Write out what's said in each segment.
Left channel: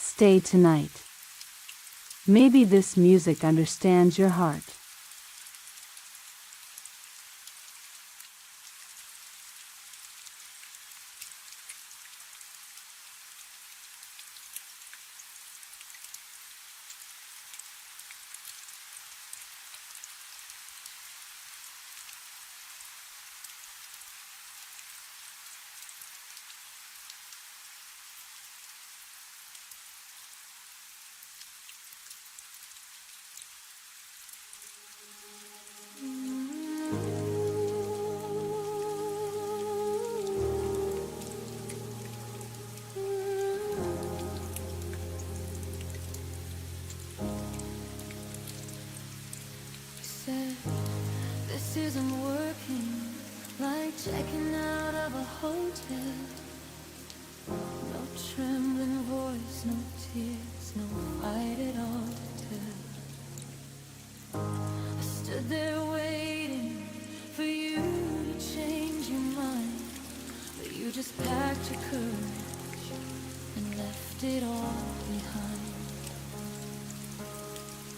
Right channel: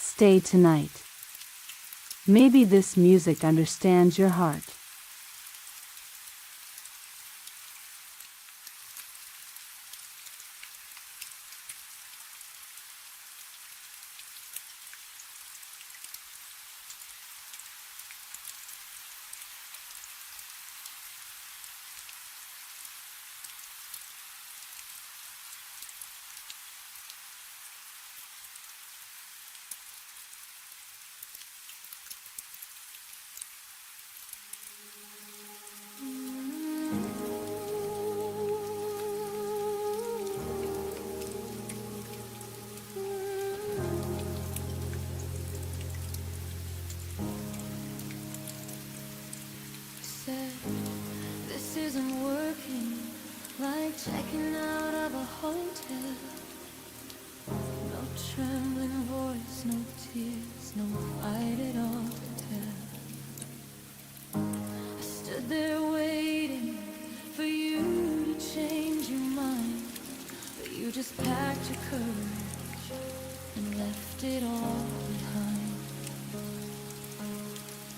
Stay tonight. Maybe this music understands your heart. This isn't working, like checking out of a hotel. No trembling voice, no tears, no fight at all to tell. I stood there waiting for you to change your mind, but you just packed your courage and left it all behind.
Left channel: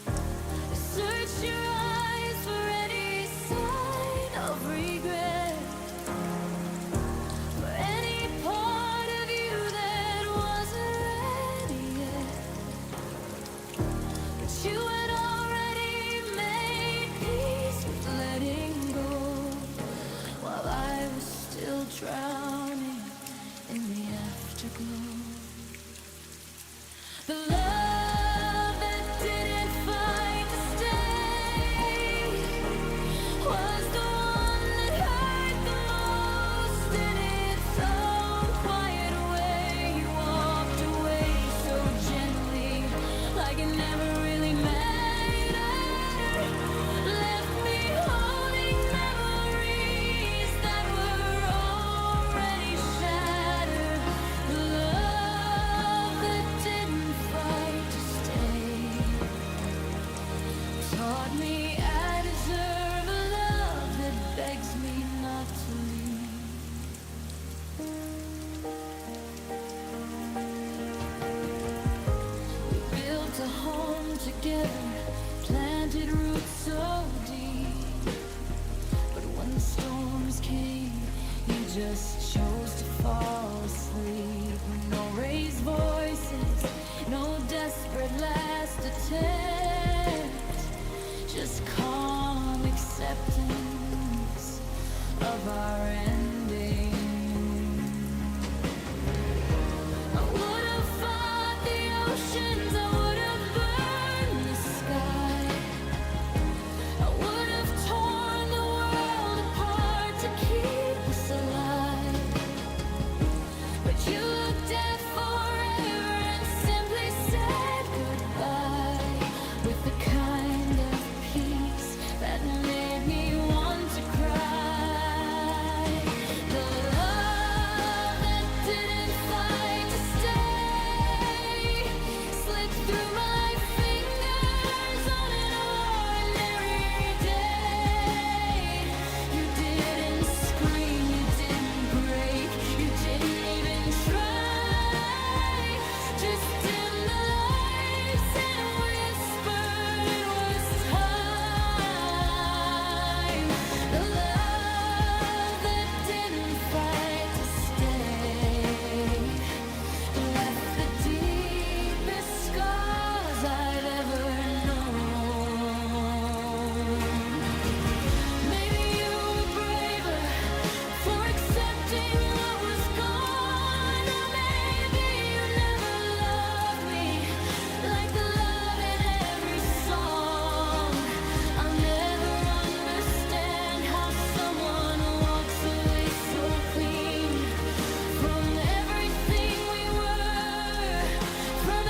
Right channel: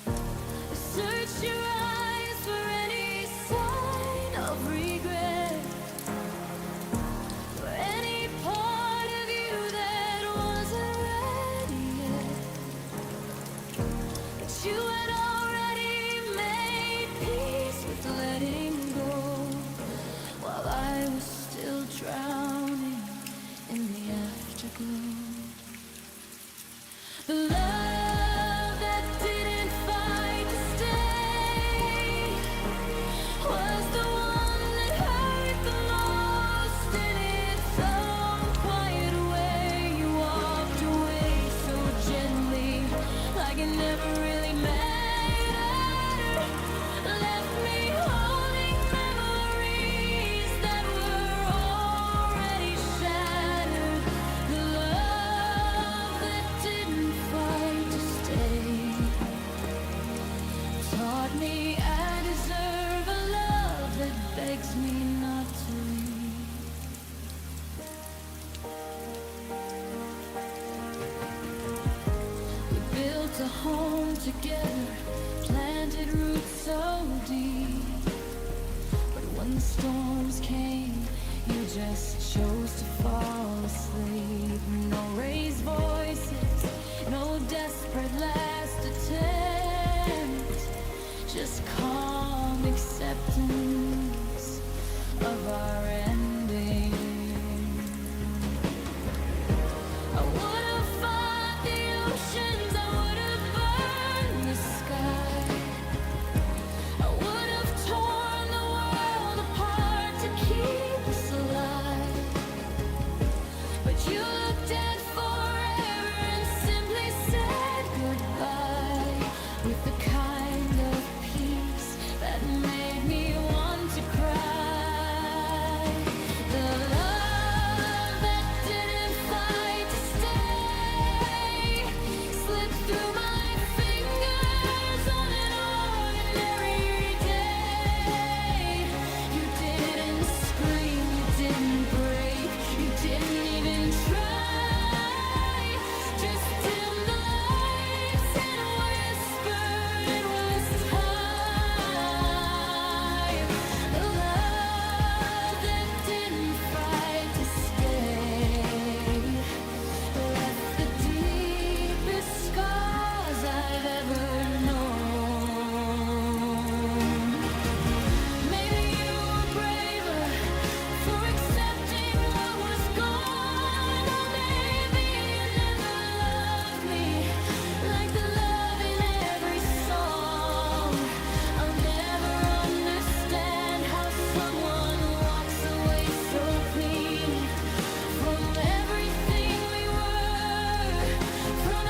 I searched your eyes for any sign of regret, for any part of you that wasn't ready yet. But you had already made peace with letting go, while I was still drowning in the afterglow. The love that didn't fight to stay was the one that hurt the most in its own quiet way. You walked away so gently, like it never really mattered. Left me holding memories that were already shattered. The love that didn't fight to stay taught me I deserve a love that begs me not to leave. We built a home together, planted roots so deep, but when the storms came, you just chose to fall asleep. No raised voices, no desperate last attempt, just calm acceptance of our ending. I would have fought the oceans, I would have burned the sky, I would have torn the world apart to keep us alive. But you looked at forever and simply said goodbye, with the kind of peace that made me want to cry. The love that didn't fight to stay slipped through my fingers on an ordinary day. You didn't scream, you didn't break, you didn't even try. Just dim the lights and whispered it was time. The love that didn't fight to stay left the deepest scars I've ever known. Maybe you were braver for accepting what was gone, or maybe you never loved me like the love in every song. I'll never understand how someone walks away so clean from everything we were, from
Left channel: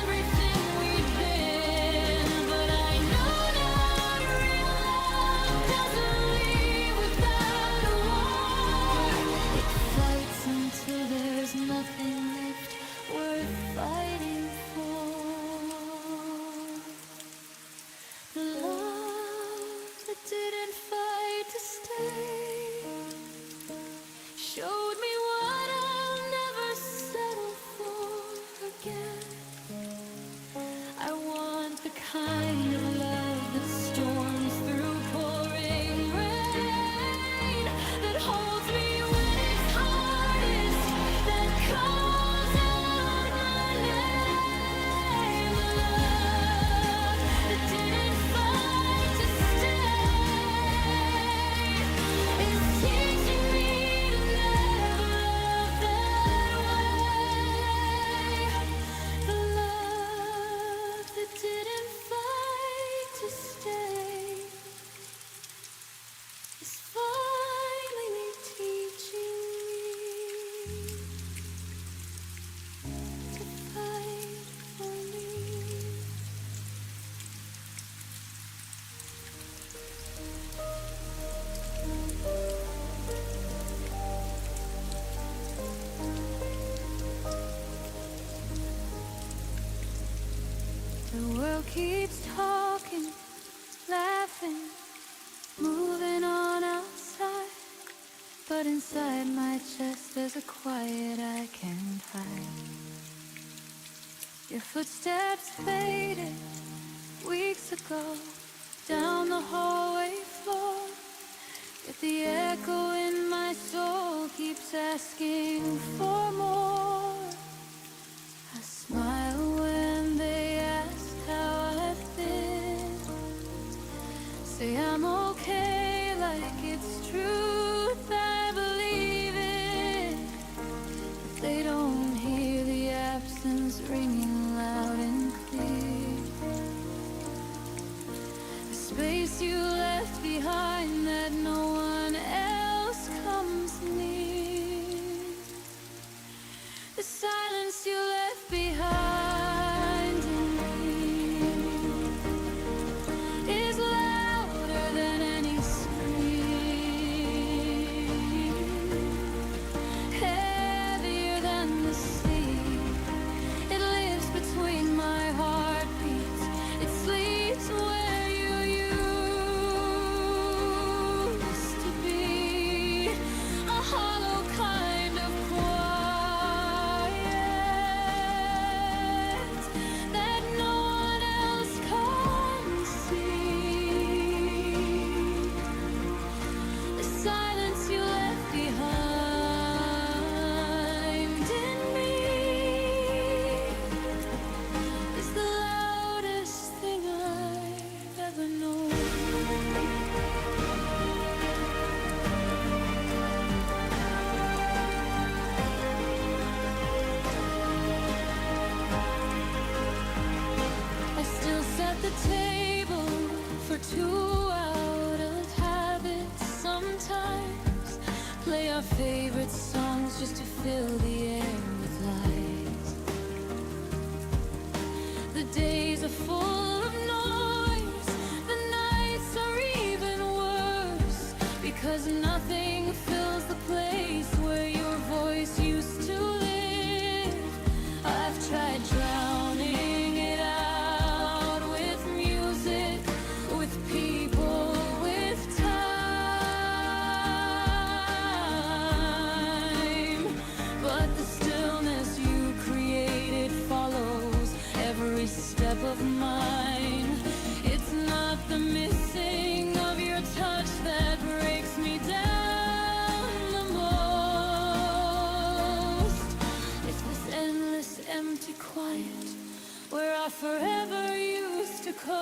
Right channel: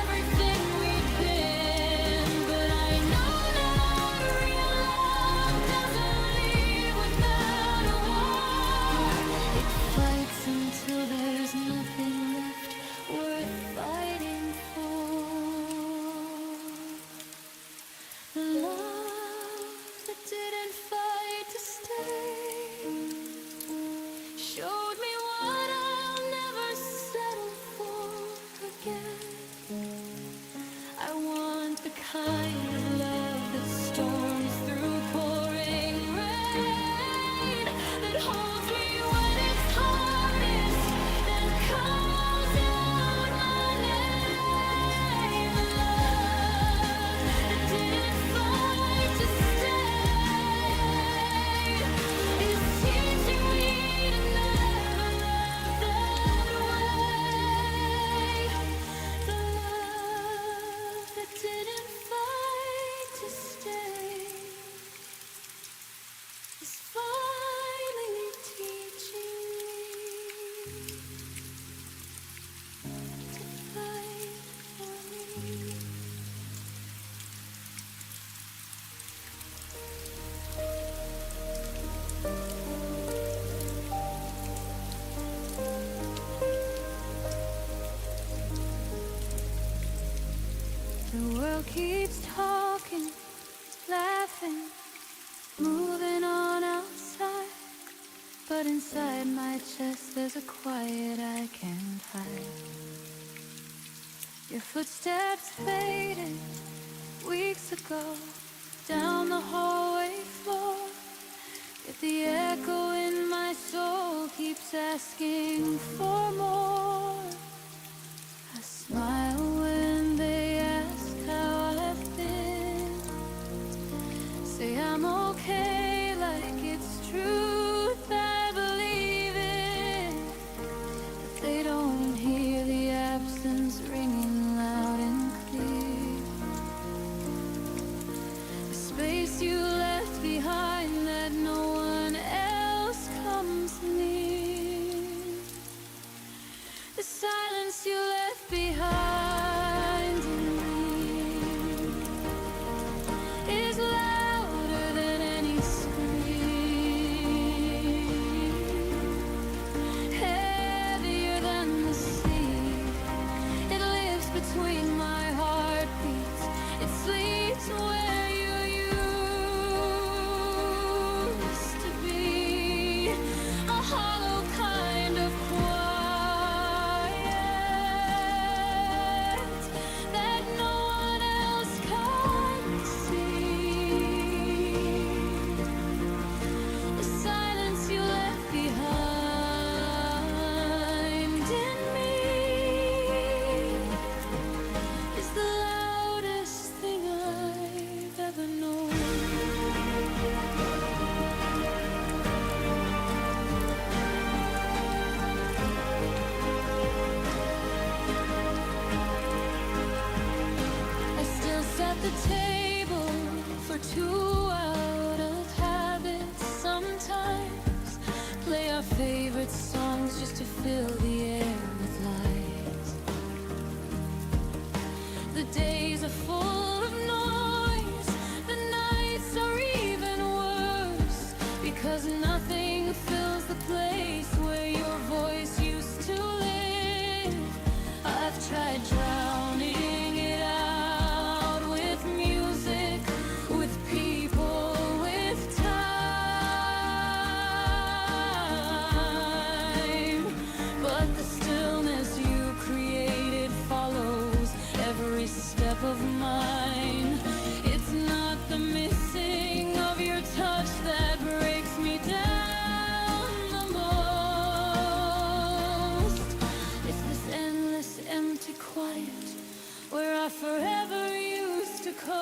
everything we'd been. But I know now that real love doesn't leave without a war. It fights until there's nothing left worth fighting for. The love that didn't fight to stay showed me what I'll never settle for again. kind of love that storms through pouring rain, that holds me when it's hardest, that calls out my name. The love that didn't fight to stay is teaching me to never love that way. The love that didn't fight to stay is finally teaching me to fight for me. The world keeps talking, laughing, moving on outside, but inside my chest there's a quiet I can't hide. Your footsteps faded weeks ago down the hallway floor, yet the echo in my soul keeps asking for more. I smile when they ask how I've been, say I'm okay like it's truth I believe in, but they don't hear the absence ringing loud and clear. The space you left behind that no one else comes near. The silence you left behind in me is louder than any scream, heavier than the sea. It lives between my heartbeats, it sleeps where you used to be, a hollow kind of quiet that no one else can see. The silence you left behind in me is the loudest thing I've ever known. I still set the table for two out of habit sometimes, play our favorite songs just to fill the air with light. The days are full of noise, the nights are even worse, because nothing fills the place where your voice used to live. I've tried drowning it out with music, with people, with time, but the stillness you created follows every step of mine. It's not the missing of your touch that breaks me down the most. It's this endless empty quiet where I forever used to coast.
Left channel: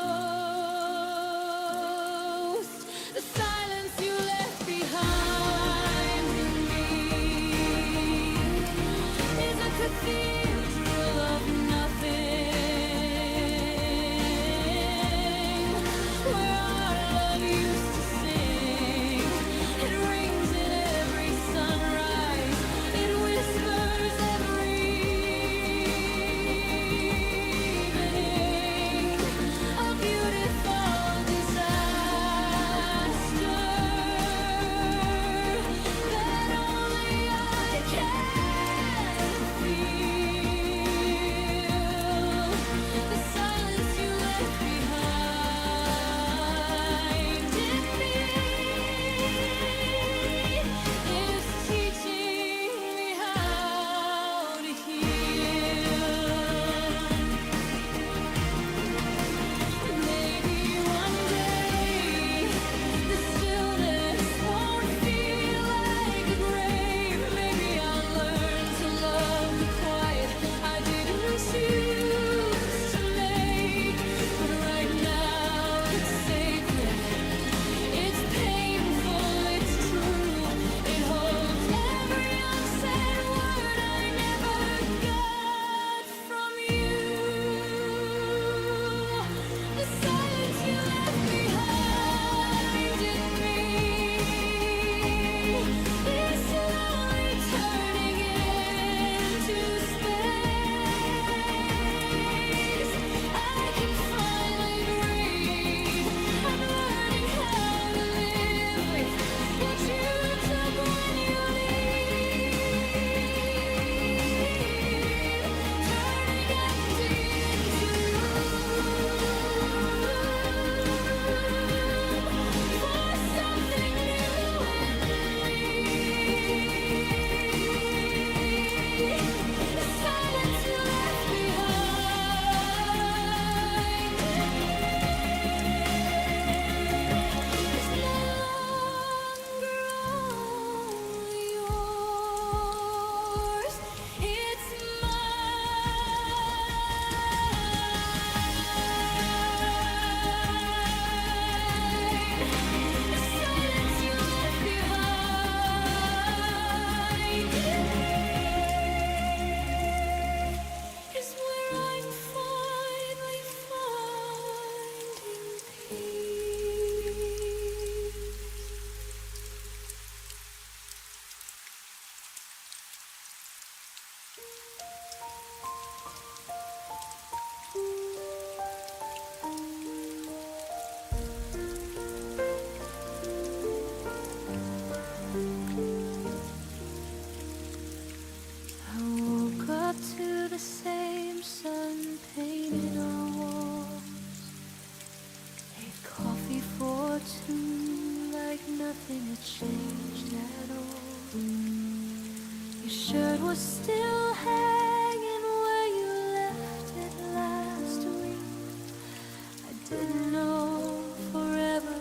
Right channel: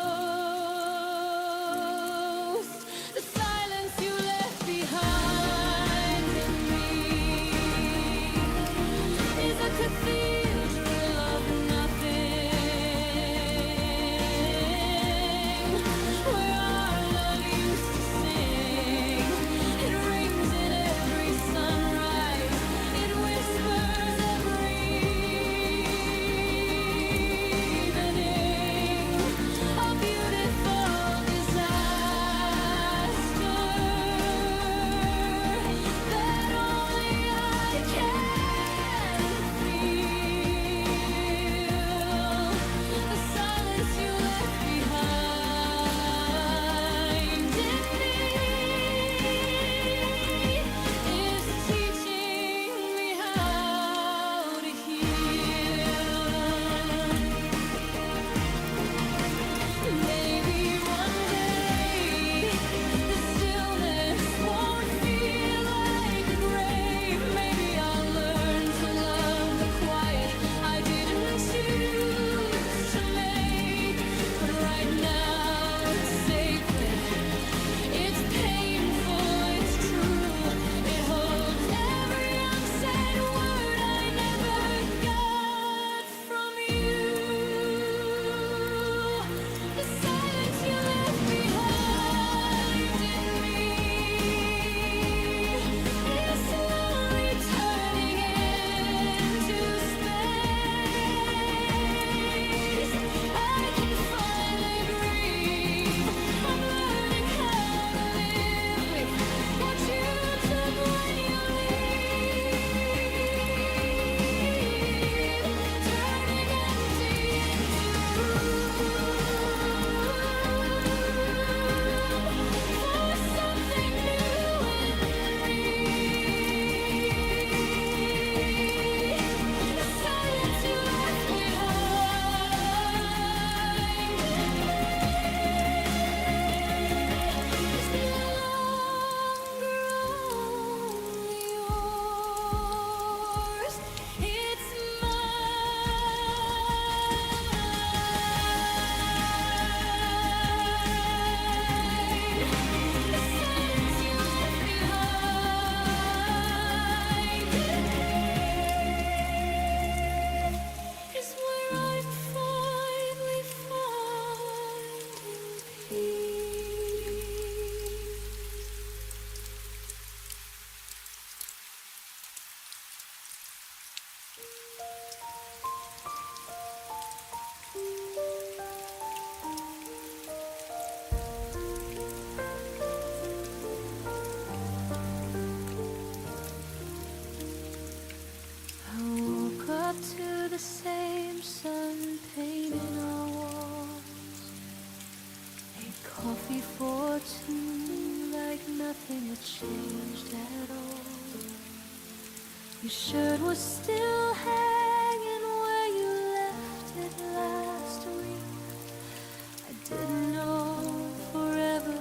The silence you left behind in me is a cathedral of nothing, where our love used to sing. It rings in every sunrise, it whispers every evening, a beautiful disaster that only I can feel. choose to make, but right now it's sacred. It's painful, it's true. It holds every unsaid word I never got from you. The silence you left behind in me is slowly turning into space. I can finally breathe. I'm learning how to live with what you took when you leave, turning empty into room for something new in me. The silence you left behind in me is no longer only yours, it's mine. The silence you left behind in me is where I'm finally finding peace. I woke up to the same sun painted on walls. Made coffee for two like nothing had changed at all. Your shirt was still hanging where you left it last week. I didn't know forever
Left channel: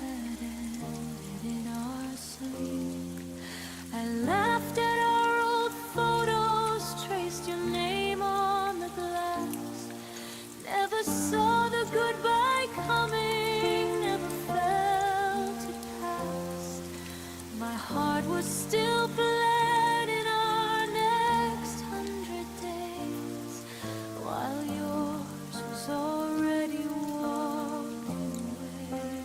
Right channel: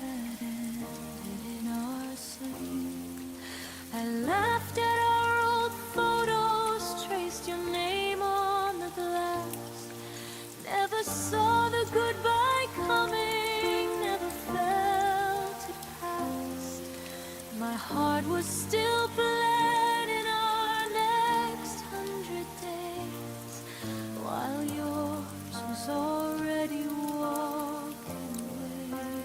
had ended in our sleep. I laughed at our old photos, traced your name on the glass. Never saw the goodbye coming, never felt it pass. My heart was still planning our next 100 days, while yours was already walking away.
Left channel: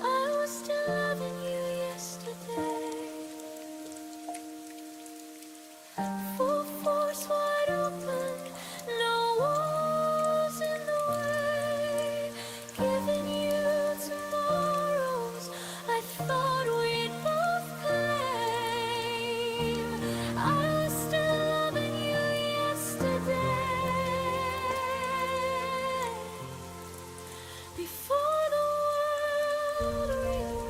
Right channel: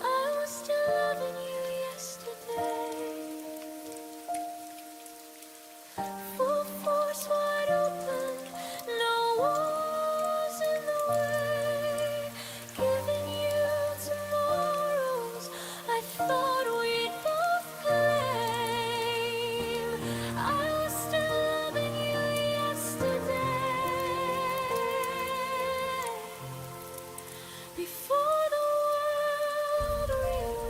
I was still loving you yesterday. Full force, wide open, no walls in the way. Giving you tomorrows I thought we'd both claim. I was still loving you yesterday, before the world rearranged.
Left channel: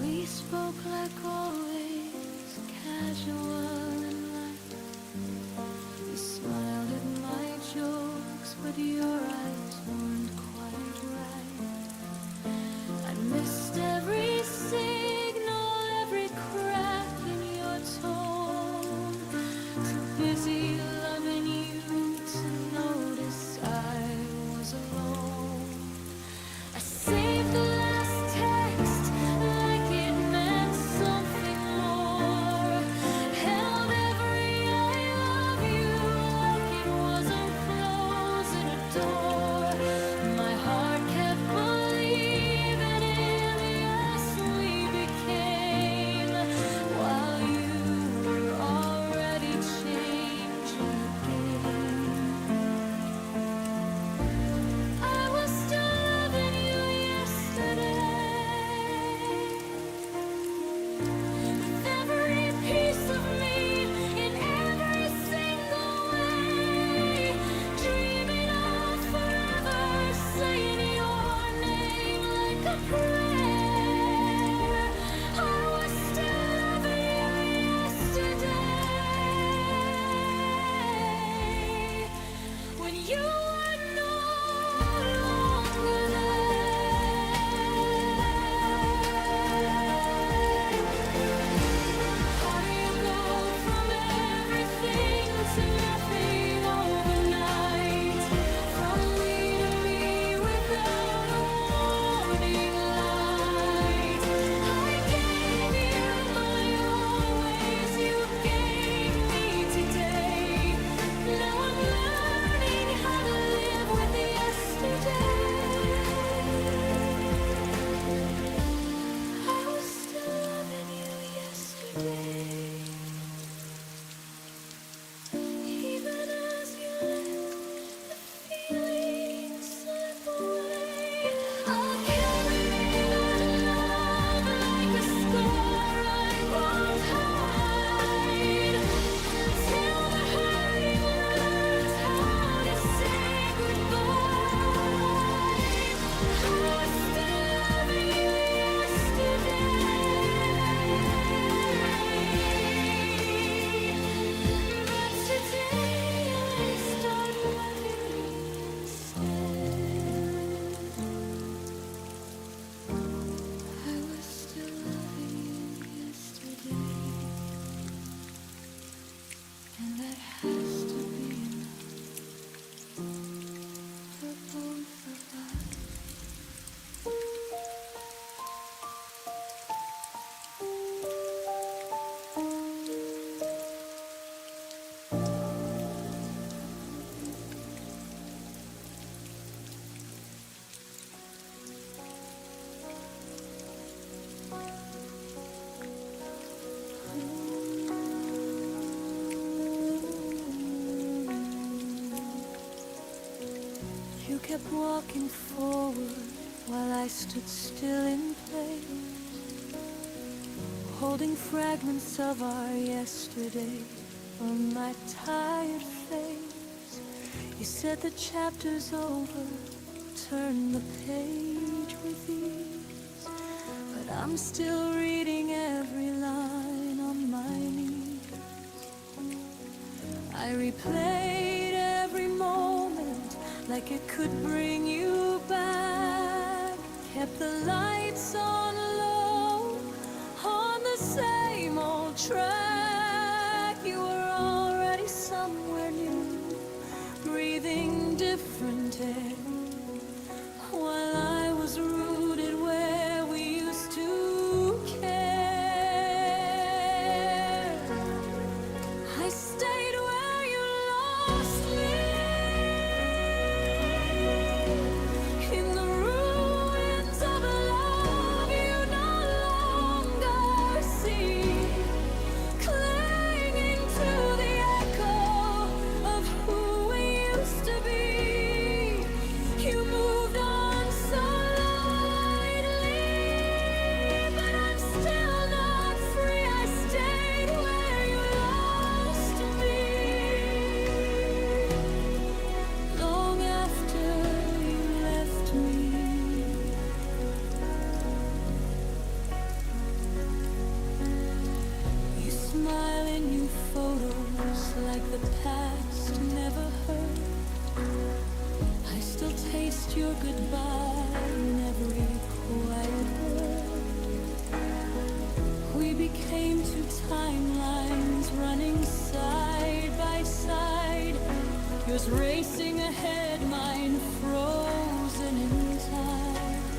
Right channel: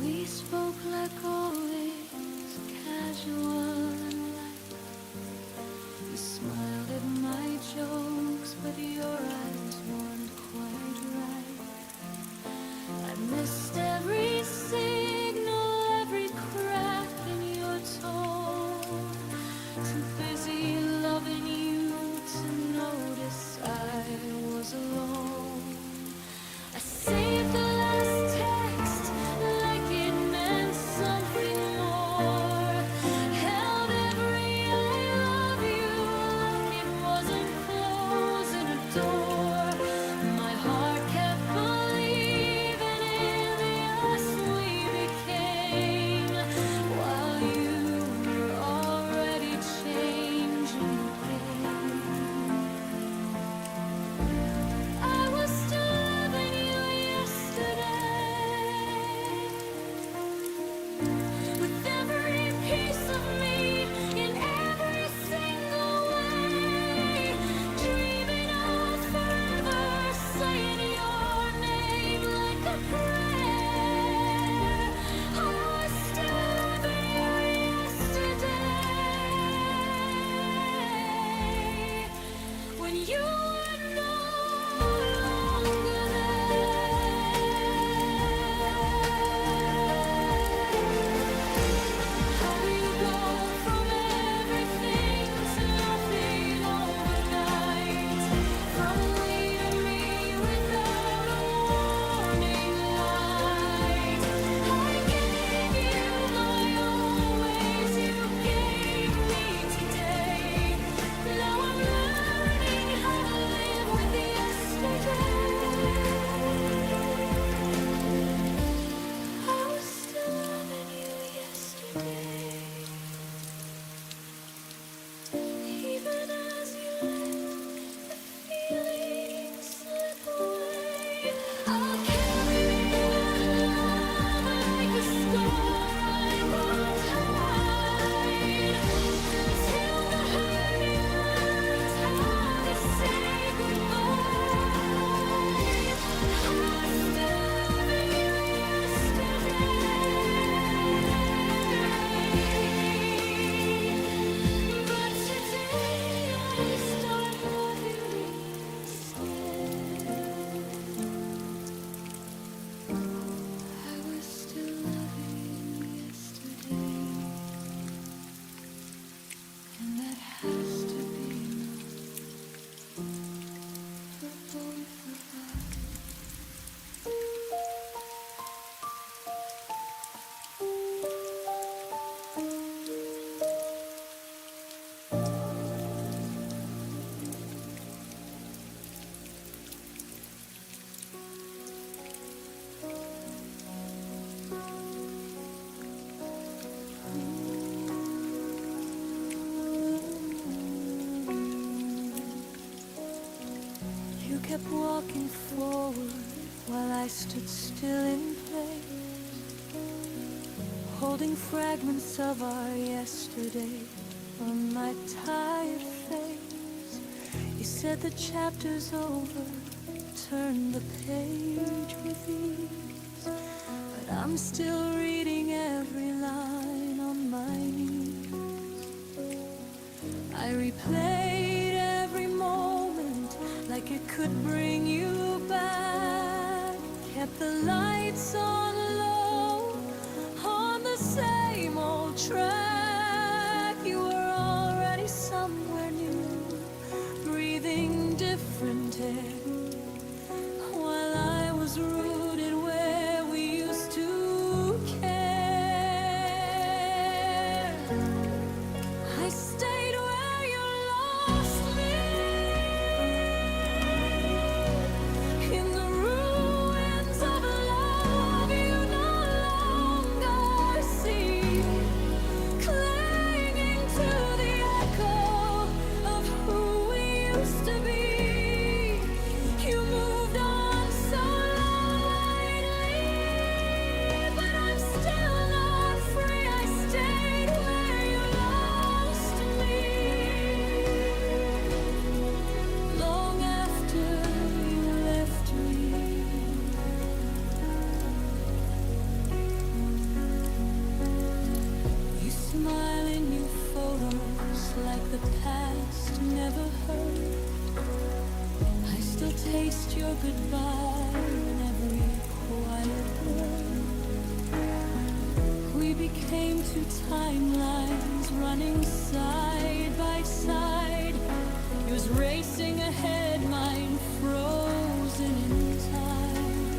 We spoke like always, casual and light. You smiled at my jokes, but your eyes weren't quite right. I missed every signal, every crack in your tone. Too busy loving you to notice I was alone. I saved the last text like it meant something more. Held every I love you like it wasn't closing a door. My heart kept believing in the us we became, while you were already changing the game. I was when you were no longer there. How do you go from everything to nothing overnight? From we to me without a warning light. I gave you my always, you gave me today. Now I'm learning how to live with yesterday. I was still loving you yesterday, even as you let the feelings slip away. I'll carry that love like a scar I won't hide, until the hurting learns how to say goodbye. I was still loving you yesterday, but today I start loving me instead. I was still loving you yesterday, and that has to be enough for both of us. You kept walking forward while I stood still in place, holding fragments of our yesterday on my tired face. You said the chapter's over, turn the page with ease, but I'm still reading every line on my knees. I replayed every moment like it could bring you back, kept the lights on low on the same old track. You were already somewhere new, breathing different air, while I was rooted where we used to care. I stayed where you lost me, in the ruins of a love you no longer see, clinging to the echo of who we used to be. You moved on so lightly, but I'm still not free. I stayed where you lost me, long after you left me. You smile in new photos like the past never hurt. I still taste your goodbye in every quiet word. We became two timelines running side by side, yours racing ahead, mine frozen in time.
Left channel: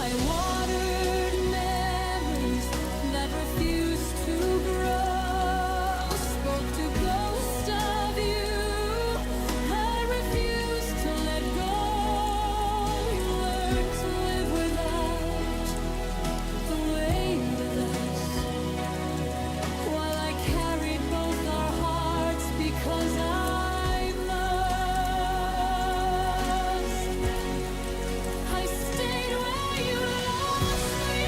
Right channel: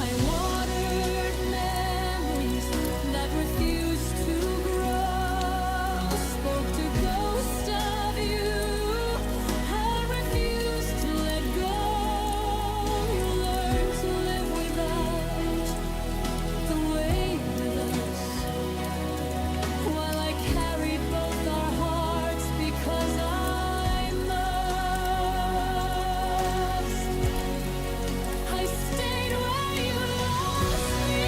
I watered memories that refused to grow, spoke to ghosts of you I refused to let go. You learned to live without the weight of us, while I carried both our hearts because I must. I stayed where you lost me,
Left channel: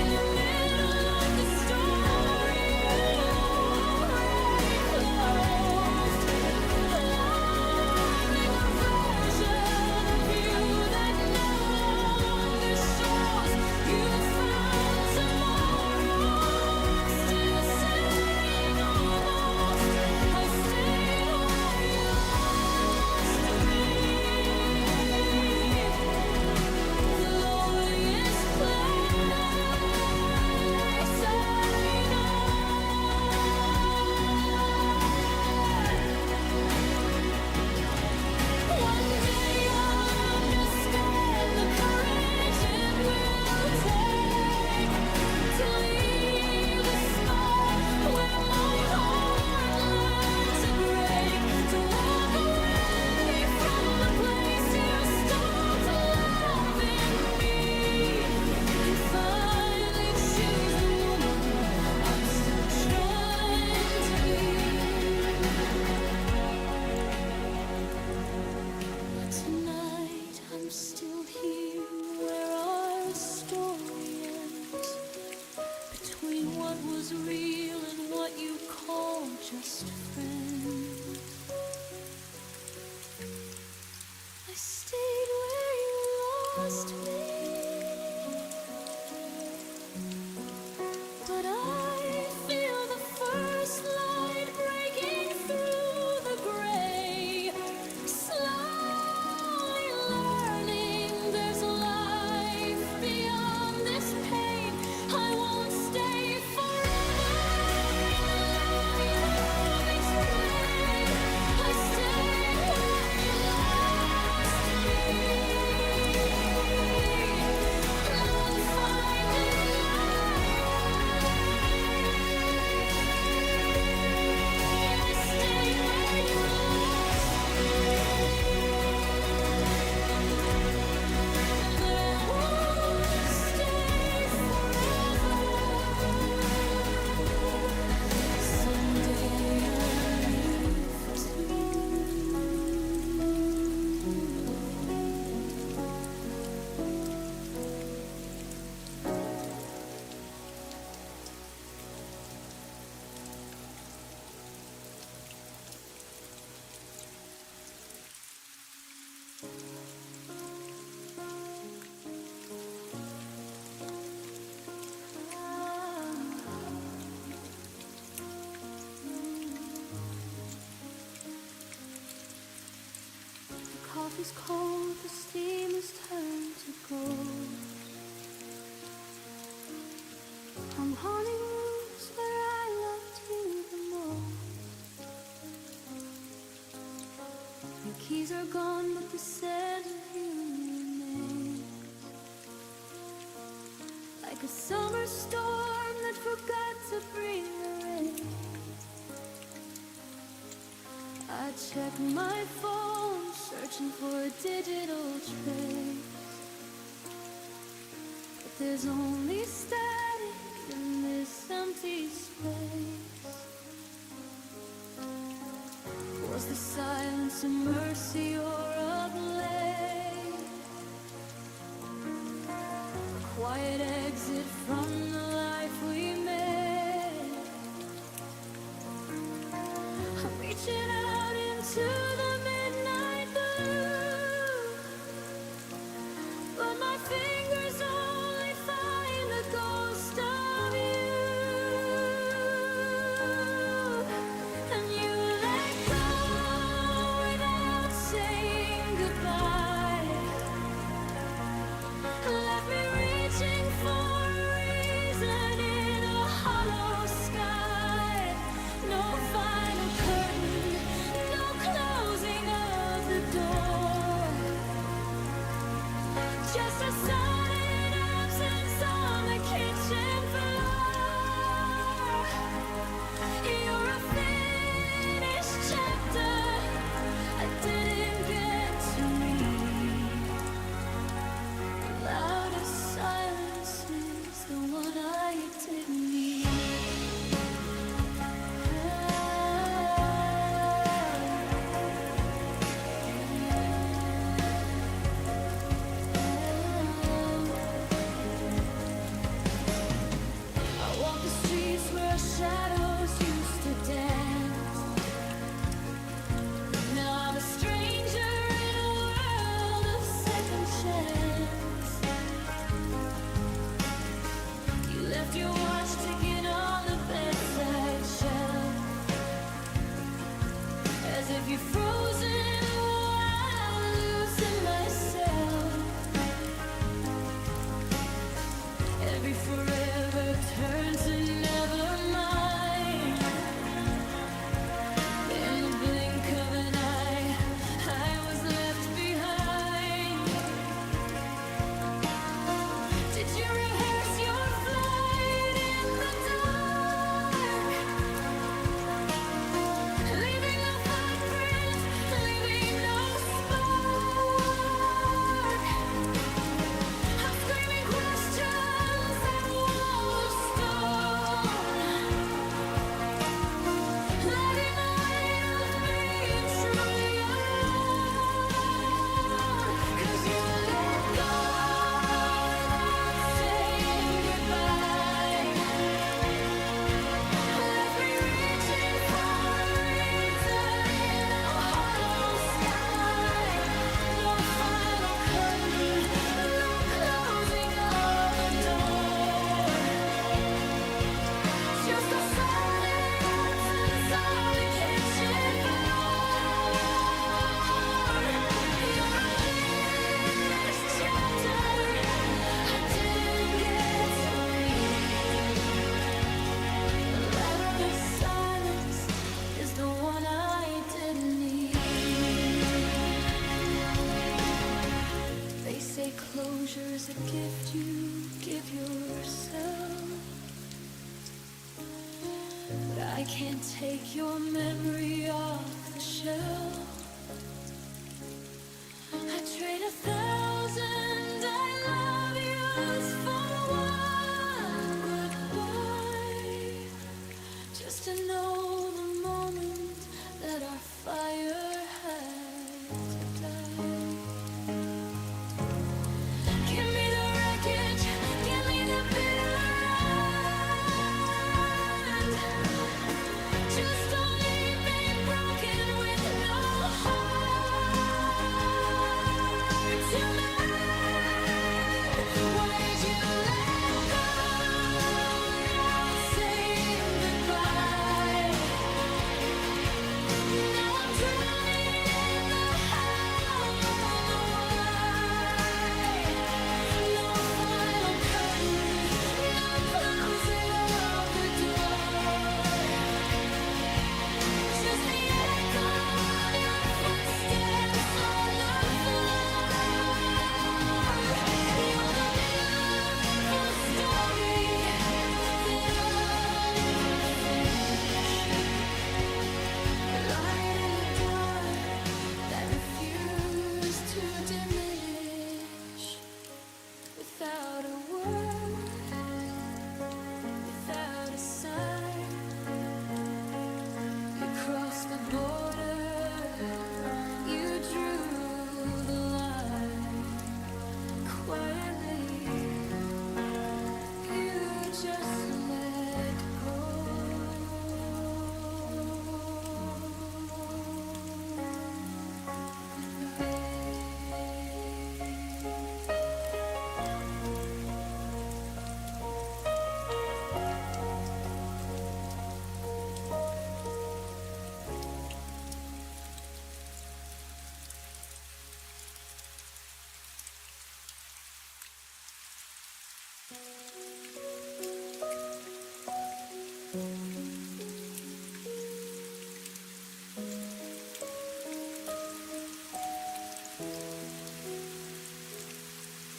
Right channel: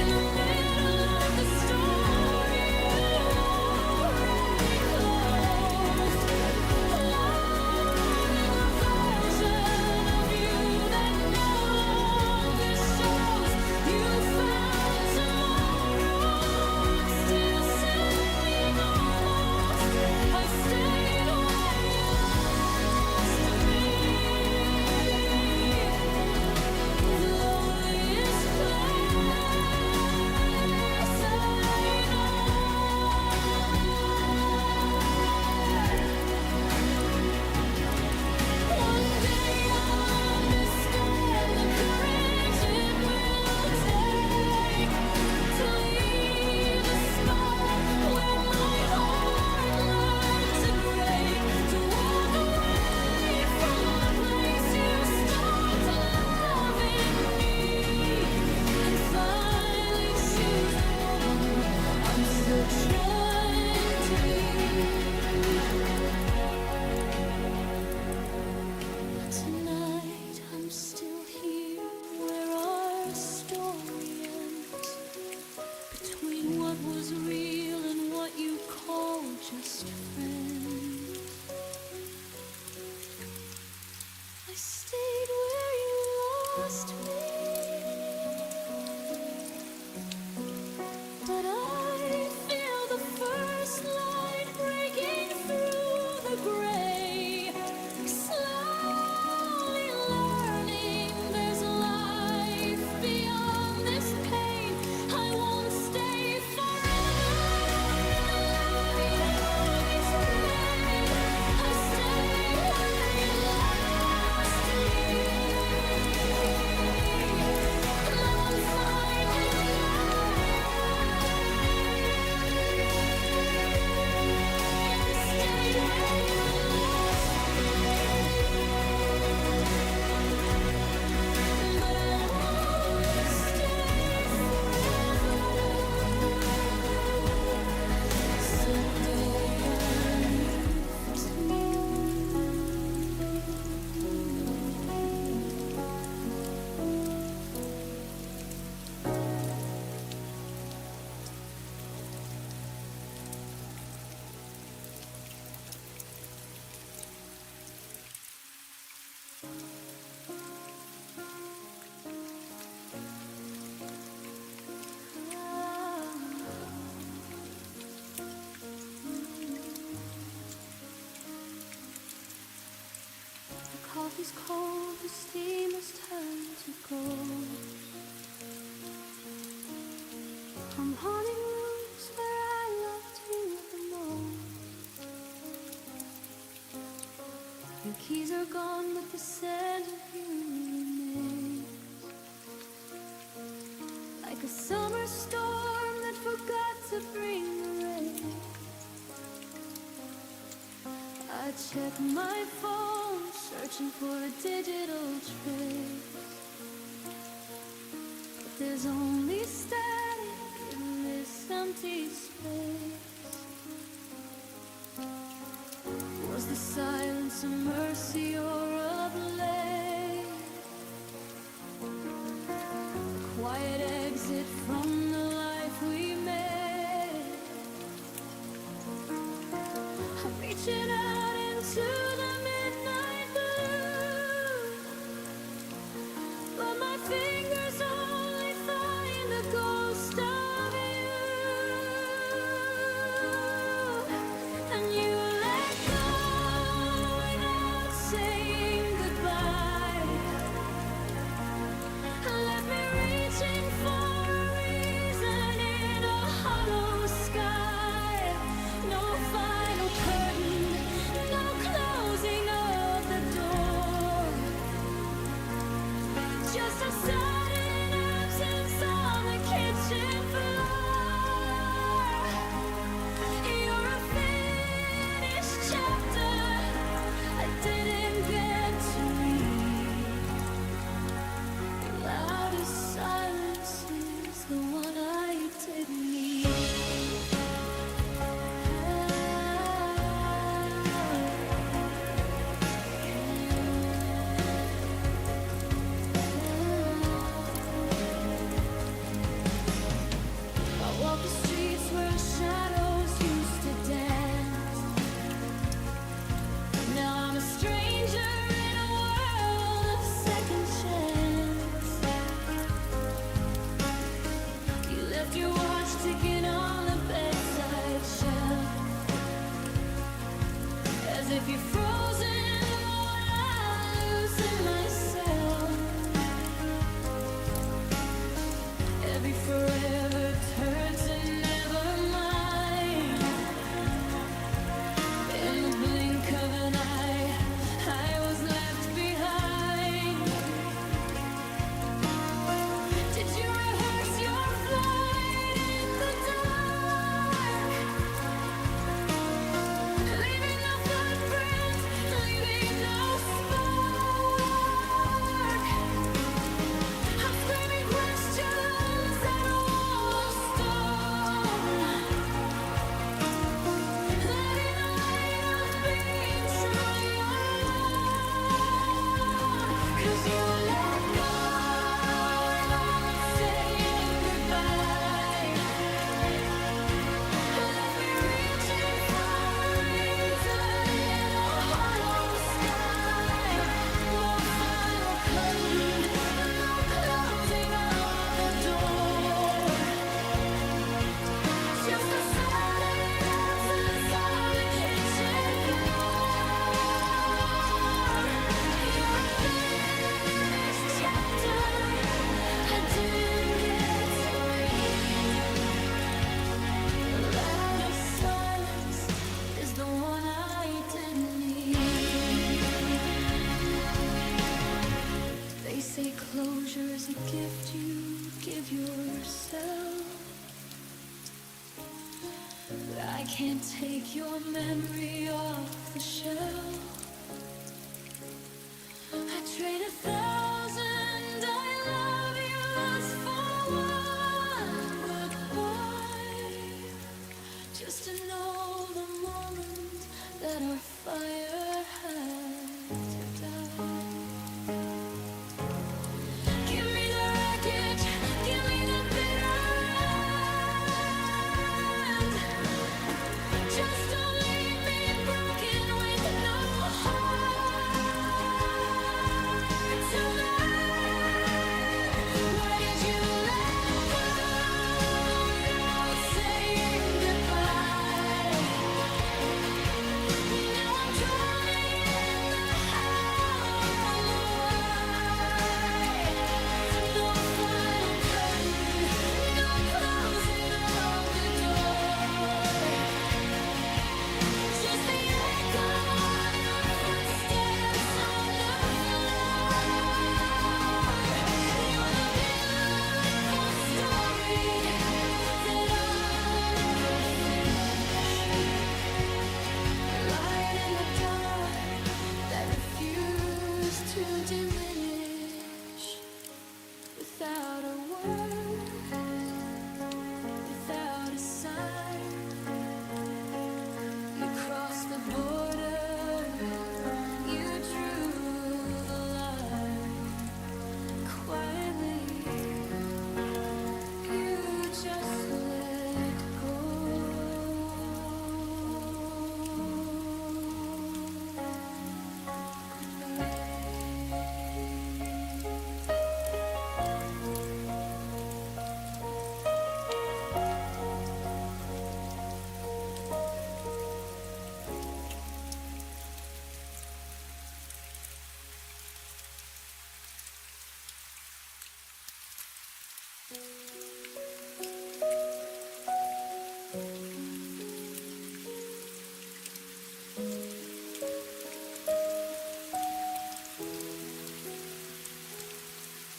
in the middle of the story you already closed, loving a version of you that no longer shows. You found tomorrow, I'm still sad. what was real and what you call just friends. I stayed where you lost me, but I feel the first light breaking through the gray, slowly learning there's life beyond this pain. I won't stay forever in the love you betrayed. I stayed where you lost me. I won't finding my way. I stayed where you lost me, but I won't stay forever. Someday I'll leave too. The coffee's cold, the steam has turned to gold. I'm haunting rooms where I loved you the most. Your keys are gone, but the scent of you remains. Like a summer storm that forgot to bring the rain. I check my phone, searching for a digital trace, but there's only static in this empty space. Was the silence a mercy or a blade? A quiet exit from the life we made. I'm reaching out into the midnight blue, but my fingers only find the ghost of you. And you let go without saying goodbye, left me reaching for a reason in a hollow sky. No final curtain, no closing of the door, just a sudden absence on the kitchen floor. You're a finished chapter I didn't get to read. The loudest silence is the one I didn't need. I walk the streets where our shadows used to dance. Now I'm a stranger in a world of second chance. You left your watch ticking on the bedside shelf, as if you're frozen while I loosen myself. Every forever turned to never mind. In the blink of an eye, I was left behind. Did you rehearse your flight in the dark, leaving no footprint, leaving no spark? I'm screaming questions at a wall of stone. say closure is a gift you give yourself, but I can't take your memory off the shelf. I trade 1,000 I love yous for one goodbye, just to know the moment that our fire had to die. Give me the wreckage, give me the bitter end. Just don't leave me broken with no heart to mend. Why did you let go without saying goodbye? Now I'm drowning in the how and the why. No final curtain, no closing of the door, just the echo of your footsteps on the floor. You're the beautiful story that I'll never finish. A light in the dark that refused to diminish. Without a word, without a sign, you crossed the border, you drew the line. Quietly, you just let go. Goodbye.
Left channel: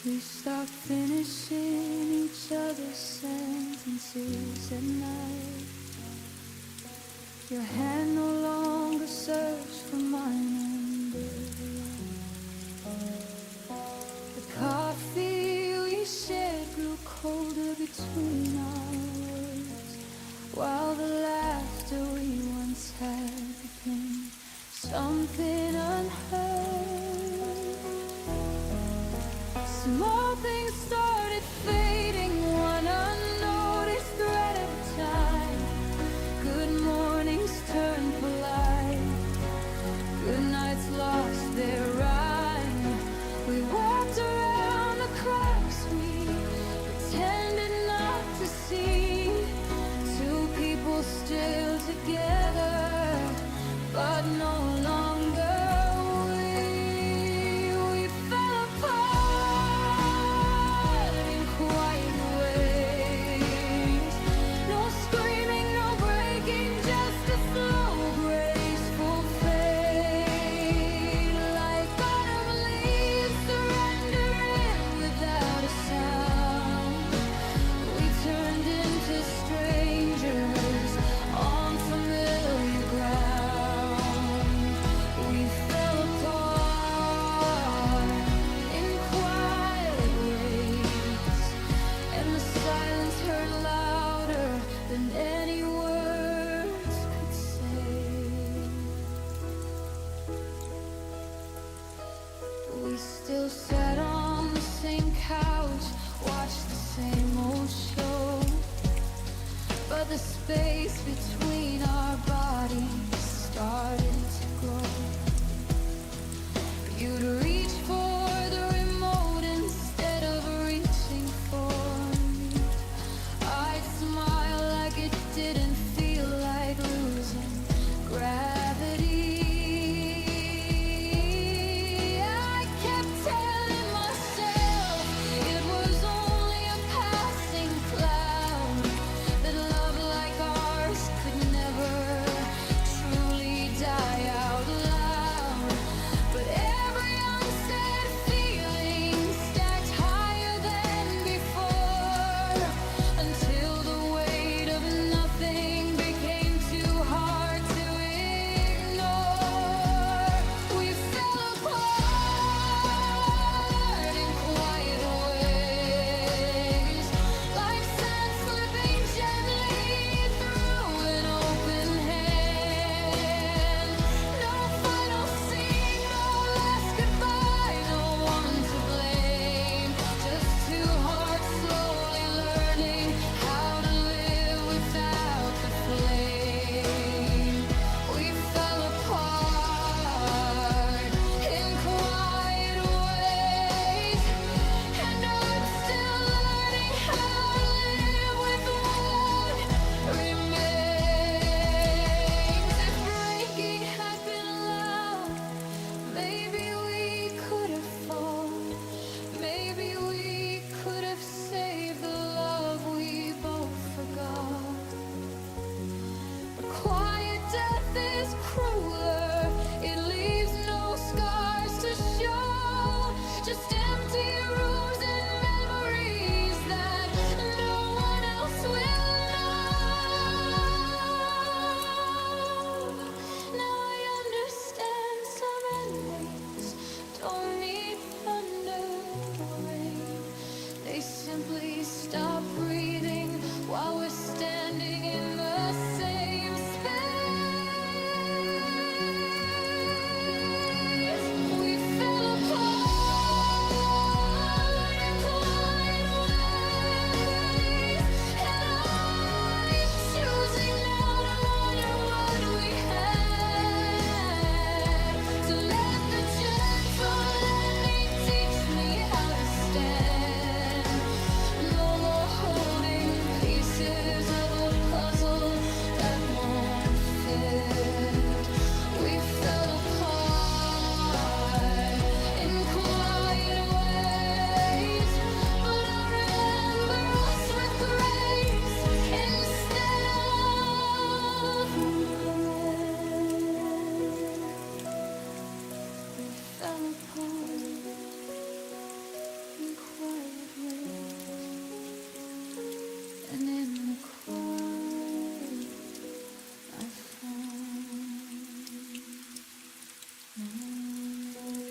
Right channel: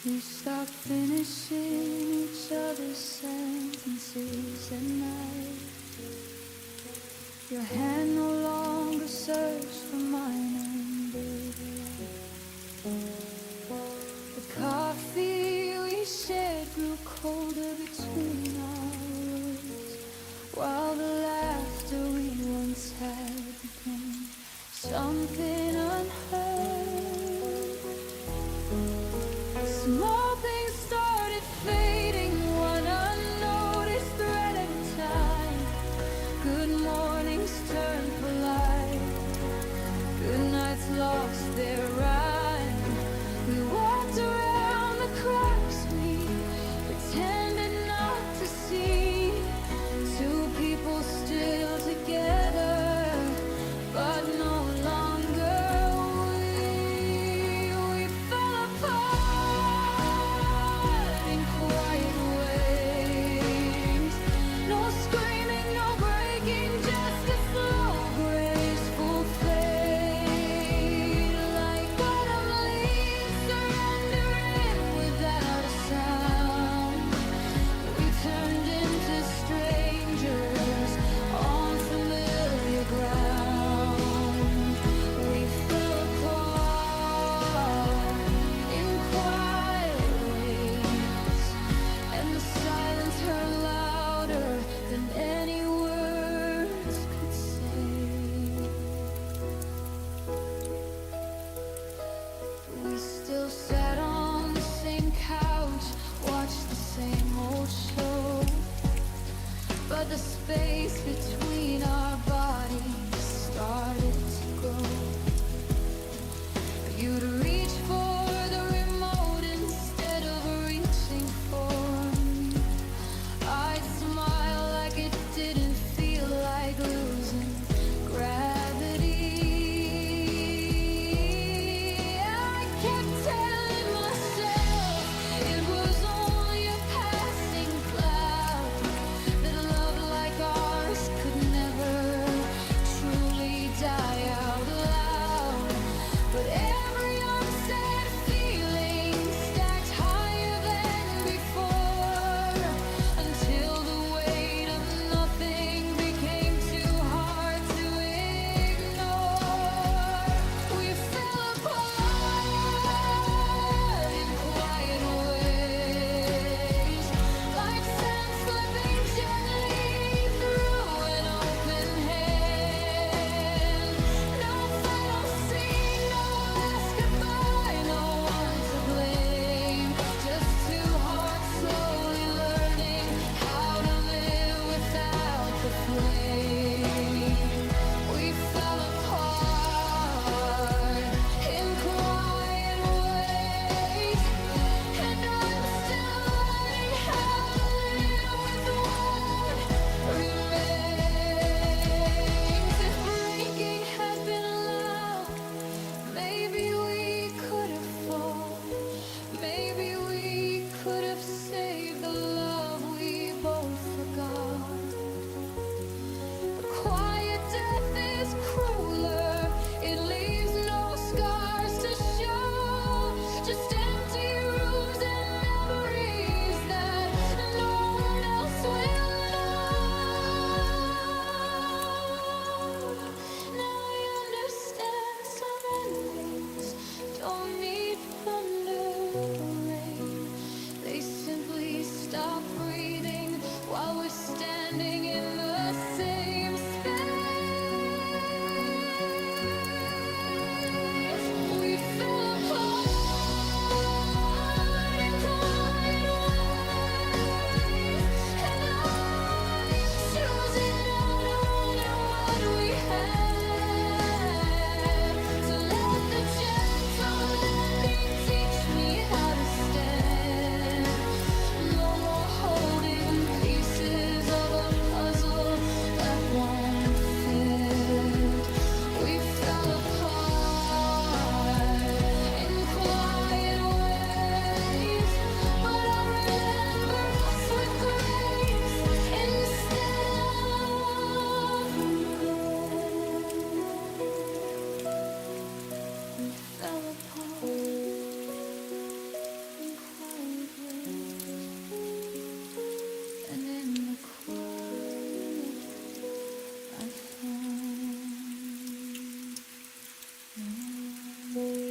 We stopped finishing each other's sentences at night. Your hand no longer searched for mine under the light. The coffee we shared grew colder between our words, while the laughter we once had became something unheard. Small things started fading, one unnoticed thread at a time. Good mornings turned polite, good nights lost their rhyme. We walked around the cracks we pretended not to see. Two people still together, but no longer. We fell apart in quiet ways. No screaming, no breaking, just a slow, graceful fade. Like autumn leaves surrendering without a sound. We turned into strangers on familiar ground. We fell apart in quiet ways, and the silence heard louder than any words could say. We still sat on the same couch, watched the same old show, but the space between our bodies started to grow. You'd reach for the remote instead of reaching for me. I'd smile like it didn't feel like losing gravity. I kept telling myself it was only a passing cloud, that love like ours could never truly die out loud. But every unsaid standing in the same space. We fell apart in quiet ways, and I'm choosing now to wonder what we had, to let the gentle ending teach me how to stand. No more holding pieces of a puzzle that won't fit. We fell apart in quiet ways, but I'll remember us with grace instead of regret. We fell apart in quiet ways, and in the quiet I found my way.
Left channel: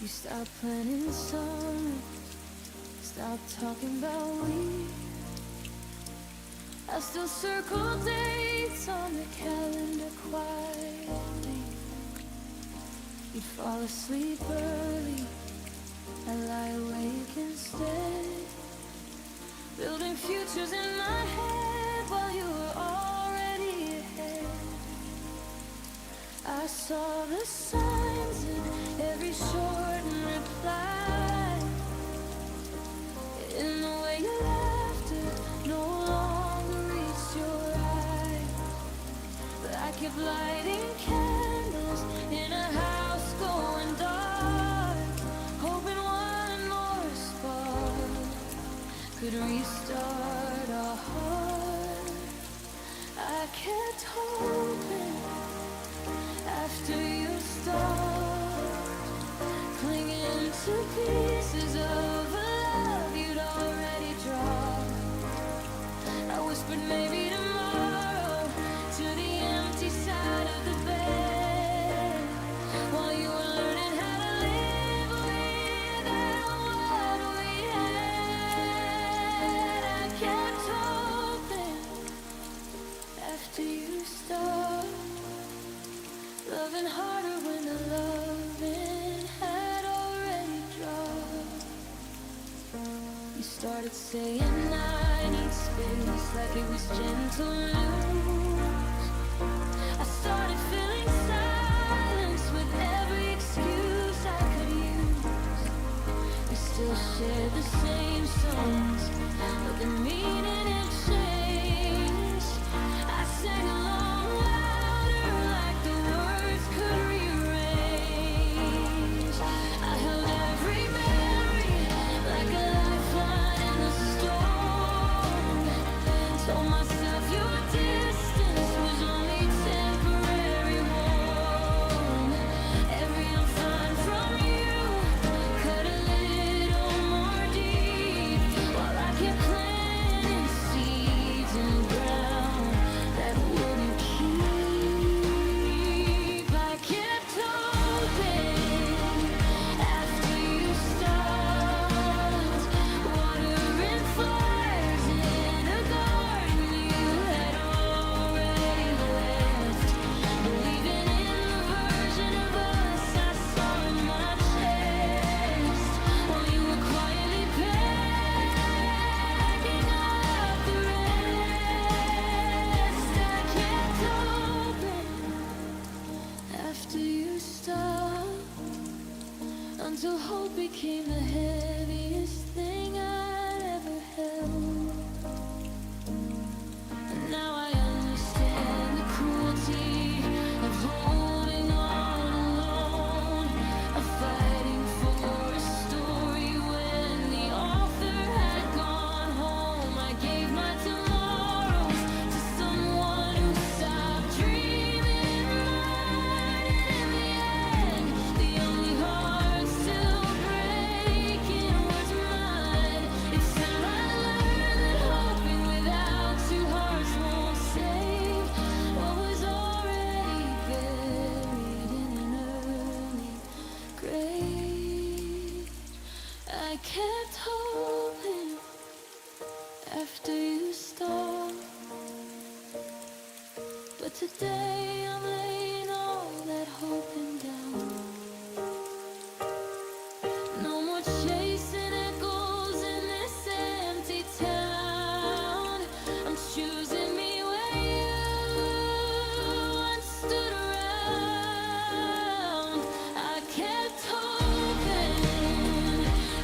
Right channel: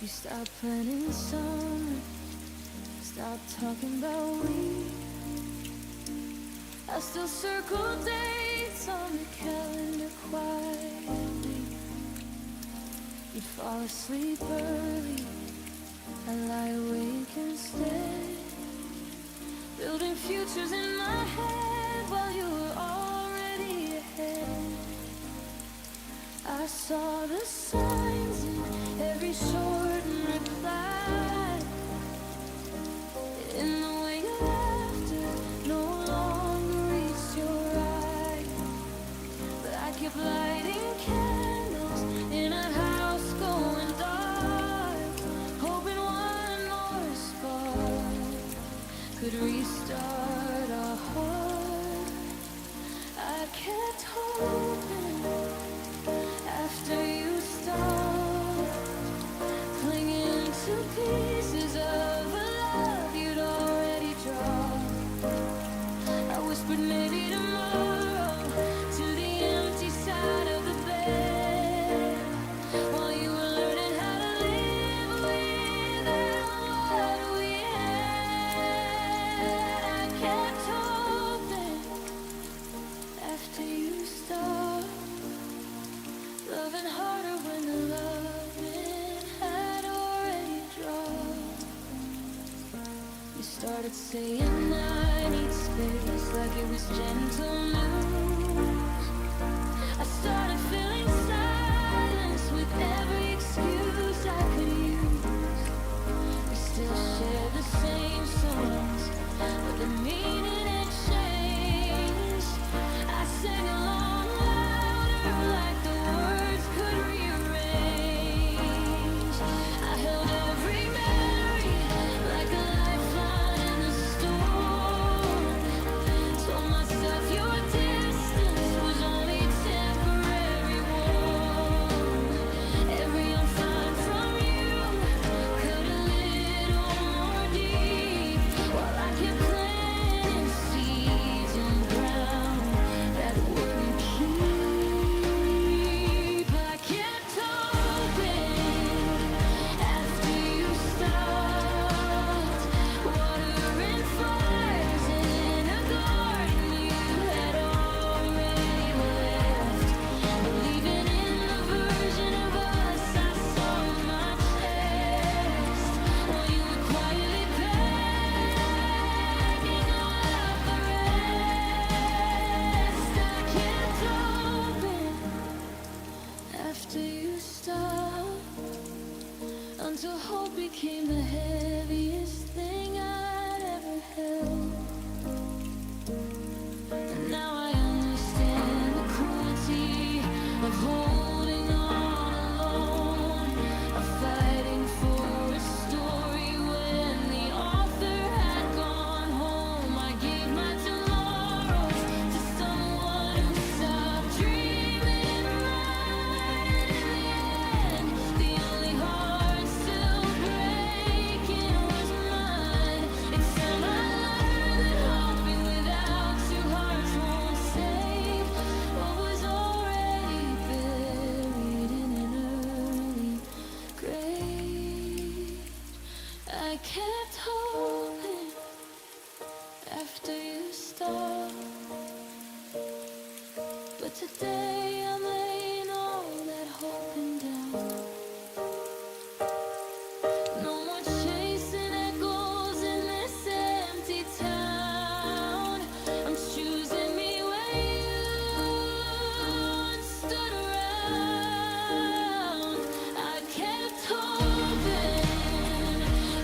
You stopped planning summer, stopped talking about we. I still circle dates on the calendar quietly. You'd fall asleep early, I lie awake instead, building futures in my head while you were already ahead. I saw the signs in every shortened reply, in the way your laughter no longer reached your eyes. But I kept lighting candles in a house going dark, hoping one more spark could restart our heart. I kept hoping after you stopped, clinging to pieces of a love you'd already dropped. I whispered maybe tomorrow to the empty side of the bed, while you were learning how to live without what we had. I kept hoping after you stopped, loving harder when the loving had already dropped. You started saying I need space like it was gentle news. I started filling silence with every excuse I could use. We still share the same songs, but the meaning had changed. I sang along louder like the words could rearrange. I held every memory like a lifeline in the storm. Told myself your distance was only temporary warm. Every I'm fine from you cut a little more deep, while I kept planting seeds in ground that wouldn't keep. I kept hoping after you stopped, watering flowers in a garden you had already left, believing in the version of us I saw in my chest, while you were quietly packing up the rest. I kept hoping after you stopped, until hope became the heaviest thing I'd ever held. And now I understand the cruelty of holding on alone, of fighting for a story when the author had gone home. I gave my tomorrows to someone who stopped dreaming mine, and in the end, the only heart still breaks I kept hoping after you stopped, but today I'm laying all that hoping down. No more chasing echoes in this empty town. I'm choosing me where you once stood around. I kept hoping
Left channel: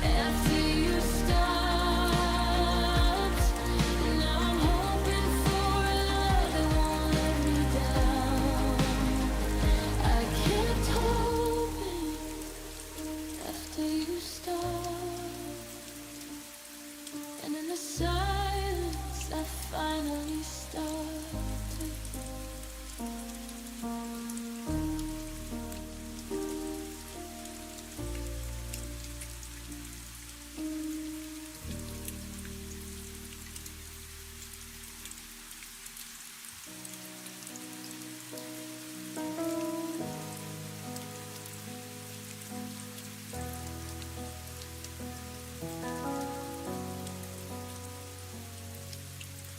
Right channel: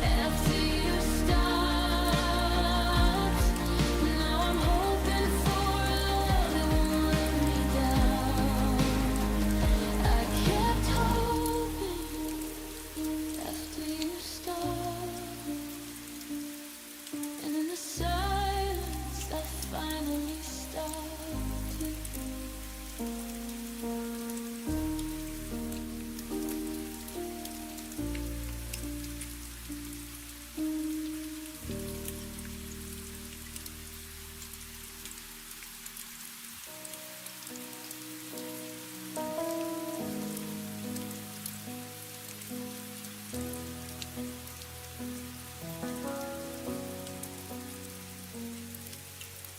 after you stopped. Now I'm hoping for a love that won't let me down. I kept hoping after you stopped, and in the silence I finally started.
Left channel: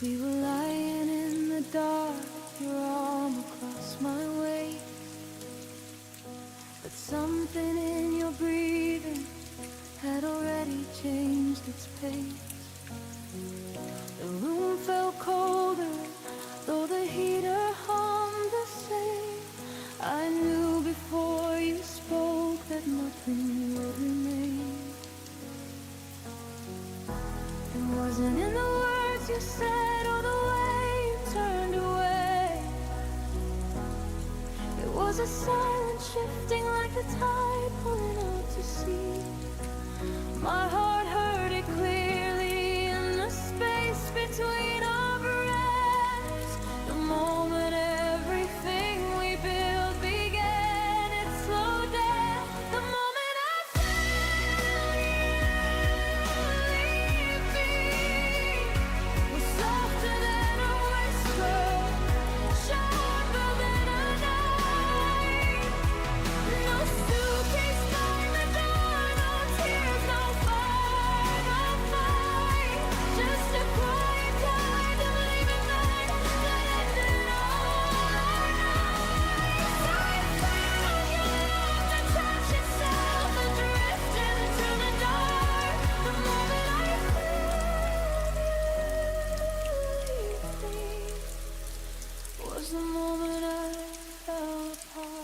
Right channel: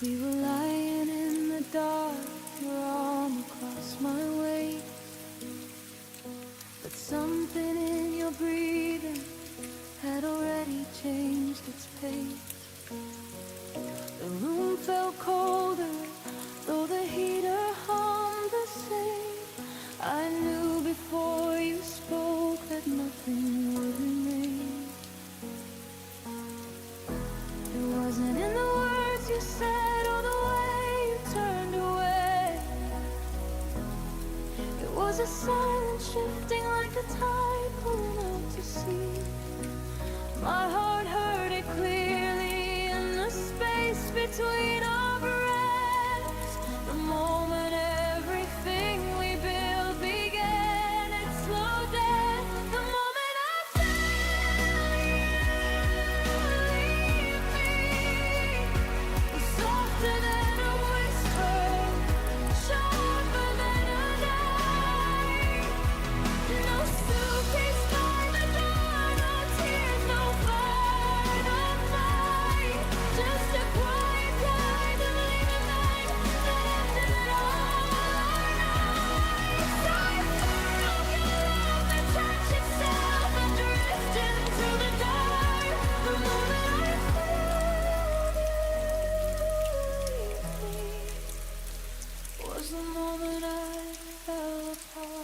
We were lying in the dark, your arm across my waist, but something in your breathing had already changed its pace. The room felt colder, though the heater hummed the same. I knew before you spoke that nothing would remain. It wasn't in the words you said or the way you turned away. It was a silence shifting like the tide pulling out to sea. My heart heard it clearly in the space between our breaths. The moment everything we built began its slow death. The moment I felt you leave me was softer than a whisper, sharper than a knife. No suitcase by the door, no tears, no final fight. Just a quiet kind of leaving mine that ended all our nights. I found your love to touch itself and drift into the dark. The moment I felt you leave me was the moment I fell apart.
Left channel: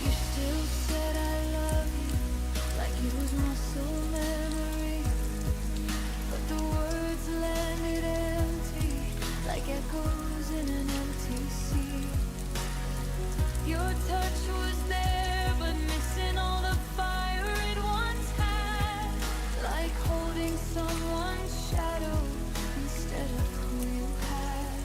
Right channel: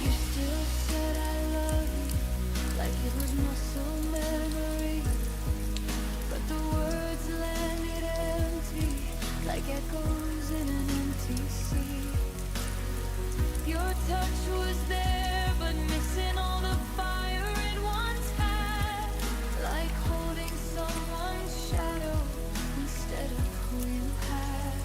You still said I love you like it was muscle memory, but the words landed empty like echoes in an empty sea. Your touch was there, but missing all the fire it once had, like holding someone's shadow instead of who you had.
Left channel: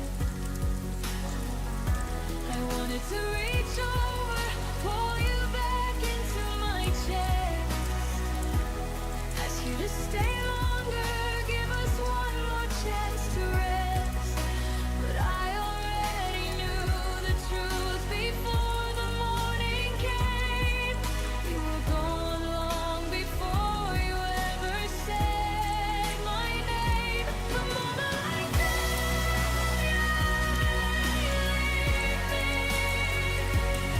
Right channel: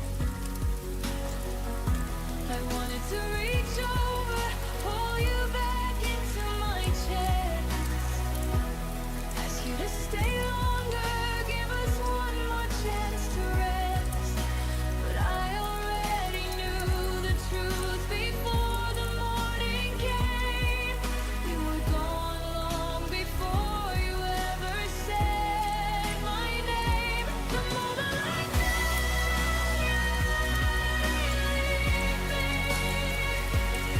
I wanted to reach over, pull you back into my chest, ask you to stay longer, give us one more chance to rest. But I already knew the truth before the morning came. You were gone long before you ever said my name. The moment I felt you leave me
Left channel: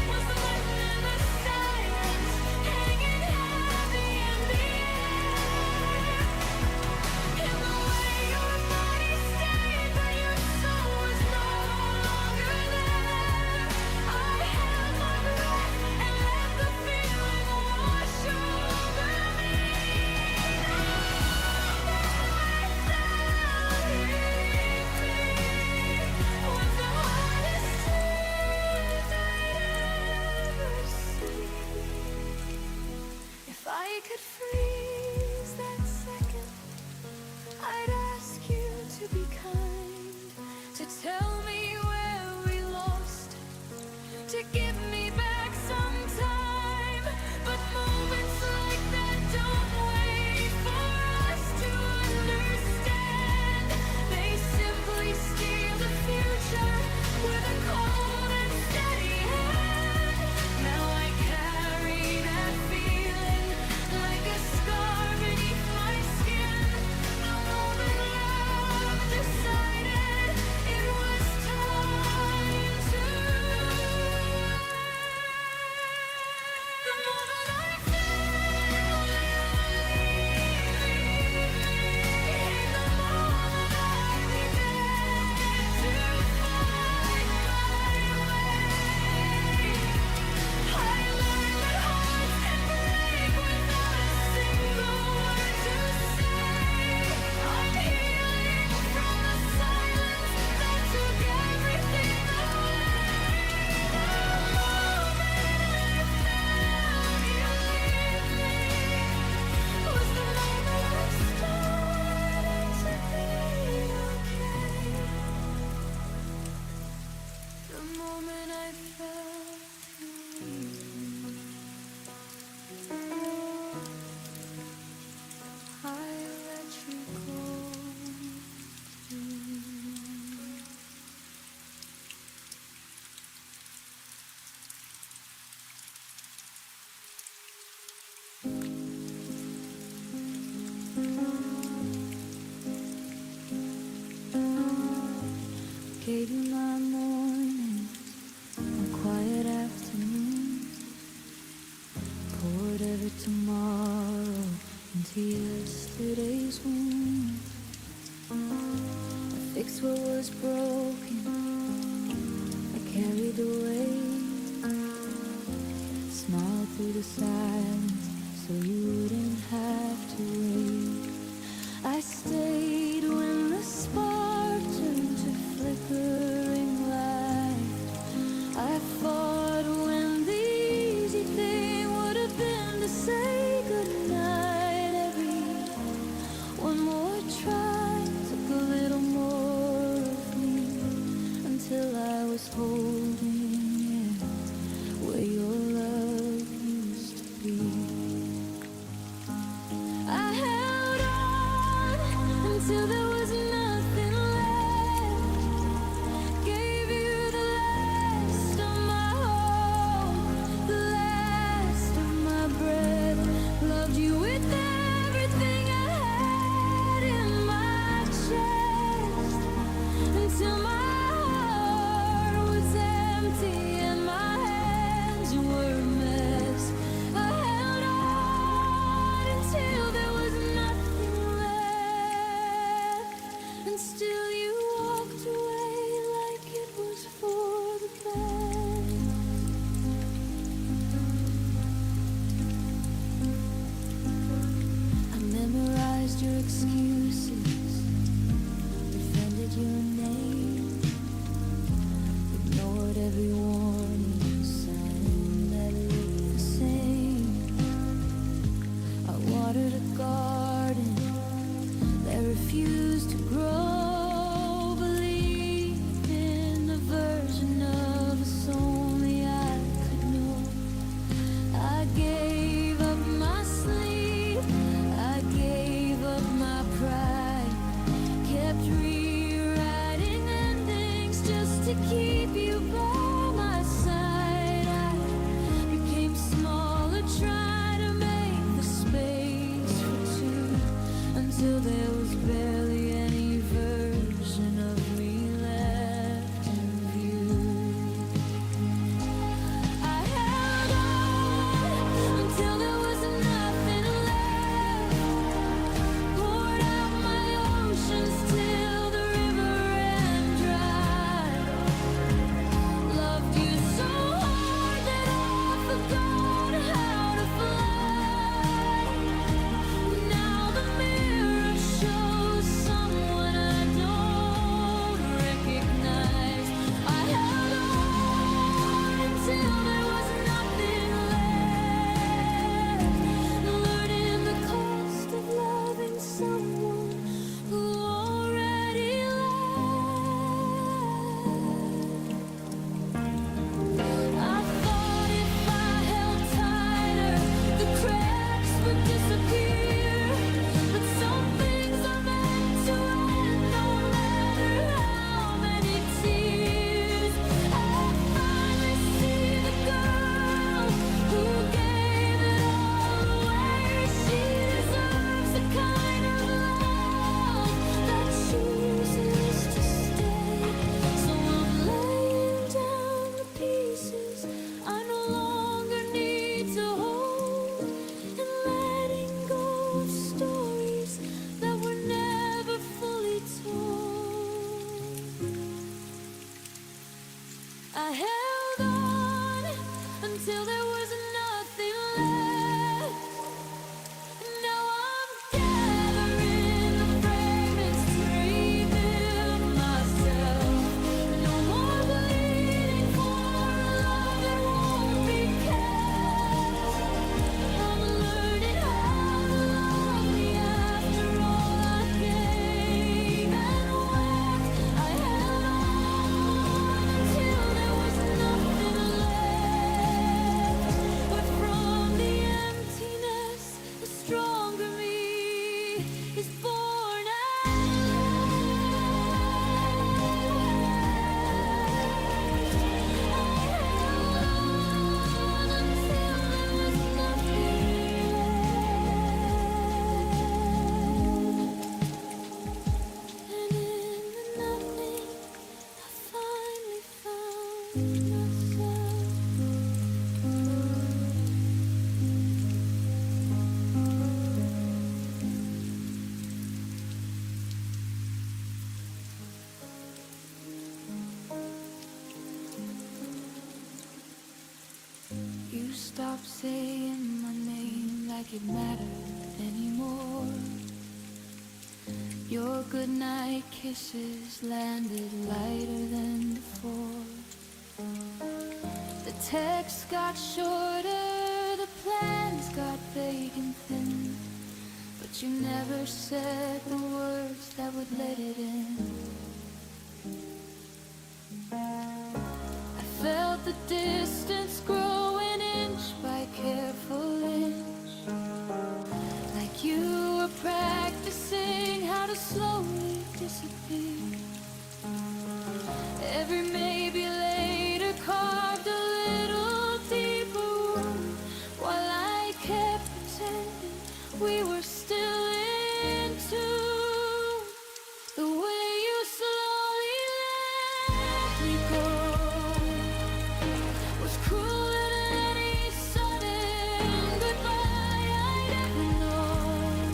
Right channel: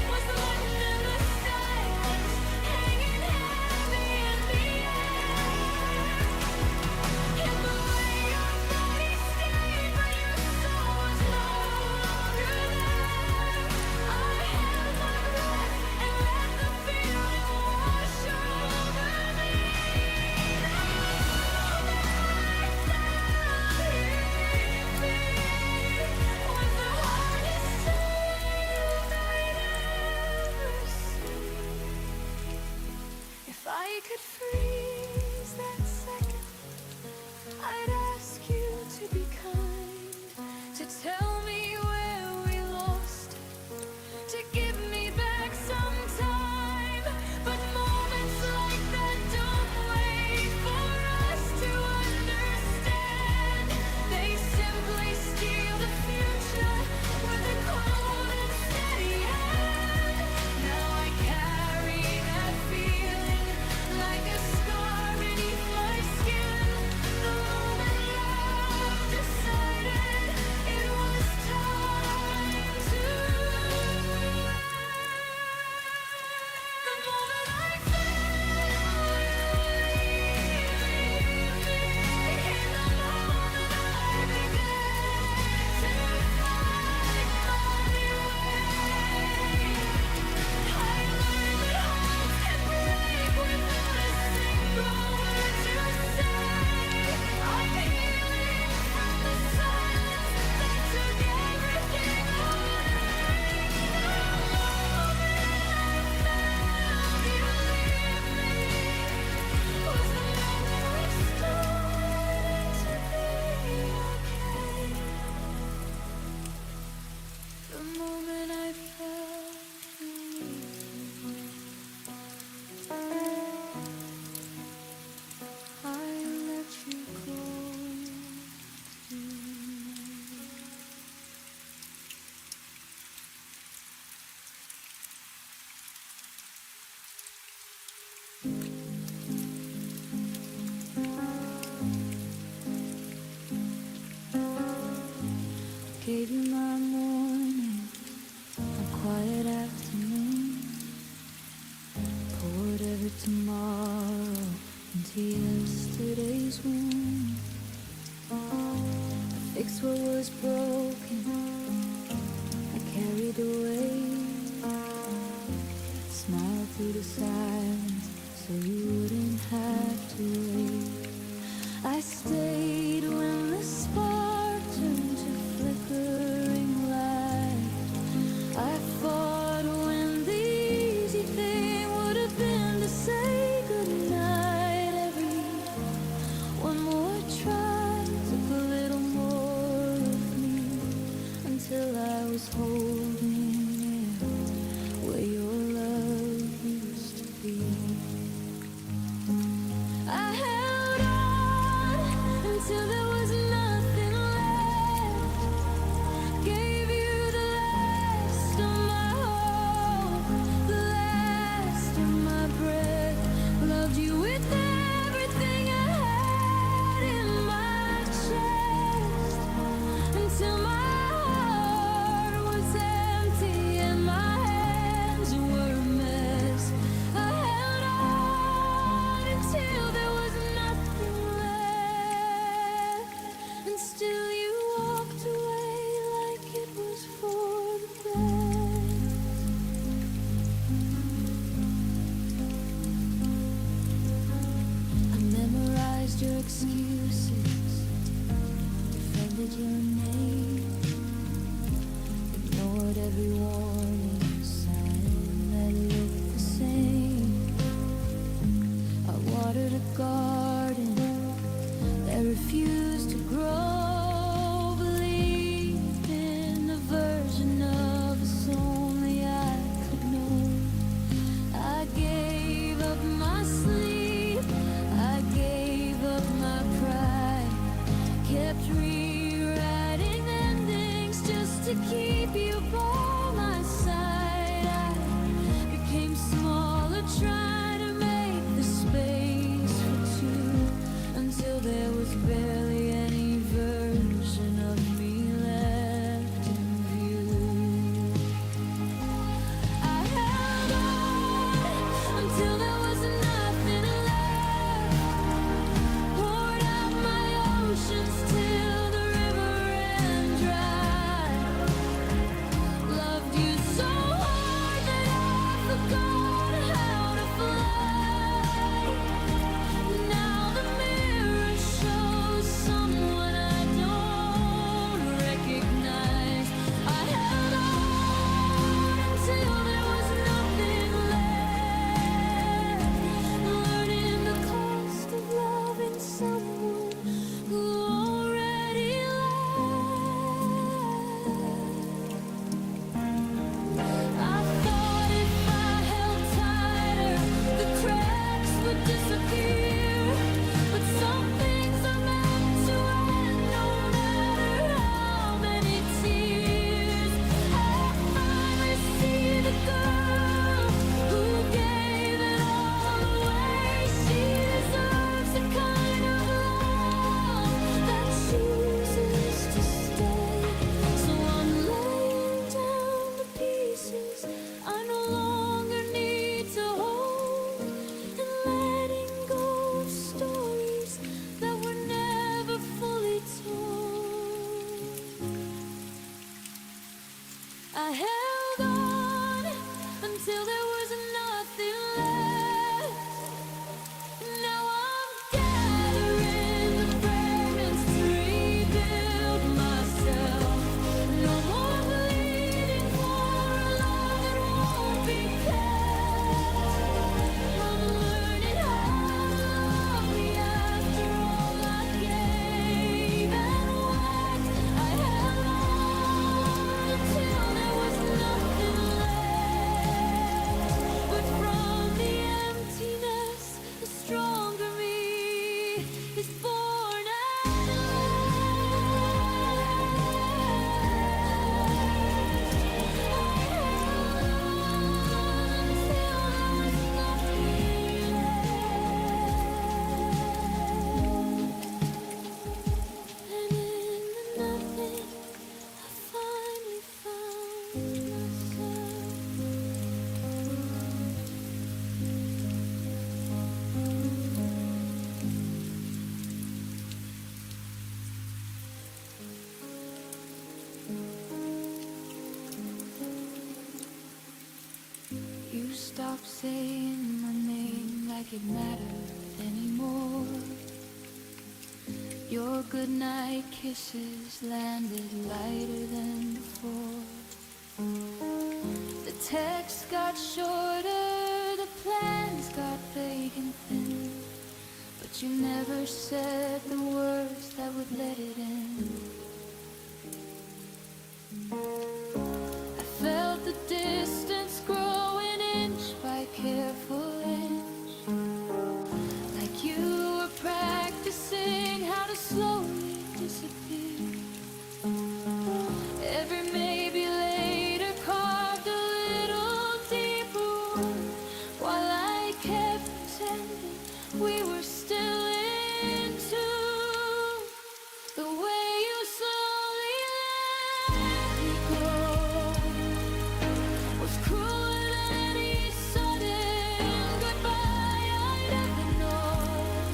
was the legend in the silence, hanging heavy in the air. In the way your body stayed, but your soul was no longer there. I held my breath and let the feeling wash over me. The moment I felt you leave me was the hardest truth I'd ever seen. If I could freeze that second, I'd ask you to be kind, to tell me where we lost it, to give me back some time. But moments like that don't wait for us to understand. gave you my morning, my quiet afternoon, poured every tomorrow into yesterday's wound. I fixed what was broken, I carried the weight, smiled through the silence so you wouldn't have to wait. I stayed when the spark turned to flickering light. I fought when the easy thing would have been to say goodnight. Every one more try took a little more of me, until I was holding it where your love used to be. I held on until there was nothing left, gave you the last of my hope, the last of my breath, loved you with everything I had in my chest, until my heart was empty and my hands were a mess. I held on until there was nothing left, and still you walked away like it was for the best. I memorized your excuses, defended your name, ignored every warning sign that looked the same. I watered a garden that refused to grow, believed in a version of us only I could know. I gave up my sleep, I gave up my pride, kept rewriting endings just to keep you by my side. I became smaller, trying to make the space for two, until there was barely any version of me left in view. I held on until there was nothing left, poured out my oceans till the river ran dry, loved you so hard that I forgot how to fly. Now the mirror shows someone I don't recognize. I held on until there was nothing left, learning the cost of loving someone who already left. I thought if I held tighter, the cracks would disappear, but some things are meant to end, no matter how many tears. I finally see the girl who gave it all away. She deserves the kind of love that chooses to stay. So I'm laying down the pieces I no longer need to hold, and letting go of stories that were never fully told. I held on until there was nothing left. Now I'm gathering the fragments to rebuild myself. No more bleeding for a love that won't be kept. I'm learning how to love me after all I gave and wept. I held on until there was nothing left. stop saying my name like it mattered anymore. Your goodnight kisses landed lighter than before. The texts got shorter, the plans got vague and thin, but you never said the words that would let it in. I felt the distance growing inch by careful inch, like you were practicing how to slowly disappear. Every maybe later carved a little deeper wound, while I kept pretending we were still in tune. The way you slowly let me go was crueler than any sudden goodbye I'd ever known.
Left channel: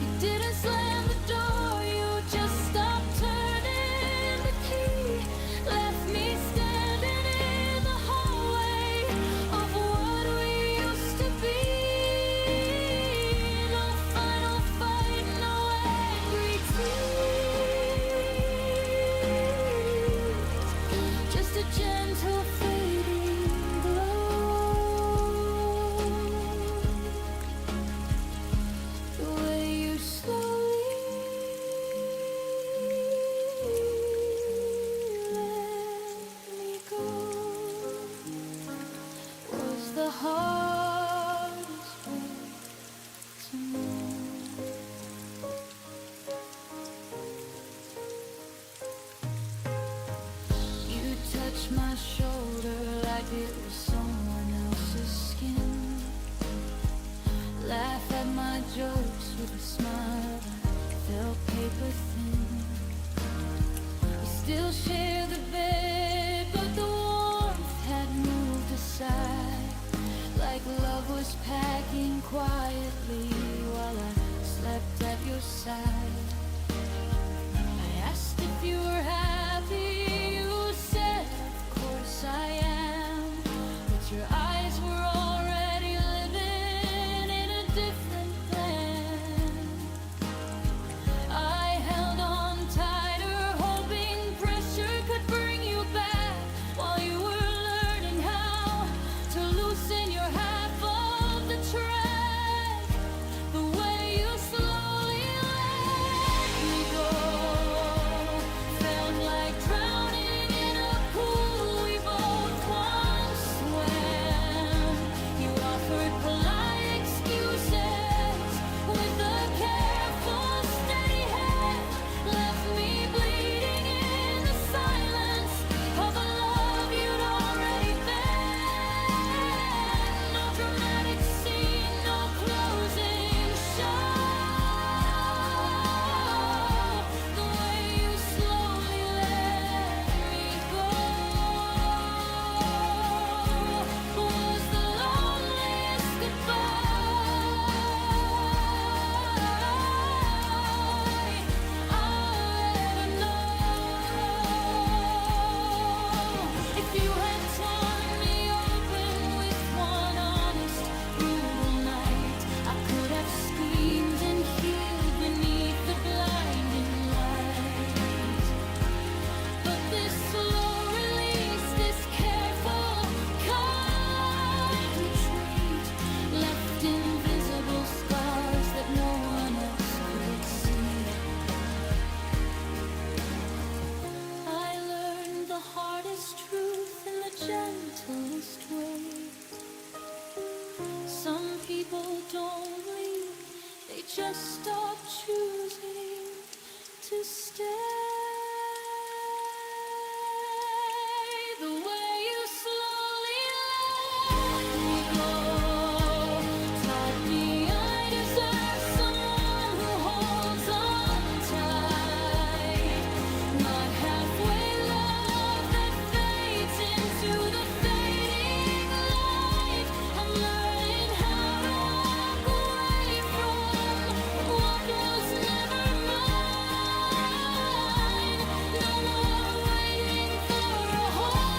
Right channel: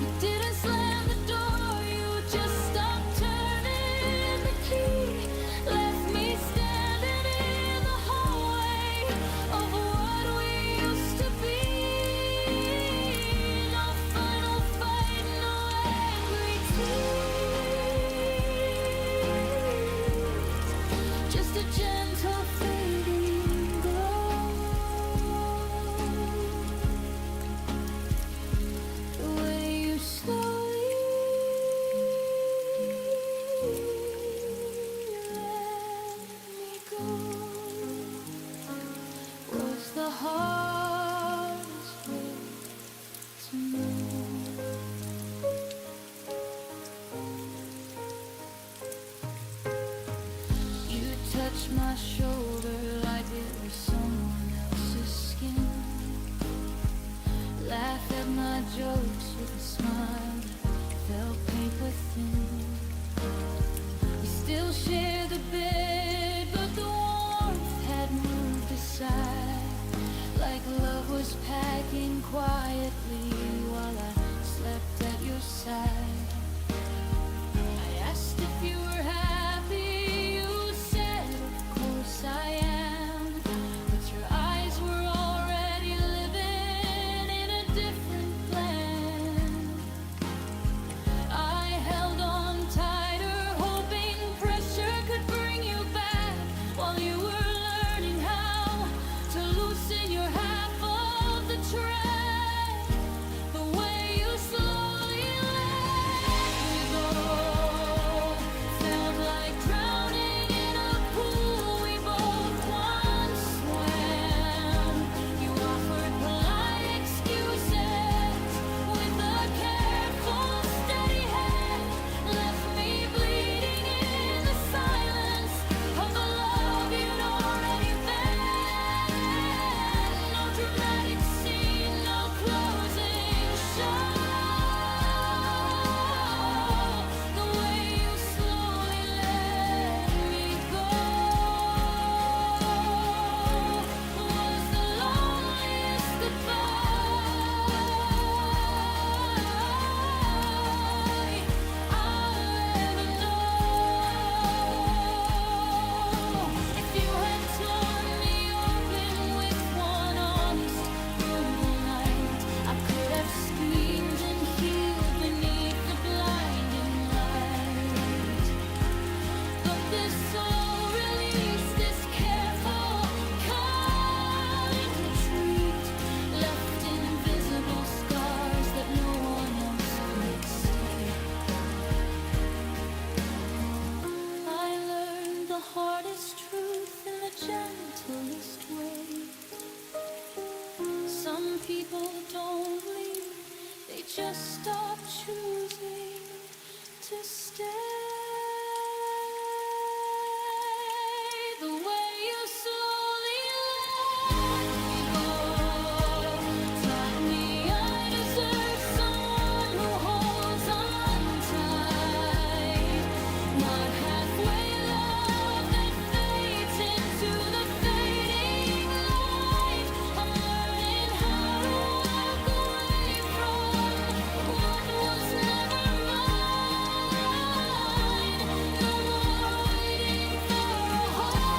You didn't slam the door, you just stopped turning the key, left me standing in the hallway of what we used to be. No final fight, no angry tears, just a gentle fading glow. The way you slowly let me go was the hardest way to know. You touched my shoulder like it was someone else's skin, laugh at my jokes with a smile that felt paper thin. We still share the bed, but the warmth had moved aside, like love was packing quietly while I slept at your side. I asked if you were happy, you said of course I am, but your eyes were already living in a different plan. I held on tighter, hoping pressure could bring you back, while you were learning how to loosen your half of the track. The way you slowly let me go felt like drowning in a pool we both once swam. You offered polite excuses with a careful, steady hand, left me bleeding in the silence of a love you'd already been. No dramatic scene, no closing show. The way you slowly let me go was the loneliest goodbye I'll ever know. If you had torn me open with one honest, brutal night, I could have schemed and healed beneath the blinding light. But this slow release, this careful, kind retreat, left invisible scars that no one else could see. I learned the hardest truth in the gentlest way. Some people don't leave, they just stop choosing to stay. The way you slowly let me go taught me I deserve someone who holds on tight, not halfway love that fades into the fading light. I'm learning how to walk away from what was never mine. No more waiting for a heart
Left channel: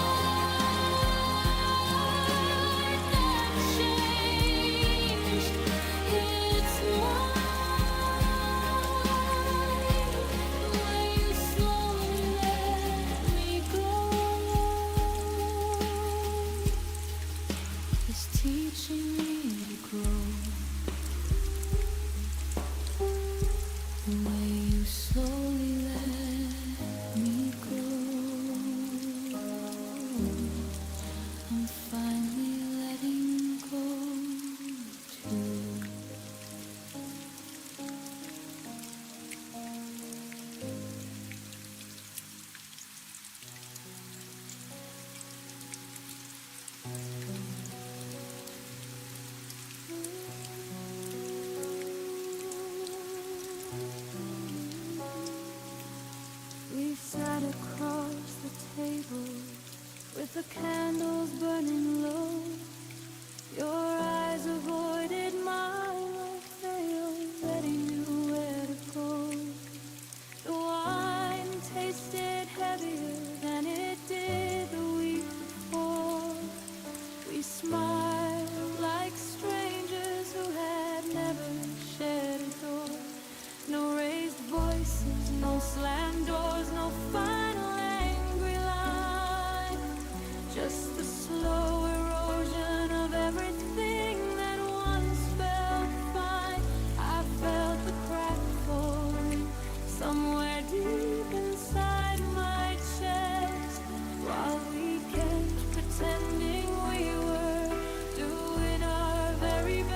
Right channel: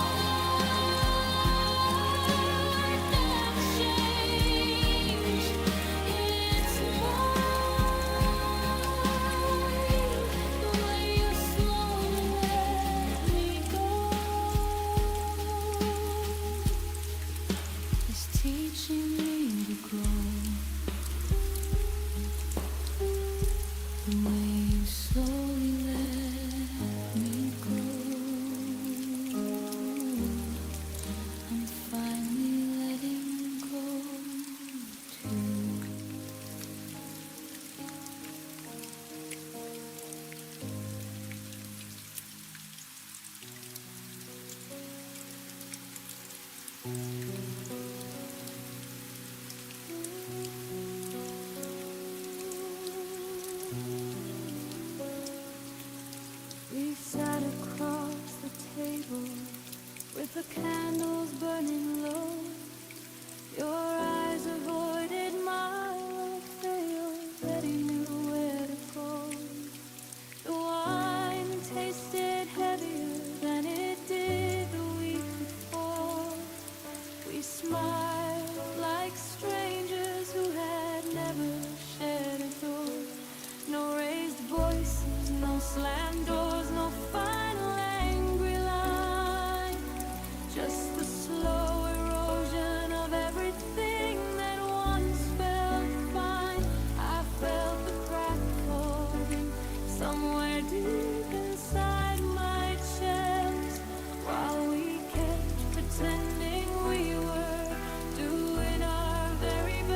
sat across the table with the candles burning low. Your eyes avoided mine like they already knew where to go. The wine tasted heavier than it did the week before. We smiled like strangers who had never shared a door. No raised voices, no slammed doors, no final angry line. Just the slow erosion of everything that once felt fine. I felt the crack forming somewhere deep inside my chest, while we kept pretending we were doing our very best.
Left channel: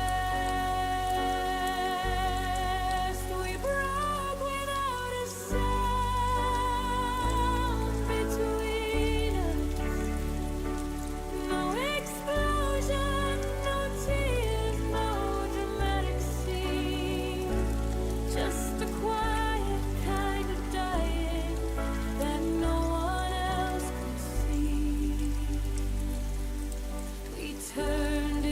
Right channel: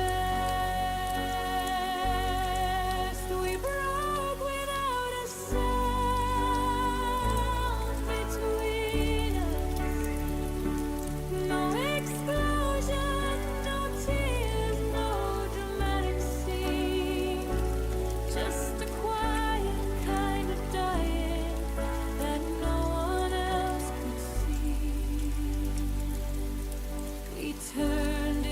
We broke without a sound between us. No explosion, no tears, no dramatic scene. Just a quiet kind of dying that no one else could see. We turned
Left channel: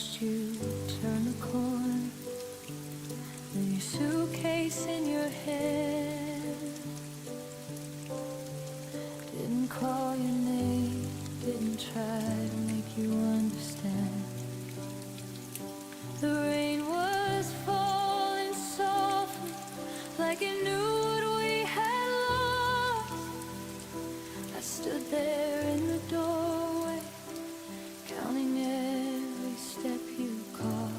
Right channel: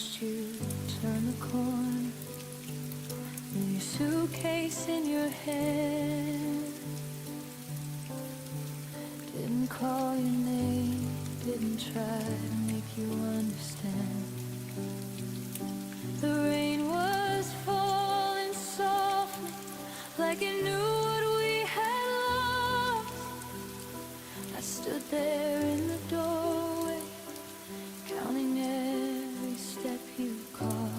watched you turn the corner with your suitcase in your hand. Didn't call your name, didn't try to make you understand. The rain was falling softly, like it knew what we had lost. I stood there in the doorway, counting every step you caused.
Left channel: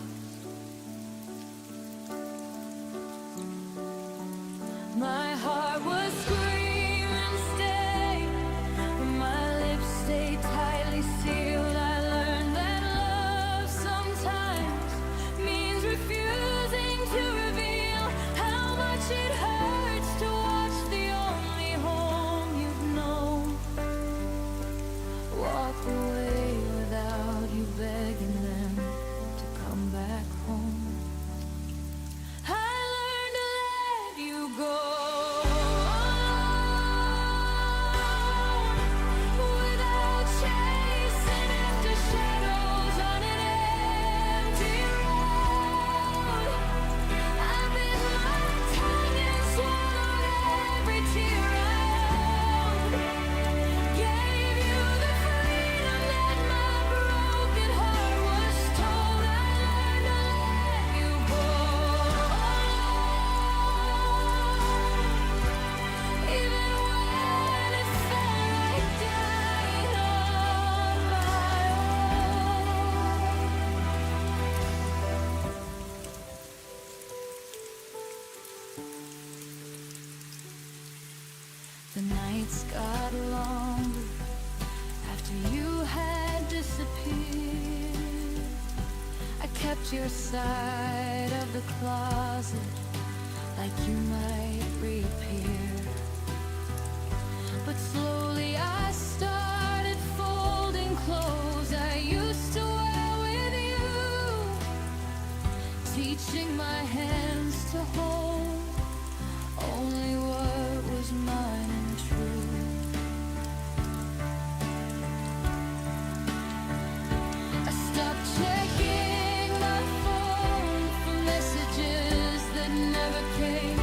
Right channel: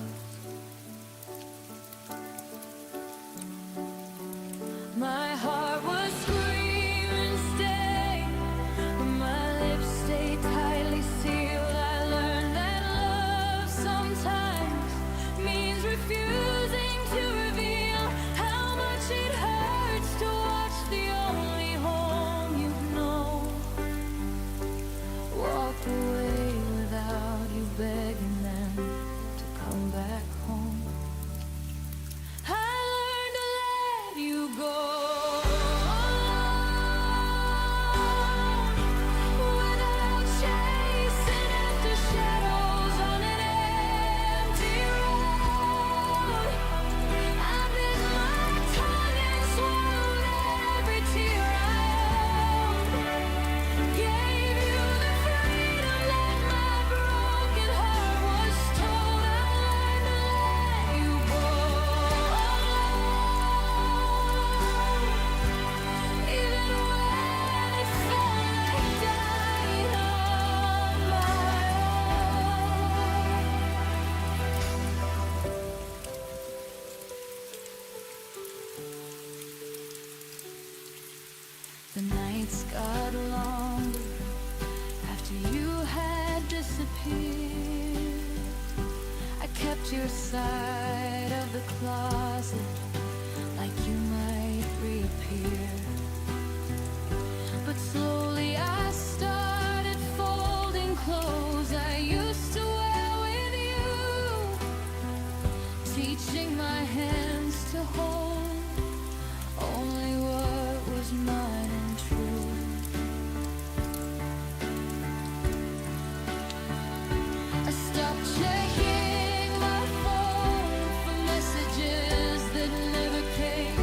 My heart was screaming, stay, but my lips stayed tightly sealed. I learned that love sometimes means refusing to reveal how much it hurts to watch the only home you've known walk away without you begging them to come back home. I learned to let you go alone, without chasing after shadows on an empty road. I bit my tongue and swallowed every tear I owed. Gave you the freedom that my broken heart was told. I learned to let you go alone, even when it felt like dying on my own. The nights got longer after you had disappeared. I kept your side of the closet like you might reappear. But slowly I started folding clothes I used to wear with you, teaching my hands to hold only what was mine and true. I stopped checking my phone for messages that never came.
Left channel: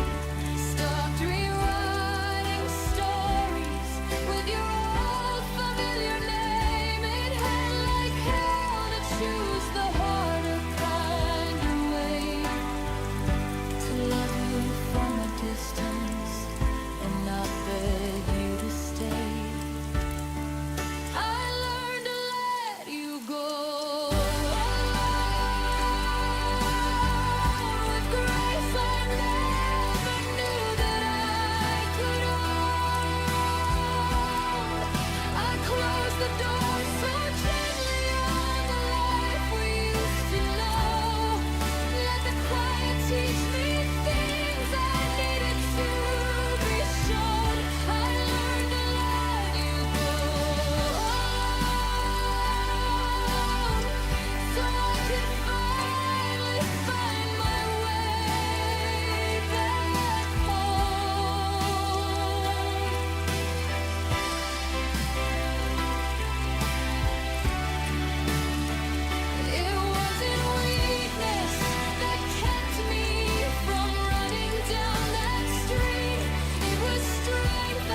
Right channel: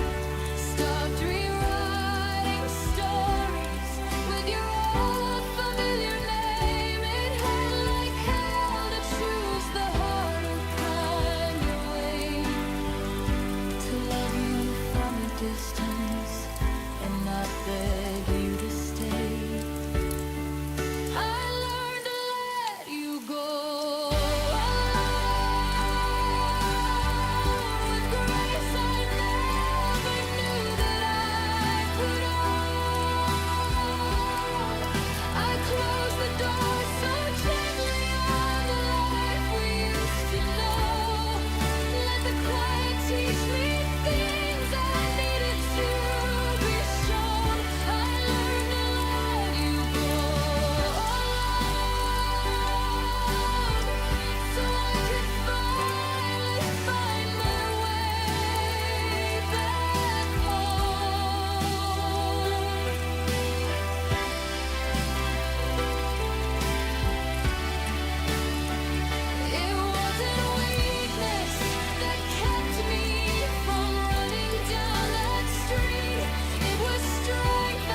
Stopped rewriting stories with your old familiar name. It hurt like hell to choose the harder kind of way, to love you from a distance and not beg you to stay. I learned to let you go alone, with grace I never knew that I could own. I closed the door so gently on the life we used to know. Let the quiet teach me things I needed to be shown. I learned to let you go alone, so I could finally find my way back home. It wasn't weakness that kept me from running down that street. It was strength I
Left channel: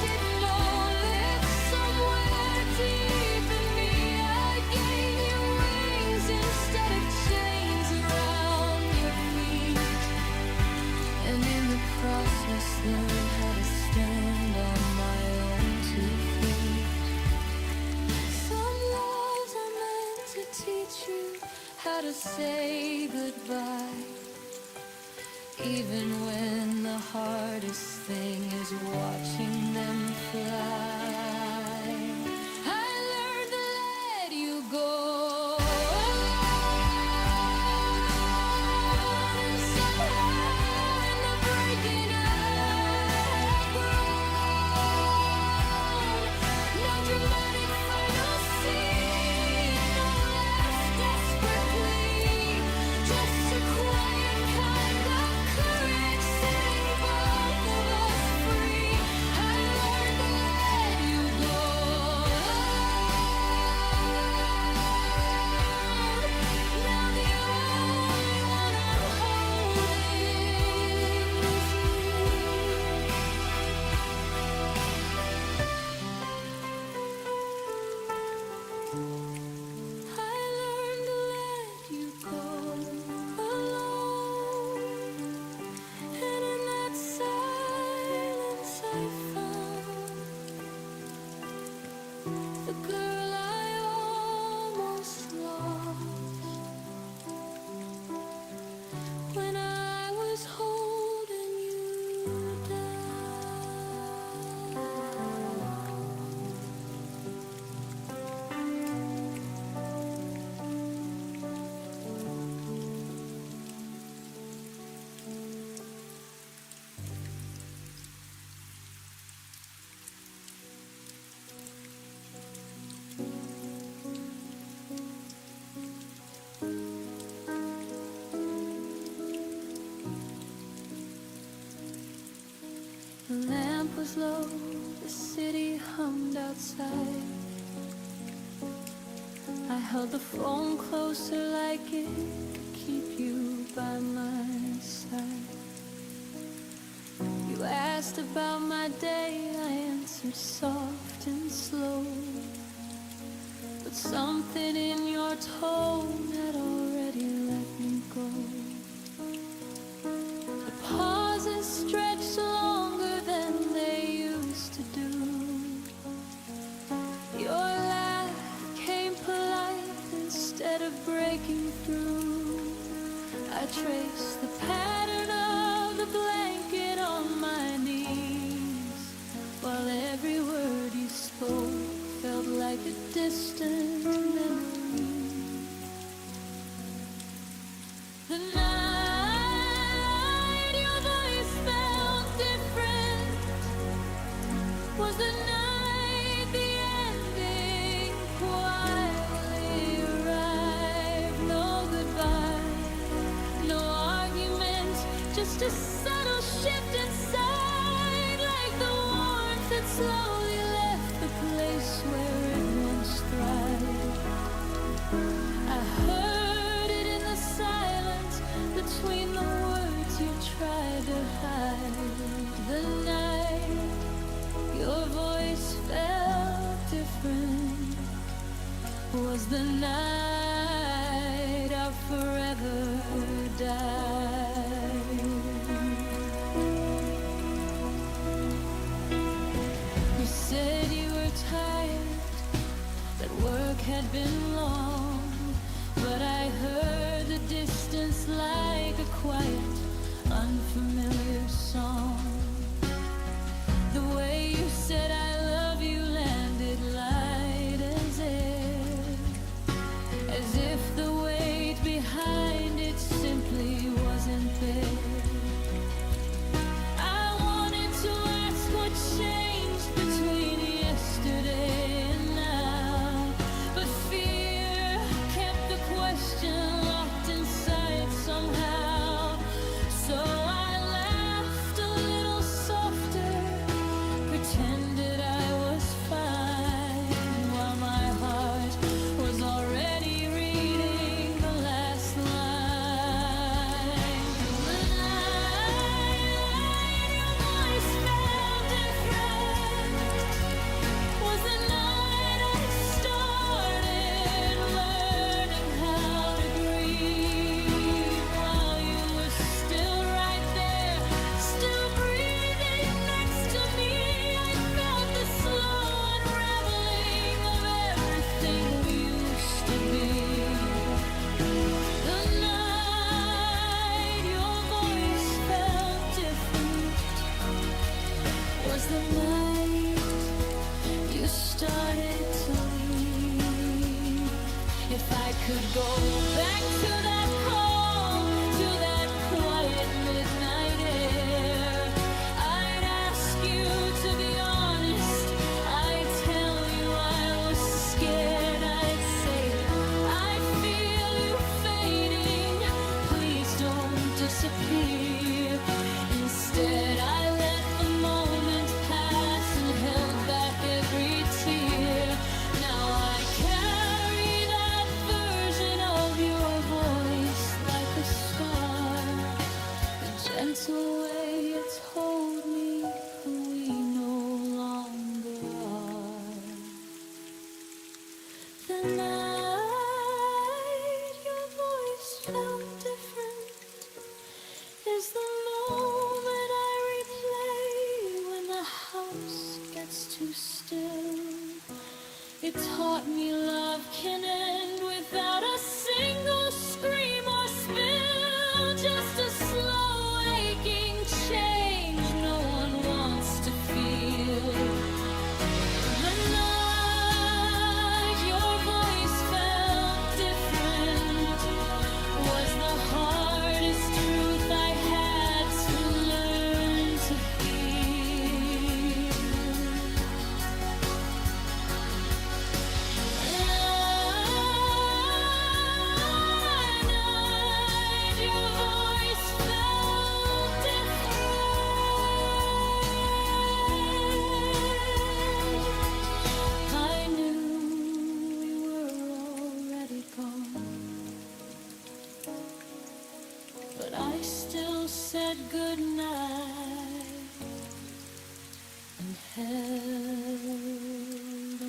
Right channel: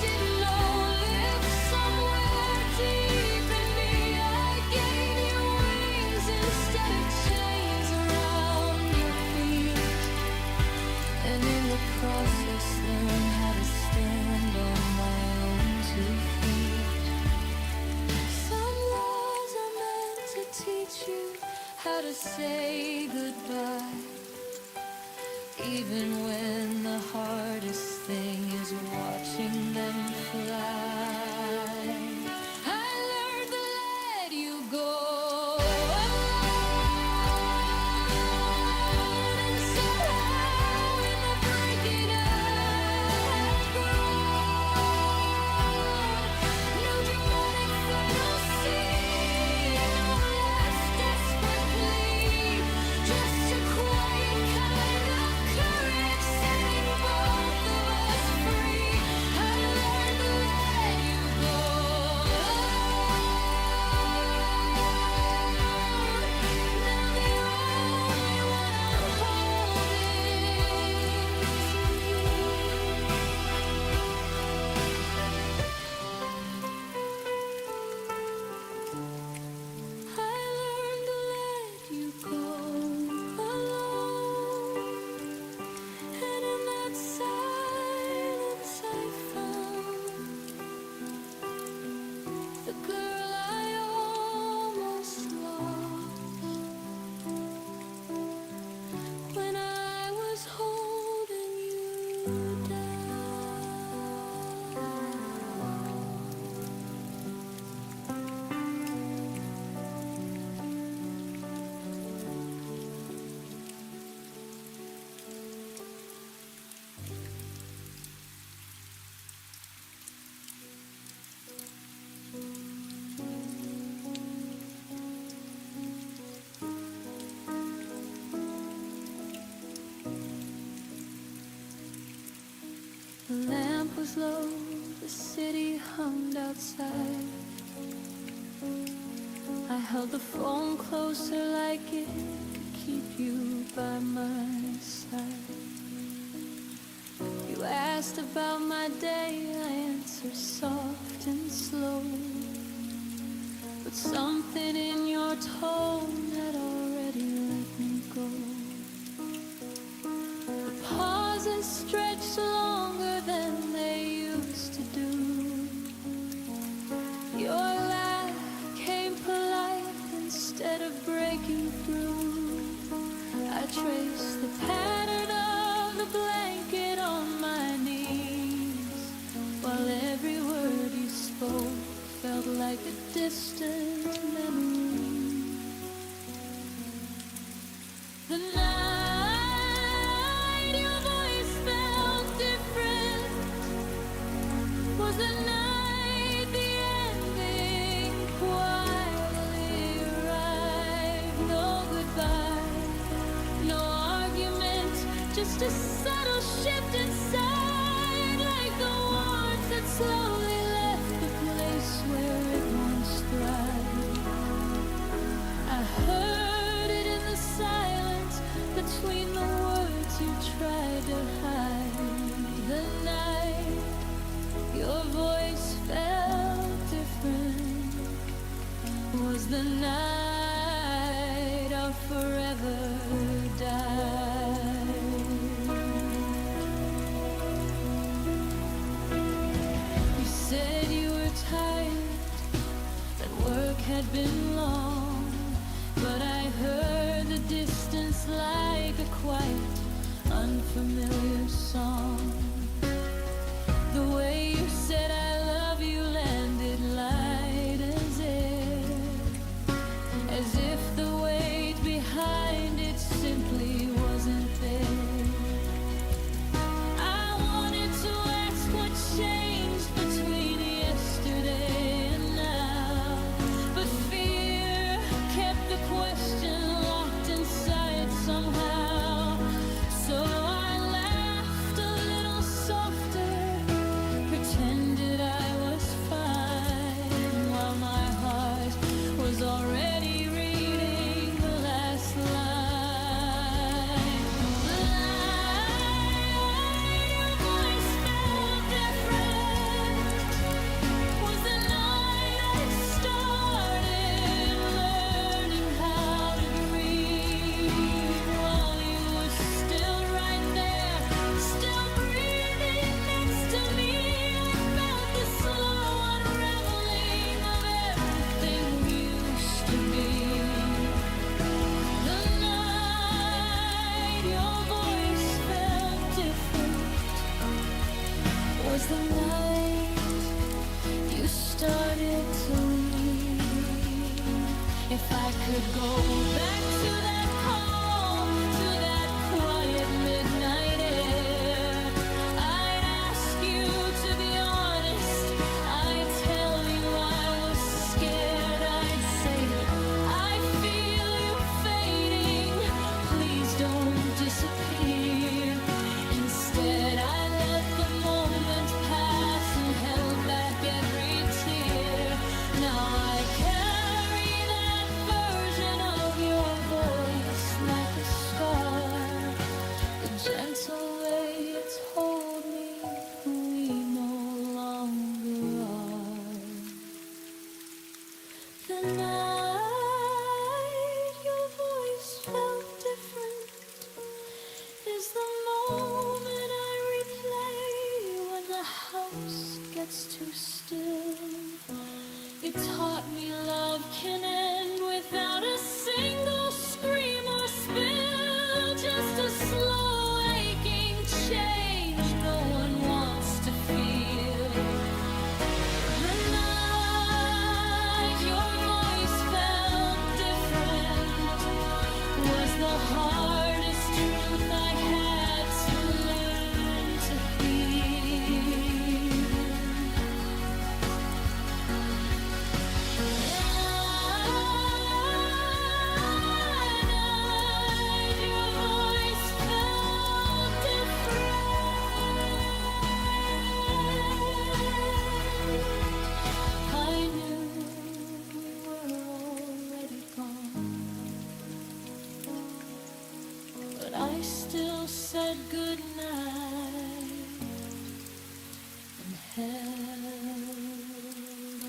didn't know lived somewhere deep in me. I gave you wings instead of chains around your feet, and in the process learned how to stand on my own 2 feet. Some laws are meant to teach you how to say goodbye, even when the hardest thing is watching them fly. I learned to let you go alone, and somehow in the breaking I have grown. No dramatic final scene, no last desperate plea, just a quiet kind of courage setting both of us free. I learned to let you down. The lamp was low, the city hummed outside. I held the phone closer like it could keep you by my side. You asked about my day, I answered soft and slow, but something in your tone had already let me go. The pauses stretched longer than they used to do. Your laugh came polite instead of breaking through. I traced the pattern of the blanket on my knees, while every word you spoke felt like a distant memory. The night your voice felt different was the night the ending quietly arrived. No goodbye, no argument, just a subtle shift inside, like the warmth that slowly left the place where it once thrived. I heard it in the silence between the words you tried to hide. The night your voice felt different was the night our forever died. You said you were tired, that work had been long, but I heard the distance like a quiet, unfamiliar song. The way you said I love you landed light as air, as if the weight behind it simply wasn't there. I wanted to ask what changed between yesterday and now, but fear kept the question locked inside somehow. So I laughed a little softer, pretended I was fine, while my heart was already reading the last line. The night your voice felt different was the night I started learning how to grieve, while you were still right there, still breathing next to me. I felt the slow unraveling of everything we used to be. The night your voice felt different was the night you started to leave. If I could go back to that call, to that quiet midnight air, I'd ask you to be honest. I'd tell you I was scared. I'd say, I feel you fading, please don't disappear. Instead I let the moment pass and held back every tear. Now I carry that version of your voice like a scar, the gentle way you told me who we no longer are. The night your voice felt different is the moment I replay when the house gets too still. It taught me love can end without a single scream or spill, just a slow aching change. the hardest truth I had to learn to feel. And night, your voice felt different. I knew we were already gone, but I still said goodnight and held on.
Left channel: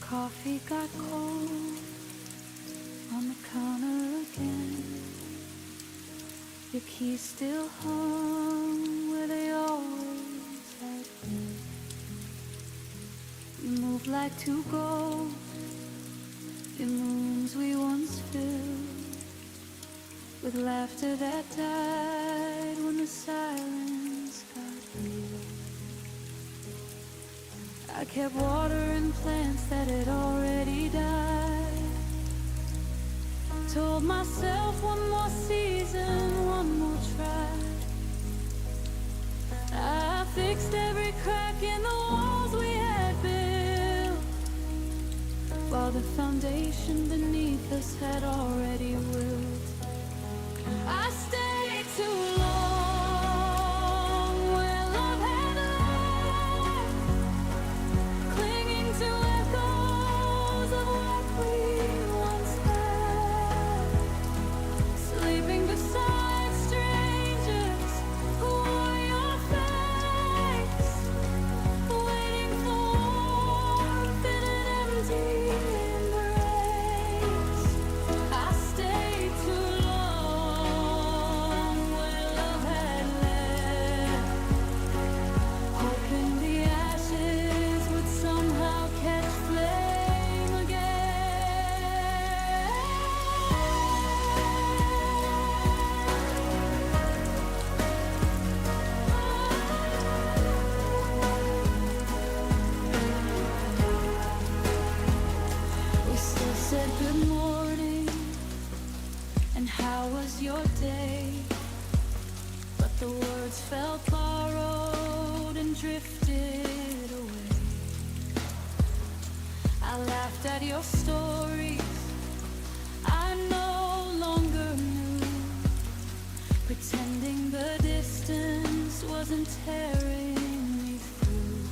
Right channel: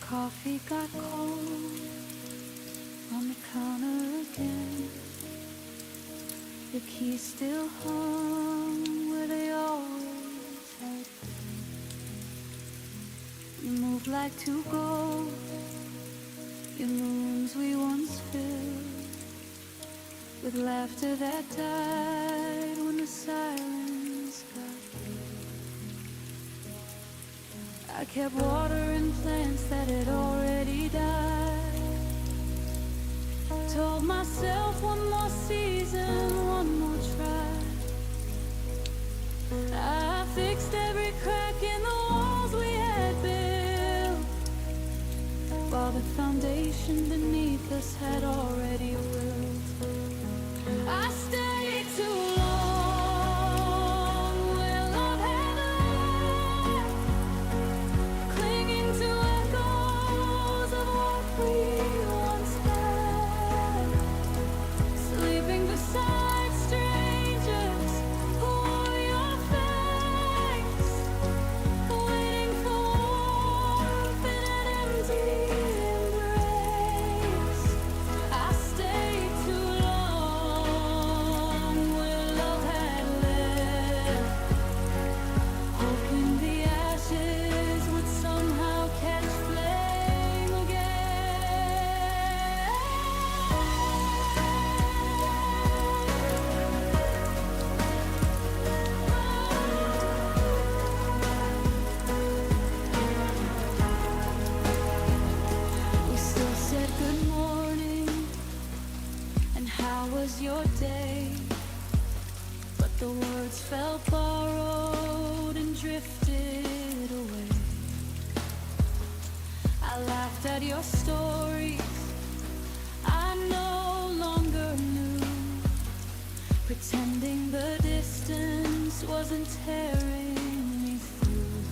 Coffee got cold on the counter again. Your keys still hung where they always had been. You moved like two ghosts in rooms we once filled with laughter that died when the silence got real. I kept watering plants that had already died. Told myself one more season, one more try. I fixed every crack in the walls we had built, while the foundation beneath us had already wilt. I stayed too long where love had left, clinging to echoes of what we once had, sleeping beside strangers who wore your face, waiting for warmth in an empty embrace. I stayed too long where love had left, hoping the ashes would somehow catch flame again. We still said good morning and how was your day, but the words felt borrowed and drifted away. I laughed at your stories I no longer knew, pretending the distance wasn't tearing me through.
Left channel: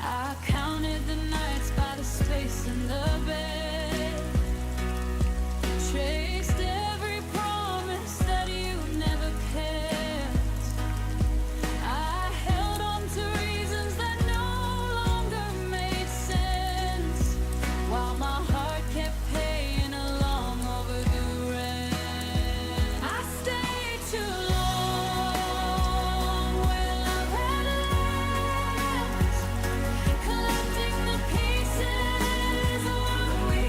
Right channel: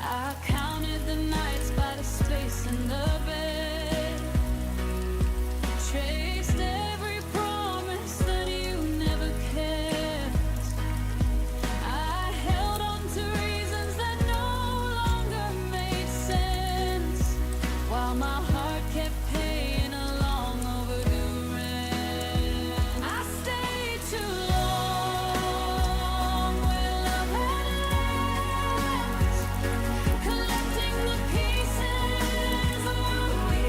I counted the nights by the space in the bed, traced every promise that you never kept. I held on to reasons that no longer made sense, while my heart kept paying a long overdue rent. I stayed too long where love had left, collecting the pieces of what we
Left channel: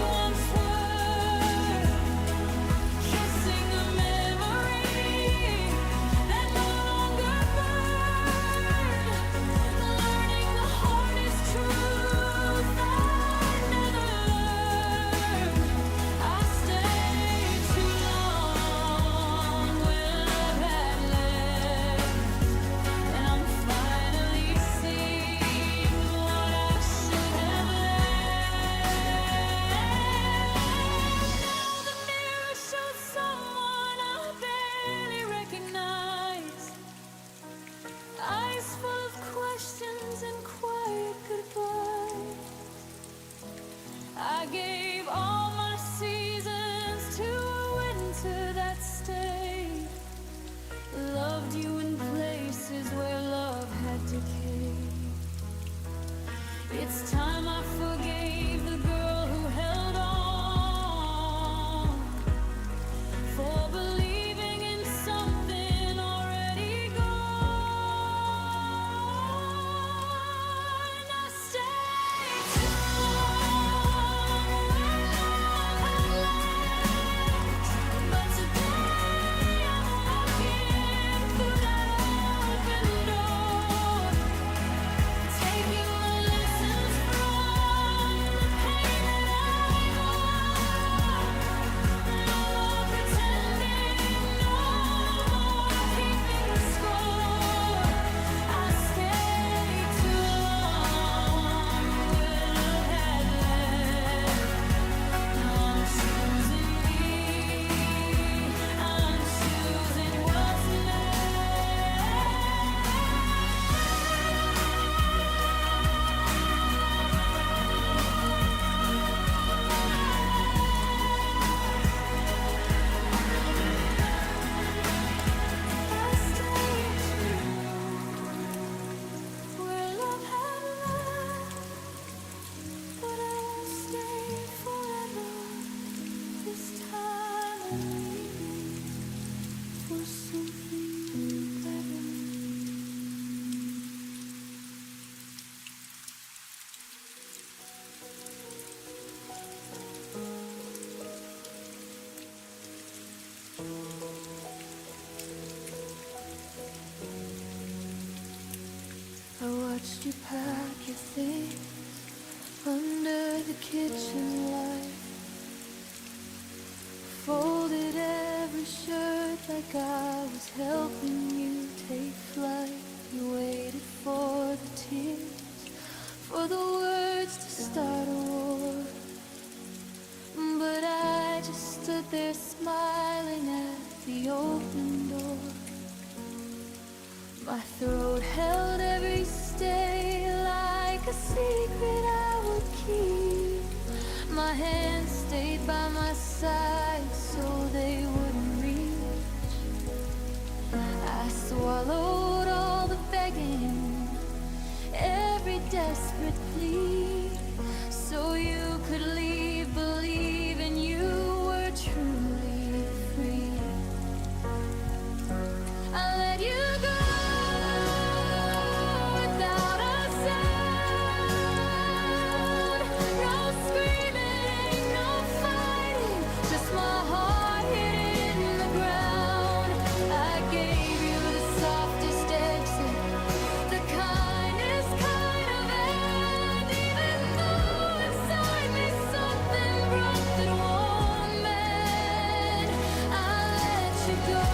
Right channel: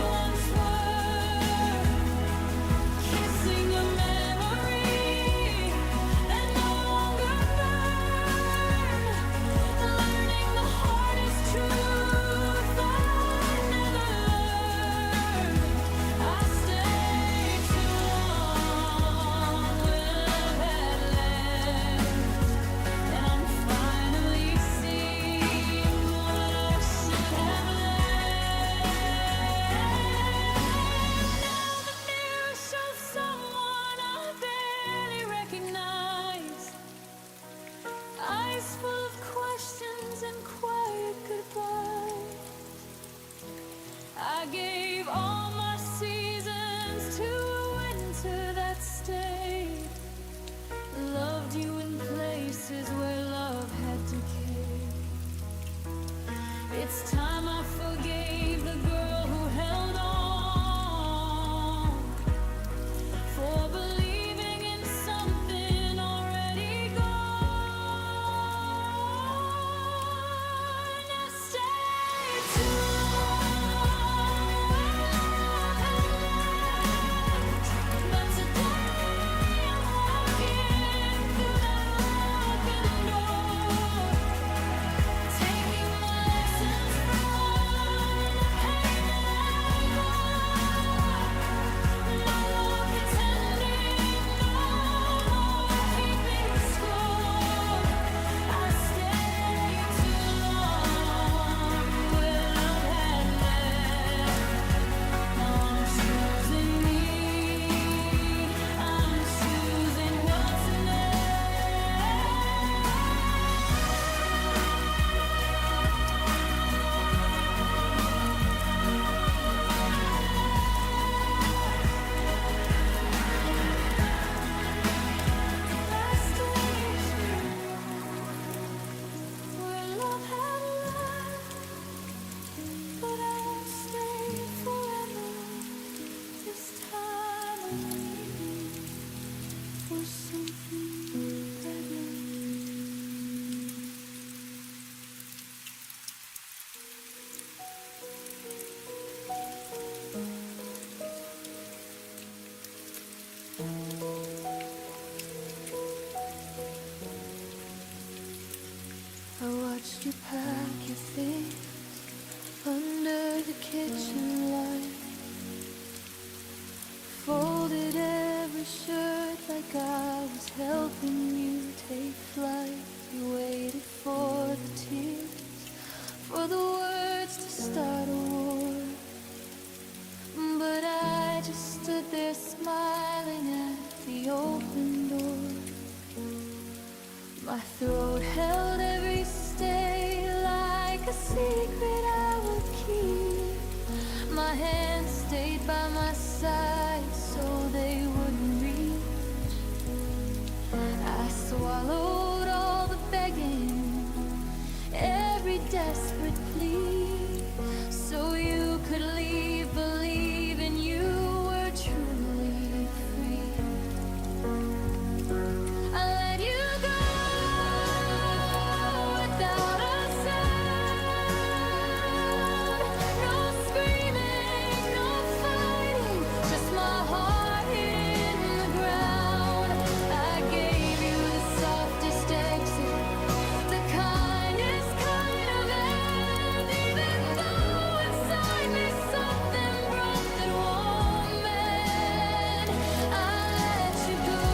once were, kissing a memory that no longer burned, learning the hardest truth I never learned. I stayed too long where love had left, and I'm finally seeing what I should have left. Now the mirror shows someone I barely recognize, eyes full of questions and quiet goodbyes. I gave all my seasons to a winter that stayed, loved you in places where love had decayed. It's time I forgave the girl who held on, for believing in something already gone. I watched you pack your things under the kitchen light. Folded every shirt like I was helping you take flight. You waited for the tears, for the words to start a war. But I just stood there smiling at the open door. My throat held every stay like a secret I would keep. My hands stayed by my side so they wouldn't reach. I swallowed all the begging, every desperate plea, so you could leave, believing you were truly free. I let you go without a sound. No screaming, no fighting, just my heart hid in the ground. I gave you the softest exit, the kindest kind of end, even though inside me something broke that won't mend. I let you go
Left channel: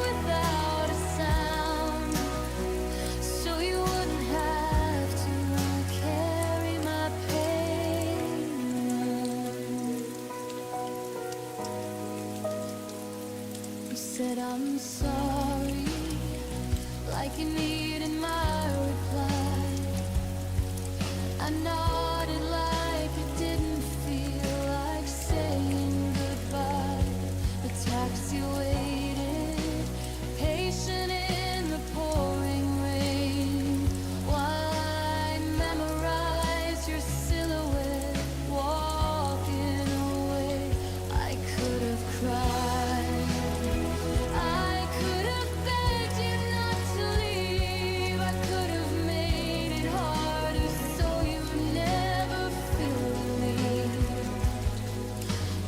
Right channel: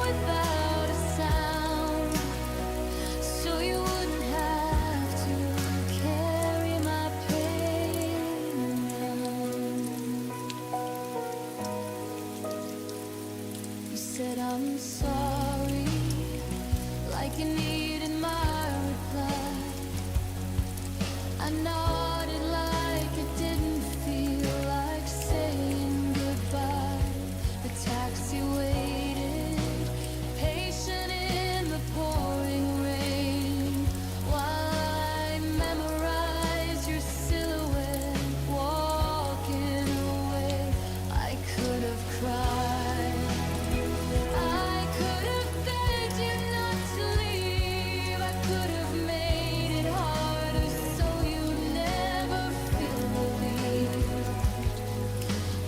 without a sound, so you wouldn't have to carry my pain around. You said I'm sorry, like you needed my reply. I nodded like it didn't feel like saying goodbye. The taxi waited, patient in the pouring rain, while I memorized your silhouette walking away. I could have cried, I could have begged you not to leave, I could have made it harder so you never feel relieved.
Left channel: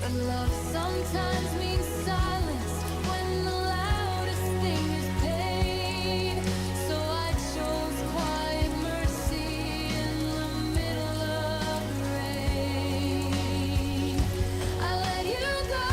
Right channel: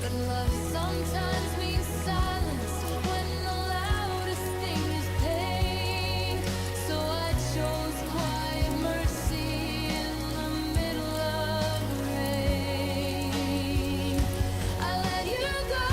But love sometimes means silence when the loudest thing is pain. So I chose quiet mercy in the middle of the rain. I let you go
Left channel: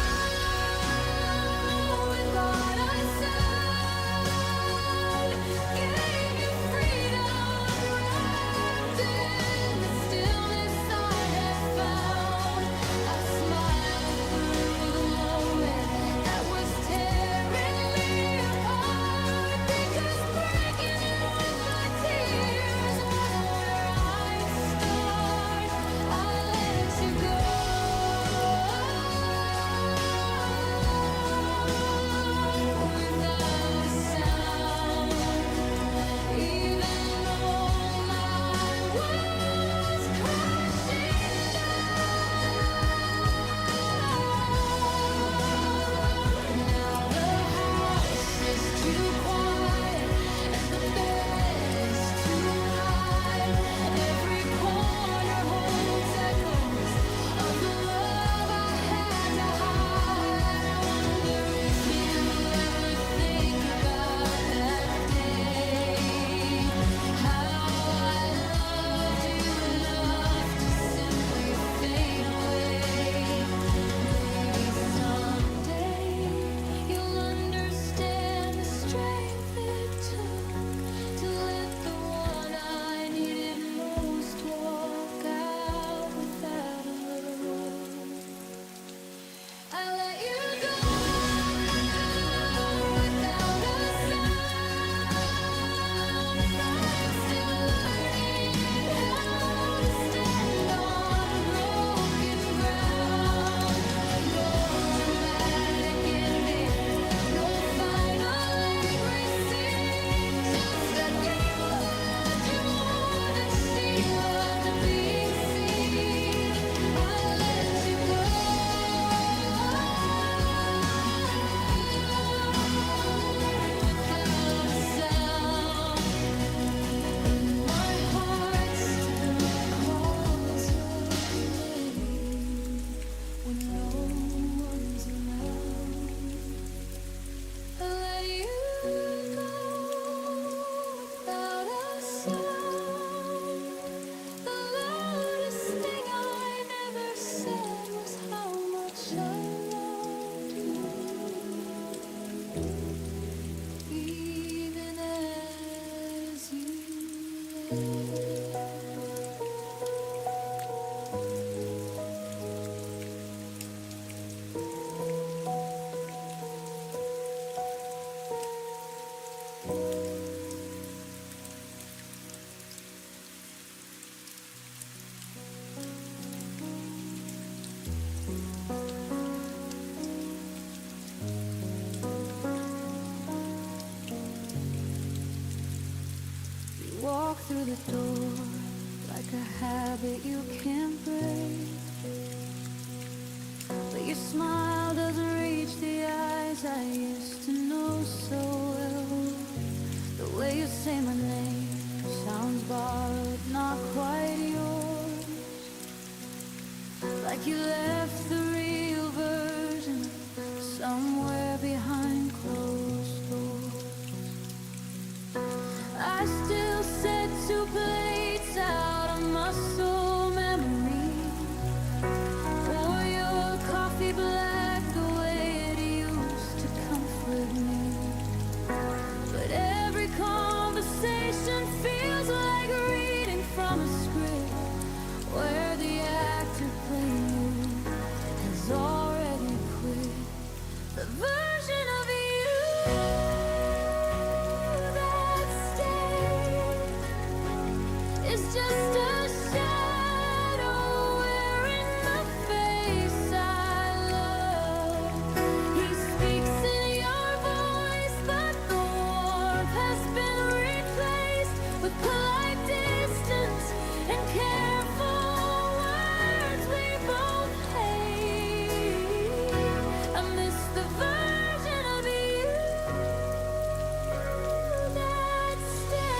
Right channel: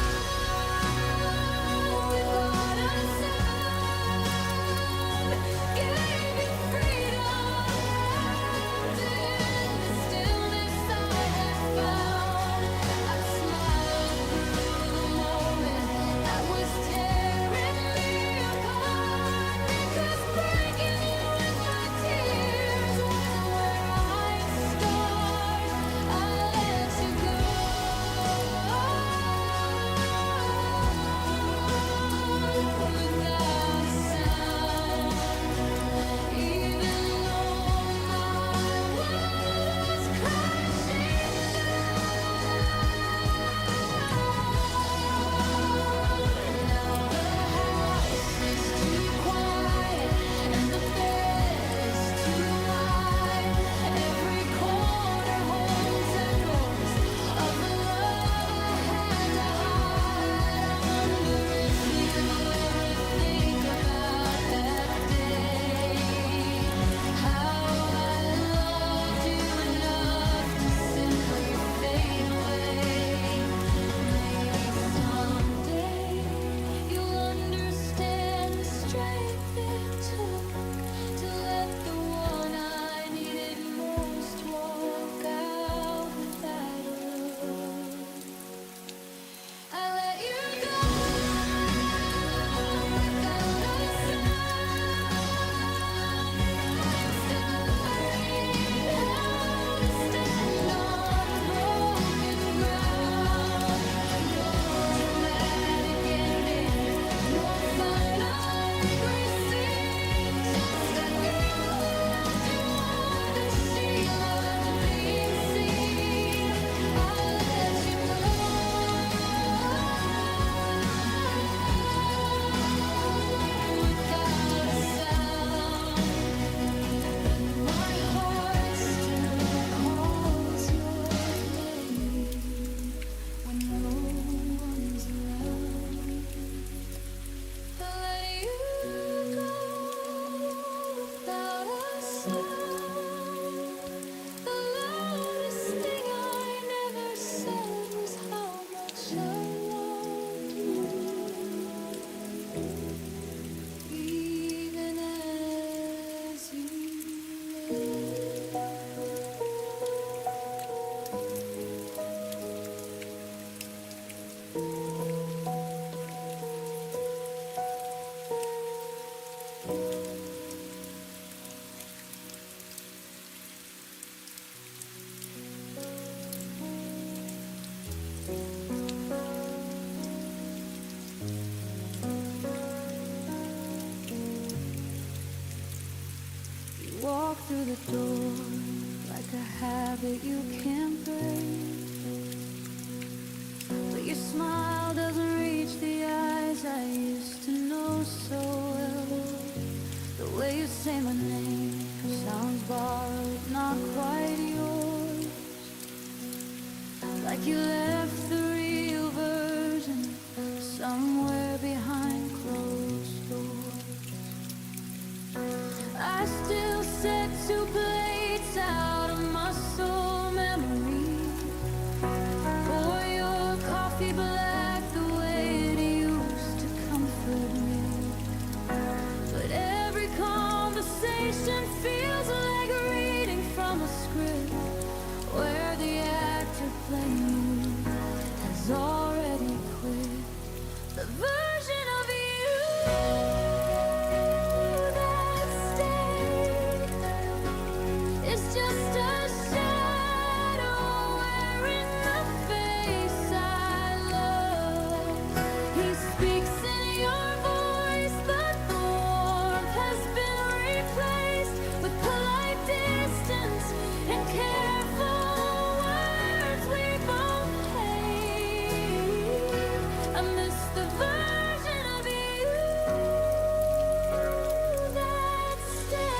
through the door like a habit you can't break. But your smile doesn't reach the eyes I used to know so well. The way you say my name sounds borrowed, not quite yours. Like you left the real version somewhere behind closed doors. I still set 2 plates out of muscle memory. Pour your coffee black the way it used to comfort me. But every conversation feels like reading from a script where the actor playing you has already quit. The version of you that stayed is just a shadow wearing the face I love. He speaks in your voice, but the warmth has been replaced with polite distance and careful words we both hate. I miss the version of you that stayed.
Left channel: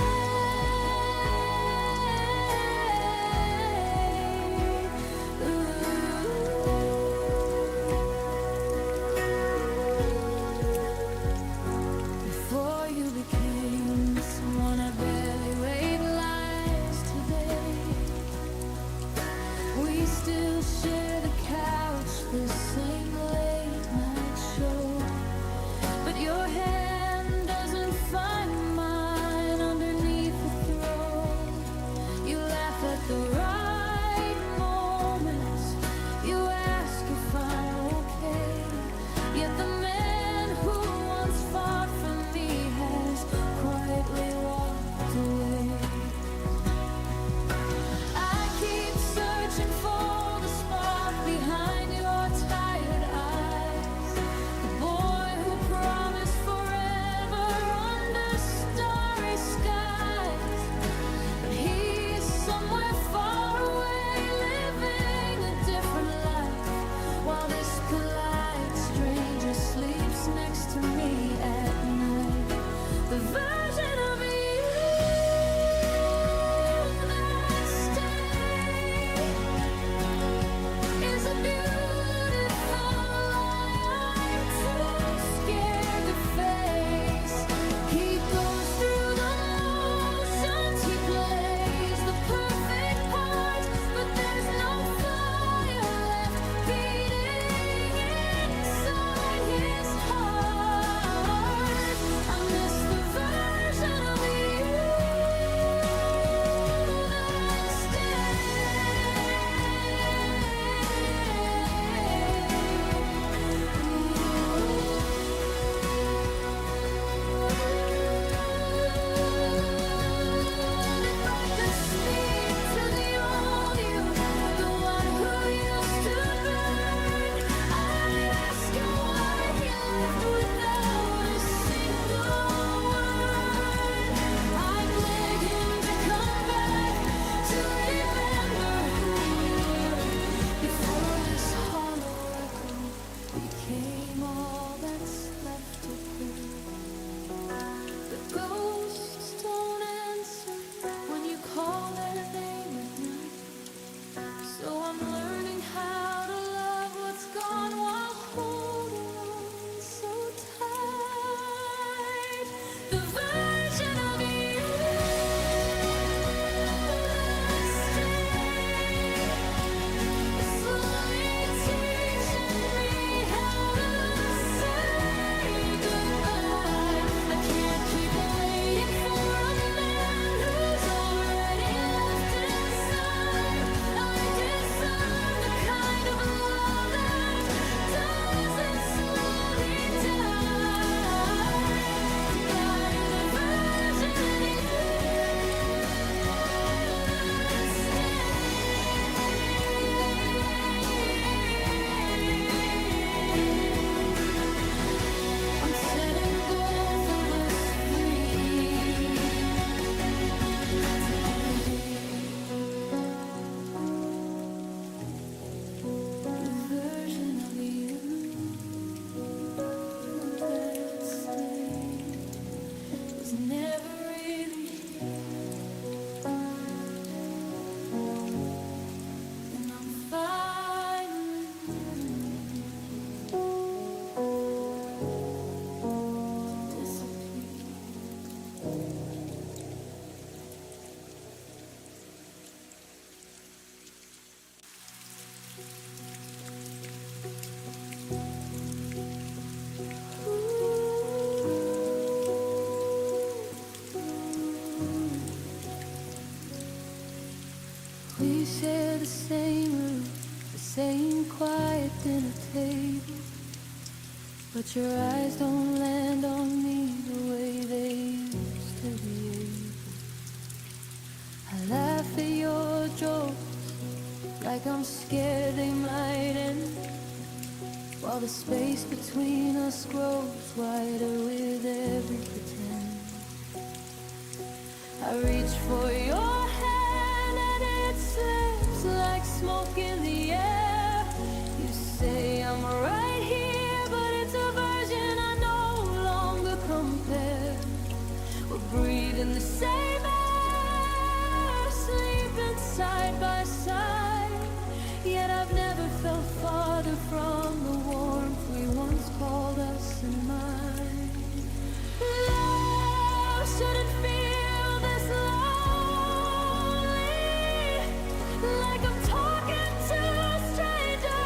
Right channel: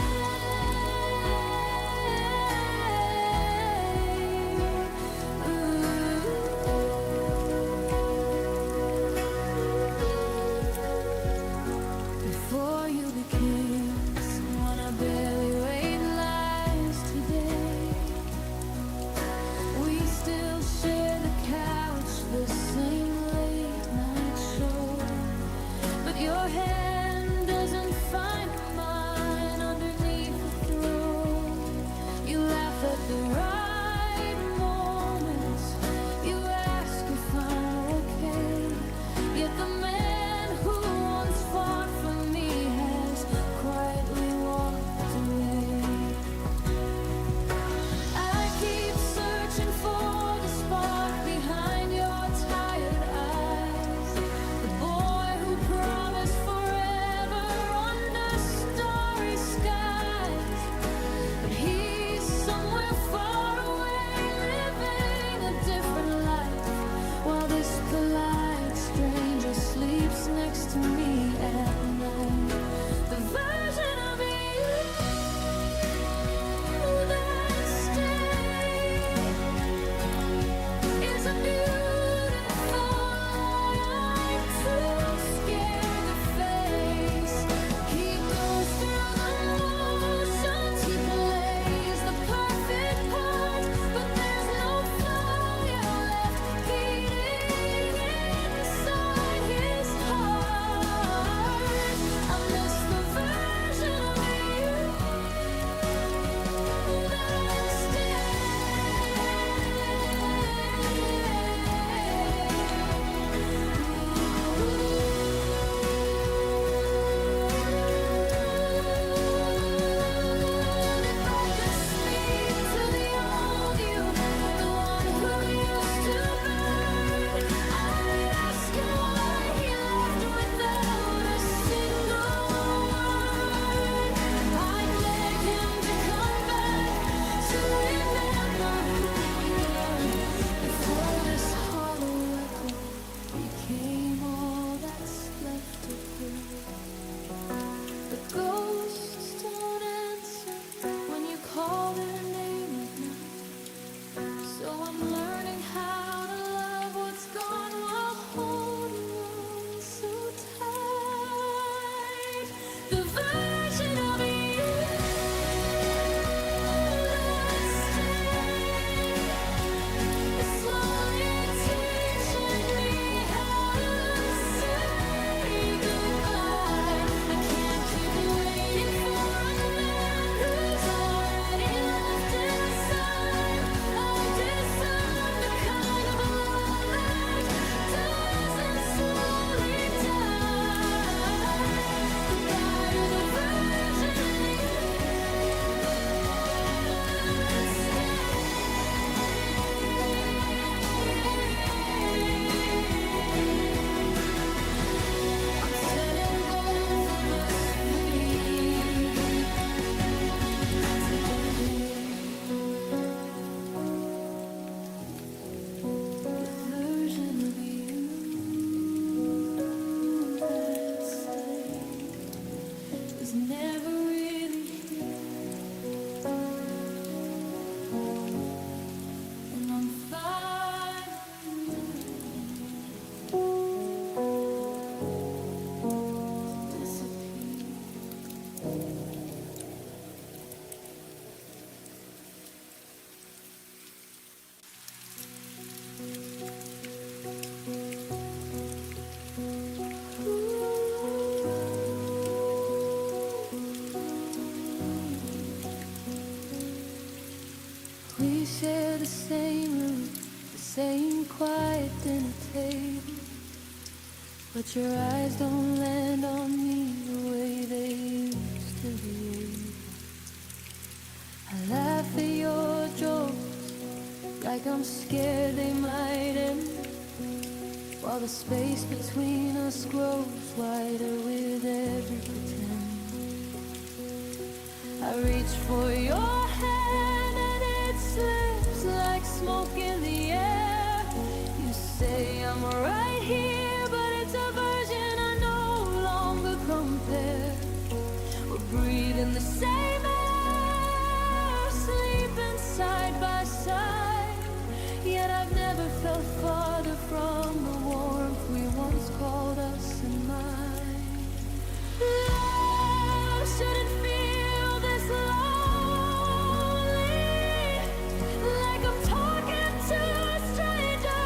Before you became someone I barely realized today, we still share the couch, the same late night show. But your hand doesn't find mine underneath the throw. You laugh at the right moments. You ask if I'm okay. Yet the man who once fought for me has quietly walked away. I keep searching for the spark behind your tired eyes. The boy who promised forever under starry skies. But he's somewhere far away, living a different life, while this polite stranger sleeps next to me at night. The version of you that stayed is a beautiful lie I'm too scared to face. He goes through the motions, he plays the perfect part, but there's no fire left beating inside his heart. I miss the version of you that stayed. If I could speak to the old you, the one who used to burn, I'd ask him why he left without a single word. I'd beg him to come back, to remember who we were, before this hollow echo became all that's left of her. But ghosts don't answer when you call their name at night. So I'm learning how to love what's gone while holding on so tight. The version of you that stayed is slowly teaching me how to say goodbye. I can't keep waiting for a man who's already left inside. I deserve the kind of love that was never really here. And I'm finally learning to disappear. We share the same room, the same quiet dinner table, but your eyes don't land on me the way they used to be able. I laugh at your jokes like I'm scared they might end, while the space between us grows wider with every pretend. I reach for your hand and it slips like smoke in the air. You say I'm right here, but it's a version I no longer compare. We're breathing the same air, sleeping side by side, yet I've never felt farther from the warmth we once called us in mind. Love shouldn't feel this lonely, like I'm talking to a stranger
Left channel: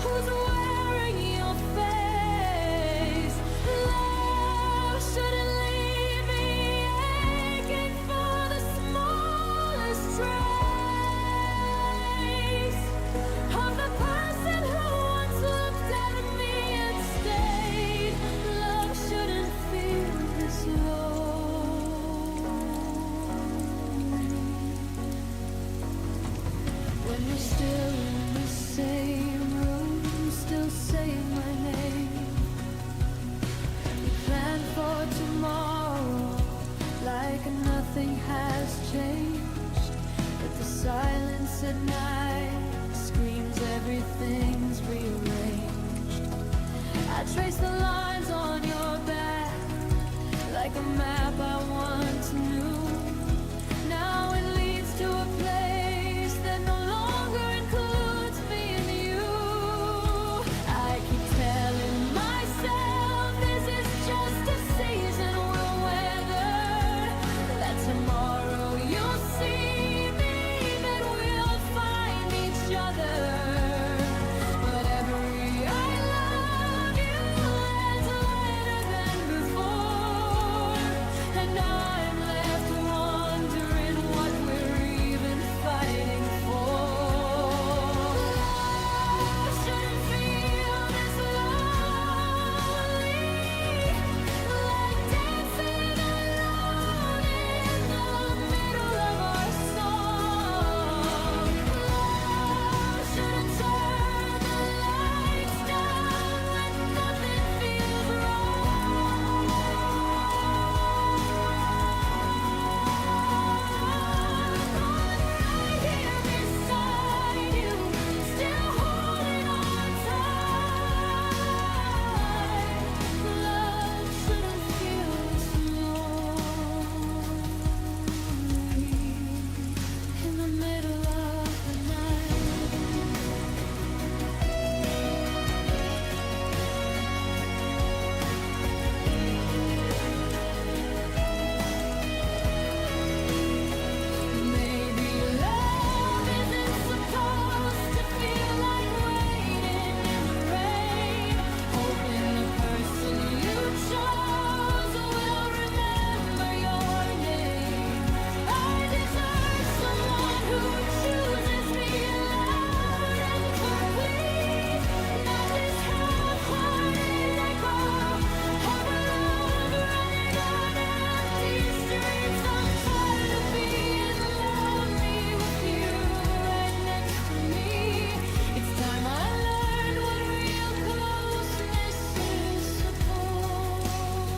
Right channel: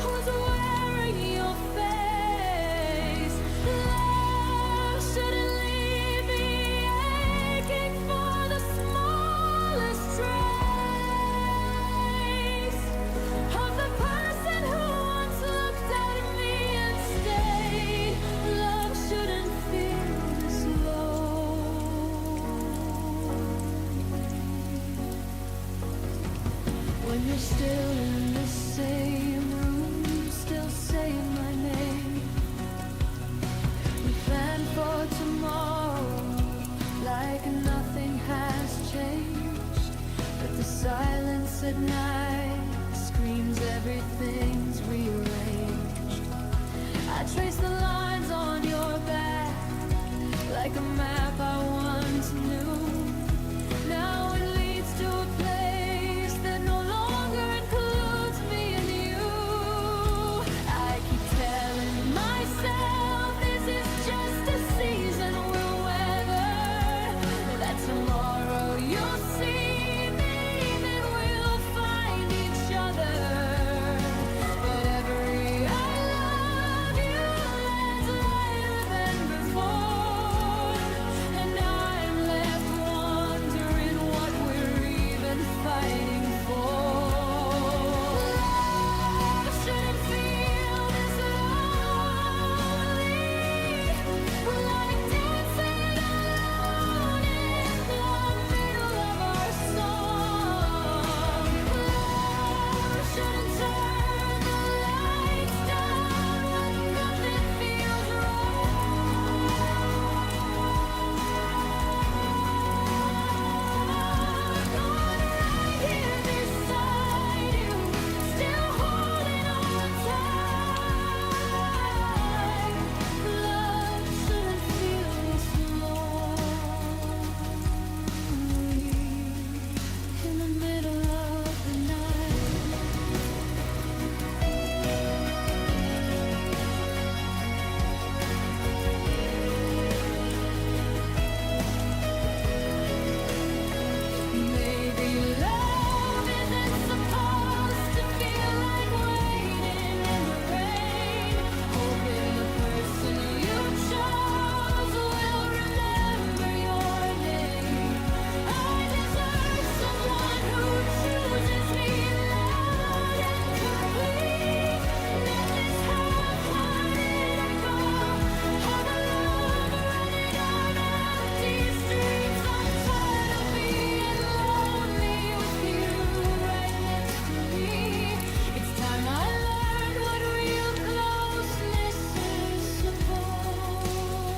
who's wearing your face. Love shouldn't leave me aching for the smallest trace of the person who once looked at me and stayed. Love shouldn't feel this lonely. When you're still in the same room, still saying my name. We plan for tomorrow like nothing has changed, but the silence at night screams everything's rearranged. I trace the lines on your back like a map I once knew. Now it leads to a place that no longer includes me and you. I keep telling myself this is just a season we'll weather, that tomorrow you'll see me, then we'll find each other. But every I love you lands lighter than before, and I'm left wondering what we're even fighting for. Love shouldn't feel this lonely, like dancing alone in the middle of our song. Love shouldn't turn the lights down when nothing feels wrong. I'm right here beside you, still holding on tight. Love shouldn't feel this lonely in the middle of the night. Maybe love isn't supposed to feel like waiting in the rain, hoping the person you chose will remember your name. I deserve someone who chooses me loud and complete, not this half-hearted echo of a love running on empty streets. I'm tired of being lonely with you right next to me. It's time I learned what real closeness is supposed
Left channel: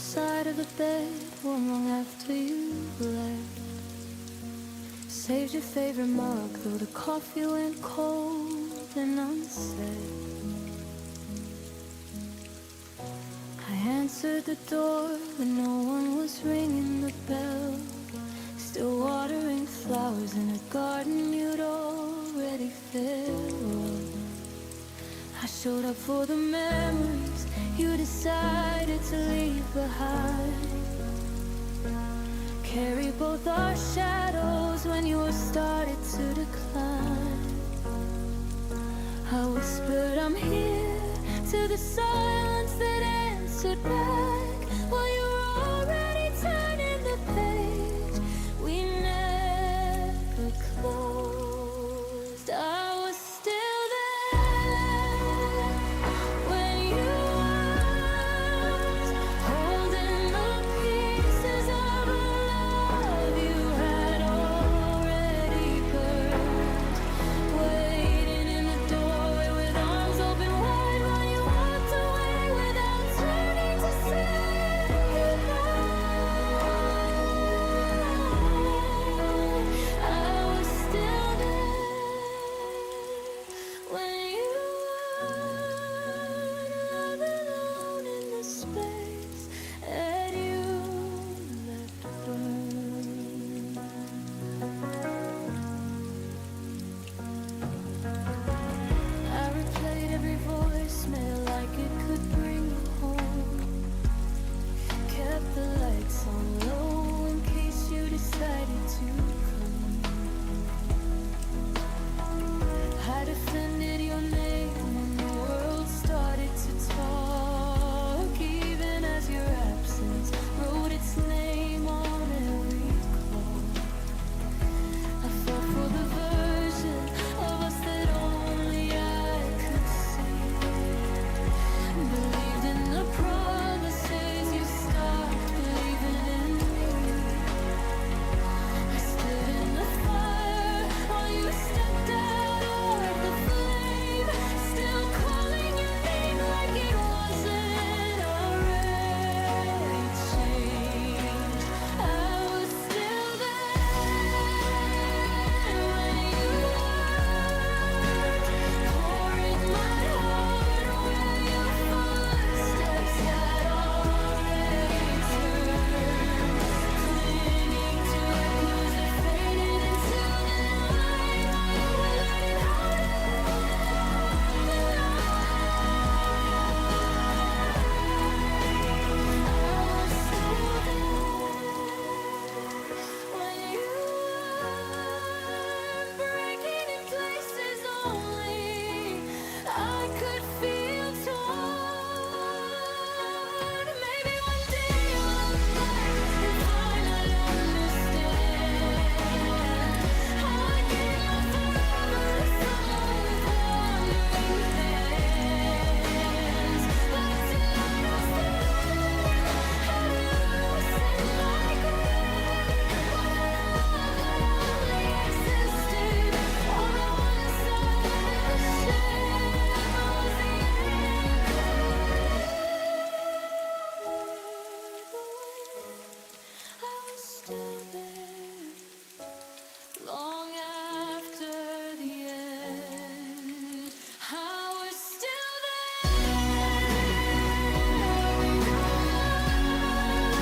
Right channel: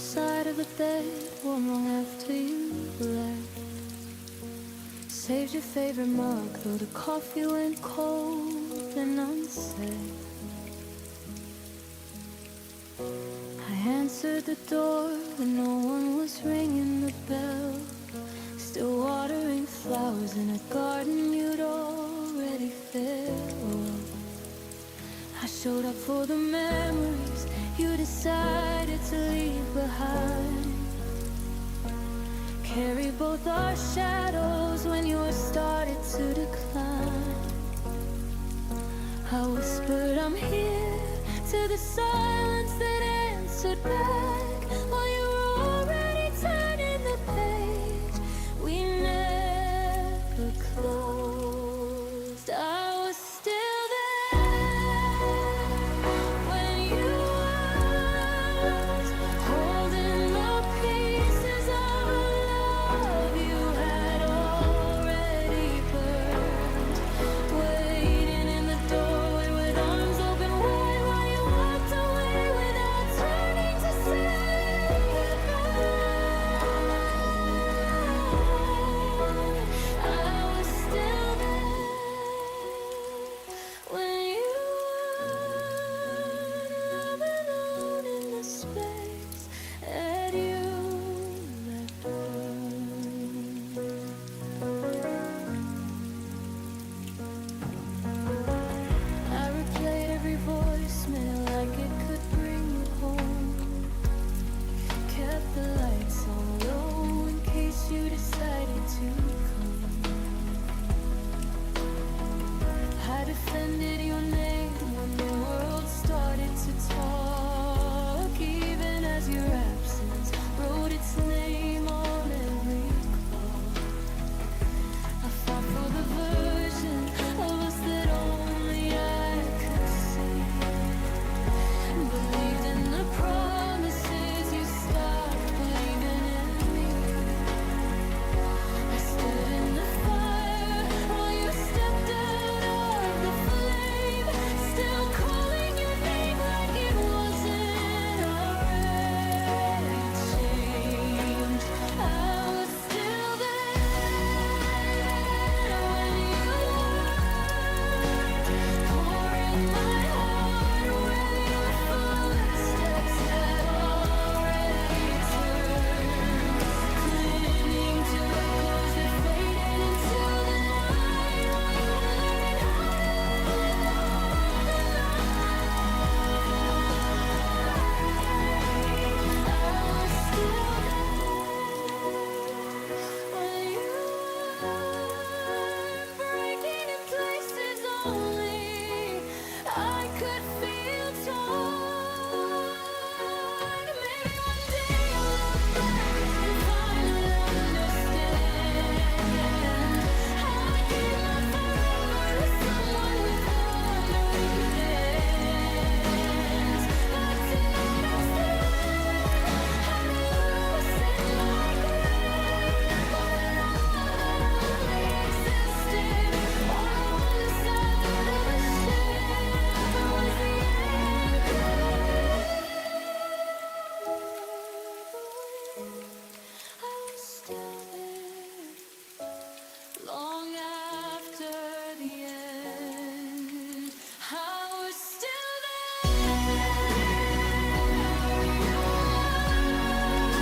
side of the bed warm long after you left. Saved your favorite mug, though the coffee went cold and unsaid. I answered the door when no one was ringing the bell. Still watering flowers in a garden you'd already filled. I showed up for the memories you decided to leave behind. Carry both our shadows when yours started to decline. I whispered I'm here to the silence that answered back, while you were already turning the page we never closed. I was still there when you weren't, holding the pieces of a love you had already burned, waiting in the doorway with arms open wide while you walked away without turning to say goodbye. I was still there when you weren't, loving alone in the space that you left burned. I replayed every voicemail like it could bring you home. Kept the lights on low in case you decided to come. I defended your name when the world started to talk, even as your absence wrote its name on every call. I fought for the version of us that only I could see. Believed in the promises, you stopped believing in me. I stood in the fire while you stepped out of the flame, still calling your name like it wasn't already changed. I was still there when you weren't, pouring my heart where your footsteps had already turned, clinging to echoes that faded into the night while you were learning how to live without the light. I was still there when you weren't, breaking in places only I could feel torn. Maybe one day I'll look back and finally understand how I gave my forever to someone with wandering hands. But tonight I'm still learning how to loosen my grip on a love that only existed on one side of the ship. I was the anchor, the wind. I was still there long after the end. I was still there where you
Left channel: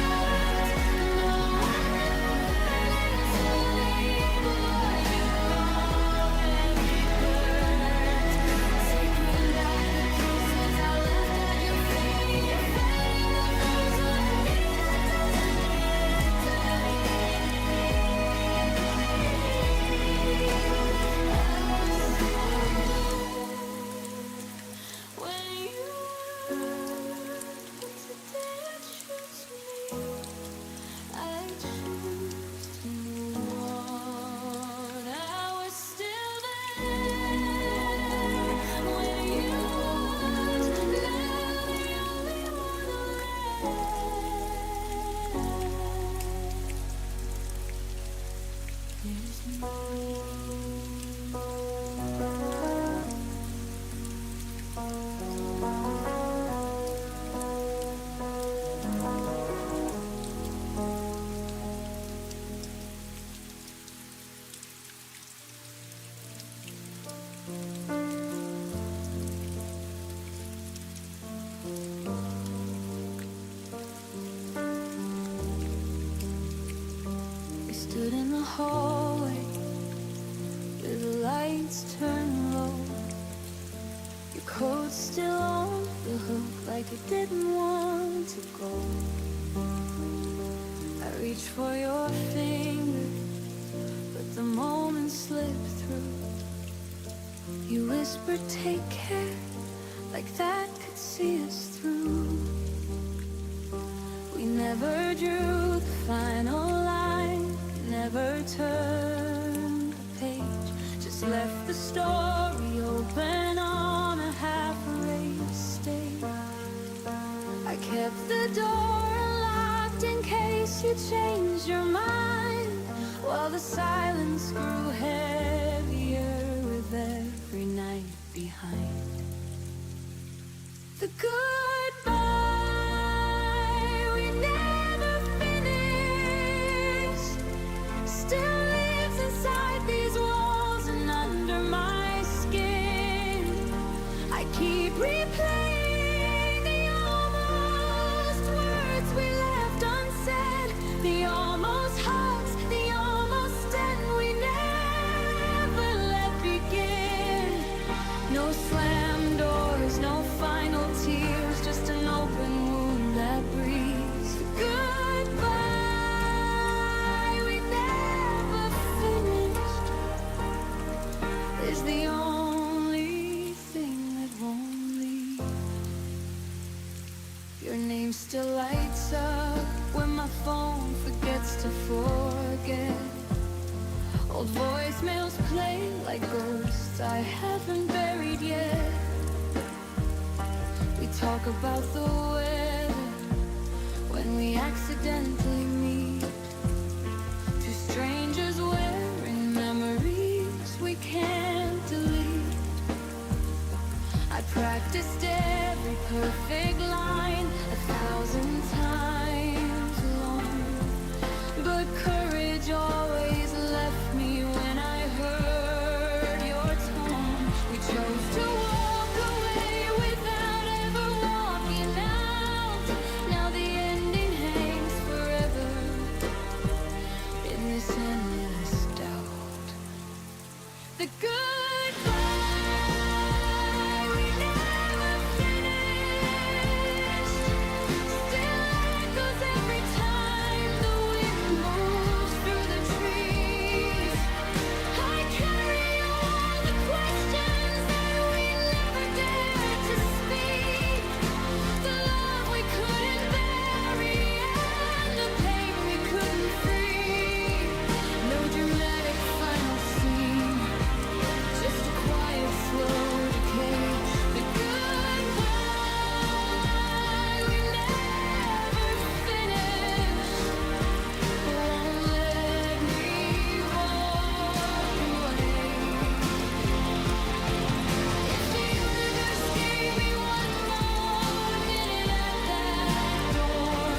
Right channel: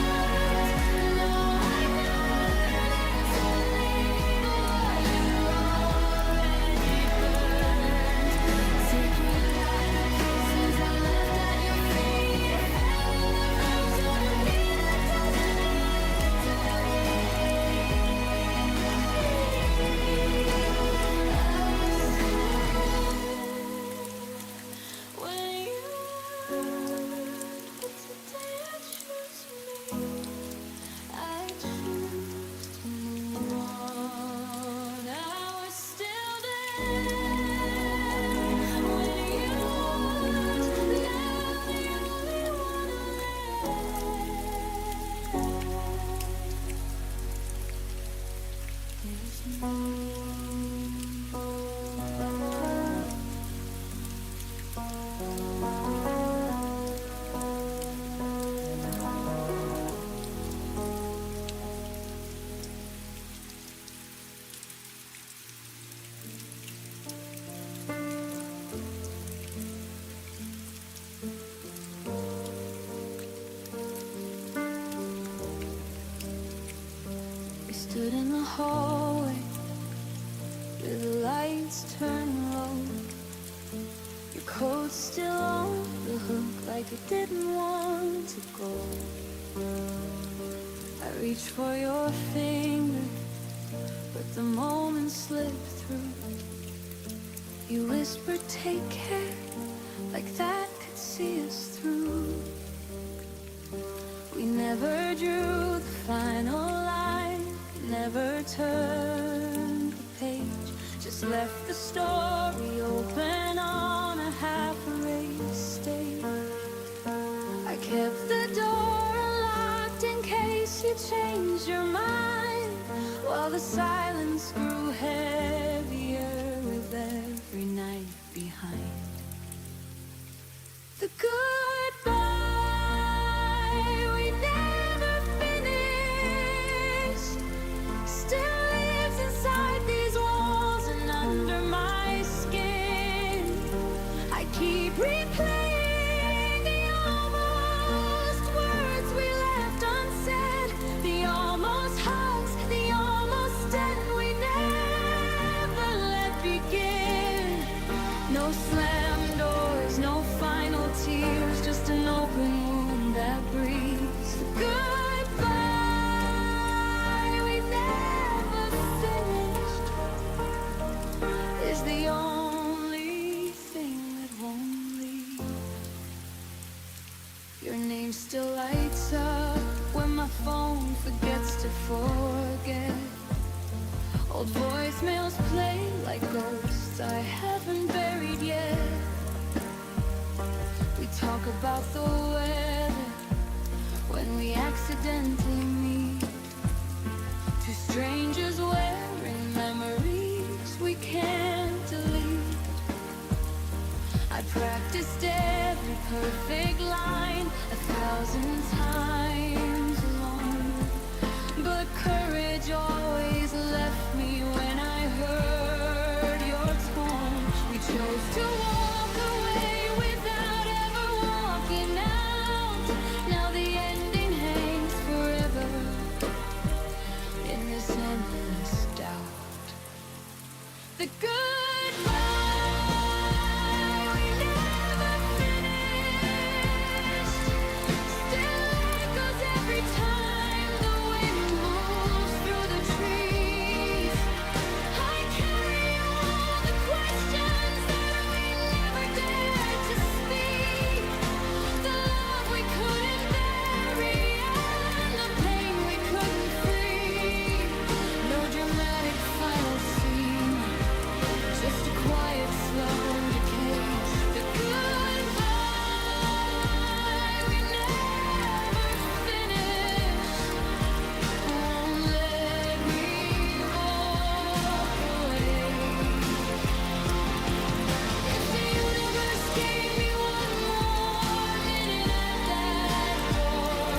weren't. Now I'm learning to leave what you already burned, taking back the pieces I left at your feet, fighting the version of me that doesn't need to breathe. I was still there when you weren't, but today I choose me. I choose to move on. I was still there when you weren't, now the only one left is me. stood in the hallway with the lights turned low. Your coat still on the hook like it didn't want to go. I reached for your finger, but the moment slipped through. You whispered, take care, like that could see us through. We never drew the final line, never turned the page, just left the story open on a half-erased stage. I kept the door unlocked in case you changed your mind, while the silence grew heavier with every night behind. The goodbye we never finished still lives inside these walls and under my skin. I keep replaying the almost words we left unsaid, the almost hugs, the almost end we never let begin. No slam doors, no final tears, just an open wound that breathes. The goodbye we never finished is the only thing that won't leave. Your name still lights up when my phone forgets to forget. Old voicemails play like ghosts I haven't buried yet. We talk about the weather when we accidentally meet. Two strangers wearing memories we can't delete. I practiced every perfect line 1,000 times alone, but courage always left me when I heard your tone. We chose to walk away without ever walking out. Now the ending hangs forever in this endless doubt. The goodbye we never finished still echoes every time the wind moves through the trees. I carry all the questions that we never dared to speak, the love we couldn't bury and the pain we couldn't free. No dramatic final scene, just a quiet, slow decay. The goodbye we never finished won't let me walk away. If the universe gave me one more minute at that door,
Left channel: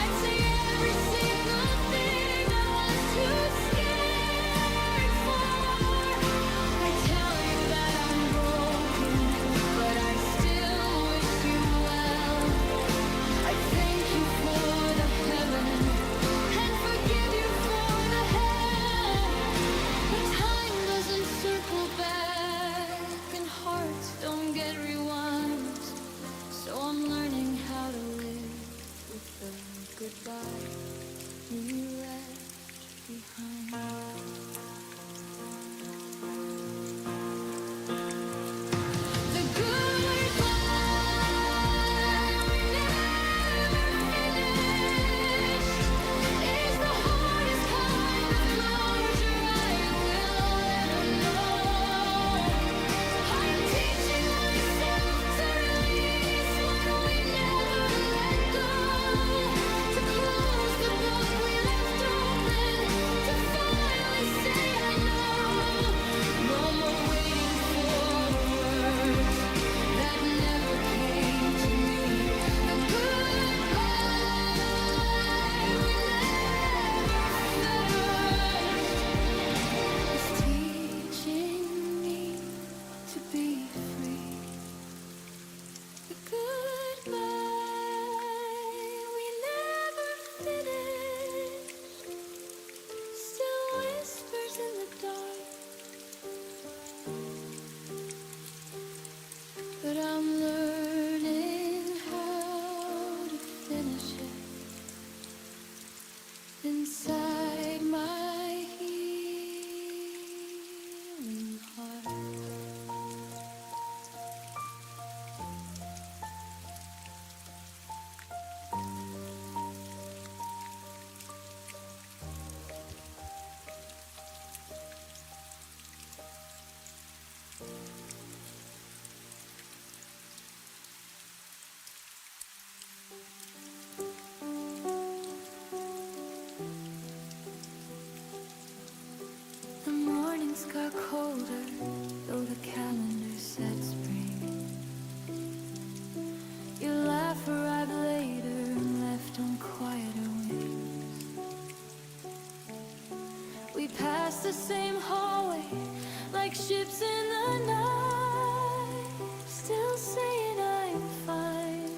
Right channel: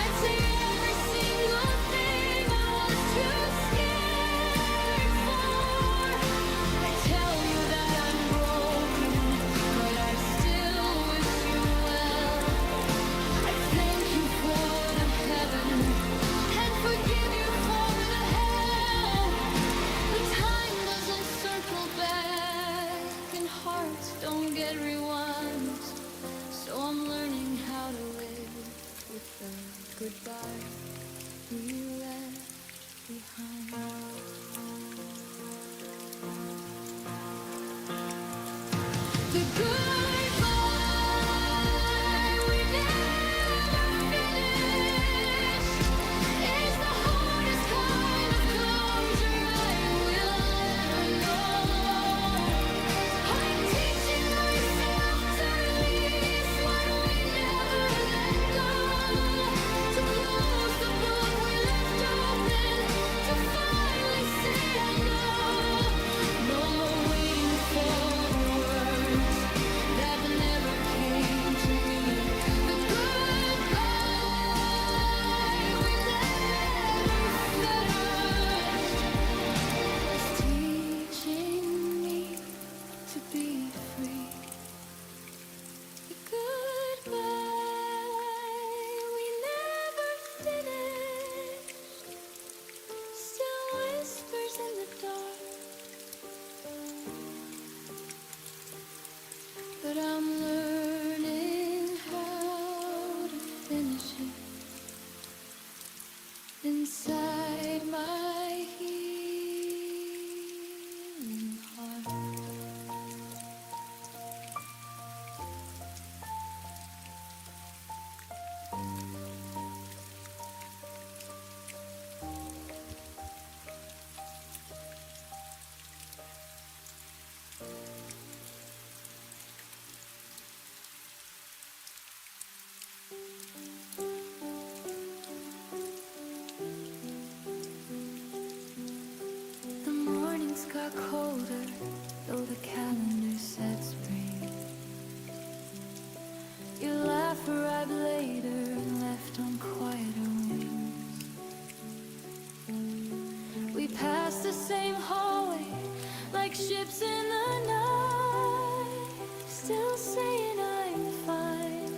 I'd say every single thing I was too scared for. I tell you that I'm broken, but I still wish you well. I thank you for the heaven and forgive you for the hell. But time doesn't circle back and hearts don't get rewinds, so I'm learning how to live with the goodbye we left behind. The goodbye we never finished is the hardest kind of closure I will ever know. I'm teaching myself to release what we never let go, to close the book we left open, to finally say I know. No more waiting for the words but I'm learning how to finish it inside my healing heart. The mornings got colder, though the calendar said spring. Your laugh arrived later and left on quieter wings. We passed the same hallway, like ships in the night, still saying I'm fine,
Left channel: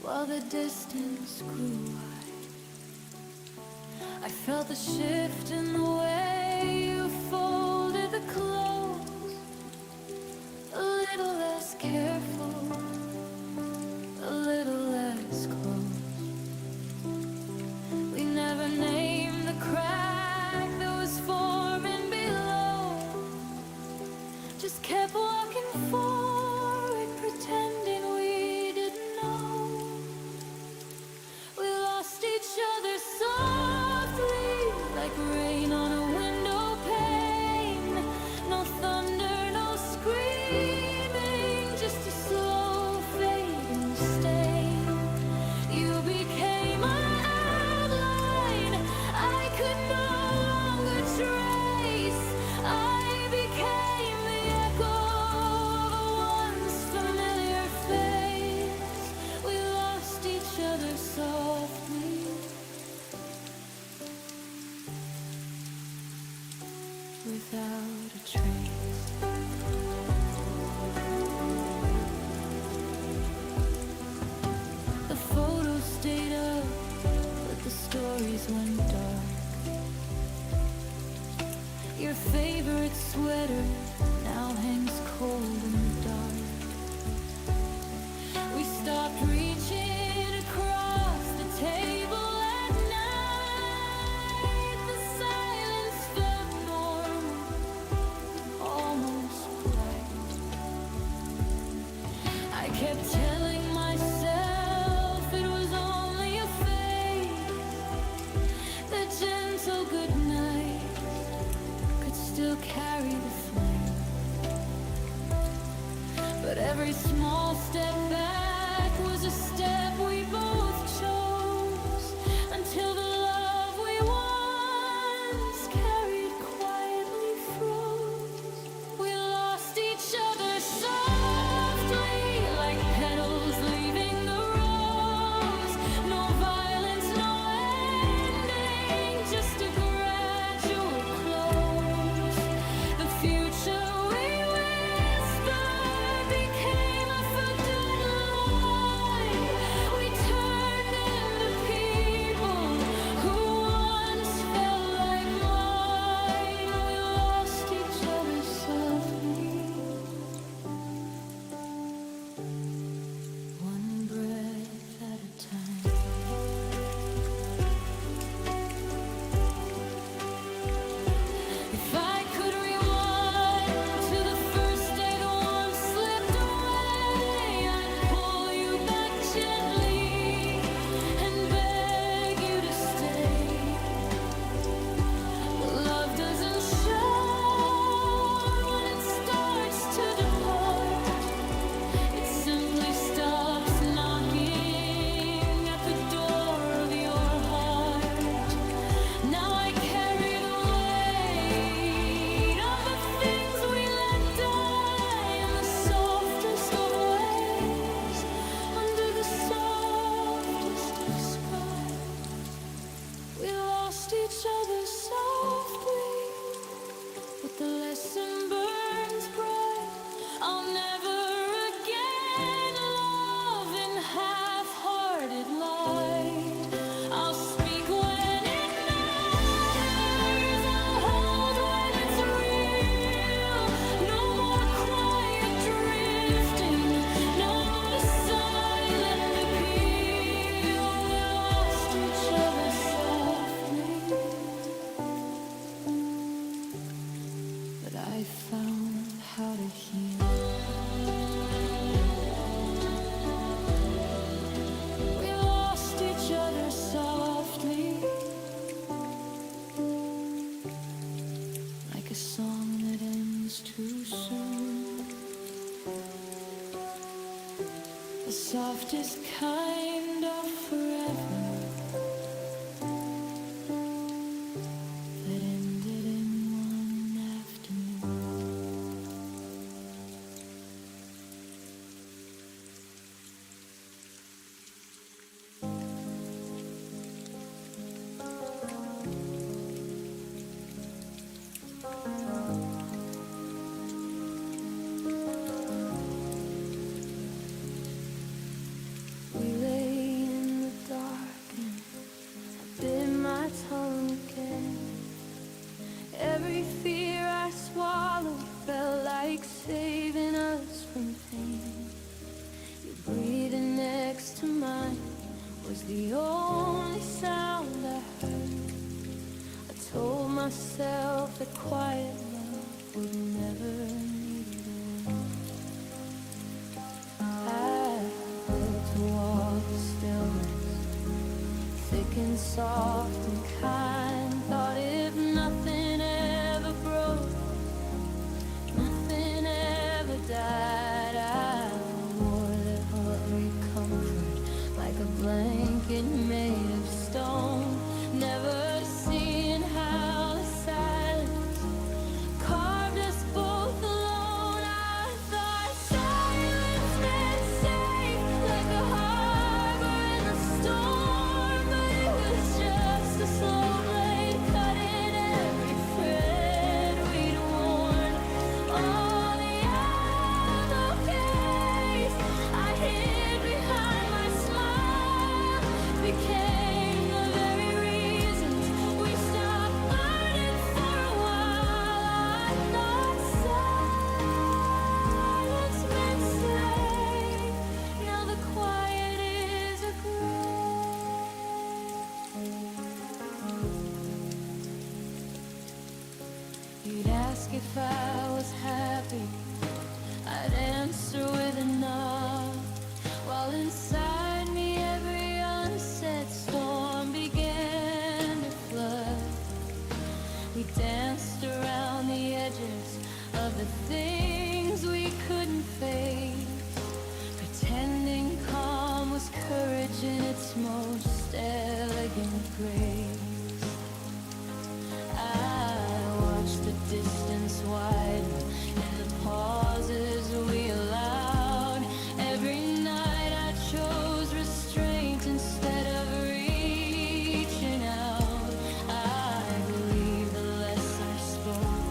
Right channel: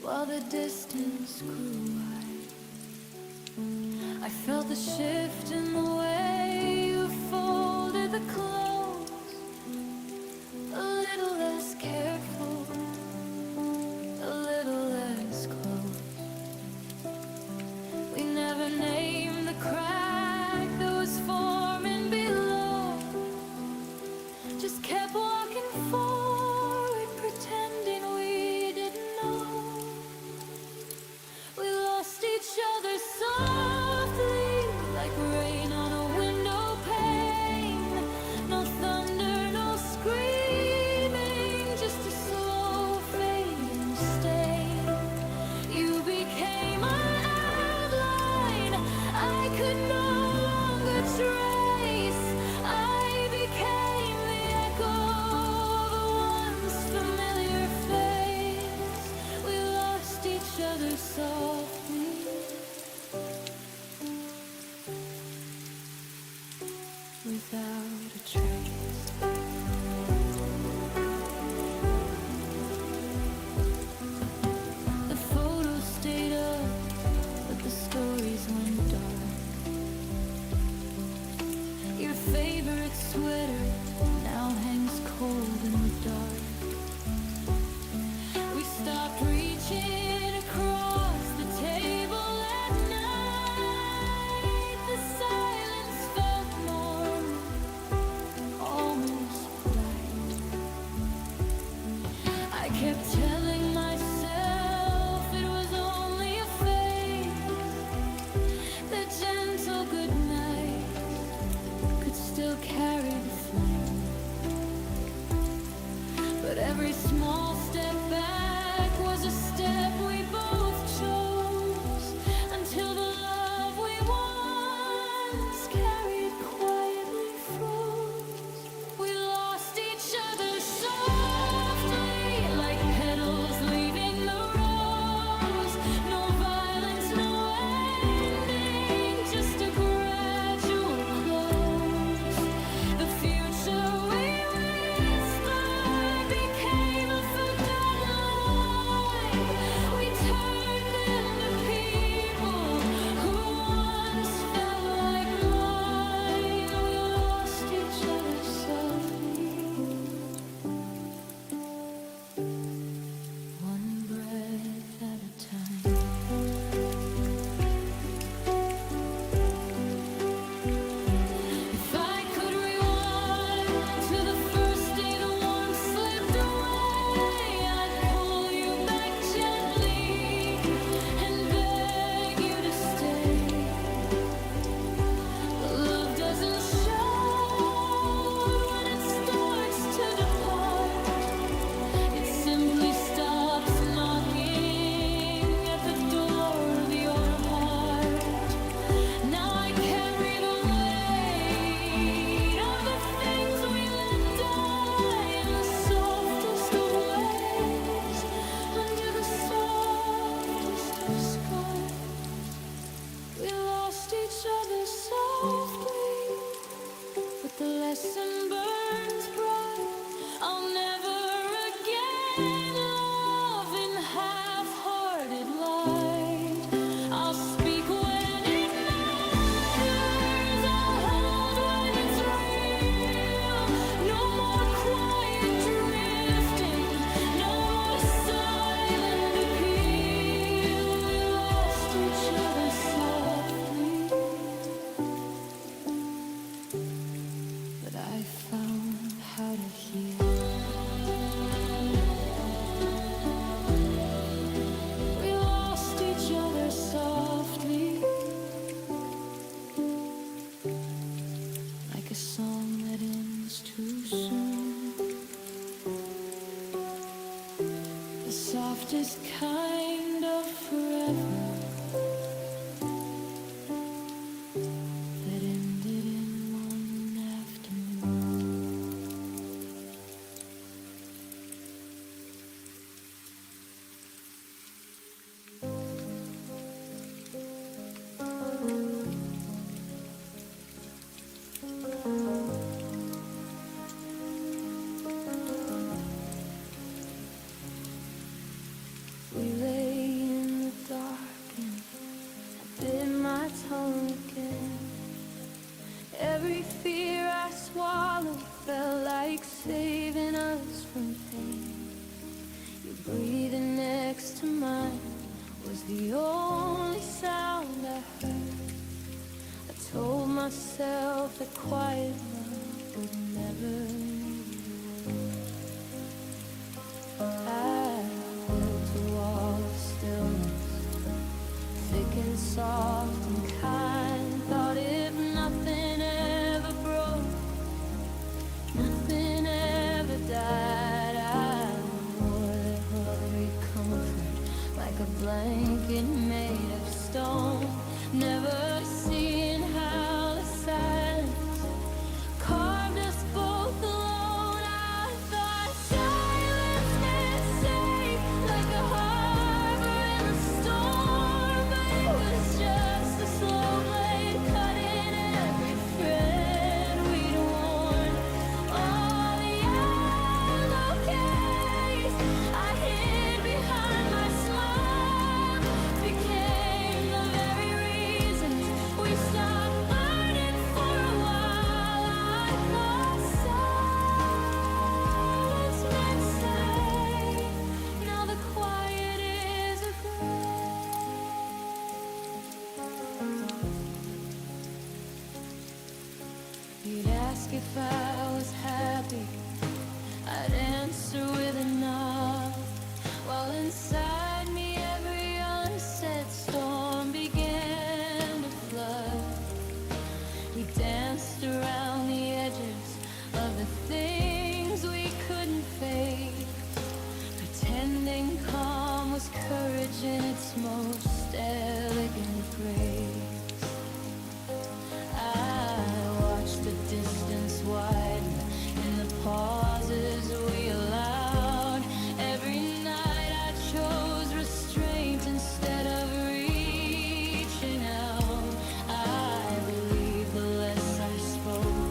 while the distance grew wide. I felt the shift in the way you folded the clothes, a little less careful, a little less close. We never named the crack that was forming below, just kept walking forward, pretending we didn't know. We lost each other softly, like rain on a window pane. No thunder, no screaming, just a slow fading stain. You became my outline I could no longer trace. I became the echo of a once familiar face. We lost each other softly, without a trace. The photos stayed up, but the stories went dark. Your favorite sweater now hangs cold in the dark. We stopped reaching across the table at night. The silence felt normal, almost polite. I kept telling myself it was only a phase. The gentle goodnight could still carry the flame. But every small step back was a step we both chose, until the love we once carried quietly froze. We lost each other softly, like petals leaving the rose. No violence, no ending, just a gradual close. The future we whispered became a forgotten line. We turned into people who once felt like mine. We lost each other softly, one breath at a time. If I could rewind to the first day the warmth slipped away, I'd pull you back gently and beg you to stay. But love doesn't shout when it starts to depart. It simply stops knocking at the door of your heart. Now I carry the weight of the things we let die in the softest of ways, under the softest of skies. We lost each other softly, but the lesson burns bright. I'll never again love in half-hearted light. I'll speak when it matters, I'll hold when it's real. No more quiet drifting whisper softly, like a song that ends too soon. The softest kind of forever that ended in one afternoon. We lay in the dark and I bit my tongue again. Every fear I swallowed felt like saving us from pain. Your breathing next to mine was the only sound I heard. I told myself that quiet love would never need a word. I built a wall of stillness, thick and soft and kind. Thought if nothing ever broke, nothing ever died, I wore that heartbreak comfort like a blanket made of stone. Never seeing how the silence carved us both alone. I thought silence meant safe, like a harbor in the storm, but it was just a slow blade cutting every thread we'd worn. All the yellow case I hid behind my smile became the very reasons we stopped burning for a while. I thought silence meant safe. Now the quiet is a grave. You'd ask if I was happy, I'd answer with a nod, while inside me every unsaid storm began to flood. We danced around the edges of the things we couldn't face, pretending calm was courage in its most elegant grace. I watched the distance widen in the pauses we allowed. Every night I chose restraint instead of reaching out. I believed the less I spoke,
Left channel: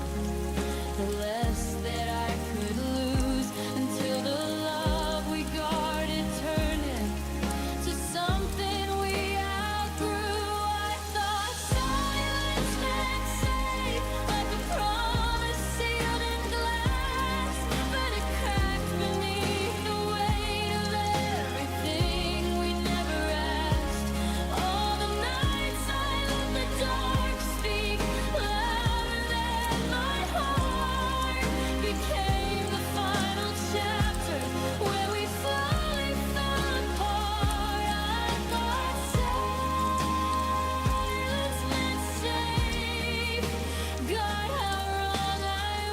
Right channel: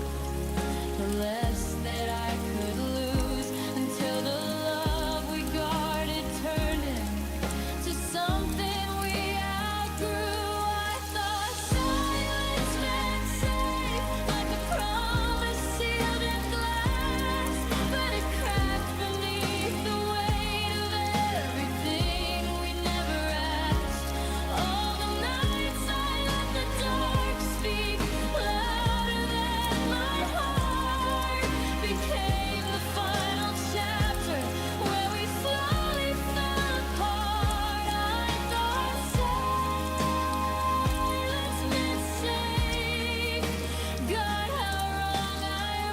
the less that I could lose, until the love we guarded turned into something we outgrew. I thought silence meant safe, like a promise sealed in glass, but it cracked beneath the weight of everything we never asked. All the nights I let the dark speak louder than my heart became the final chapter where we slowly fell apart. I thought silence meant safe. God, how wrong I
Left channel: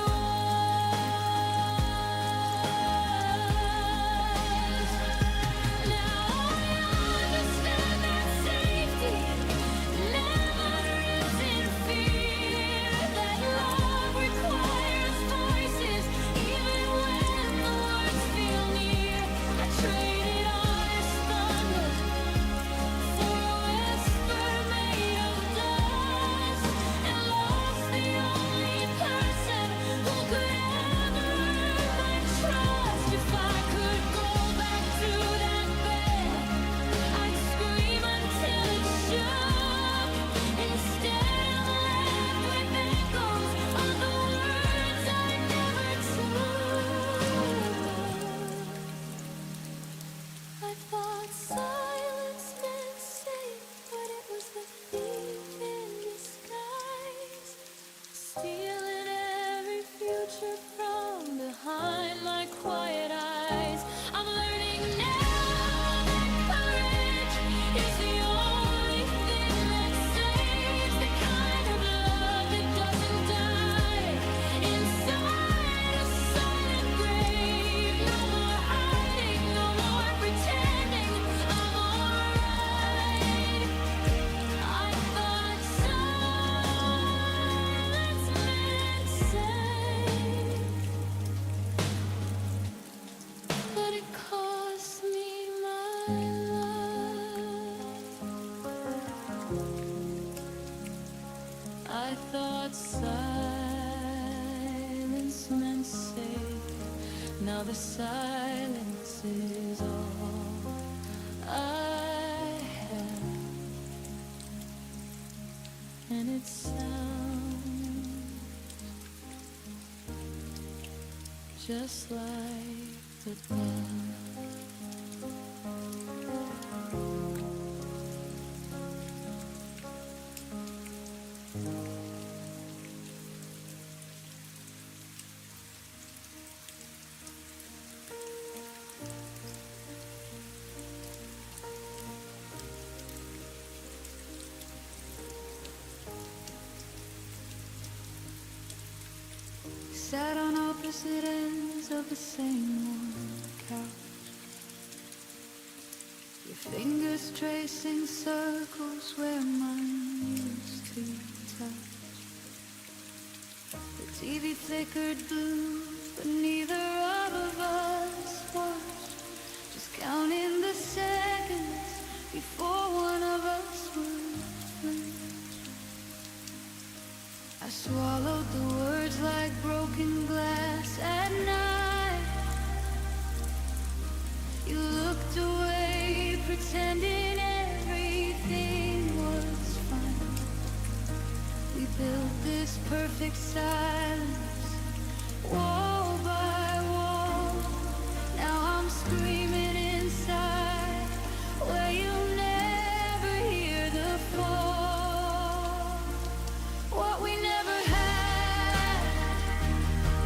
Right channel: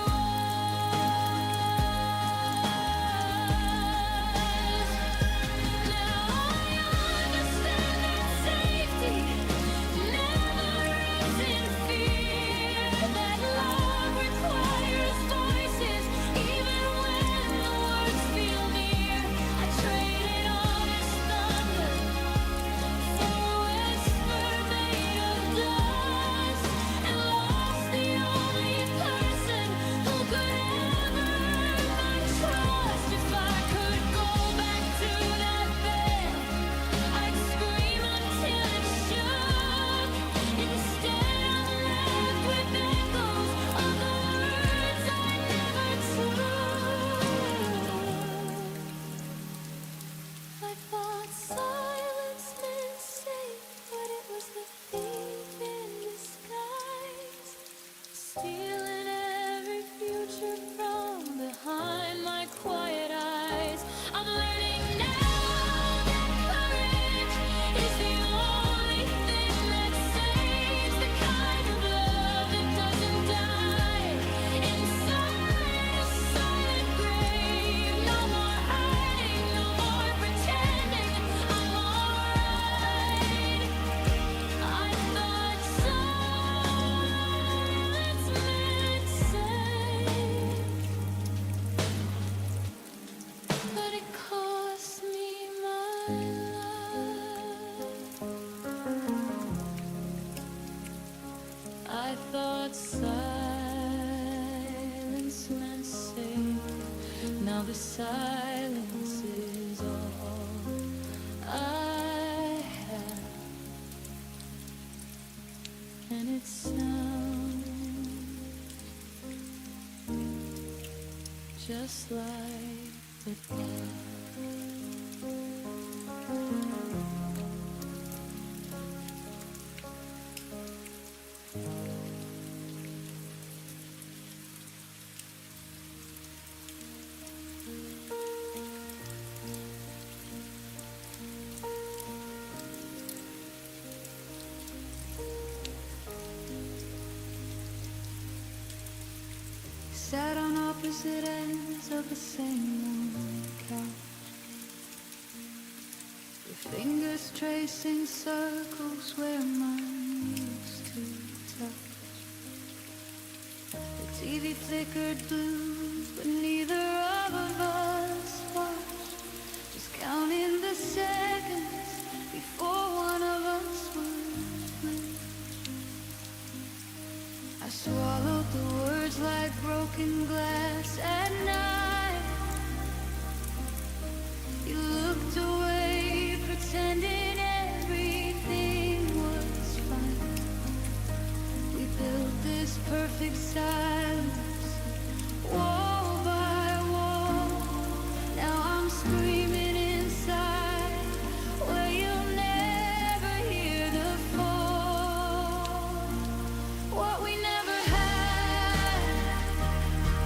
was. Now I understand that safety never lives in fear, that love requires voices even when the words feel near. I traded honest thunder for a whisper made of dust, and lost the only person who could ever earn my trust. If I could go back to that bed, I'd scream until it shook. Instead I'm left with echoes of the words I never took. I thought silence meant safe, but it was the thief in disguise, stealing every future from behind my quiet eyes. I'm learning now that courage is the only I thought silence meant safe. Now the silence is all I have, and it sounds just like the bell. Sat on opposite ends of the same worn couch, your fingers tracing circles where mine used to touch. The TV flickered blue, but neither of us watched, just counting the seconds before one of us would flinch. I swallowed the words like broken glass at night. You looked away, pretending everything was fine. We built this perfect silence, wall by wall. Now I'm screaming inside, where you'll never hear the fall. What we never had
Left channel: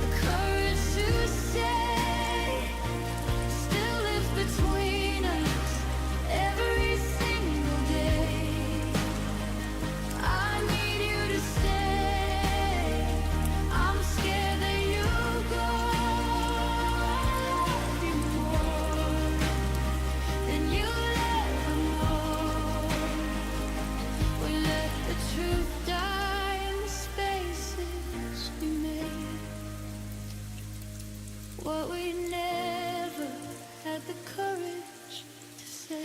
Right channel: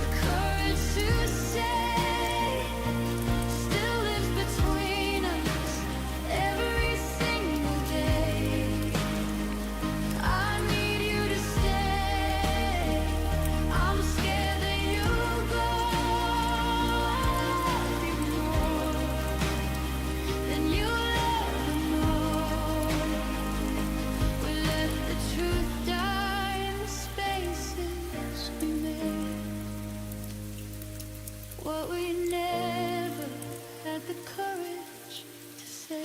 the courage to say still lives between us every single day. I need you to stay. I'm scared that you'll go. I love you more than you'll ever know. We let the truth die in the spaces we made. What we never had the courage to say.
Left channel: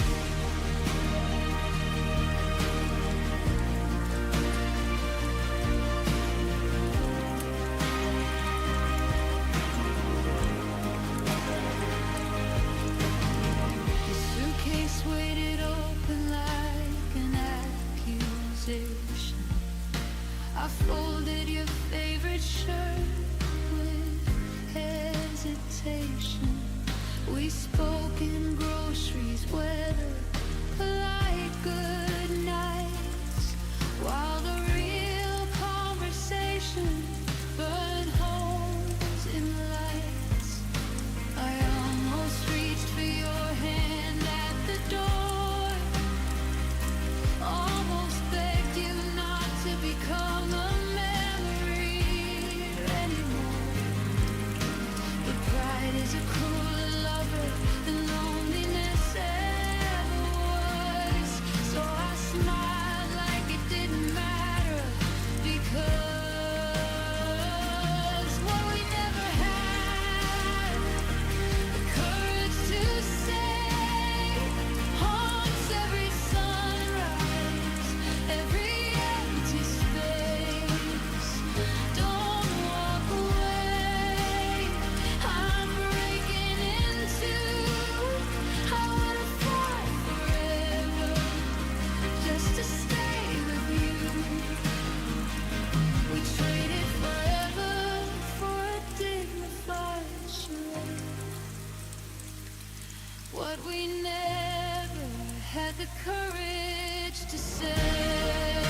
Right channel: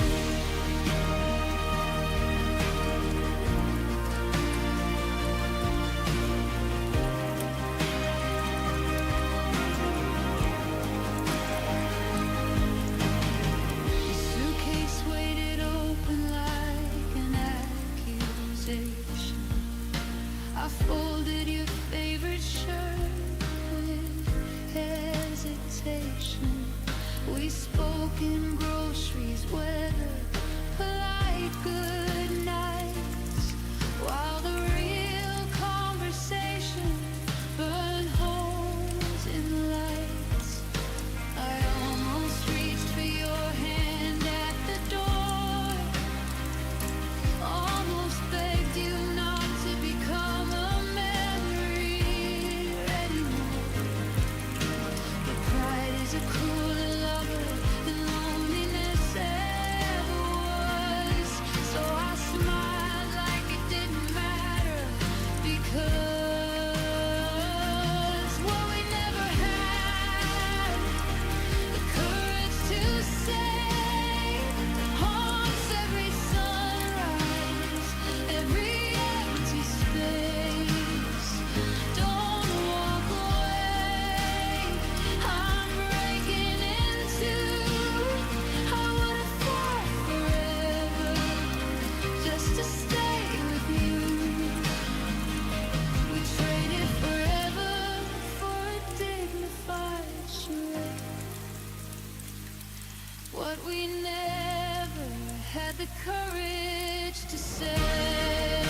Your suitcase weighted open like an accusation. I folded your favorite shirt with hesitation. We spoke in groceries, weather, polite good nights, while the real conversation burned holes in the lights. I almost reached for your hand at the door, almost begged you not to become a memory anymore. But pride is a crueler lover than loneliness ever was. So I smiled like it didn't matter, because what we never had the courage to say haunts every sunrise, every empty space. Don't walk away, I'm breaking into. I would have fought forever just to stay with you. We traded forever for a dignified charade. What we never had the courage to say.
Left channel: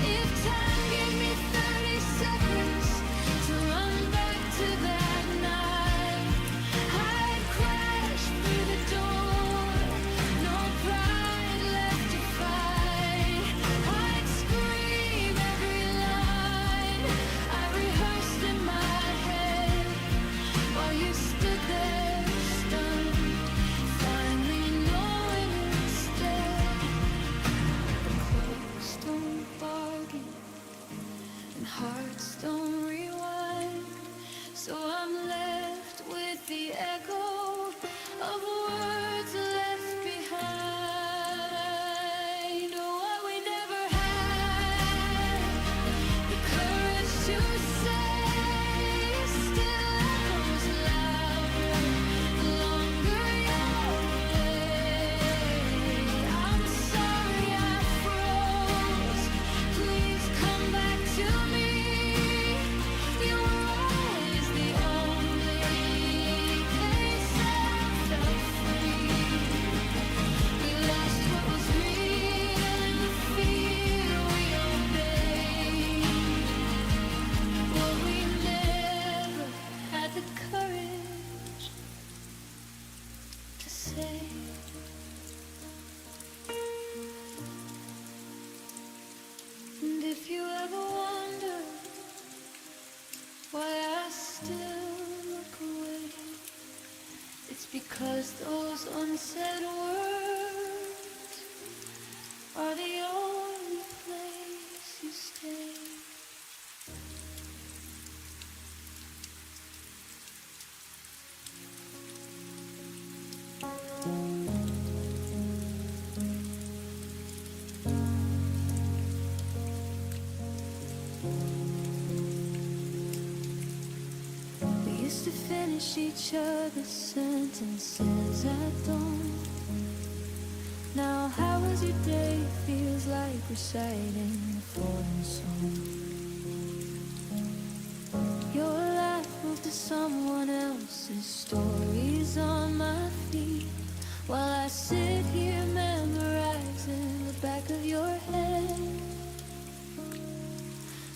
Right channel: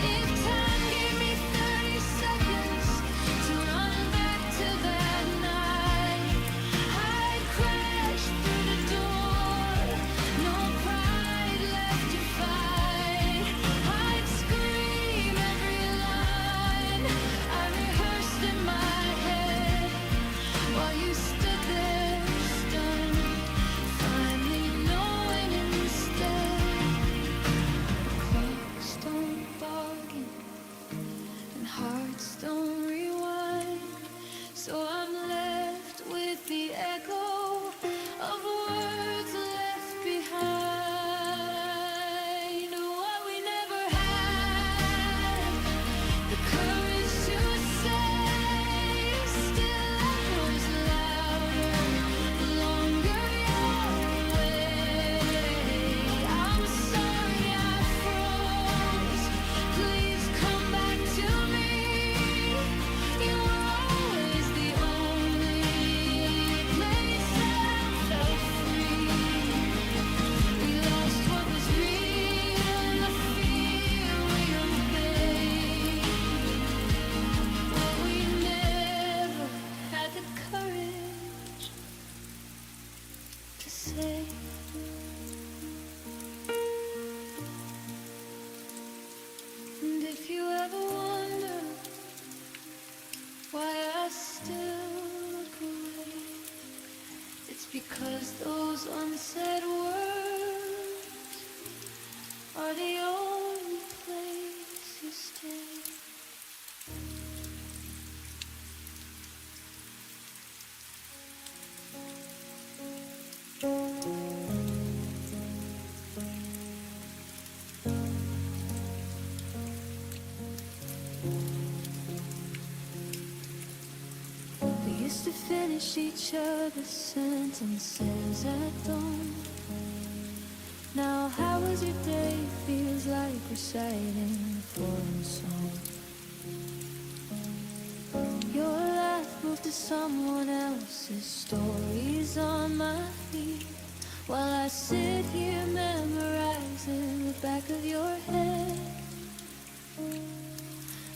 If time gave me 30 seconds to run back to that night, I'd crash through the door, no pride left to fight. I'd scream I'm left with the echo of words left behind. What we never had the courage to say still echoes louder the longer you're away. I'm sorry I froze. Please come back to me. You were always the only place that I felt free. We lost what was real in the fear we obeyed. What we never had the courage to say. And if you ever wonder why I still look away, it's because those unsaid words are the only place you stay. We used to finish each other's sentences at dawn. Now how was your day feels like reciting a foreign song. Your life moved to someone else's stories on my feet, while I sit here memorizing the back of your head.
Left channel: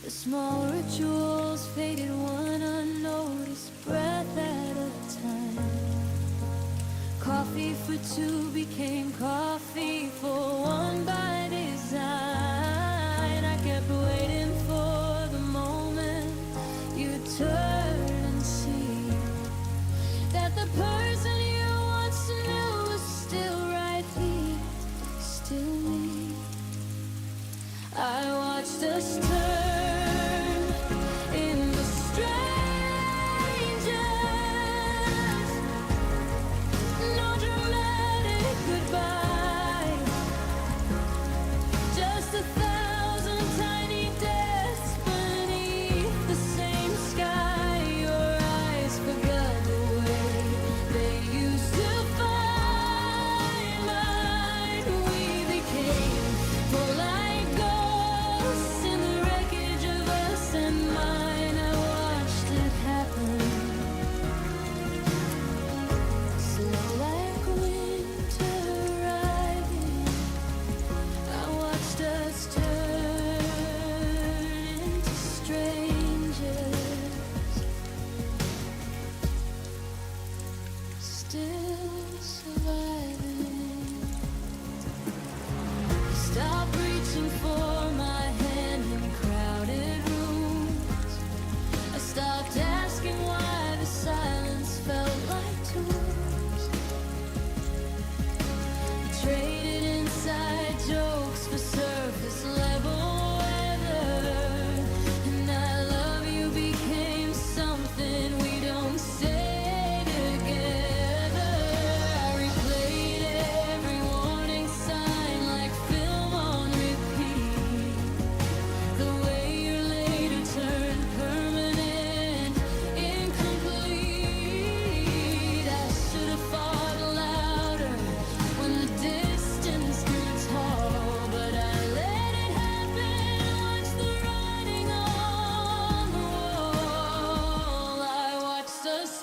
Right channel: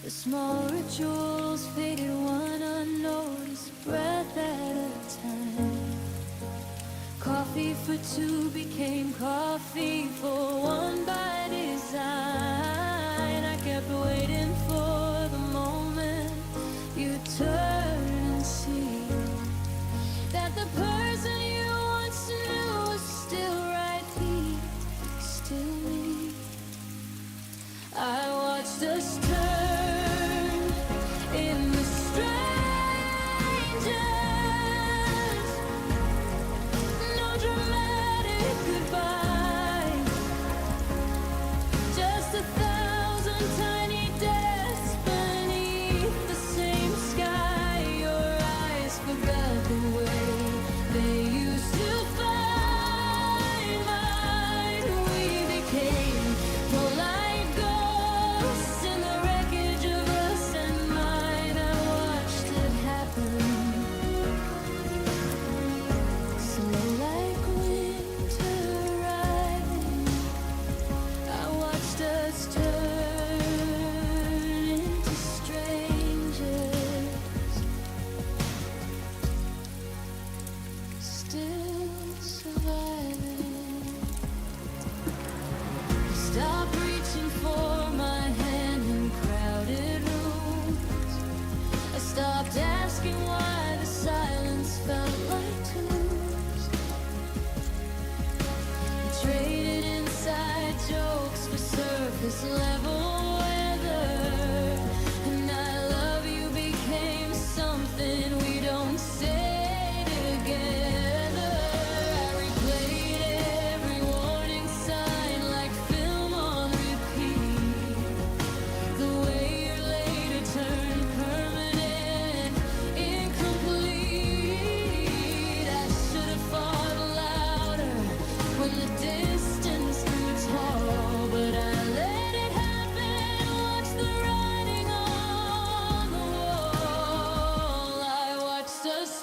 The small rituals faded one unnoticed breath at a time. Coffee for two became coffee for one by design. I kept waiting for the moment you'd turn and see that the person you once knew was still right here, still me. I watched us turn into strangers. No dramatic goodbye, just 1,000 tiny deaths beneath the same sky. Your eyes forgot the way they used to find mine. We became polite ghosts in the wreckage of us and mine. I watched it happen, slow like winter arriving. I watched us turn into strangers, still surviving. Stop reaching for my hand in crowded rooms. I stopped asking why the silence felt like tombs. We traded inside jokes for surface level weather, and I love you became something we don't say together. I replayed every warning sign like film on repeat. The way your later turned permanent, incomplete. I should have fought louder when the distance grew tall, but I let it happen. Watch the writing on the wall. I watched us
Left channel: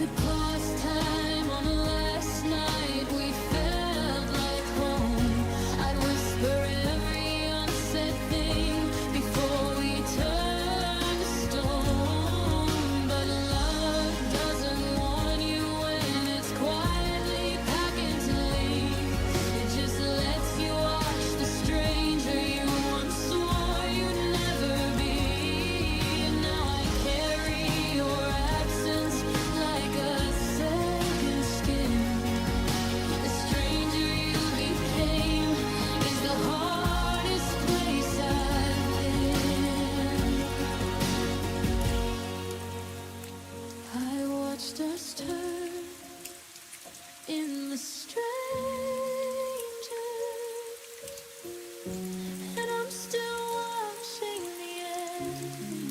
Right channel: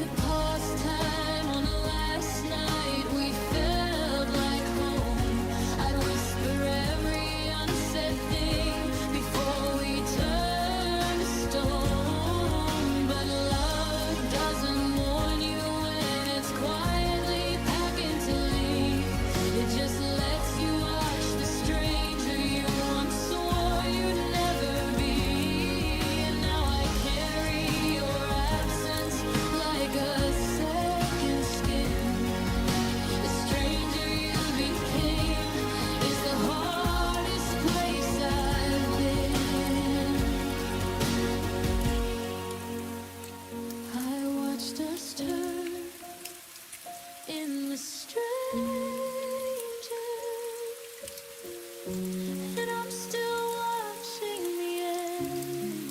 could pause time on the last night we felt like home. I'd whisper every unsaid thing before we turned to stone. But love doesn't warn you when it's quietly packing to leave. It just lets you watch the stranger you once swore you'd never be. And now I carry your absence like a second skin. The stranger you became is the hardest place I've been. I watched us turn in the strangers, and I'm still watching the end.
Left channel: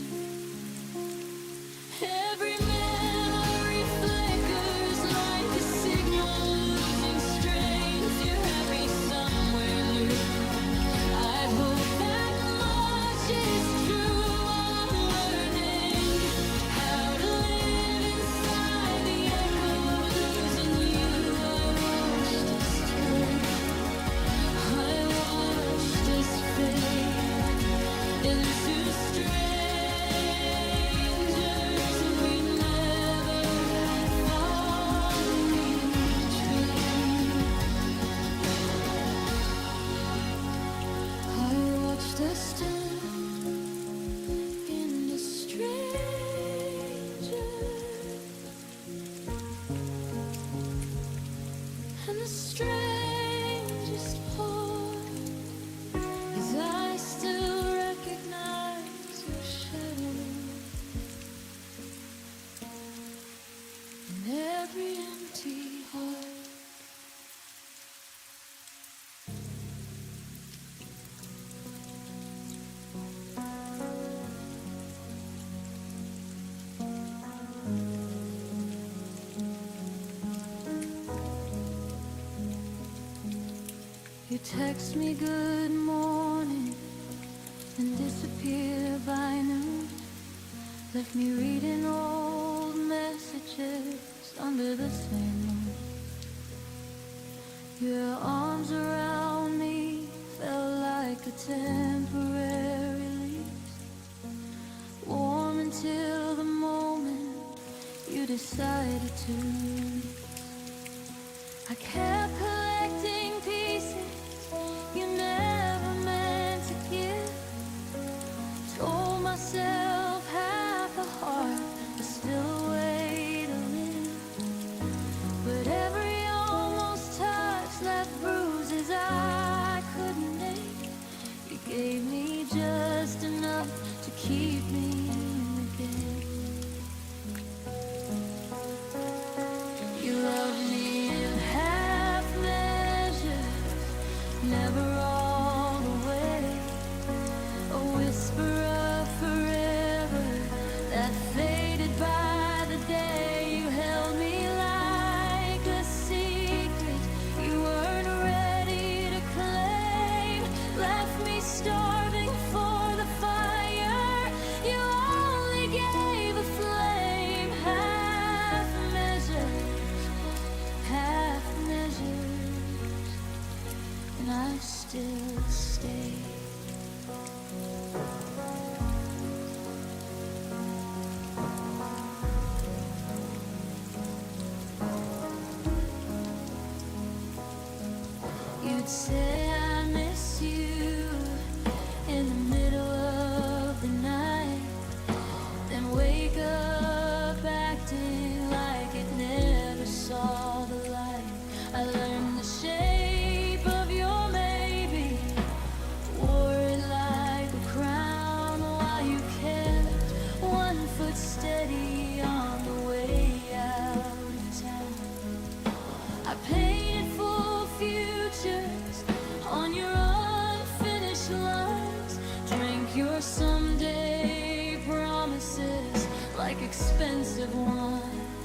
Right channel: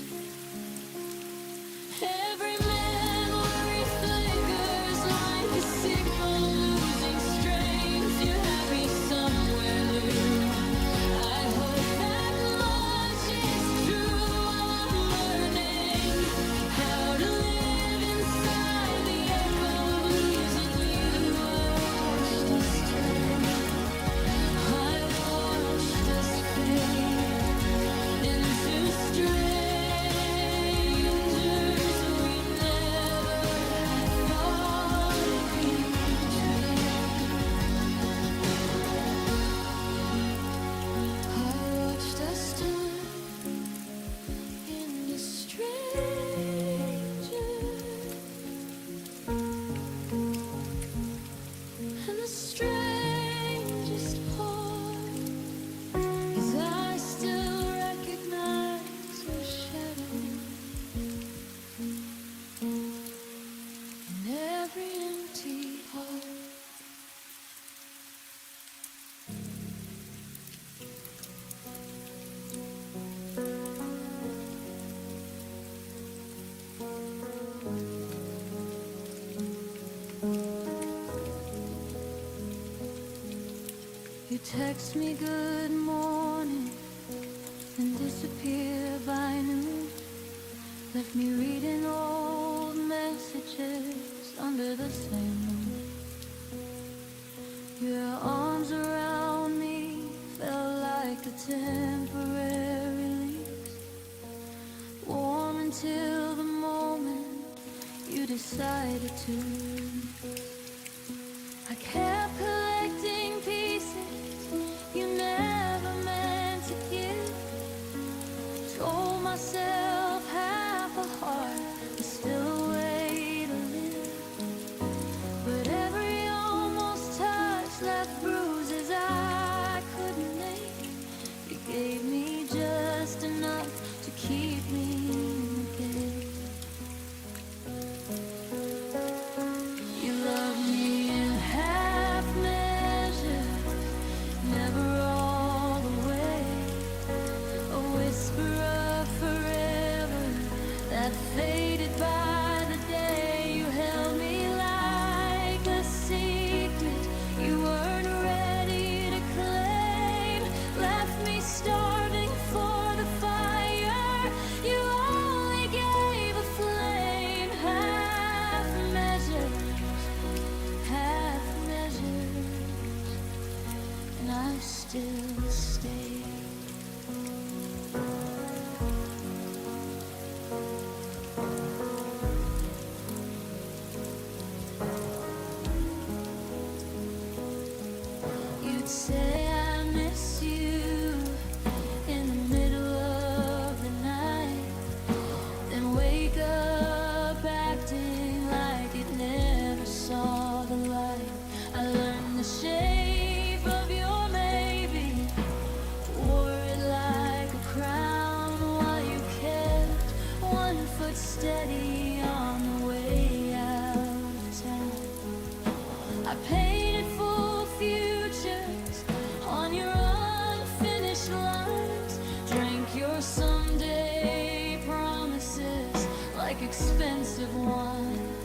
Every memory flickers like a signal losing strength. You're happy somewhere new. I hope that much is true. I'm learning how to live inside the echo of losing you. I watched us turn, I watched us fade into strangers we never thought we'd trade. I watched us turn into strangers, and the strangest part is I still recognize your shadow in every empty heart. You text me good morning and disappear by noon. Left me reading old messages under the same moon. Your arms around me felt like a temporary release, warm until the moment you decided to release. I kept collecting pieces you never meant to give. Told myself half a heart was still a way to live. But every almost touch left bruises I couldn't name. You gave me just enough to keep me in the game. You loved me in half measures, never all the way. A whisper of forever that faded by the day. You held me like a secret you weren't ready to claim. Left me starving for the fire you only gave a flame. Half measures, half measures, and I still stay. You'd say I miss you in the middle of the night, then wake up acting like it never saw the light. I learned the shape of your maybe, wore it like a crown while you kept one foot steady on the way out of town. I painted full futures on your unfinished lines, drank your someday promises like expensive wine.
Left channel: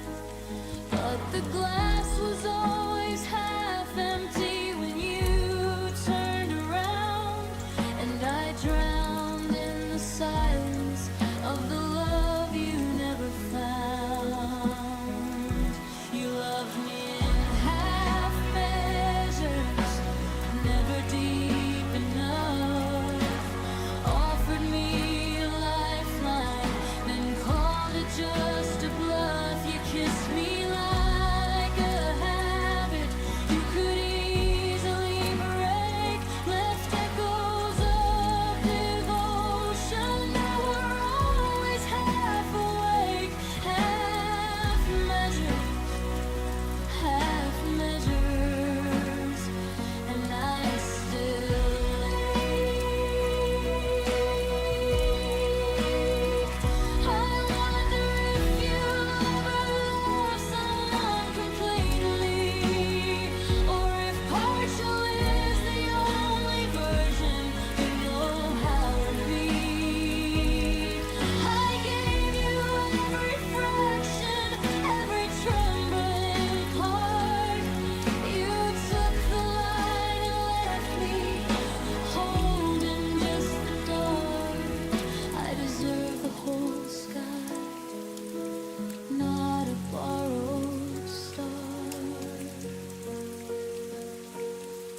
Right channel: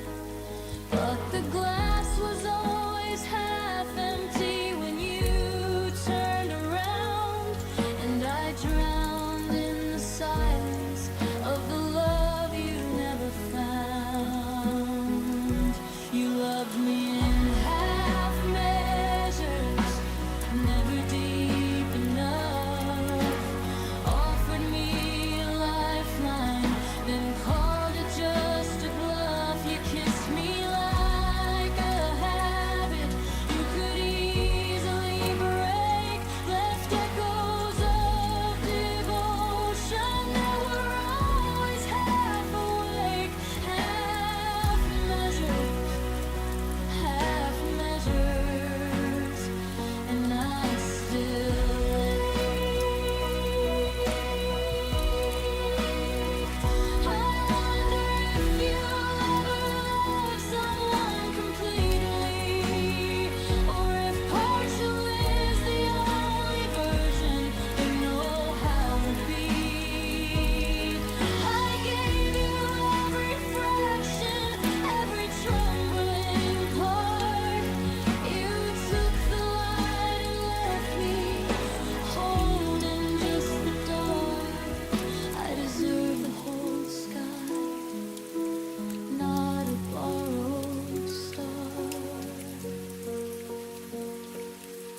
But the glass was always half empty when you turned around, and I drowned in the silence of the love you never found.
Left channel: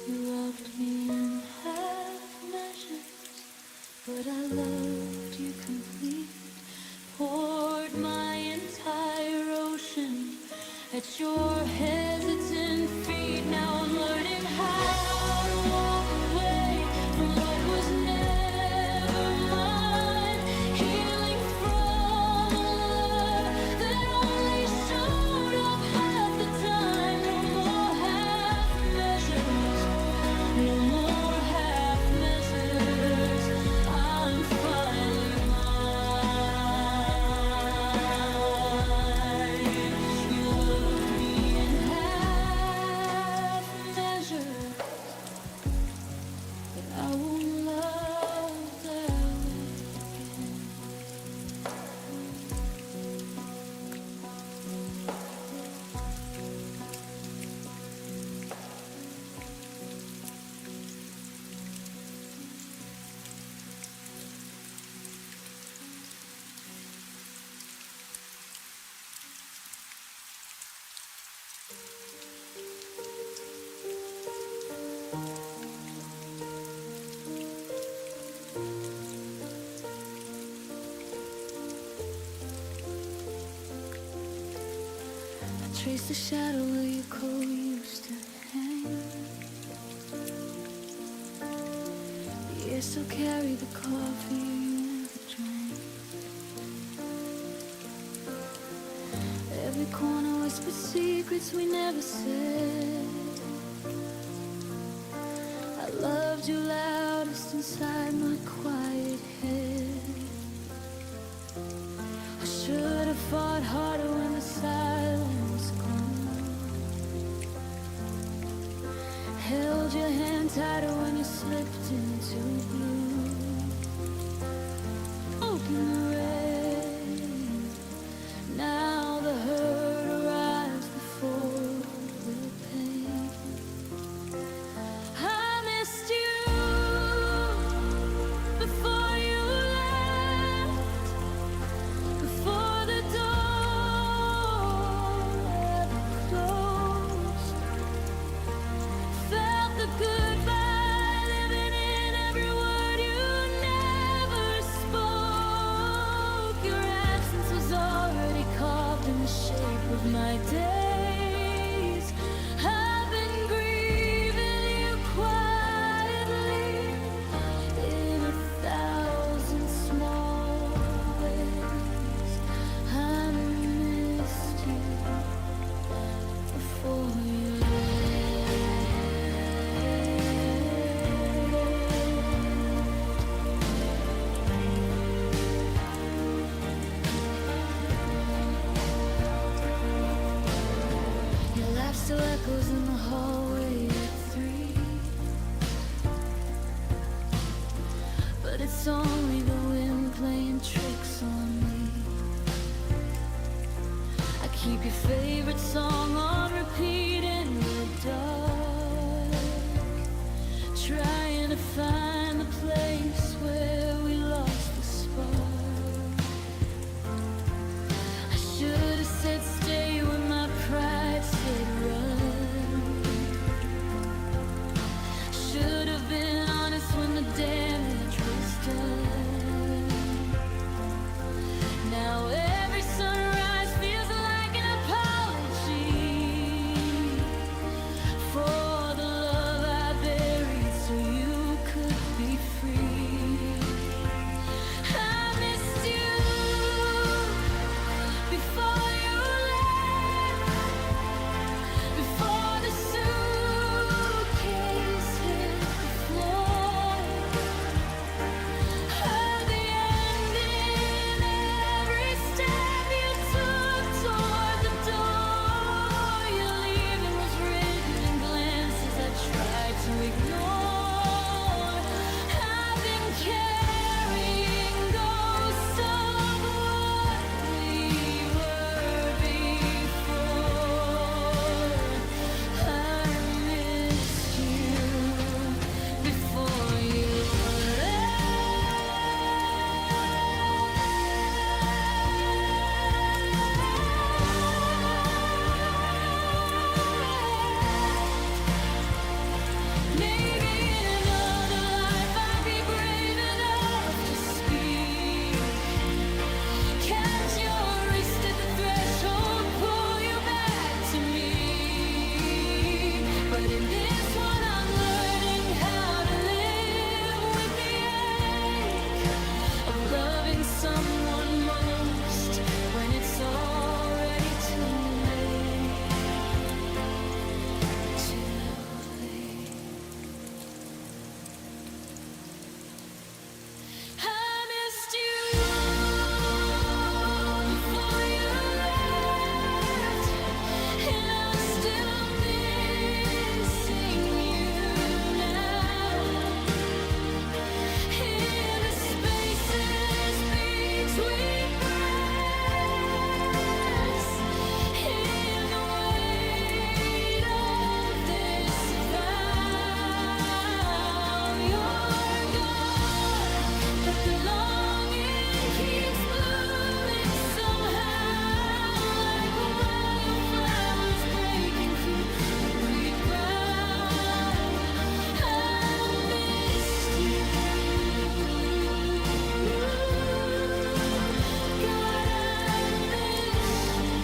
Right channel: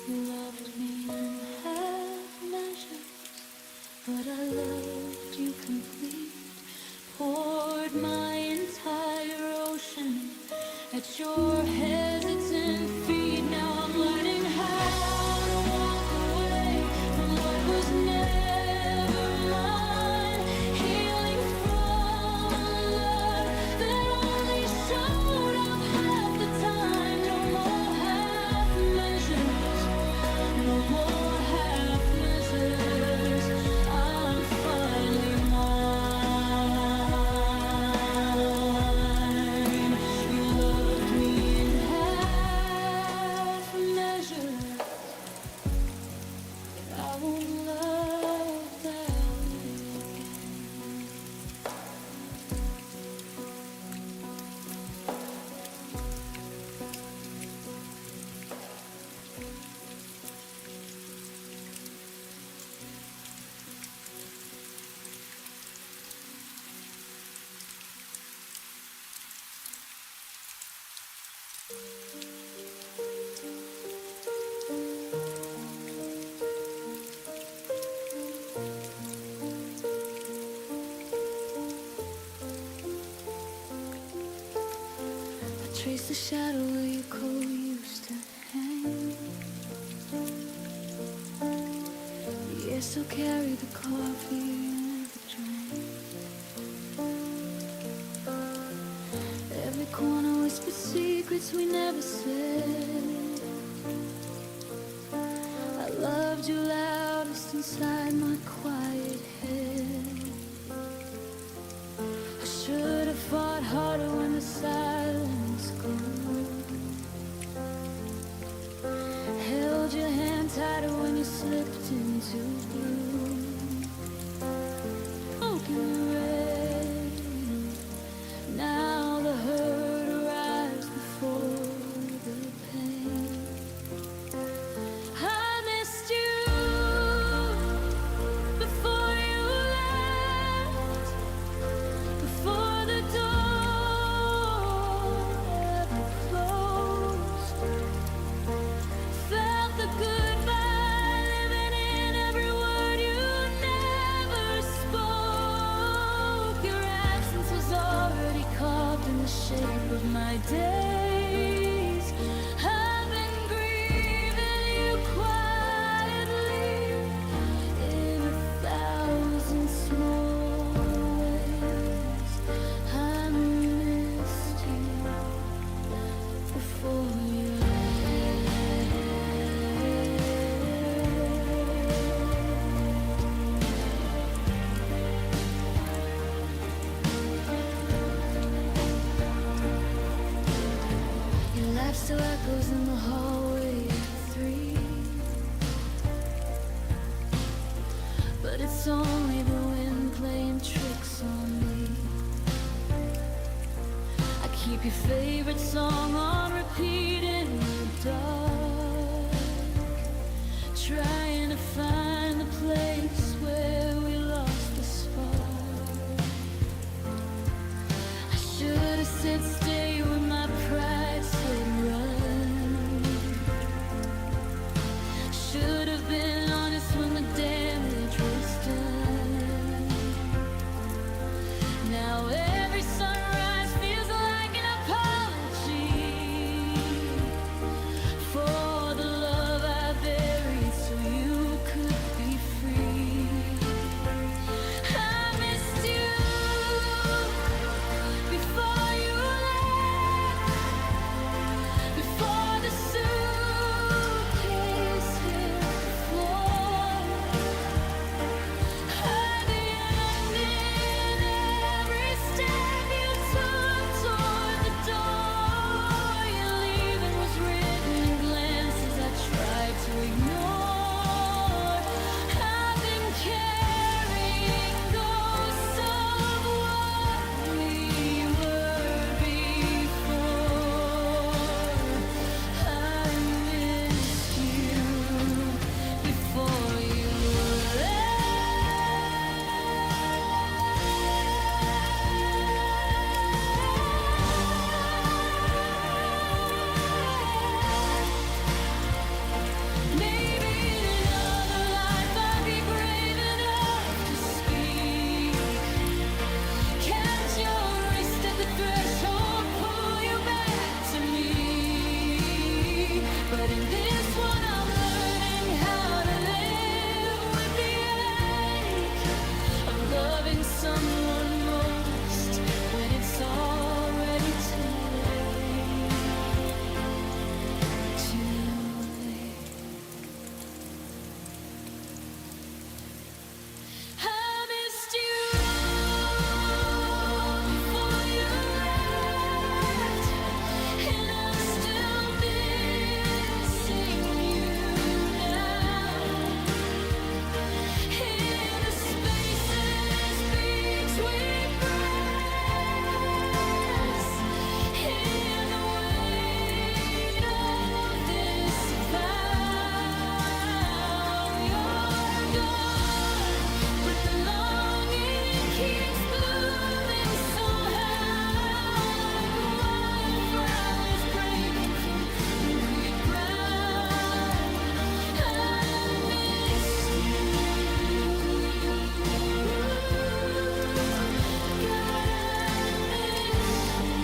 You loved me in half measures, but I loved you complete. Poured my entire ocean at your hesitant feet. Now I'm learning how to walk away from what was never mine. Healing from a love that only showed up half the time. No more half measures, no more half measures. I'm finally mine. You loved me in half measures, but I won't love that way again. I trace the shadow where your coat used to hang. The air still carried the coffee you never drank. Every corner whispered secrets we never said. I loved you loudest inside my quiet head. I should have fought harder when the silence grew. Held your hand tighter when you slipped into blue. Smoke in the rain. Now the hurt arrives before the pain. I missed you before you left, before the door ever closed. Felt the goodbye living in every word you never spoke. Your absence was already carved in the shape of my days. I've been grieving you quietly in 1,000 small ways. I missed you before you left. Your laugh still echoes in the hallway at 3, but it's only the wind playing tricks on me. I keep your favorite song on repeat in the dark, trying to find the place where we lost the spark. I should have said stay when my pride said run. Should have been honest when the damage was done. Now every sunrise feels like an apology for the love I buried so you could be free. I missed you before you left, before the suitcase hit the floor. Heard the end in every step you took toward the door. Your leaving was written in glances I tried to ignore. I've been carrying ghosts of what we were before. I missed you before you left. But in this one I'm learning how to live with the ache of loving someone most when it's already too late. Too late. I missed you before you left, and I'm still missing you now. In the spaces between breaths, in the weight of this vow, you're gone, but the longing keeps blooming somehow, like wildflowers breaking through concrete ground. I missed you, God, I miss you.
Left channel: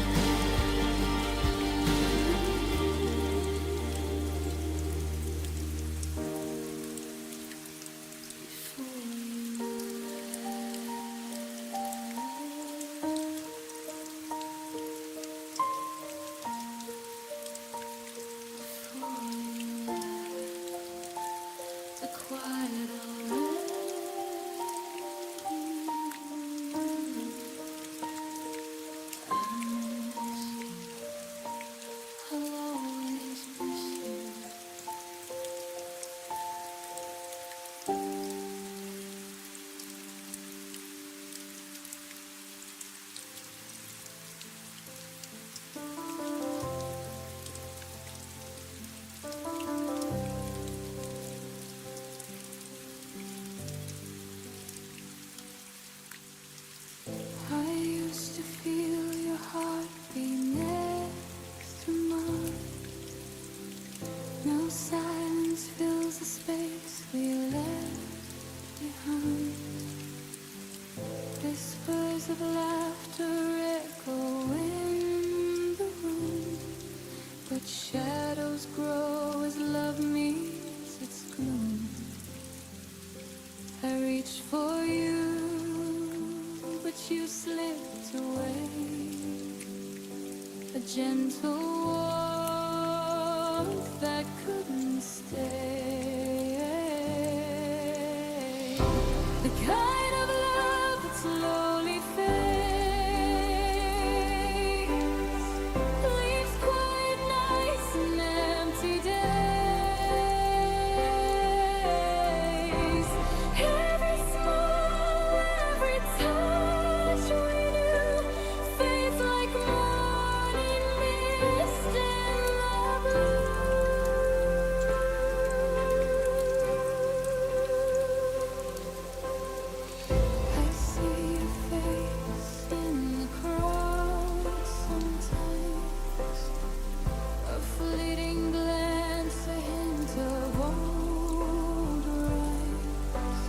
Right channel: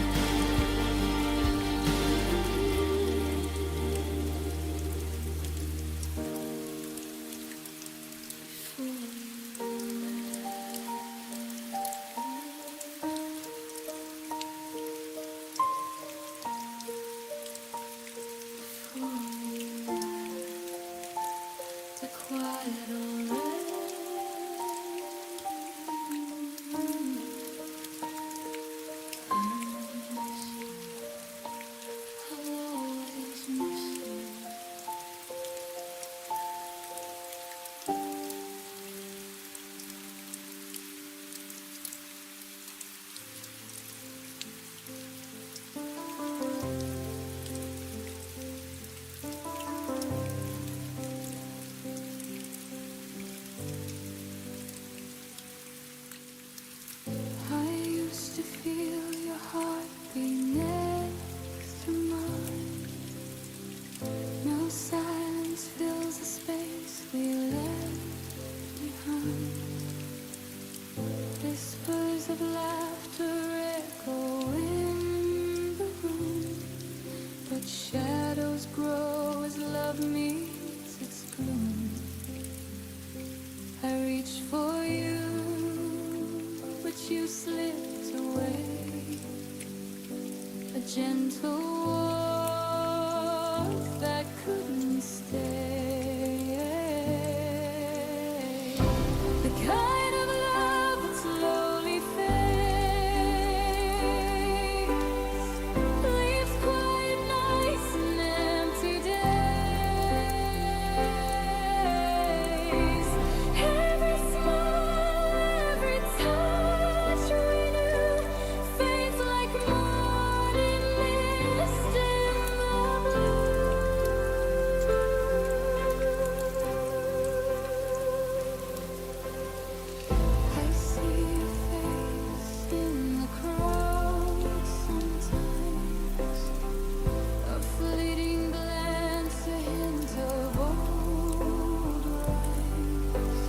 Before you left, the quiet already. I miss you. I'll always miss you. I used to feel your heartbeat next to mine. Now silence fills the space we left behind. Whispers of laughter echo in the room, but shadows grow as love meets its gloom. I reached for you, but you slipped away. A gentle warmth that couldn't stay. The kind of love that slowly fades, leaves quiet nights and empty days. Every smile, every touch we knew fades like morning mist in the blue. I see your face in the crowd sometimes, a fleeting glance, a hint of old rhymes.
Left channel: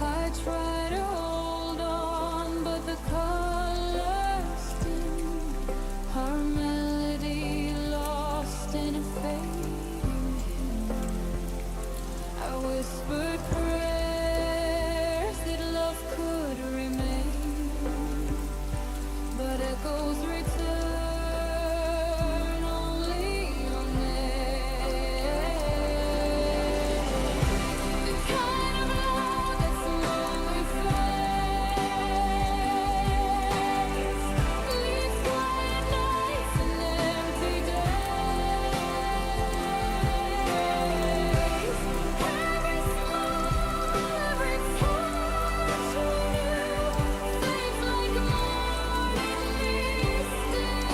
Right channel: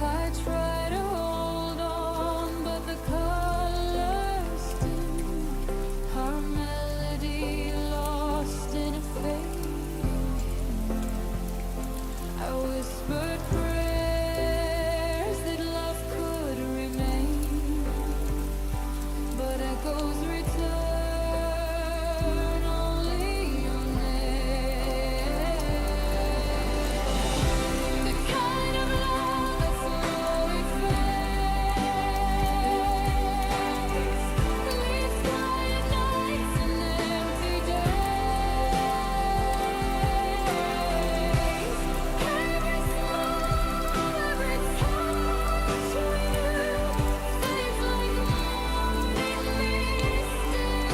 I try to hold on, but the colors dim, our melody lost in a fading hymn. I whispered prayers that love could remain, but echoes return only your name. The kind of love that slowly fades, leaves quiet nights and empty days. Every smile, every touch we knew fades like a morning mist in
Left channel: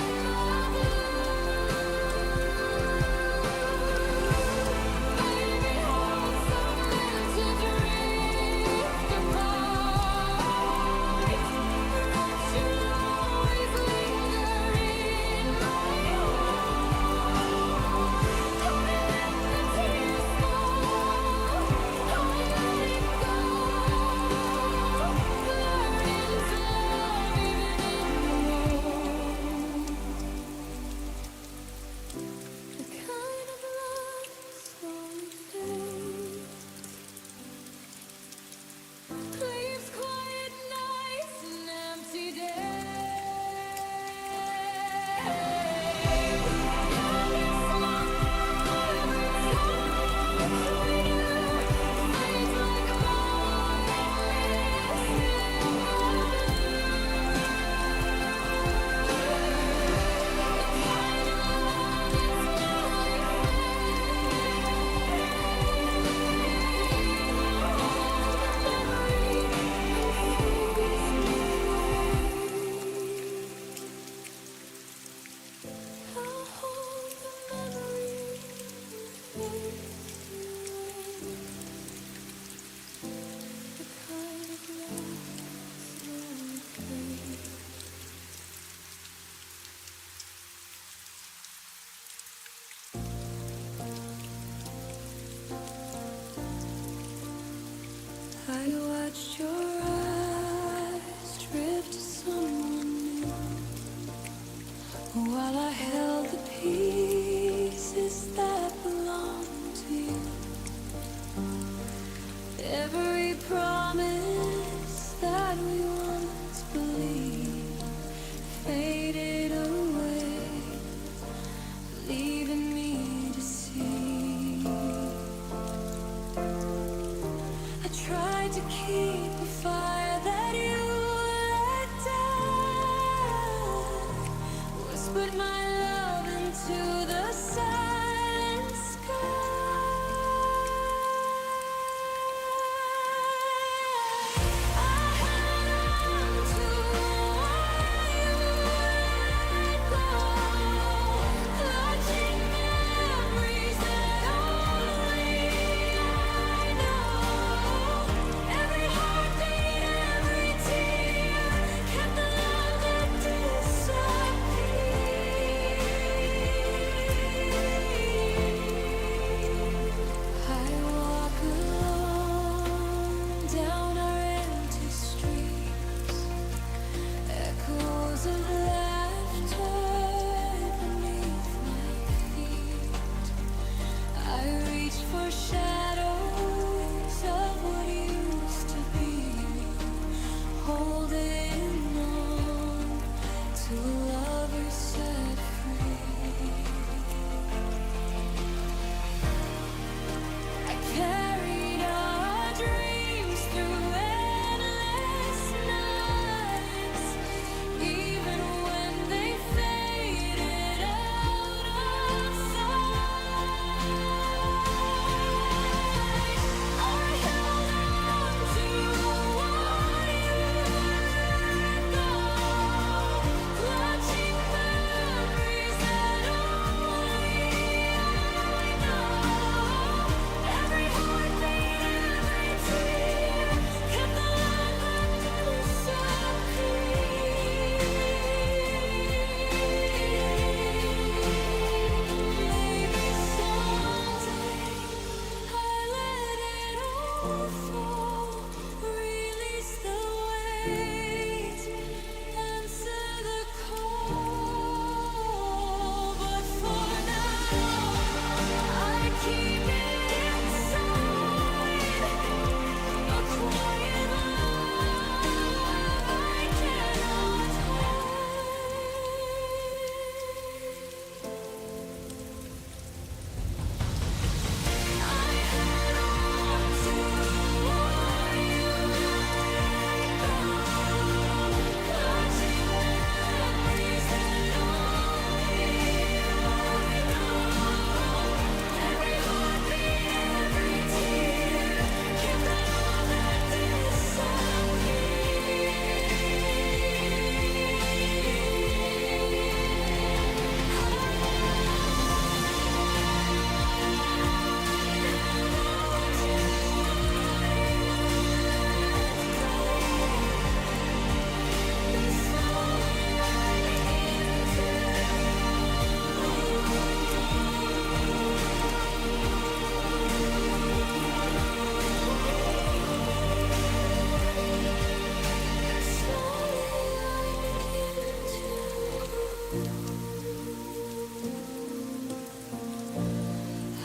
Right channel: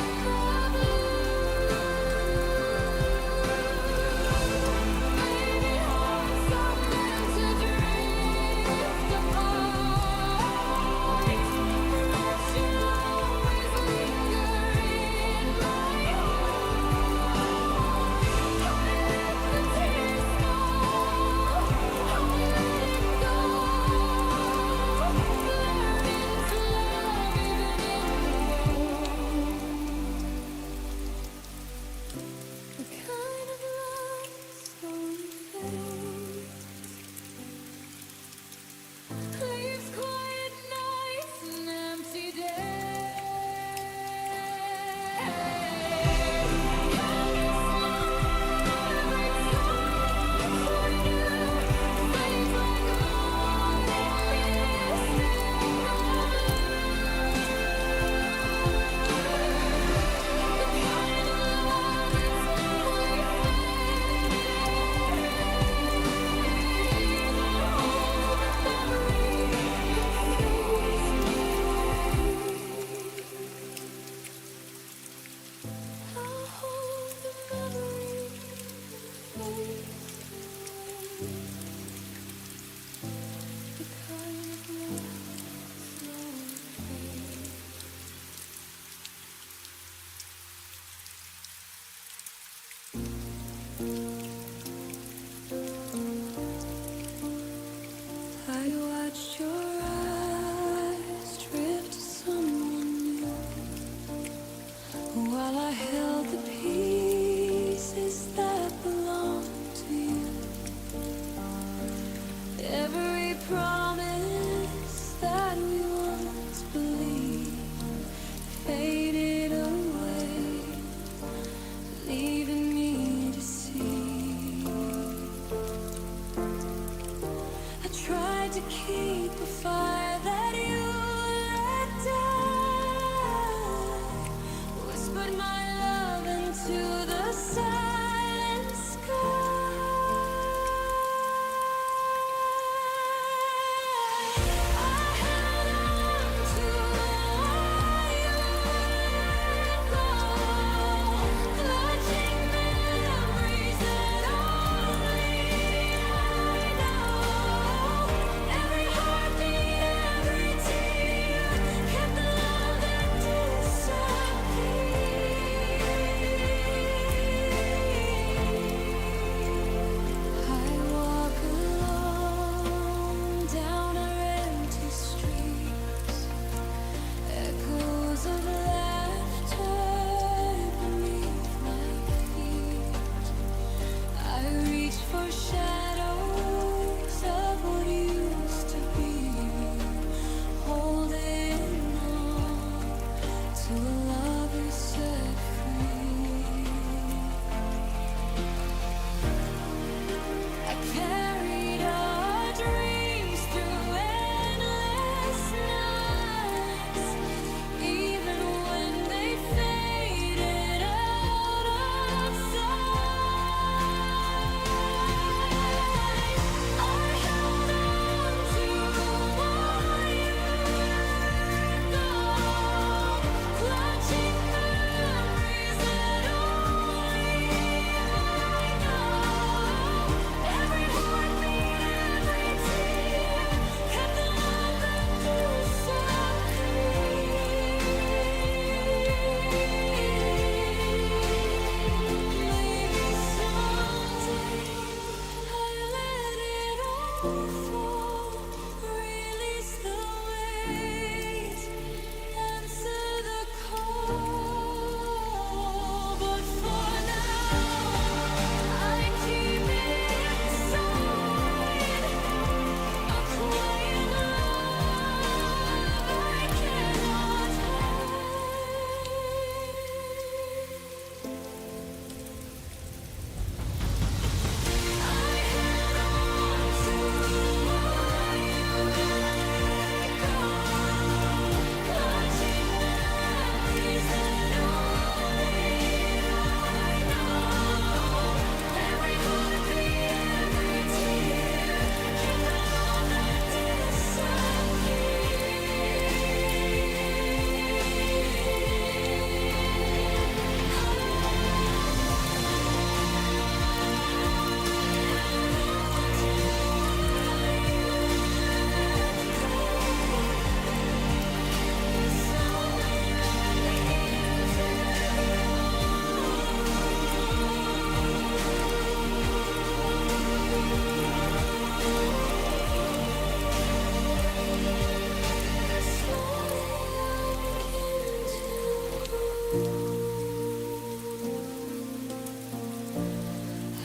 tried to keep a fire that you let die. Whispered my love into the silent sky. I held on to what you let go, clutching memories that only I know. Every heartbeat, every tear, kept the love that disappeared. I walk alone down our empty streets, echoes of laughter beneath my feet. I reach for shadows of what used to be, holding on to a love you set free. I carried our dreams through endless nights, even when they faded out of sight. I held on to what you let go, clutching memories that only I know. Every heartbeat, every tear, kept the love that disappeared. Maybe someday I let it all fall, release the weight, answer the call. But for now, I keep it inside, a quiet love I cannot hide. I held on to what you let go, clutching memories that only I know. Every heartbeat, every tear, kept the love that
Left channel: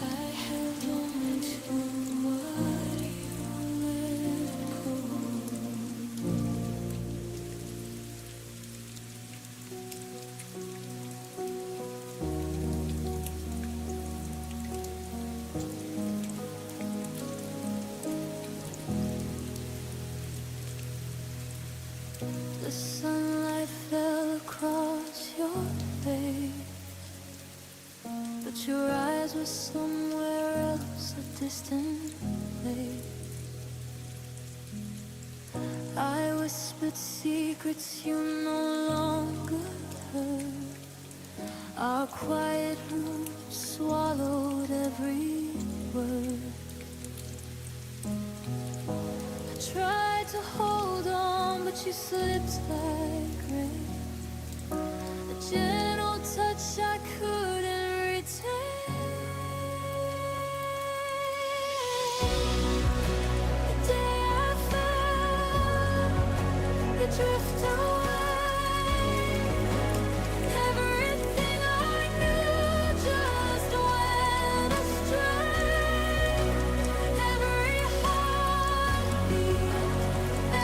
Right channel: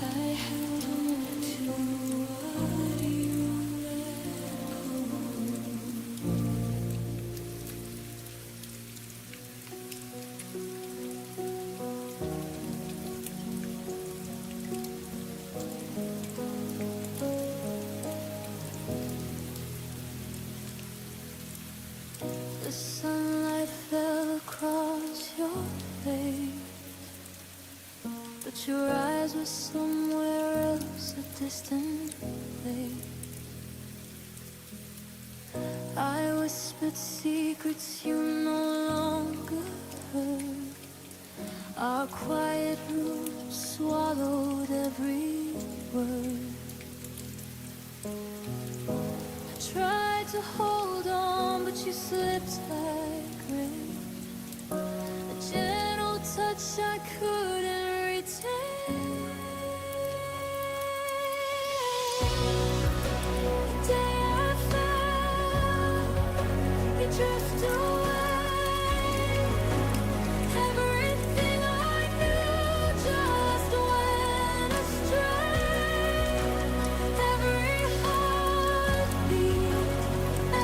I held on to what you let go. The sunlight fell across your face, but your eyes were somewhere else, a distant place. I whispered secrets you no longer heard. Our quiet room swallowed every word. I tried to hold on, but you slipped like rain, a gentle touch I couldn't retain. The day I fell, you drift away. Everything I knew just went astray. Every heartbeat,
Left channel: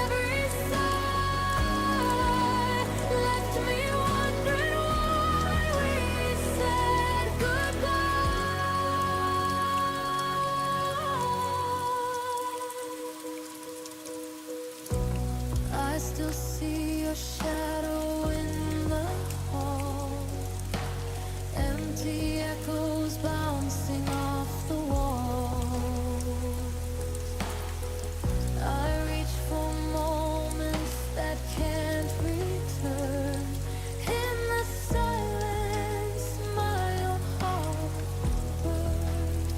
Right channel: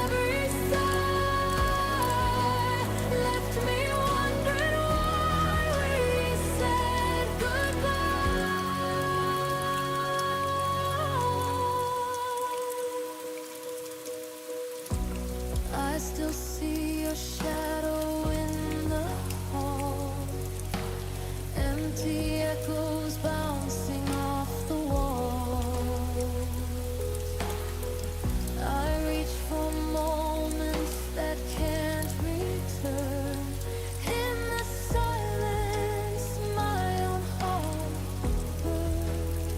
every sigh left me wondering why we said goodbye. still see your shadow in the hall. Empty echoes bouncing off the walls. I reach for moments that can't return. In the silence, my own heart burned.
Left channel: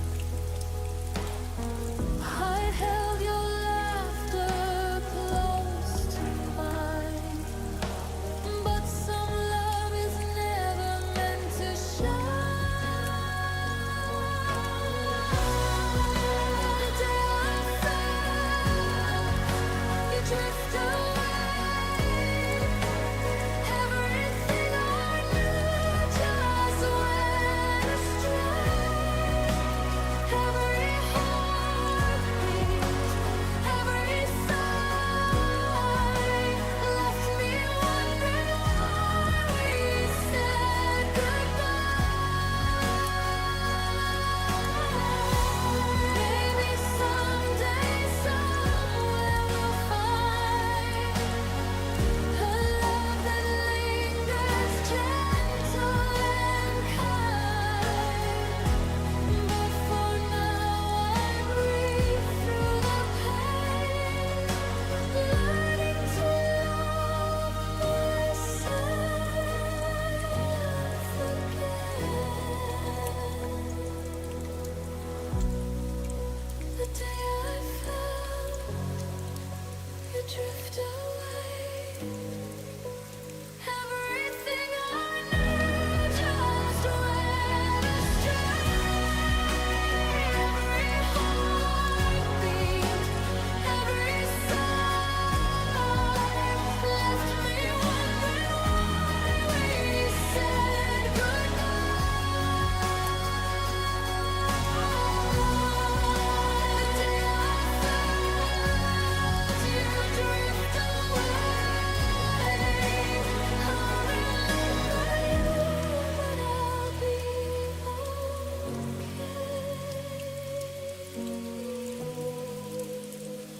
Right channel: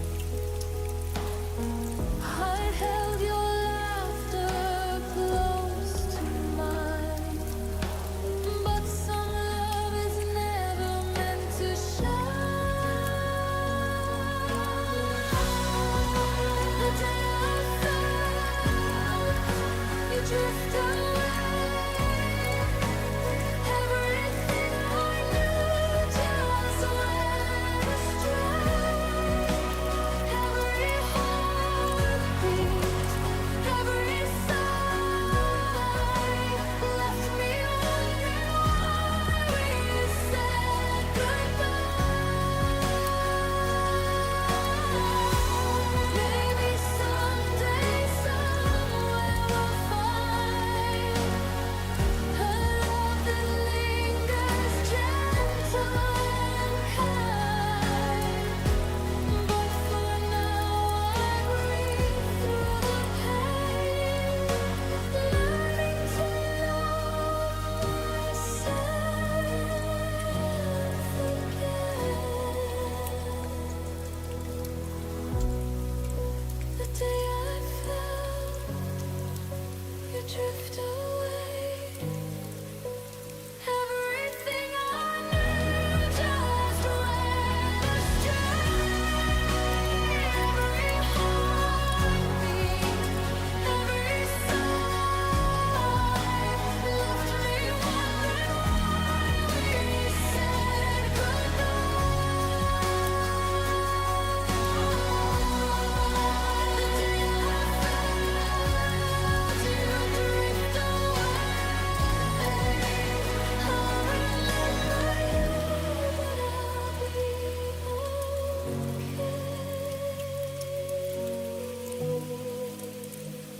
I held your laughter close to mine, but some love is never meant to shine. The day I felt you drift away, everything I knew just went astray. Every heartbeat, every sigh left me wondering why we said goodbye. Maybe someday, somewhere we'll find a love that lingers gentle and kind. But for now I breathe through the pain, learning to love myself again. The day I felt you drift away, everything I knew just went astray. Every heartbeat, every sigh left me wondering why we said goodbye. The day I felt you drift away, I'll remember you, but I'll be okay.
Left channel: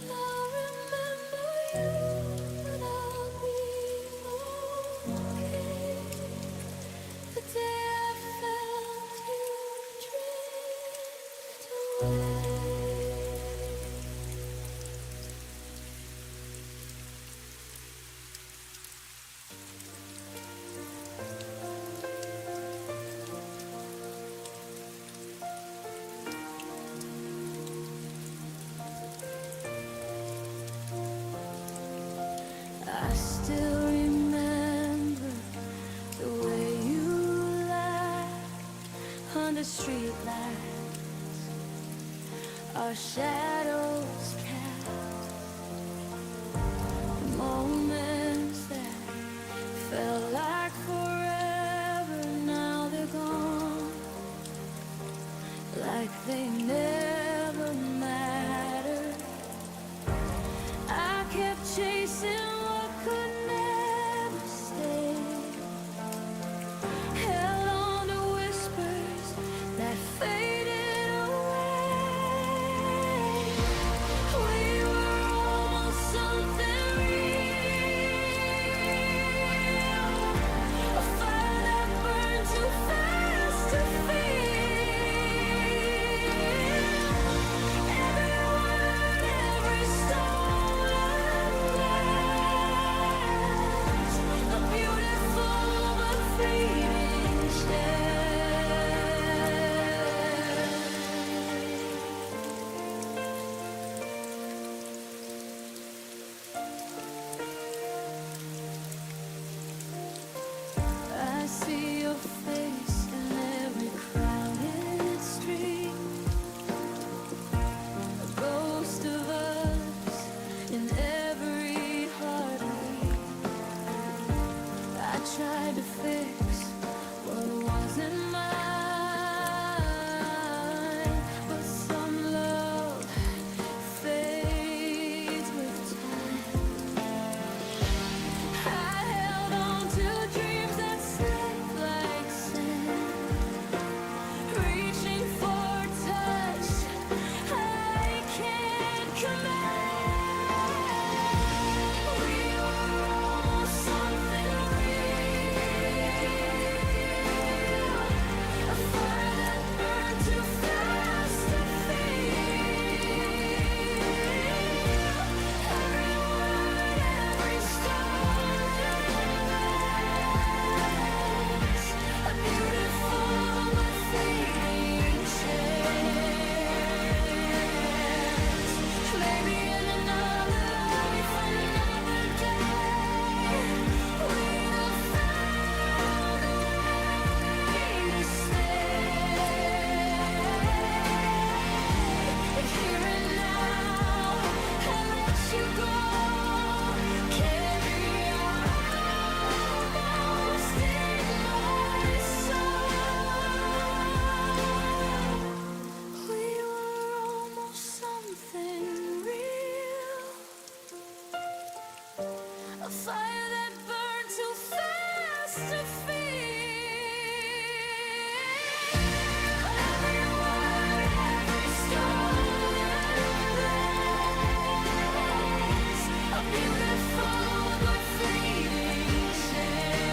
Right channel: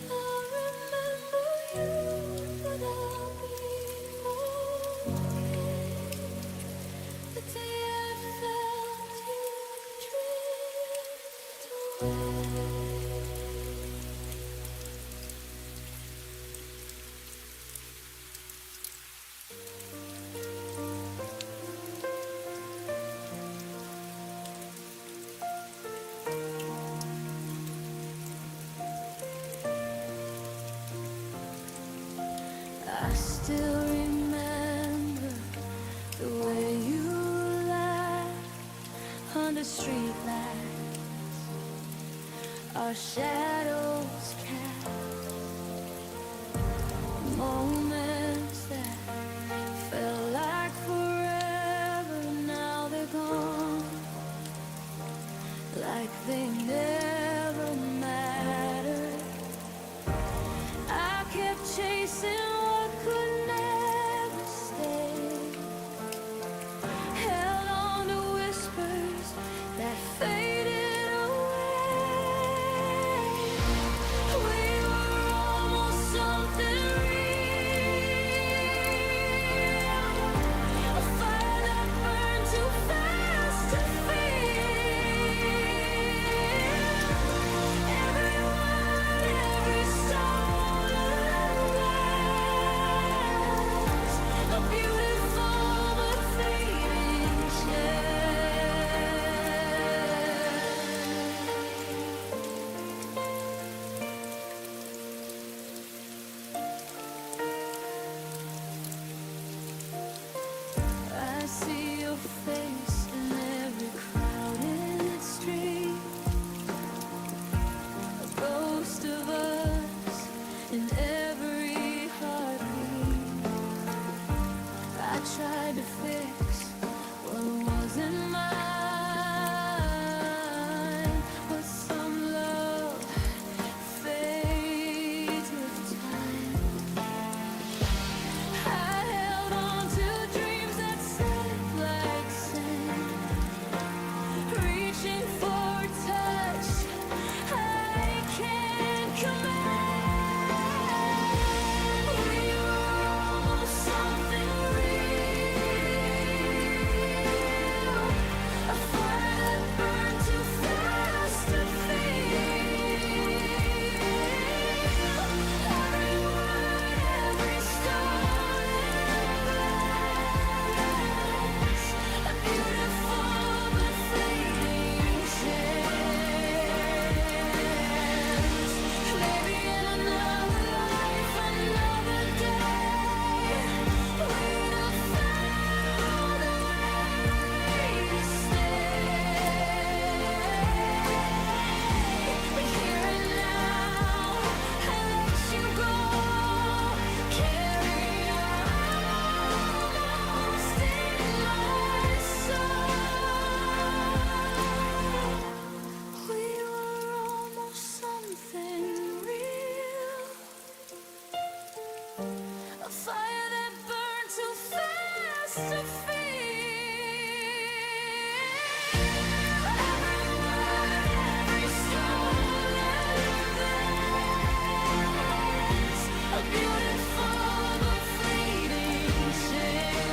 I'll remember you, but I'll be okay. The day I felt you drift away. I still remember the way you laughed under street lights, our shadows cast moments that felt like forever. Now they're gone, like they never mattered. I kept chasing what could never stay, held on to whispers that faded away. We were almost something real, a fire that burned too fast to feel. Every word, every stolen glance, a beautiful but fleeting chance. I see your face in every crowded street, a ghost of us in every heartbeat. I tried to fix what wasn't mine, but some love fades with time. I held on to dreams that slipped like sand, reaching for touch I can't command. We were a fire that burned too fast to feel. Every word, every stolen glance, a beautiful but fleeting chance.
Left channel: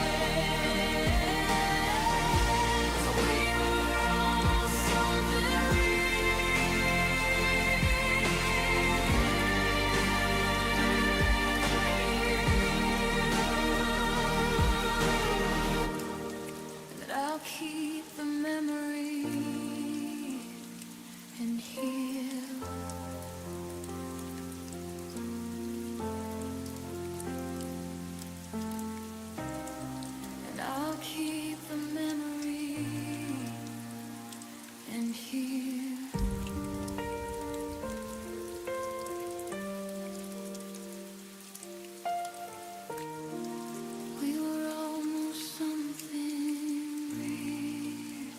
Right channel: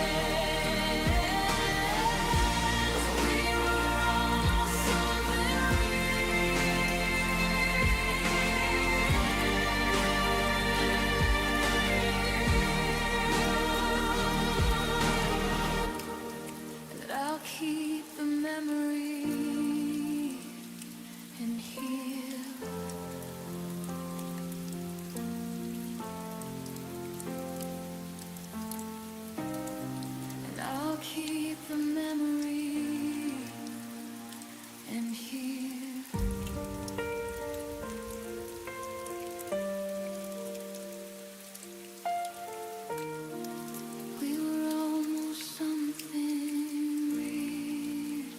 We were almost something real. And I'll keep the memory and heal. And I'll keep the memory and heal. We were almost something real.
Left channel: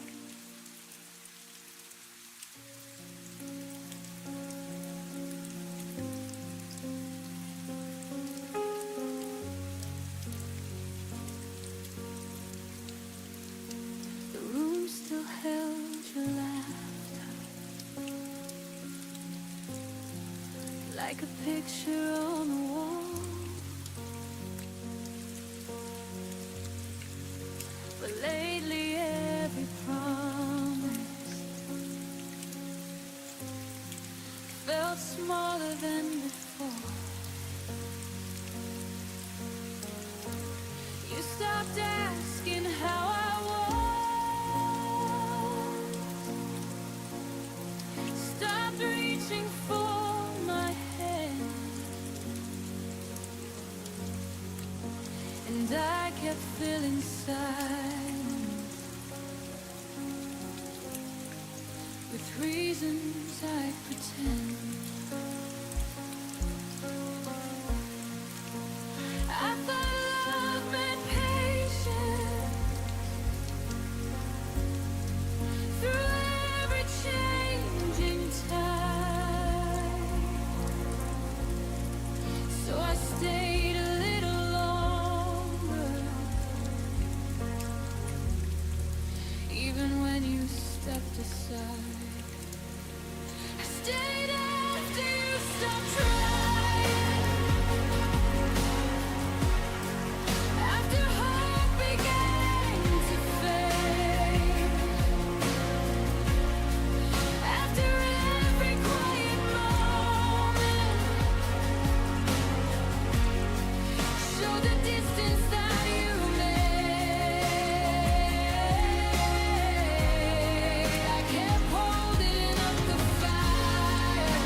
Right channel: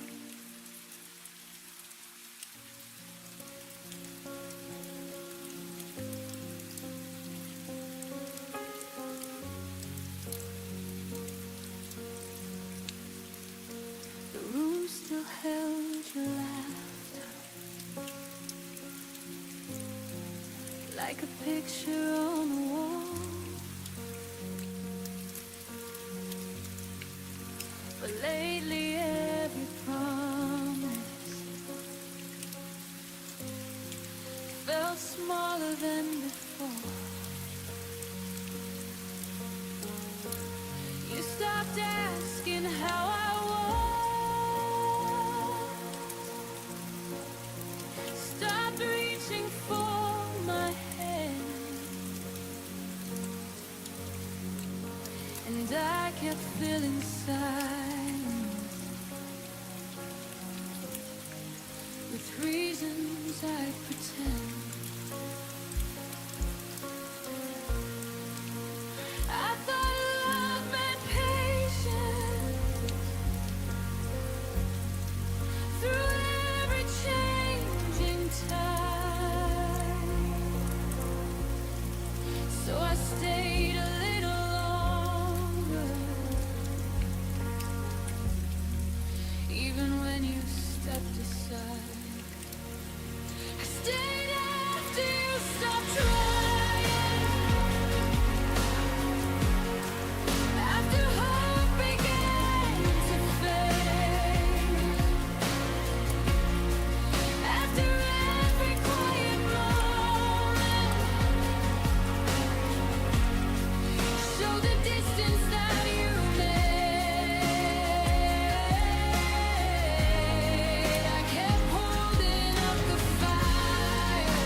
The room still held your laughter, like a picture on the wall. But lately every promise felt smaller than before. You stopped asking how I was, stopped reaching for my hand, and I kept feeling silence with reasons I'd pretend. I thought love meant patience through every changing tide, so I stayed a little longer, even when you stepped aside. I stayed after you stopped trying, after hope began to fade, after every quiet moment showed the distance that you made. I kept holding up the fire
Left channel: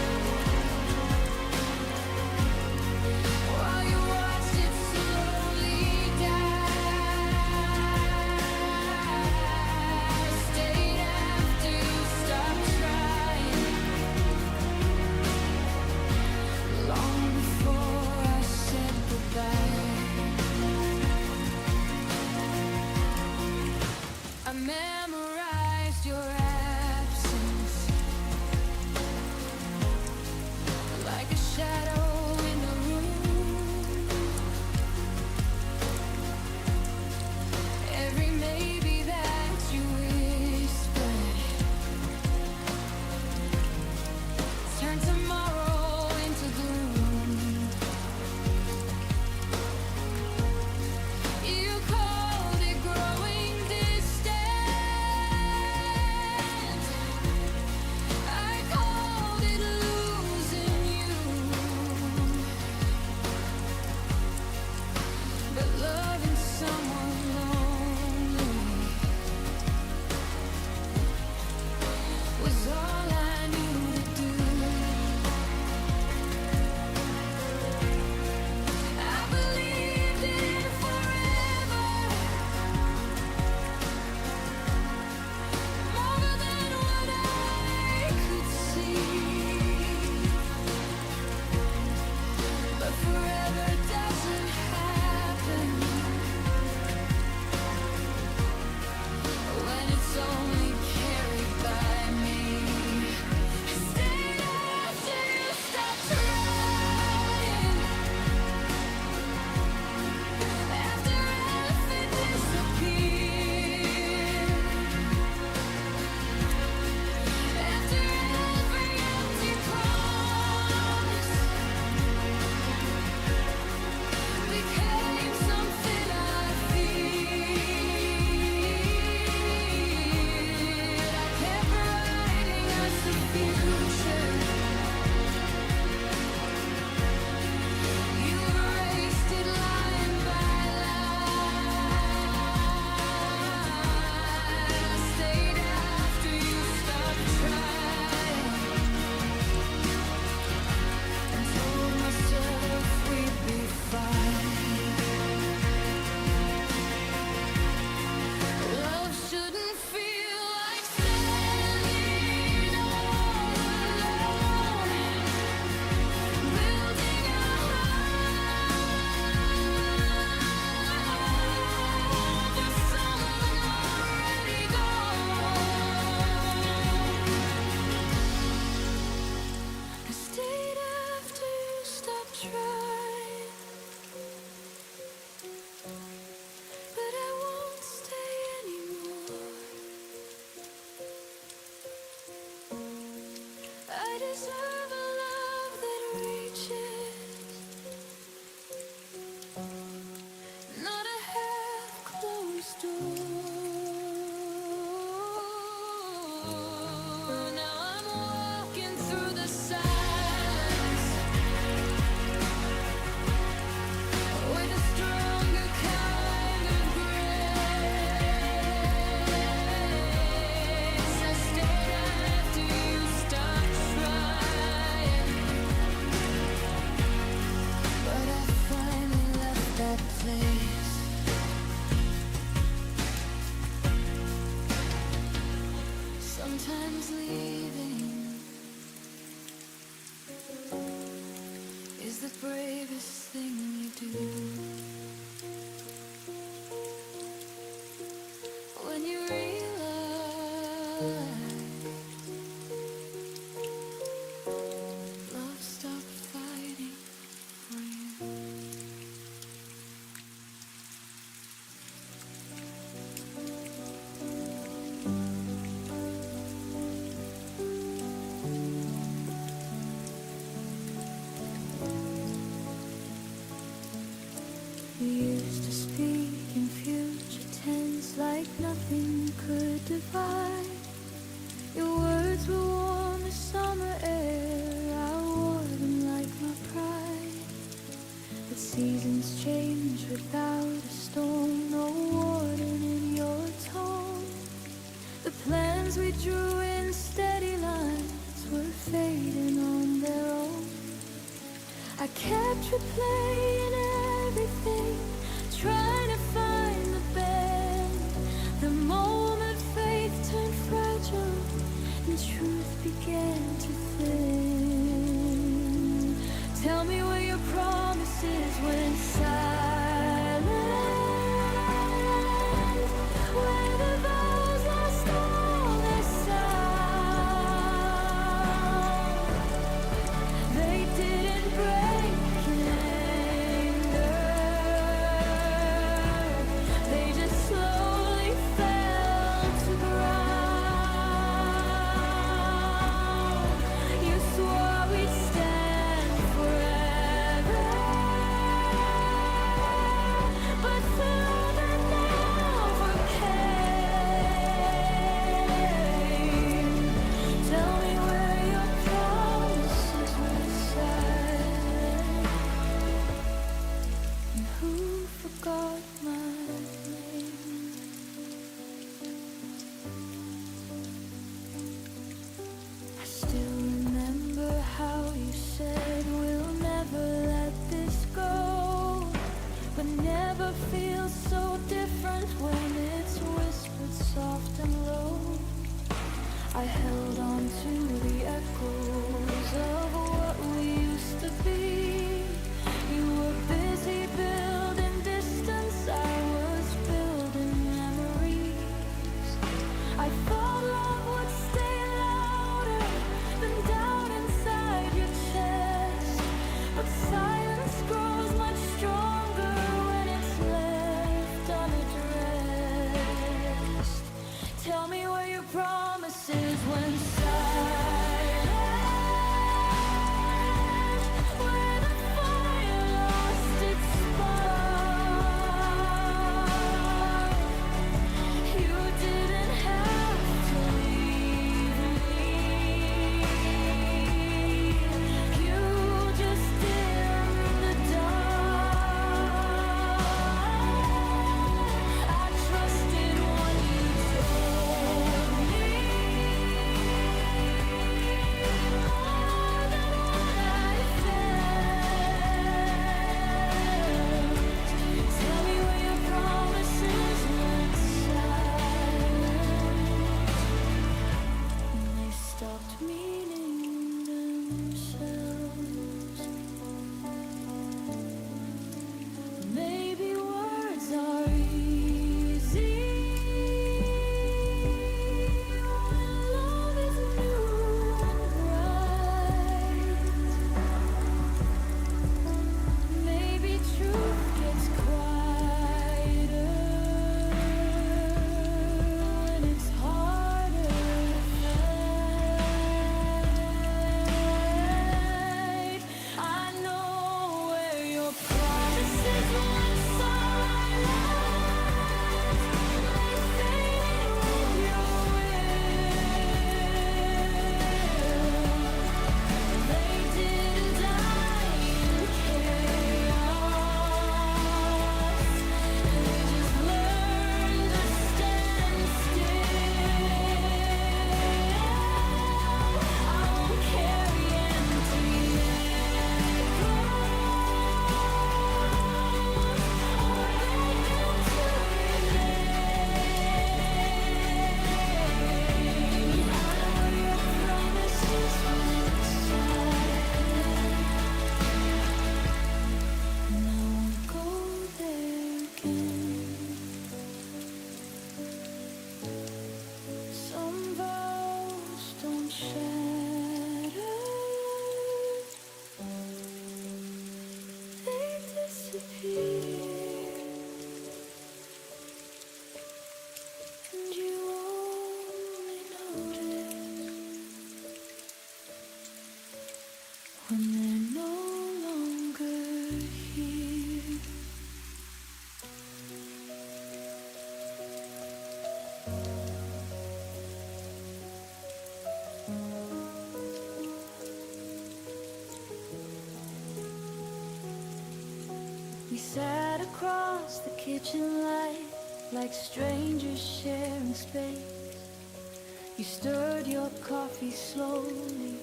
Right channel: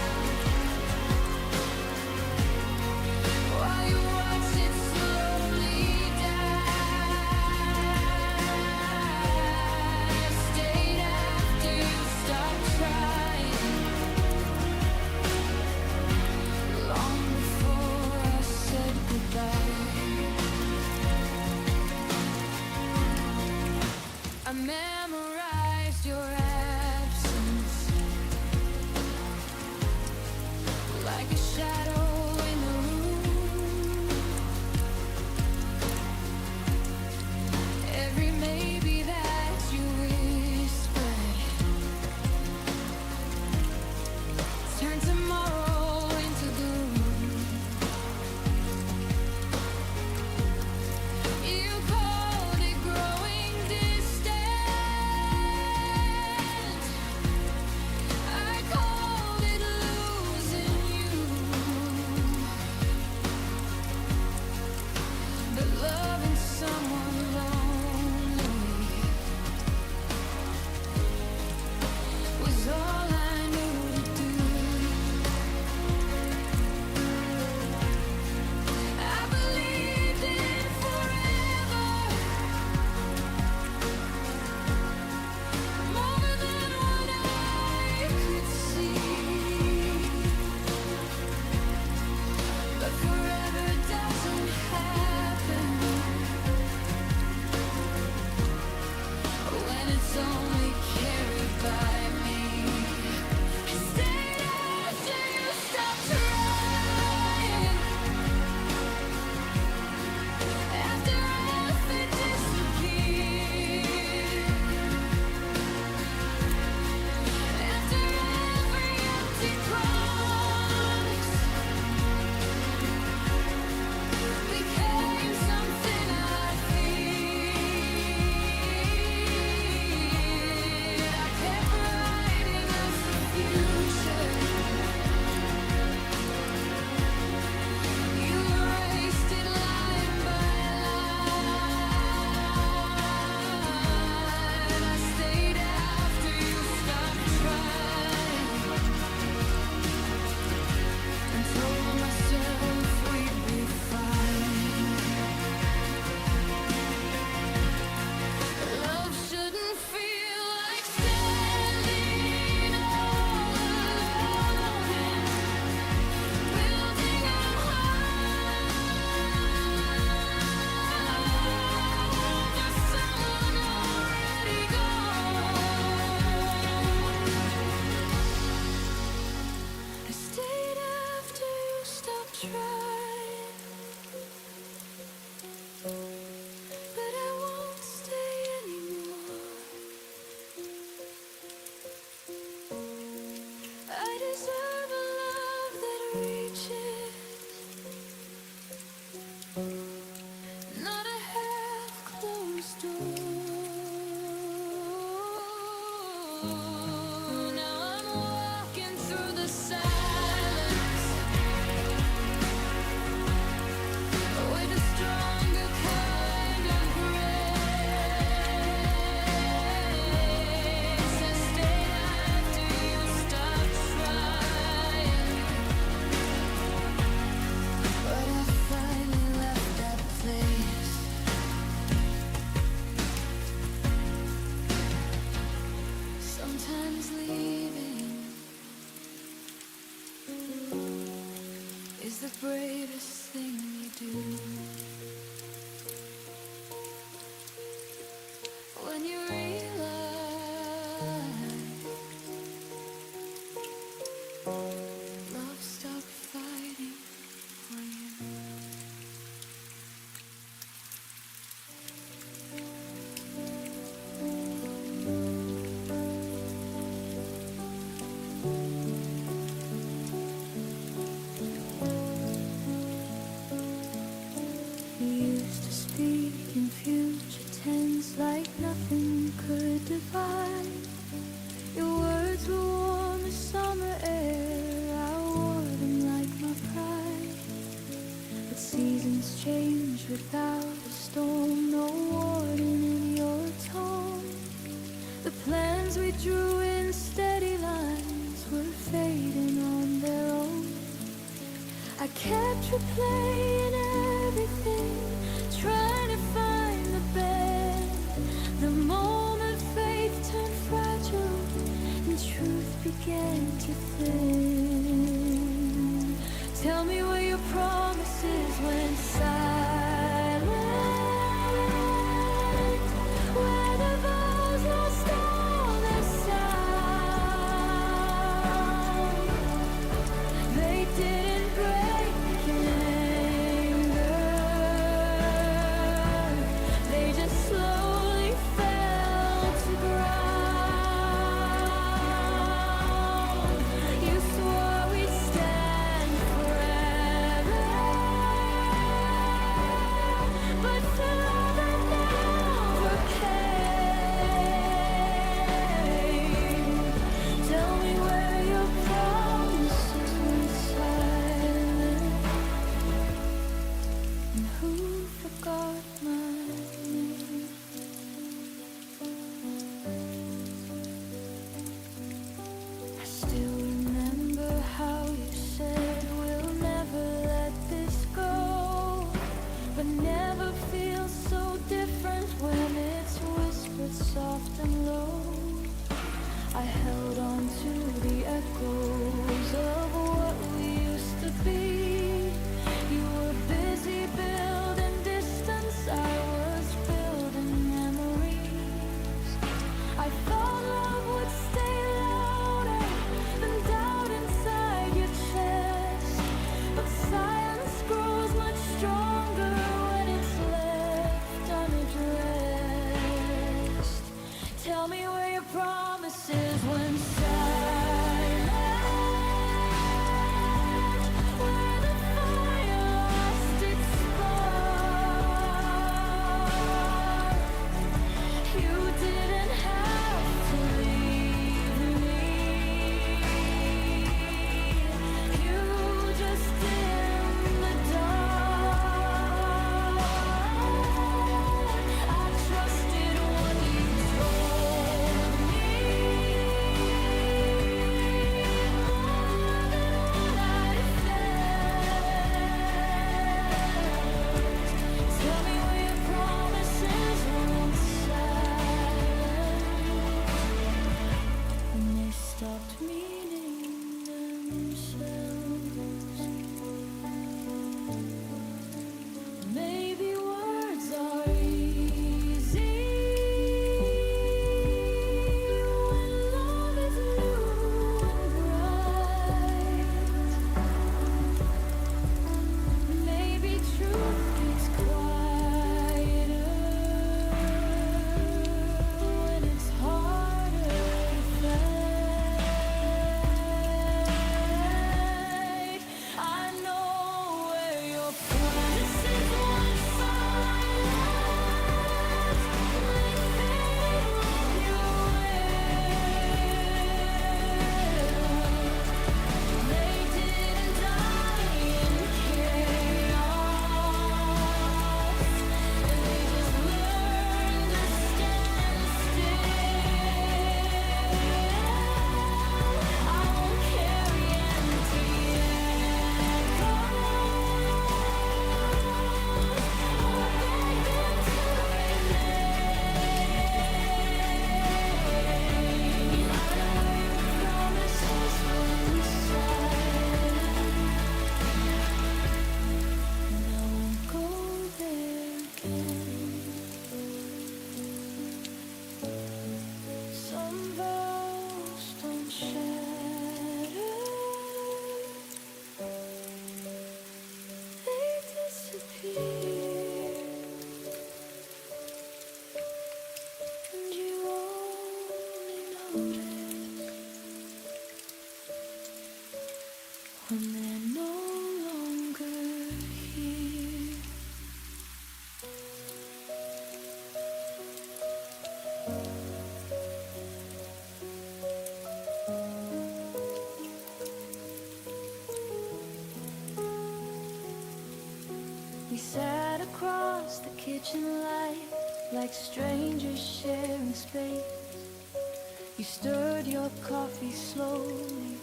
while you watched it slowly die. Stayed after you stopped trying, long before I said goodbye. I memorized your absence like a shadow in the room. Every maybe that you whispered turned tomorrow into gloom. You called it growing distant, I called it losing you. But loving someone lonely was all I knew to do. myself we'd be fine. Love shouldn't feel like standing all alone, building a home for someone already gone. I stayed after you stopped trying, but I won't stay anymore. I deserve a love that reaches, not a half-closed door. Now I'm walking through the silence with a stronger kind of grace. I stayed after you stopped trying, but I finally left that place. Sometimes leaving is the bravest thing you do. When you realize love stopped fighting for you. You used to speak in future tense like nothing could divide. Your words were warm as summer air, I wore them like my pride. But seasons change without a storm, no warning in your tone. The plans we drew in steady lines were fading on their own. I kept replaying everything, trying to find the bend. The moment faith turned fragile and truth began to thin. Tell me where your promises went silent, where the vows lost all their sound. They didn't break in anger, they just slowly fell to ground. You swore we'd stand forever, but through the never came. Tell me where your promises went silent, and who forgot my name. I still remember how you said we'll never let this go, but never feels so different when it's whispered soft and low. I held on to the echoes of what we used to be. You were busy building distance, I was building memories. I thought love would stay louder than doubt inside your chest, but silence grows much stronger when it's left unaddressed. Tell me where your promises went silent, where the fire lost its spark. You didn't have themselves. Maybe words are easy when love is new and bright. Maybe truth gets quieter when it's harder to fight. I know where your promises went silent. They faded with your will. They didn't die in chaos. They just learned to stand still. I won't carry empty echoes or beg them to remain. I know where your promises went silent, and I won't go there again. Some vows don't shatter, they disappear, and you only notice when they're no longer here. We sat across the kitchen light like strangers sharing space. You stirred your coffee slowly,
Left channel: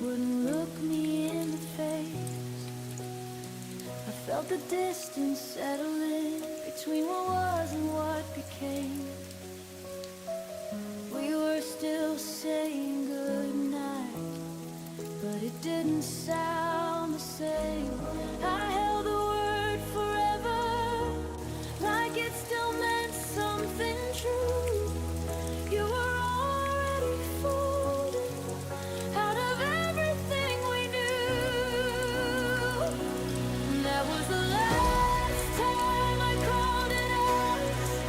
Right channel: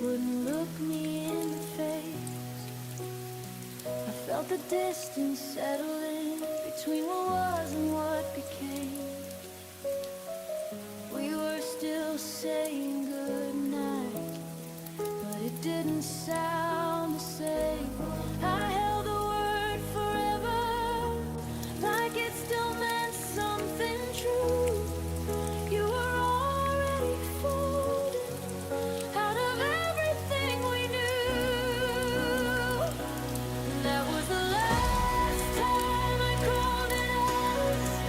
wouldn't look me in the face. I felt the distance settle in between what was and what became. We were still saying goodnight, but it didn't sound the same. I held the word forever, like it still meant something true. You were already folded out of everything we knew. That was the last time I called it us,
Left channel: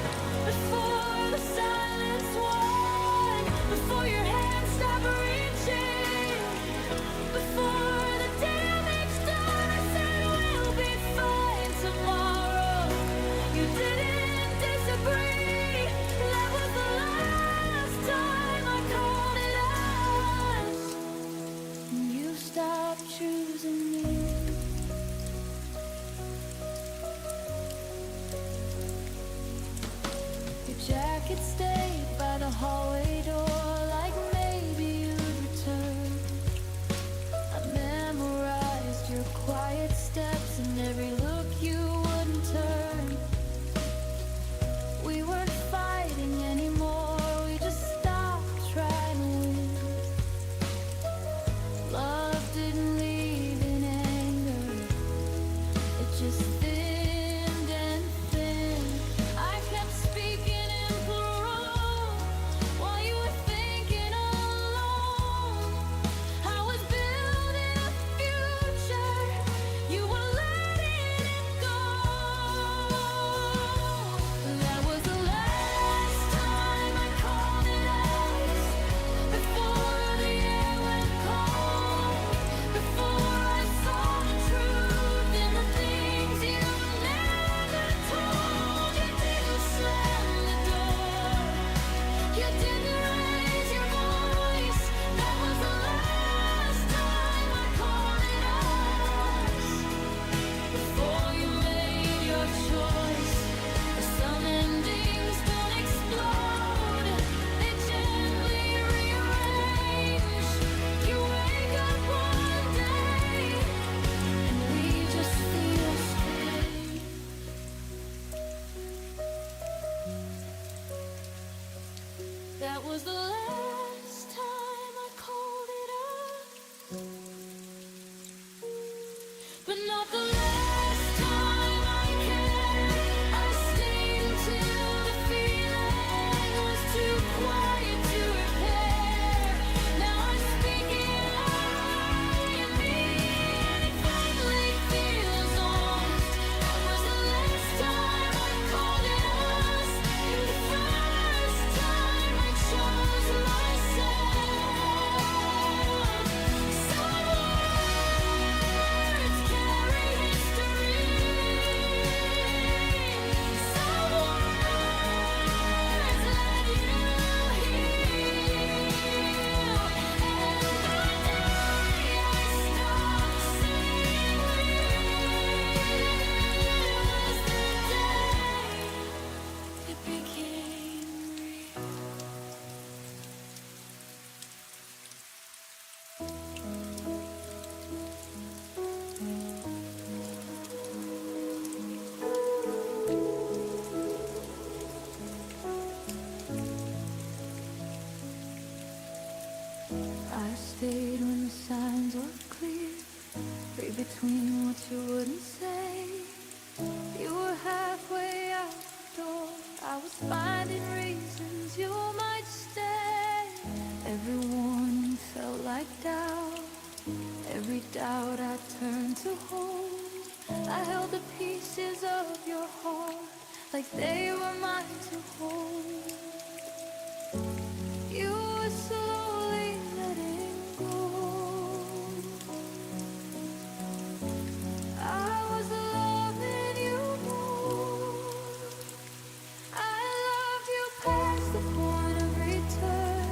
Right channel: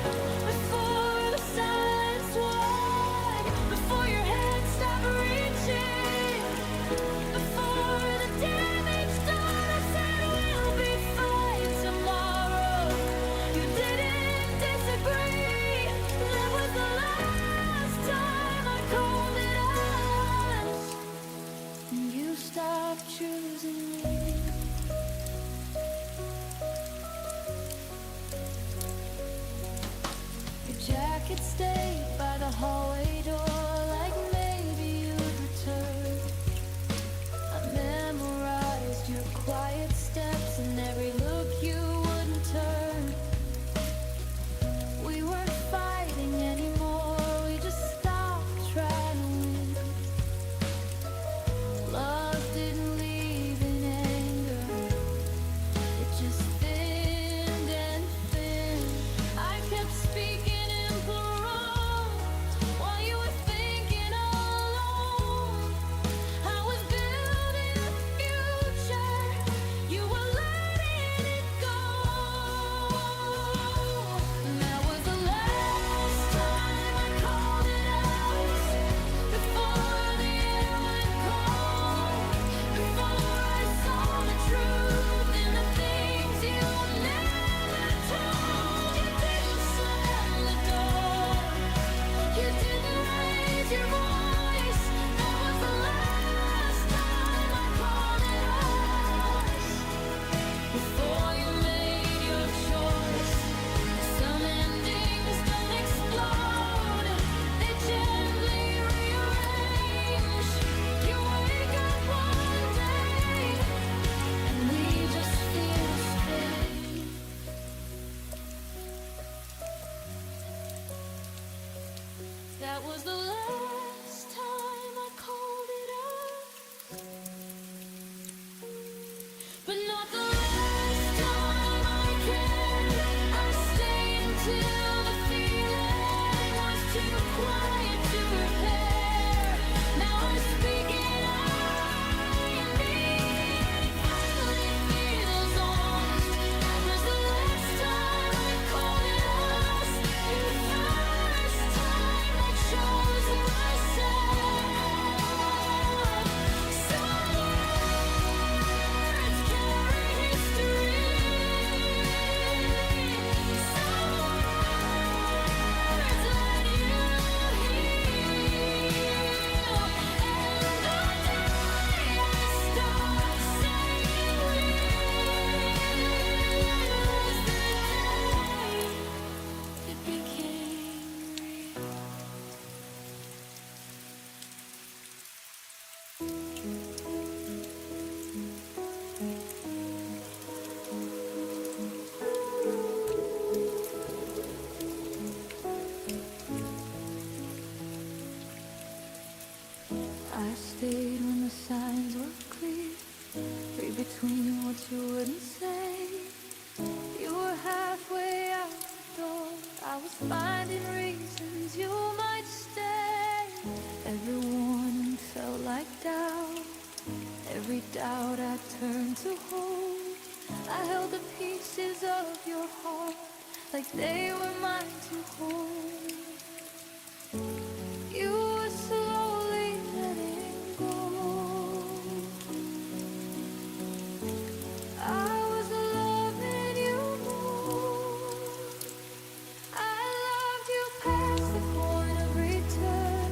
before the silence won, before your hand stopped reaching, before the damage done. I said we'll be fine tomorrow. You didn't disagree. That was the last time I called it us, and you stopped choosing me. Your jacket stayed by the hallway door, like maybe you'd return. I memorized your quiet steps and every look you wouldn't turn. We weren't fighting anymore, we just stopped trying to win. Love didn't leave in anger, it just thinned and thinned. I kept speaking in plural while you were thinking alone. I was building a future, you were letting it go. That was the last time I called it us, before the air went cold, before I saw the truth in the things you never told. You didn't slam the door, you didn't raise your voice. That was the last time I called it us, before you made your choice. Some endings don't explode, they gently rearrange. You wake up one day and we just feel strange. That was the last time I called it us. signs were clear. Read between what you wouldn't say. You were halfway out the door. I was finding reasons you might stay. Every warning felt like doubt. Every doubt I turned to hold. I held the pieces of your heart like they were mine to hold. You were slowly letting go. I was loving you more. I loved you past the point of return,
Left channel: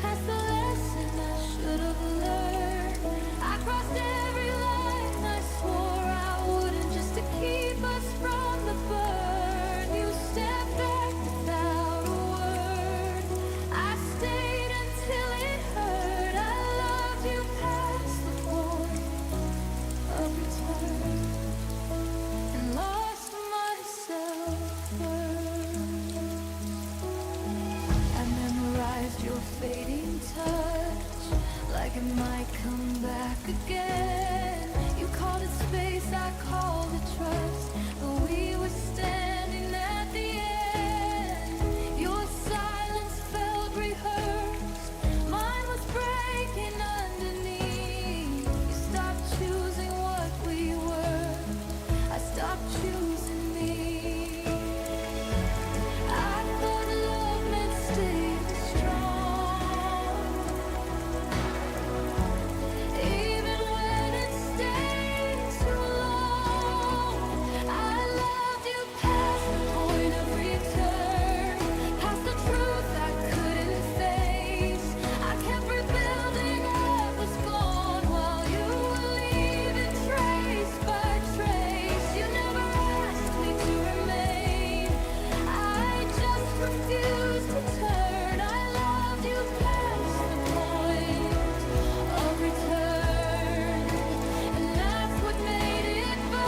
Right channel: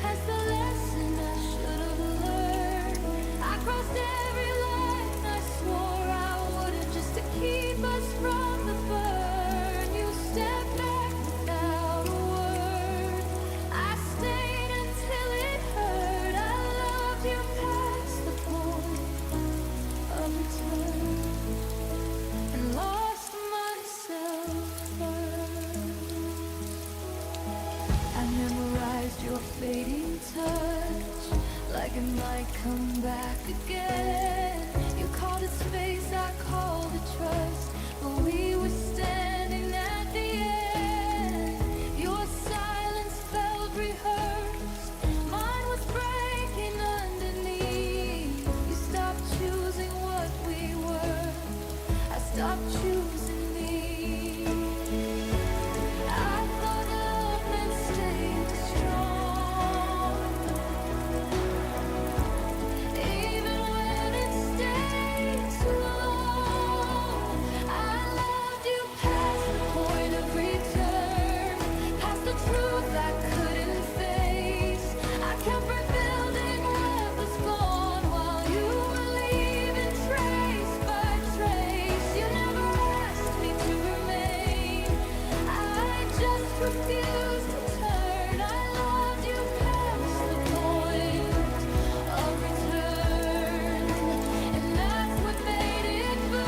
past the lesson I should have learned. I crossed every line I swore I wouldn't, just to keep us from the burn. You stepped back without a word. I stayed until it hurt. I loved you past the point of return and lost myself first. I memorized your fading touch like it might come back again. You called it space, I called it trust, but we were standing at the end. Your silence felt rehearsed, mine was breaking underneath. You stopped choosing what we were, I stopped choosing me. I thought love meant staying strong, even when it stayed too long. I loved you past the point of return, past the truth I couldn't face. I kept rebuilding what was gone while you were leaving trace by trace. You never asked me to remain, I just refused to turn. I loved you past the point of return, and that's what made it burn.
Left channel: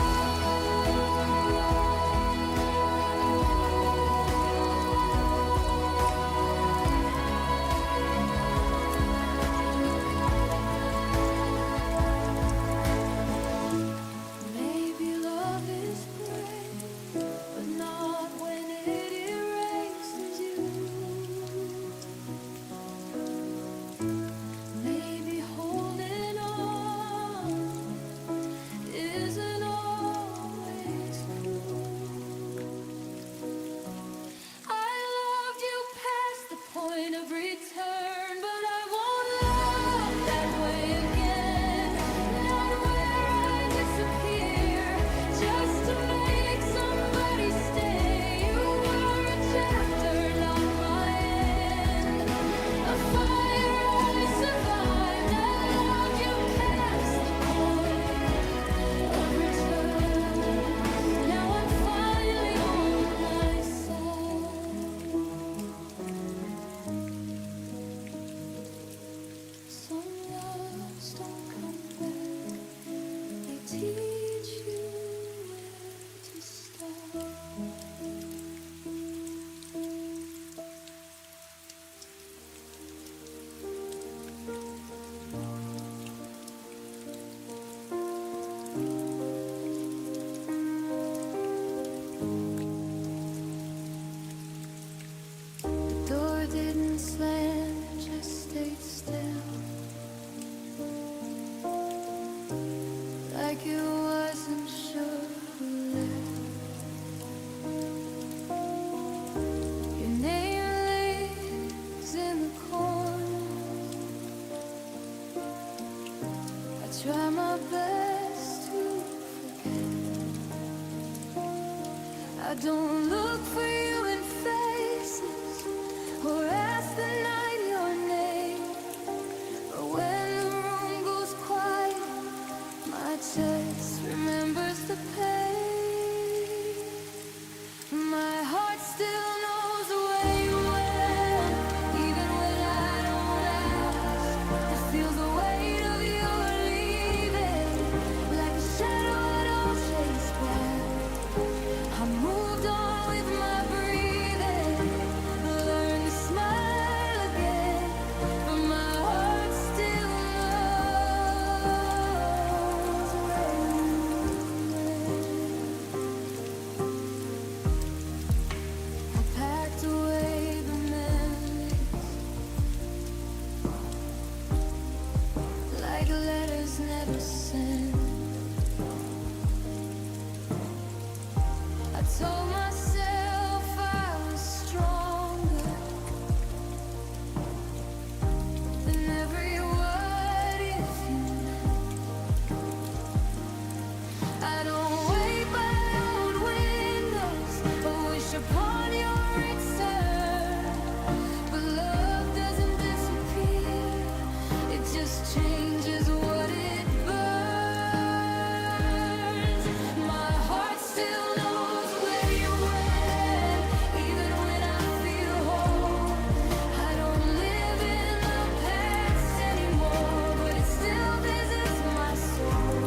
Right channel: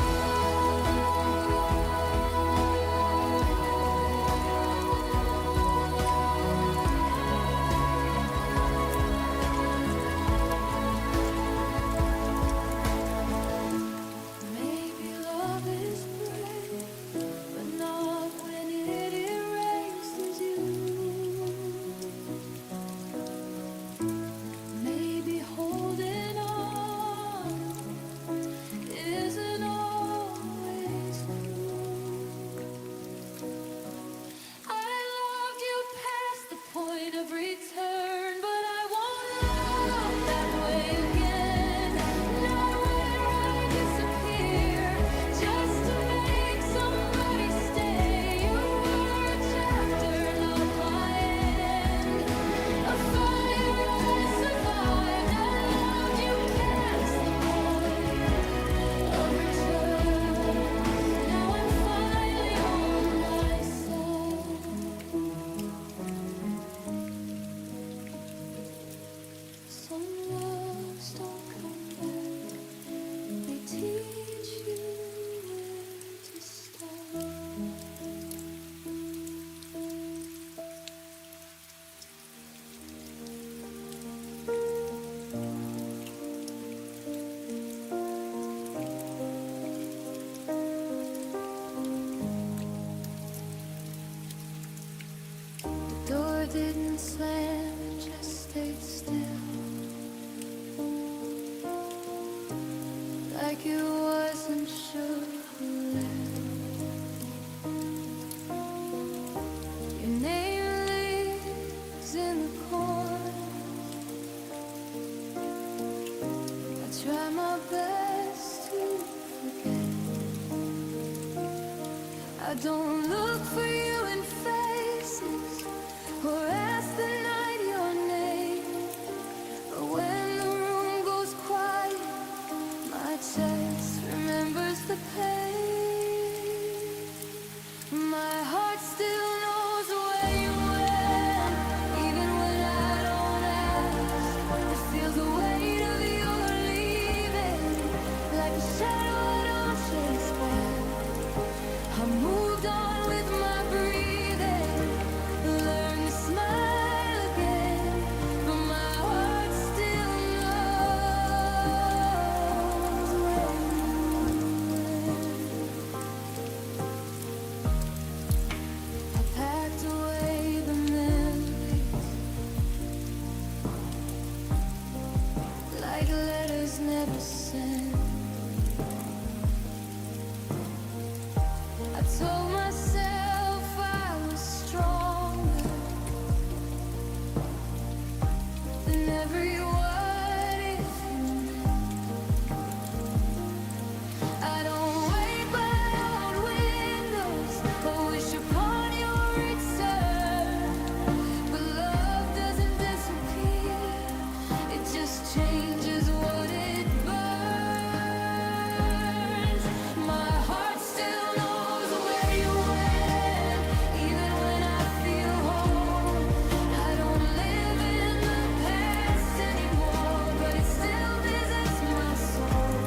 Maybe love is brave, but not when it erases you. Maybe holding on isn't always true. I loved you past the point of return, but I won't love that way again. Not where I disappear just to make somebody stay. You were a chapter, not my end. A fire I survived. I loved you past the point of return. Now I'm finally on my side. Some loves don't come back, they teach you where to start. The door didn't slam, it just stayed still, like it wasn't sure who left. Your name lives in the corner. I try my best to forget. I don't look for you in faces or ask the night your name, but when the room goes quiet, my chest remembers the pain. My heart still knows where you went, even when I don't ask. It feels the weight of your leaving, like a shadow I don't chase back. I moved on with my breathing, learned to smile again, but my heart still knows. letters never sent. I told myself I was stronger than every what if you meant. I don't wait by old windows or wish upon your return, but love doesn't disappear, it just changes what it burns. My heart still knows where you went, even when I feel whole. I don't live in the past anymore, but it still visits my soul.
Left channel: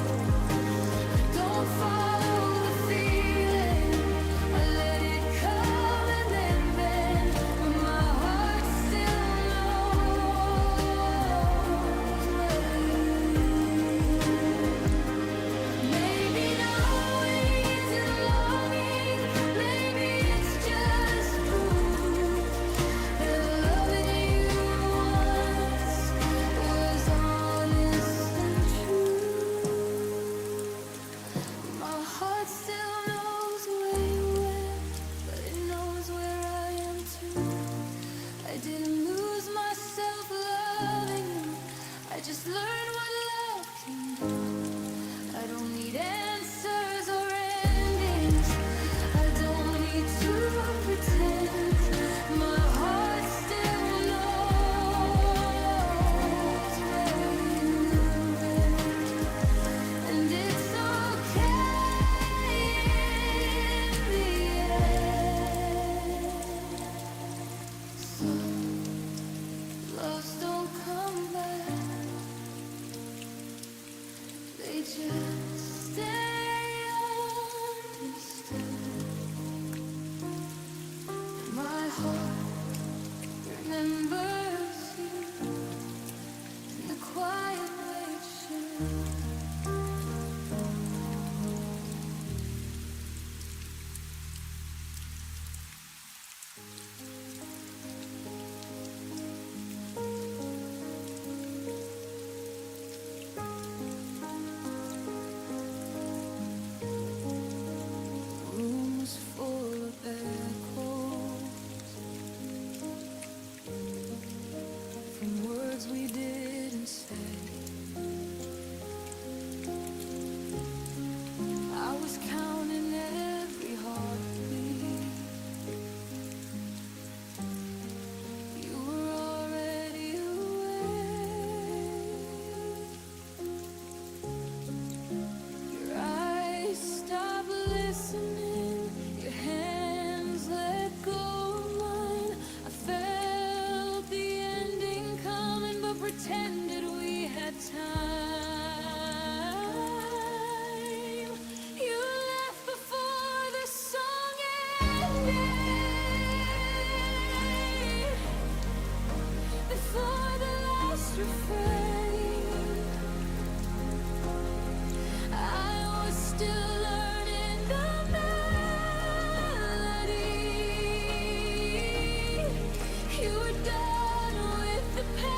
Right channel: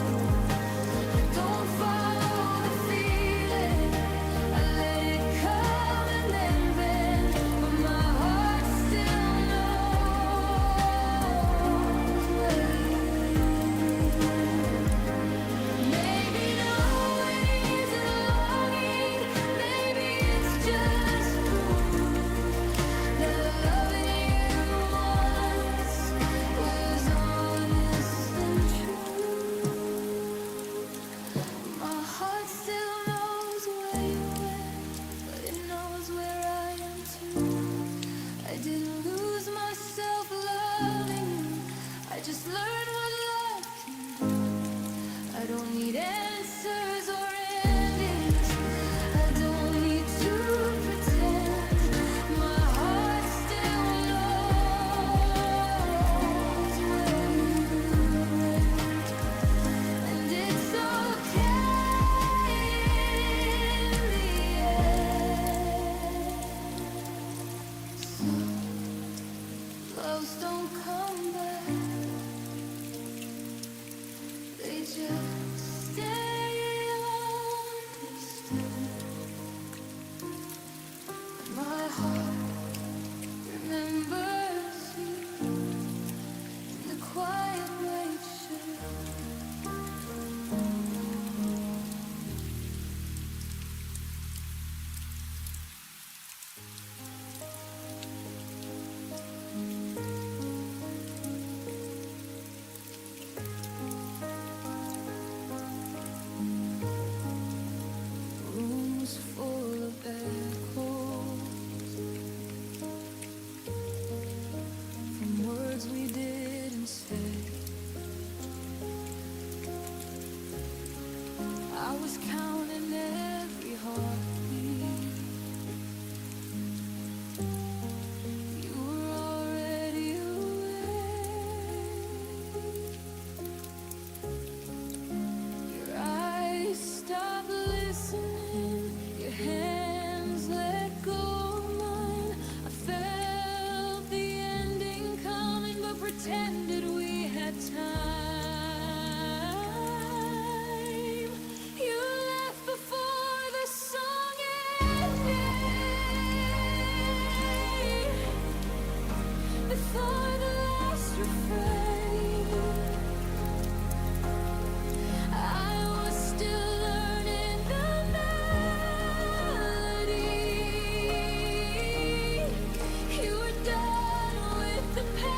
I don't follow the feeling, I let it come and then bend, but my heart still knows where you. Maybe knowing isn't longing, maybe it's just proof that loving you once was honest and true. My heart still knows where you went, but it knows where I am too. I didn't lose myself loving you, I just learned what love can do. I don't need answers or endings, I don't need to pretend. My heart still knows where you went, and it's okay in the end. Some loves don't come back, they just stay understood. My heart remembers you in the quiet way it should. The room was full of echoes from words we didn't say. I was counting every heartbeat. You were already away. Your eyes stopped listening, your hands let go of mine. I felt the ending coming, but pretended we had time. You left before the song ended, before the last refrain. I was still learning the melody. You were done with the pain.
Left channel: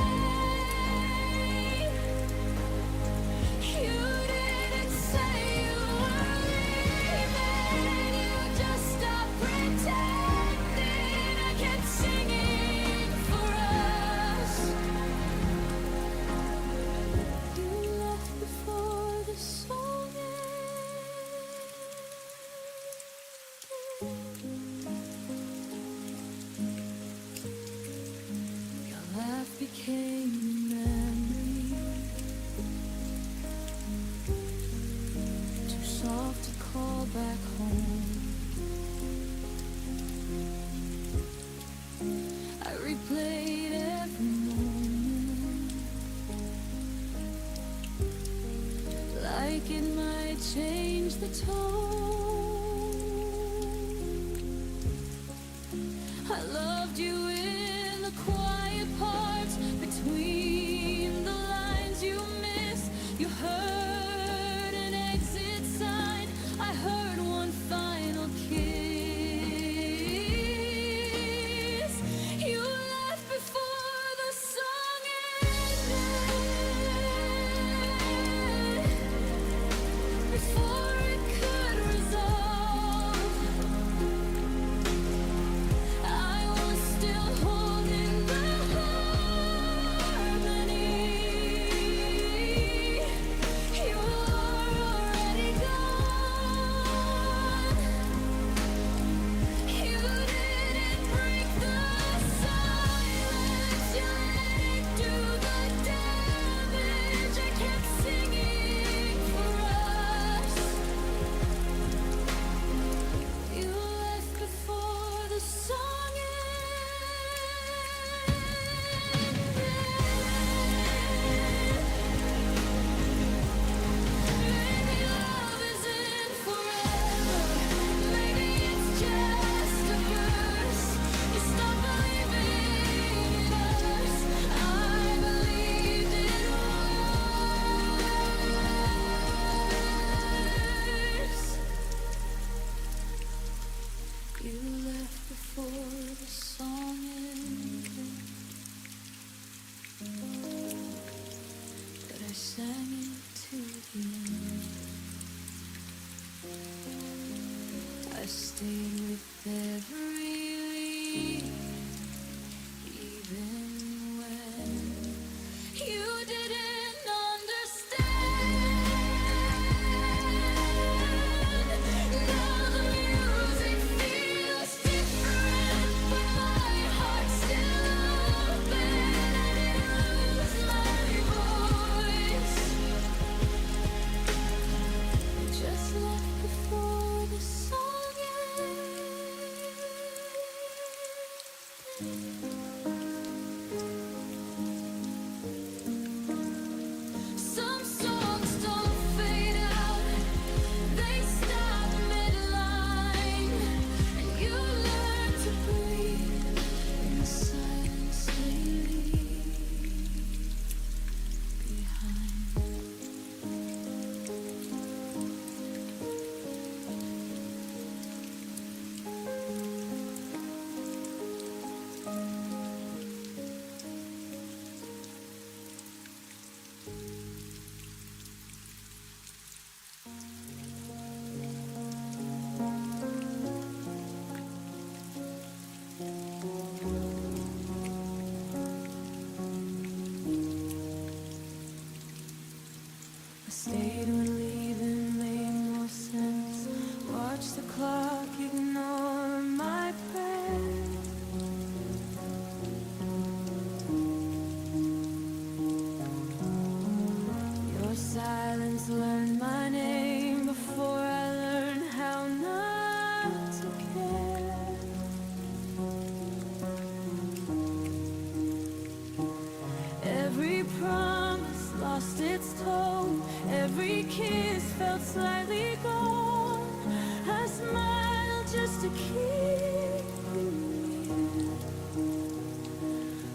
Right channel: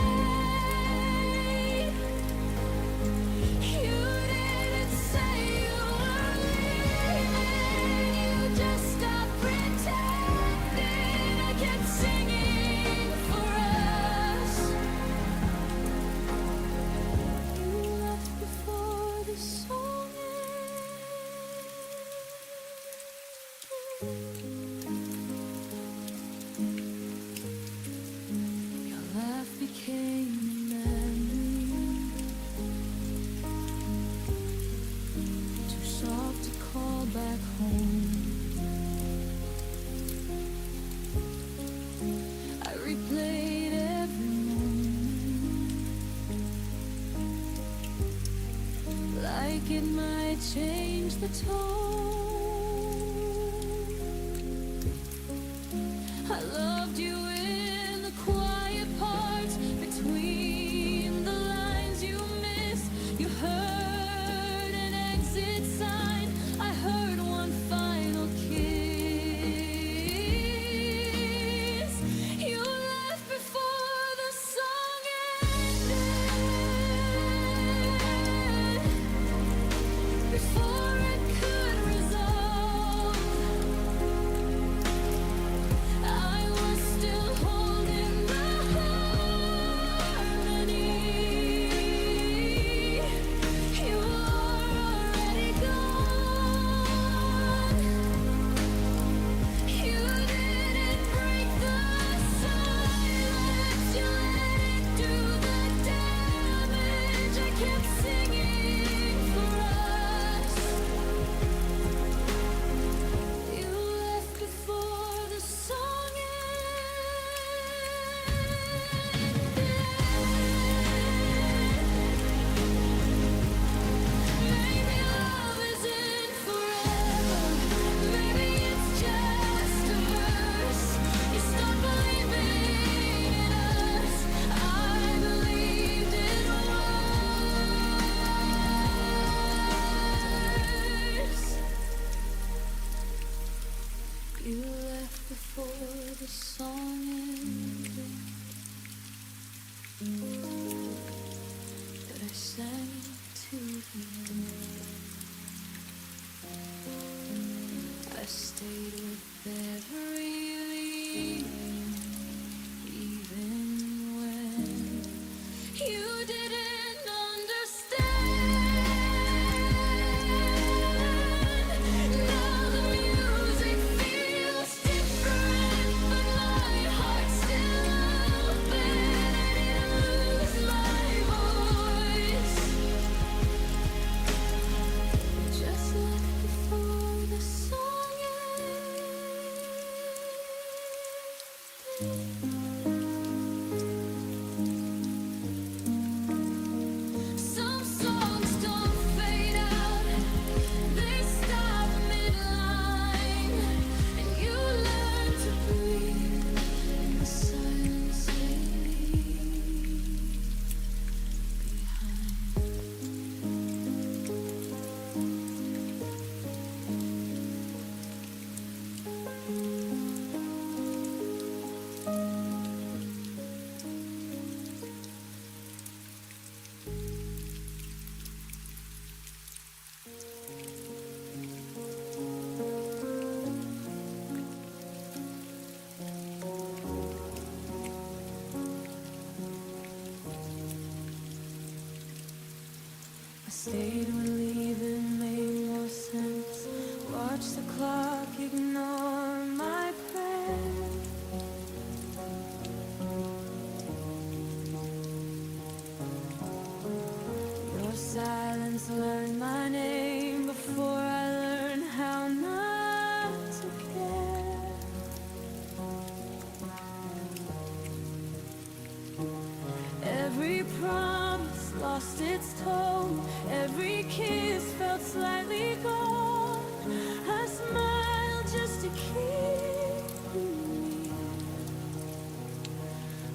You didn't say you were leaving, you just stopped pretending. I kept singing for us. You left before the song ended. Your laugh became a memory, too soft to call back home. I replayed every moment, like it might change the tone. I loved you in the quiet parts between the lines you missed. You heard an exit sign, I heard one final kiss. You left before the song ended. sang it to the end. I stayed with every lead, even when you didn't understand. Now the music feels different, but my heart's still open. I didn't lose my voice, you just left before the song ended. Some songs don't fade out, they stop midline, and you learn to breathe in the silence they leave behind. I stayed when leaving made more sense. Watch the clock ignore my prayer. Your silence learned my name before I learned how not to care. Every promise lost its tone, every kiss felt slightly gone. I smiled just to keep you near,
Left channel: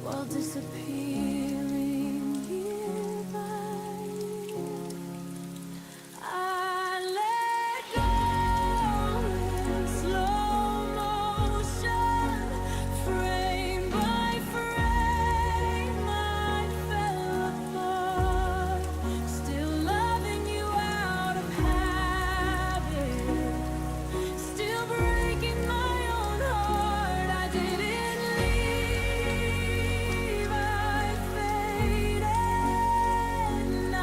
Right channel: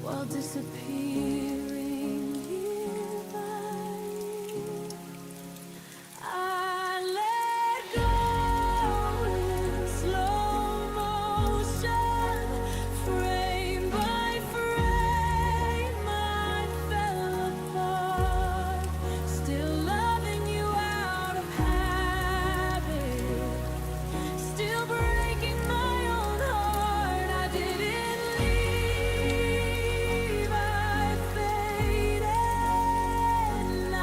while disappearing year by year. I let go in slow motion, frame by frame I fell apart, still loving you out of habit, still breaking my own heart. I didn't leave, I faded, and I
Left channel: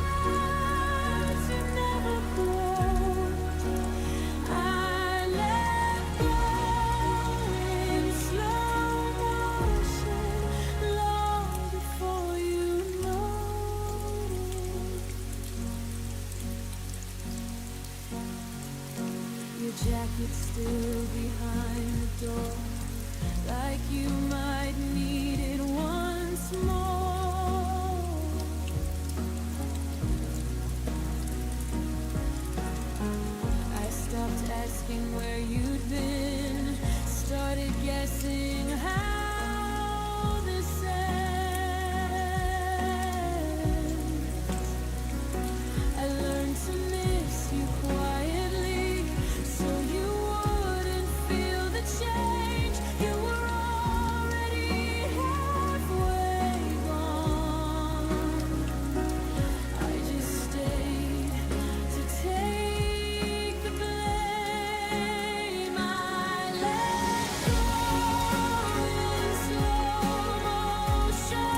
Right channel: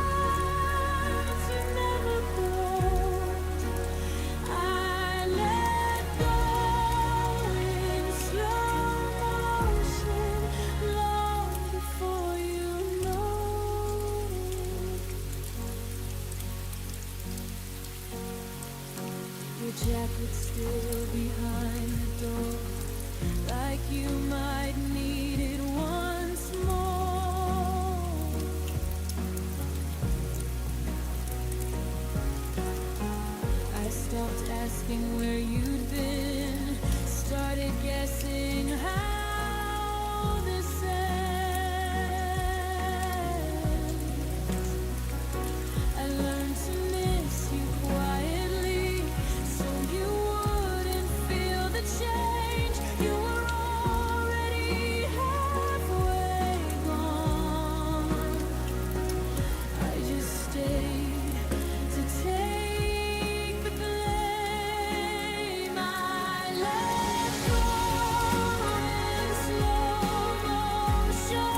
watched you never grow. I let go in slow motion long before you noticed. Your jacket still behind the door, like you might need it once more. I stopped asking where you'd been, started guessing how this ends. I learned to miss you quietly, so you wouldn't feel the change. You were already halfway gone. I just stayed to take the blame. I let go in slow motion.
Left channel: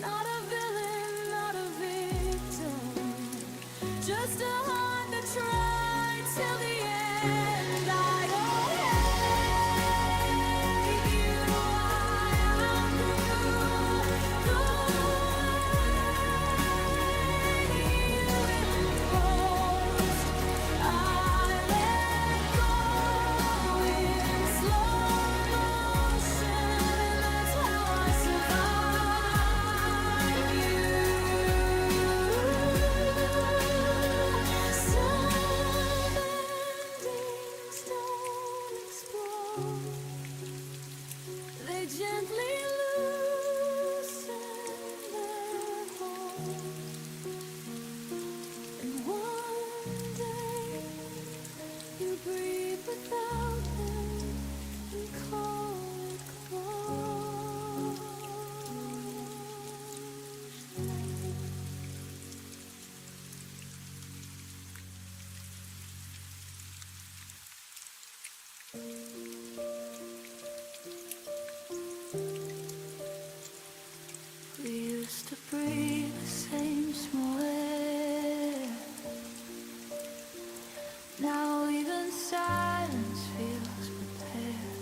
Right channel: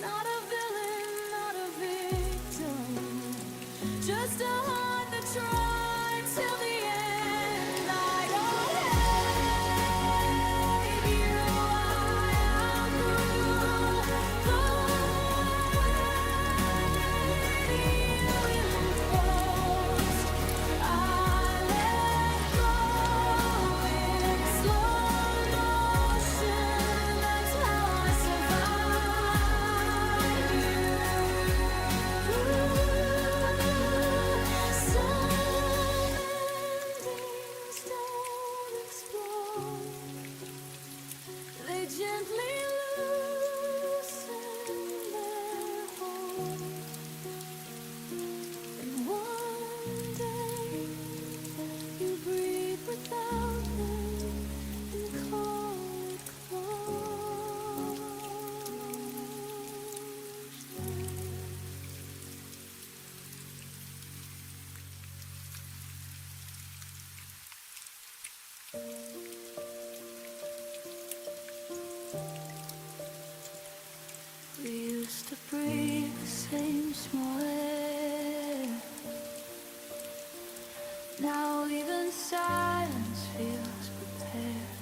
Not a villain, not a victim, just a heart that tried till the end. I don't hate you, I outgrew the way that you imposed. I let go in slow motion, and that's how I survive you. Some endings don't explode, they gently loosen their hold. And one day you breathe without them and call it closure. We used to breathe the same small air. Now even silence feels prepared.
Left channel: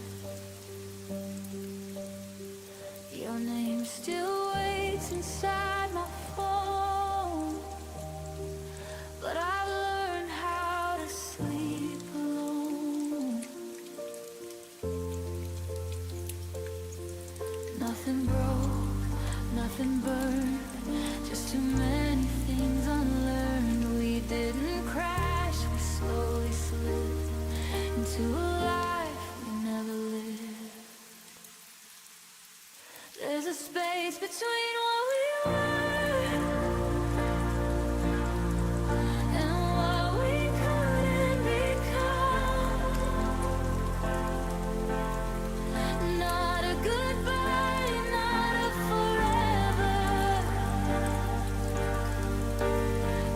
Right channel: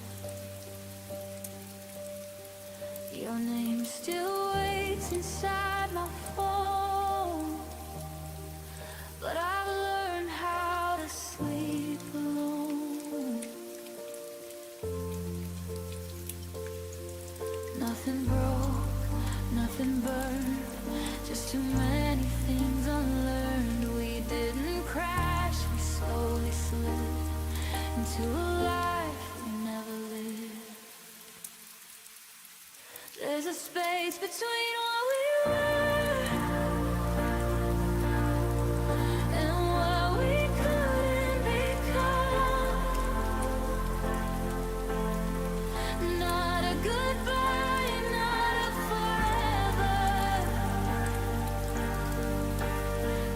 Your name still waits inside my phone, but I've learned how to sleep alone. Nothing broke, nothing burned, just too many things unlearned. We didn't crash, we slowly slid into a life we never lived. There's a space between what we were and what we couldn't become. Not a goodbye, not a forever,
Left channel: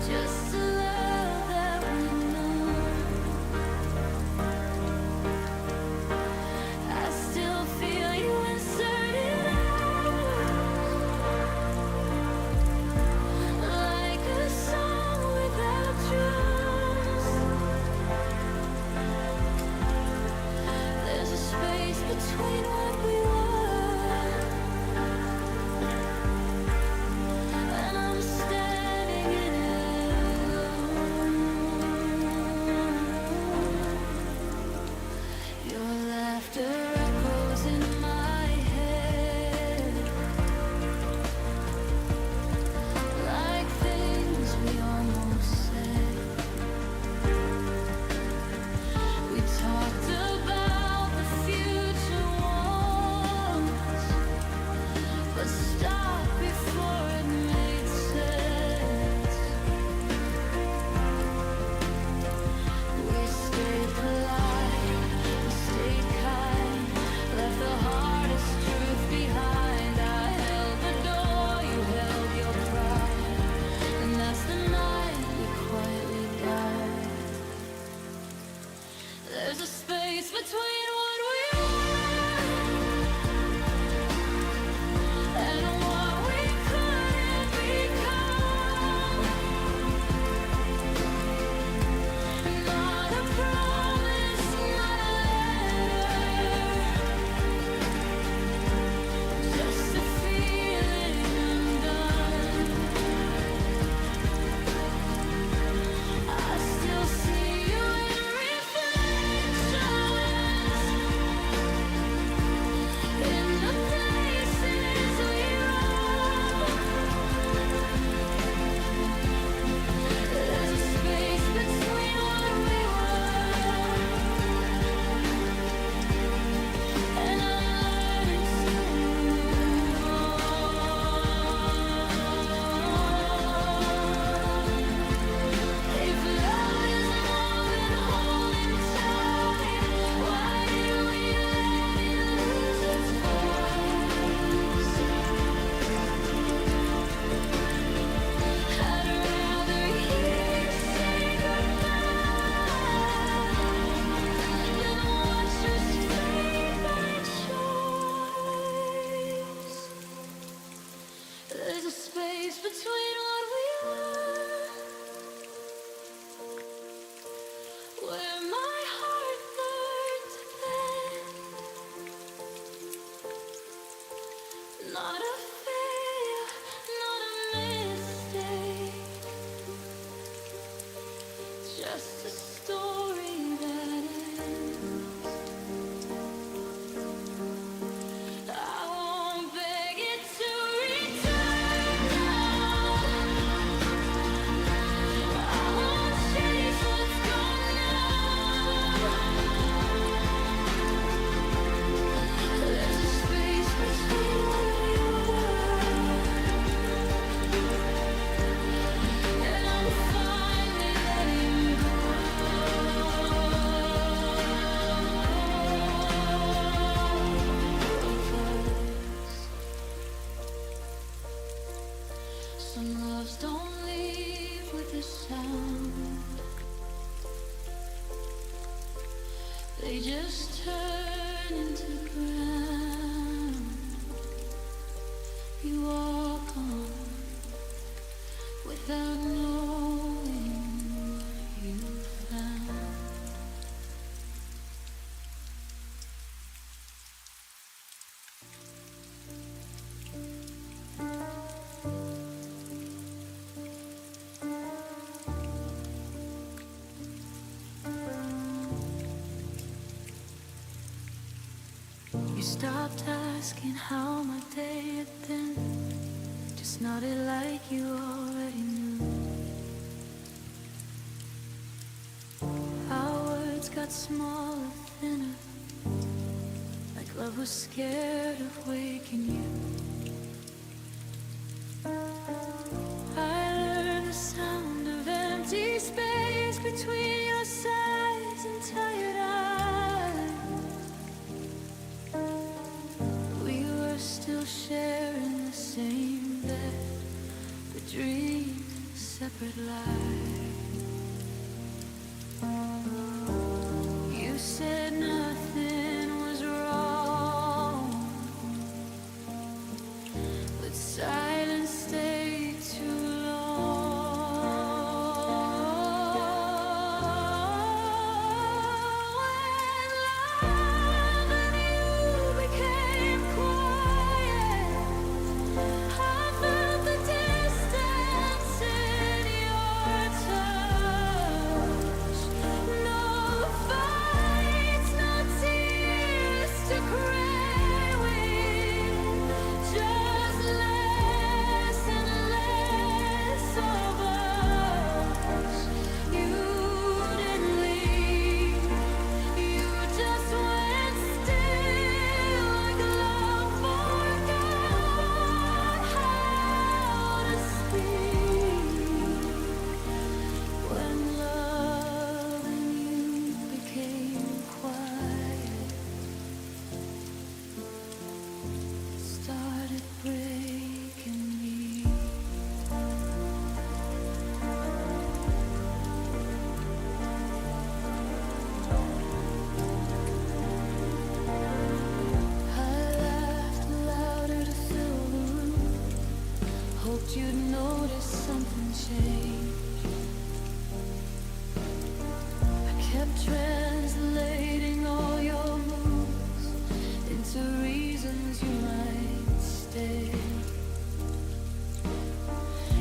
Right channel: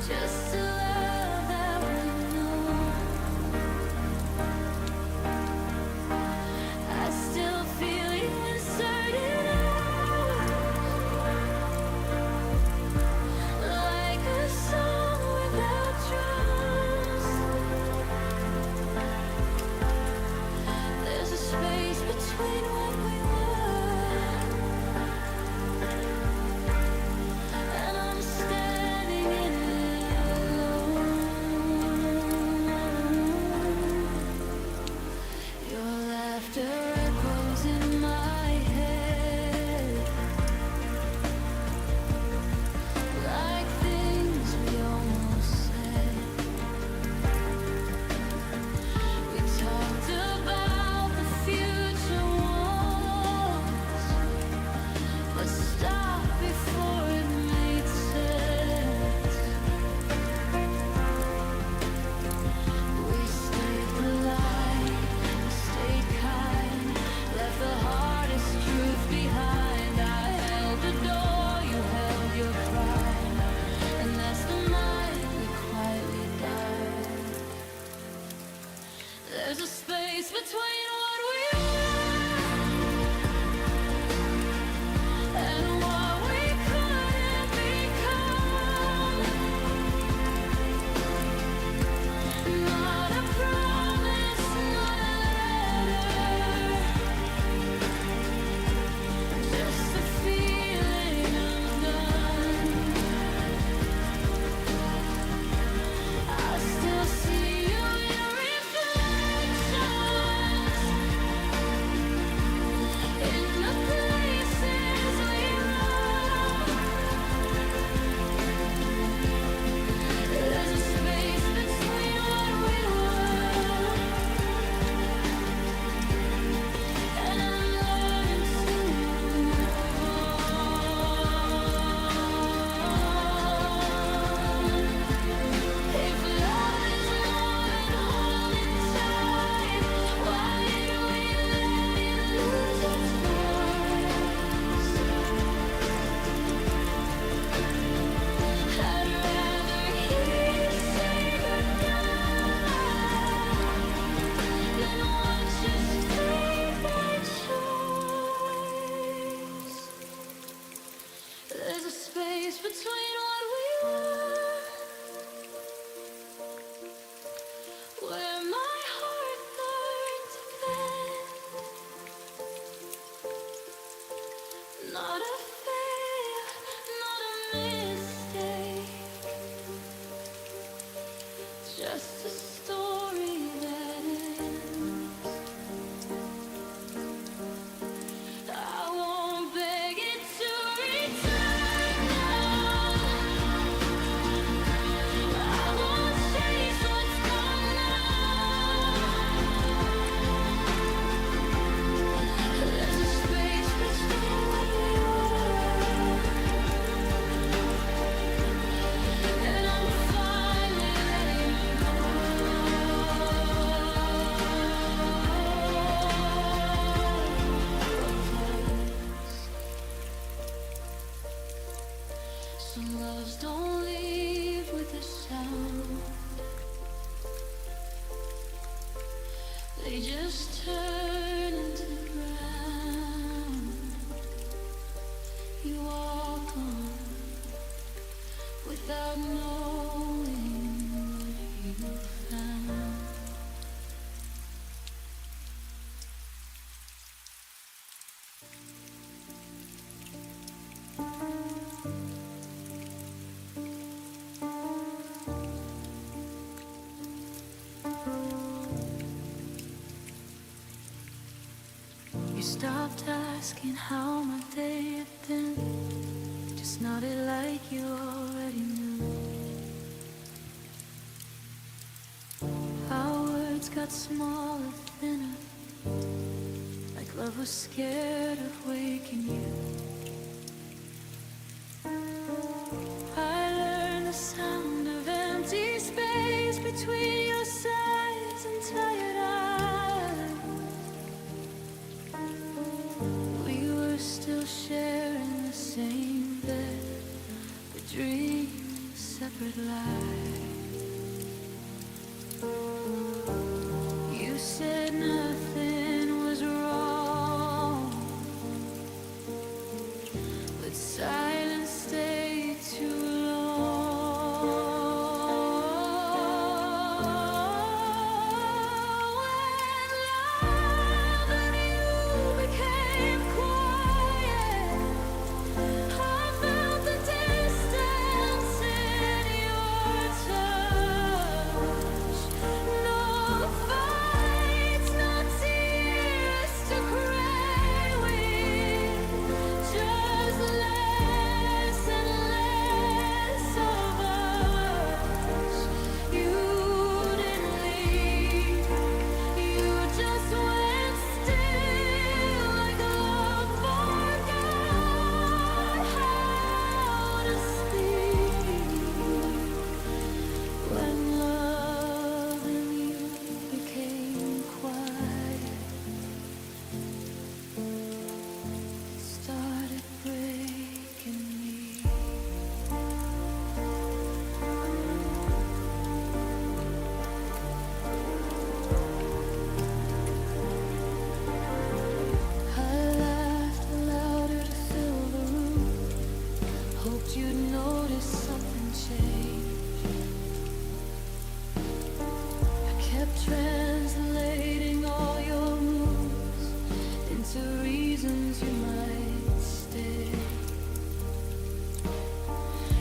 just a love that we know. I still feel you inserted out, like a song without drums. There's a space between what we were, and I'm standing in it alone. Your laughter echoes in my head, like things we almost said. We talked about the future once, but stopped before it made sense. We stayed polite, we stayed kind, left the hardest truth behind. I held the door, you held your pride, and that's the night we quietly died. There's a space between what we were and what we couldn't become. Not a promise, not a letter, just a feeling undone. I still see you in reflections, in the places we run. There's a space between what we were, and I'm learning to move on. between what we were, where my heart learned to bend. Not a failure, not a mistake, just a story that ends. I won't beg it to return now. I won't chase what's gone now. There's a space between what we were, and I'm finally letting go of us. Some loves don't leave with a sound, they just turn into ground. You walk on without knowing what you found. You stopped asking how my day had been, just nodded like you already knew. Our words got smaller, thinner, like love was scared of waking you. I learned the sound of empty space between your sighs and tired eyes. We were still sharing the same bed, but dreaming separate lives. You said nothing was wrong, but silence stayed too long. When love and you became quiet, I felt the distance in your touch. No fights, no tears to cry with, just less and less of us. You didn't leave, you just went still, like love forgot how to speak. When love and you became quiet, it started breaking me. I laughed louder to fill the room, hoped you'd notice something changed. I kept translating all your moves into reasons you might stay.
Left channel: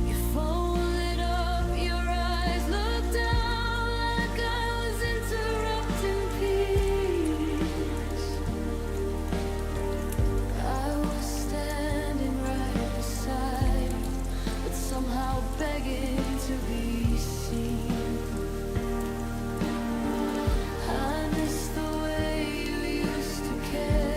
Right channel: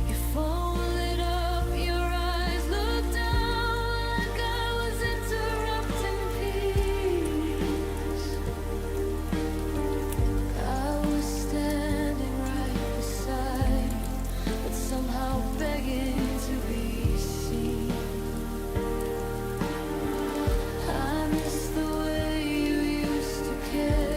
You folded up your eyes, looked down like I was interrupting peace. I was standing right beside you, but somehow begging to be seen. I miss the way you used to care.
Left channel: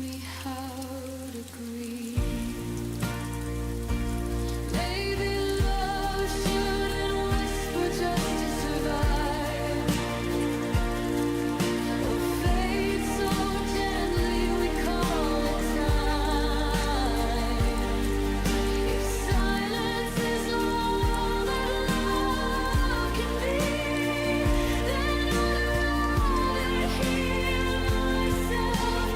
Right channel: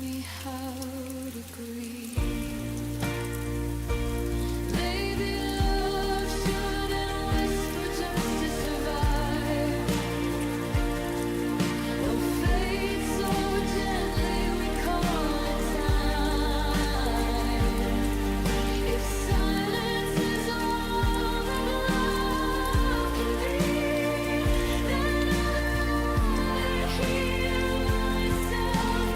me how to grieve. Maybe love shouldn't whisper just to survive, or fade so gently we call it time. If silence is all that love can be, then I'd rather hear myself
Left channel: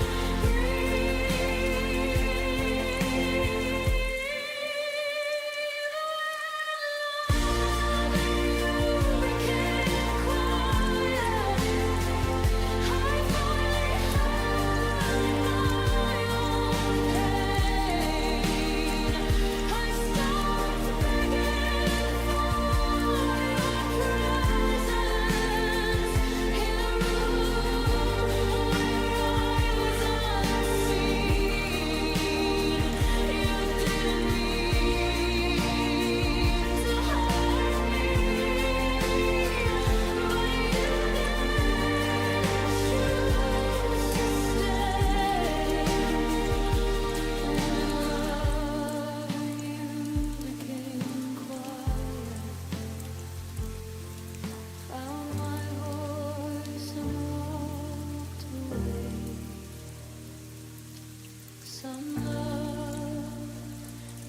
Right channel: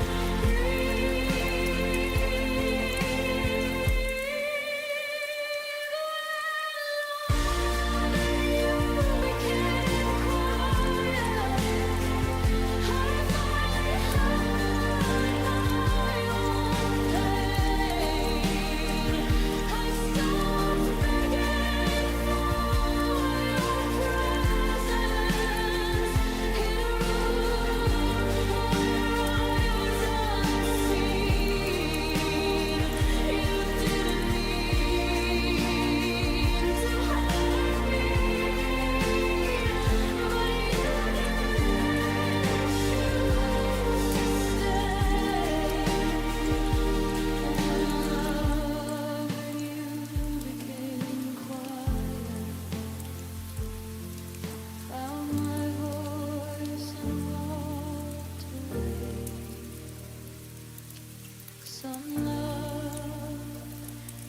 some love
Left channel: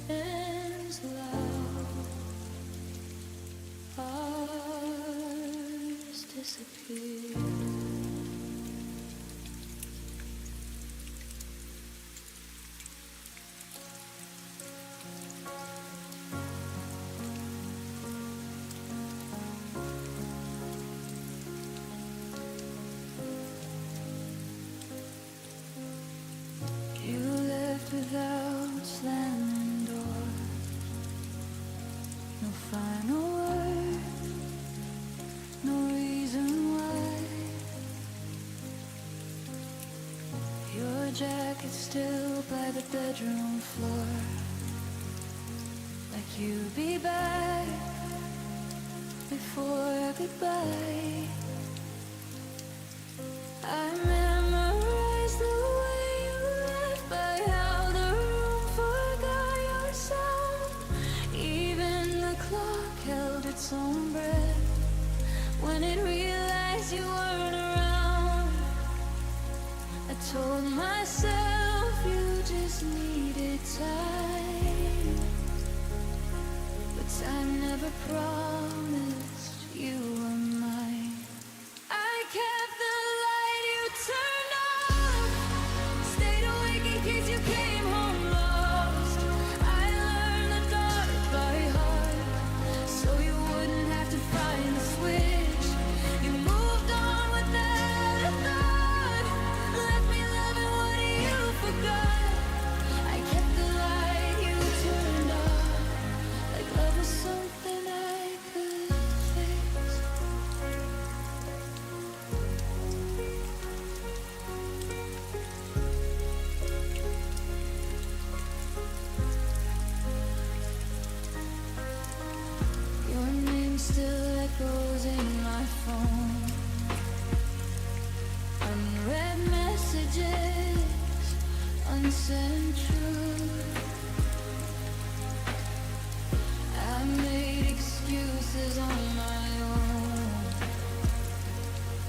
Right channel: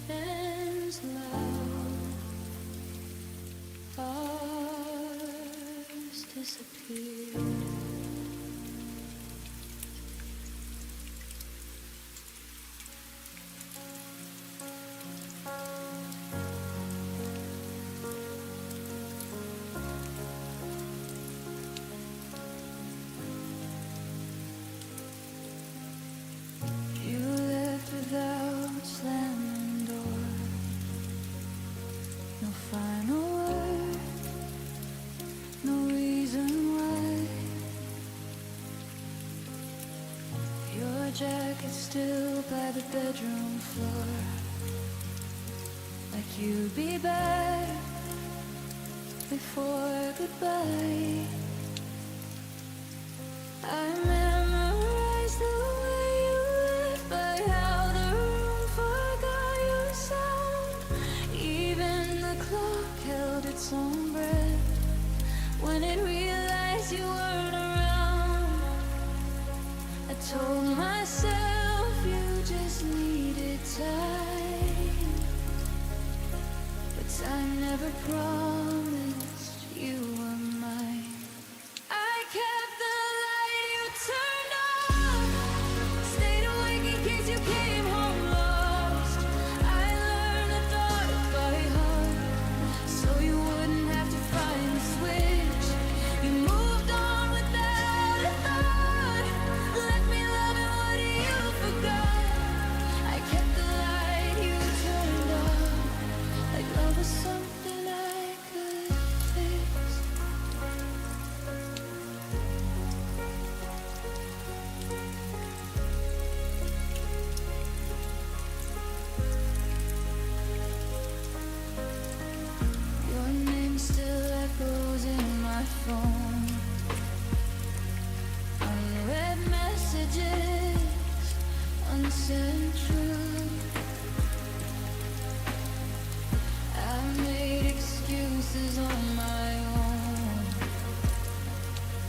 ends loud, ours disappear. You left without slamming doors, no final word, no reason why. Your jacket still by the bedroom floor, like you'd be back before goodbye. I memorized the way you left, by how the room forgot your sound. Even the clock held its own breath when it realized you weren't around. I told myself you just needed time, but time never promised you were mine. I kept the light you turned off, stayed awake in case you came home lost. I learned the dark by heart, so you wouldn't have to find the switch. You moved on without a thought, left me loving what you forgot. I kept the light you turned off, like love was something I could fix. Your name still echoes in my phone, unread messages, unsent truth. I made excuses on my own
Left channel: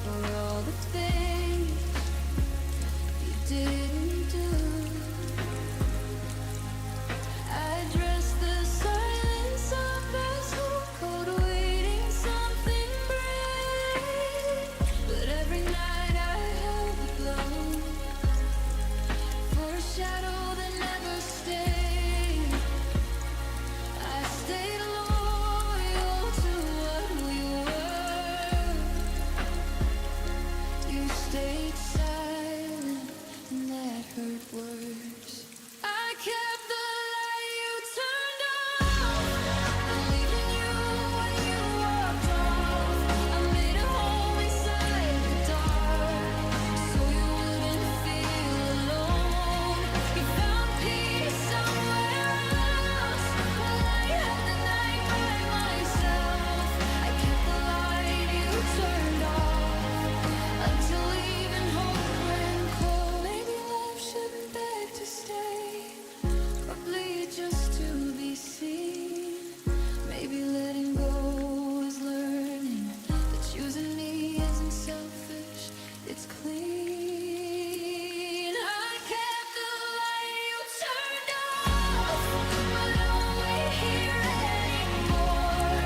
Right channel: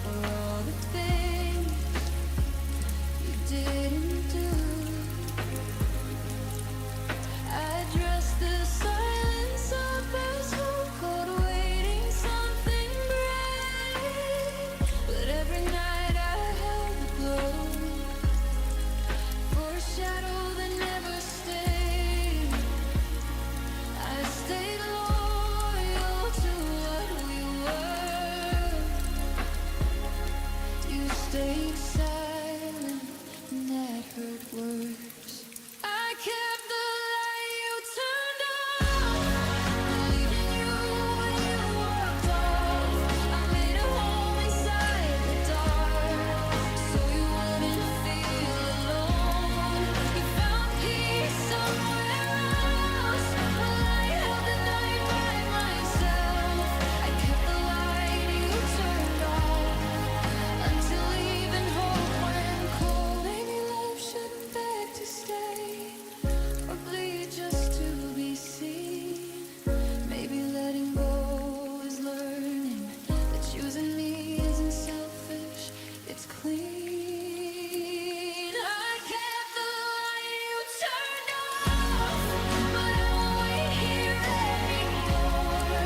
for all the things you didn't do. I dressed the silence up as hope, cold waiting something brave. But every night I held the glow for a shadow that never stayed. I stayed loyal to what we were. You stayed silent, and that hurt worse. I kept the light you turned off, believed in you when you walked off. I made a home inside the dark, so you wouldn't feel alone. You found peace somewhere else, while I held the night by myself. I kept the light you turned off, until even hope went cold. Maybe love shouldn't or bleed just to be seen. Maybe letting go is learning that choosing me isn't selfish, it's clean. I kept the light you turned off, but I won't wait here anymore.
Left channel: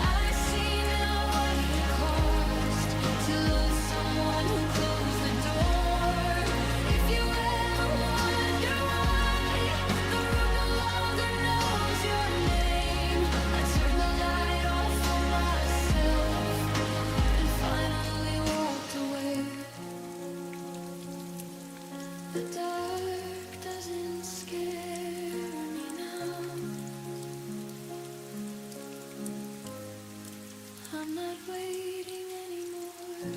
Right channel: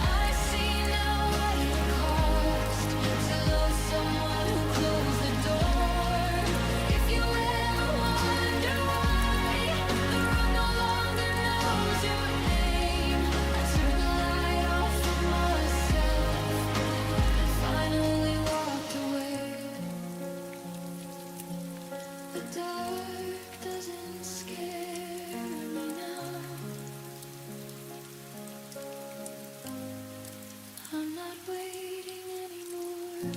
I see now what it cost to love someone who closed the door. If you ever wonder why the room no longer knows your name, I turned the light off for myself and finally walked away. The dark doesn't scare me now. I'm not waiting anymore.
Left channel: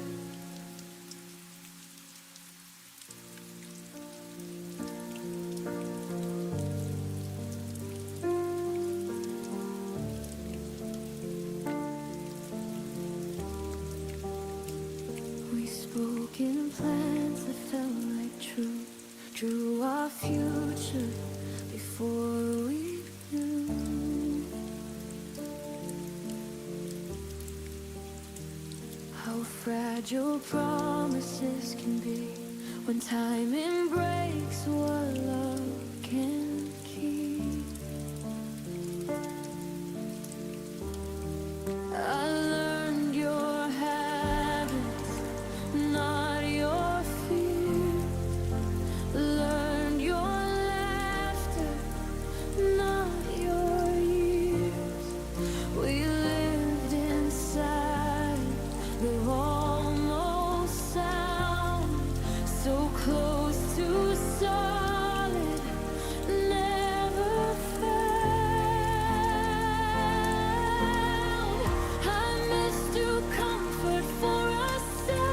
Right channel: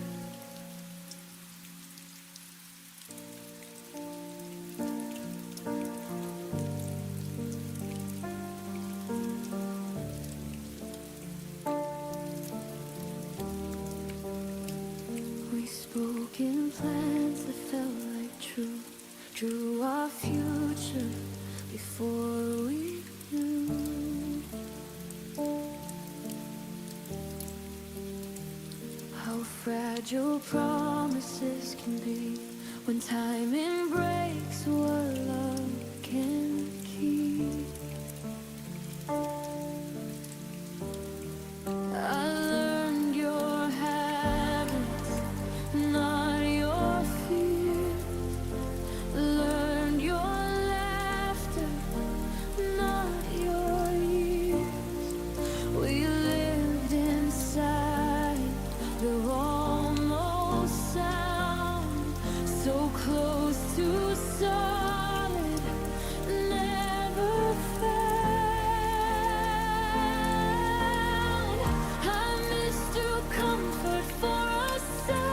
We spoke in plans that felt like truth, drew our future before we knew how fragile promises can be when timing breaks what love can keep. I learned your habits, not your fears. Learned your laughter, not your years. We lived inside the almost sound, so close to solid, never found. I mistook comfort for a sign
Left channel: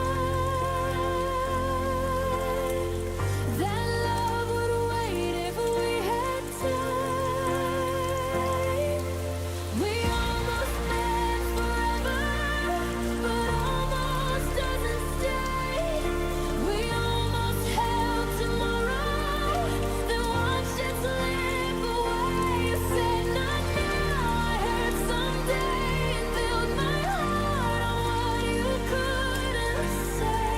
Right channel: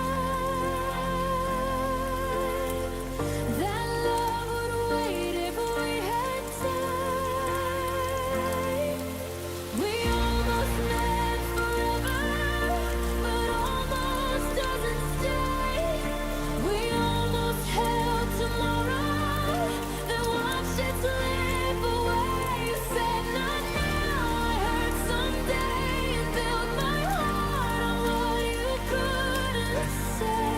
that love would wait if we had time. We almost met forever, but almost doesn't stay. We almost held tomorrow, then watched it slip away. You said not now, I heard someday, and built my heart on what you couldn't say.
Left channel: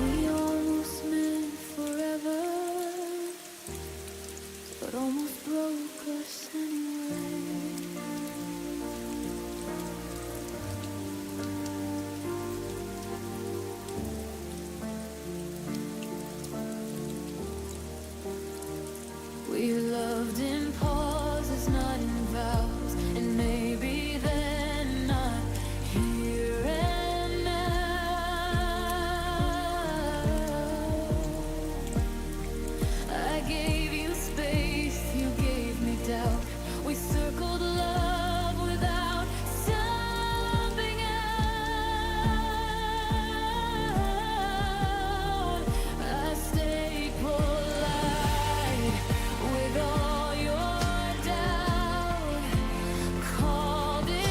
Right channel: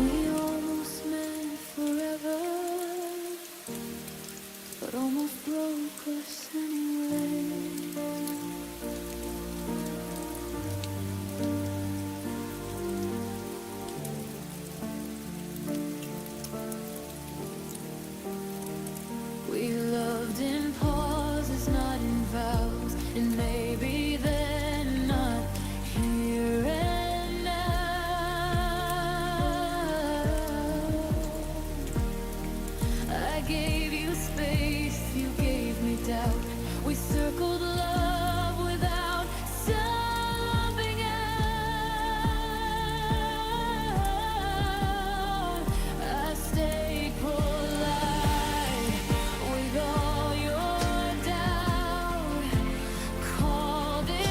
We almost meant forever, but almost broke us anyway. We loved in pauses, not in vows, and maybe then not here and now. I gave you space, you gave me doubt. We circled love without stopping out. I stayed polite with all your doubt, called it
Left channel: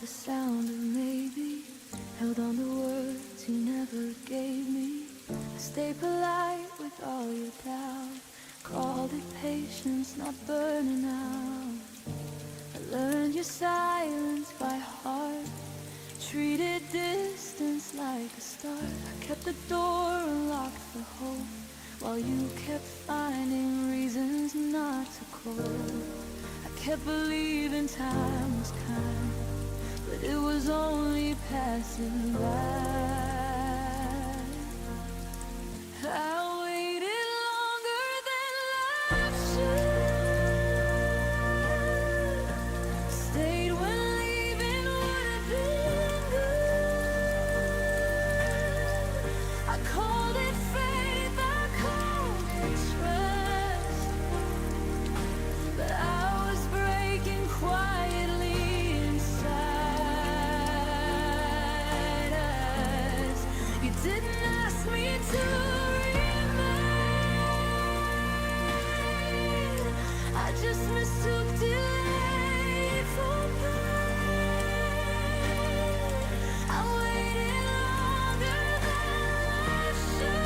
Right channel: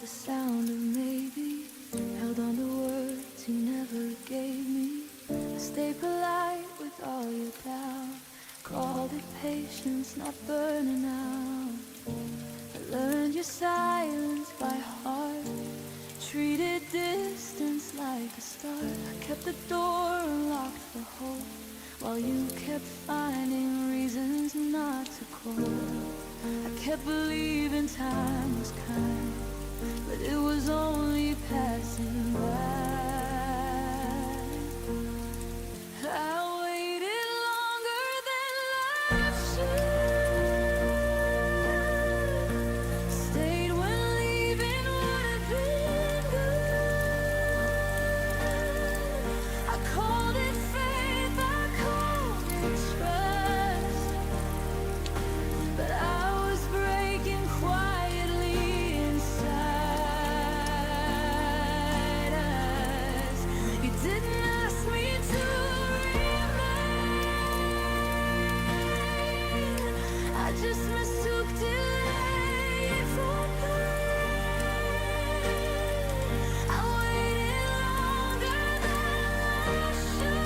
the sound of maybe. Held on to words you never gave me. I stayed polite with all your doubt. Called it patience, not burning out. I learned your silence by heart. Treated distance like a start. I kept the door unlocked for hope, while you kept finding reasons not to cope. I kept believing time was kind, but it was only passing by. I waited longer than life should. Stayed when leaving would have been good. I called it faith, I called it trust, but I was breaking quietly inside us. You didn't ask me to remain. I just mistook delay for pain. I waited longer than I should,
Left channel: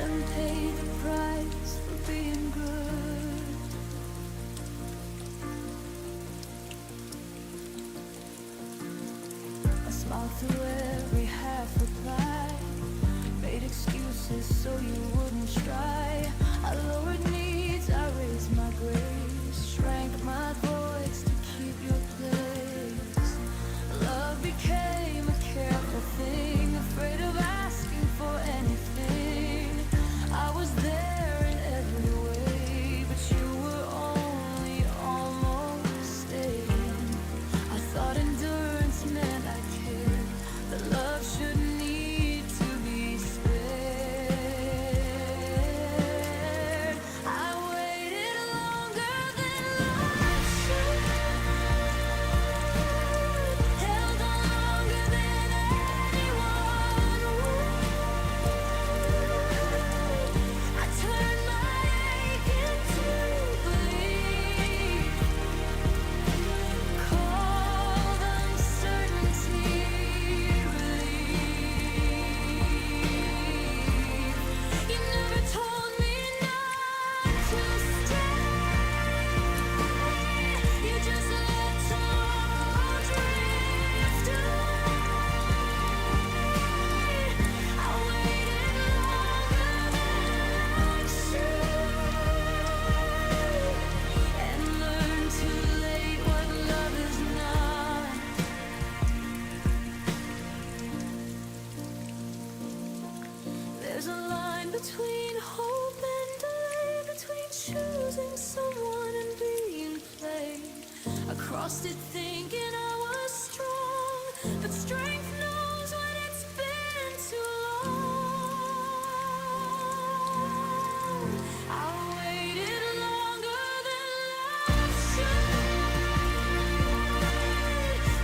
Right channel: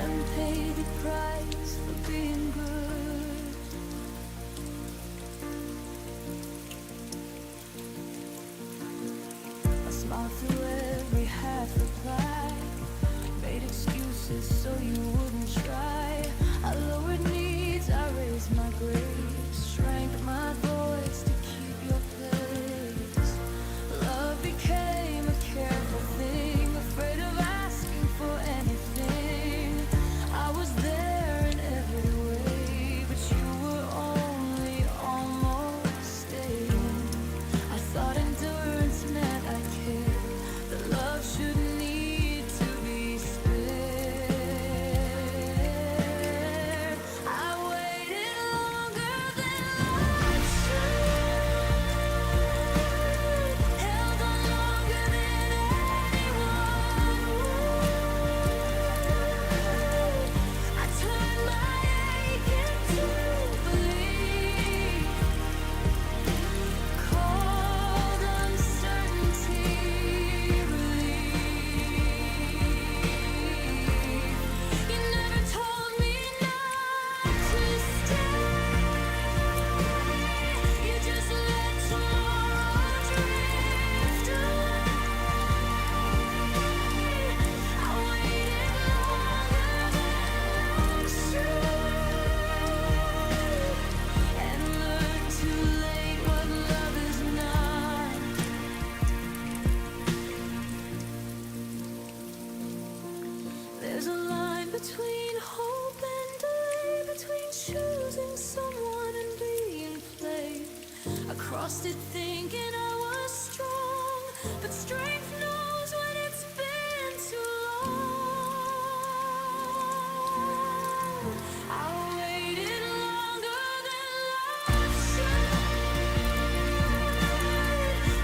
and paid the price for being good. I smiled through every half reply, made excuses so you wouldn't try. I lowered needs, I raised my grace, shrank my voice to keep your place. Love became a careful thing, afraid of asking for anything. I was there in every way, but you were only almost staying. I thought endurance meant I cared, but love shouldn't need to be spared. I waited longer than life should, held on longer than anyone would. I turned my ache into belief, called uncertainty relief. You never told me not to stay. You just let tomorrow drift away. I waited longer than life should, and learned too late what love is not. There's a line between hope and delay, between choosing someone and being played. I crossed it thinking I was strong, but strength knows when it's been too long. I waited longer than life should,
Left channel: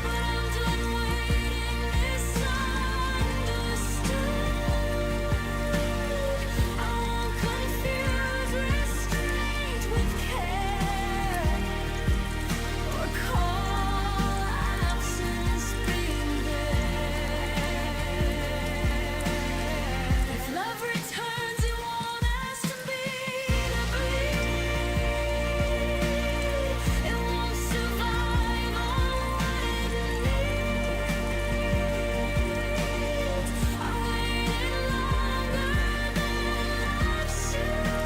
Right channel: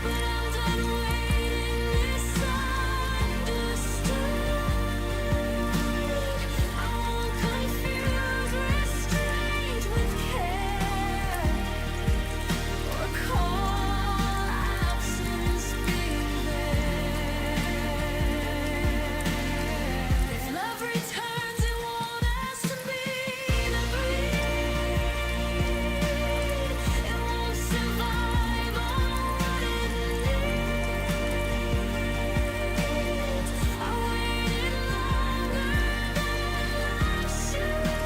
but I'm done waiting misunderstood. I won't confuse restraint with care, or call absence being there. If love returns, it won't ask to be to bleed. It won't survive on what it needs. I waited longer than life should.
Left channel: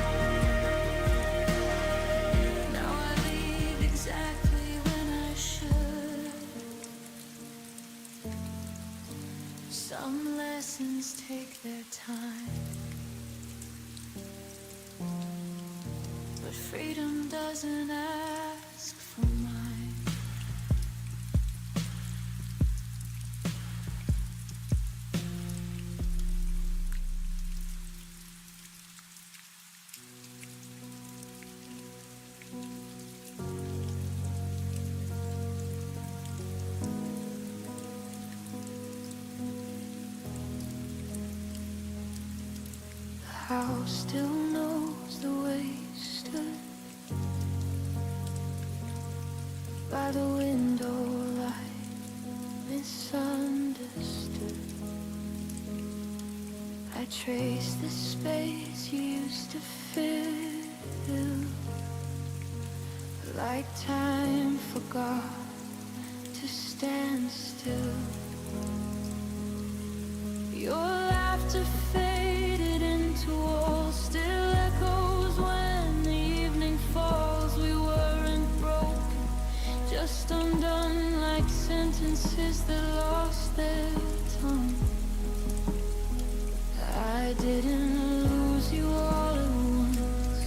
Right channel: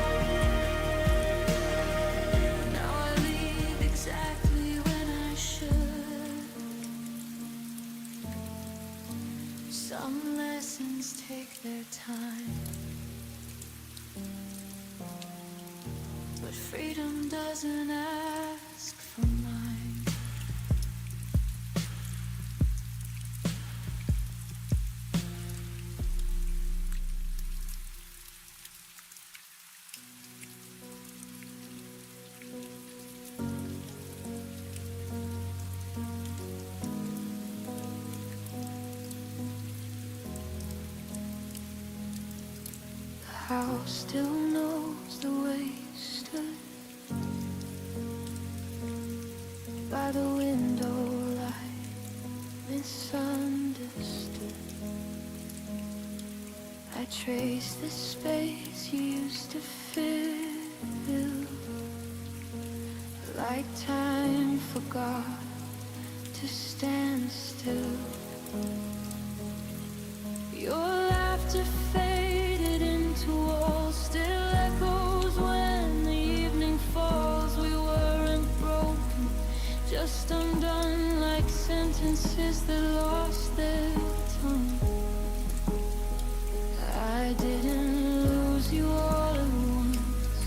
Now I leave exactly when I should. Some lessons take their time, but freedom doesn't ask for mine. The house still knows the way you stood. by the window light, misunderstood. I trace the space you used to fill, like time forgot to stand still. Your laughter faded into walls, still echoes when the evening falls. We weren't broken, just undone, like sentences that lost their tongue. I didn't lose you all at once.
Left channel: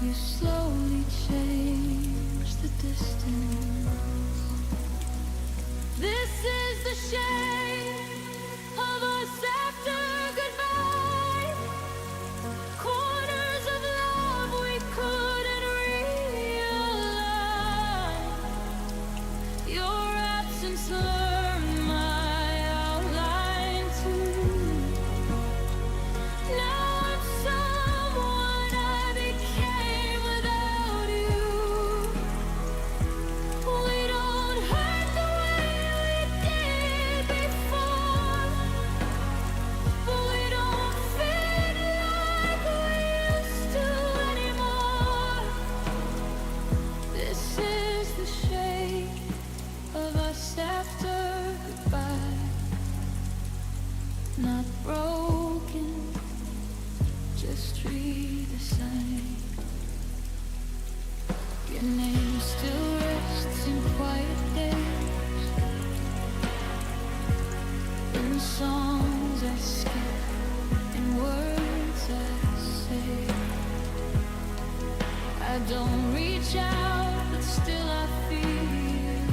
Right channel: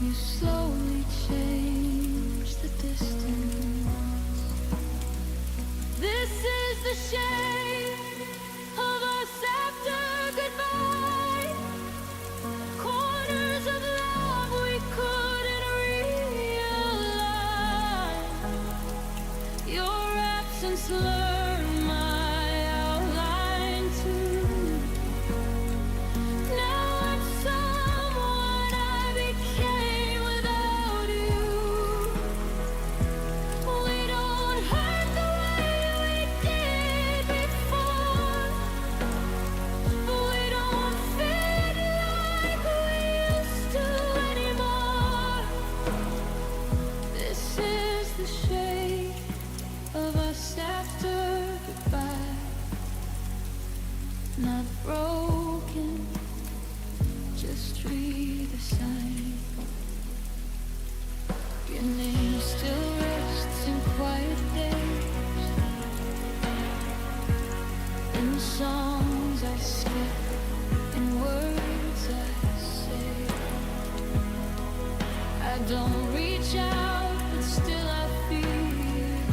You slowly changed the distance. This is the shape of us after goodbye. Corners of love we couldn't realign. Your absence blurred my outline too. Now I'm someone I became without you. We don't hurt the way we did before, but we don't fit like we used to anymore. This is the shape of us after goodbye. Not broken, just redesigned. Your name still rests in quiet days, in songs I skip, in words I say. I don't reach out, but still I feel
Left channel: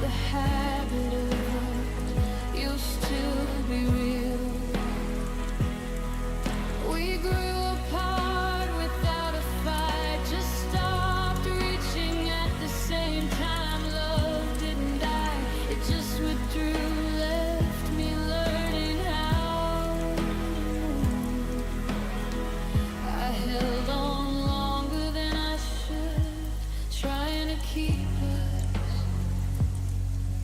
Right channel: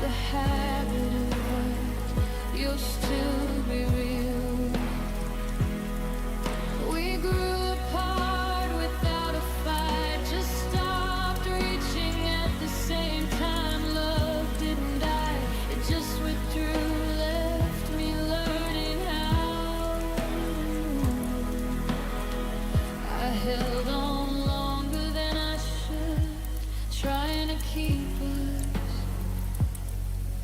the habit of us. You'll still be real. We grew apart without a fight, just stopped reaching at the same time. Love didn't die, it just withdrew, left me learning how to move. I held on longer than I should, trying to keep us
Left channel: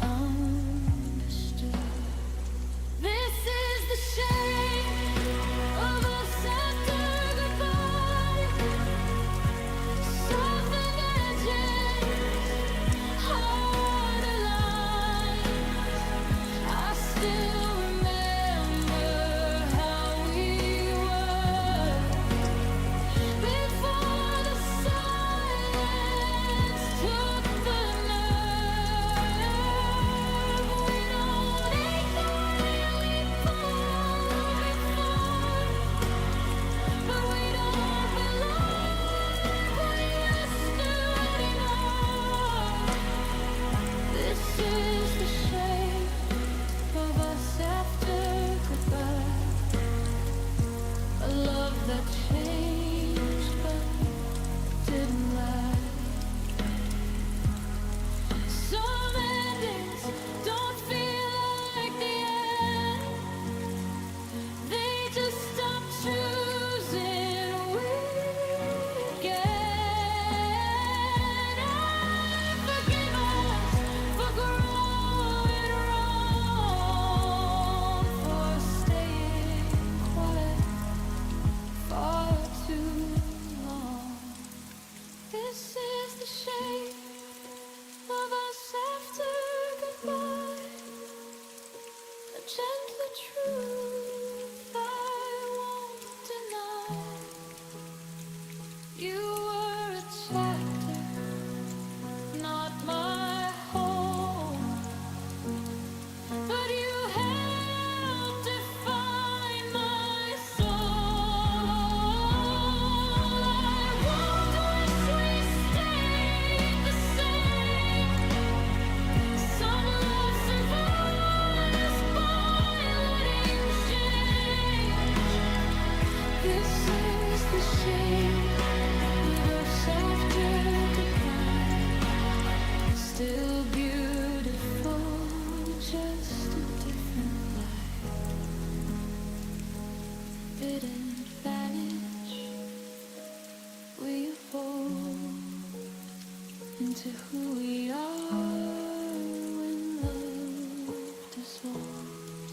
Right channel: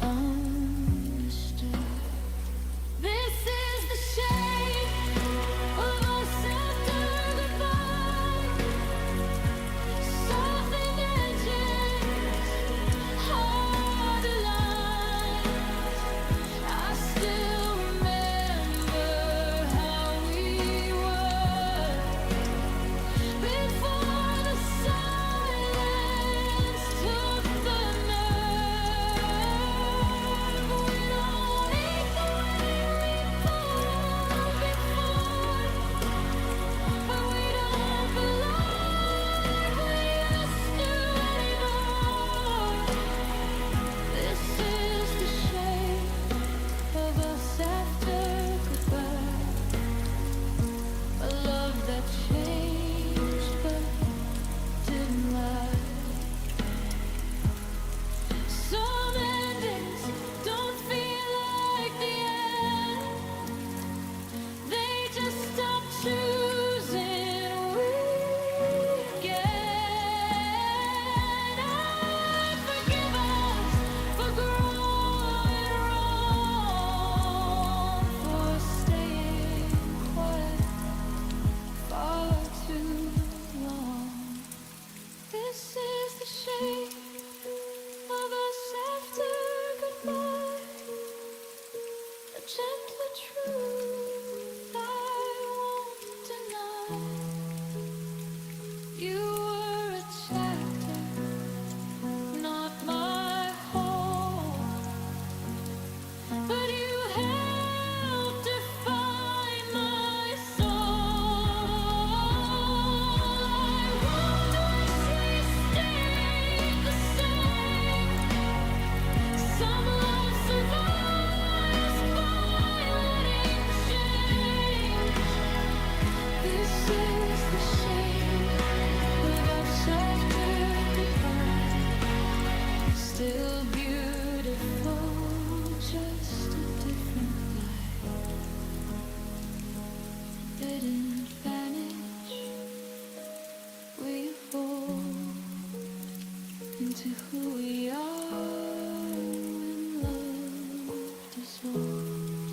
understood. This is the shape of us after goodbye. Softened edges, harder lines. I still remember how we were before the silence took the nerve. We don't ache the way we pulled before, but we don't belong like we used to anymore. This is the shape of us after goodbye. A love that changed but didn't lie. Some endings don't feel like the end, they just stop choosing. We again. I forgive us for growing wrong, for staying quiet far too long. This is the shape of us after goodbye. A gentler truth I won't deny. You were a chapter, not my home, but you helped define my soul. I won't wish we stayed the same. Some love survives by letting change. This is the shape of us after goodbye. Still beautiful, just a different light. Didn't vanish, we evolved. into who we are when love dissolves.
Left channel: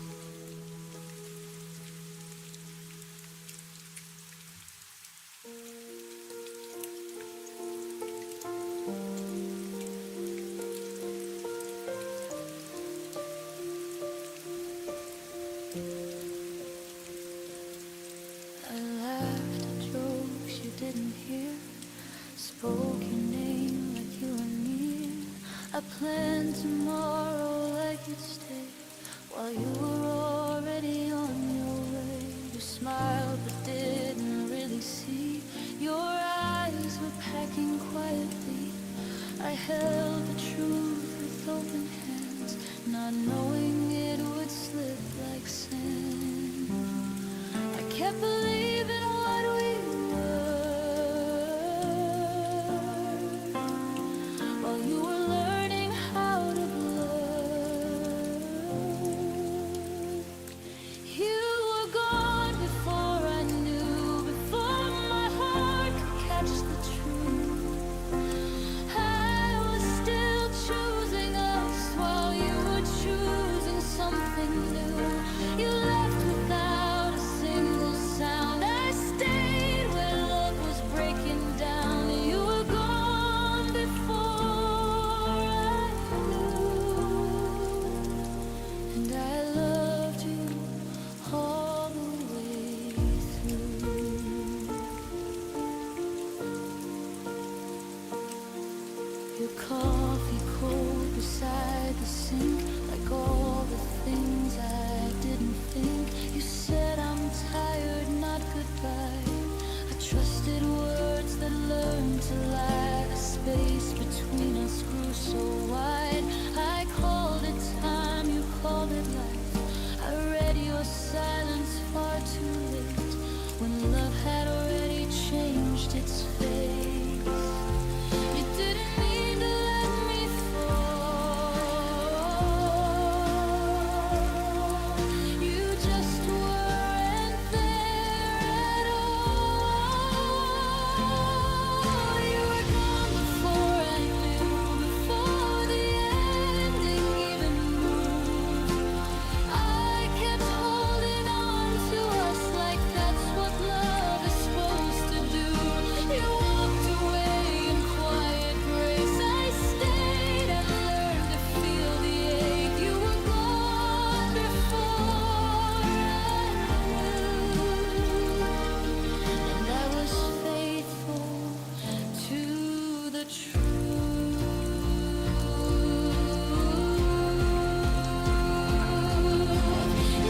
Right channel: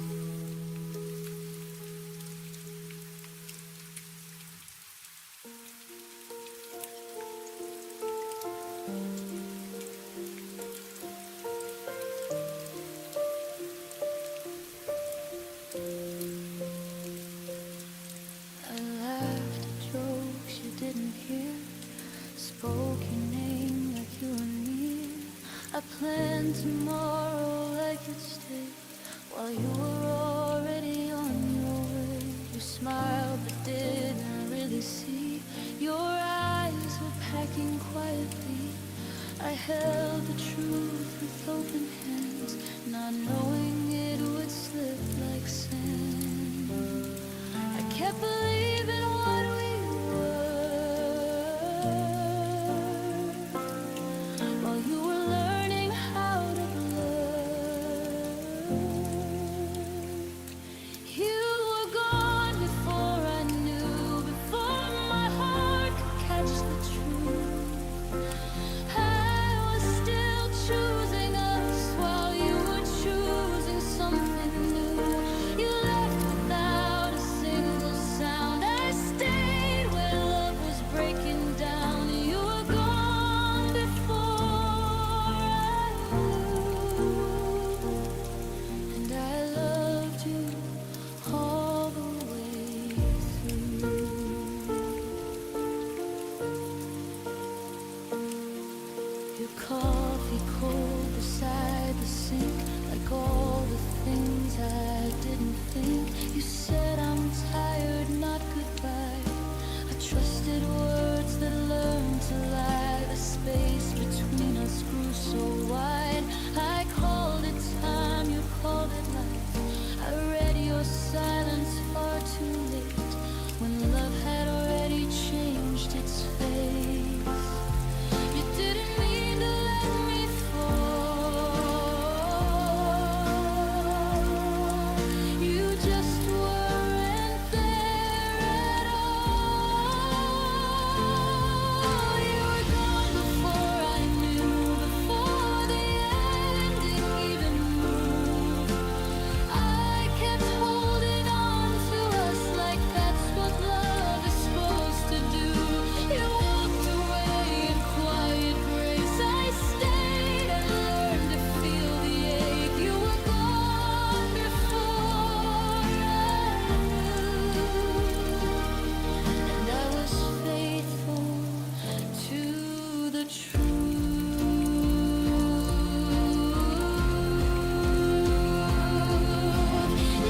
I laughed at jokes you didn't hear, spoke your name like you were near. I planned tomorrow like you'd stay while you were already on your way. You smiled but didn't really see. Your eyes were packing quietly. I held the truth with open hands, not knowing it would slip like sand. I kept believing what we were while you were learning how to blur. You were gone before I knew, before my heart could catch the truth. I was still choosing us while you were choosing something new. You left without a single sound. I stayed where love was breaking down. You were gone before I knew, and I loved you all the way through. Your coffee cold beside the sink, like all the things I didn't think. You said I'm tired, not goodbye. I trusted words that learned to lie. The space between us grew so wide. I called it time, you called it life. I read your silence far too late, when love had already changed its face. You didn't mean to let me fall. You just weren't there at all. You were gone before I knew, before the ending even moved. I kept holding on to us like that's what love is supposed to do. You walked away in quiet grace. I stayed and learned to feel the ache. You were gone before I knew, and I was faithful to the truth.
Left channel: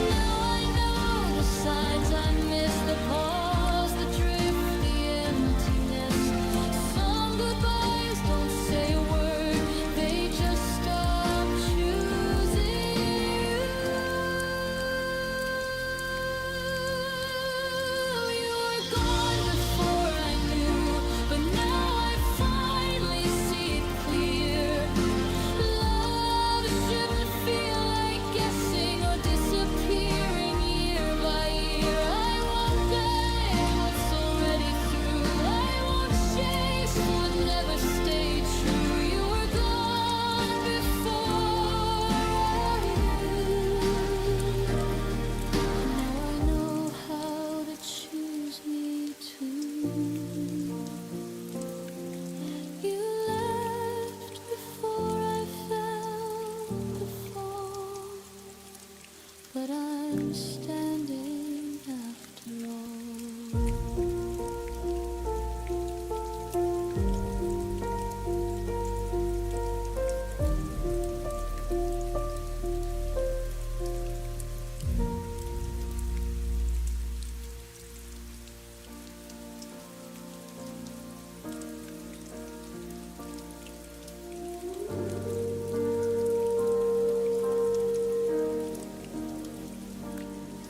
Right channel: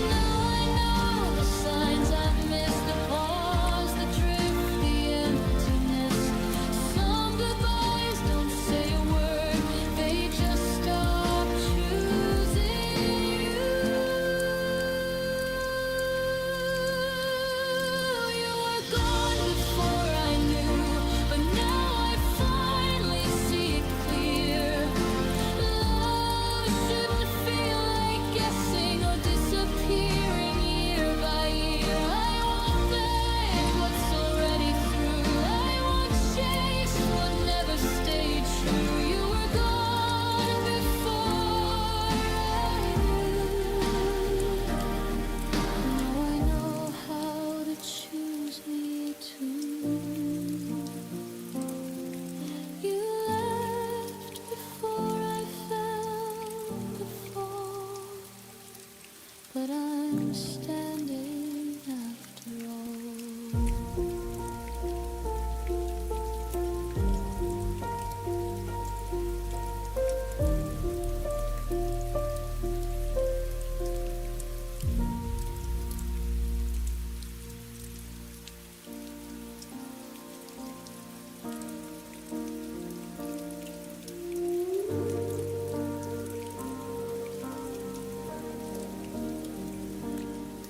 Now I know the signs I missed, the pause, the drift, the emptiness. Some goodbyes don't say a word, they just stop choosing you. You were gone before I knew, but now I finally see it clear. Love shouldn't feel like guessing or disappearing year by year. I won't beg what's already through. I won't chase what never stayed true. You were gone before I knew. Now I know how to choose me too. You left before I felt the fall, but I'm standing after all.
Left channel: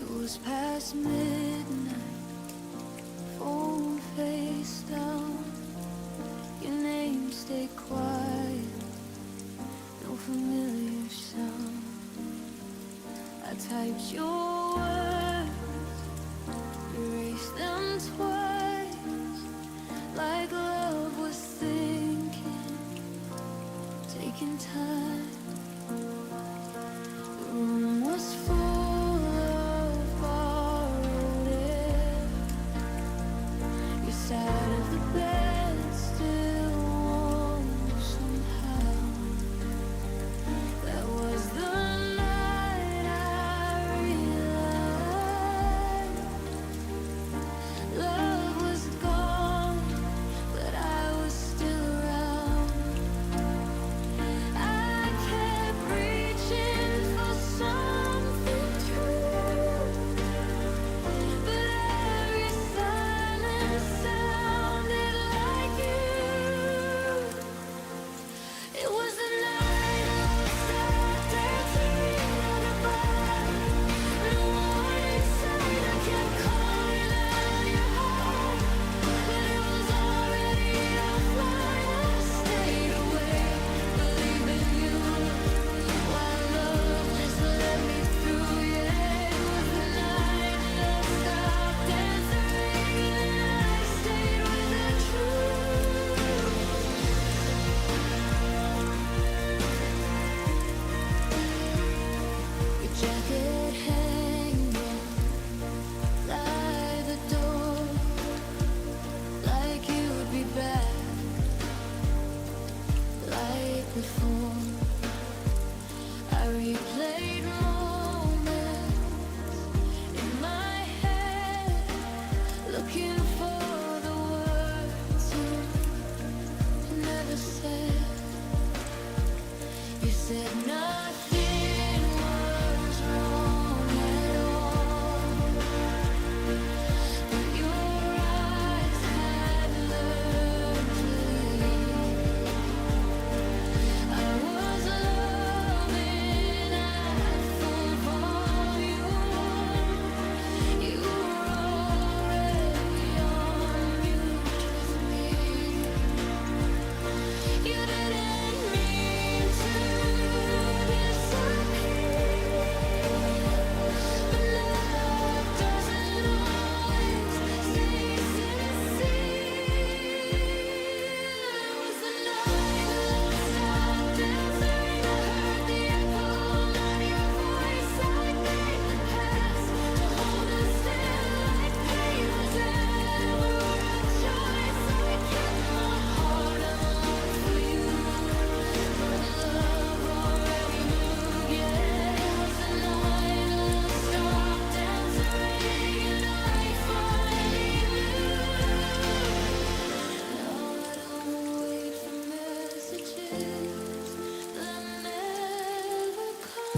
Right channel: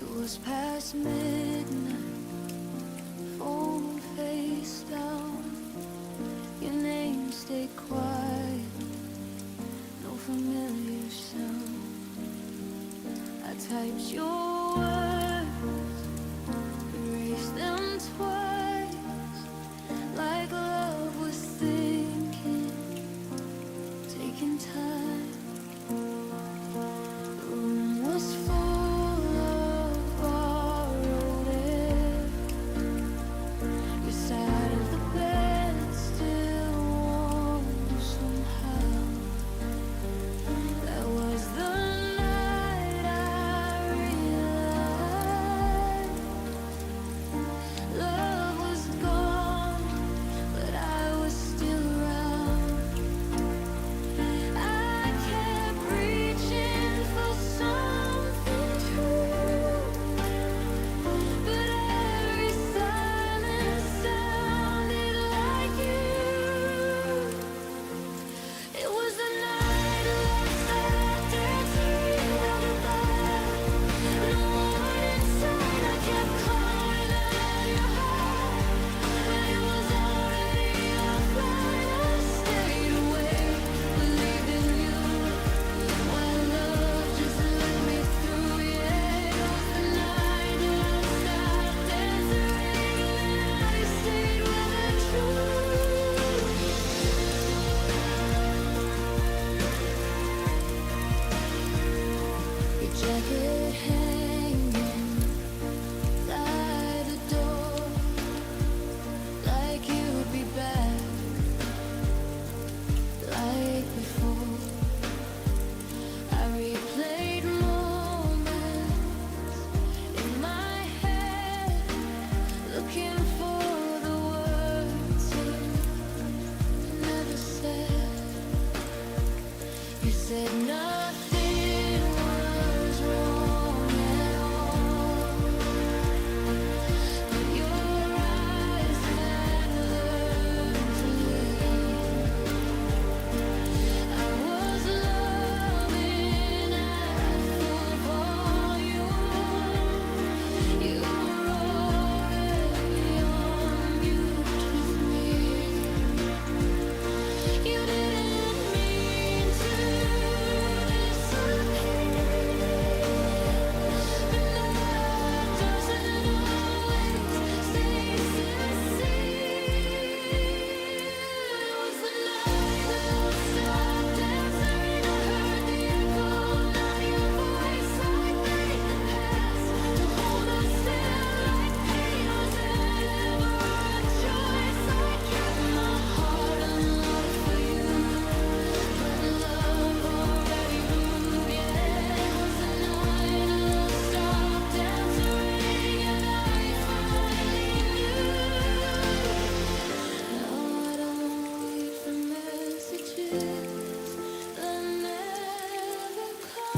It was past midnight, phone face down. Your name stayed quiet, no familiar sound. I typed your words, erased them twice, like love was thinking time. The room was full of borrowed air. Your side of the bed still warm somehow. That was the night I realized love was gone, but I was still around. I kept reaching for something true, but every silence sounded like you. It was the night love stopped answering our goodbye. No warning sign, I kept calling out your heart, but it was already offline. I stayed awake, believing you, while love just let me through. Yeah, it was the night love stopped answering, and I stayed with the truth. Your jacket hanging by the door, like you'd be back, like before. I replayed moments in my head, looking for the words you never said. You said nothing was wrong at all, but your eyes had learned to leave. I was loving at full volume. You were already on mute with me. You didn't mean to disappear, but love doesn't always stay sincere. It was the night love stopped answering. I heard the echo, not your voice. I begged the past to hold us still, like pain was ever a choice. I kept my heart unlocked for you, but love already moved. Yeah, it was the night love stopped answering, and I finally knew. Now I don't wait for messages that never come.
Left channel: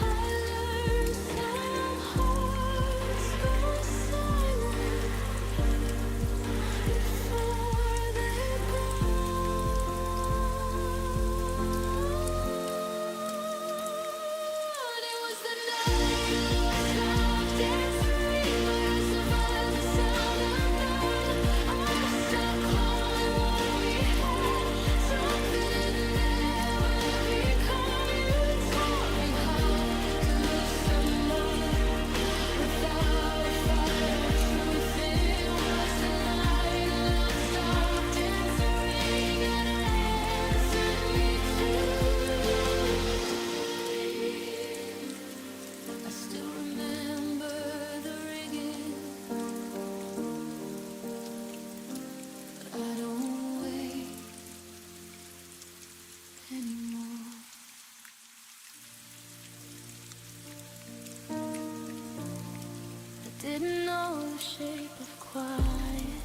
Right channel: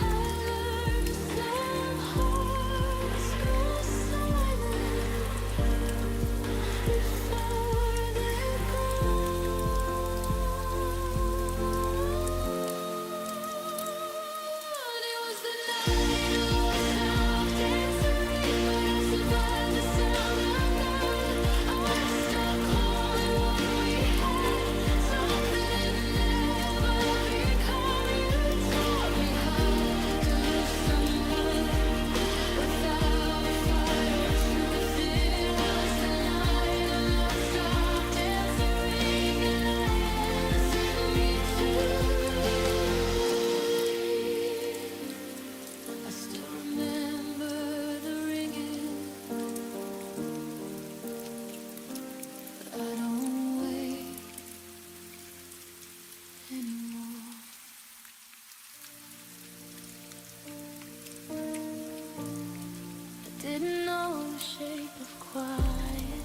I learned some hearts go silent before they're gone. It was the night love stopped answering, but I survived the sound of none. I stopped calling what we had, something it never become. You taught me how to lose someone without a fight or truth. It was the night love stopped answering, and I answered me too. I still remember the ringing, but I don't wait anymore. I didn't know the shape of quiet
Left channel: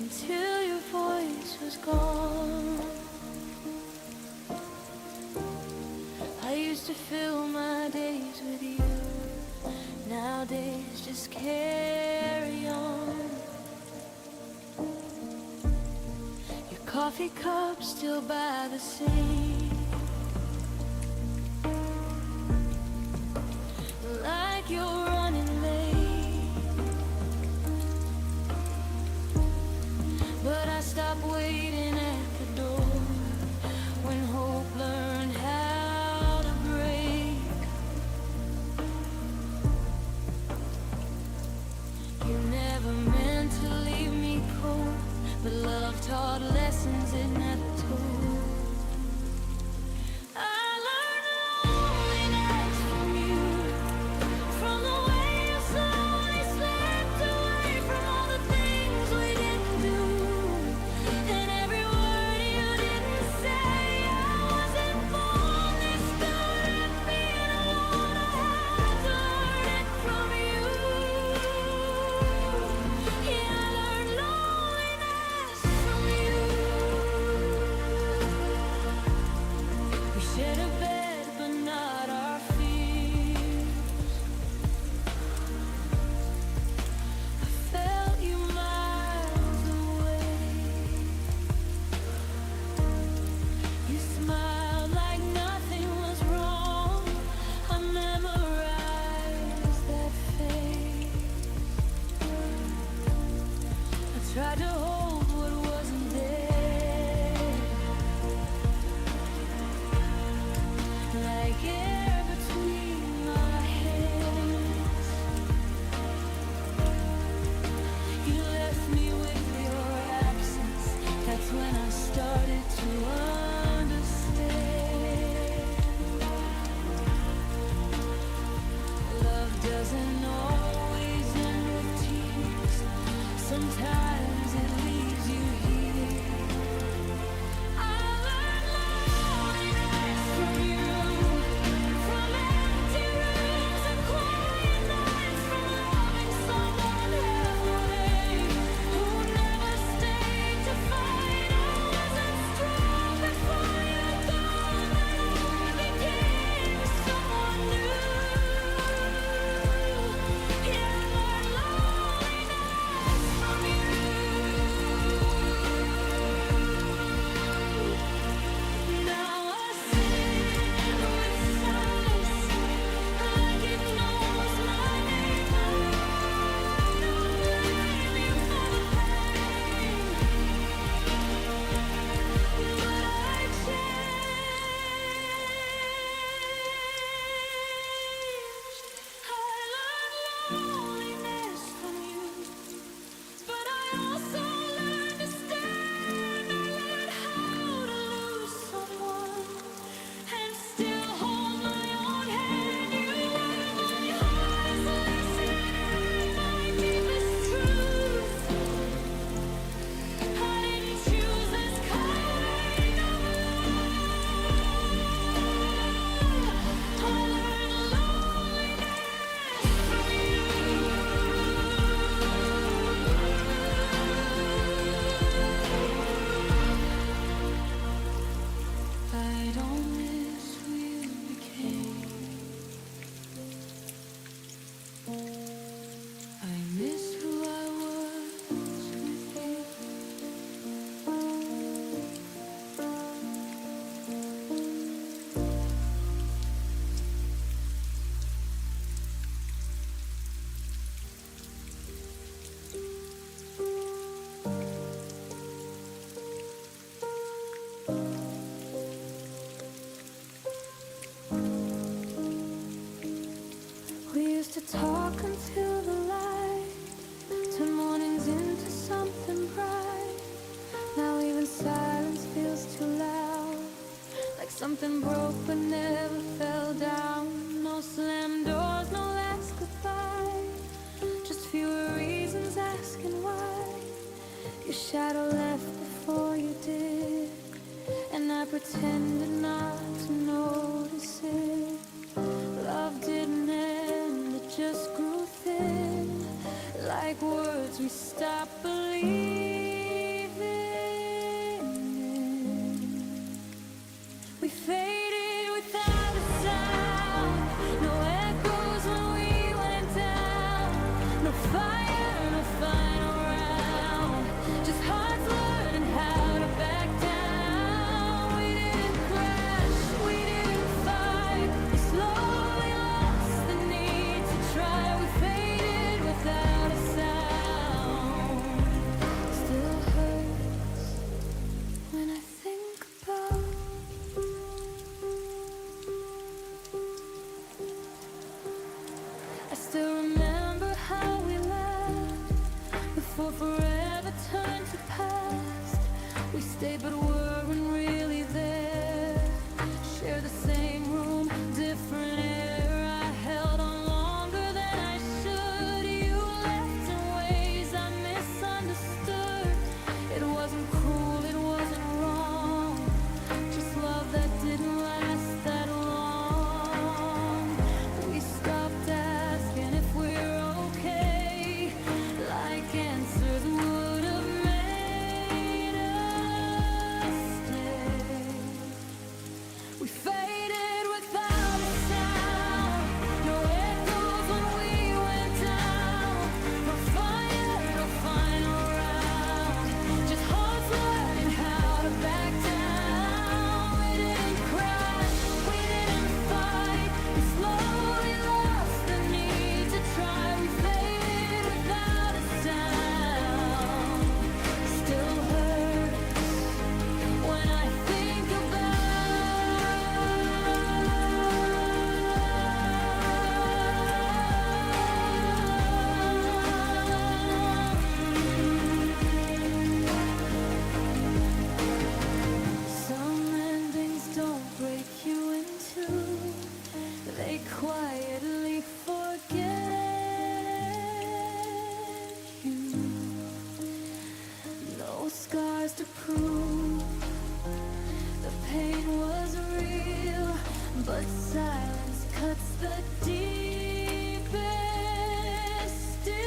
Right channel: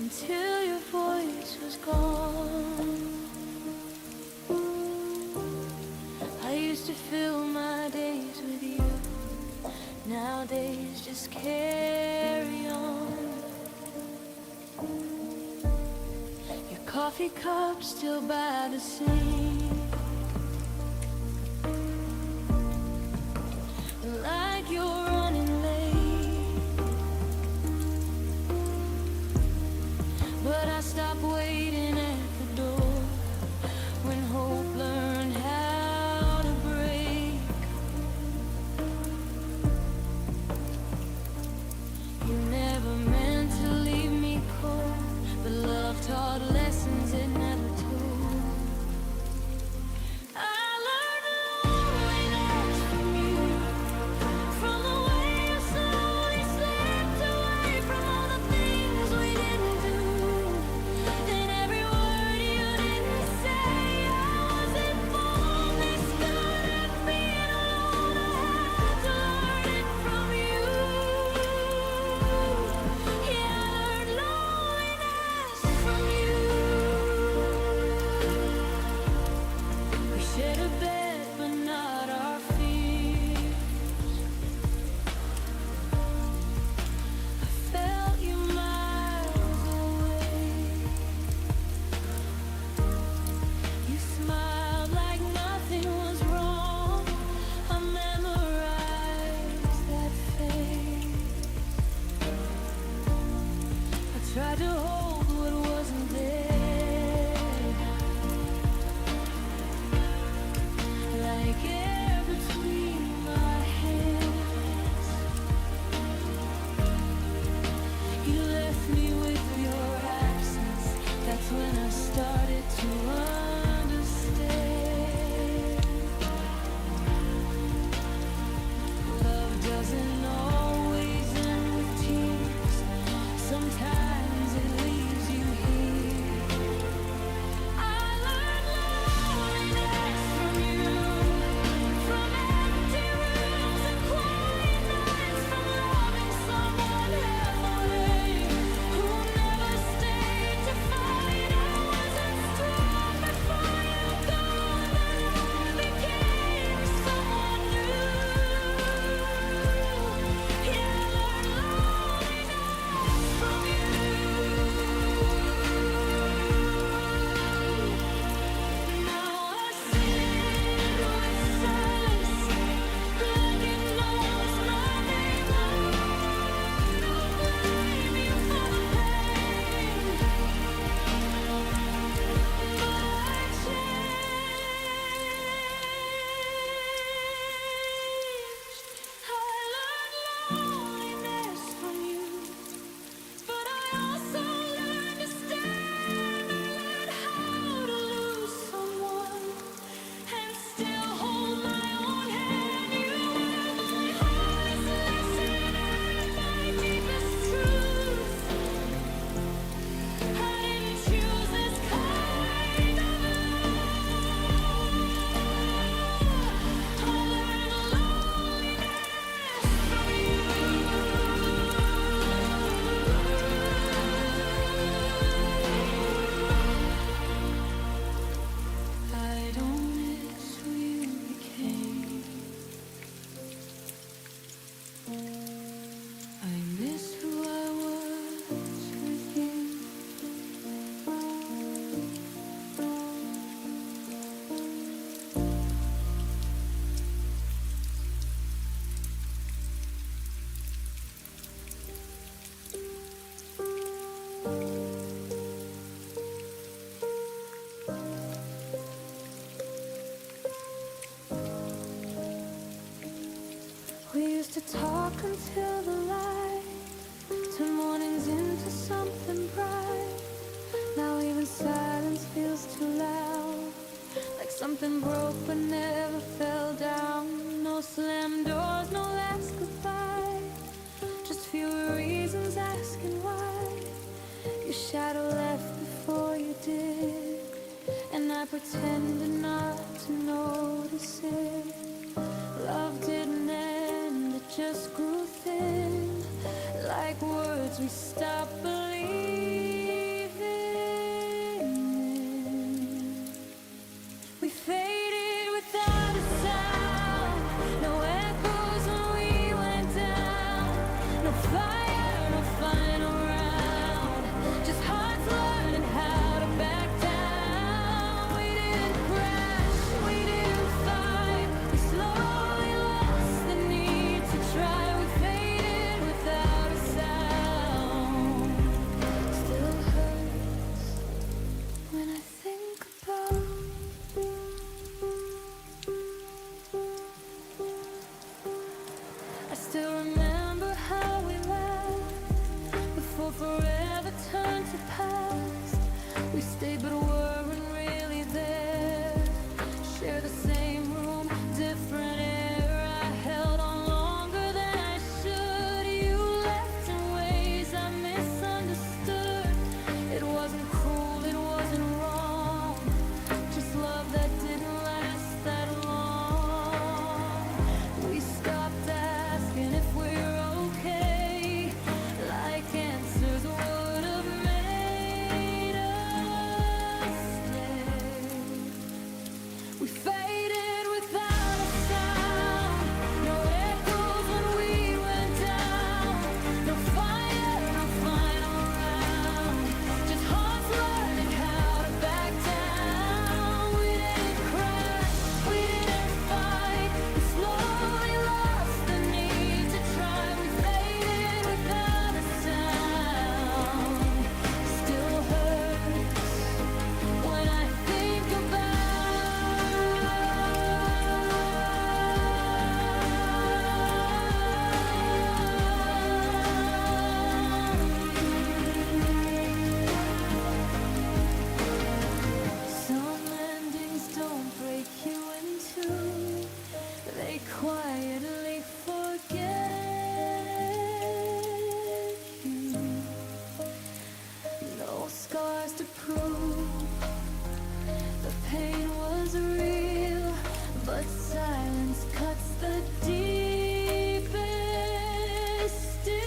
until your voice was gone. I used to fill my days with you. Nowadays just carry on. Your coffee cup still by the sink, like you're running late. But I stopped waiting at the door when hope learned how to break. You never but love taught lessons it never told. I learned loneliness from you, from the way you slowly slipped away from all the things we didn't do, and every word you didn't say. I wasn't born this good at being alone. I had to learn it from you. Yeah, I learned loneliness from you. We shared a bed, but not our fears. I felt you miles away. You smiled like nothing was wrong. I memorized that face. I tried to hold what wasn't there, like air between my hands. You left me with your absence. That's when I started to understand. Love doesn't always end with tears. Sometimes it leaves you here. I learned loneliness from you, from empty rooms and quiet nights, from loving someone halfway who never stayed to fight. I wasn't strong before you gone, but I became someone new. Yeah, I learned loneliness from you. Now I sit with silence like it knows my name. No, I don't blame you for the pain, but I changed. I learned loneliness from you, but I also learned to stand. I learned how to lose someone and still hold my own hand. You were my hardest lesson and my deepest truth. I didn't choose this kind of love. I learned loneliness from you. I don't miss who you became. I miss who I was with you. We used to talk until the light, turn mornings into something bright. Now even silence feels too loud, like something broke but never fell down. No slam doors, no last goodbye, just fewer reasons asking why. Your shadow left before you did, and I pretended not to notice it. Love didn't end, it just grew thin, like words we stopped believing in. We faded without a sound, no echoes when we went down. No fire, no final round, just hearts learning how to back down. We didn't crash, we didn't fight, we slowly lost the need to try. We faded without a sound. Still hurts when I think about I still remember how we laughed before forever never turned to past. We stayed but weren't really there. Share the same room, different air. I held on longer than I should. You left in ways I misunderstood. It wasn't cruel, it wasn't wrong. Just love that didn't last that long. We stopped asking if we're okay, like answers would have made us stay. We faded without a sound. No echoes when we went down. No fire, no final round. Just hearts learning how to back down. We didn't cry, we didn't fight. We slowly lost the need to try. We faded without a sound. Still hurts when I think Some endings don't break you in two. They quietly forget you. No scars to prove the pain was real, but silence cuts the deepest still.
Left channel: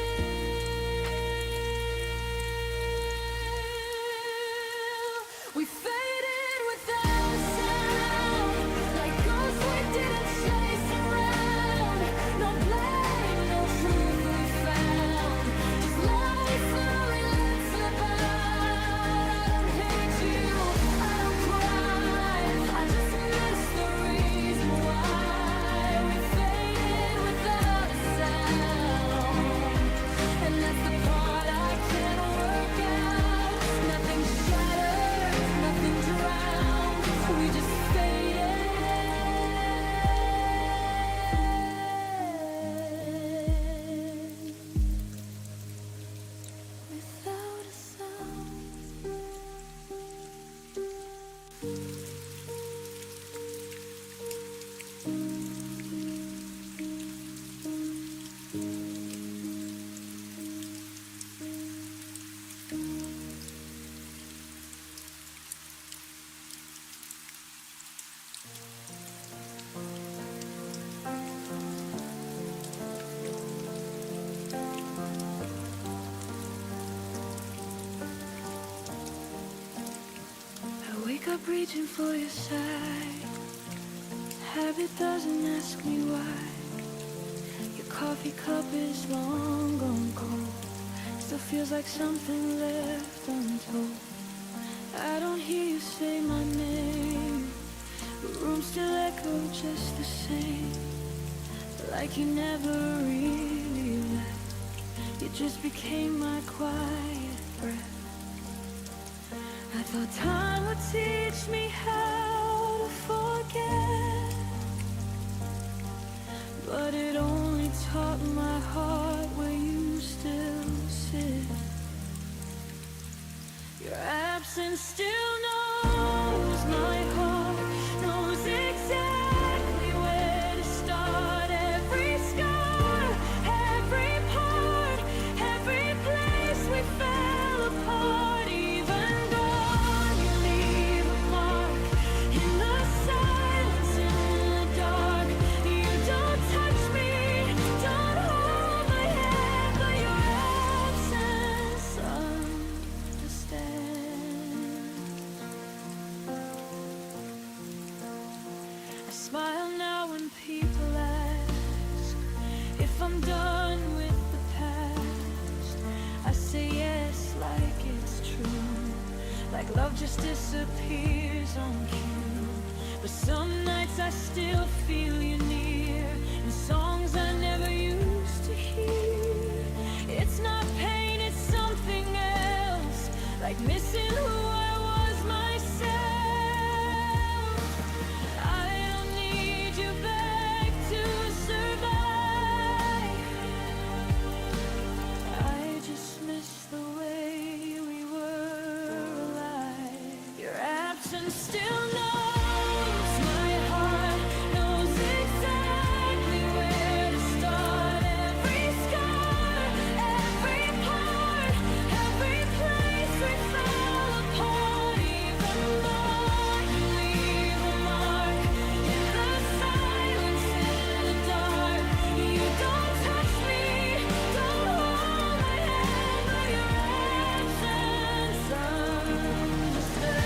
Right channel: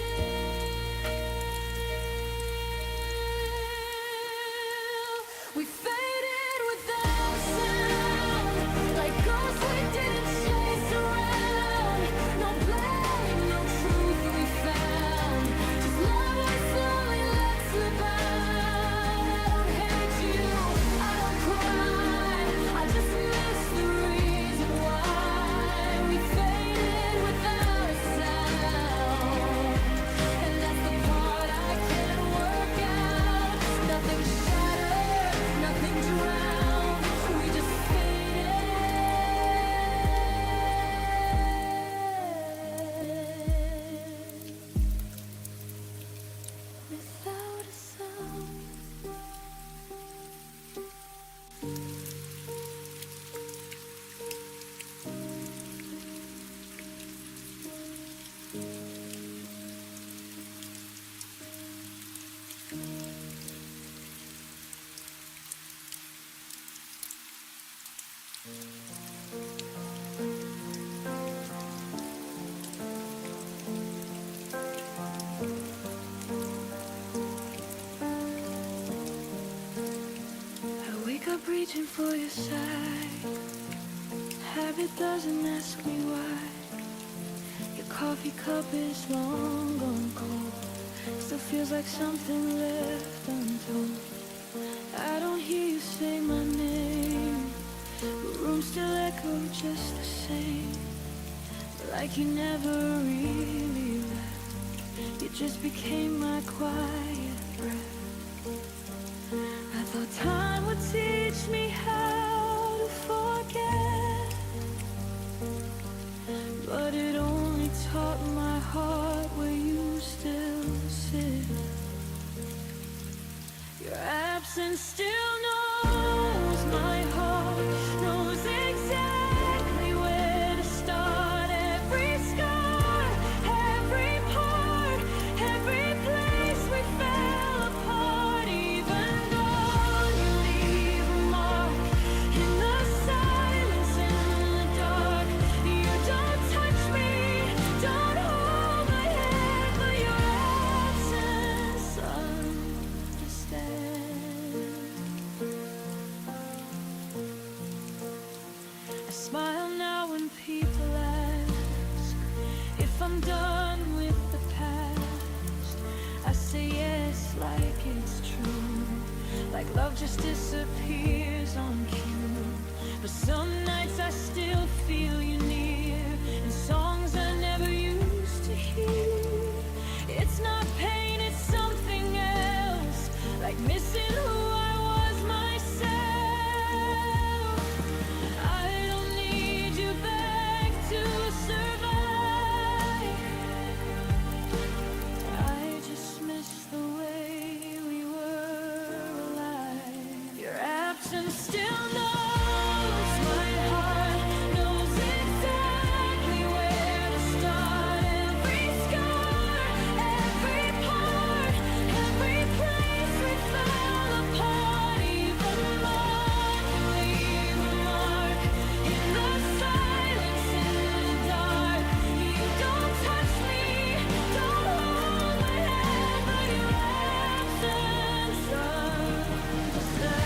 We faded without a sound, like ghosts we didn't chase around. No blame, no truth we found. Just love we slowly let slip out. I don't hate you, I don't cry. I just miss the reason why. We faded without a sound, and that's the part I can't work out. Nothing shattered, nothing drowned. We just faded without a sound. I wake up reaching for your side. Habit doesn't ask me why. Your coffee cup is long gone cold. Still feels like something left untold. I don't hear you say my name, but rooms still echo just the same. Like you never really left. You just became my quiet breath. I thought time would teach me how to forget, but it only taught my heart where you still sit. Your absence still knows my heart, knows exactly where to start. Every scar, every part, every place we fell apart. Even gone, you leave a mark in the silence, in the dark. You don't touch me, don't hold my hand, but your absence understands. I smile now when people ask if I'm done with the past. I say yes like it's true, like love just disappears on cue. But some nights I still feel you near, in songs I never used to hear. It's not pain, it's something else, like missing who I was myself. I don't need you back to survive. I just miss the way absence still knows. My heart knows exactly where to start. Every scar, every part, every place we fell apart. Even more to leave a mark in the silence, in the dark. You don't touch me, don't hold my hand, but your absence understands.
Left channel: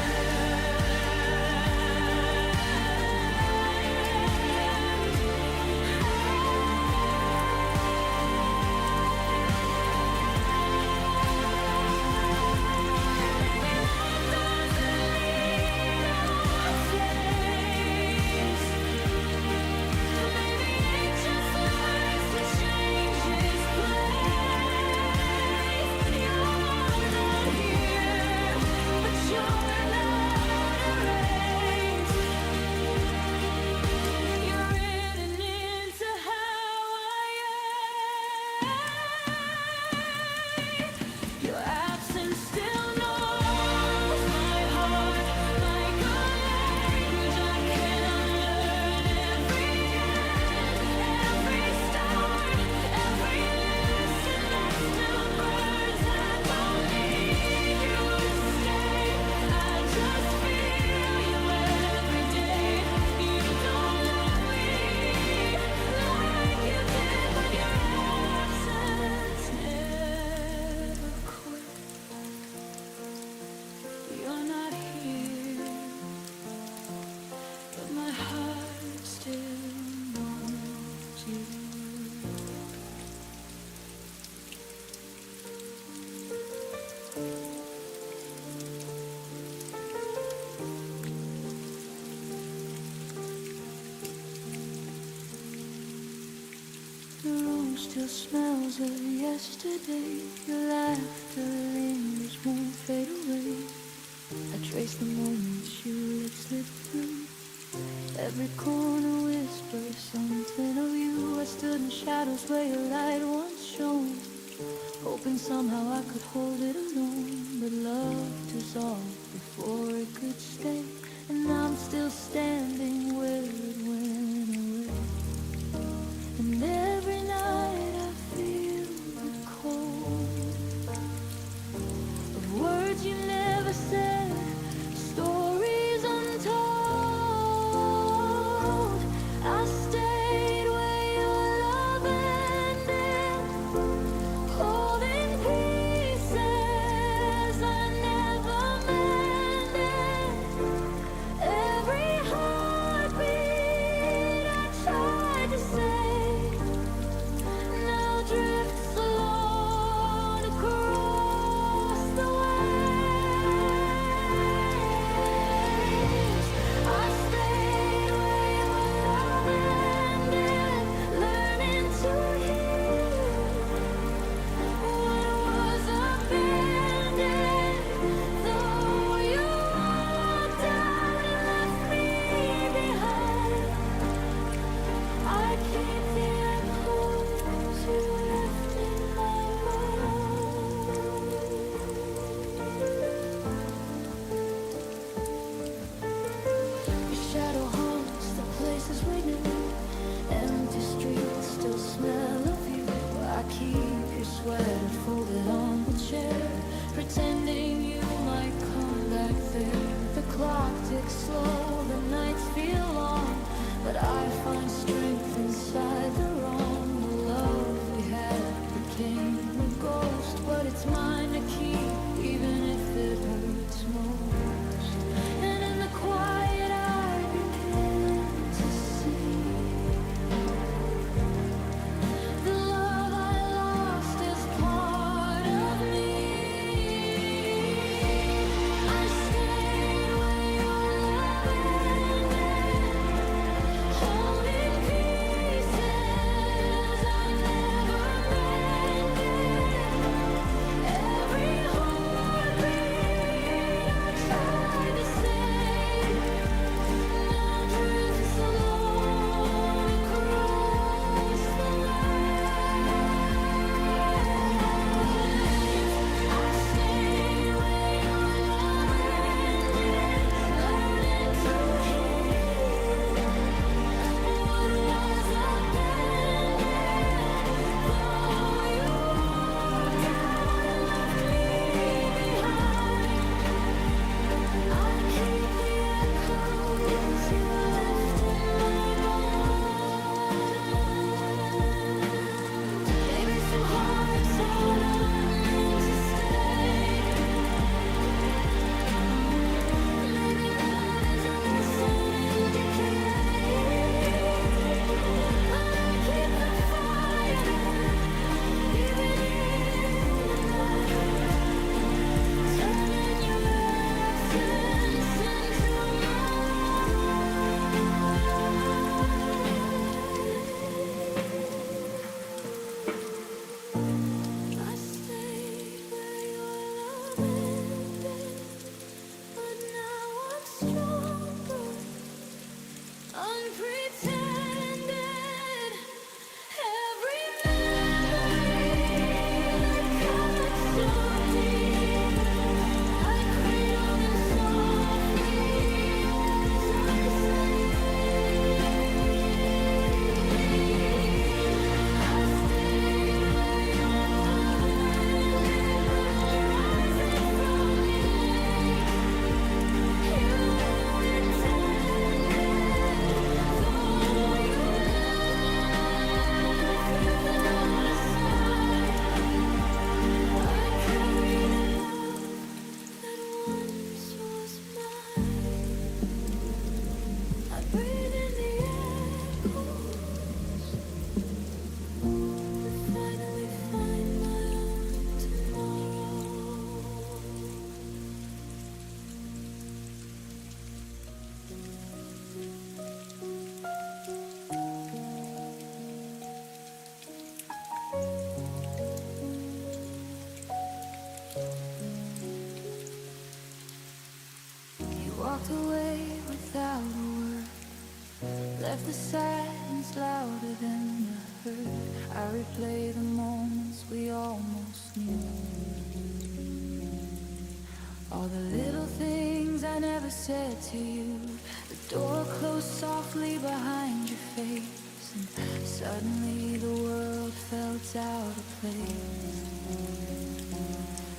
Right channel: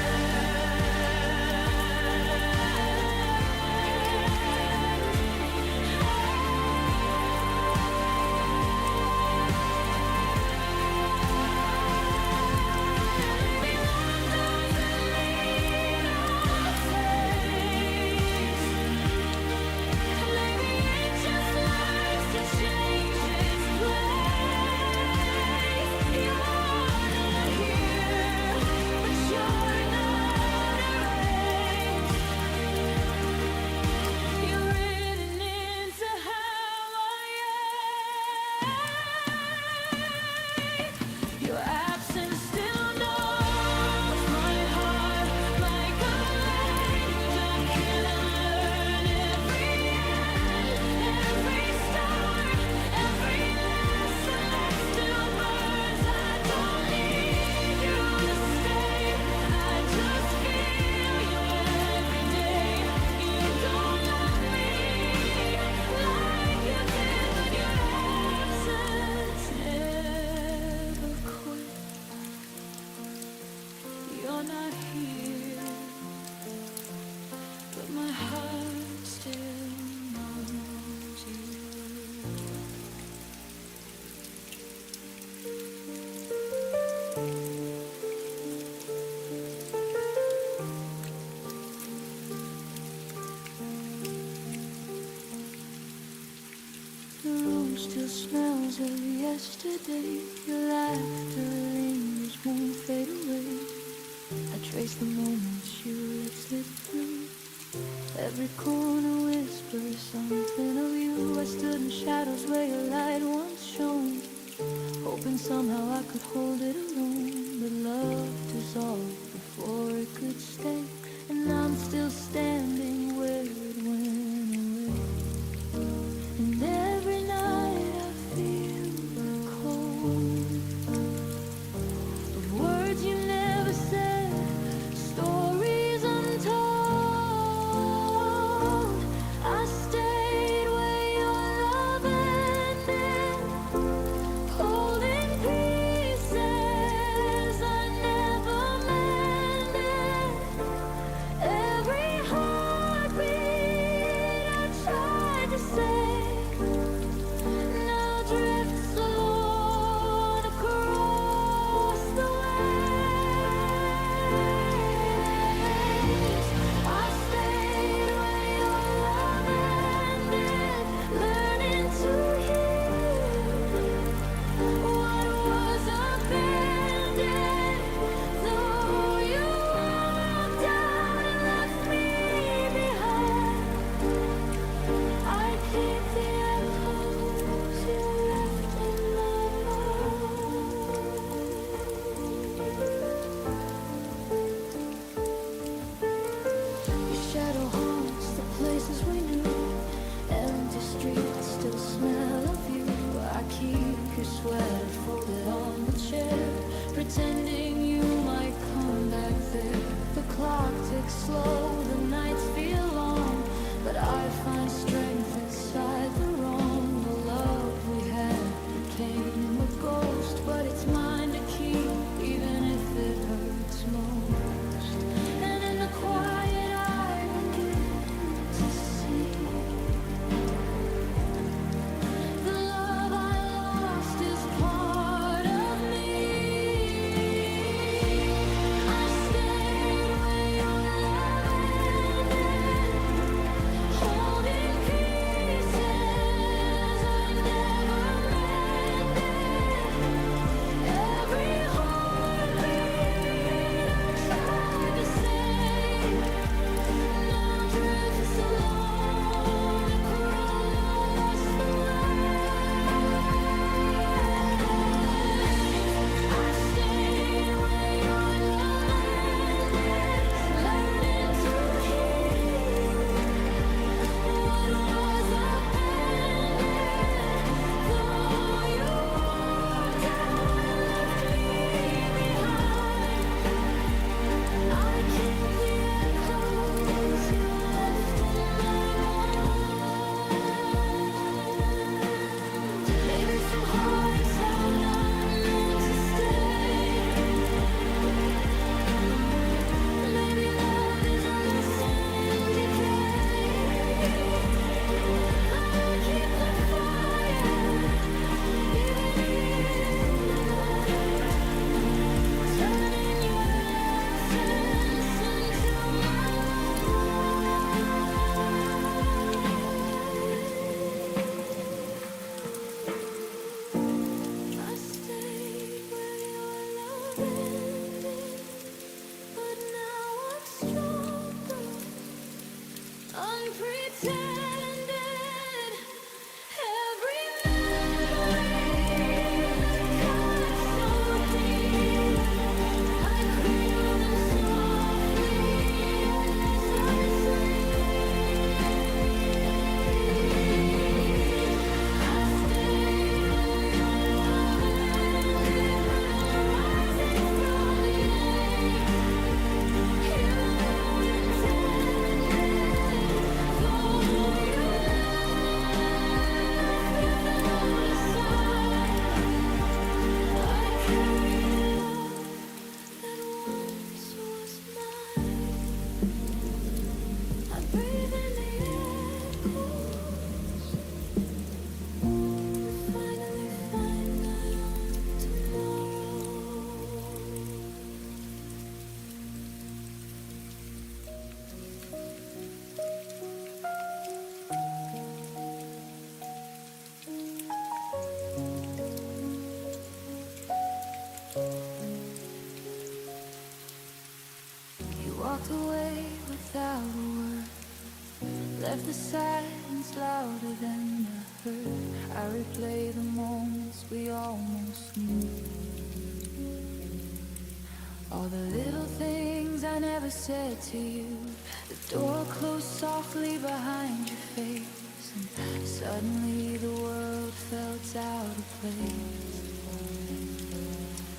Maybe love doesn't need a face. Maybe it just learns to change its place. You're not here, but you're not erased. You're written into how I am. Your absence still knows my heart like a language I can unlearn. Every end, every start, every lesson that still burns. I don't need you to stay, I just feel you every day. You don't love me like you did, but your absence never quit. You're not here, but my heart still knows you were. The room still smells of yesterday. Your laughter lingers, won't fade away. I trace the moments you let slip through. Every corner whispers something of you. I stood in shadows where your light once shone, hoping somehow I could hold it alone. But love dissolved before it could stay, and I'm still standing where it went away. And every night I feel the cold of words you never said, stories untold. I stayed where your love ended, holding pieces I never mended. Every heartbeat I tried to save now drifts alone across the waves. I stayed where your love ended, learning to heal what was abandoned. Though you walked out and left me behind, I keep the echoes you left in my mind. Your shadow haunts the places we knew. Empty streets still smell of you. I keep your sweater folded on the chair, pretending you might come back there. The clock ticks slow, the nights feel long, but I find strength inside the wrong. The love we had became a ghost, but it's mine to keep, even if it hurts most. And in the quiet I begin to see the love I lost is part of me. I stayed where your love ended, holding pieces I never mended. Every heartbeat I tried to save now drifts You walked away without a word, left the silence louder than the hurt. I replay the moments we almost knew, all the little things I never said to you. The door closed softly behind your face, and suddenly the world felt out of place.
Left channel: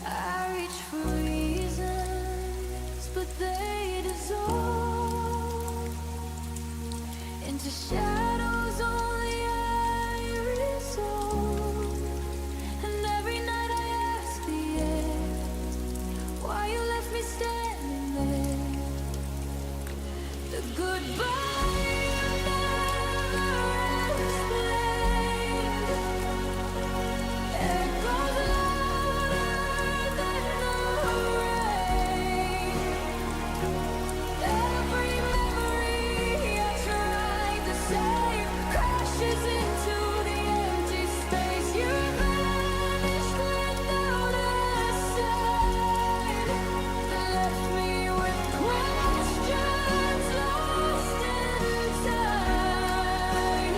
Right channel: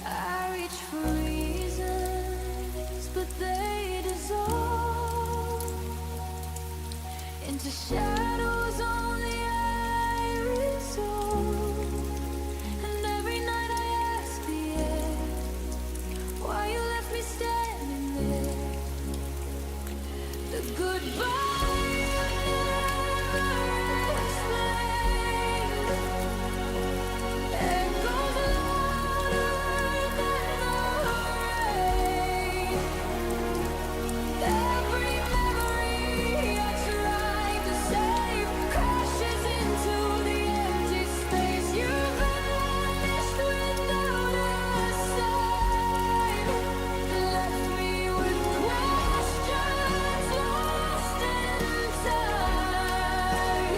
I reached for reasons, but they dissolve into shadows only I resolve. And every night I ask the air why you left me standing there. The goodbye you never explained echoes louder than the rain. Every memory I tried to save crashes into the empty space. You vanished without a sign, left me with questions lost in time.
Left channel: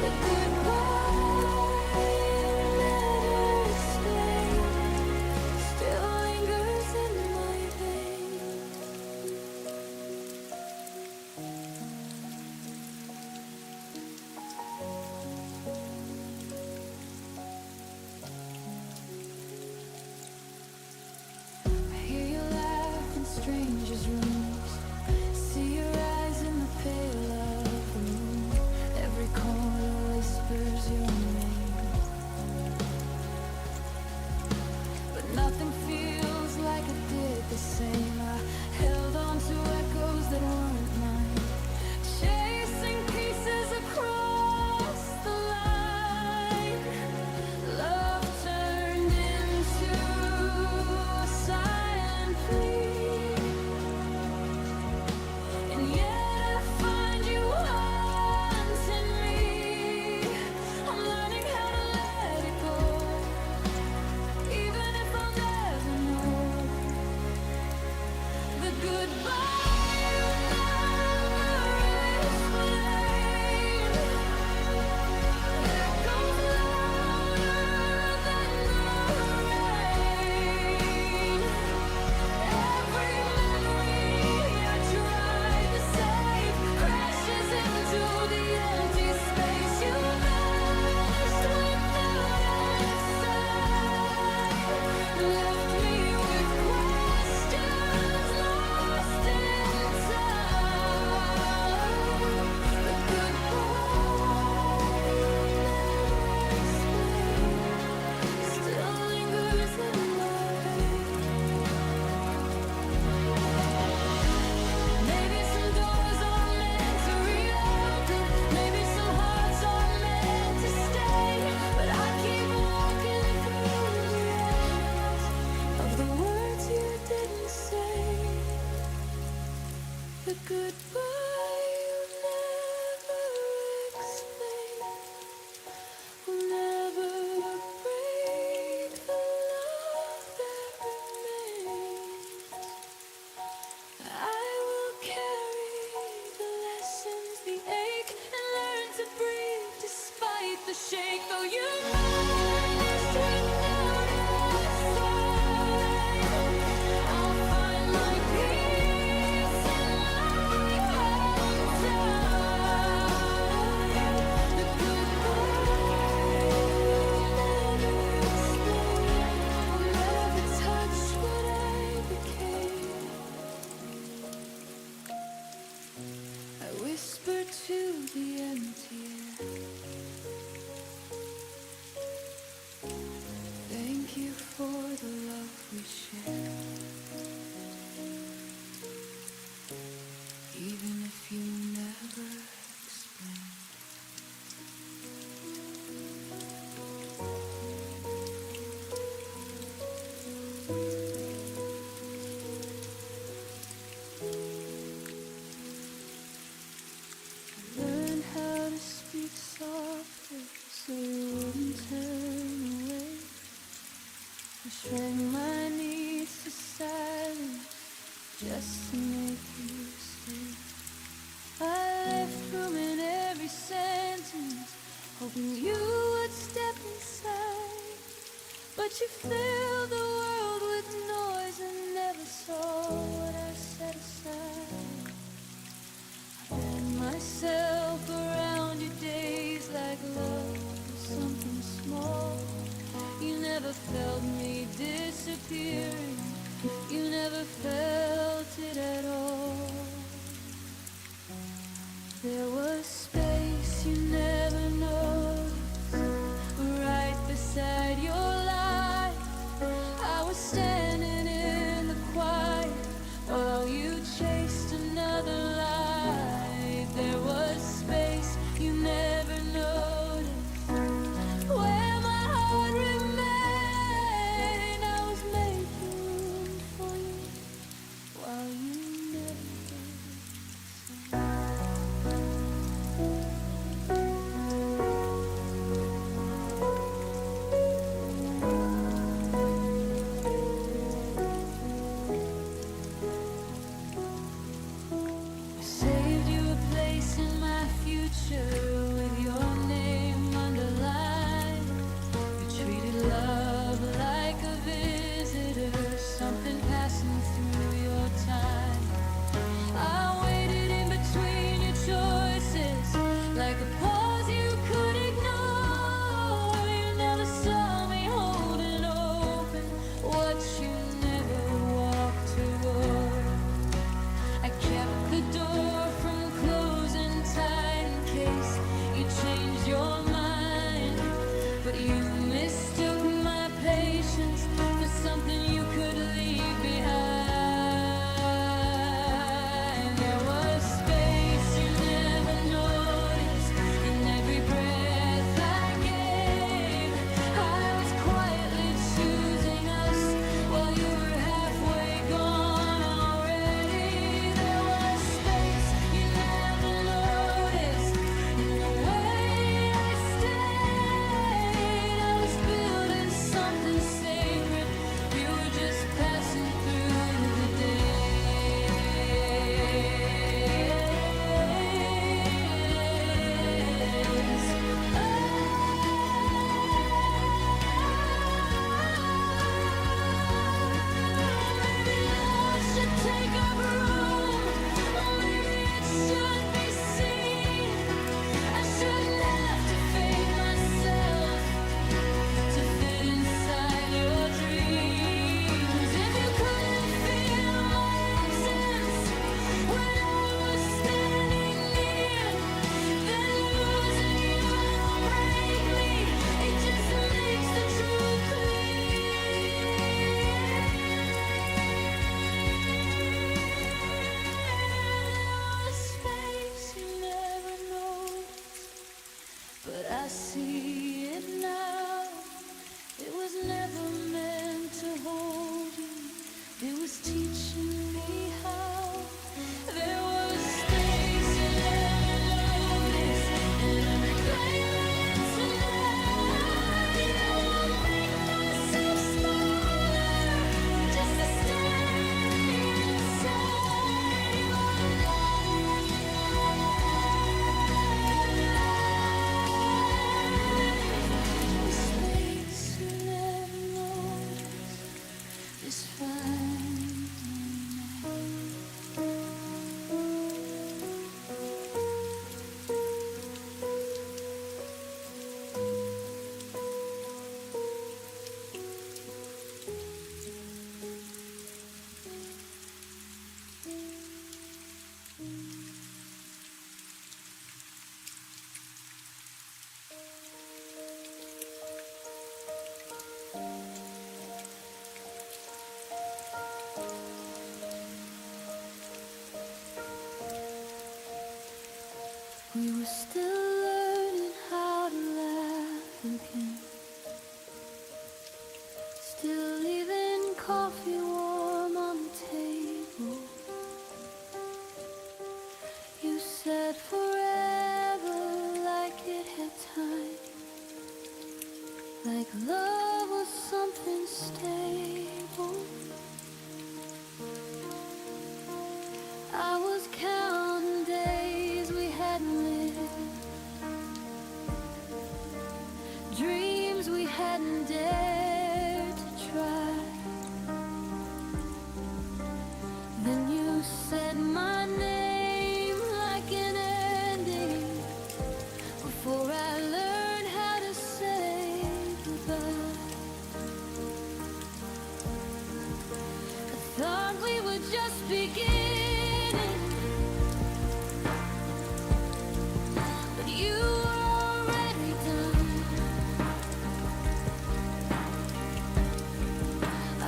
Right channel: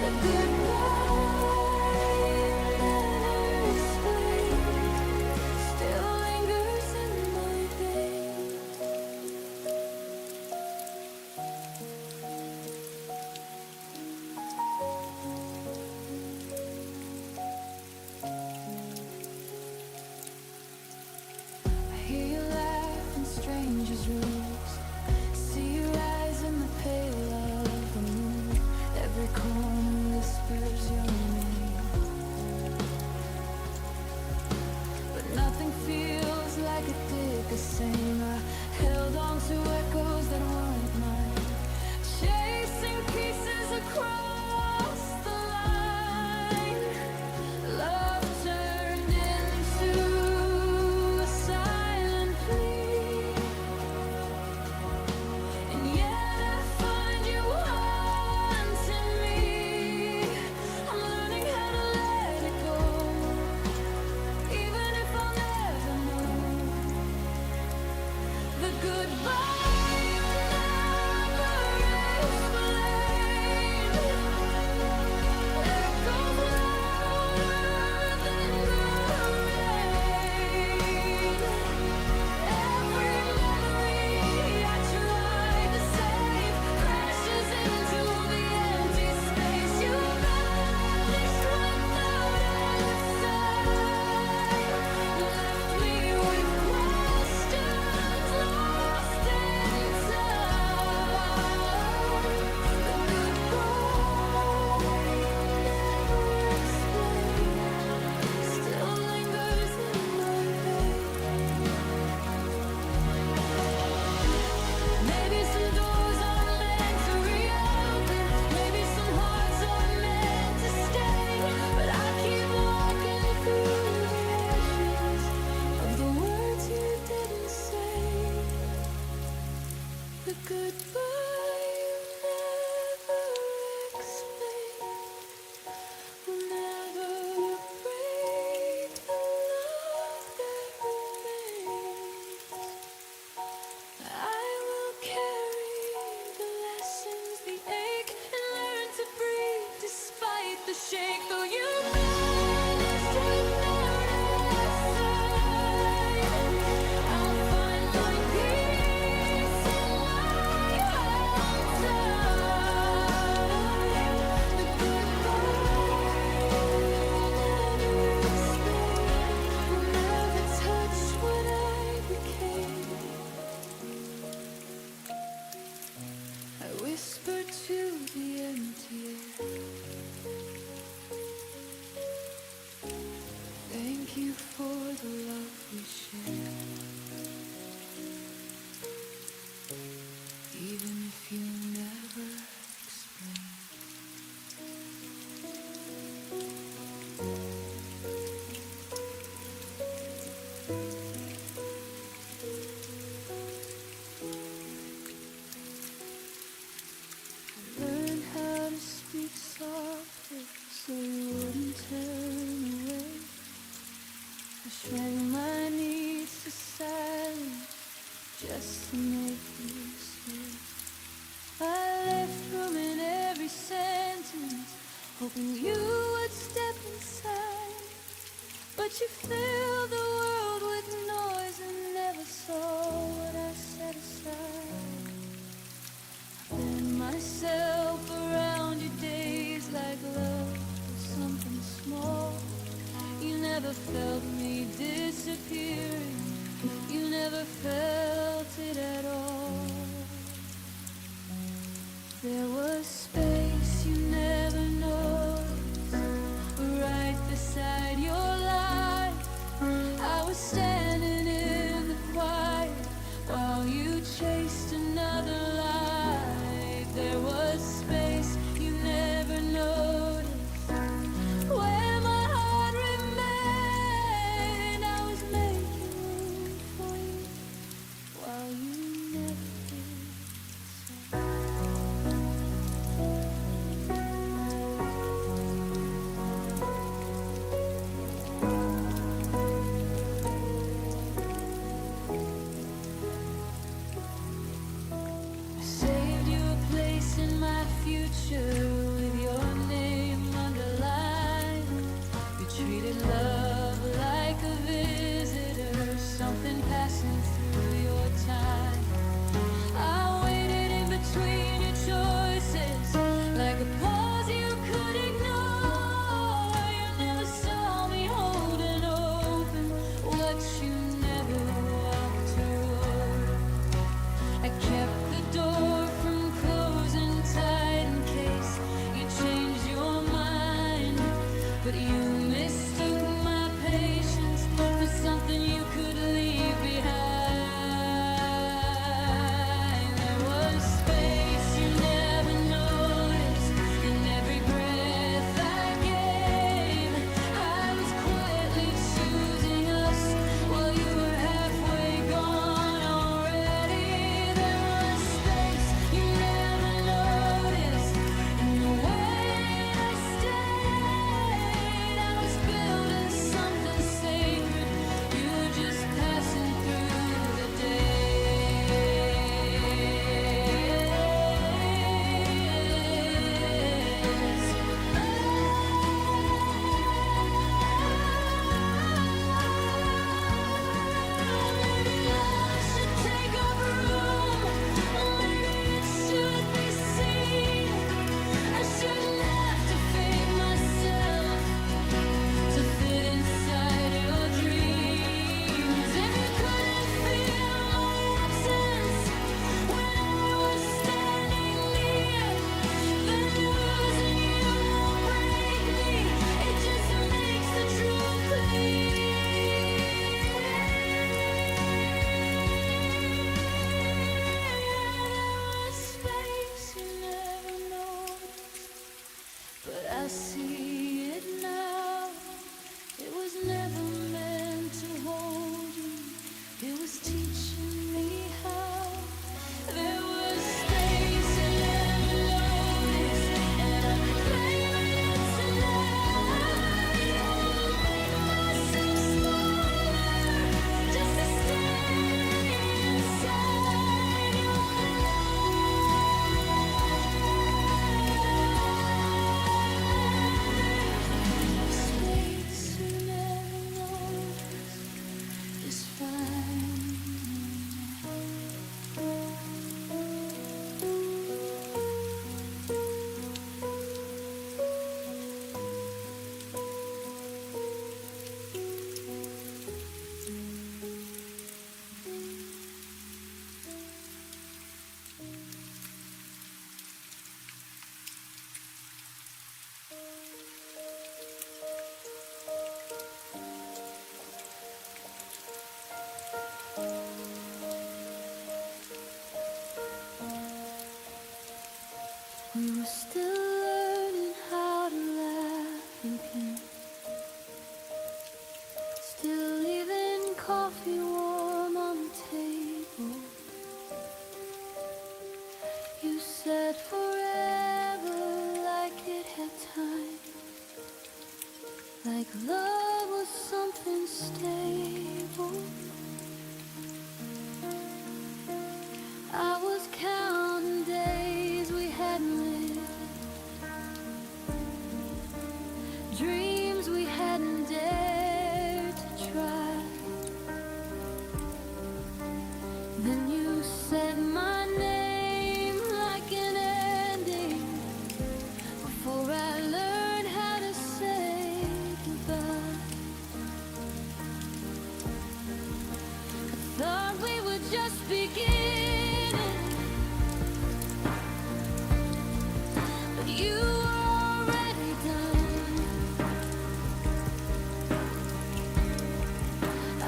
The goodbye you never explained still lingers in my veins. I hear you laugh in strangers' rooms, see your eyes in the pale of the moon. Every corner whispers your name, but nothing feels like it did the same. I held on to echoes that weren't mine, chasing pieces across the line. Love turned into a silent plea, and yet I find you haunting me. I'm learning how to let it go, even if I'll never know. The goodbye you never explained echoes louder than the rain. Every memory I tried to save crashes into the empty space. You vanished without a sign, left me with questions lost in time. The goodbye you never explained still lingers in my veins. Maybe some doors aren't meant to reopen, maybe some hearts aren't meant to stay, but I keep walking through the ashes of the words you didn't say. The goodbye you never explained will never break the love that remains. I will carry the lessons, the ache, and learn to breathe despite the shake. Though you vanished without a sign, I'll find my peace in my own time. The goodbye you never explained will never touch what I became. I whisper to the empty air, thank you for the love we shared, even if you never explain. I learned how to speak softer so you wouldn't turn away. I shrank my needs to silence just to make you stay. I left room in every sentence, hoping you would step inside. But you filled the world with noise and never saw what I set aside. I bend myself around your days like love was something small. You never felt me disappearing, you never felt it at all. There was space you never noticed, right beside your light. I was standing in the quiet while you chased another light. There was space you never noticed, where my heart remained. I was making room for you while you never did the same. Saved you a place in my future with your name underlined. You treated love like a visitor, something passing through your time. I waited in between your choices, like a pause you could ignore. You never saw me holding open what you never walked toward. I kept the door from closing tight in case you changed your mind. But you mistook my patience for something you could leave behind. There was space you never noticed in every breath I gave. I was quietly choosing us while you were halfway gone. Passing through the days. Oh, maybe love should take up room. Maybe it should be seen. I shouldn't have to fade myself to fit inside your dreams. If you couldn't feel my absence when I was standing near, then losing you won't break me. It just makes the truth clear. There was space you never noticed, but I see it now. It was never meant to hold you, it was teaching me how. There was space you never noticed, and I'm reclaiming it tonight. I won't make myself smaller just to stay inside your life. The space you never noticed is fine. We were still learning how to laugh again, still leaving coffee warm on the table. You said forever like it had time, like love love was something stable. I was counting days we hadn't lived, dreams we hadn't dared to try. Then you said my name like an ending before I learned how to say goodbye. I thought we were just beginning, but you were already done.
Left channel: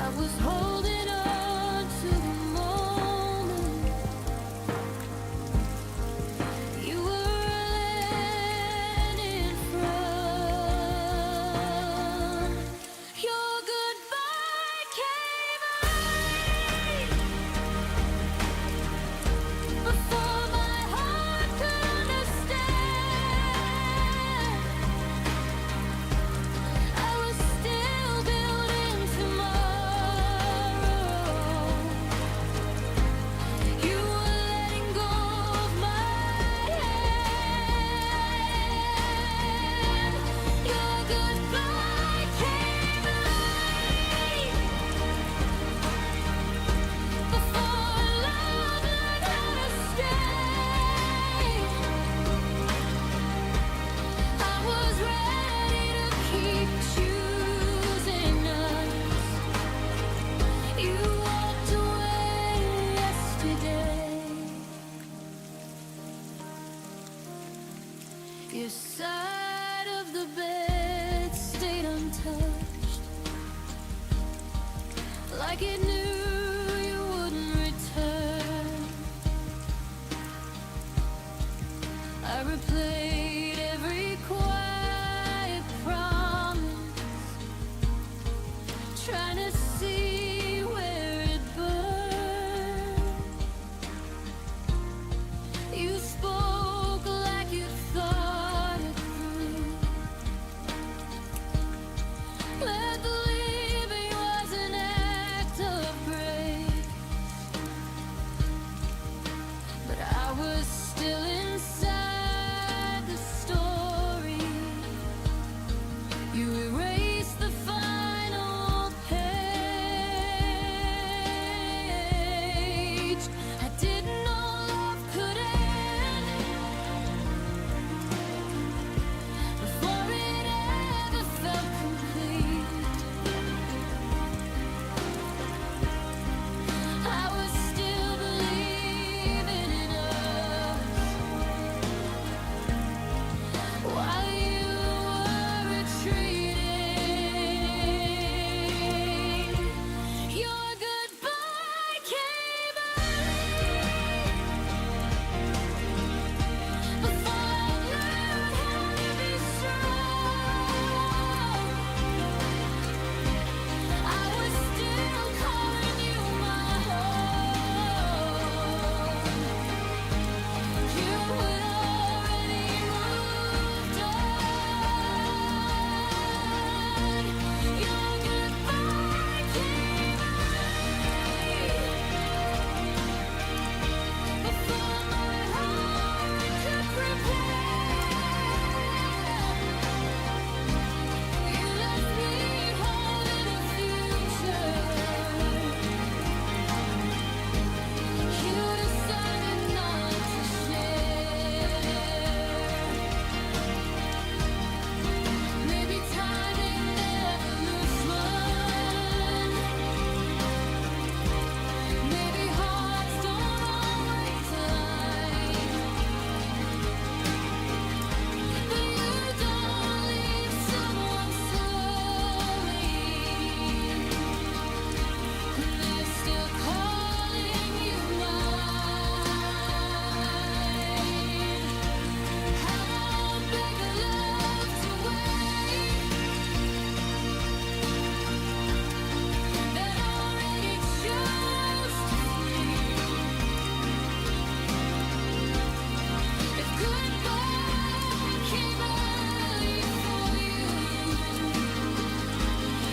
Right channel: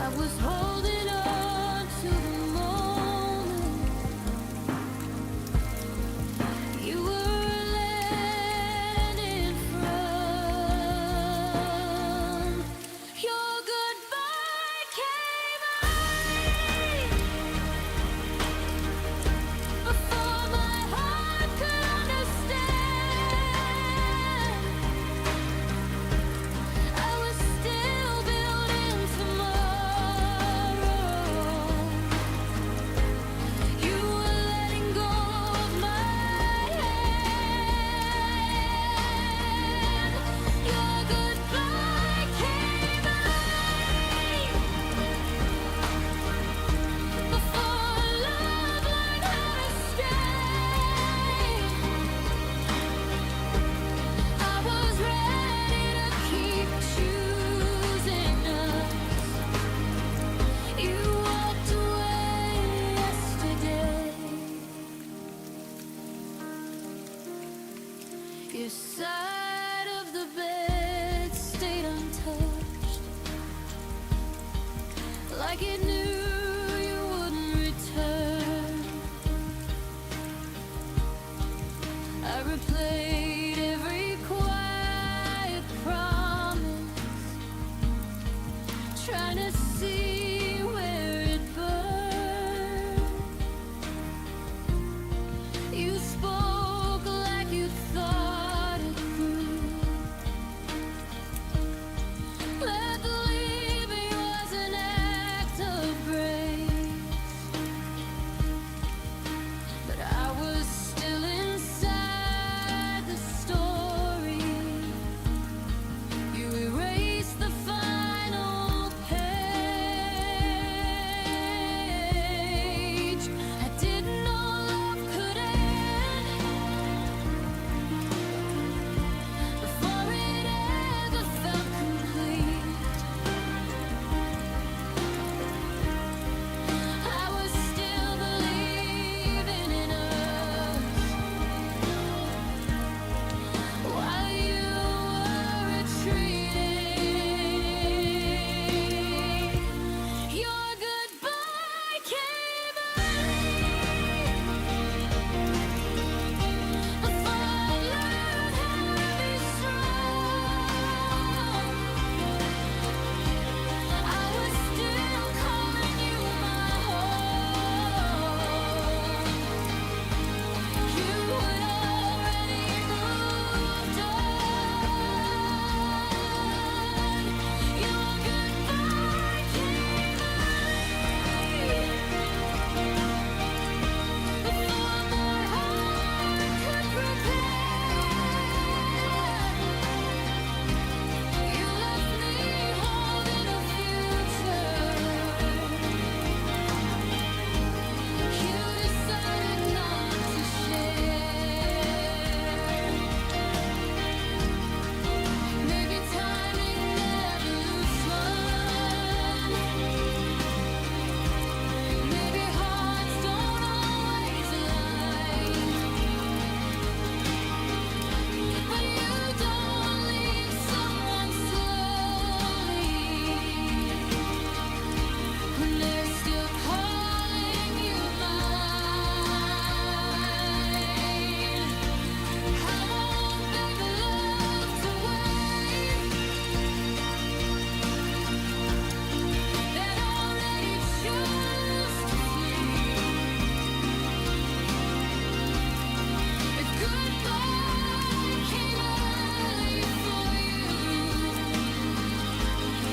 I was holding on to the moment you were landing from. Your goodbye came early, before my heart could understand. I was still building tomorrow. You were letting go of my hand. Your goodbye came early, before love learned how to stay. I was ready to keep choosing us. You walked away yesterday. Your side of the bed stayed untouched, like it knew you wouldn't return. I replayed every quiet promise, trying to see where it burned. You spoke like you thought it through. Let the leaving was an act of grace, but I was still inside the story. You erased the final page.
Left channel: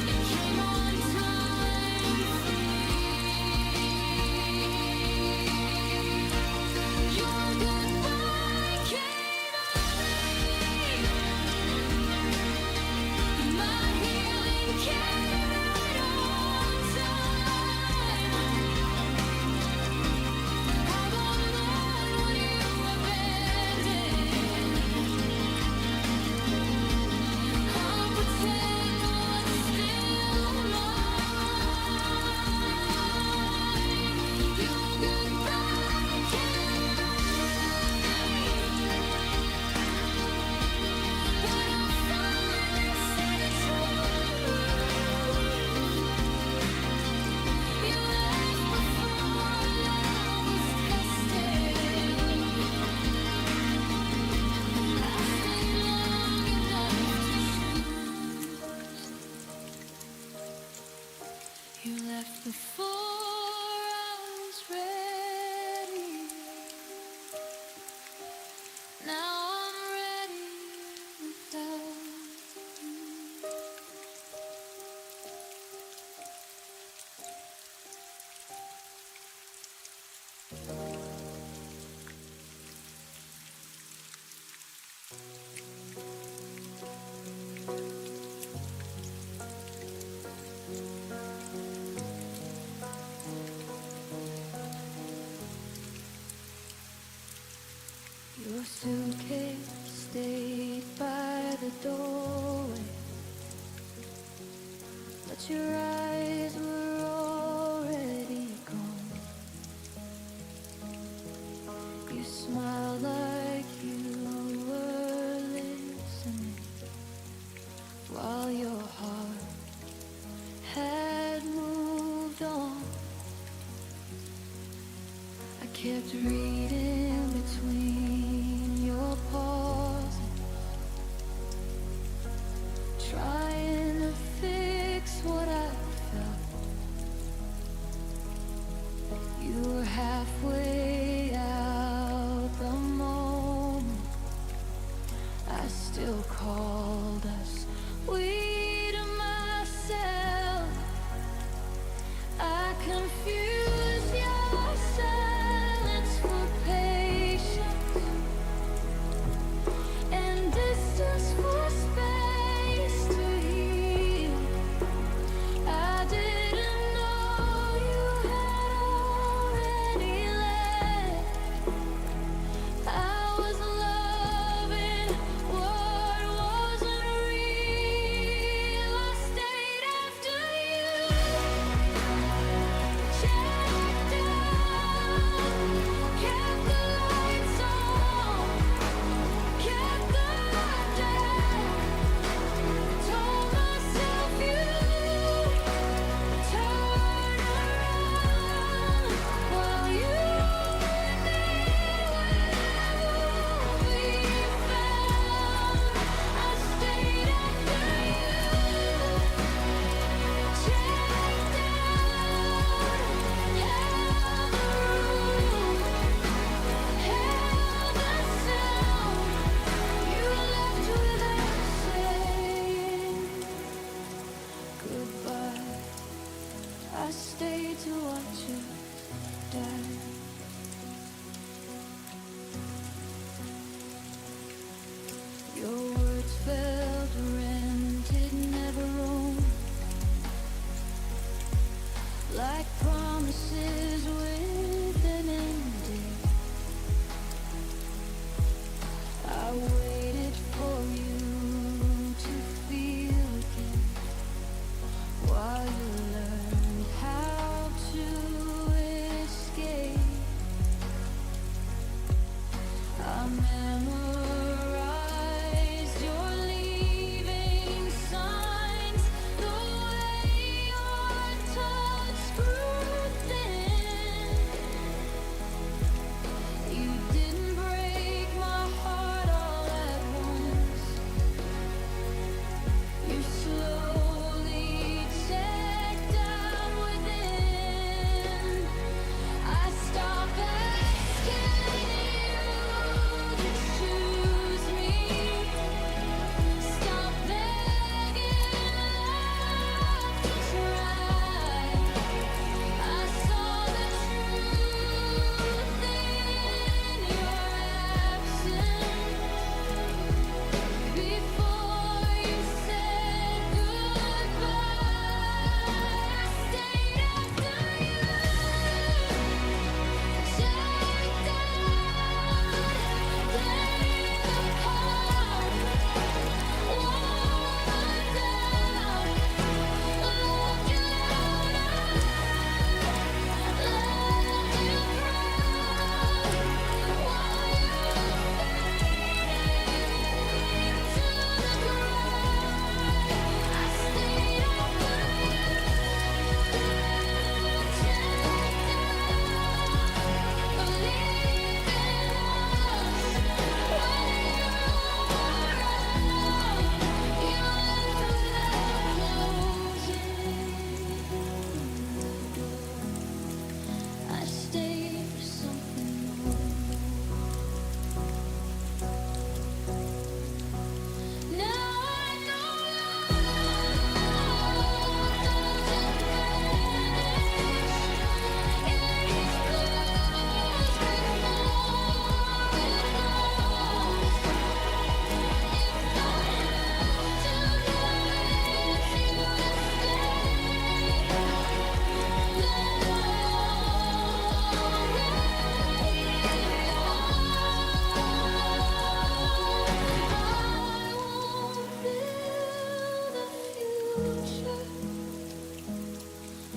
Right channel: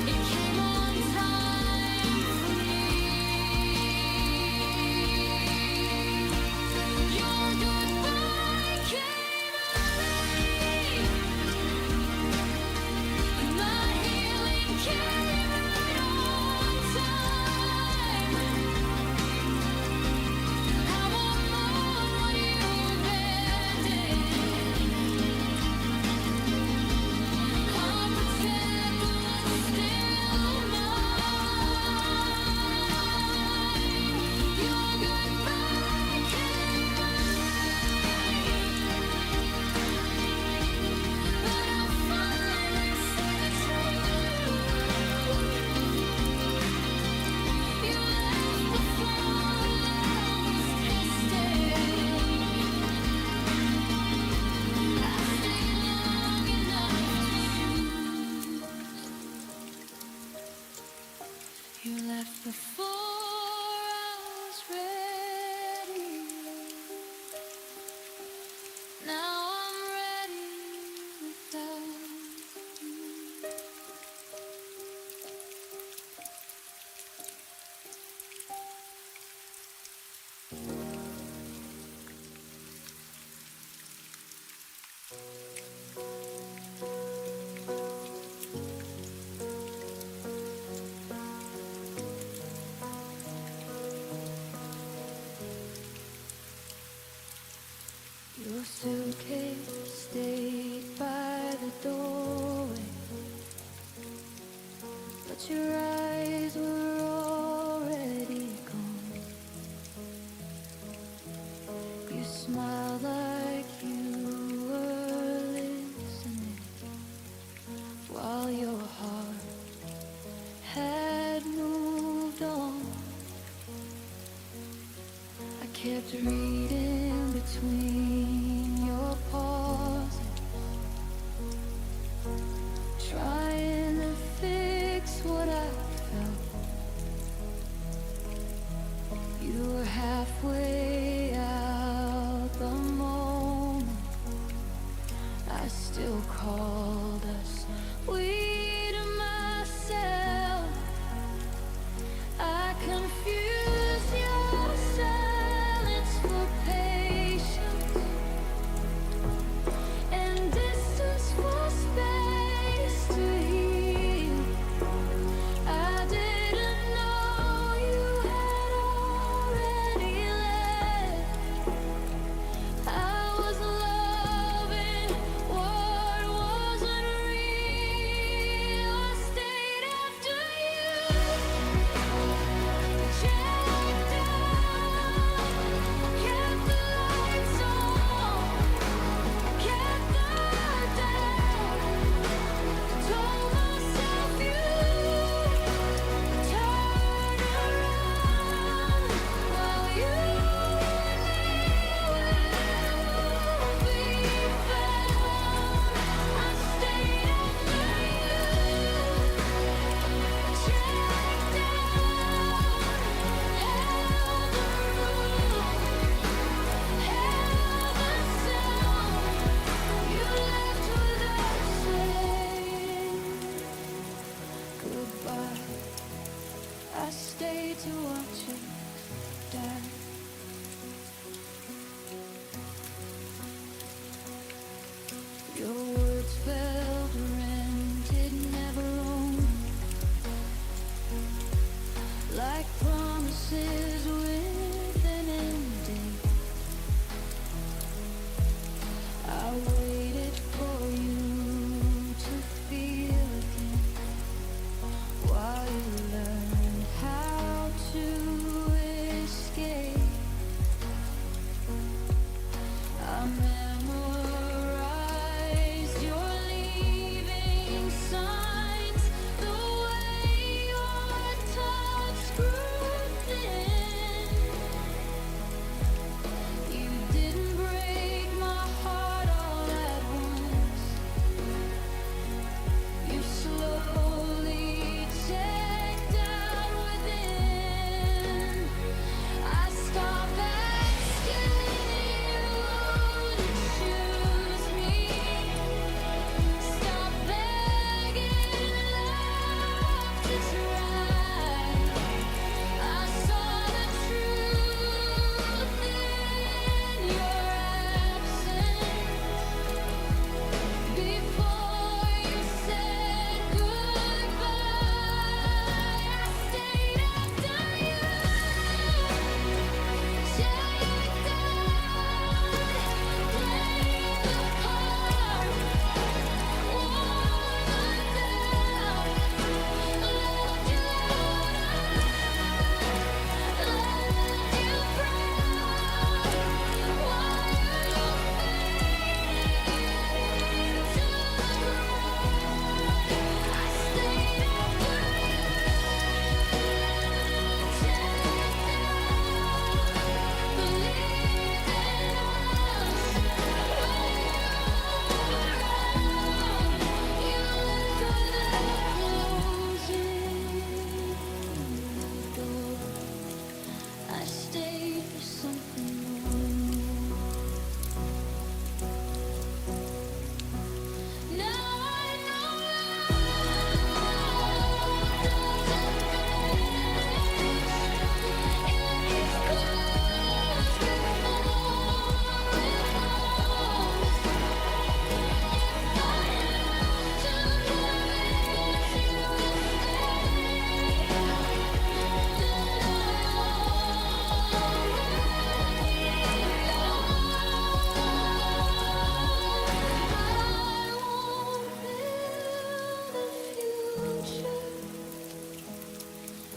It came on time for me. Your goodbye came early, but my healing came right on time. I won't mourn what you abandoned. I'll protect what's still mine. Your goodbye came early, but I finally see the truth. You left before love was tested. I stayed long enough to choose. You left before I was ready. Now I'm ready without you. Your suitcase stayed by the doorway, but your eyes were already gone. You smiled like you were listening, while your heart had moved on. I kept reading between your pauses, trying to fix what I felt. You were halfway out the moment I still called us we to myself. I confuse your silence for patience and distance for space to heal. I didn't know you had already left. I was loving what wasn't real. I stayed after you, checked out, kept the lights on, kept the doubt, told myself you turn around while you and me won't be found. I stayed after you, checked out, held the room, held the sound. You left without saying goodbye. I stayed to watch us die. Your words felt rented, never owned, like promises with an end date. I waited for you to feel again, while you learned how to escape. I memorized your leaving signs, the way your touch grew thin.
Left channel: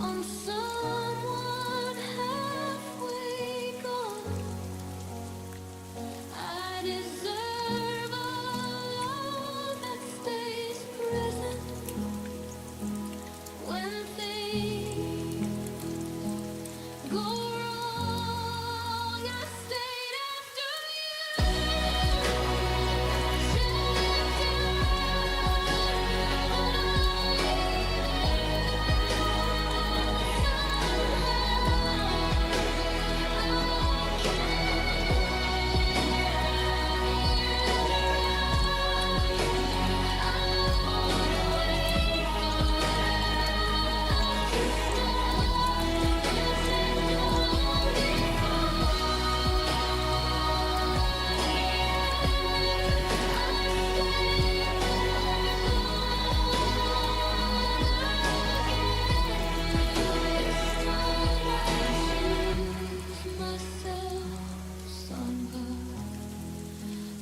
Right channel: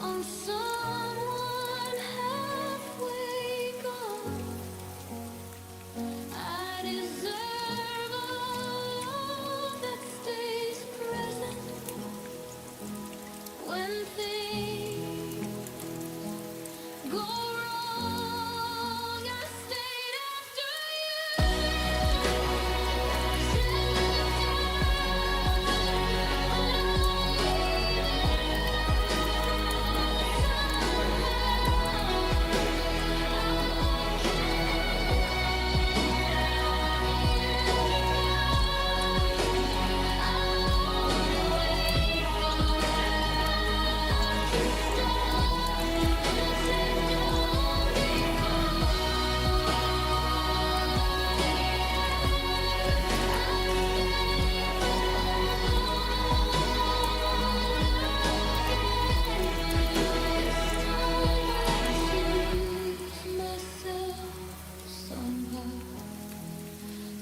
on someone halfway gone. I deserve a love that stays present when things go wrong. I stayed after you checked out, but I'm leaving now somehow. I won't care if you drown. I won't wait for love to stop. You checked out long before the end. I stayed, but I've gone again. This time I choose myself somehow.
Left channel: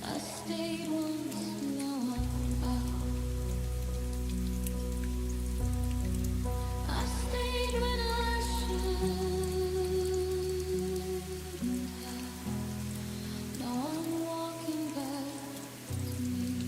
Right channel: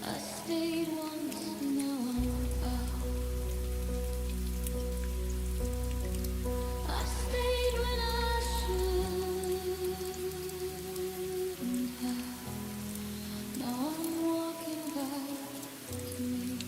I stayed once, now I'm out. I stayed when I shouldn't have. Now I'm walking back to me.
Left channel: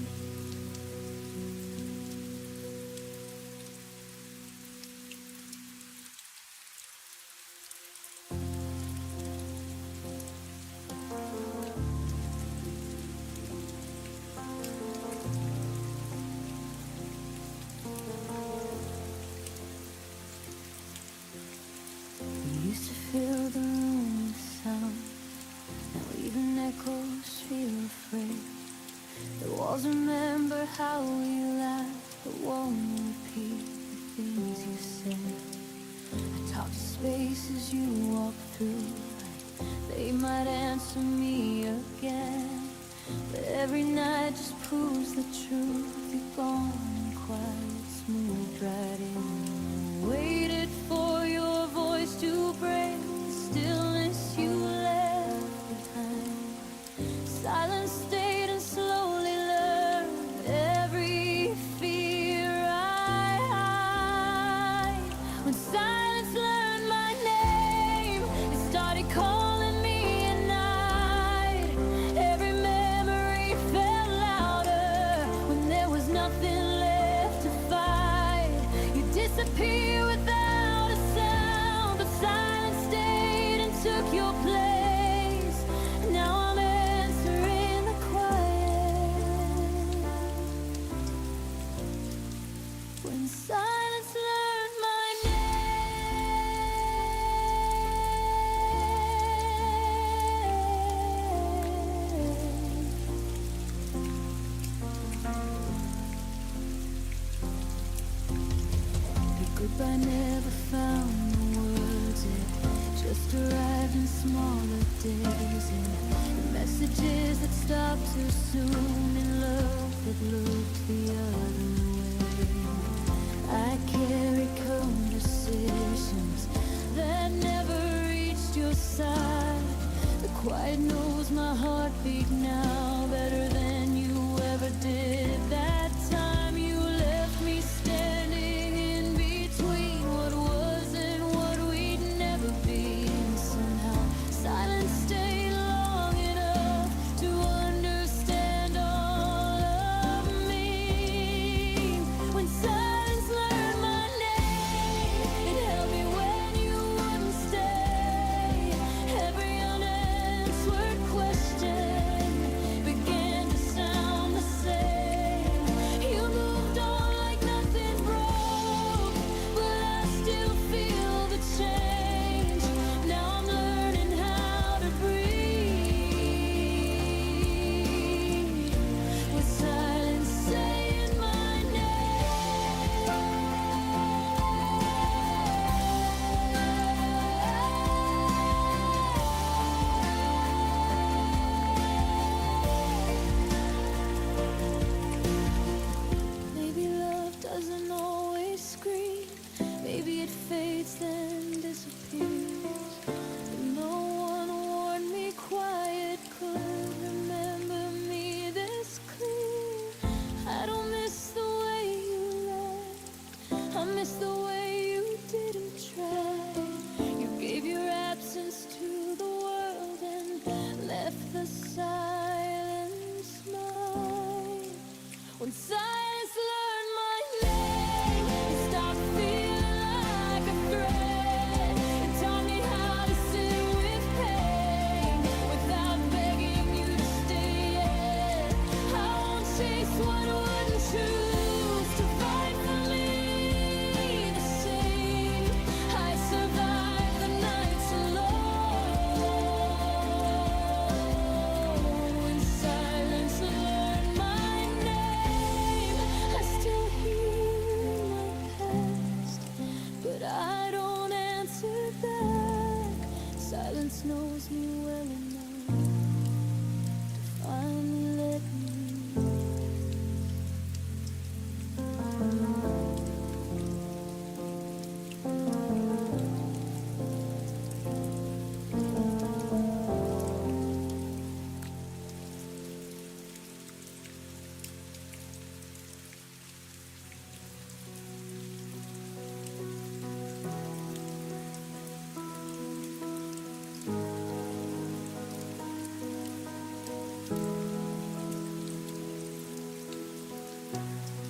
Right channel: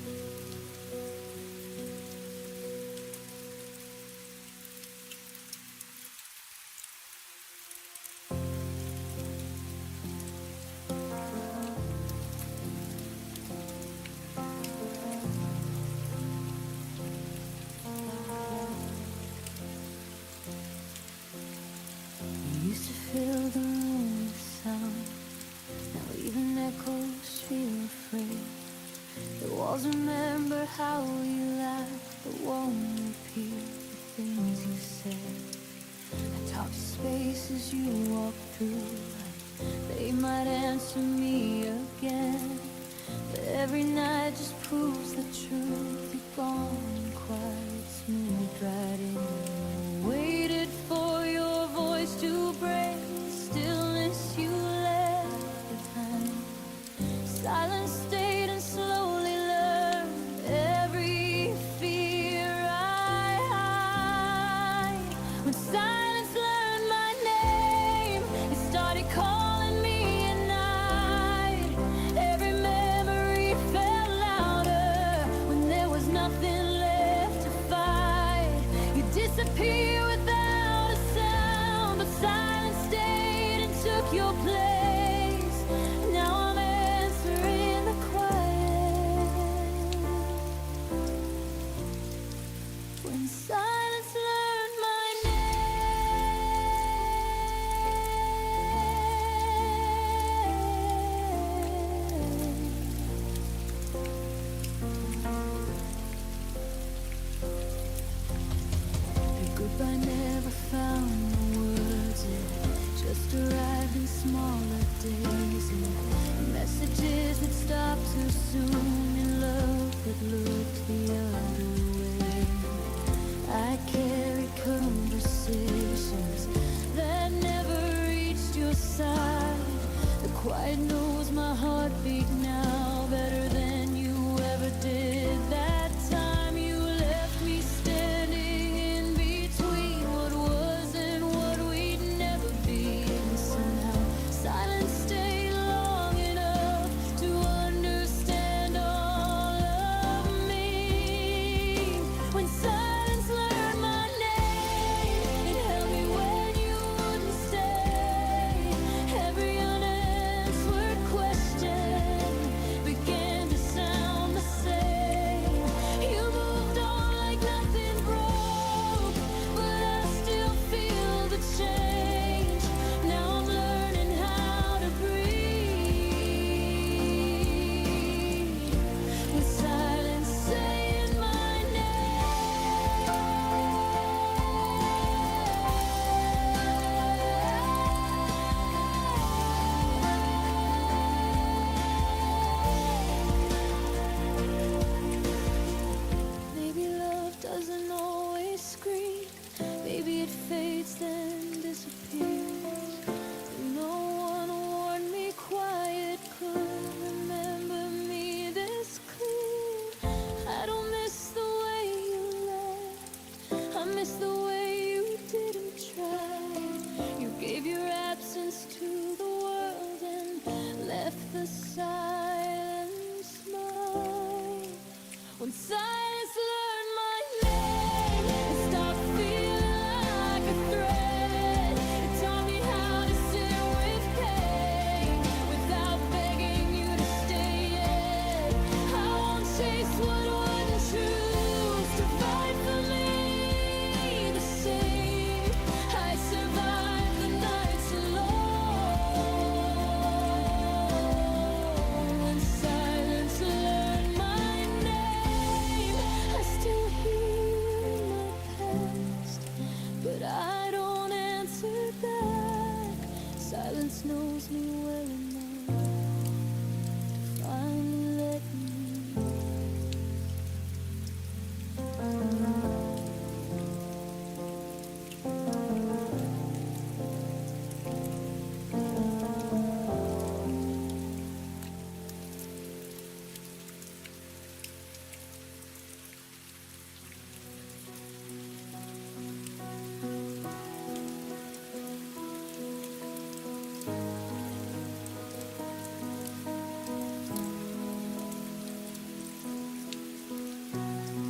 We used to fill the room with sound. Now even echoes feel afraid. The walls remember how we laughed, but won't repeat the things you said. I talk to spaces you walk through, like they might answer me again. But every night just proves the truth. You're gone quiet, moved right in. I waited for your voice to break the stillness you left behind. Silence stayed and slowly learned every fear I hide. When silence learned my name, it started calling me at night. Every memory fell louder when there was nothing left to fight. You disappear without a sound, but silence stayed and took your place. Now I'm answering the quiet. When silence learned my name. Your goodbye never found the words. It just arrived in smaller days, in messages that stopped too soon, in love that looked the other way. I carry conversations that never reached your side. The quiet knows my heartbeat now better than you ever did. That time you left me standing in between what was and what we'd never be. And somehow silence stayed long enough to understand all of me. When silence learned my name, it held me when you wouldn't stay. Every unanswered question began to sound the same. You moved on like nothing broke, but I still feel the change. Now I'm learning how to breathe with silence saying my name. Maybe love doesn't always scream. Maybe it fades then disappears. But no one warned me quiet could remember me this clear. I don't miss the way you left. I miss miss the way you didn't try. You gave your absence to the world and left the silence mine. When silence learned my name, it stopped feeling like a threat. It taught me how to sit with pain without begging you to stay yet. I won't chase what wouldn't choose to fight for me the same. I survived the nights alone. When silence learned my name, I still hear my past, but I don't answer back. Silence knows me well enough to finally let me.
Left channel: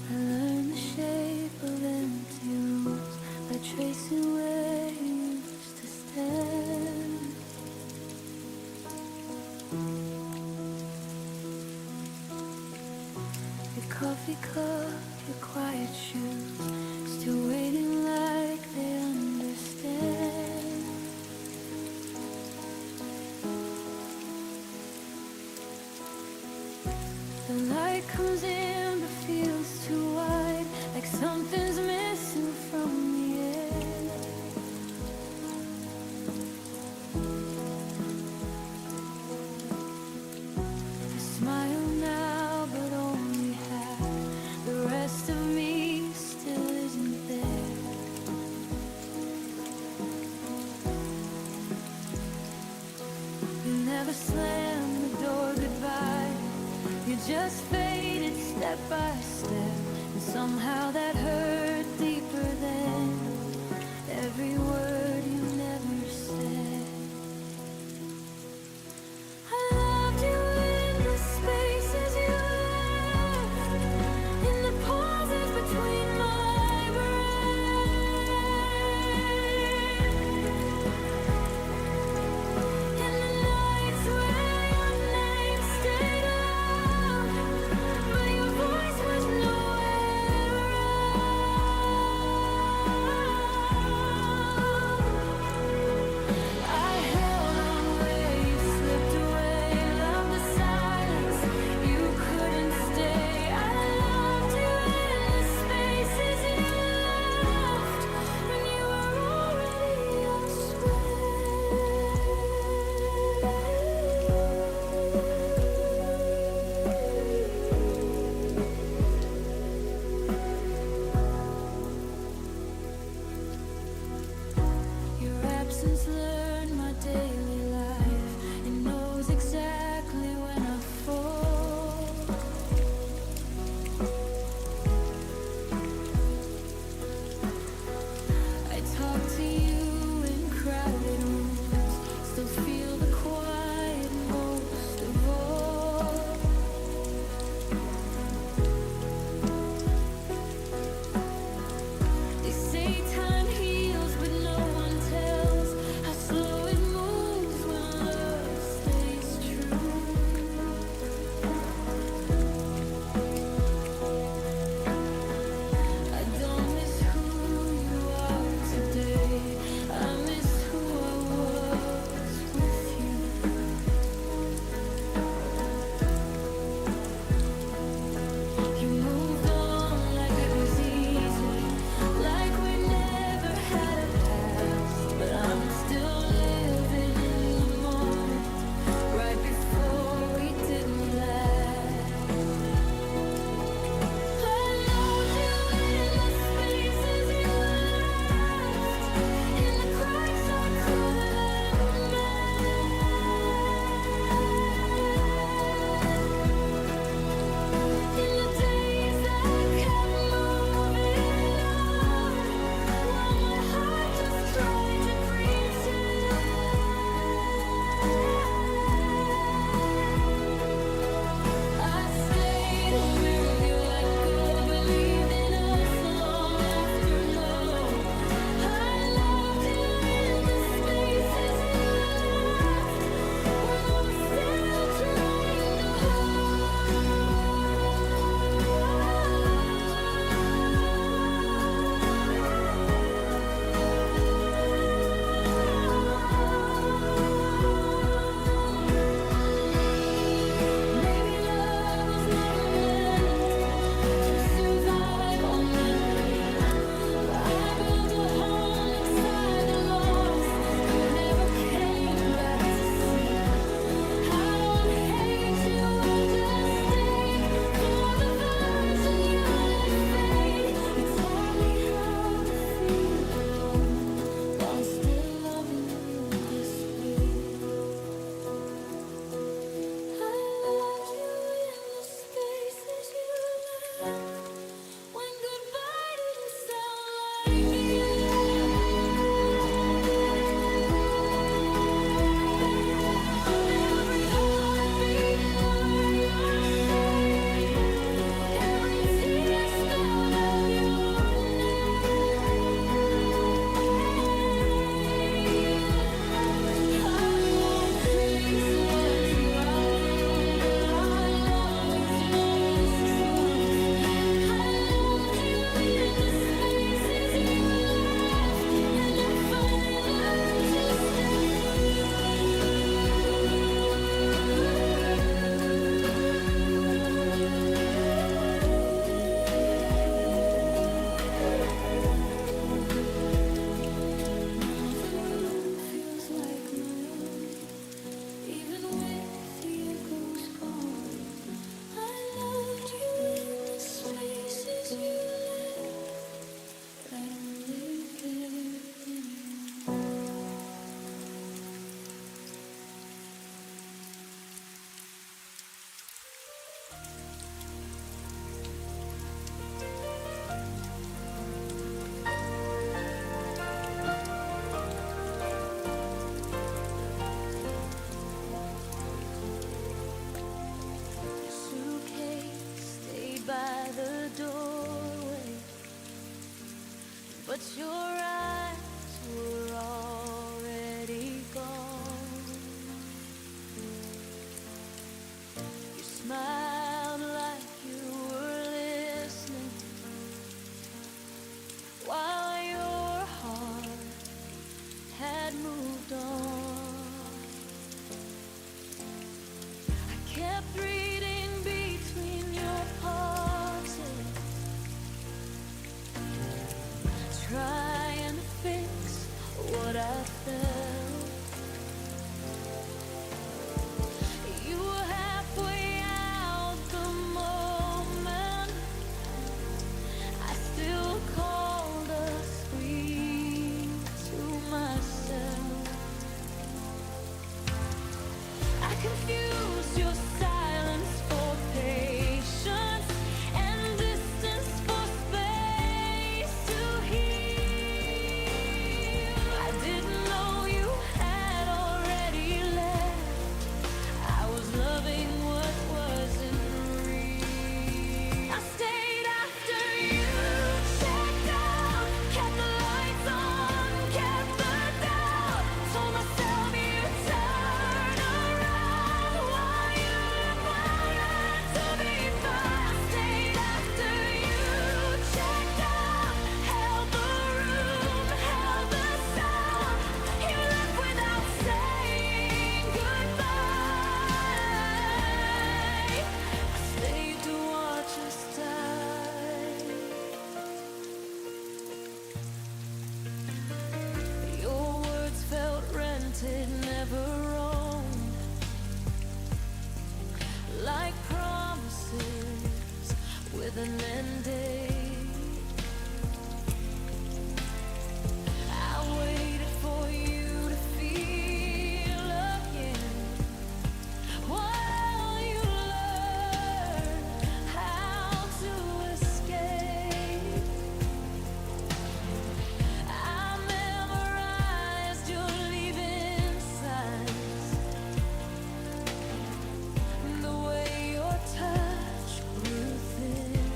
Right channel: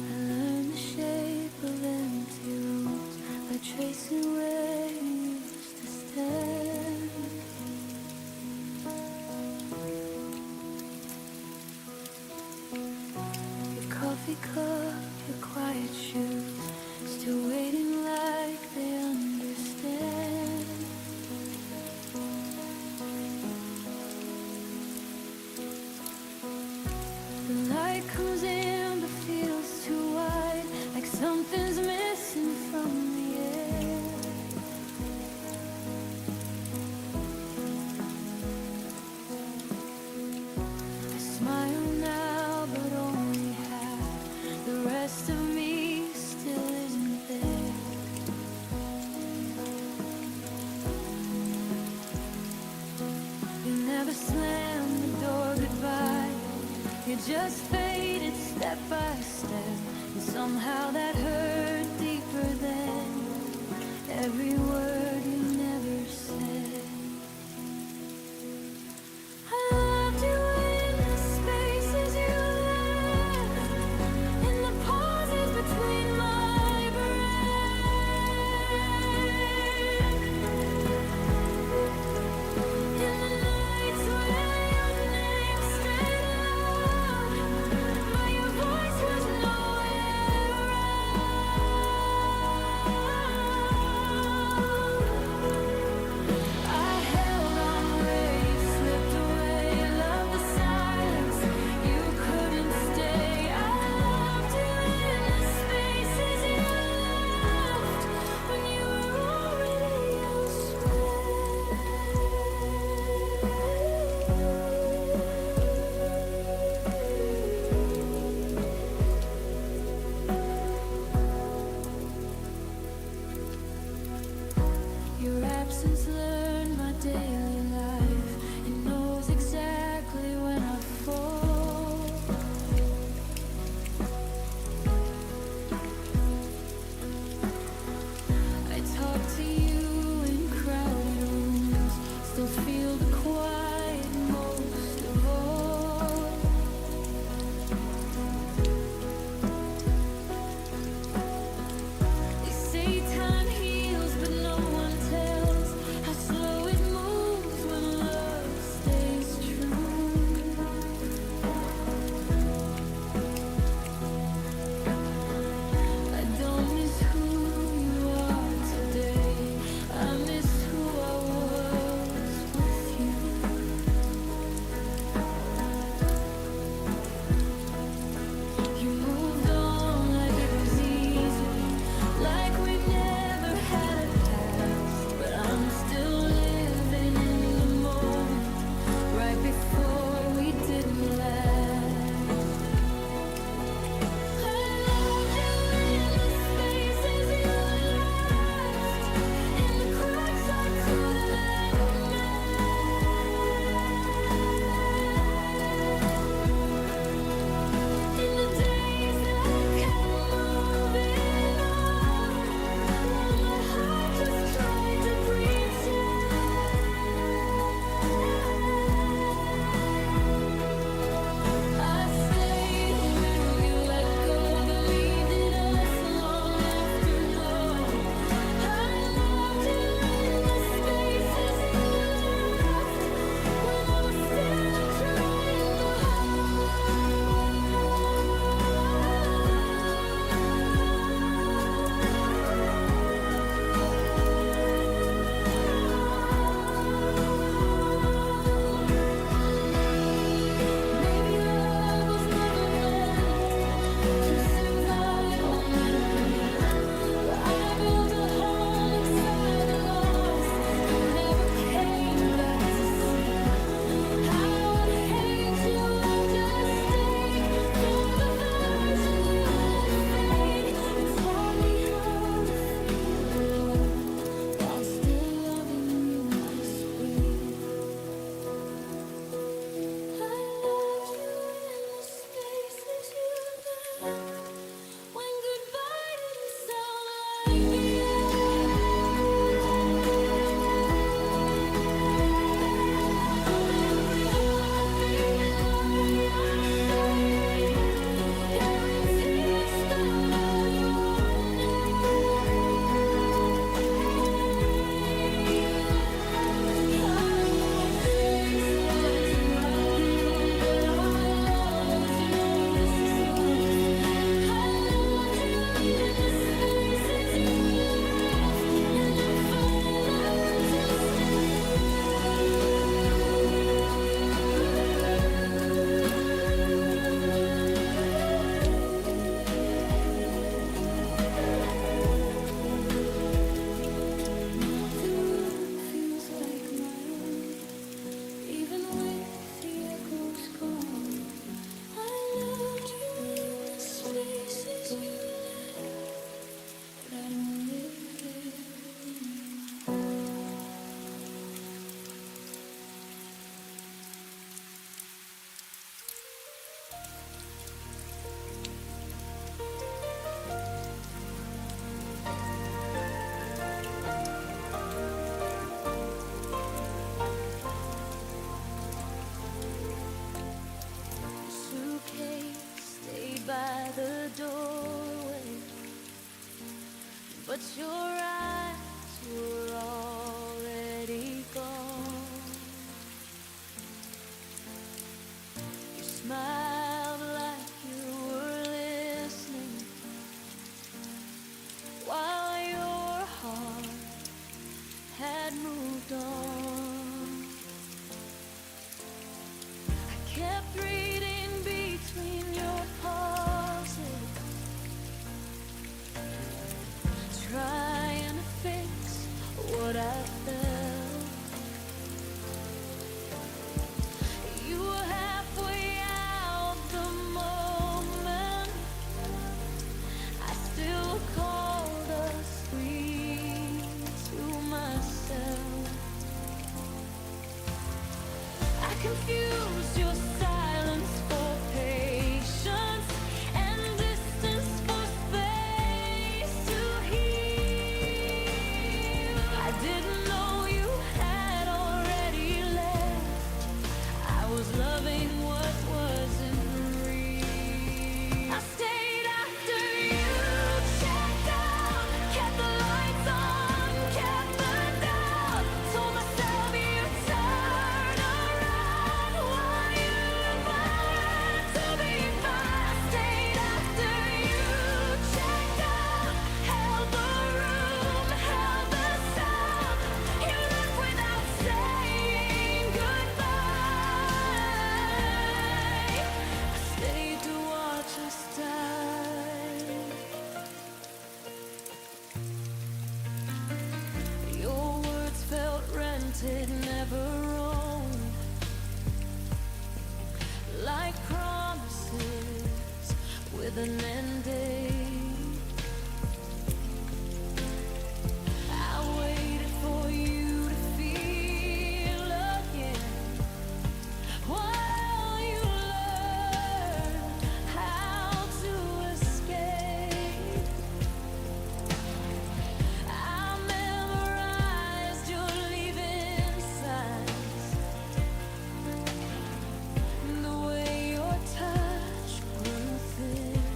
I learned the shape of empty rooms by tracing where you used to stand. Your coffee cup, your quiet shoes, still waiting like they understand. The light comes in but feels too wide, like something's missing from the air. I smile now but only half. The rest of me still isn't there. You never slammed the door goodbye. You just faded step by step, and somehow that hurt deeper than every word you never said. I loved you in the spaces you left, in the pauses between my breath, in the nights where your name stayed loud, but your voice was nowhere around. I held on where you slipped away, loved the silence, you couldn't stay. I loved you in the spaces you left when you were already elsewhere. Your absence learned my daily life. It knows exactly when I fall. I talk to you in crowded rooms, still feel the quiet most of all. They say time heals, but no one tells how slow it moves when love stays true. I don't miss who you are today, I miss who I was with you. You moved on like it was easy, like we never had a past, but I'm still living in the moment, right before we didn't last. I loved you in the spaces but your eyes were already gone. You smiled like you were listening, while your heart had moved on. I kept reading between your pauses, trying to fix what I felt. You were halfway out the moment I still called us free to myself. I confused your silence for patience and distance for space to heal. I didn't know you had already left. I was loving what wasn't real. I stayed after you checked out, kept the lights on, kept the doubt. Told myself you turn around while you wanted to be fine. I stayed after you checked out, held the room, held the sound. You left without saying goodbye. I stayed to watch us die. Your words felt rented, never owned, like promises with an end date. I waited for you to feel again while you learn how to escape. I memorized your leaving signs, the way your touch grew thin.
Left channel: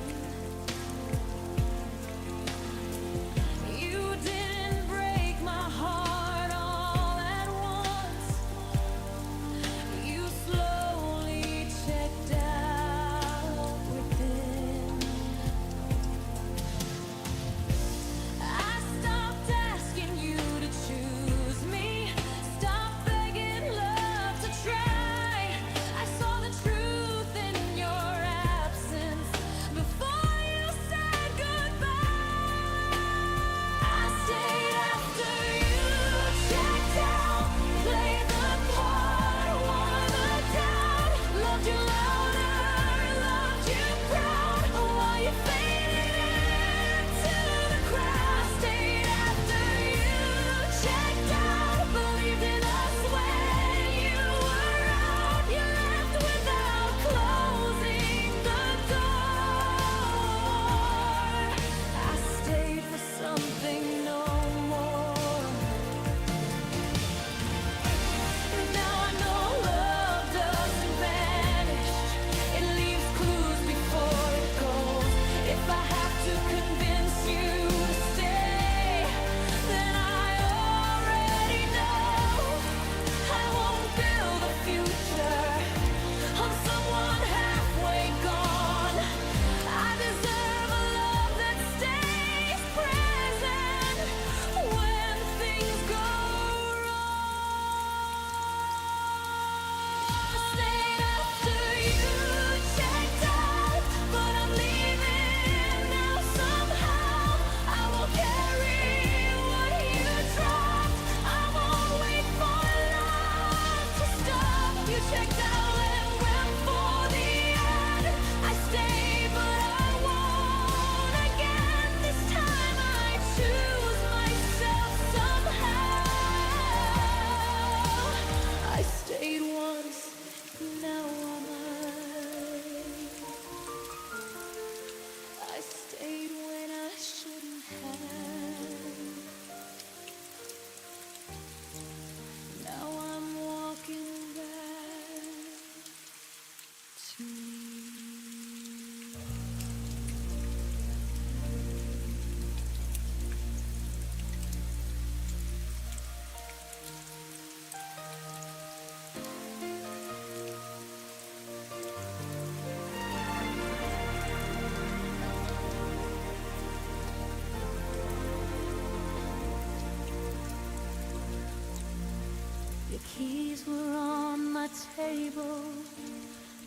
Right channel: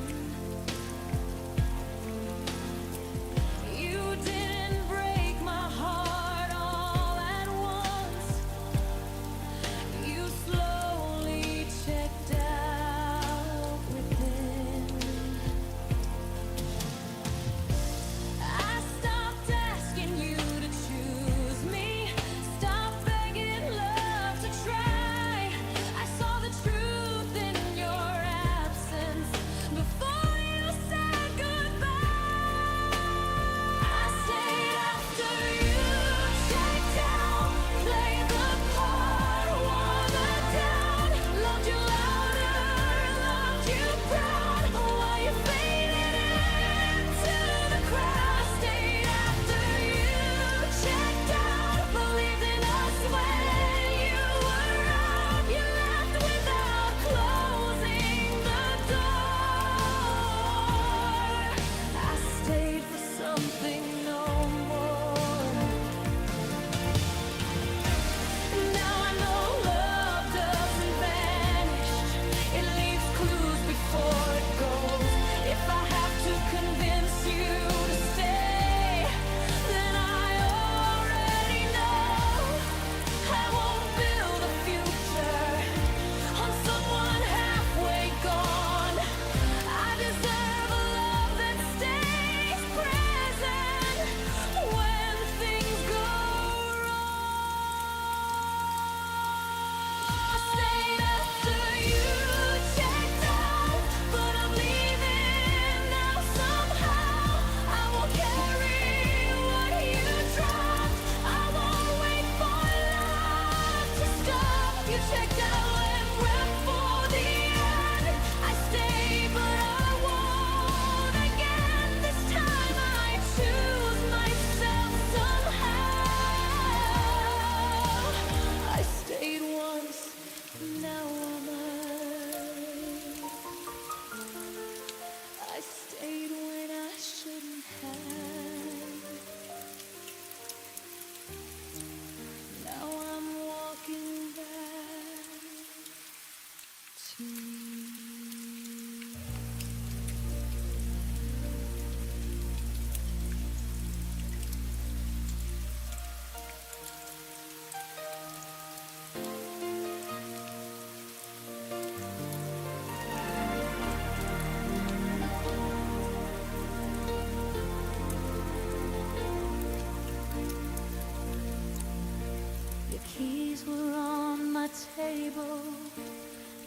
keys were on my table,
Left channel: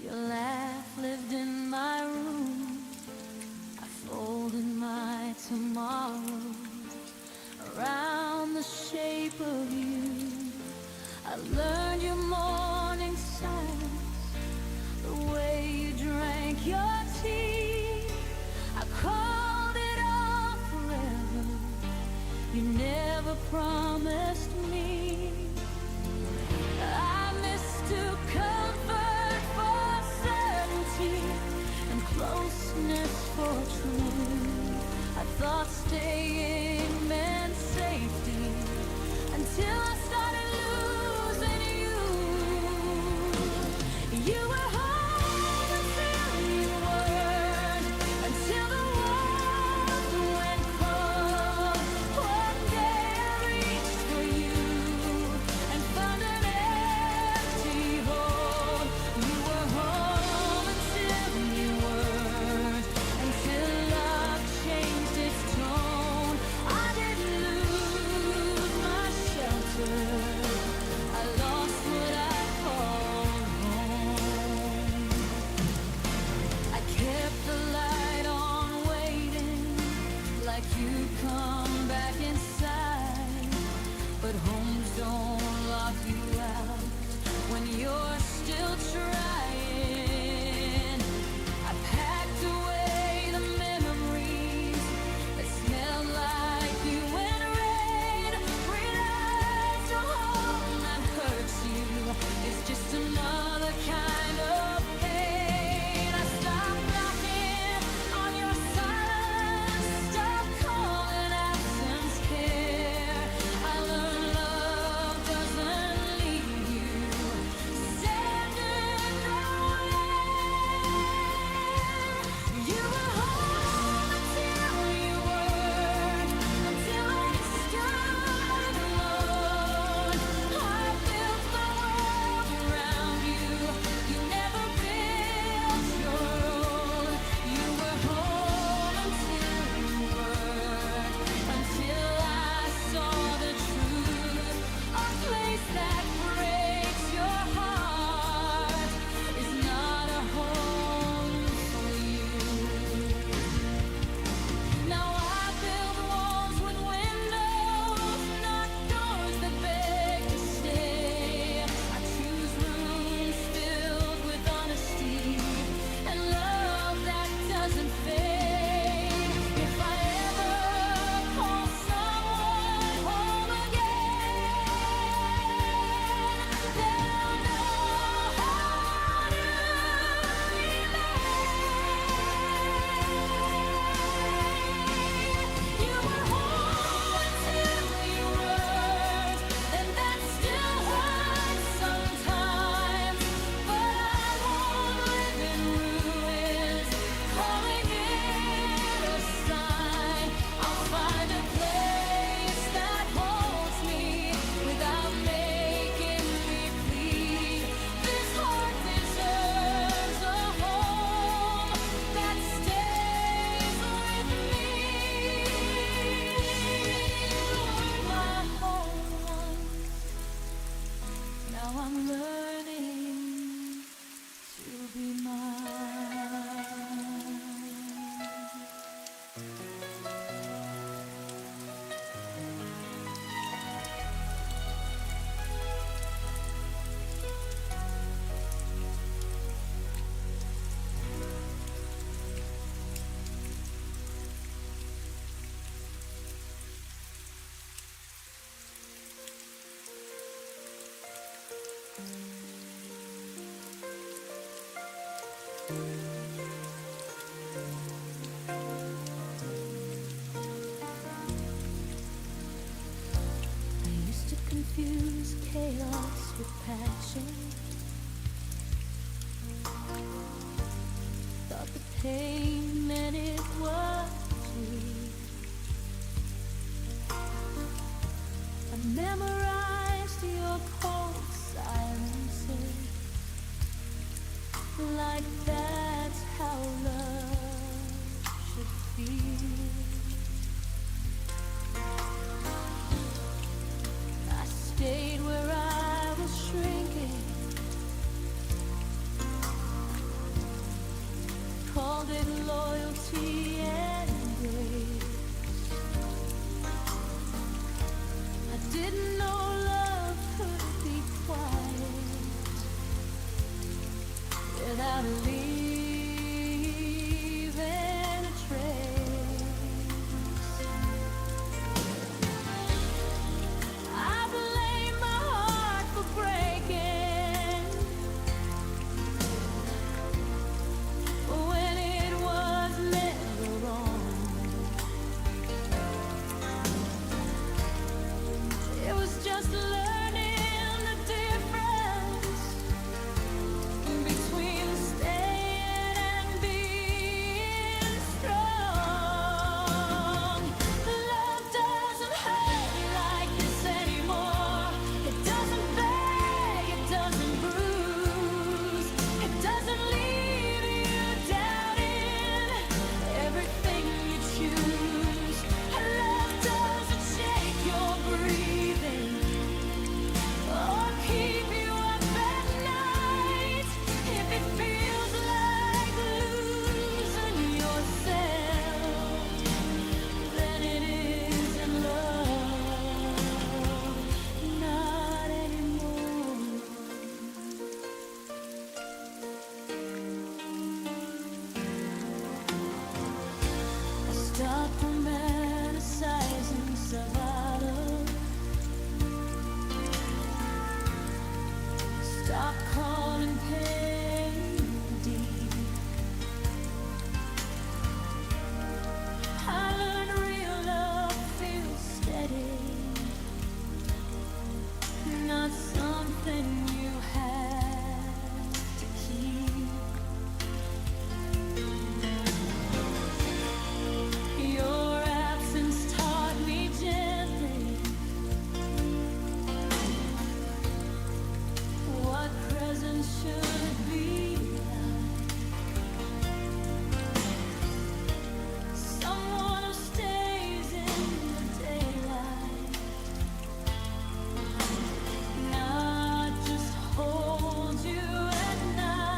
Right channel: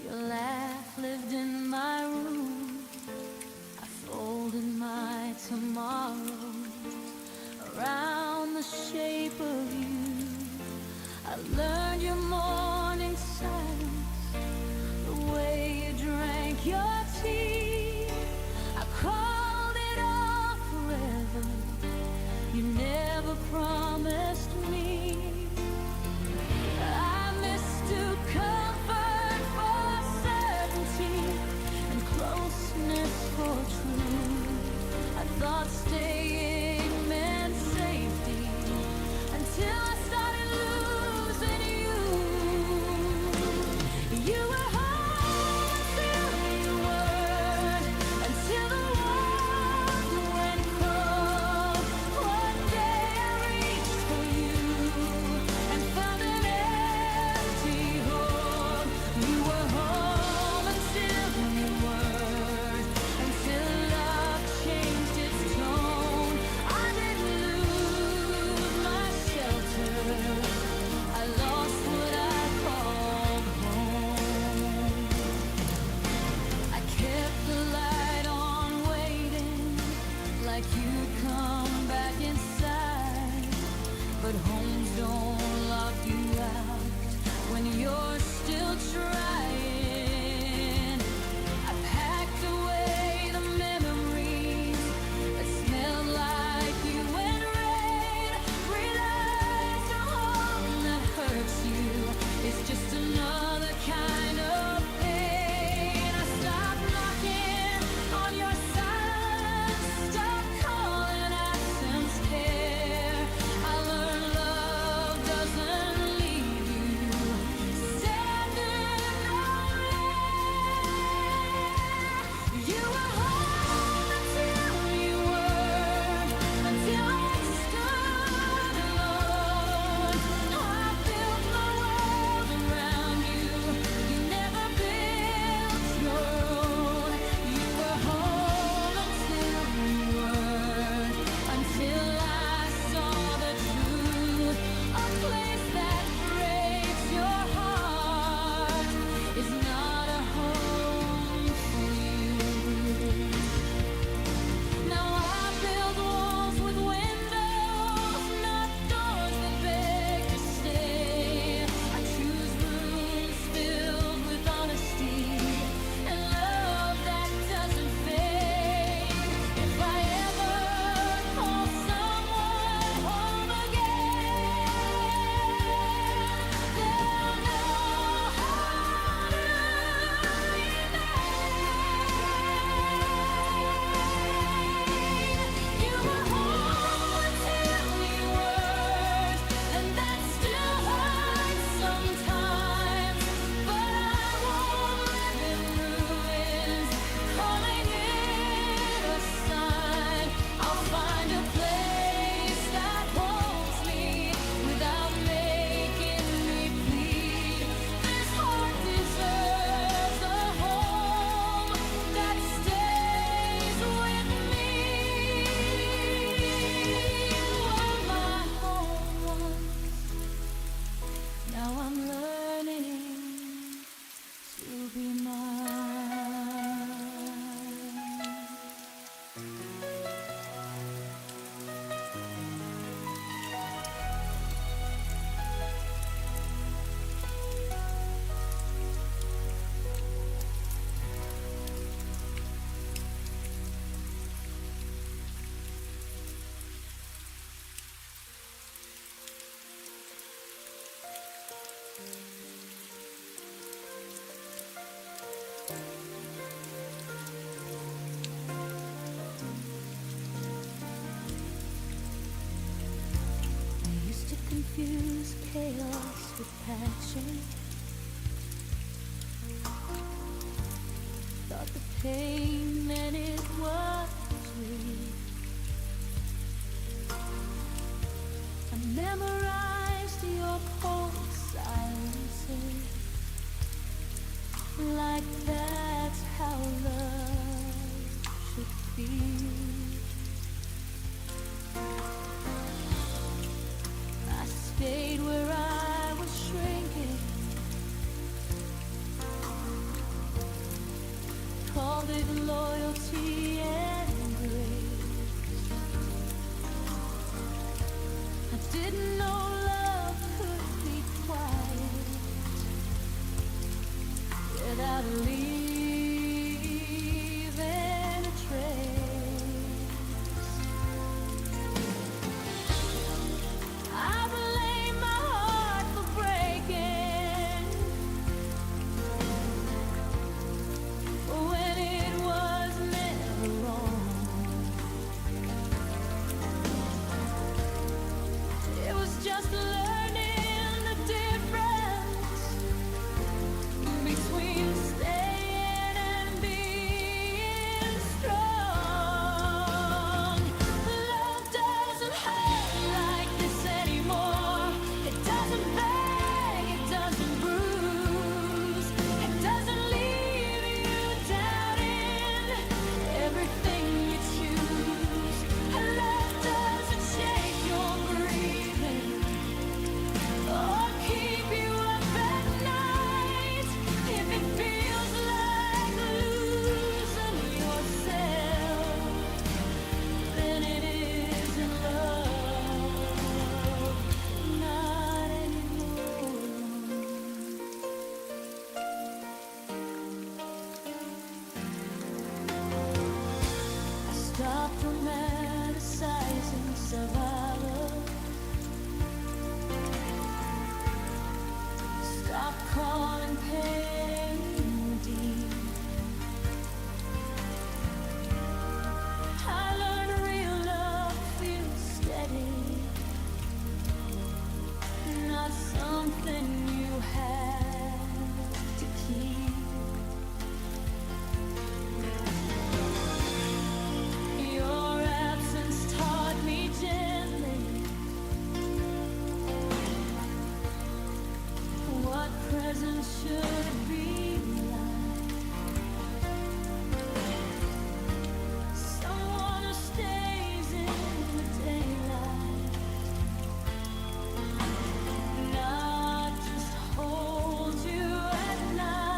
your laugh lived in my room. I folded my tomorrow around the shape of you. I learned your morning silence, the way you drank your tea. I called it all forever. You never promised me. I mistook comfort for certainty and closeness for truth. I thought staying meant safety until I started losing you. You were home until you weren't, until the warmth went cold. One day I reached for you and found an empty hold. You were home until you weren't, until love changed its tone. I didn't lose my shelter, I lost what I called home. I kept the light on waiting, like you'd come back inside. But homes don't lock you out when you're still trying. I packed away the memories that smelled like you and rain. Realized a home that hurts you is just another kind of pain. I stopped knocking on your silence, stopped calling absence care. I learned love doesn't leave you standing nowhere. You were home until you weren't, until I stood alone. I built my world around you, you never built your own. You were home until you weren't, until I saw the truth. A place that breaks your heart is not a home for you. Now I build walls with windows, not doors that beg to stay. I choose rooms filled with honesty and love that doesn't fade. If I ever call someone home again, they'll know how to remain. You were home until you weren't, and that still hurts sometimes. But I won't live in ruins, calling it a sign. I'll find a place that holds me without making me plead. This heart deserves a home that stays with me. You were my home once, now I'm learning to be mine. I used to confuse chaos with passion. Thought the pain meant it was real. I memorized your cold silences, like that's how love should feel. I stayed where I was shrinking. Called it loyalty and grace. I didn't know love could be quiet without leaving a trace. I blame my heart for breaking when it was never wrong. It was just learning the difference between staying and being strong. Love doesn't hurt like this anymore. It doesn't beg, it doesn't bruise, it doesn't leave you doubting everything you choose. Love doesn't shake your breathing or keep you up at night. If it feels like losing yourself, then it isn't love, not anymore. I stopped romanticizing survival. Stop calling pain deep. I learned real love feels steady, not something you have to keep. Your absence taught me gently what presence should be like. Someone who stays in the daylight, not just holds you at night.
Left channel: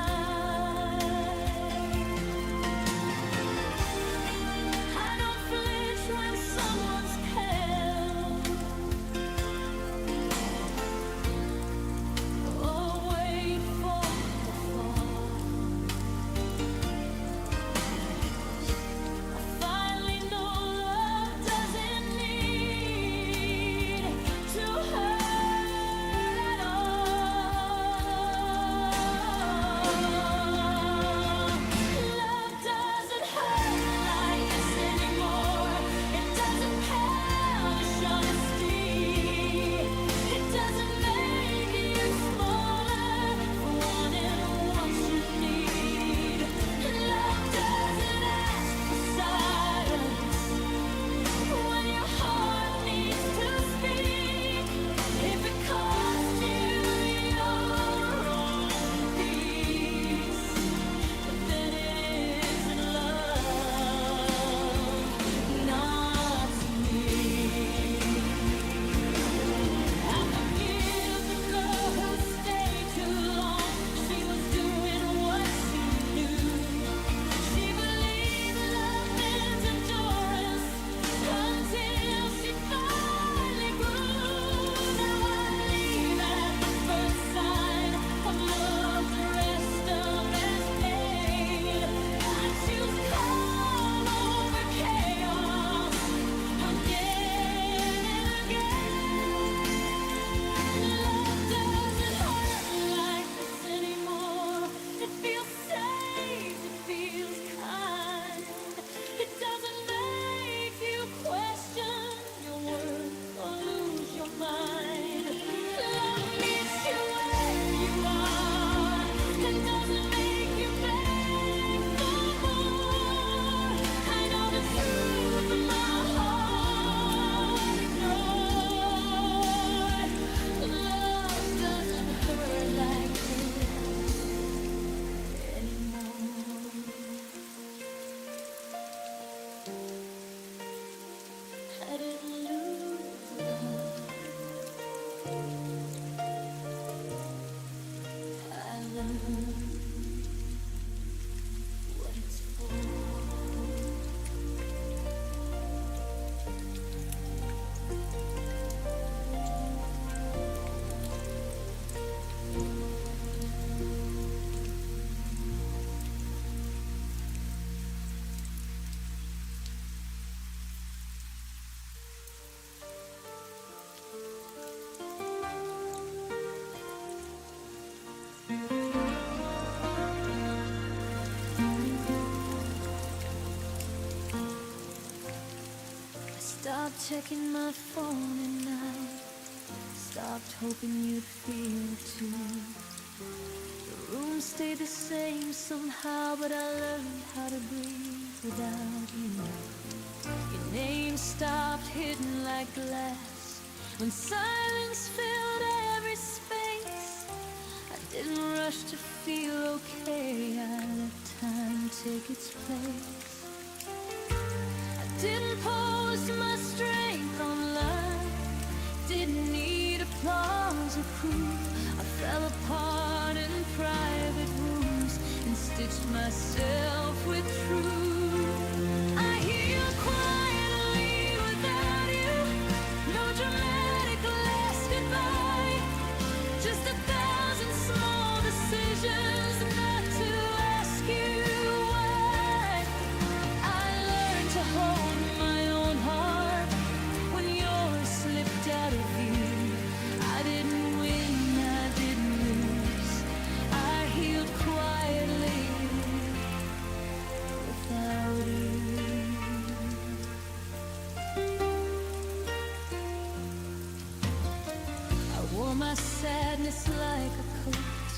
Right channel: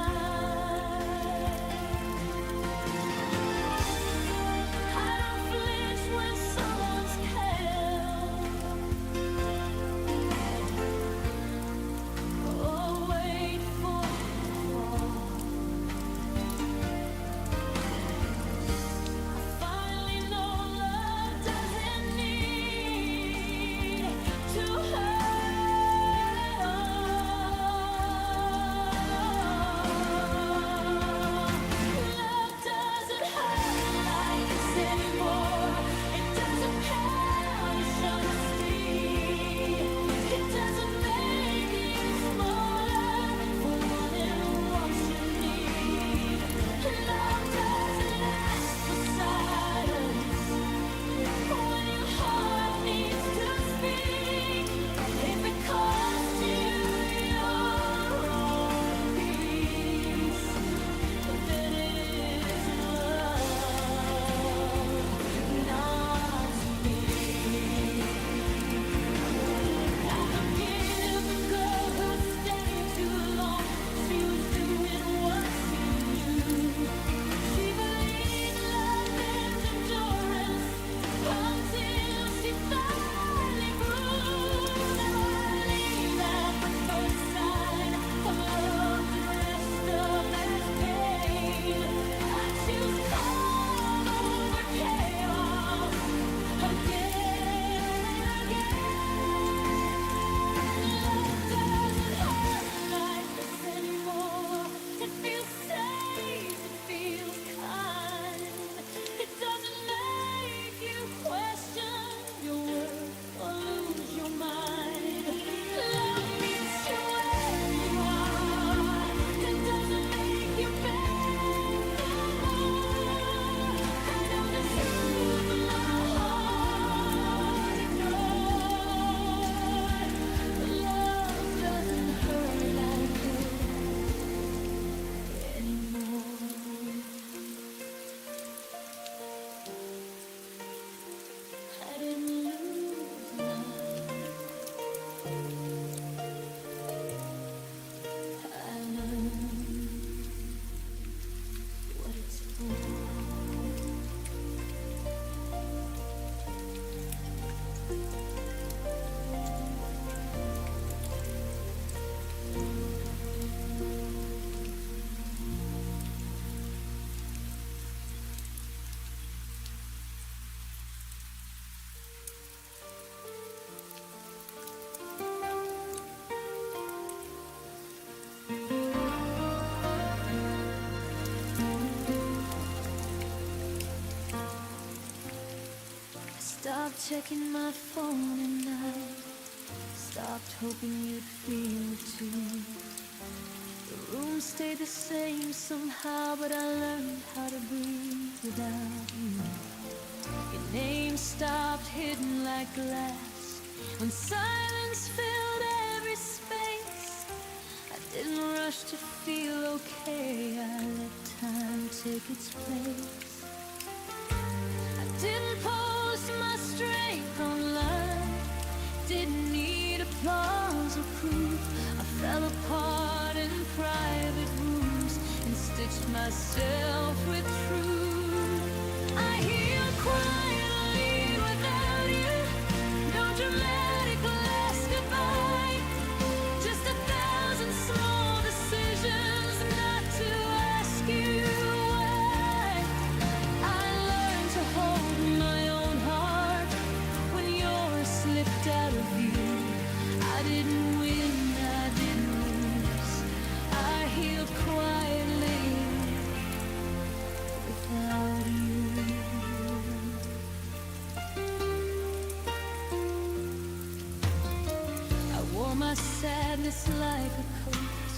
I don't flinch when someone's held or wait for the fall. Stopped checking my phone at night. Stopped hoping you'd feel it too. The room stayed the same somehow, but I learned how to breathe without you. Your name stopped hidden like glass when silence filled every space. I didn't rush to feel okay, I let time take its place. I didn't post my strength online, didn't need applause or proof. I fell apart in private rooms and stitched myself with truth. I healed quietly without you, no dramatic last goodbye, just 1,000 small decisions not to ask you why. I learned to hold my own heart when yours slipped out of view. I didn't win, I didn't lose. I healed quietly without you. I wore my sadness like a coat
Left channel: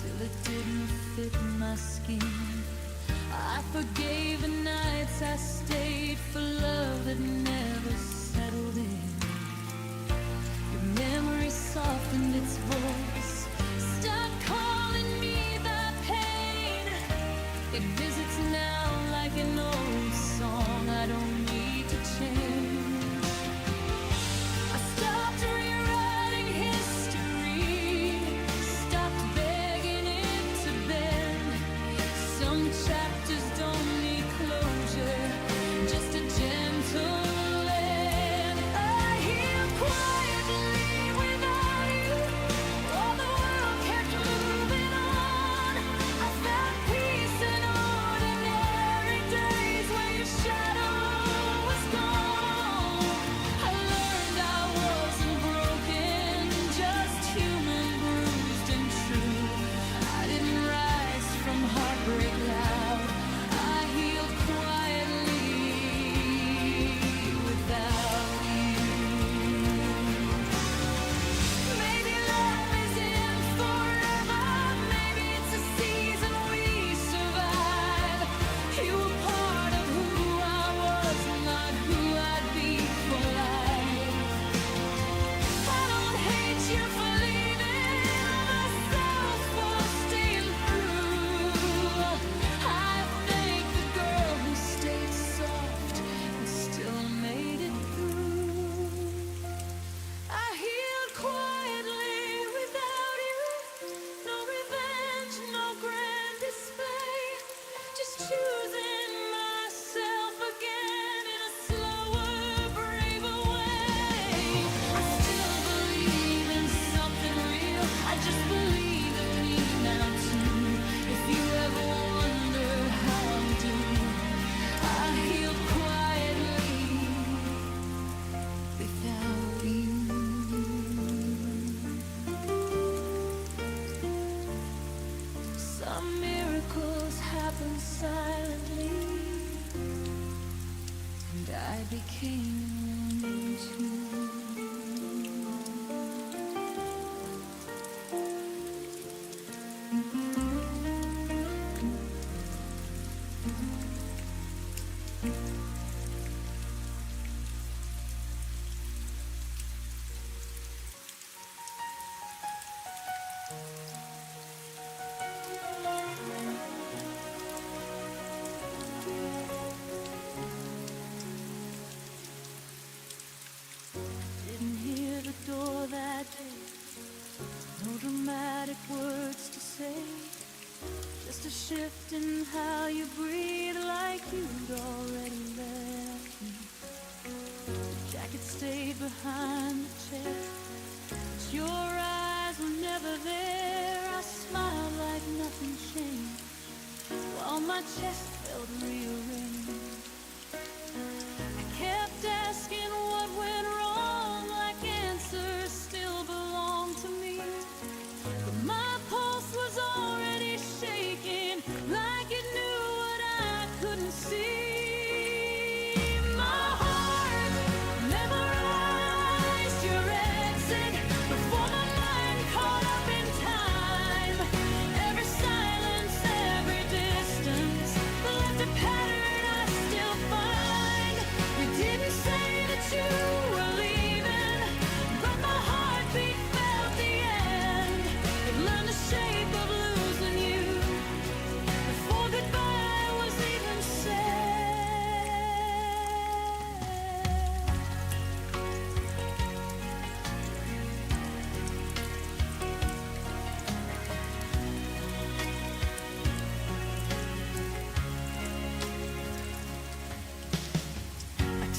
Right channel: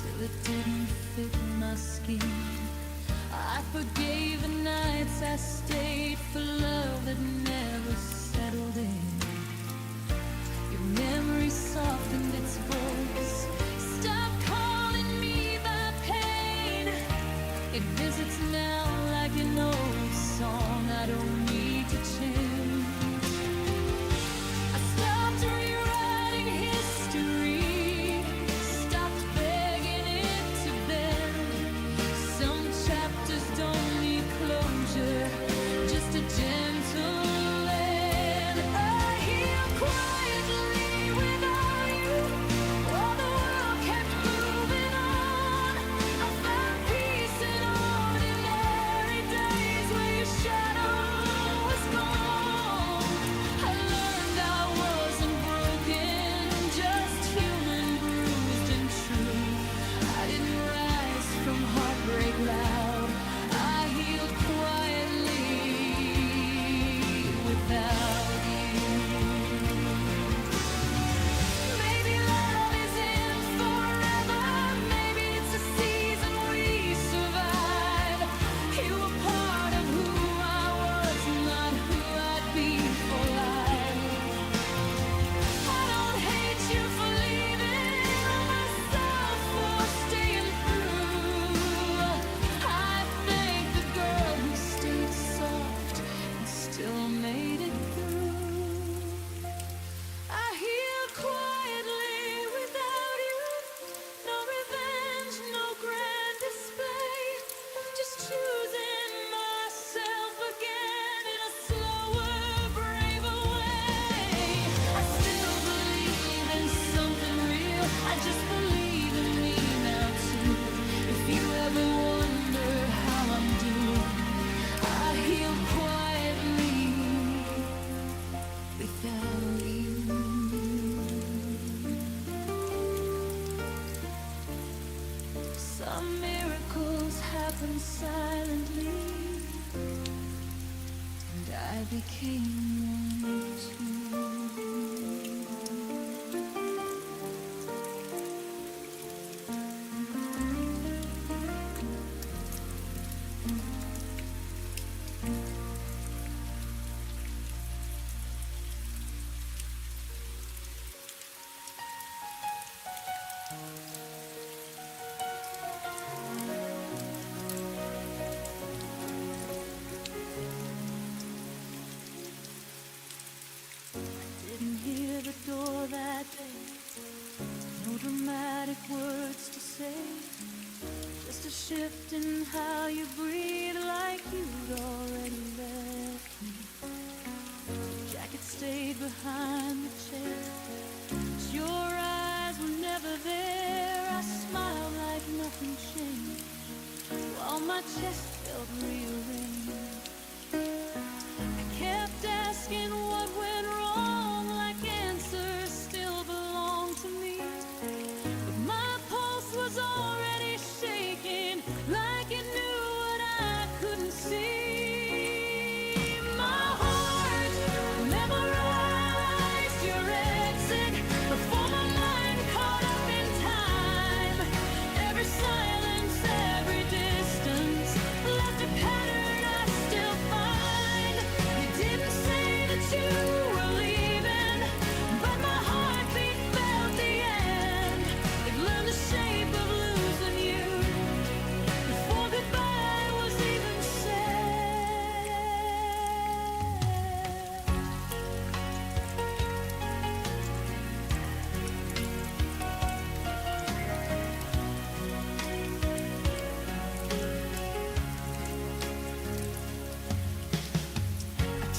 till it didn't fit my skin. I forgave the nights I stayed for love that never settled in. Your memory softened its voice, stopped calling me by pain. It visits now like an old song I don't need to change. I stopped rewriting history, stopped begging it to bend. Some chapters don't need closure, just a gentle end. I healed quietly without you, while the world kept moving on. I found peace in ordinary days where your shadow was gone. I learned I wasn't broken, just human, bruised and true. I didn't rise from heartbreak loud, I healed quietly without you. Maybe love isn't forever, maybe it's a season we survive. You were part of who I was, not who I'd be for life. I don't hate you for leaving or myself for staying through. I thank the girl who stayed soft and still made it through. I healed quietly without you, no revenge, no grand display, just choosing myself again in a slower, braver way. I still believe in something real, I just believe in me now too. If you ever wonder how I'm doing, I healed quietly without you. Some miracles happen silently, and I became one too. Didn't hear the door that day, no dramatic words to say, just a shift in how you breathe like you'd already left me. Your jacket stayed behind the chair, but your eyes were never there. I smiled like nothing changed, while my chest felt rearranged. I kept asking what went wrong, like answers still belong to me. But my pulse was already shaking, like it knew what I couldn't see. My heart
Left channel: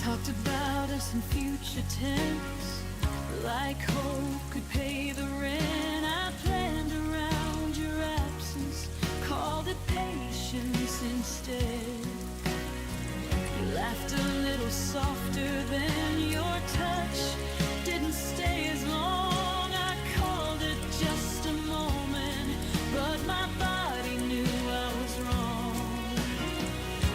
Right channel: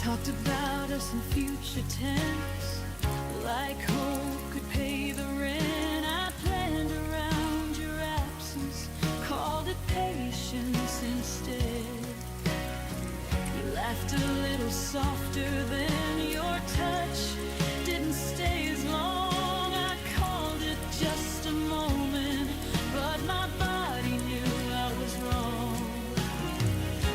talked about us in future tense, like hope could pay the rent. I planned around your absence, called it patience instead. You laughed a little softer than your touch didn't stay as long. I called it just a moment, but my body knew I was wrong.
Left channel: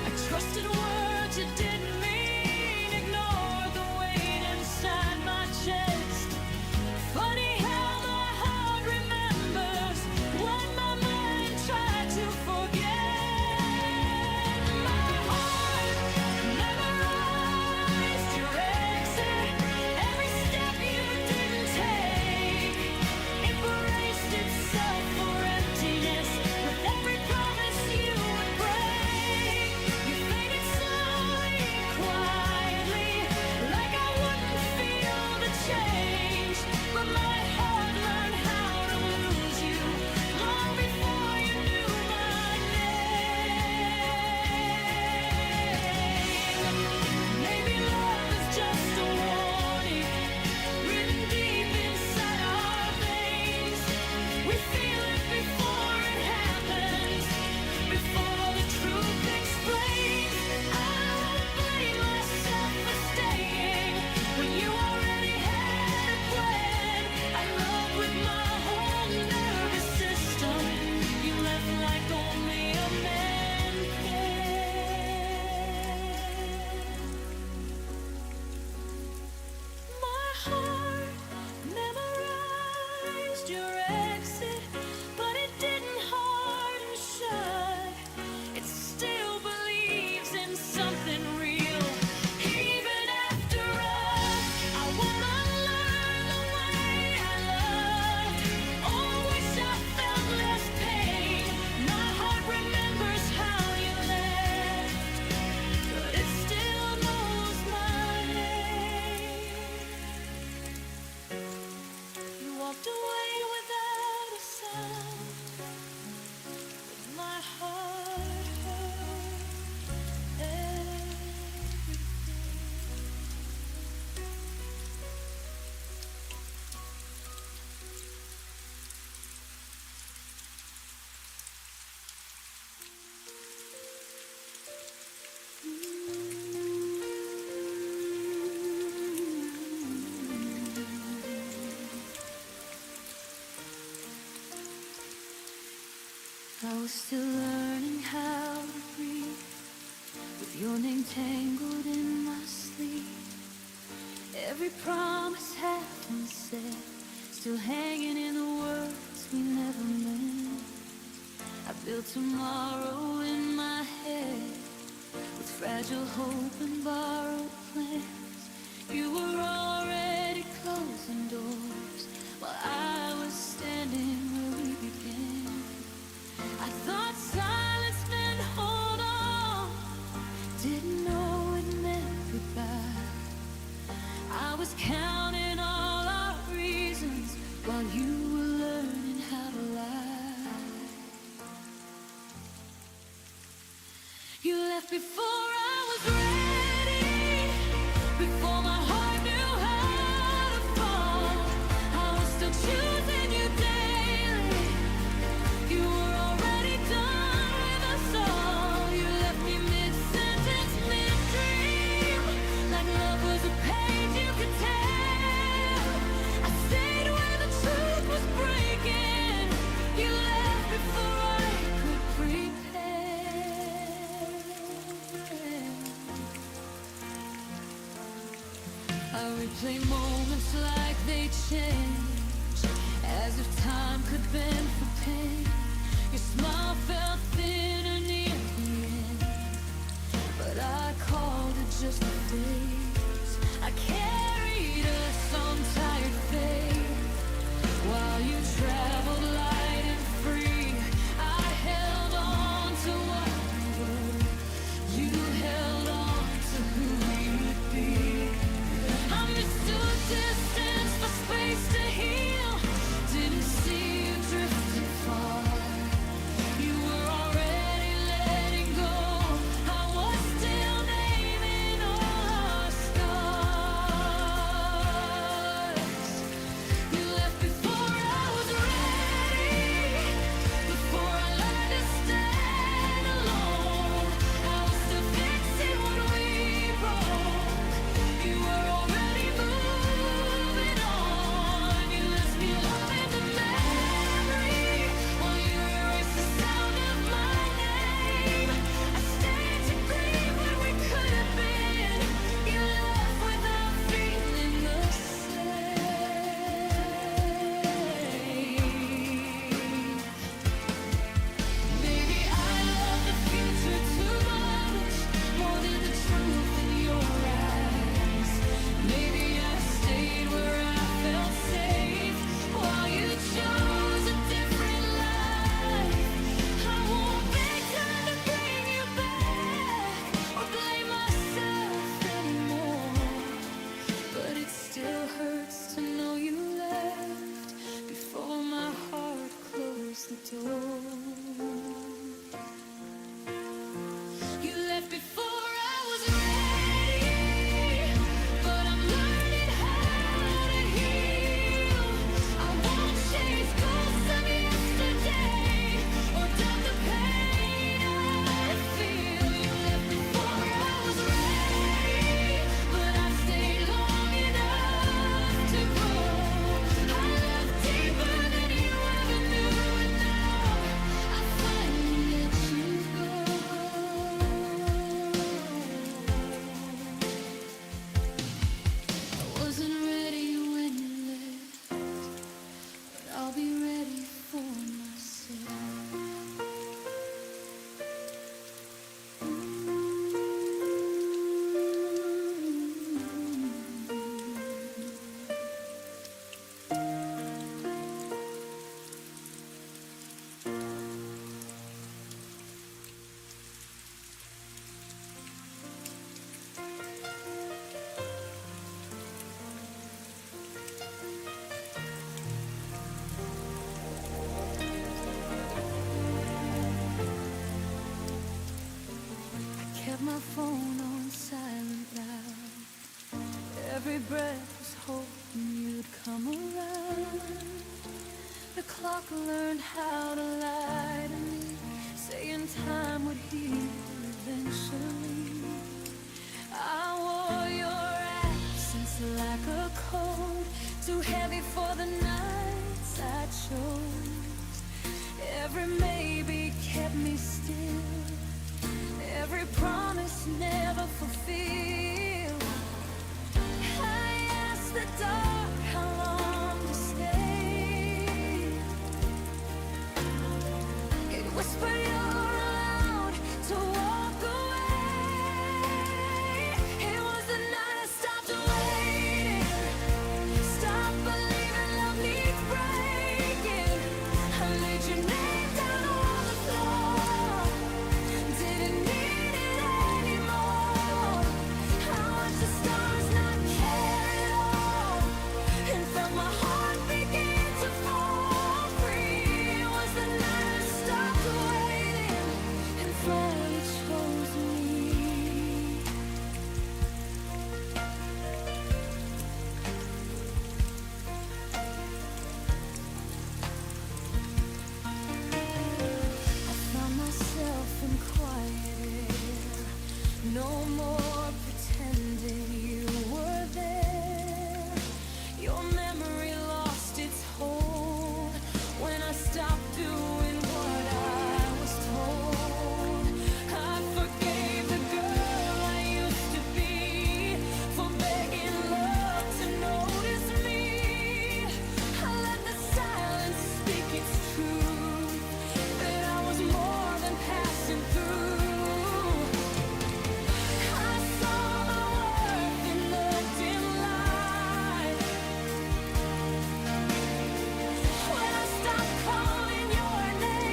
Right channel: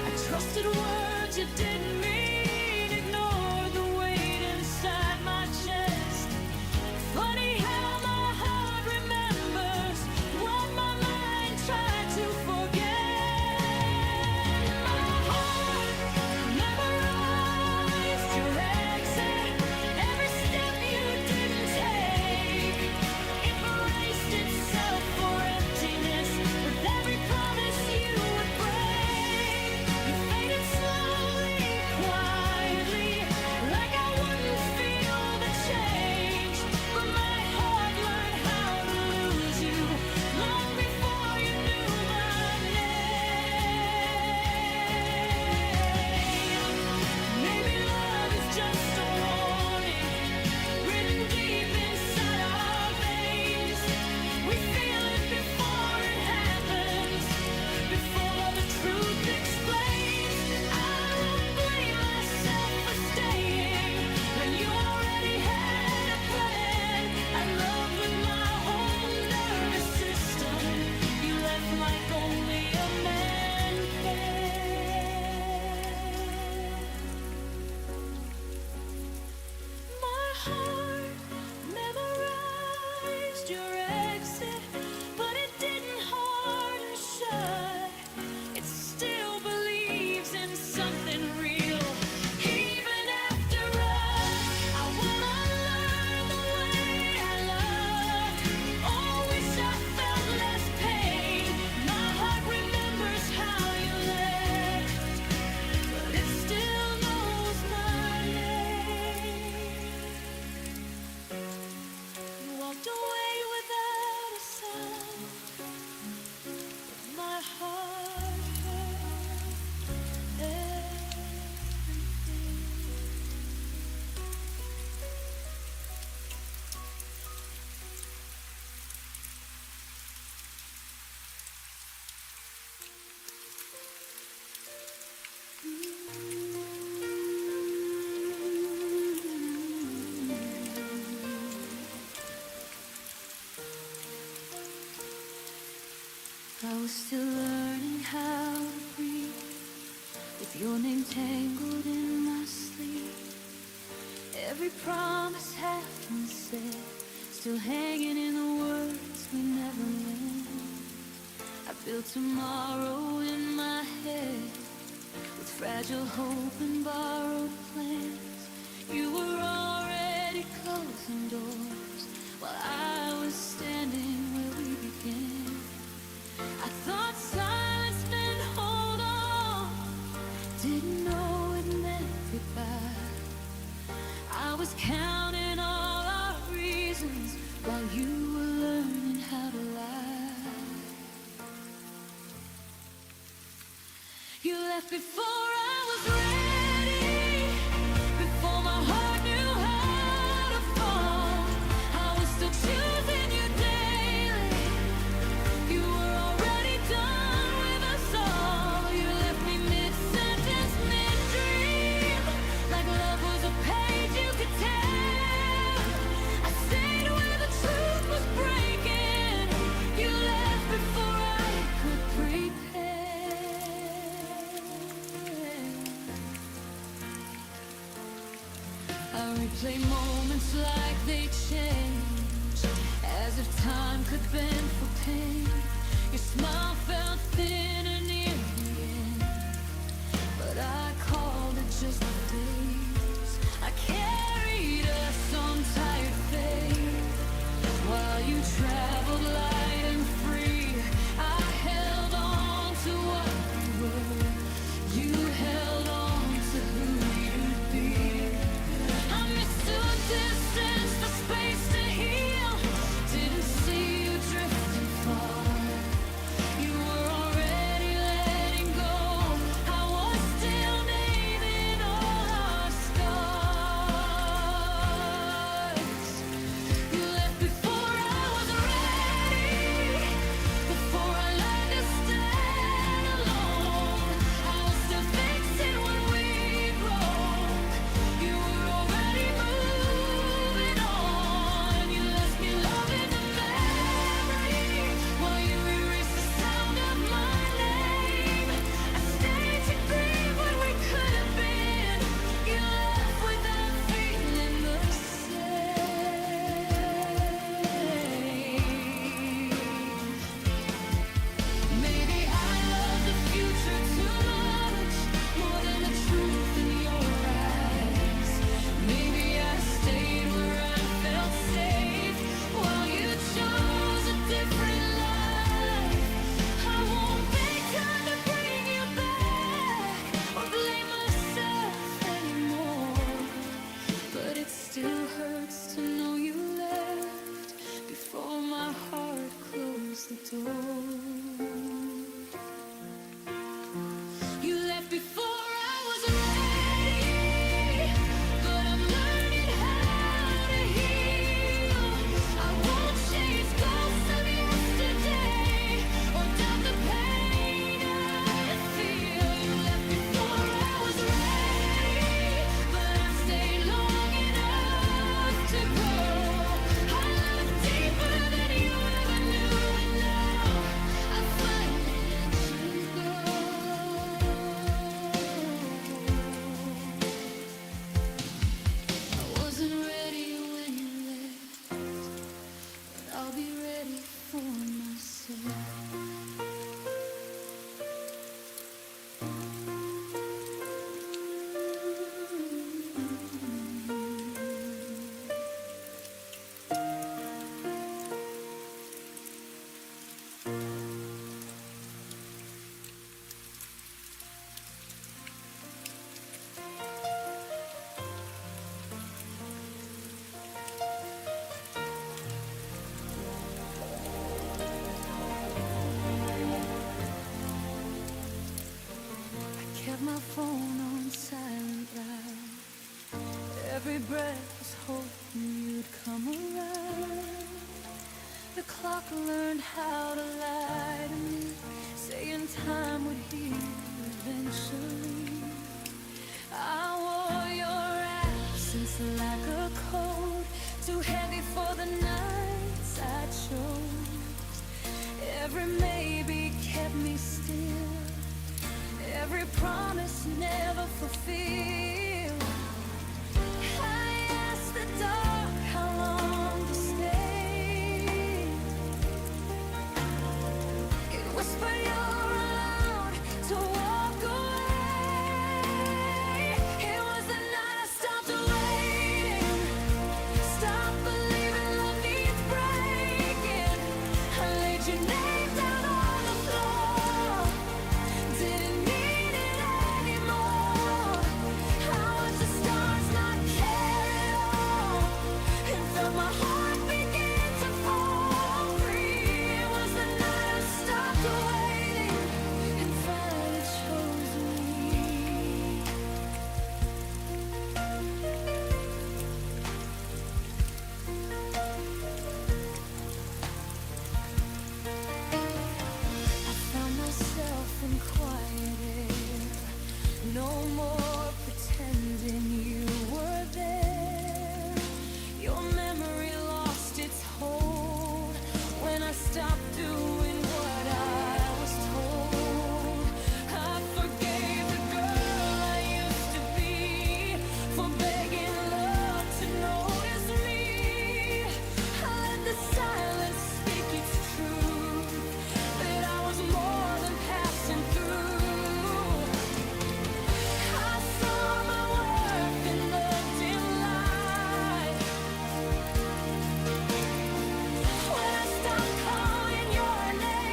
I trusted words you didn't mean, ignored the weight inside my chest. Funny how my heart remembers what my mind tried to forget. My heart memorized your exit, every step you didn't take. It braced itself for emptiness with every promise you would break. You faded slowly, quietly, like I wouldn't feel the change. But my heart learned how to lose you long before you knew my name. Maybe love is just a warning written deep inside our veins. We feel it before it happens, before the truth explains. I won't blame myself for staying when you already had a plan. I loved with my whole nervous system. You left like only a man can. My heart memorized your exit, but it didn't harden shut. It still believes in something real. Even after us, I won't unlearn the way I loved, or wish I felt less pain. My heart remembers how you left, but it still knows my name. You walked away without a sound, but my heart heard everything. I was still learning how to breathe, with your name tangled in my sleep. Every promise half unsaid, still hanging in the words we never meant. I built tomorrow in my head, with fragile hope and borrowed plans. You were already closing doors, while I was standing where we began. I thought silence meant hold on, didn't know it meant goodbye. I was counting all our reasons while you were learning how to lie. You left before I was ready, before my heart knew how to fall. I was still choosing you daily. You were already done with us all. You left me mid-sentence, mid-dream, like love was a page you could tell. I stayed where the truth was breaking. You left before I could prepare. I replay moments like they change, as if time could bend for pain. Your smile felt thinner near the end, but I called it just a phase. I carried us on tired faith, while you traveled light and free. I held on to what you were, you held on to who you'd be. I mistook distance for space to heal, didn't see you drifting far. You were already letting go, I was still naming all our to know you left before my heart closed the door. You left before I was ready, but I'm learning how to heal. I won't chase ghosts of yesterday or doubt the pain I feel. You left before I was ready, but I stayed long enough to grow. I love deeper than you ever knew, and now I finally let you go. I wasn't ready when you left, but I'll be ready for myself. Kept my phone on silent loud. Every breath was hoping you'd come around. The clock learned how to lie to me, saying time would heal eventually. I wore your absence like a coat, too heavy for the nights I chose. Every maybe kept me still, every promise never fulfilled. I asked the dark how long to stay. It whispered you're allowed to walk away. It was the night I stopped waiting, stopped believing love needs breaking. I laid your name down on the floor, didn't need it anymore. I watched the stars not care at all, and felt my heart begin to fall free. It was the night I stopped waiting and finally chose me. I found myself in quiet air, no more pretending you were there. Your memory lost its hold when I stopped doing what I was told. I forgave the girl I used to be for begging love to notice me. I let the silence speak its truth, that I was more than passing through. I saw my worth in the dim light when I stopped calling your name.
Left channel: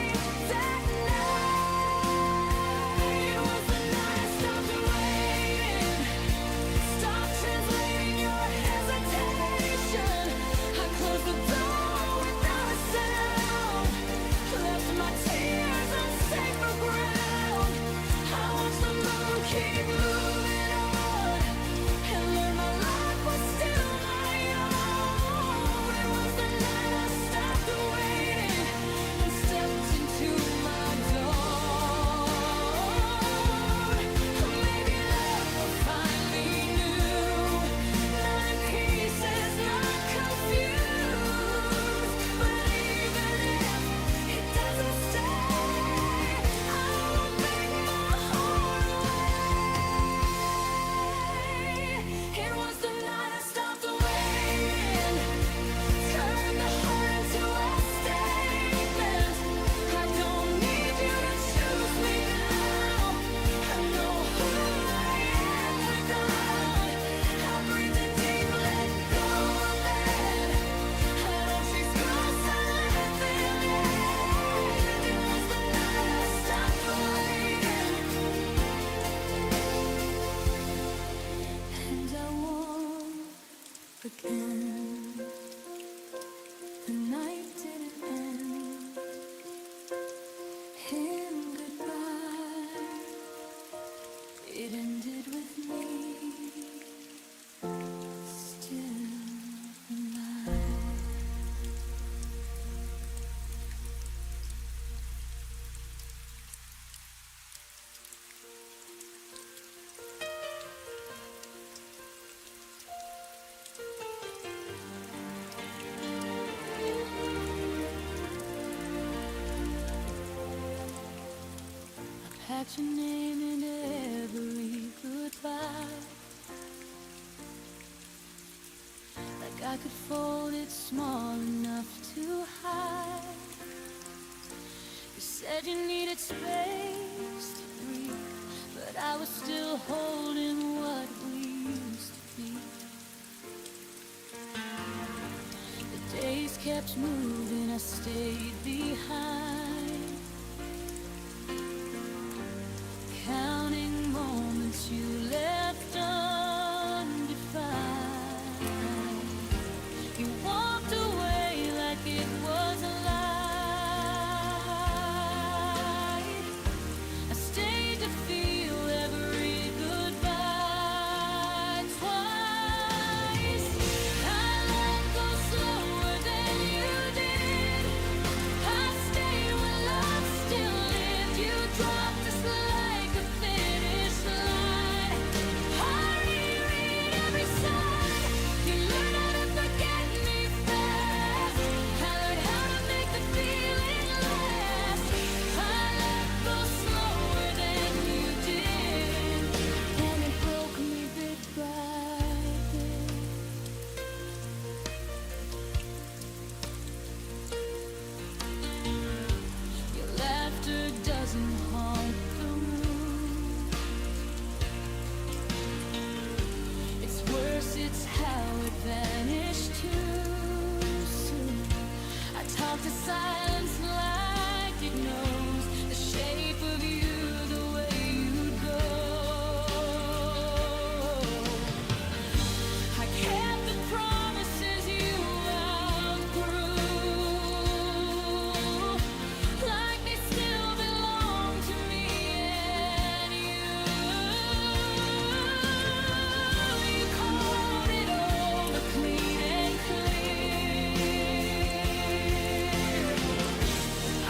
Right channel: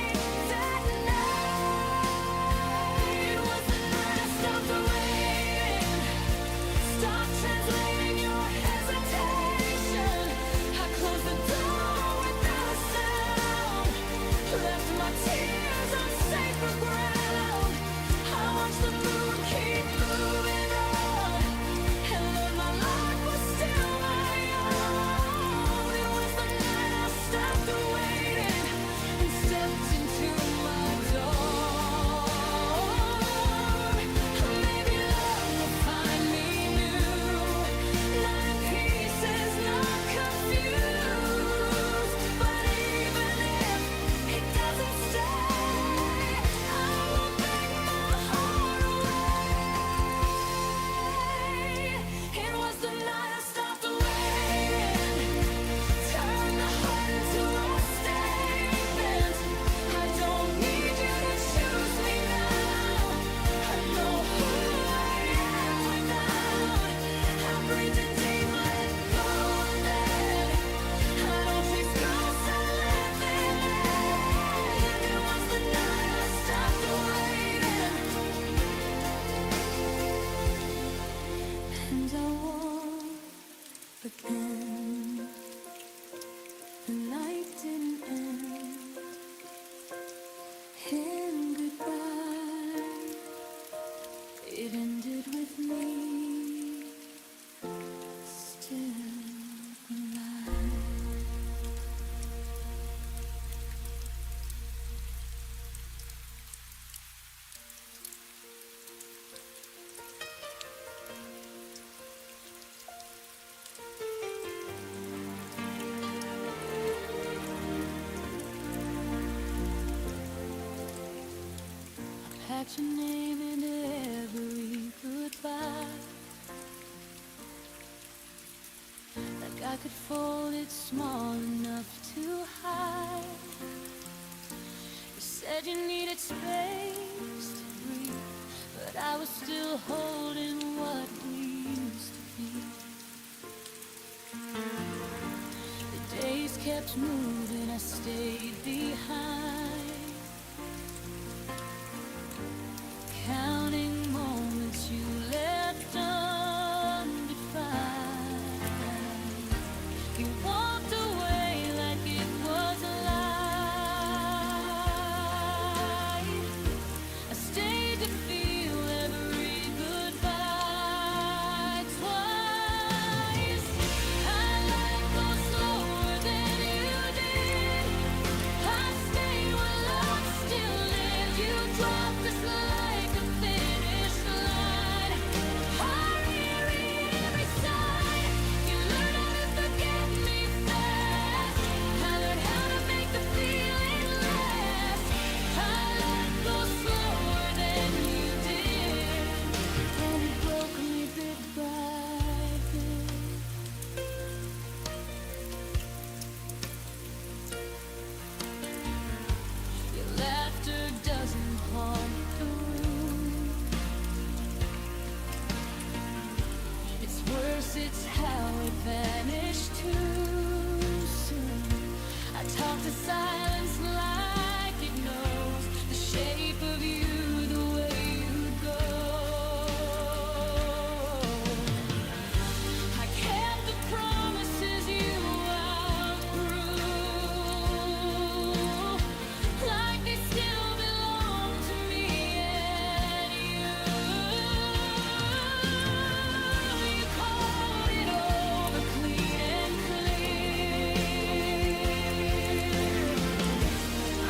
packed your name into every goodbye, like I could fold it small enough to hide. You said you needed space to breathe, but I was still holding what we used to be. The days kept moving, I stayed behind, counting moments you left undefined. You walked away like it was a lie. I stayed to feel every goodbye twice. I let go slower than you did. I stayed when love still lived. You dropped us like a finish line. I reread every side. You learned how to forget me fast. I learned how to make the feeling last. I let go slower than you did, and it broke me bit by bit. Your laughter doesn't haunt the room. It's worse, it's how it vanished too soon. I talk to silence like it knows the shape of you, the way you'd go. I kept the promises you outgrew, like they still belong to me and you. You called it over clean and clear.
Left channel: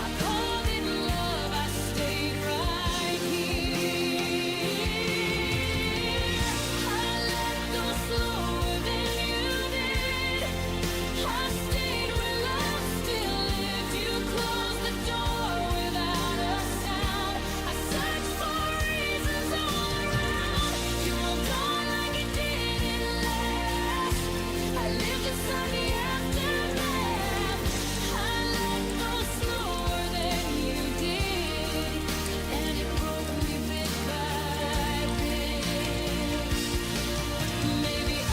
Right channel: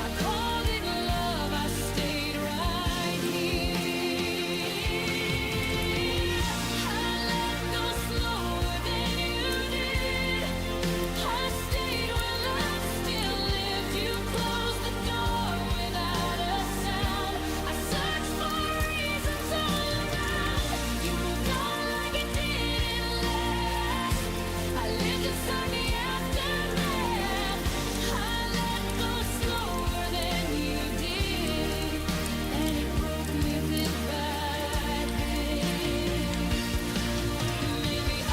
I called it love, I stayed right here. I let go slower than you did. I stayed where love still lived. You closed the door without a sound. I searched for reasons all around. You moved on like it didn't last. I lived inside the aftermath. I let go slower than you did, and it broke me bit by bit. Maybe I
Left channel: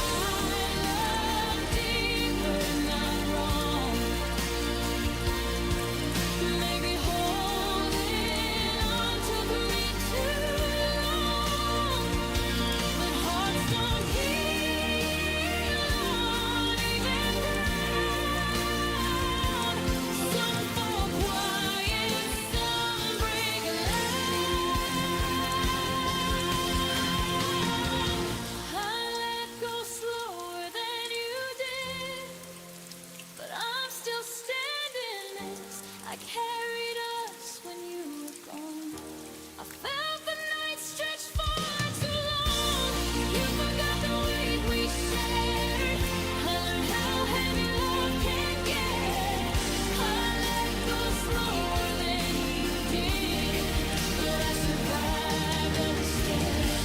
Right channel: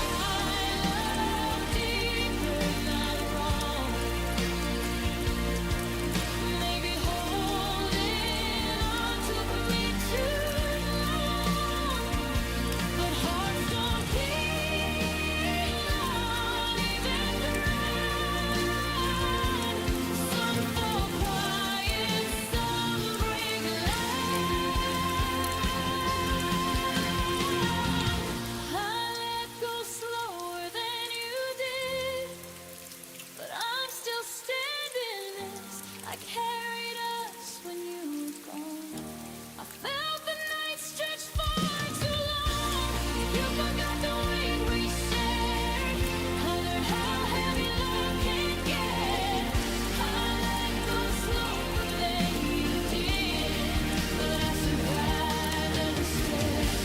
love deeper, not wrong. Maybe holding on took me too long. But hearts don't heal on even ground. Some fall quiet, some break loud. I let go slower than you did, but I'm still standing this. I carried us when you were gone. I felt the night stretch far too long. You forgot the weight we shared. I learned how heavy love can get. I let go slower than you did, but I survived every step.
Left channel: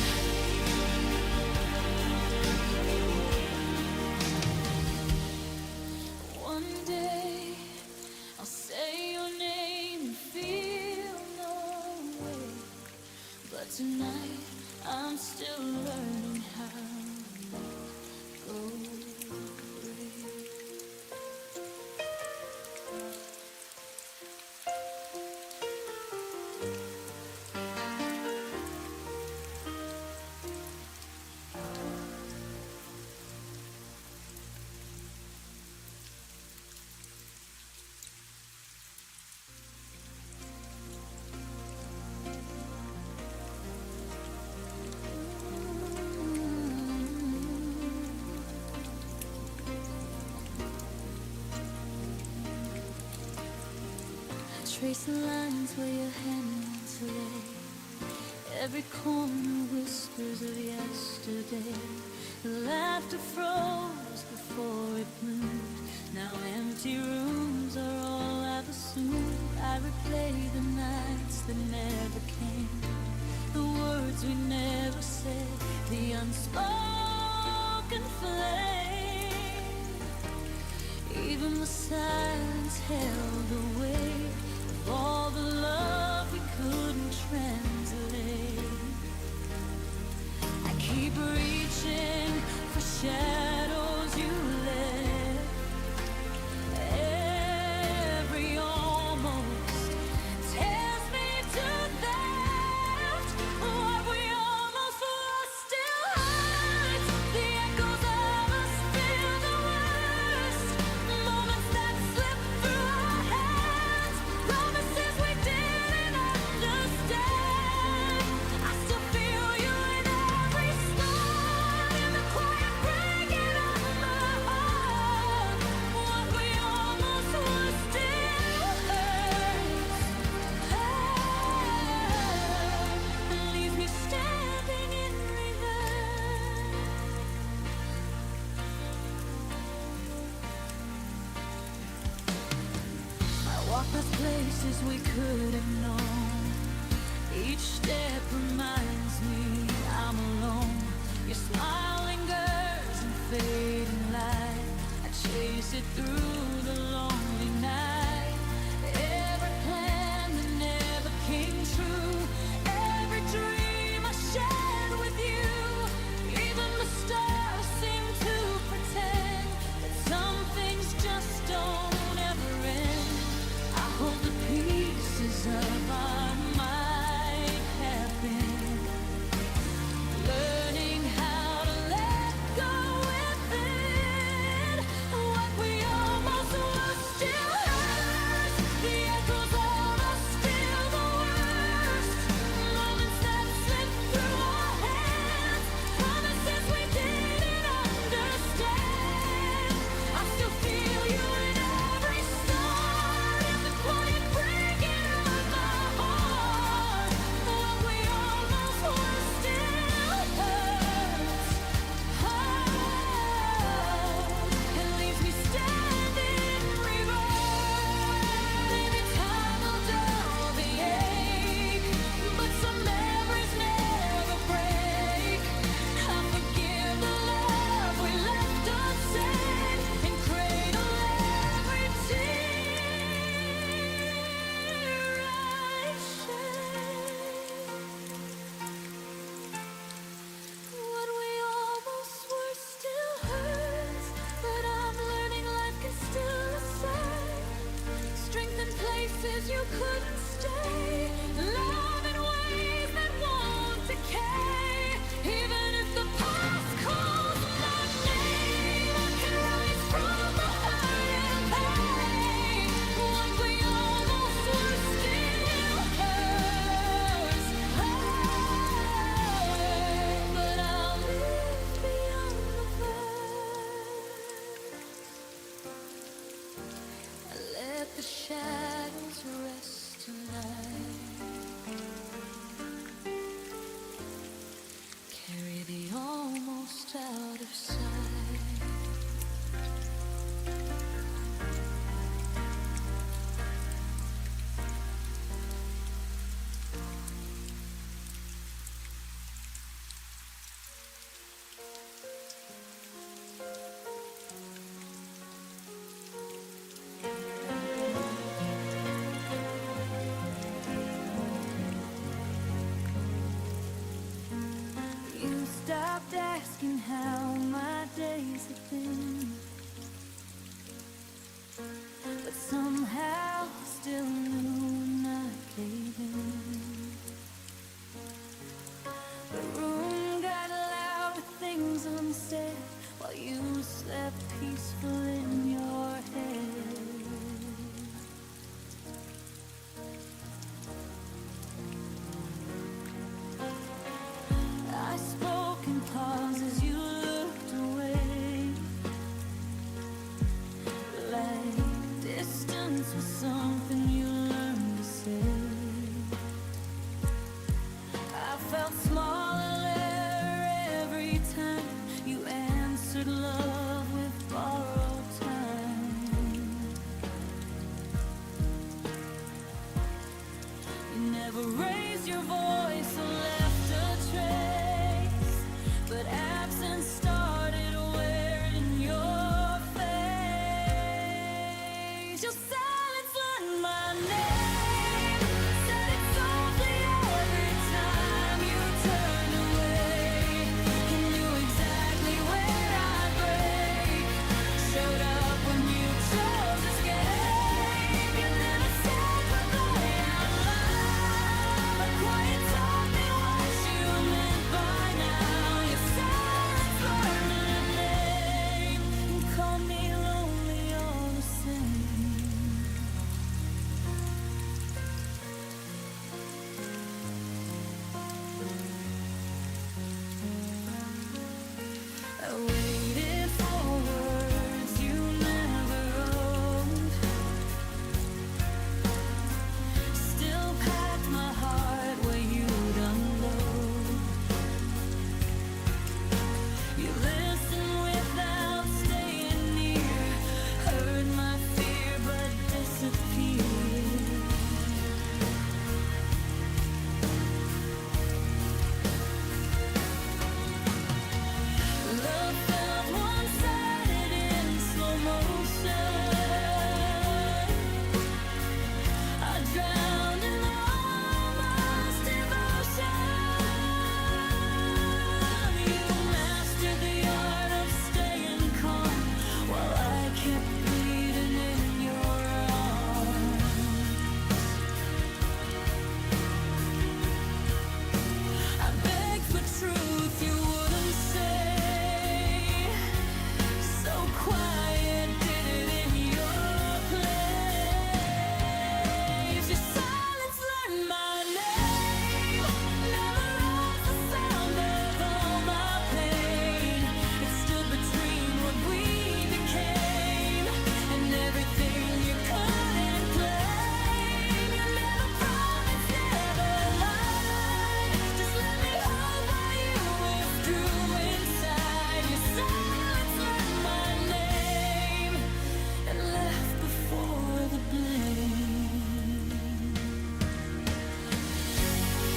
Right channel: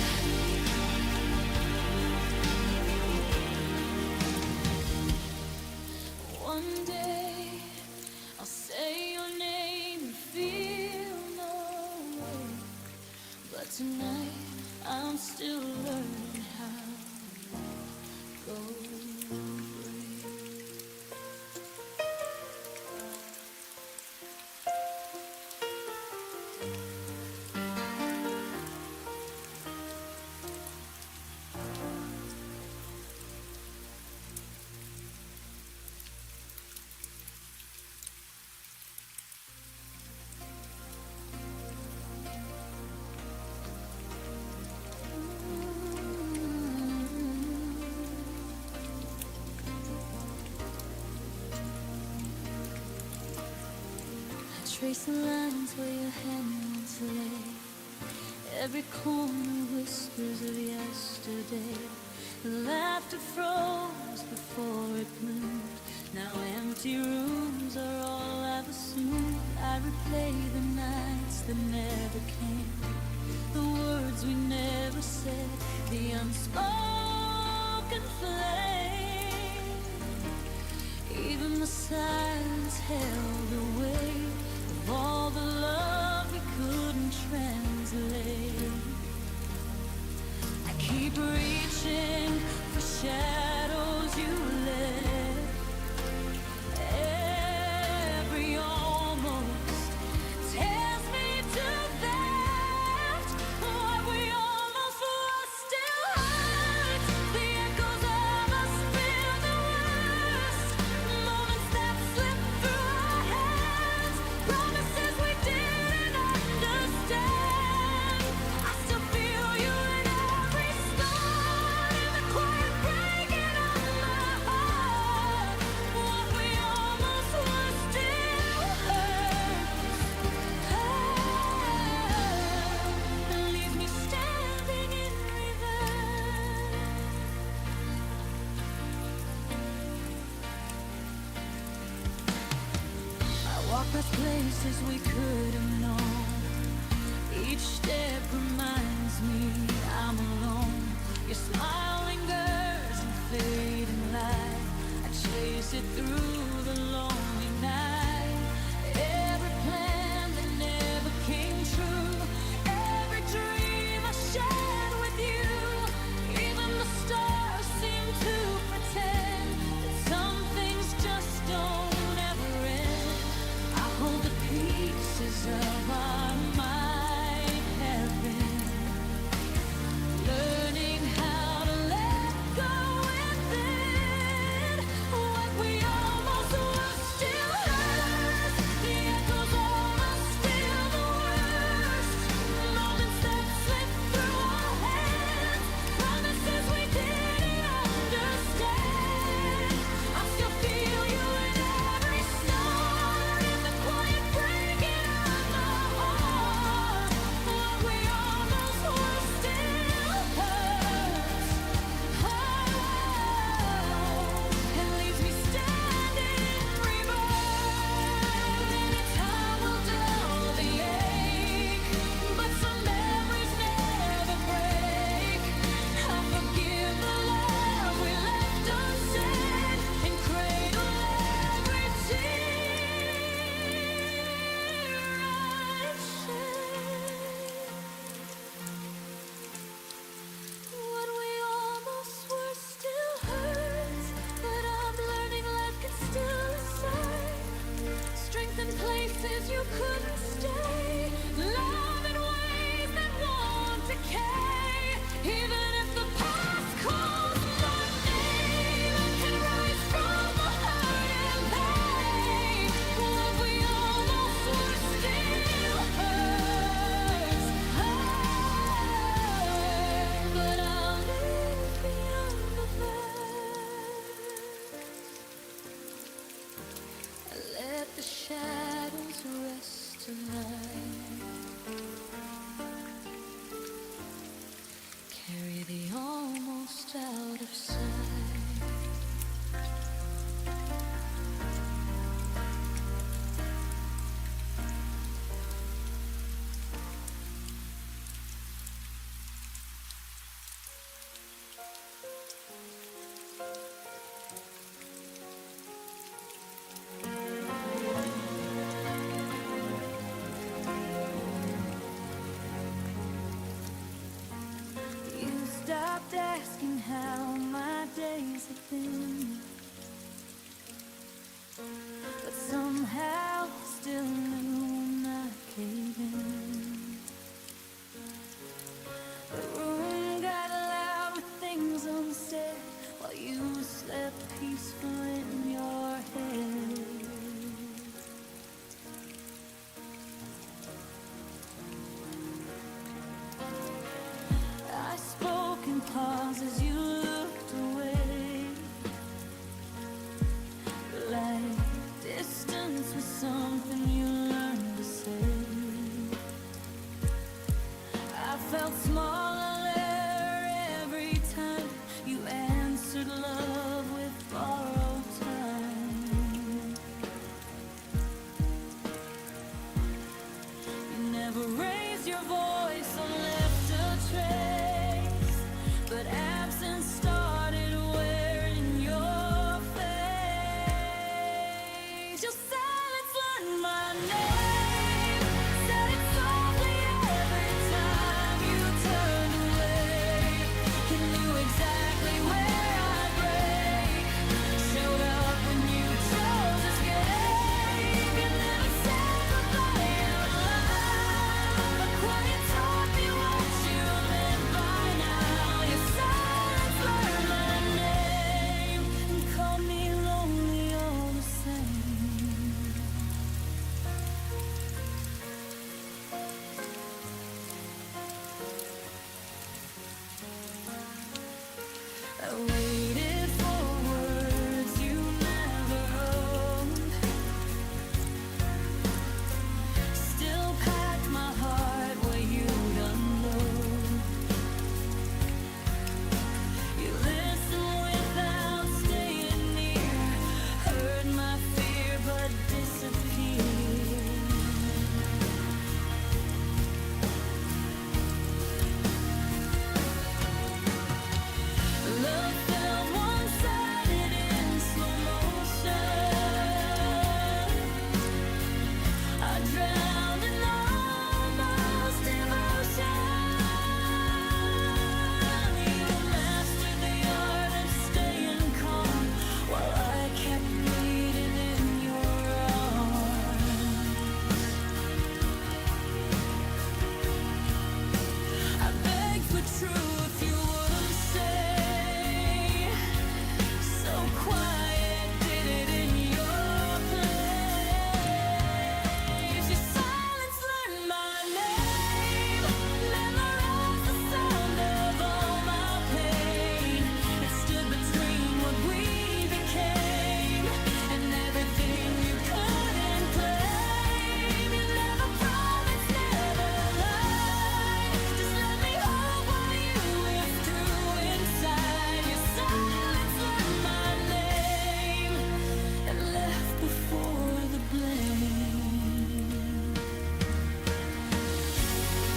One day I'll say your name and feel no way, but tonight I'm still learning how to go brave. Trace the lines where your hand once lay. Every corner whispers of yesterday. The laughter froze before it bloomed. Now empty rooms are all I never soon. I replay the nights that never came, the words we never said, the unspoken flame. Even the silence held the weight of all the love we couldn't translate. I keep reaching for shadows you left. Every almost tears me to that. What we almost were still hurts. The echoes of us feel the worst. Moments that slip through our hands, promises we didn't understand. I still feel you in every start, in the quiet breaking of my heart. What we almost were still hurts, and leaves me standing in reverse. I walk past places we could have known. Each step reminds me I'm alone. Your smile lingers in fading light. I chase it through the lonely night. Every plan that never came true, every dream I shared with you. Even the stars seem to pretend that some things just don't ever end. I hold the pieces of our might have been, learning how to let go within. What we almost were still hurts. The echoes of us feel the worst. Moments that slip through our hands, promises we didn't understand. I still feel you in every star, in the quiet breaking of my heart. What we almost were still hurts, and leaves me standing in reverse. Maybe time will dull the ache, but some memories never break. I forgive the love we left unsaid, and cradle every tear I shed. What we almost were still hurts, but I'm learning life can still aside. Strength in places you couldn't stay, love in ways that won't decay. Even if the past calls my name, I can rise from the hurt and pain. What we almost were still hurts, but I'll live beyond the verse. Let the shadows rest tonight. Carry the almost out of sight. You stopped asking how my days have been, but somehow still knew when I came in. The room got loud with things unsaid while you slept peaceful in your head. I spoke in pauses, you looked away, like distance was something you learned to say. I felt smaller every time you answered love with borrowed time. raised your voice or left a trace, but absence started wearing your face. Your silence learned my name, said it softly every time you turned away. You knew exactly where I'd break, showed up when you chose to escape. You never said goodbye out loud, but quiet taught me what you meant by now. Your silence learned my name and called me lonely all the same. I waited for words you never owned, still packed my heart where you'd unload. You listened without staying near, heard my fear but disappeared. Love felt one-sided in slow motion. I drowned in almost devotion. You mastered the art of staying calm while I kept bleeding in your arms. I begged for truth you wouldn't say, so quiet did it in your place. Your silence learned my name, memorized the sound of all my pain. It stood between what we became and everything you couldn't claim. You never promised, never lied, just let me hope while you withdrew inside. Your silence learned my name and left before the blame.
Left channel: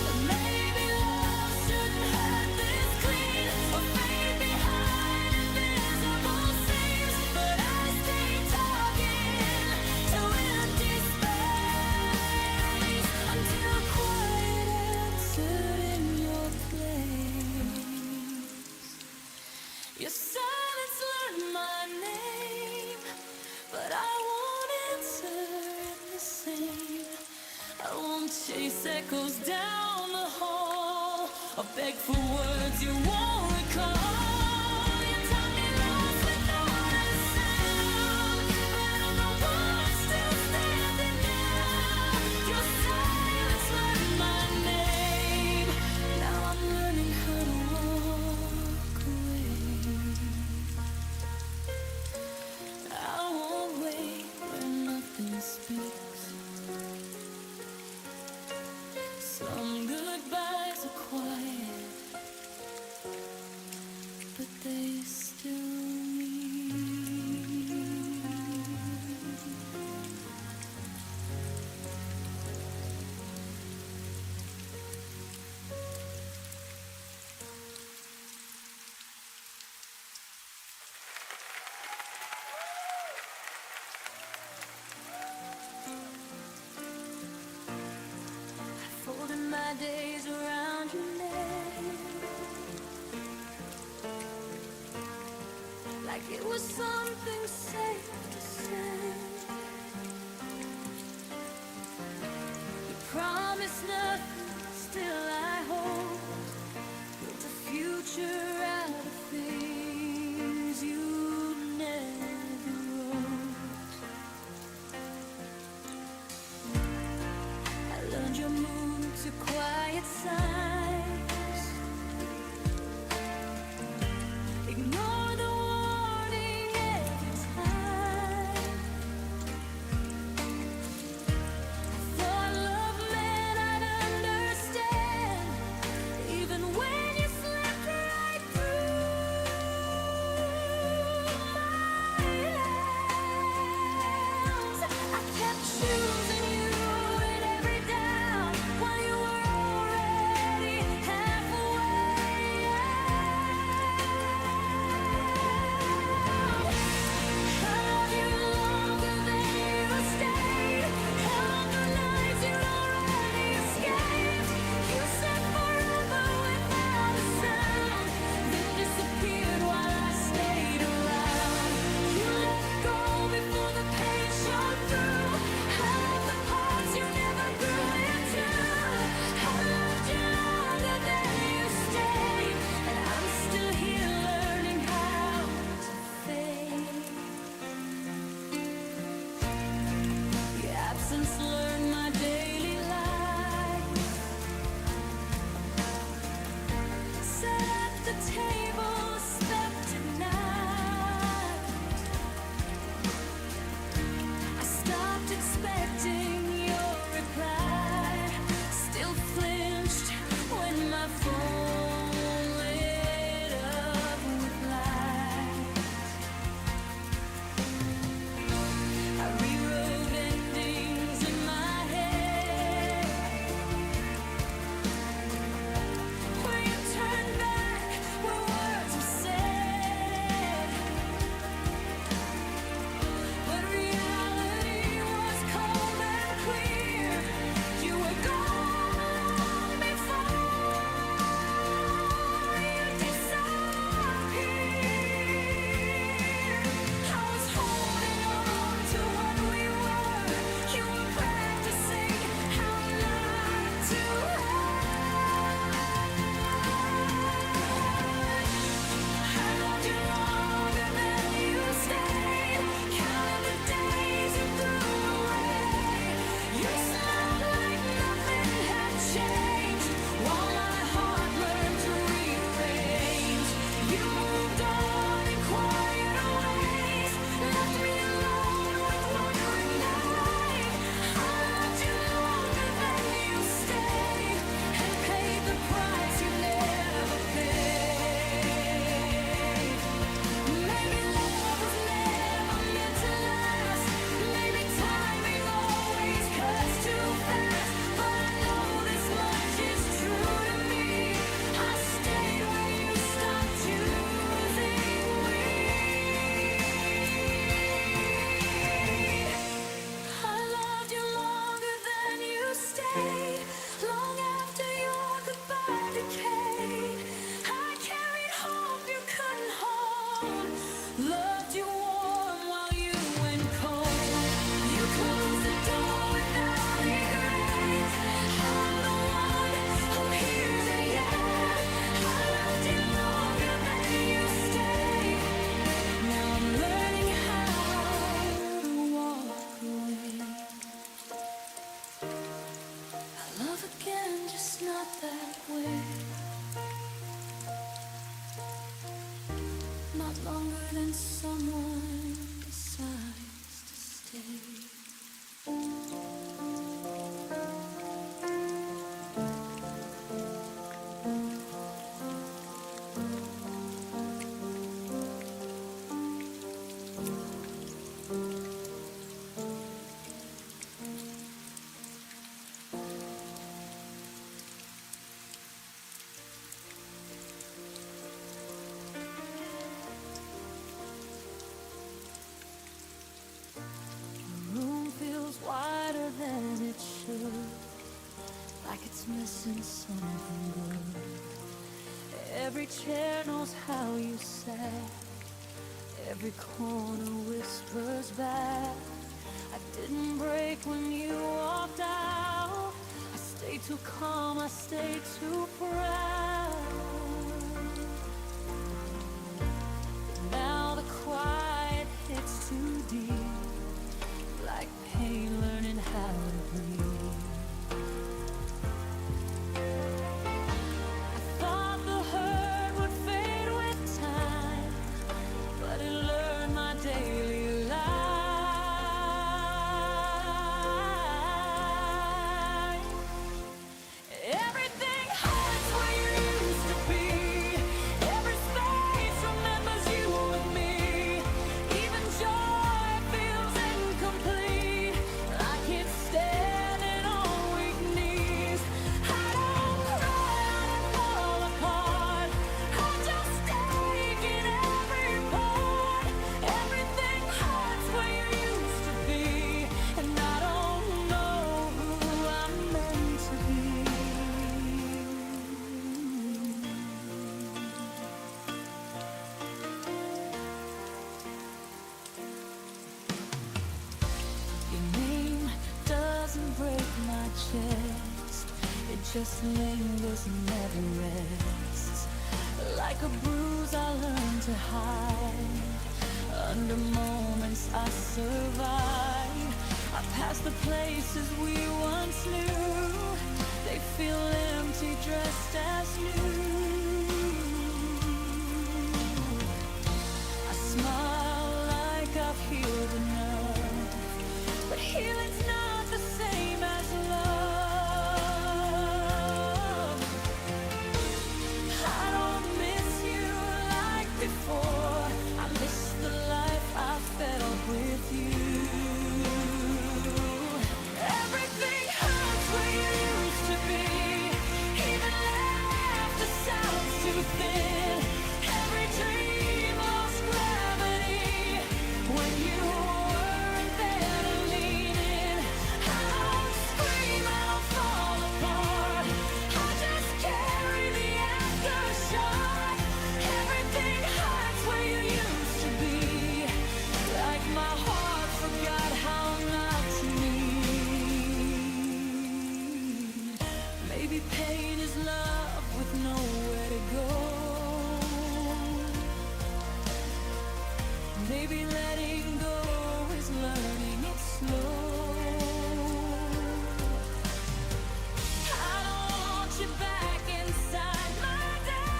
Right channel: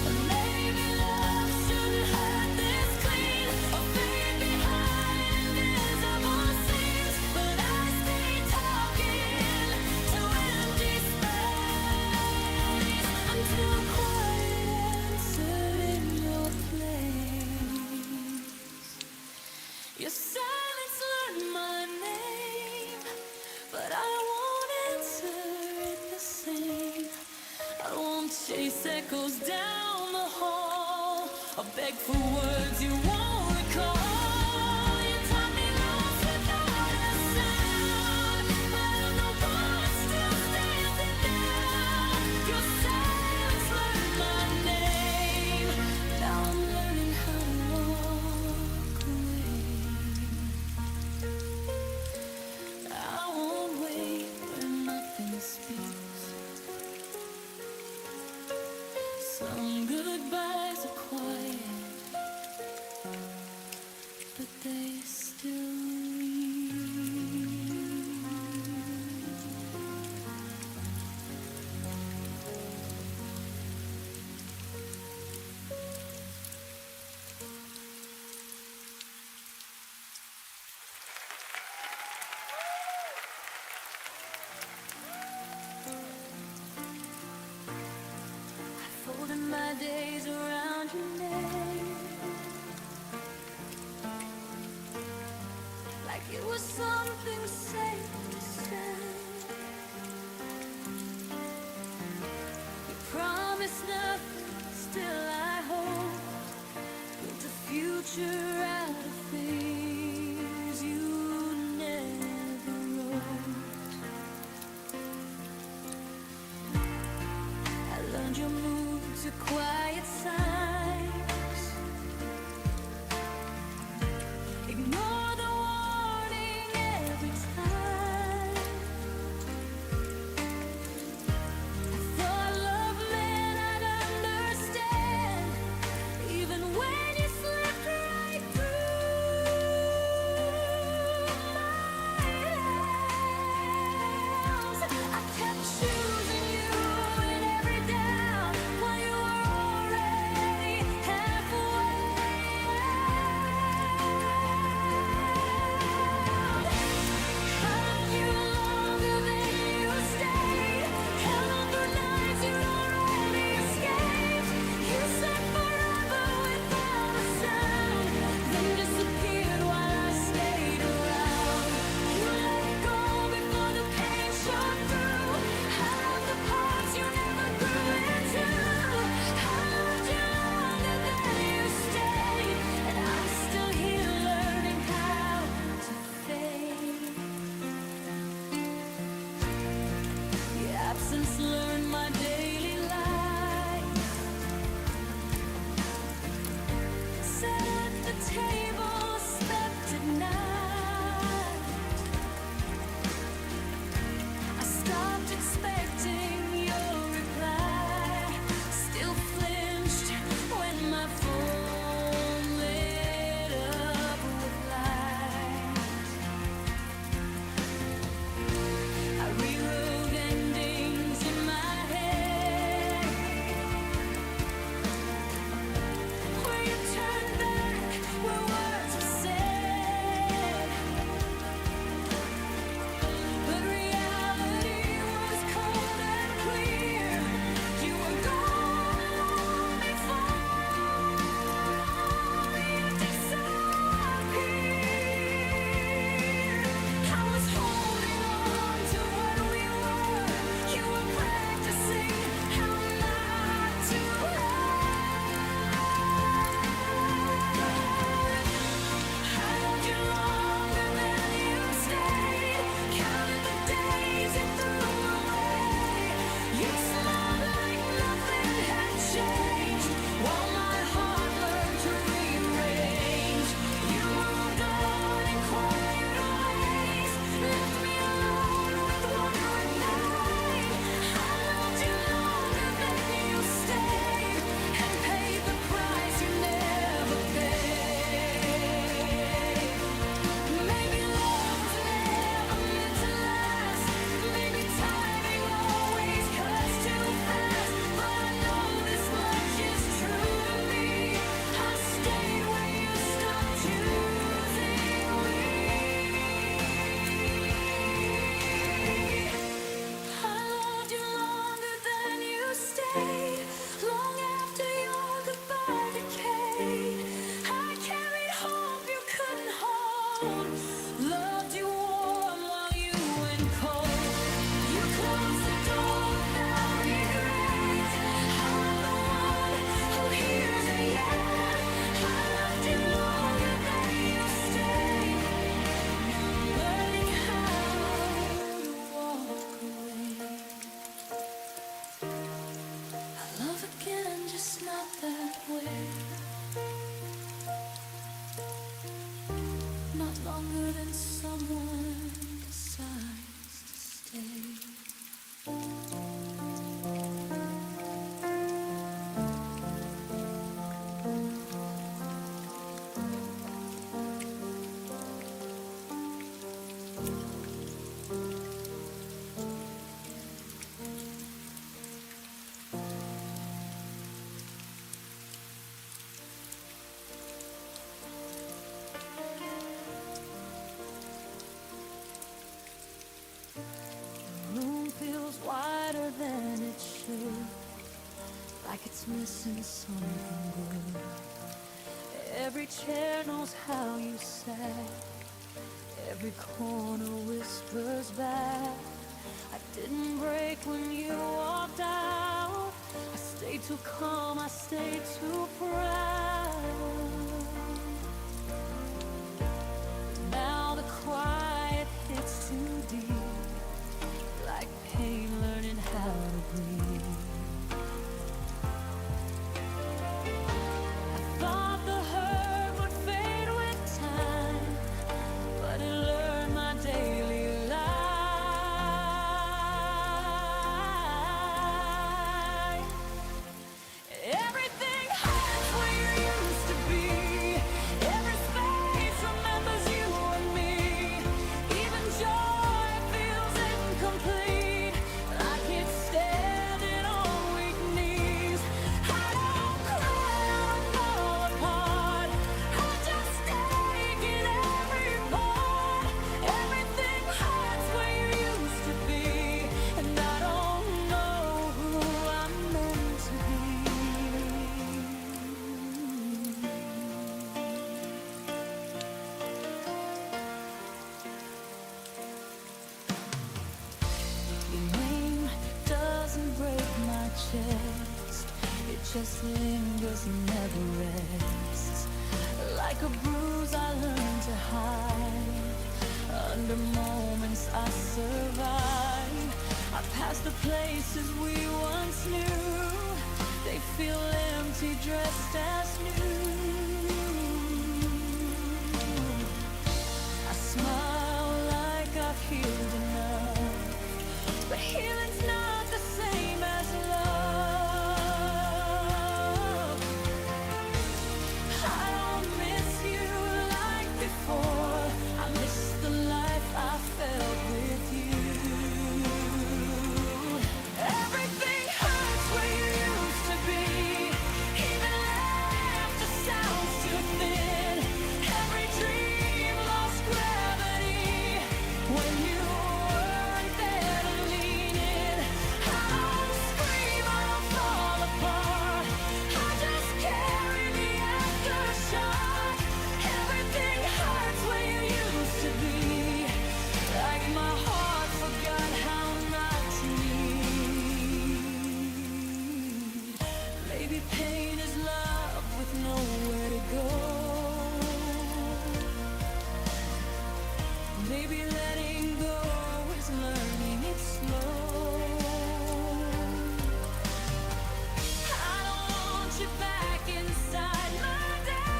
But maybe love shouldn't hurt this clean or fade behind invisible seams. But I stayed talking to empty space until quiet answered in your place. Your silence learned my name, but I won't answer it the same. I won't chase echoes down the hall or beg for words you won't recall. You taught me lost without a sound, but I'm the one still standing now. Your silence learned my name, now I'm learning how to walk away. I won't wait where nothing speaks. Some goodbyes are quiet, but they still ring. Folding my days around your name, like it was something safe to say. You promised nothing, still I hope. Built a future out of things you never wrote. I learned your moods are quiet signs. Ignore the warning every time. I thought love meant I'd understand, even when you slipped right through my hands. I kept choosing you in every doubt while you lessons learned my daily life. Sat at the table, slept at night. I stopped expecting your reply. Still flinched when my phone lit up with light. I rewrote endings in my head, where you turned back, where words were said. But reality was cold and clear. You were gone long before you disappeared. I was holding on to what we were. You were practicing how not to hurt. I loved you longer than you stayed. Counted the days you threw away. You smiled like nothing had changed, while my heart learned to rearrange. You moved on in quieter ways, left me alone with what remained. I loved you longer than you stayed, and paid the price you never paid. Maybe love was never meant to last. Maybe timing always cuts too fast. But I know this much is true to me. I stayed where you stopped choosing we. I loved you longer than you stayed, long after your goodbye decayed. I carried hope you couldn't hold, loved you warm while you went cold. You closed the door without regret. I'm the one who hears it yet. I loved you longer than you stayed. Now I'm learning how to walk away. I love again, just not that way. Not longer than someone decides to stay. The room feels wider than it should, like it's missing something good. Every chair knows how you sat, every corner whispers back. I didn't break when you walked out. I stayed too calm, I stayed too proud. Now the quiet hits too deep, like pain learning how to breathe. I thought the hurt would fade with time, but it learned my daily life. Everything hurts where you used to be. Every space remembers you and me. Even joy feels incomplete, like it's standing on weak knees. I don't cry, I don't fall apart. I just take in every part. Everything hurts where you used to be, and I don't know who I'm meant to be. Your name doesn't break my chest, it just lingers and never rests. Like a bruise I learned to hide, under moments I survive. I pass the places we once knew. They feel empty, dressed as new. I smile like I've healed enough, but healing's not the same as love. I don't miss you like before. I miss the life I felt with you. Everything hurts where you used to be. Even laughter sounds too thin. Every dream lost gravity when you weren't there to lean in. I don't scream, I don't fall apart. I just carry the aftershock. Everything hurts where you used to be. Like my heart forgot how not to need. Maybe pain is love with nowhere to go. Maybe letting go is learning it slow. I don't want you back inside my days.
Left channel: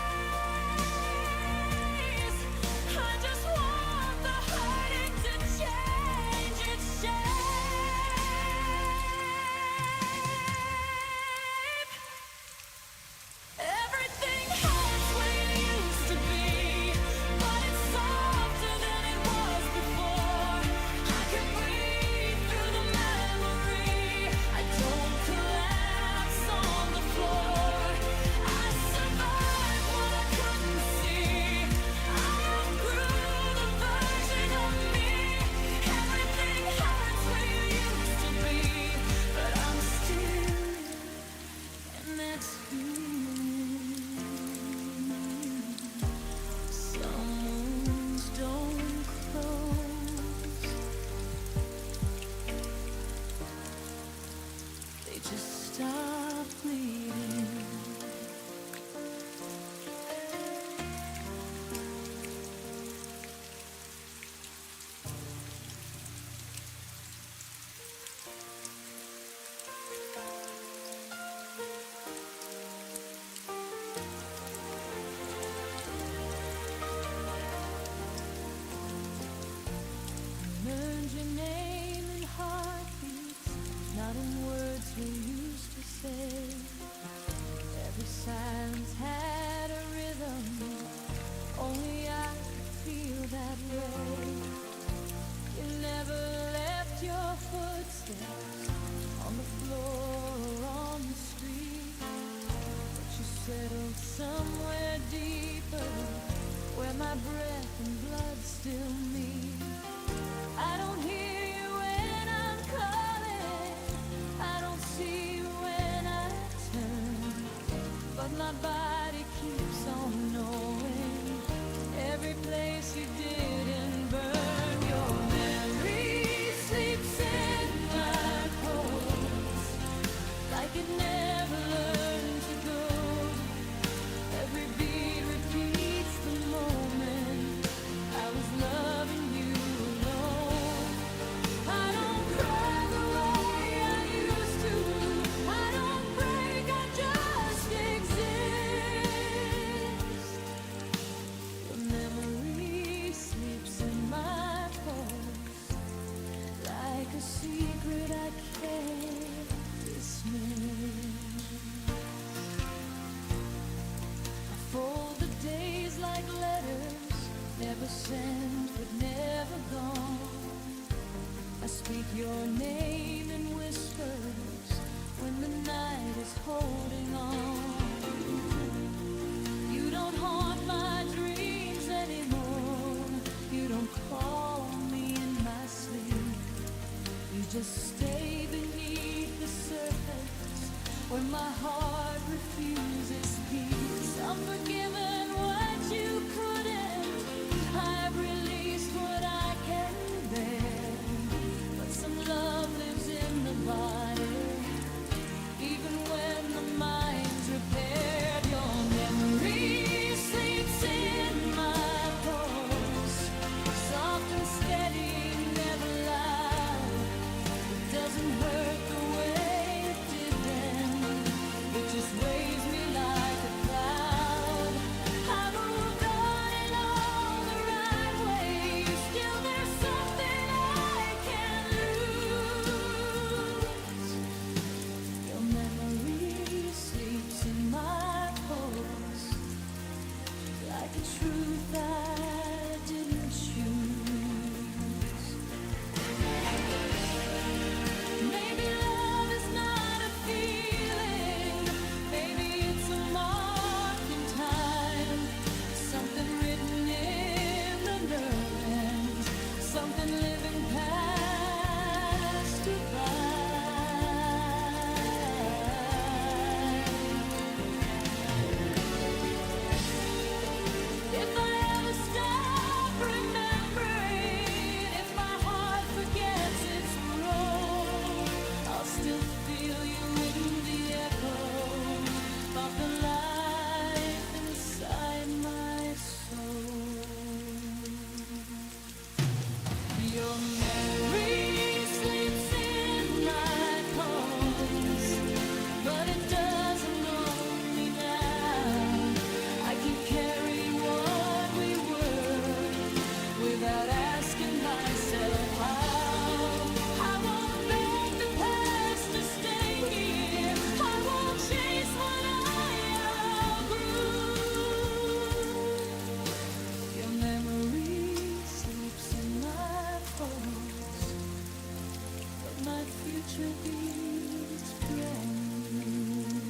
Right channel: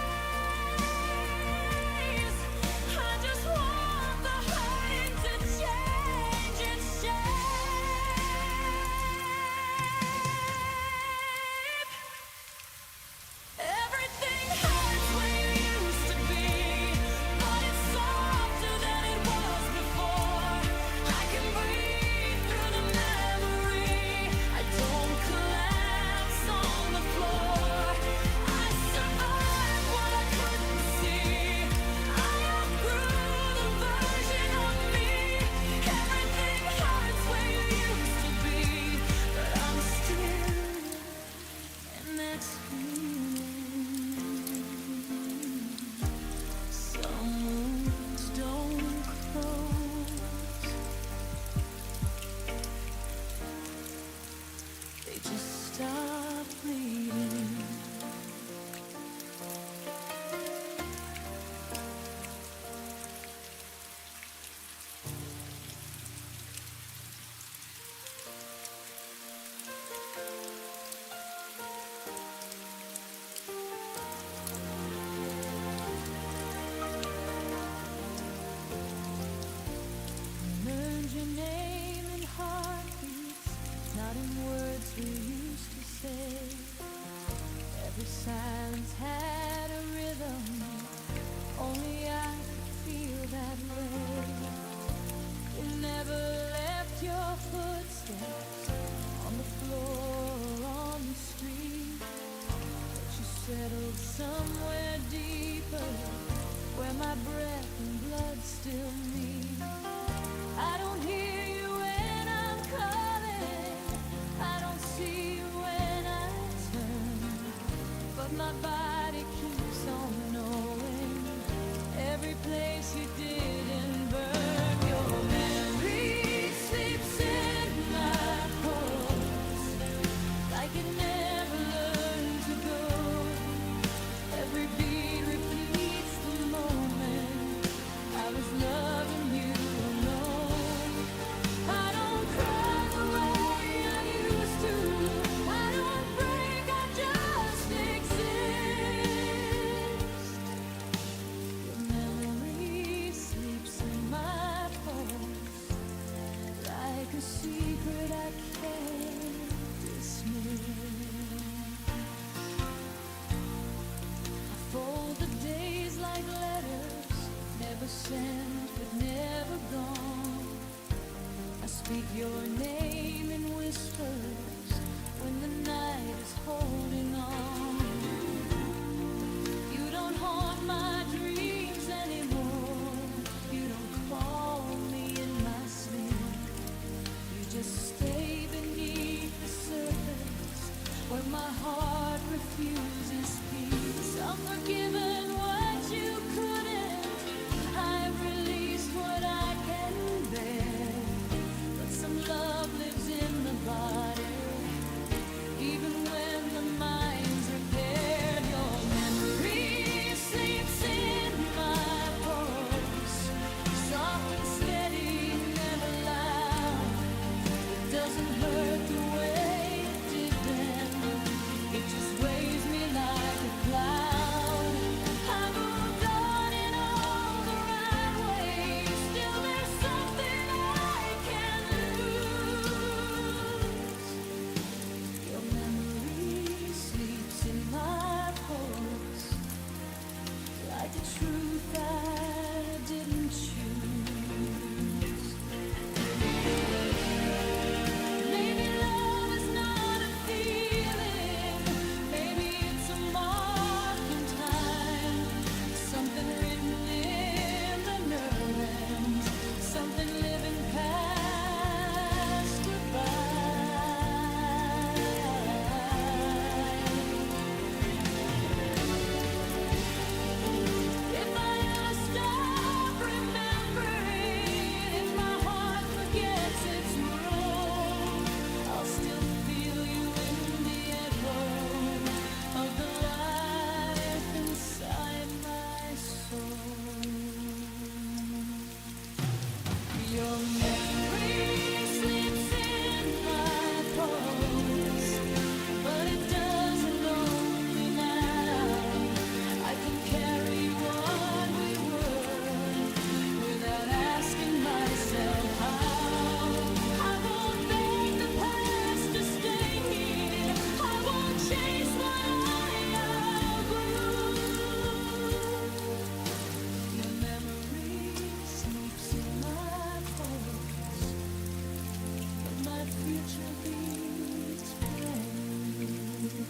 I just want the hurting to change its shape. Everything hurts where you used to be, but it's softer than it was before. I can breathe through the memory. I don't collapse on the floor. I survived what I couldn't see. I outgrew the version of me. Everything hurts where you used to be, but I'm still here, and that's healing. Some wounds don't close, they just stop bleeding. Learned your name in heartbeats, not in words we used to say. Every silence had a rhythm, only I could feel that way. You never left your footsteps on the floor or on the street, but you settled somewhere deeper, where my breath and blood still meet. I don't hear you when I'm calling, I don't see you when I turn, but my body keeps on knowing every place you didn't burn. Your memory sleeps in my pulse, like it never learned to go. Every beat repeats the moment I was loving you alone. I don't cry the way I used to, I don't break, I just exist. Your memory sleeps in my pulse, like a secret I can't dismiss. I fold the days like letters, never sent but never gone. I speak your name in whispers when the night is holding on. You don't haunt my dreams anymore, you don't call me in my sleep. You just stay beneath the surface, where my heart refuses peace. I'm forgiven what you couldn't, I've released what I can bear, but some love lives in the body, even when the mind's repaired. Your memory sleeps in my pulse, soft and steady, never loud. It doesn't hurt the way it did then. It just weighs me like a cloud. I moved on in all the right ways. Still there's something I can't lose. Your memory sleeps in my pulse, like a truth I didn't choose. Maybe love is not a feeling. Maybe it's a mark in time. Something written in the nerve ends. Something living past goodbye. If I ever stop remembering, if my heart forgets its role, I'll still feel you in the echo of the life inside my soul. Your memory sleeps in my pulse, but it doesn't own me now. I can carry what we were without asking myself how. I won't beg the past to stay here. I won't chase what I outgrew. Your memory sleeps in my pulse, but my future beats brand new.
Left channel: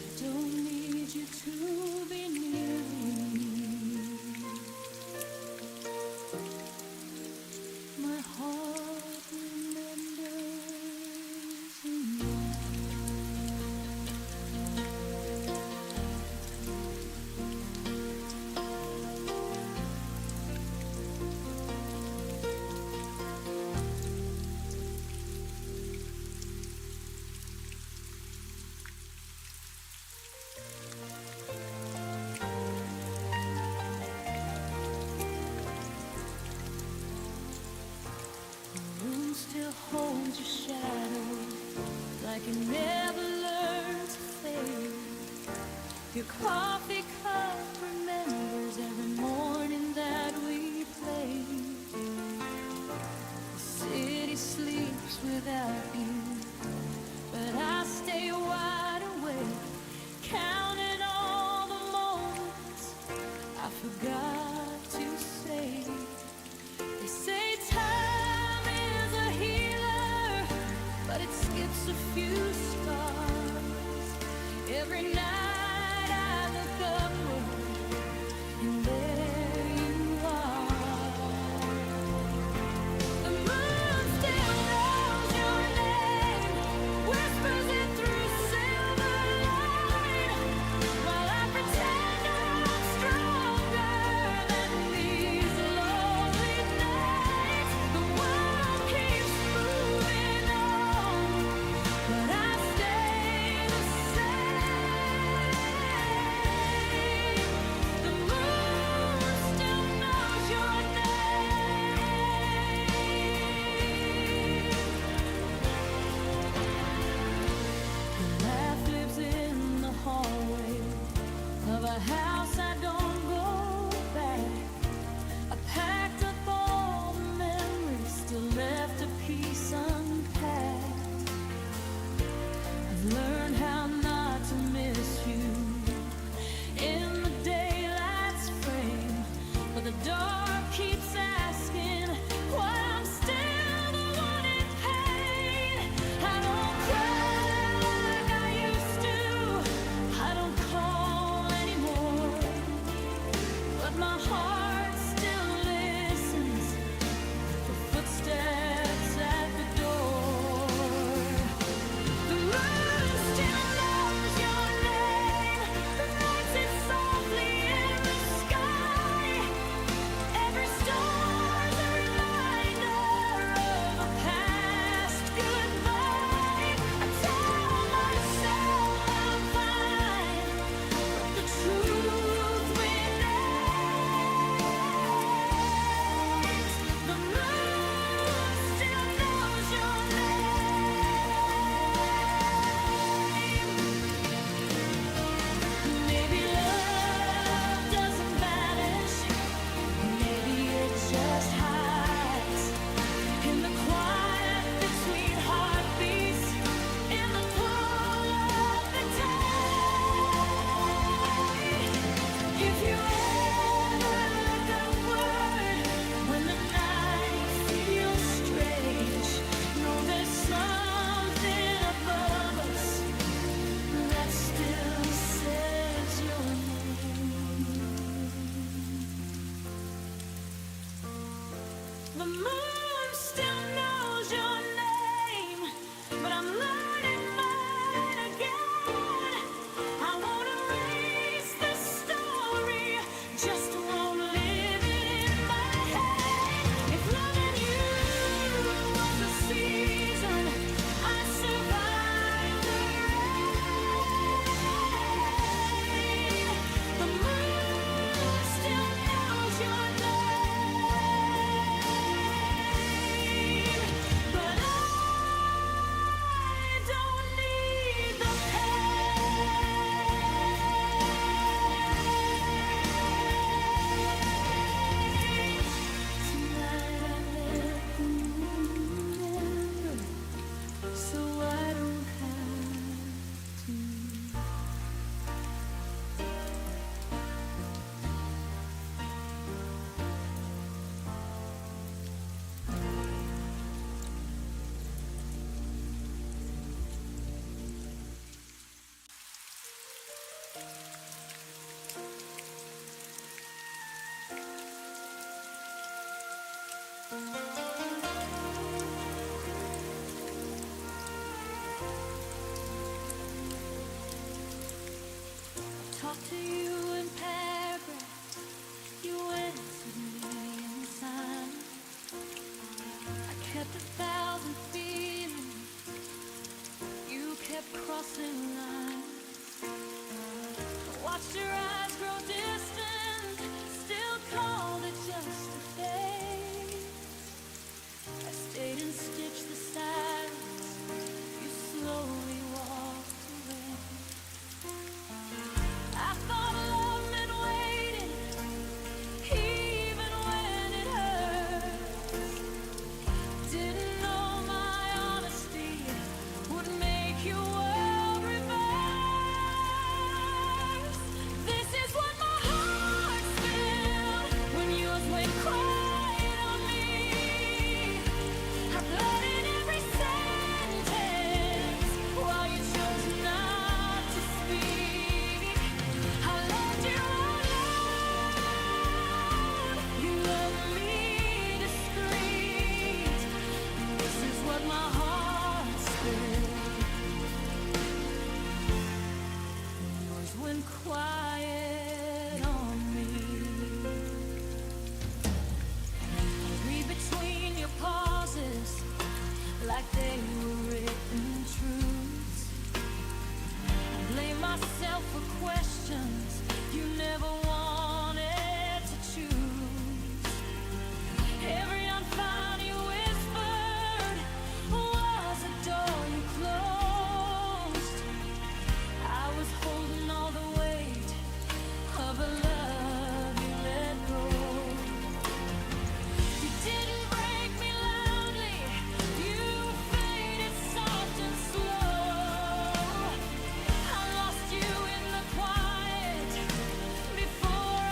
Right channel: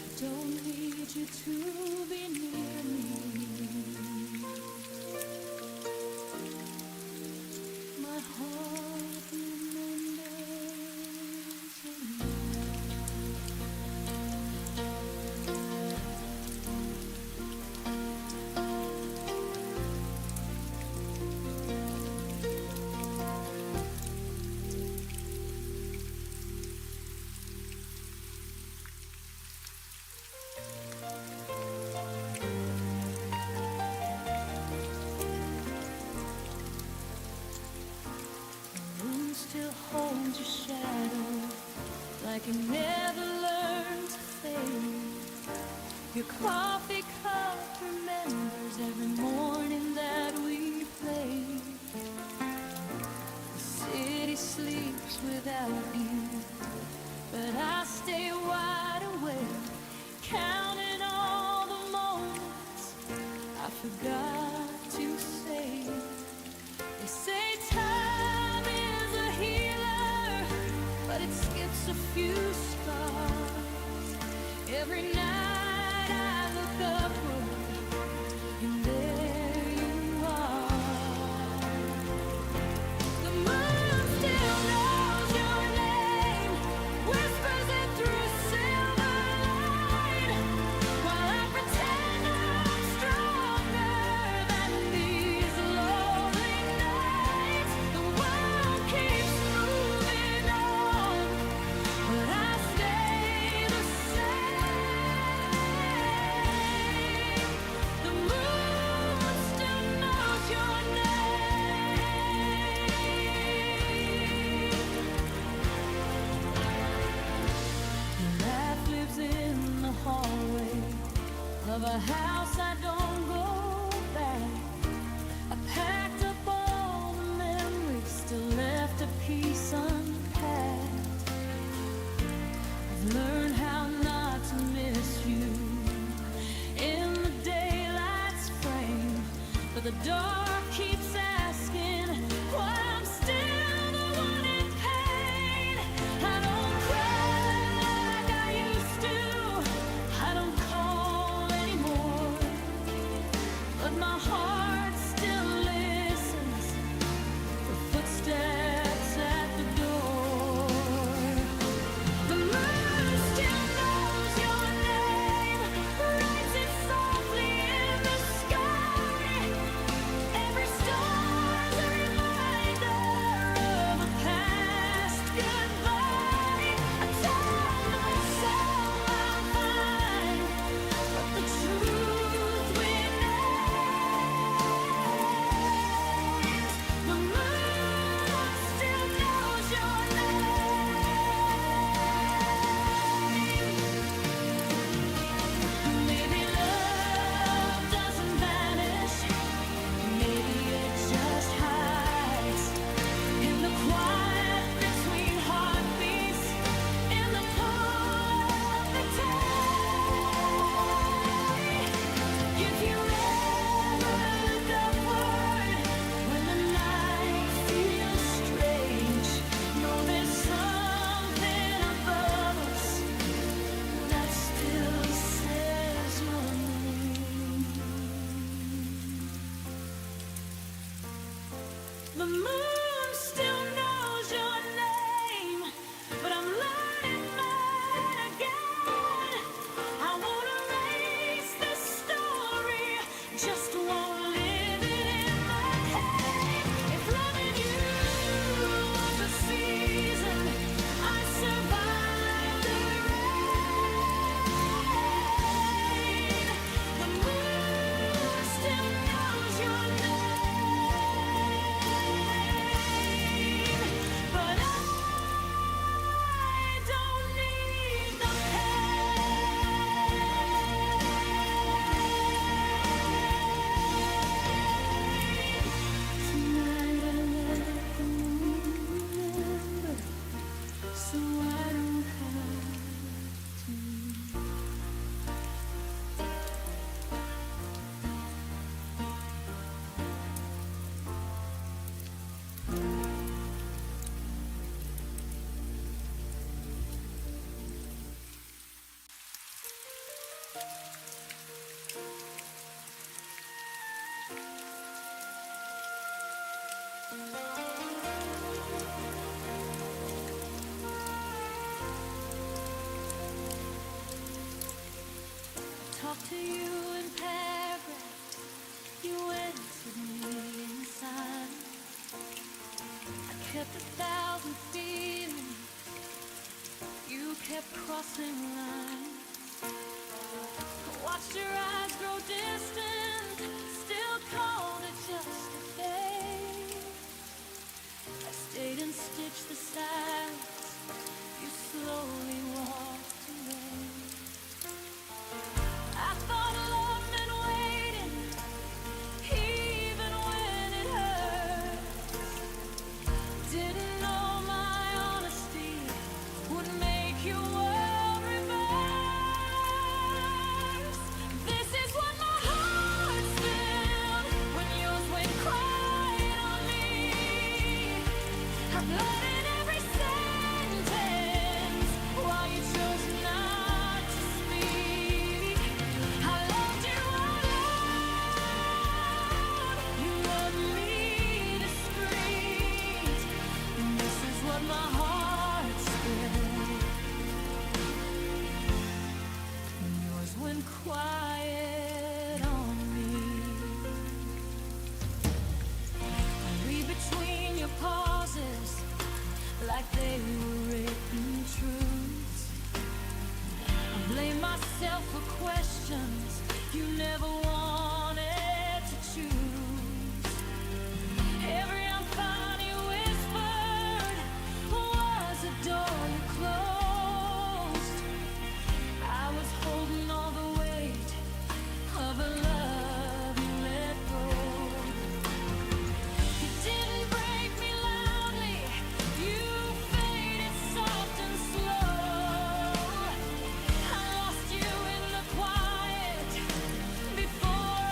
I don't need you to be near me. My heart remembers enough. The room still holds your shadow, like it never learned to fade. Your coffee cup remembers every morning that we played. The city sleeps without you, but I stay wide awake, counting all the moments I forgot to say. They say time is a healer, but it skips a few scars. Every night I look upward, and there you are. The moon still knows your name, whispers it through silver light, while I pretend I'm stronger than these lonely nights. The world keeps moving on, but I stay the same. The moon still knows your name. Your laugh lives in the hallway of a house I don't go back. I packed up all the memories, still left a piece unpacked. I've learned how not to miss you in the daylight's frame, but the dark keeps asking why I'm still the one in pain. I don't cry like I used to, I don't call anymore, but my heart still listens for footsteps at the door. The moon still knows your name, writes it softly in the sky. Every star The moon still knows your name, but I'm learning mine again. I won't erase the story, just won't live it in my head. If loving you was a season, I survived the rain. The moon still knows your name, but I don't need the pain. Tonight I let the moon remember, so I don't have to. Talk to you in paragraphs, you answered me in silence. I kept 1,000 feelings, you kept crossing lines. I watched your eyes grow distant, still called it just a phase. I stayed and stitched the silence, you slowly walked away. I thought love meant waiting, even when it hurts. Didn't know my honesty would make your world reverse. This is what my heart's filled when yours went quiet on me. I blurred in every sentence while you chose not to speak. I loved you out loud, you loved me discreet. This is what my heart spilled when yours went quiet on me. I read between your pauses like they were written truths. I blame myself for questions you never wanted to choose. Every unfound you whispered was a door you closed. I was holding all the weight of a love you let go. You didn't break me loudly, you faded soft and slow. I lost you in the quiet before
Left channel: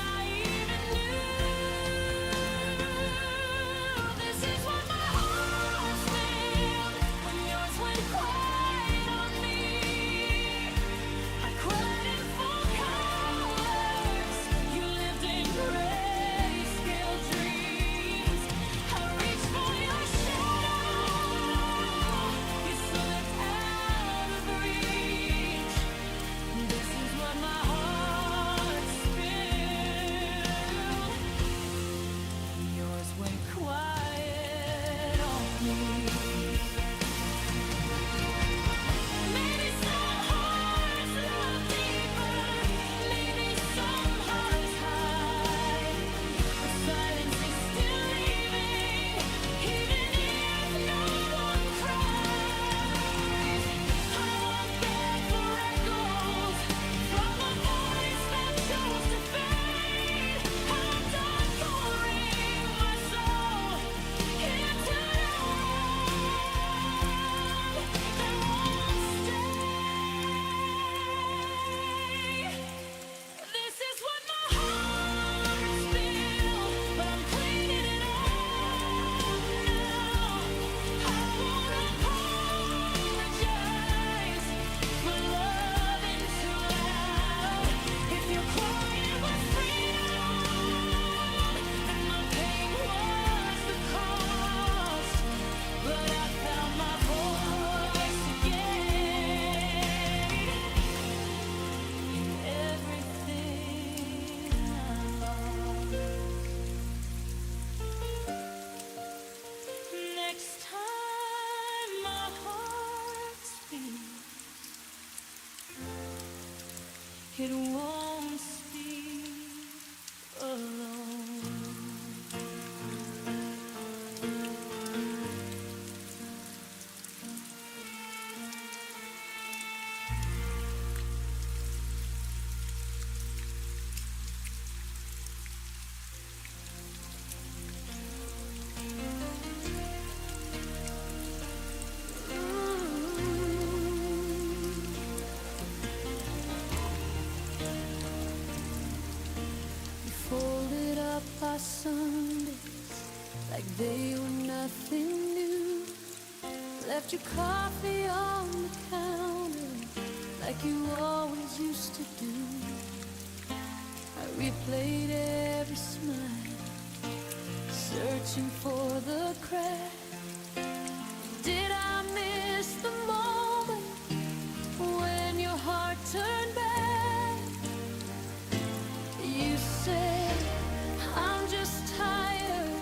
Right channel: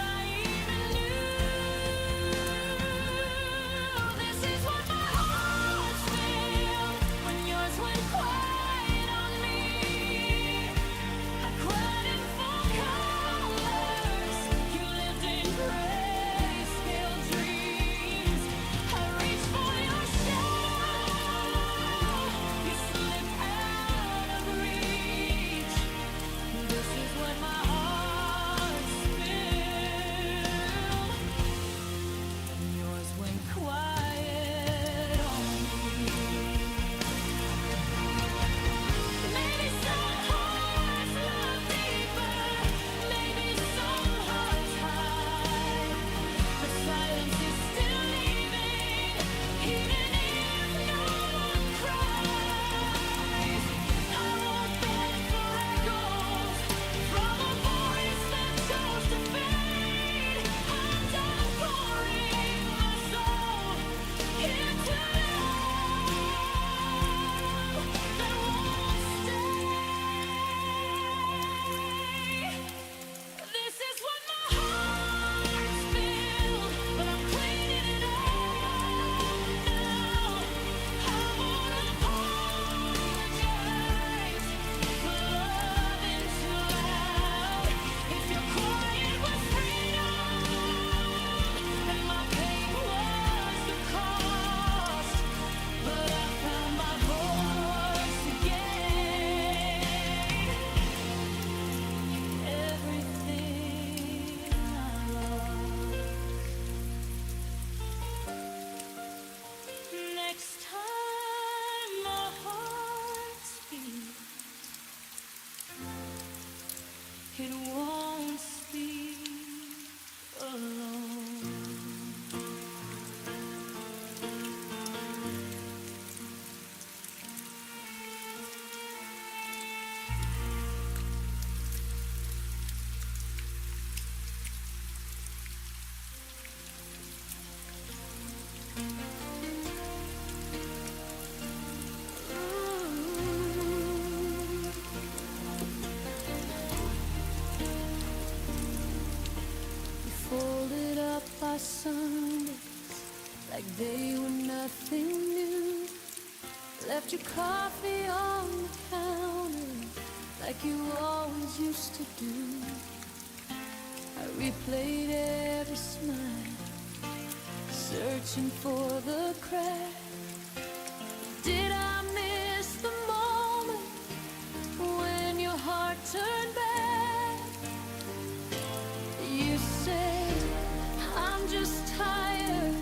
it won't speak alone. Folded up our Sundays like they were nothing new. Left your coffee on the counter like you always used to do. I replayed every smile, searching for the crack. Did I miss the moment when your heart turned back? You said, I'm just tired.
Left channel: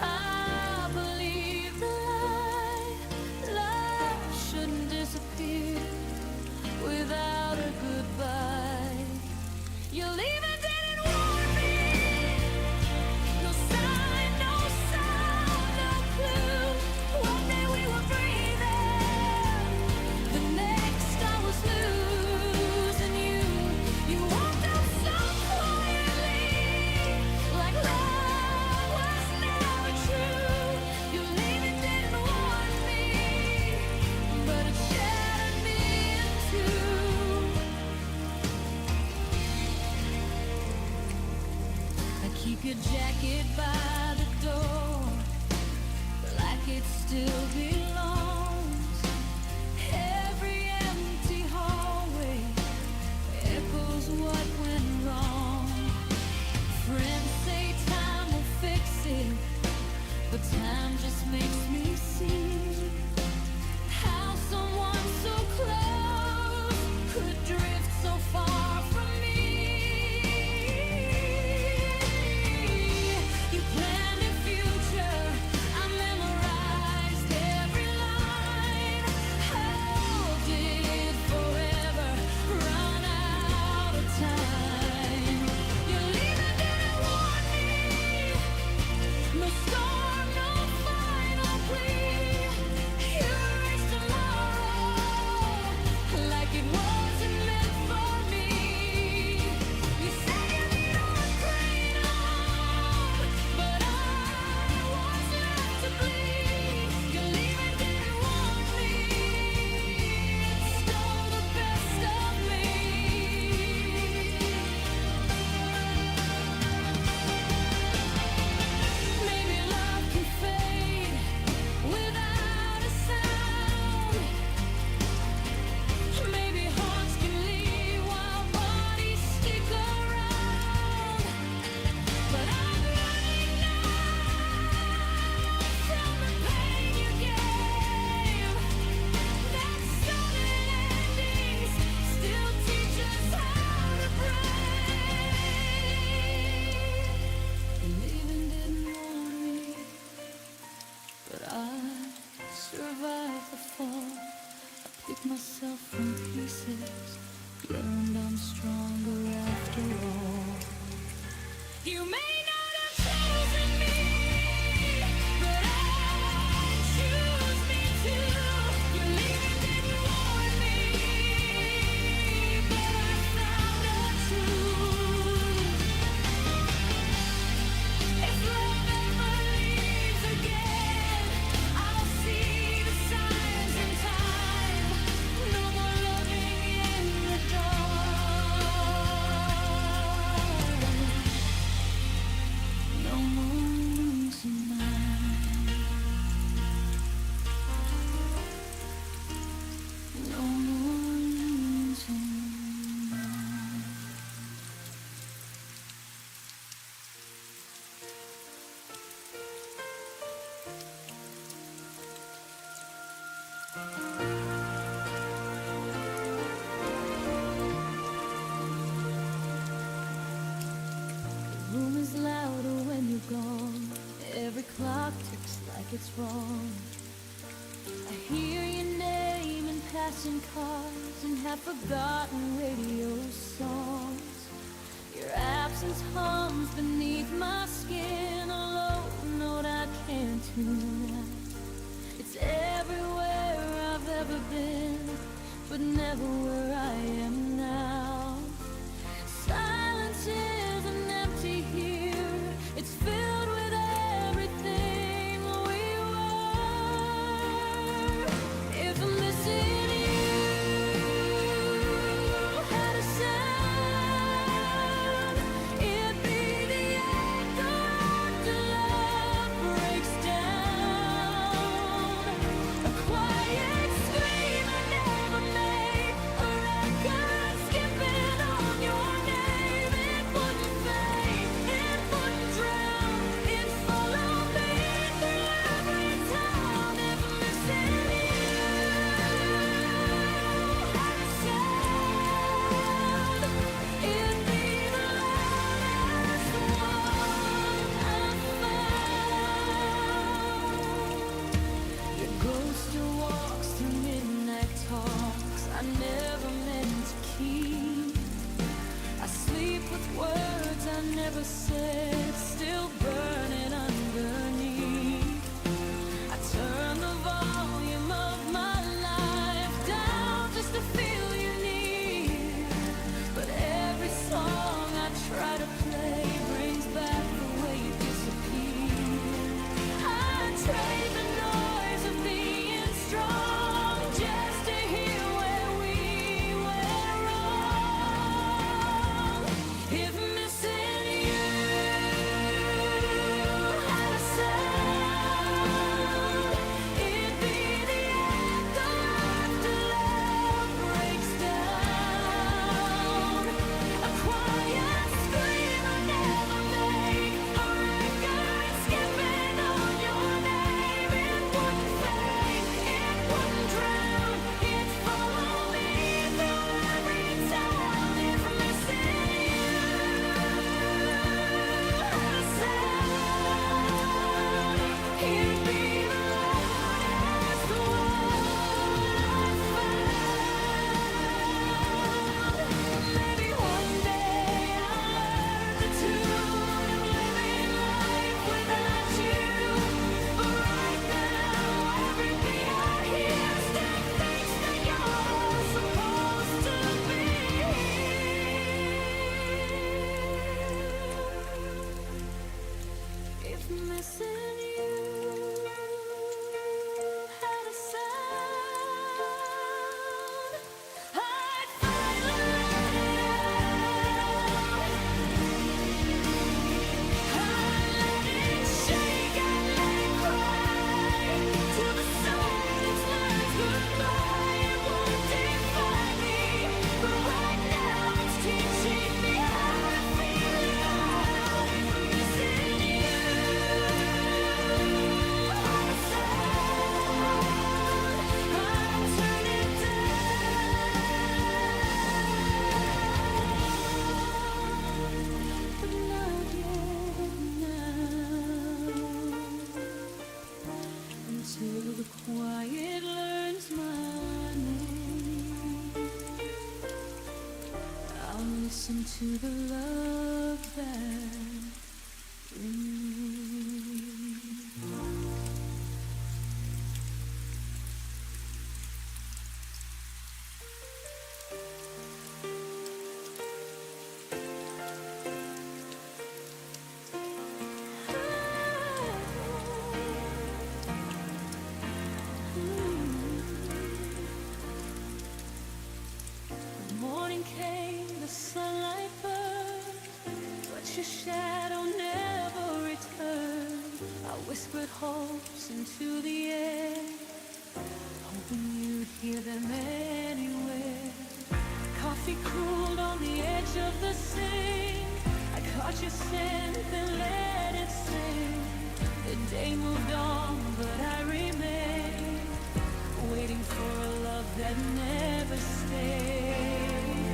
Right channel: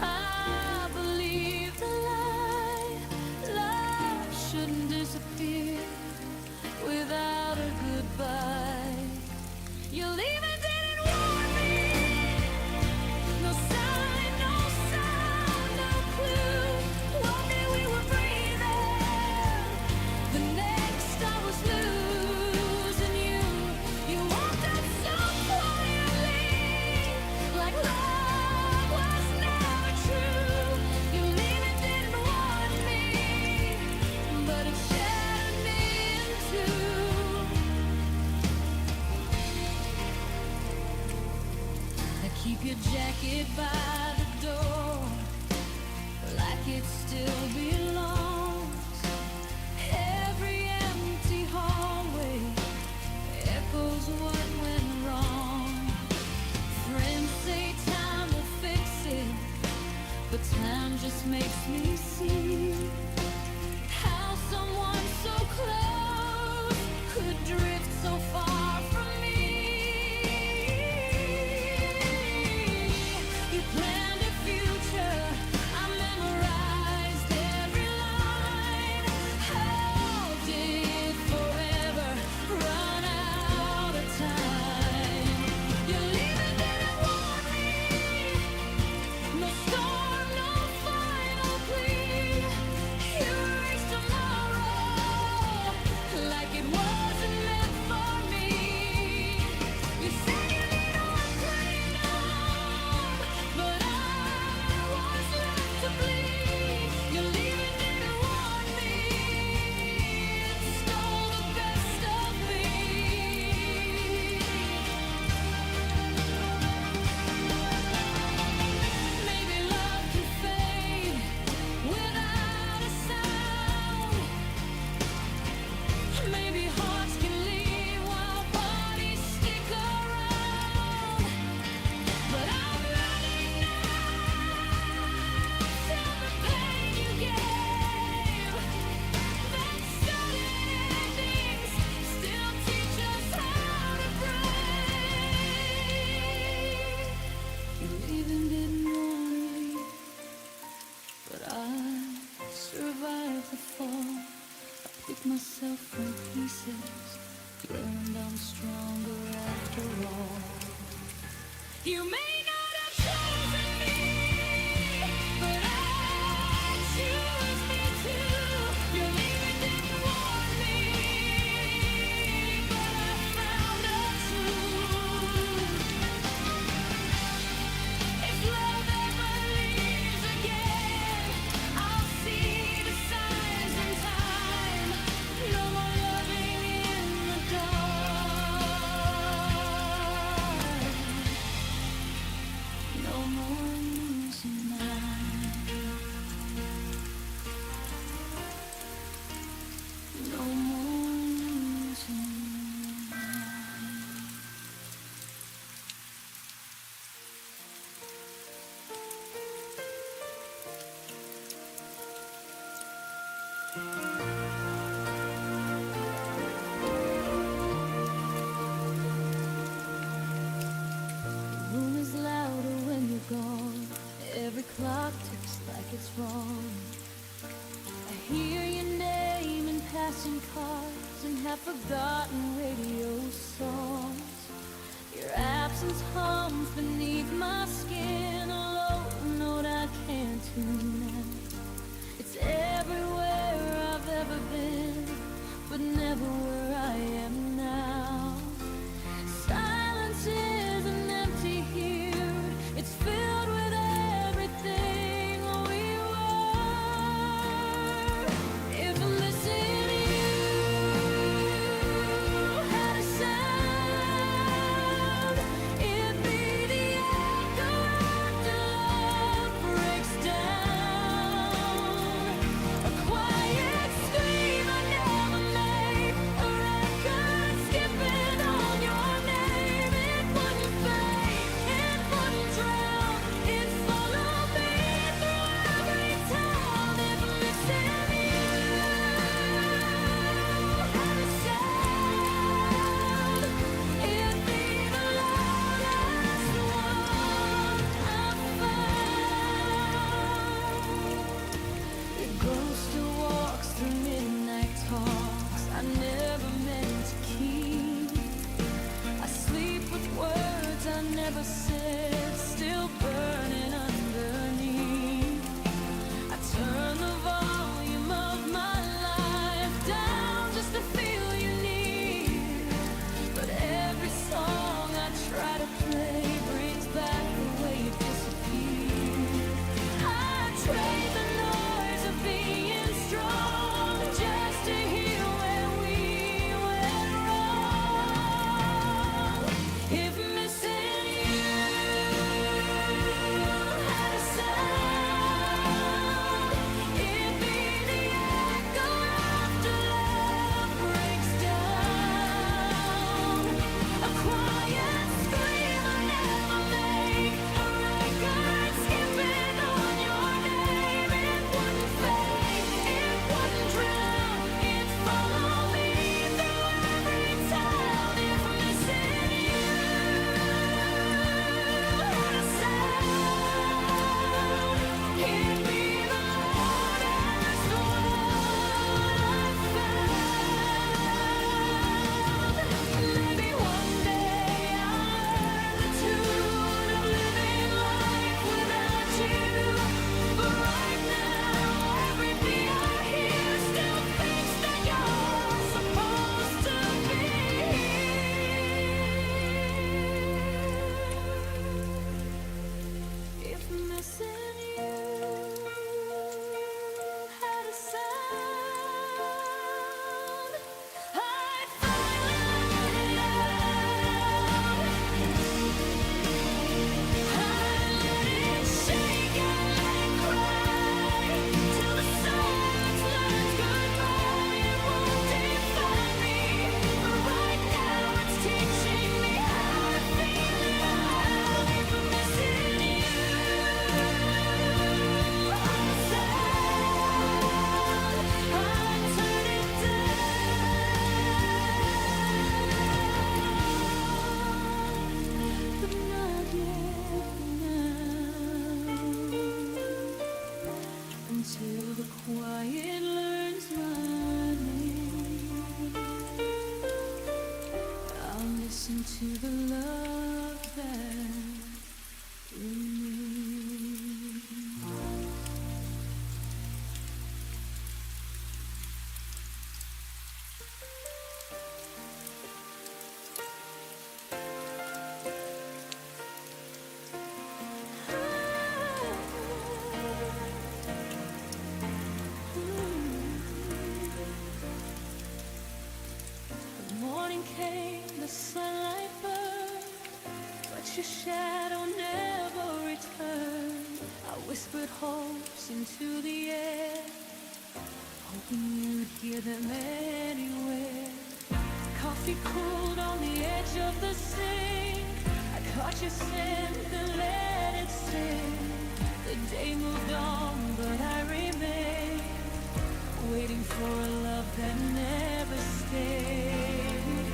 I believe the lie. Love shouldn't disappear without a goodbye. Your leaving didn't warn me. No sign, no sound, no clue. One day we were breathing, the next I was losing you. You walked out so quietly, like love was never true. Your leaving didn't warn me, but it shattered me in two. I keep your jacket by the door, like it still belongs. Every empty hallway echoes what went wrong. Friends say time will fix it, but time just makes me see how someone so close could drift so far from me. You planned a future, I memorized every line. How did forever run out of time? Your leaving didn't warn me. No storm, no final plea. You erased tomorrow like it wasn't meant for me. You said you need a clean arm, but I was left to bleed. Your leaving didn't warn me. It stole the best of me. Maybe love can fade without a sound. Maybe hearts can leave while bodies stick around. But I'm learning now from the pain you gave that sudden endings still teach us how to break. Your leaving didn't warn me, but I survived the fall. I picked myself from pieces, learned I'm stronger after all. You may not have chosen me, but I choose me too. Your leaving didn't warn me, but I found a truth. If love ever leaves again, I'll see the signs in time. No more loving in the dark. No more losing mine. No more losing mine. The room is louder when you're gone. Every clock ticks like it's wrong. I hear your name in passing cars and have forgotten radio songs. Your absence hums beneath my skin, a low note I can't tune out. It's everywhere I've ever been, but never where I am now. Silence isn't empty here, it's filled with everything we were. If I'm missing you had a sound, it'd be the echo after love breaks down. A quiet scream I never made, a record skipping on your name. It wouldn't fade, it wouldn't drown, it'd follow me through every town. If I'm missing you had a sound, it'd be the loudest one I found. Your ghost still walks through midnight talks I never meant to keep. I sleep with words I never said, still burning underneath. I turn the volume of my life down just to feel you near. But every song I try to play brings back the way you disappeared. I trade the noise of being strong just to hear where we went wrong. If missing you had a sound, it'd be the echo after love breaks down. A quiet scream I never make, a record skipping on your name. It wouldn't fade, it wouldn't drown, it'd follow me through every town. If I'm missing you had a sound, it'd be the loudest one I've found. Maybe one day I'll learn the tune of living life without you. But right now, every beat I hear still thinks that you're supposed to be here. If missing you had a sound, I'd finally let it out. I'd let it shake, I'd let it cry, till the silence learns goodbye. It won't define me, but right now it's teaching me how to feel it out. If I'm missing you had a sound, I'd turn it down, but not yet now, until the quiet learns my name. I'll listen to the love that remains. The morning came, the sunlight burned, but your shadow never returned. I whispered hopes into the air, hoping you'd hear them anywhere. Coffee cooled on the edge of the sink, I caught your scent and let it sing. The day moved on, but I remained, waiting for a love that never stayed.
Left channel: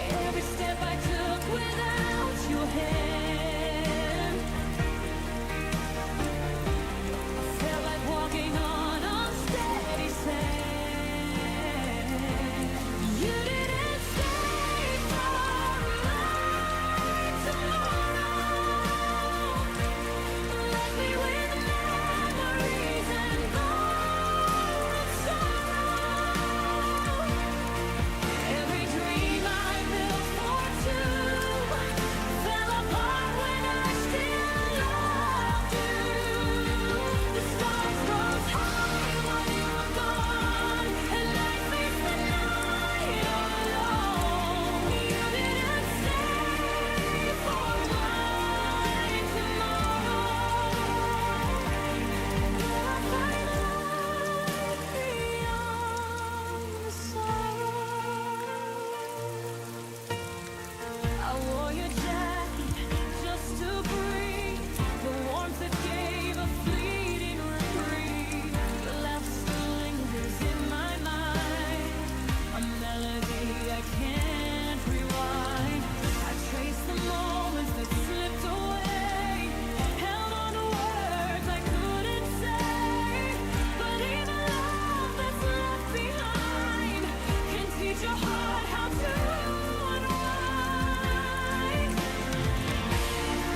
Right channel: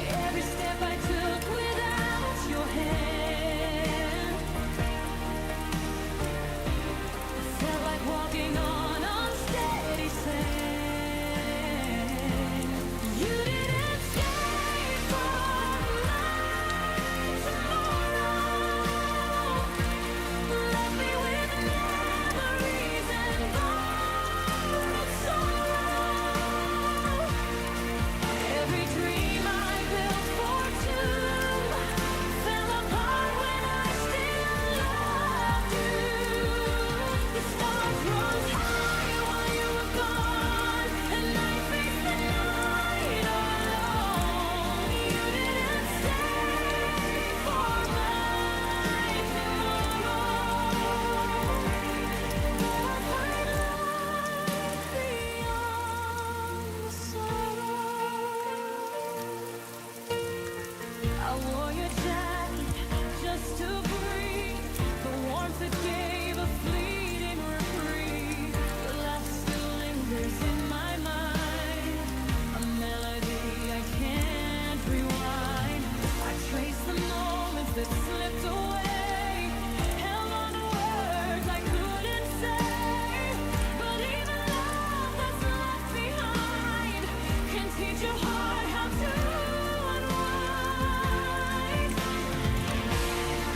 Every step I took without your hand, I felt like walking that gave a fleeting reprieve. Your laugh still lingers in my mind, a melody I can't rewind. I trace the moments that slipped away, held on to words I couldn't say. But even love that's left behind can teach your heart how to unwind.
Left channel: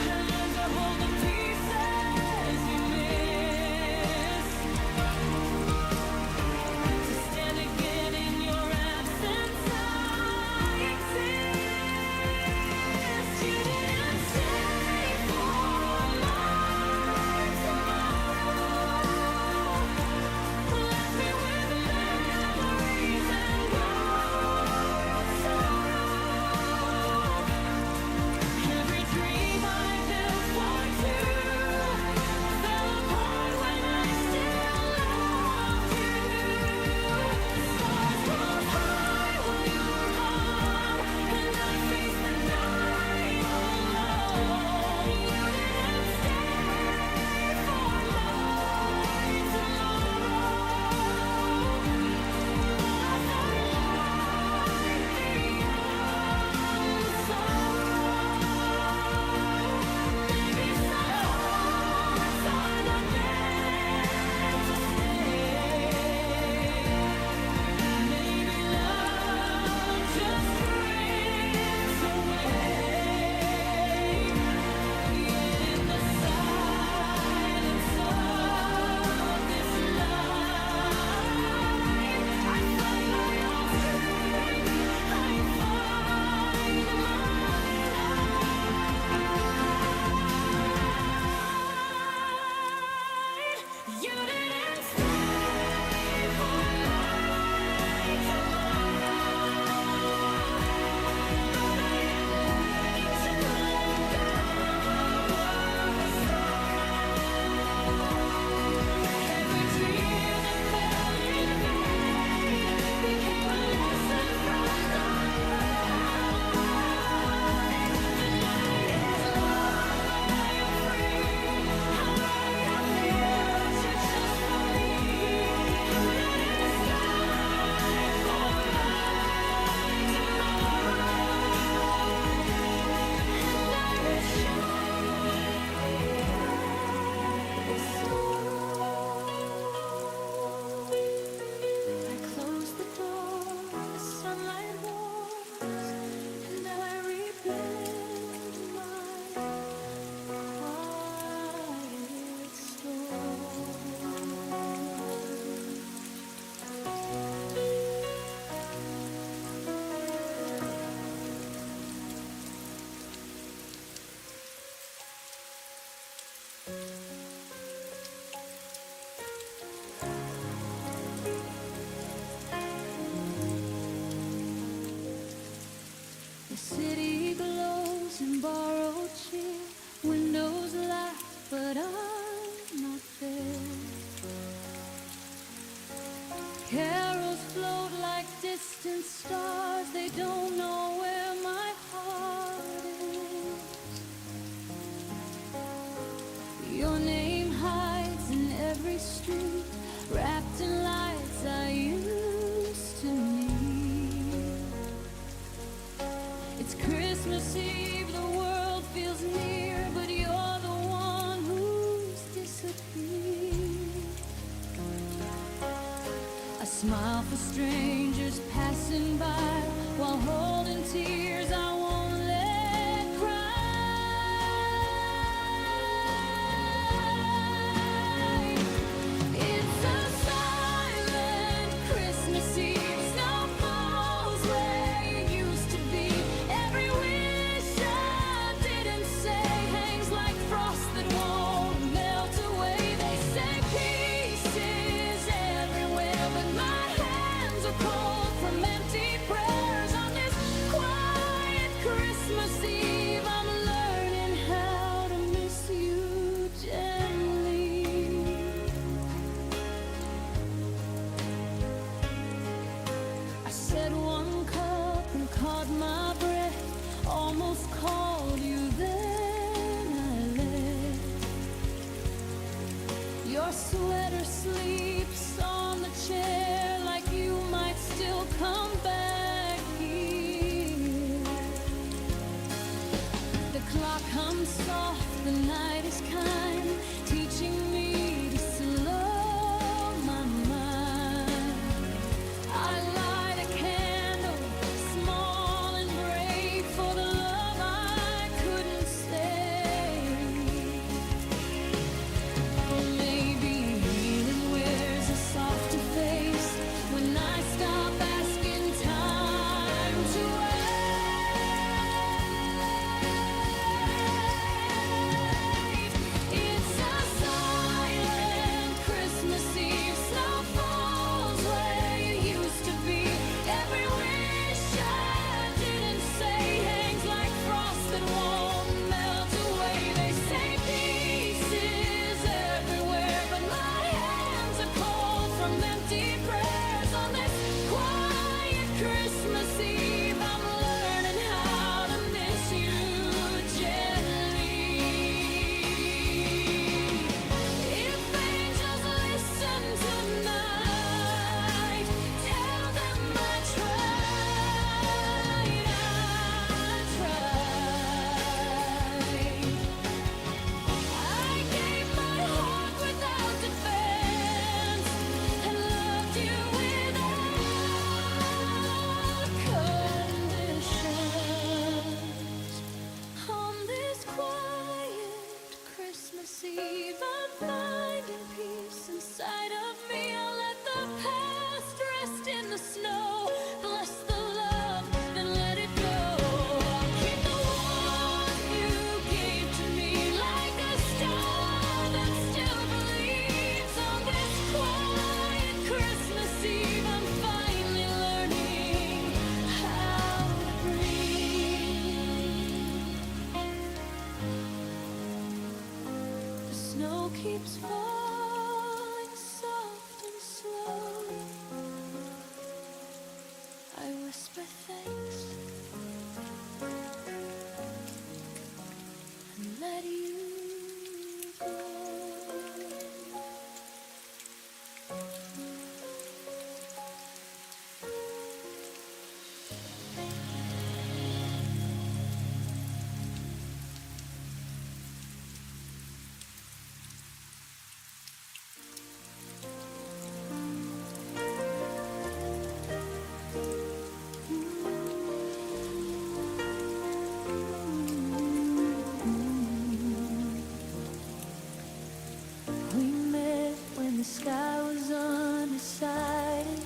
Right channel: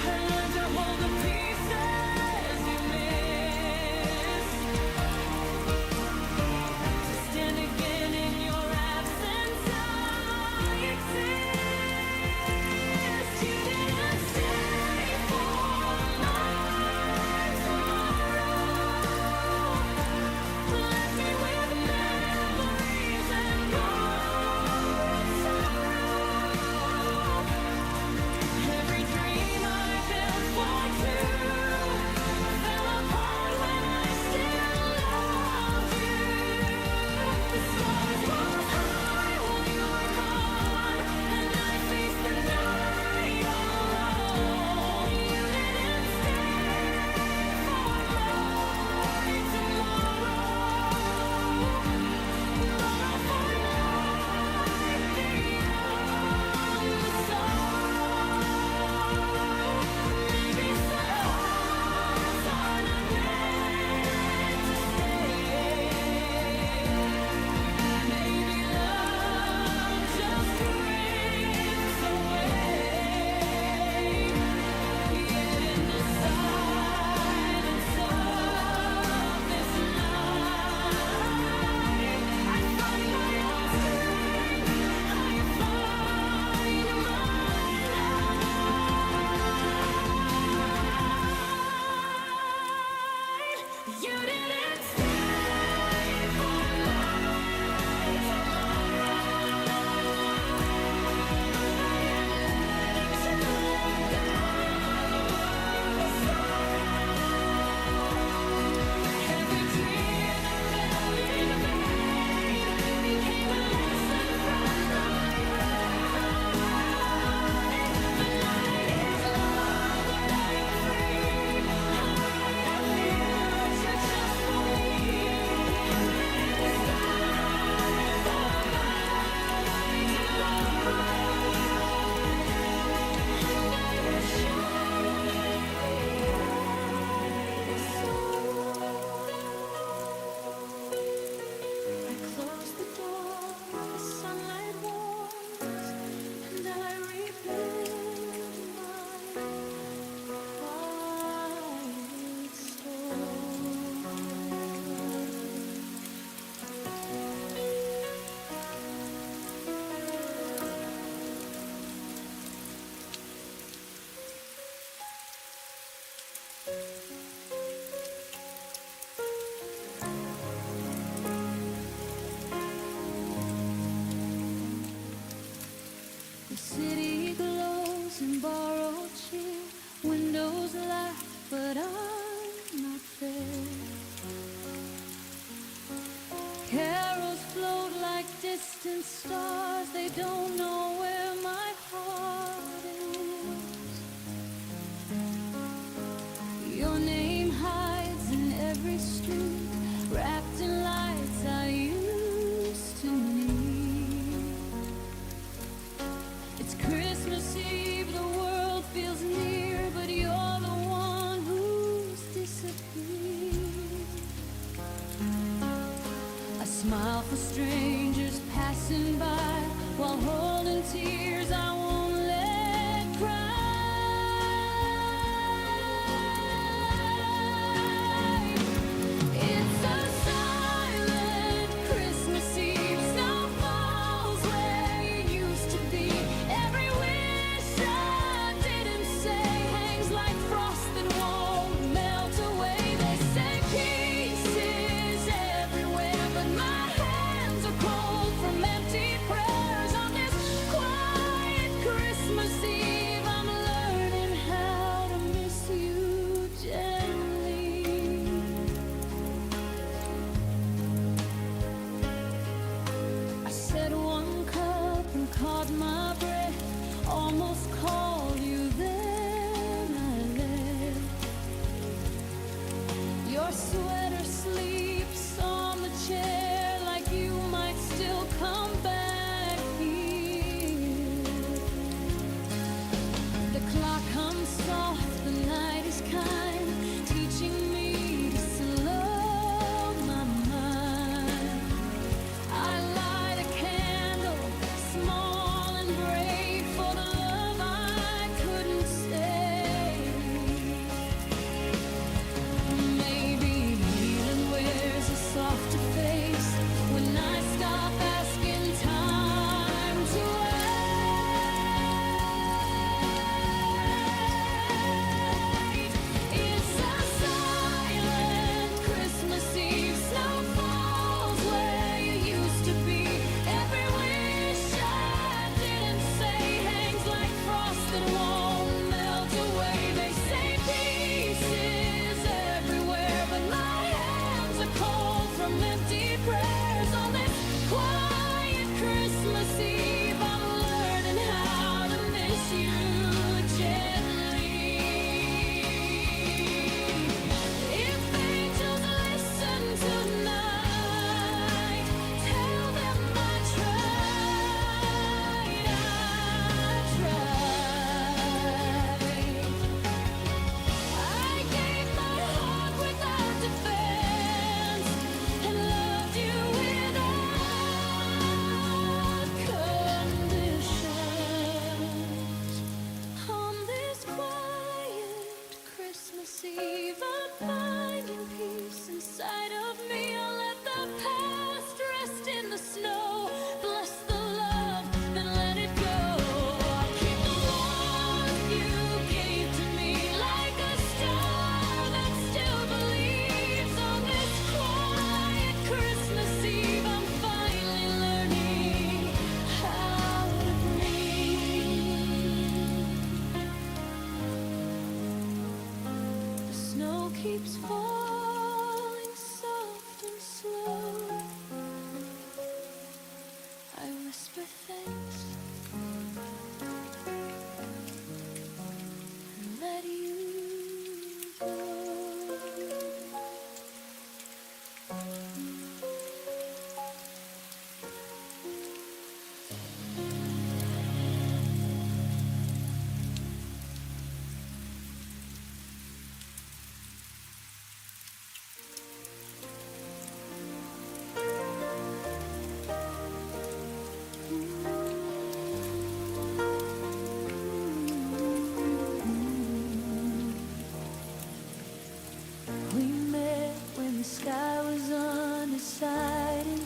I learned to hold the pieces you miss, to stand again in your absence. I exist. You didn't stay for my tomorrow. Left me with memories and borrowed sorrow. Every dream I built for two fell apart when I still loved you. The stars rose high while you were gone, and I faced the night all alone. You didn't stay for my tomorrow, but I'll find light beyond the sorrow. Maybe some hearts are not meant to stay. Maybe love just drifts away. Yet in the silence of this night, I find my own strength. I find my light. You didn't stay for my tomorrow, but I am learning to let go of the sorrow. Every tear that fell in vain became a lesson from the light. The night is long, but I am free. I'll write a future just for me. You didn't stay for my tomorrow, and I will shine beyond the sorrow. I close the door, the sunlight warms, and I rebuild my quiet storm. The city glows in borrowed cheer, windows laugh, but I'm not there. Carols float like distant stars, they don't know where my heart is. Your name hides in every street, wrapped in lights I used to need. It's Christmas Eve, the world feels near, but you're the one who's disappeared. I smile for strangers passing by, while holding tears I won't let cry. It's a silent Christmas Eve, snow falls where you used to be. Every wish I didn't say hangs like frost that won't melt away. They say peace is everywhere, but my hands are cold from empty prayers. On this quiet Christmas Eve, I'm learning how to miss you gently. I said one cup and caught my breath, almost called you, then I left. Your sweater sleeps on the chair like you might still come back here. The clock hums soft, the night is kind, teaching me to slow my mind. I light a candle, small and brave, for the love I couldn't say. Maybe healing wears a softer face when I stop asking time to wait. It's a silent Christmas Eve. Snow falls where you used to be. Every wish I didn't say hangs like frost that won't melt away. They say peace is everywhere, but my hands are cold from empty prayers. On this quiet Christmas Eve, I'm learning how to miss you gently. If angels listen tonight, tell them I tried. I gave my heart without defense and loved you without conditions. On this quiet Christmas Eve, I'm finding peace inside of me. I'll let the past rest in the snow. Bless the love, then let it go. I'll keep the warmth you gave to me like a star that still believes. On this quiet Christmas Eve, I'm finally learning how to breathe. The snow keeps falling soft and slow. I whisper thanks and let you go. We met when the sky was undecided,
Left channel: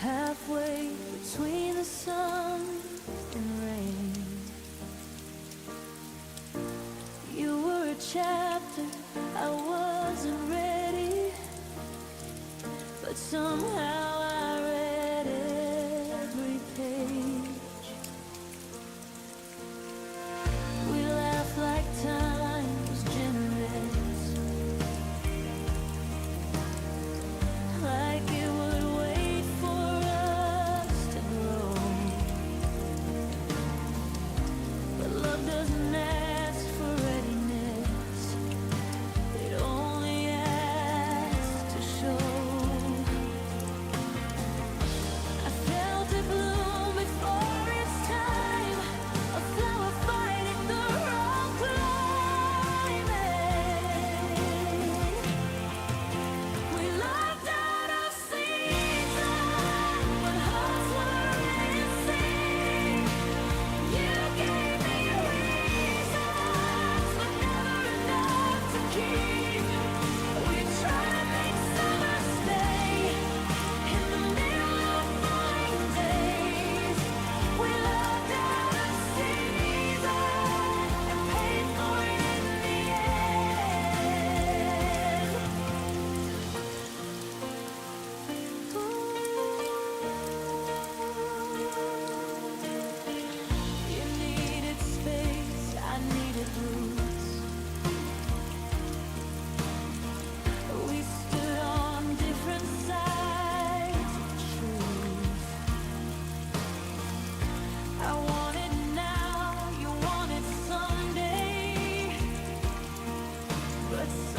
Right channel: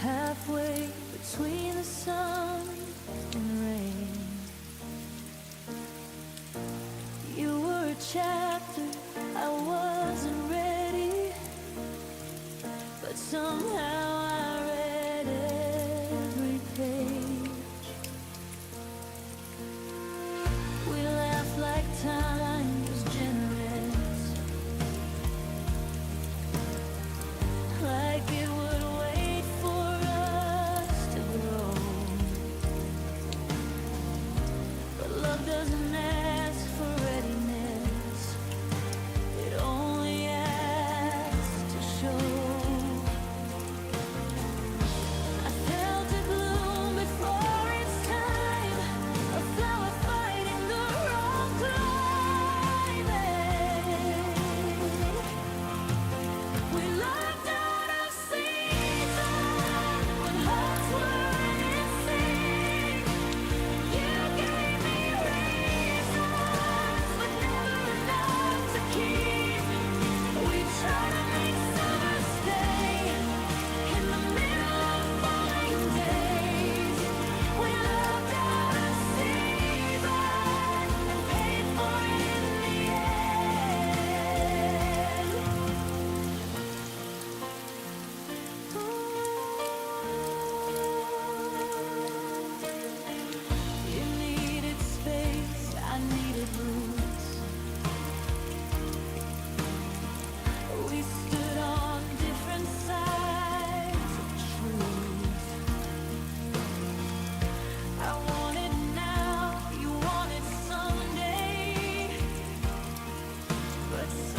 halfway between the sun and rain. You were a chapter I wasn't ready, but somehow I read every page. We laughed like time was generous, like it would wait for us to grow. But love doesn't ask for readiness, it only asks to show.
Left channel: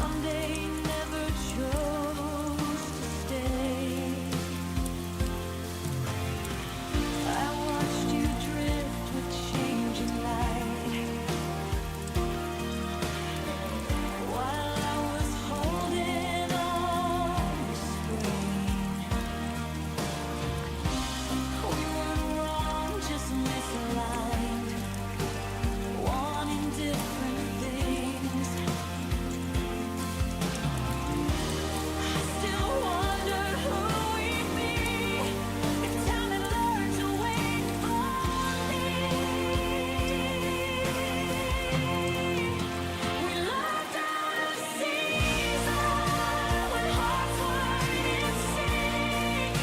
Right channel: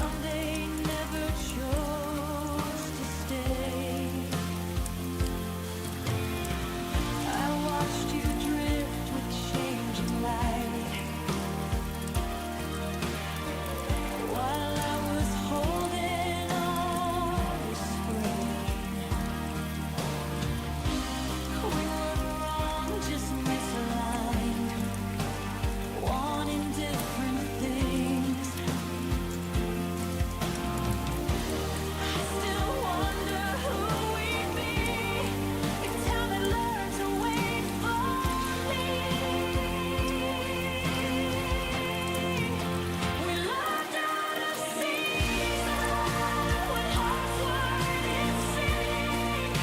someday never chose to stay. I watched you drift with changing light, while I was holding on to spring. We weren't wrong, just misaligned, wanting different things. I still wonder who we'd be if time had learned to wait for me. We loved out of season when hearts weren't in sync.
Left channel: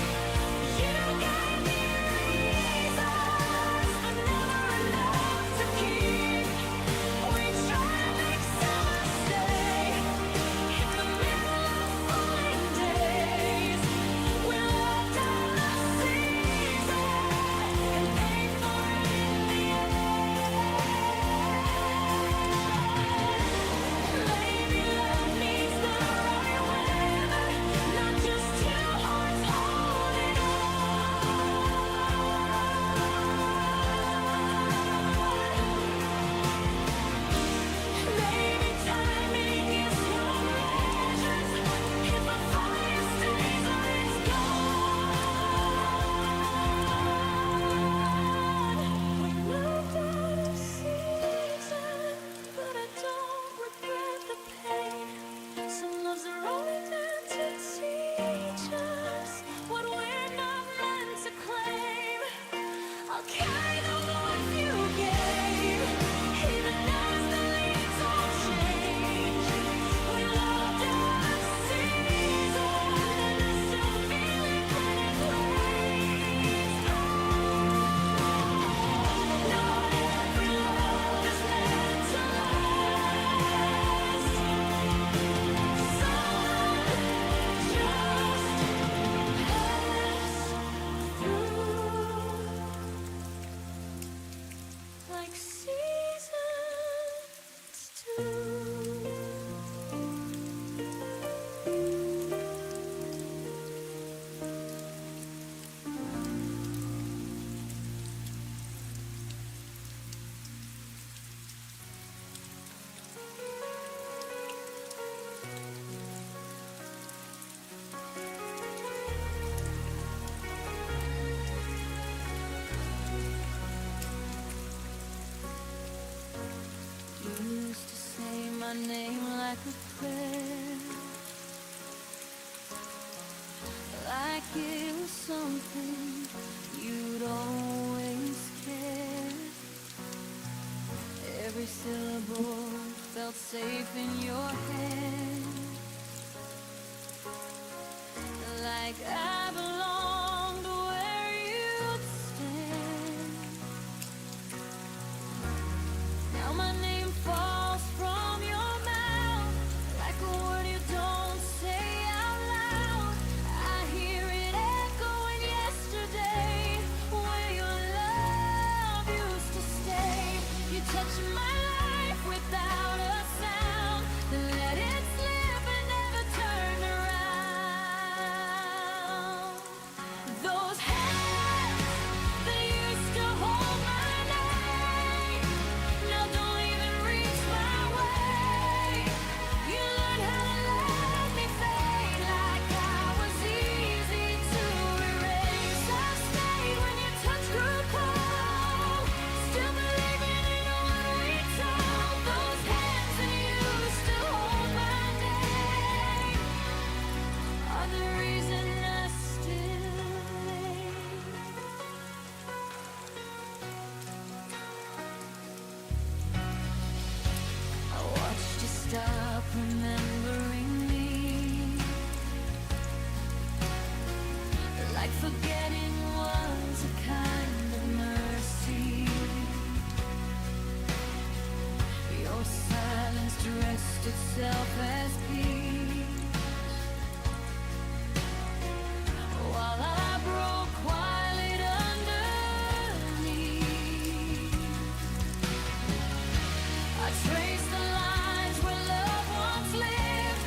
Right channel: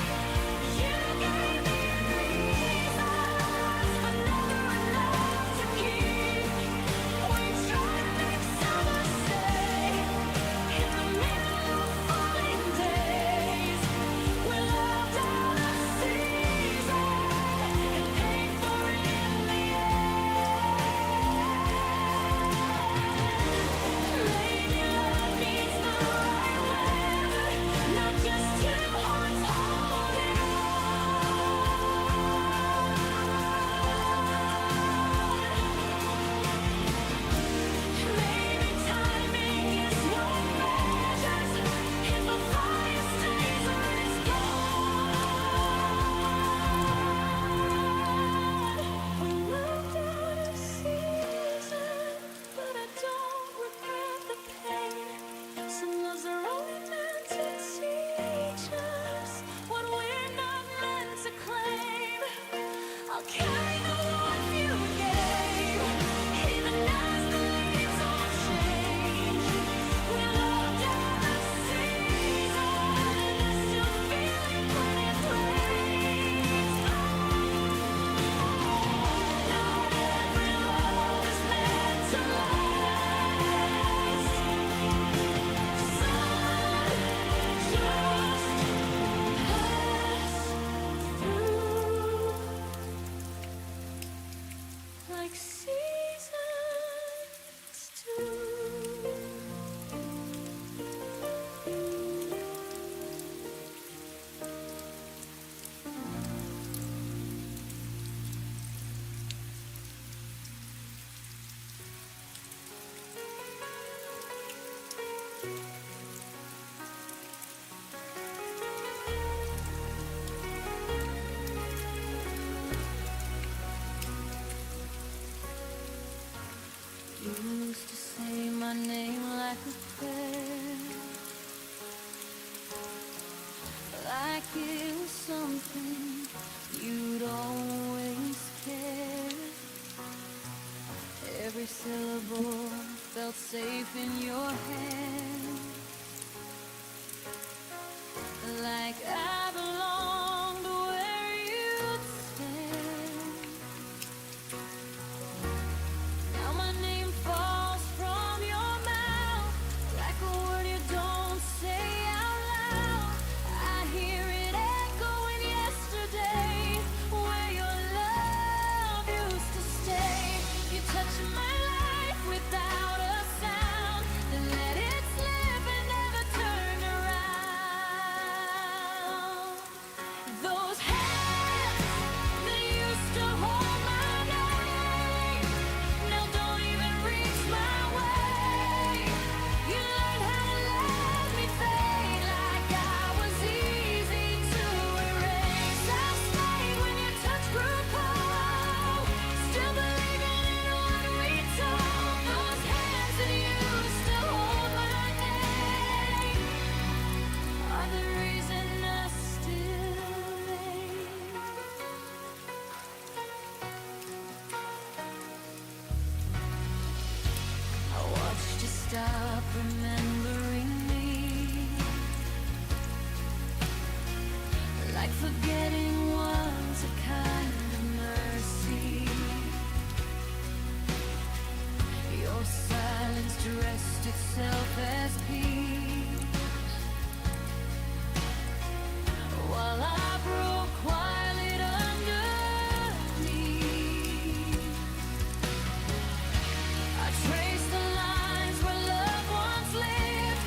You gave me reasons, but never enough to keep. We tried to make summer stay in the middle of falling days. We loved out of season and paid for it in the end. Maybe love needs the right weather, not just two hearts holding on. Maybe timing is what measures if a fire stays or it's gone. We moved out of season, but I don't regret the pain. Some loves are only meant to teach us what we're not meant to claim. I'll carry the warmth you gave, even as the leaves all change. We loved out of season, and I still feel it when it rains. Not every love is meant to last. Some just pass through like seasons do. You used to say my name like a prayer, like it was something you'd always care. Every syllable felt safe in your hands, like I belonged where you'd stand. Now my name falls from your mouth like a word you don't say out loud. I hear it echoing yesterday, where your love used to stay. You touch my life without a sound, then let it slip and never turn around. Those hands that used to hold my name now don't even reach my way. You learned how to let me fade like I was easy to erase. I stayed when your touch grew cold, still believing in what we told. Those hands that used to hold my name are the reason I still ache. I watched you stop remembering me, like forgetting was a kind of mercy. Your silence dressed itself as peace, while I broke quiet underneath. I traced the lines where love once lived,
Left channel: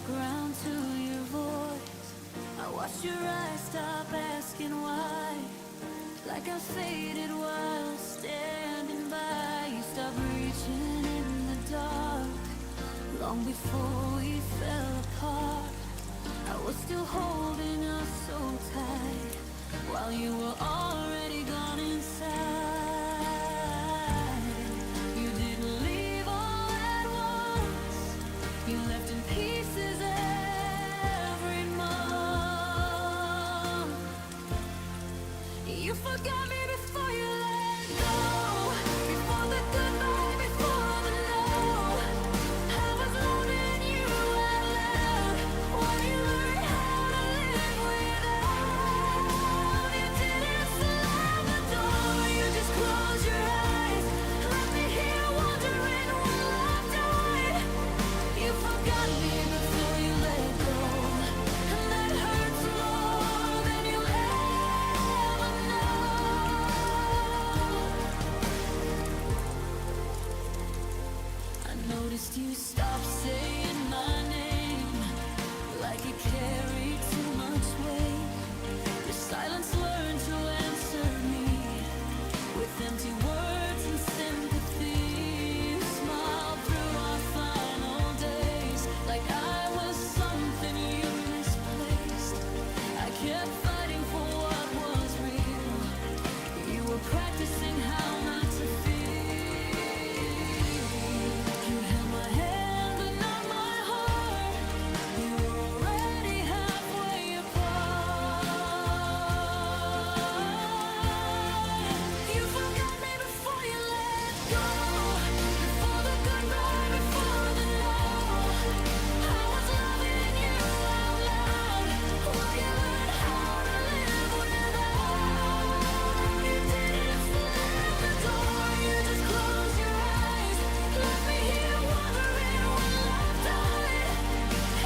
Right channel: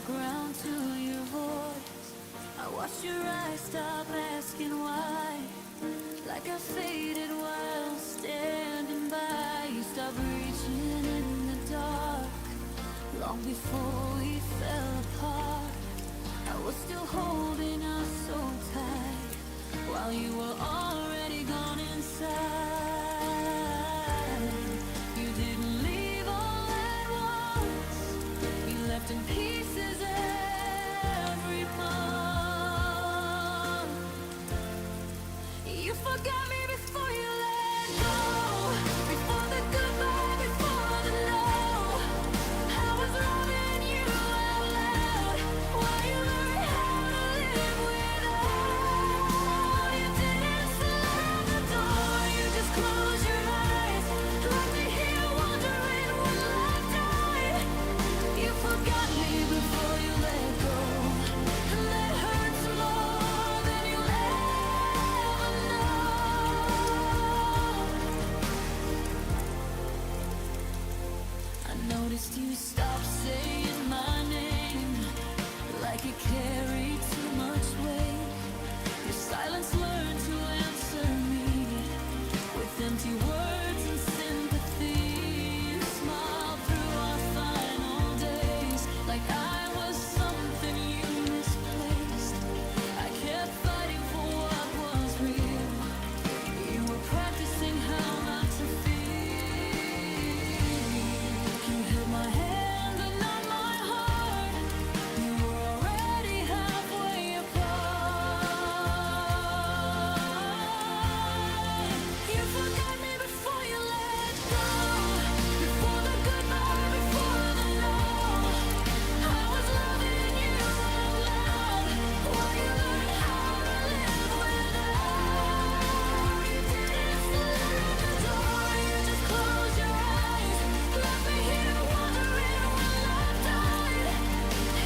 background to your voice. I watched your eyes stop asking why, like I faded while standing by. You stopped reaching in the dark, long before we fell apart. I was still holding us so tight, while you were already gone inside. You didn't leave all at once, you left in pieces every month. You forgot me before you let go, before the goodbye, before the no. I was loving you out loud, while you learned how to live without. You didn't slam the door, you just closed your eyes, left me here wondering when love died. You forgot me before you let go, and that hurts more than you'll ever know. I noticed you stopped saying my name, like it carried too much weight. Your silence learned to answer me with empty words and sympathy. You smiled through our final days, like I was something you misplaced. I kept fighting for what was real. You were practicing how not to feel. You held my hand but not my heart. You were already halfway apart. You forgot me before you let go, before the goodbye, before the no. I was loving you out loud, while you learned how to live without. You didn't slam the door, you just closed your eyes, left me here wondering when love died.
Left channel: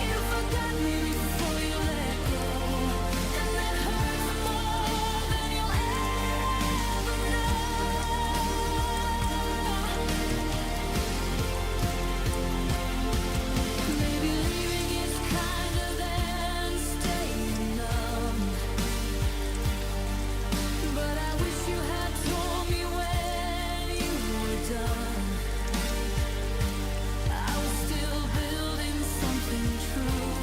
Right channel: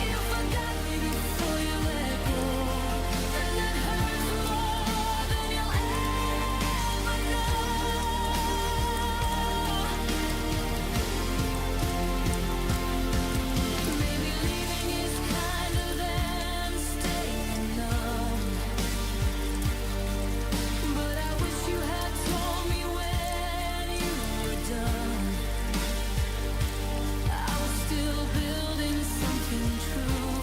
You forgot me before you let go, and that hurts more than you'll ever know. Maybe leaving is kinder than staying numb, but I wish you had told me when you were done. I was still building something true,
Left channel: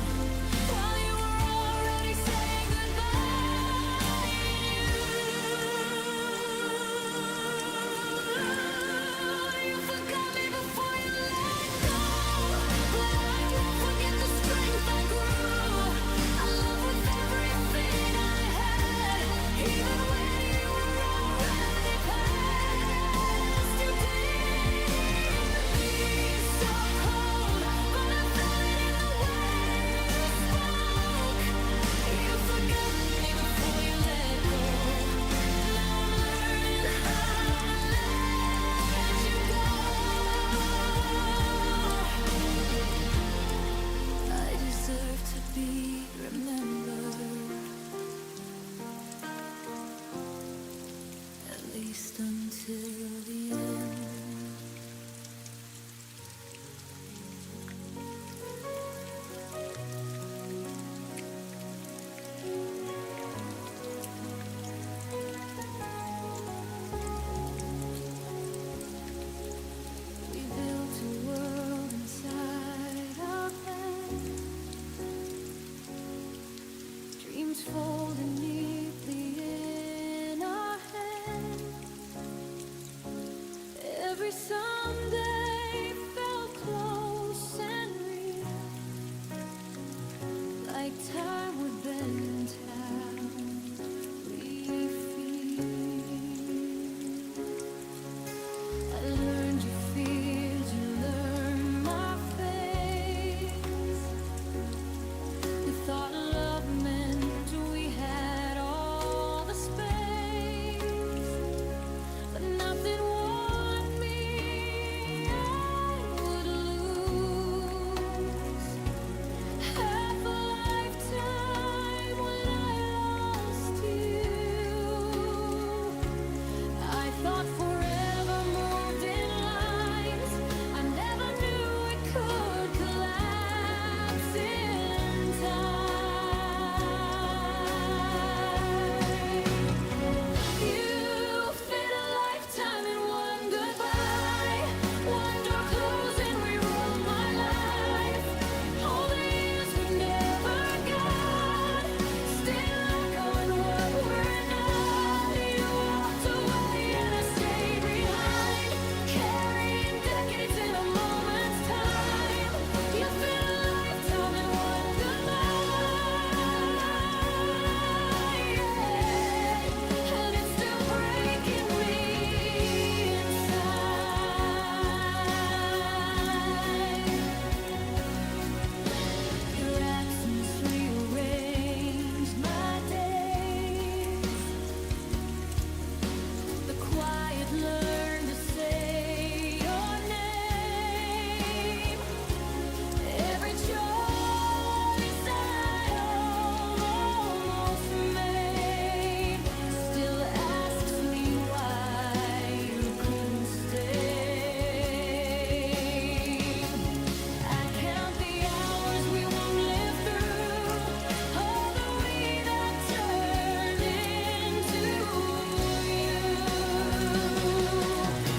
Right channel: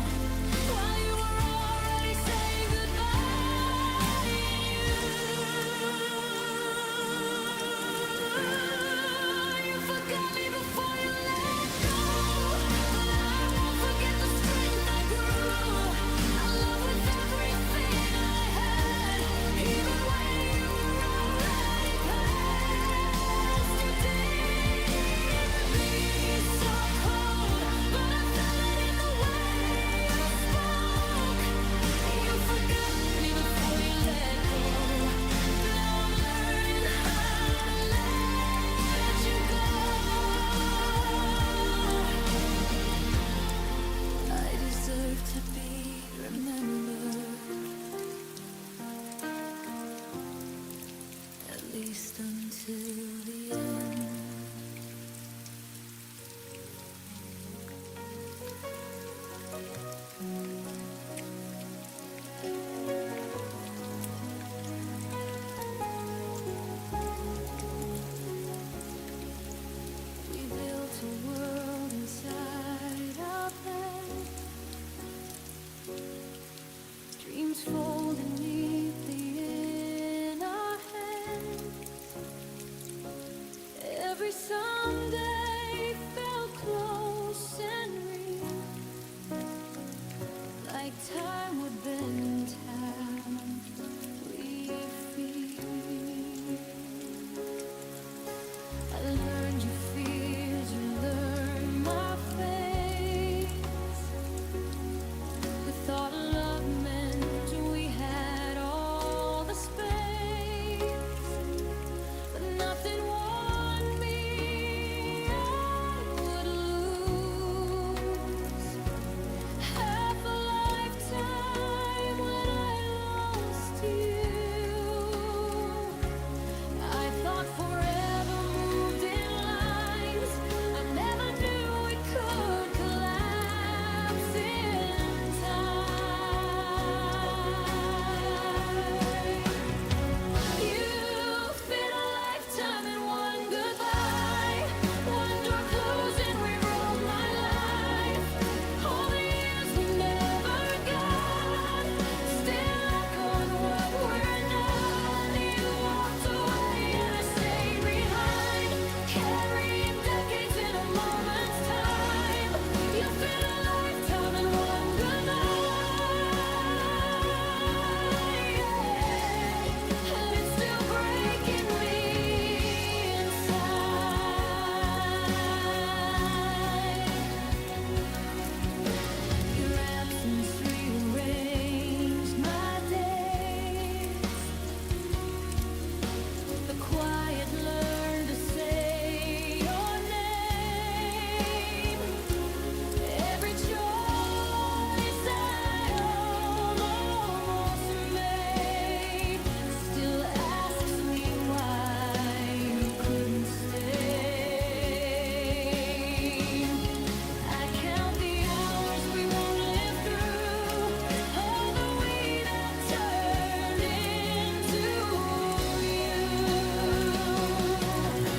while you were already saying goodbye. You forgot me before you let go, but I won't forget the strength I grew. I love with everything I had, even when you were already past. You didn't be so cold, but I felt it in the way you spoke. You forgot me before you let go. Now I'm learning how to let you go. I deserve to be remembered, at least until the end. We built a world inside our bed, dreams folded neatly in our hands. Every song learn to say your name. Every choice I almost made still asks me why you couldn't stay. I count the hours we won't live through, all the we that turned into you.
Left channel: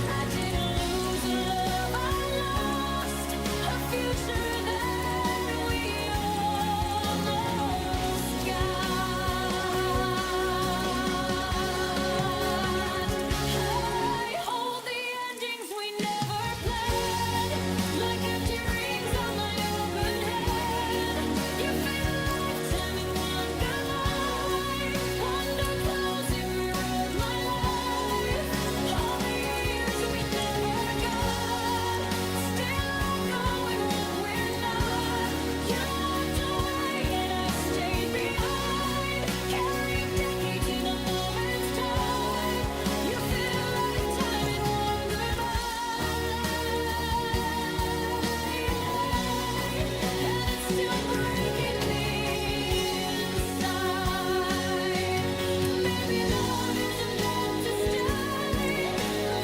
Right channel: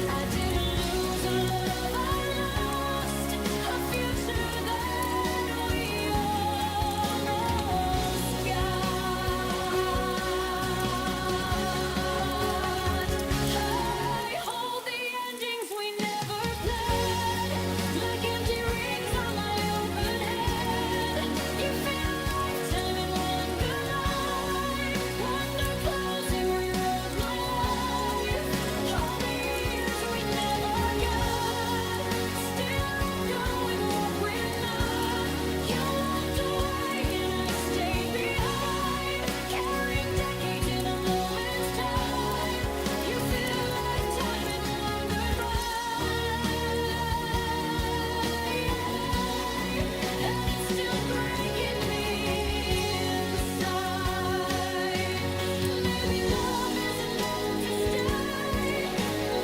I didn't lose a love I lost, a future that we almost got. I hold the endings we never planned, like empty rings on my open head. You fit a lifetime in one goodnight. One door closing rewrote my life. All the years we never got, still echoing what we're not. You walked away and I stayed behind, carrying decades in a moment's time. You fit a lifetime in one goodbye, and it's still breaking me inside. Maybe love isn't meant to stay.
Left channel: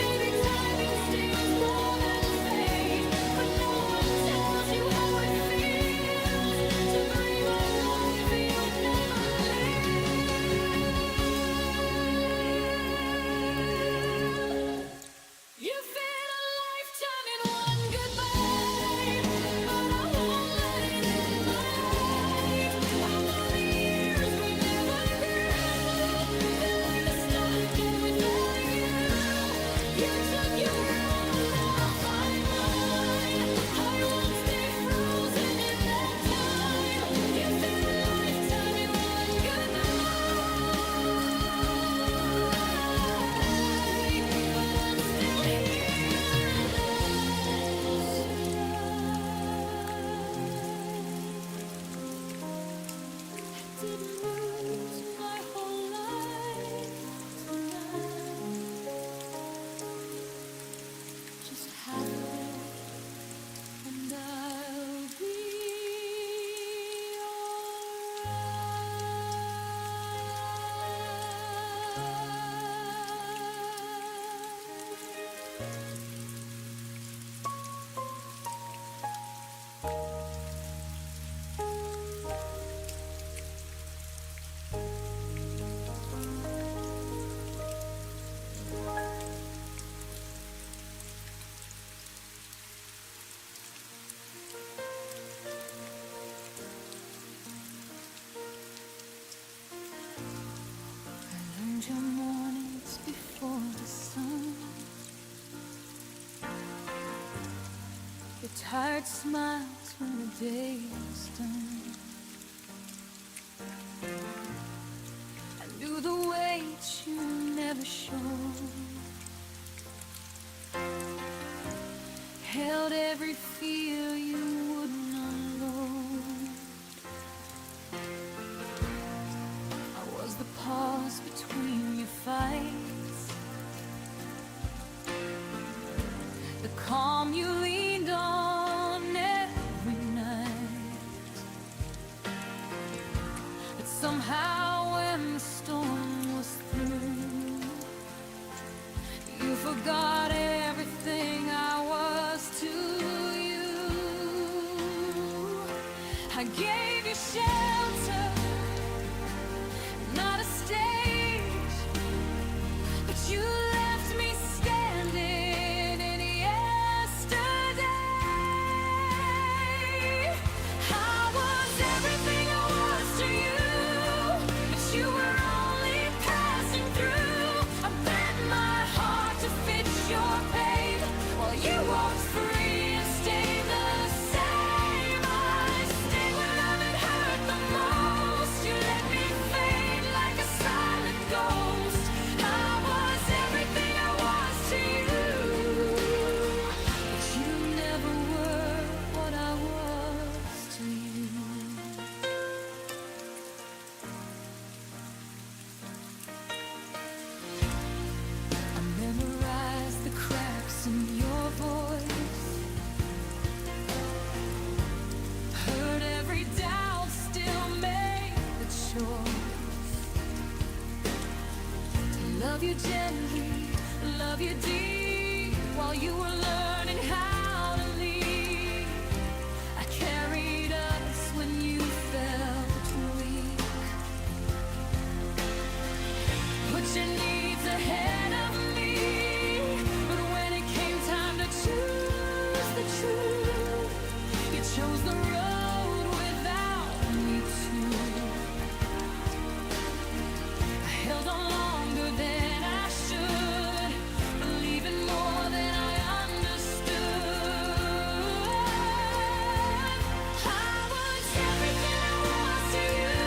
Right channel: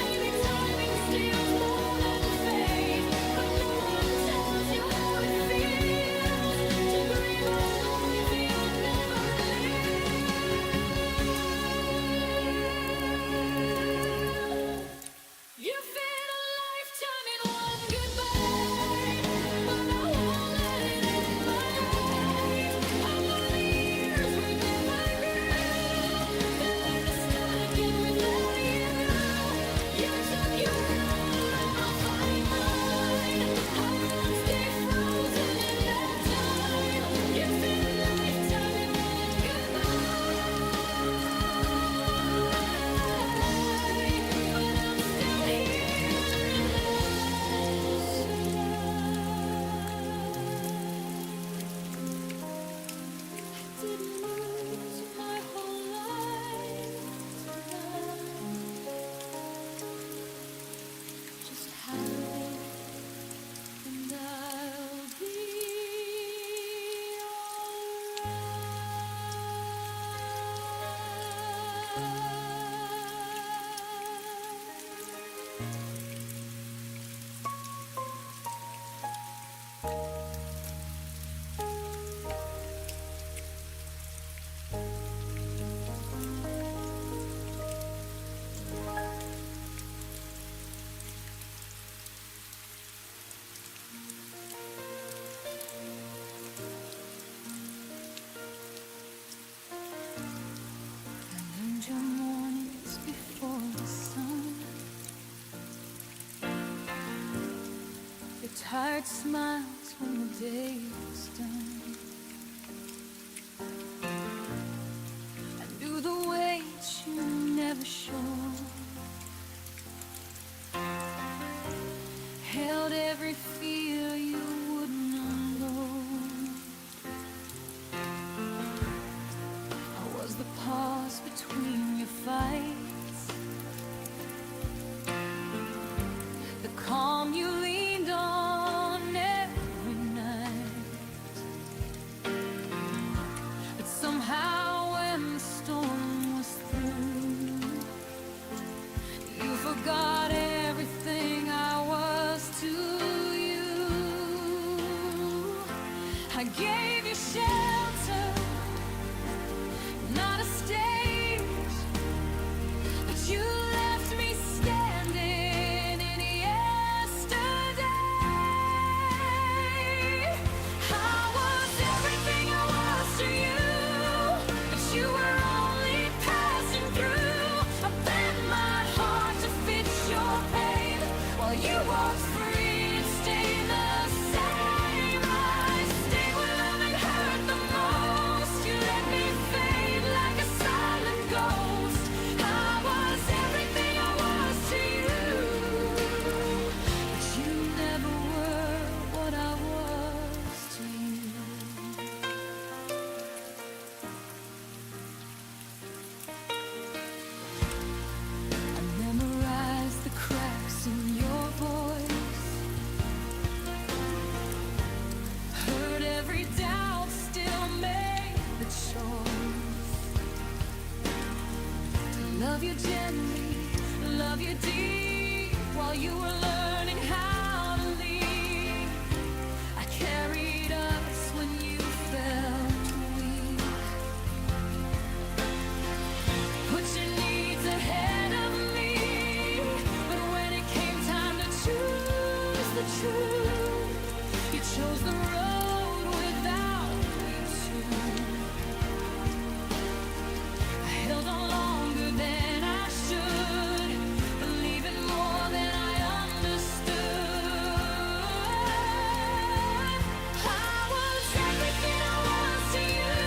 Maybe timing steals more than fate. But no one tells you how it feels to grieve a life you'll never live. You fit a lifetime in one goodbye, but I won't let it end my life. I'll mourn the years we never grew, then learn to start again without you. You took your road, I'll find mine. I won't stay frozen in that time. You fit a lifetime in one goodbye, but I'm still here and I survive. I didn't lose my whole life tonight, just half of it, and I'll be I learned your mornings before the sun, your tired smiles when the day is done. I knew the weight you never showed, held every fear you wouldn't unload. I was the pause between your fights, the calm you leaned on every night. But somehow when the storm was through, you forgot everything I was to you. I gave you shelter, not a stage, but you left me standing in yesterday. I was everything I was to you, but you were only passing through. I bent my heart to fit your pain, while you walked free and stayed the same. I stayed when love had hurt the most. You let me fade like a silent ghost. I was everything I was to you, but you never were what I was to you. I memorized the cracks in your voice. Heard every doubt, still made the choice to love you gently, love you deep, while you were learning how to lead. I carried us when you felt weak. Put your needs ahead of me, but when it came time to choose the truth, you chose the road without me too. I held on longer than I should, believing more than I understood. I was everything I was to you,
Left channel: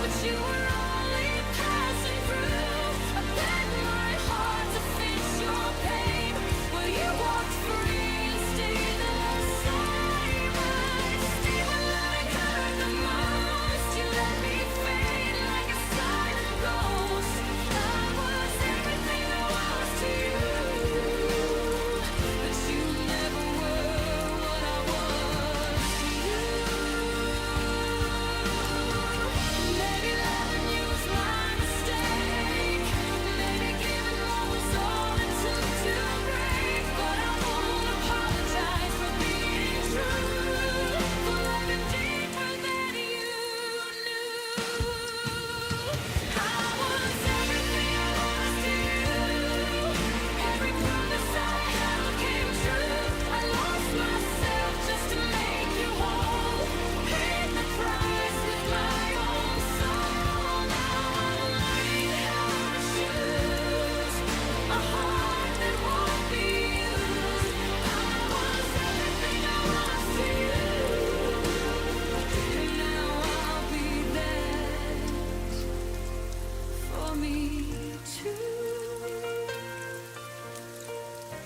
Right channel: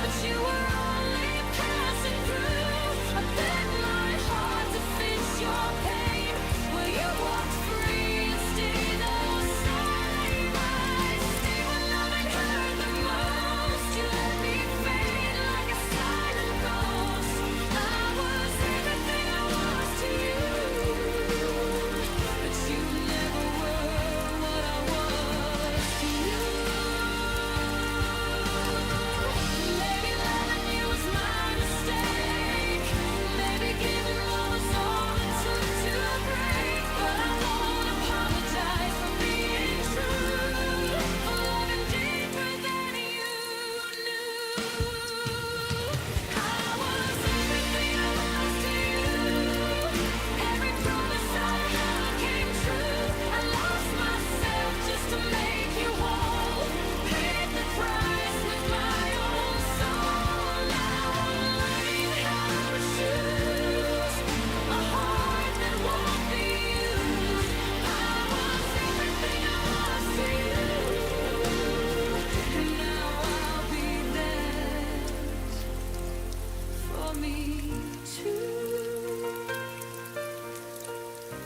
but you were only passing through. I bent my heart to fit your pain, where you walked free and stayed the same. I stayed when loving hurt the most. You let me fade like a silent ghost. I was everything I was to you, but you never were what I was to you. Maybe loving you was my mistake. Maybe giving more was all it took to break. But I won't apologize for being true, for loving deeper than you knew. I was everything I was to you. Every promise I held came true. I lost myself just to make you whole. Paid the price with my own soul. Now I'm learning how to choose a heart that won't be used. I was everything I was to you, and now I'll be that for me too.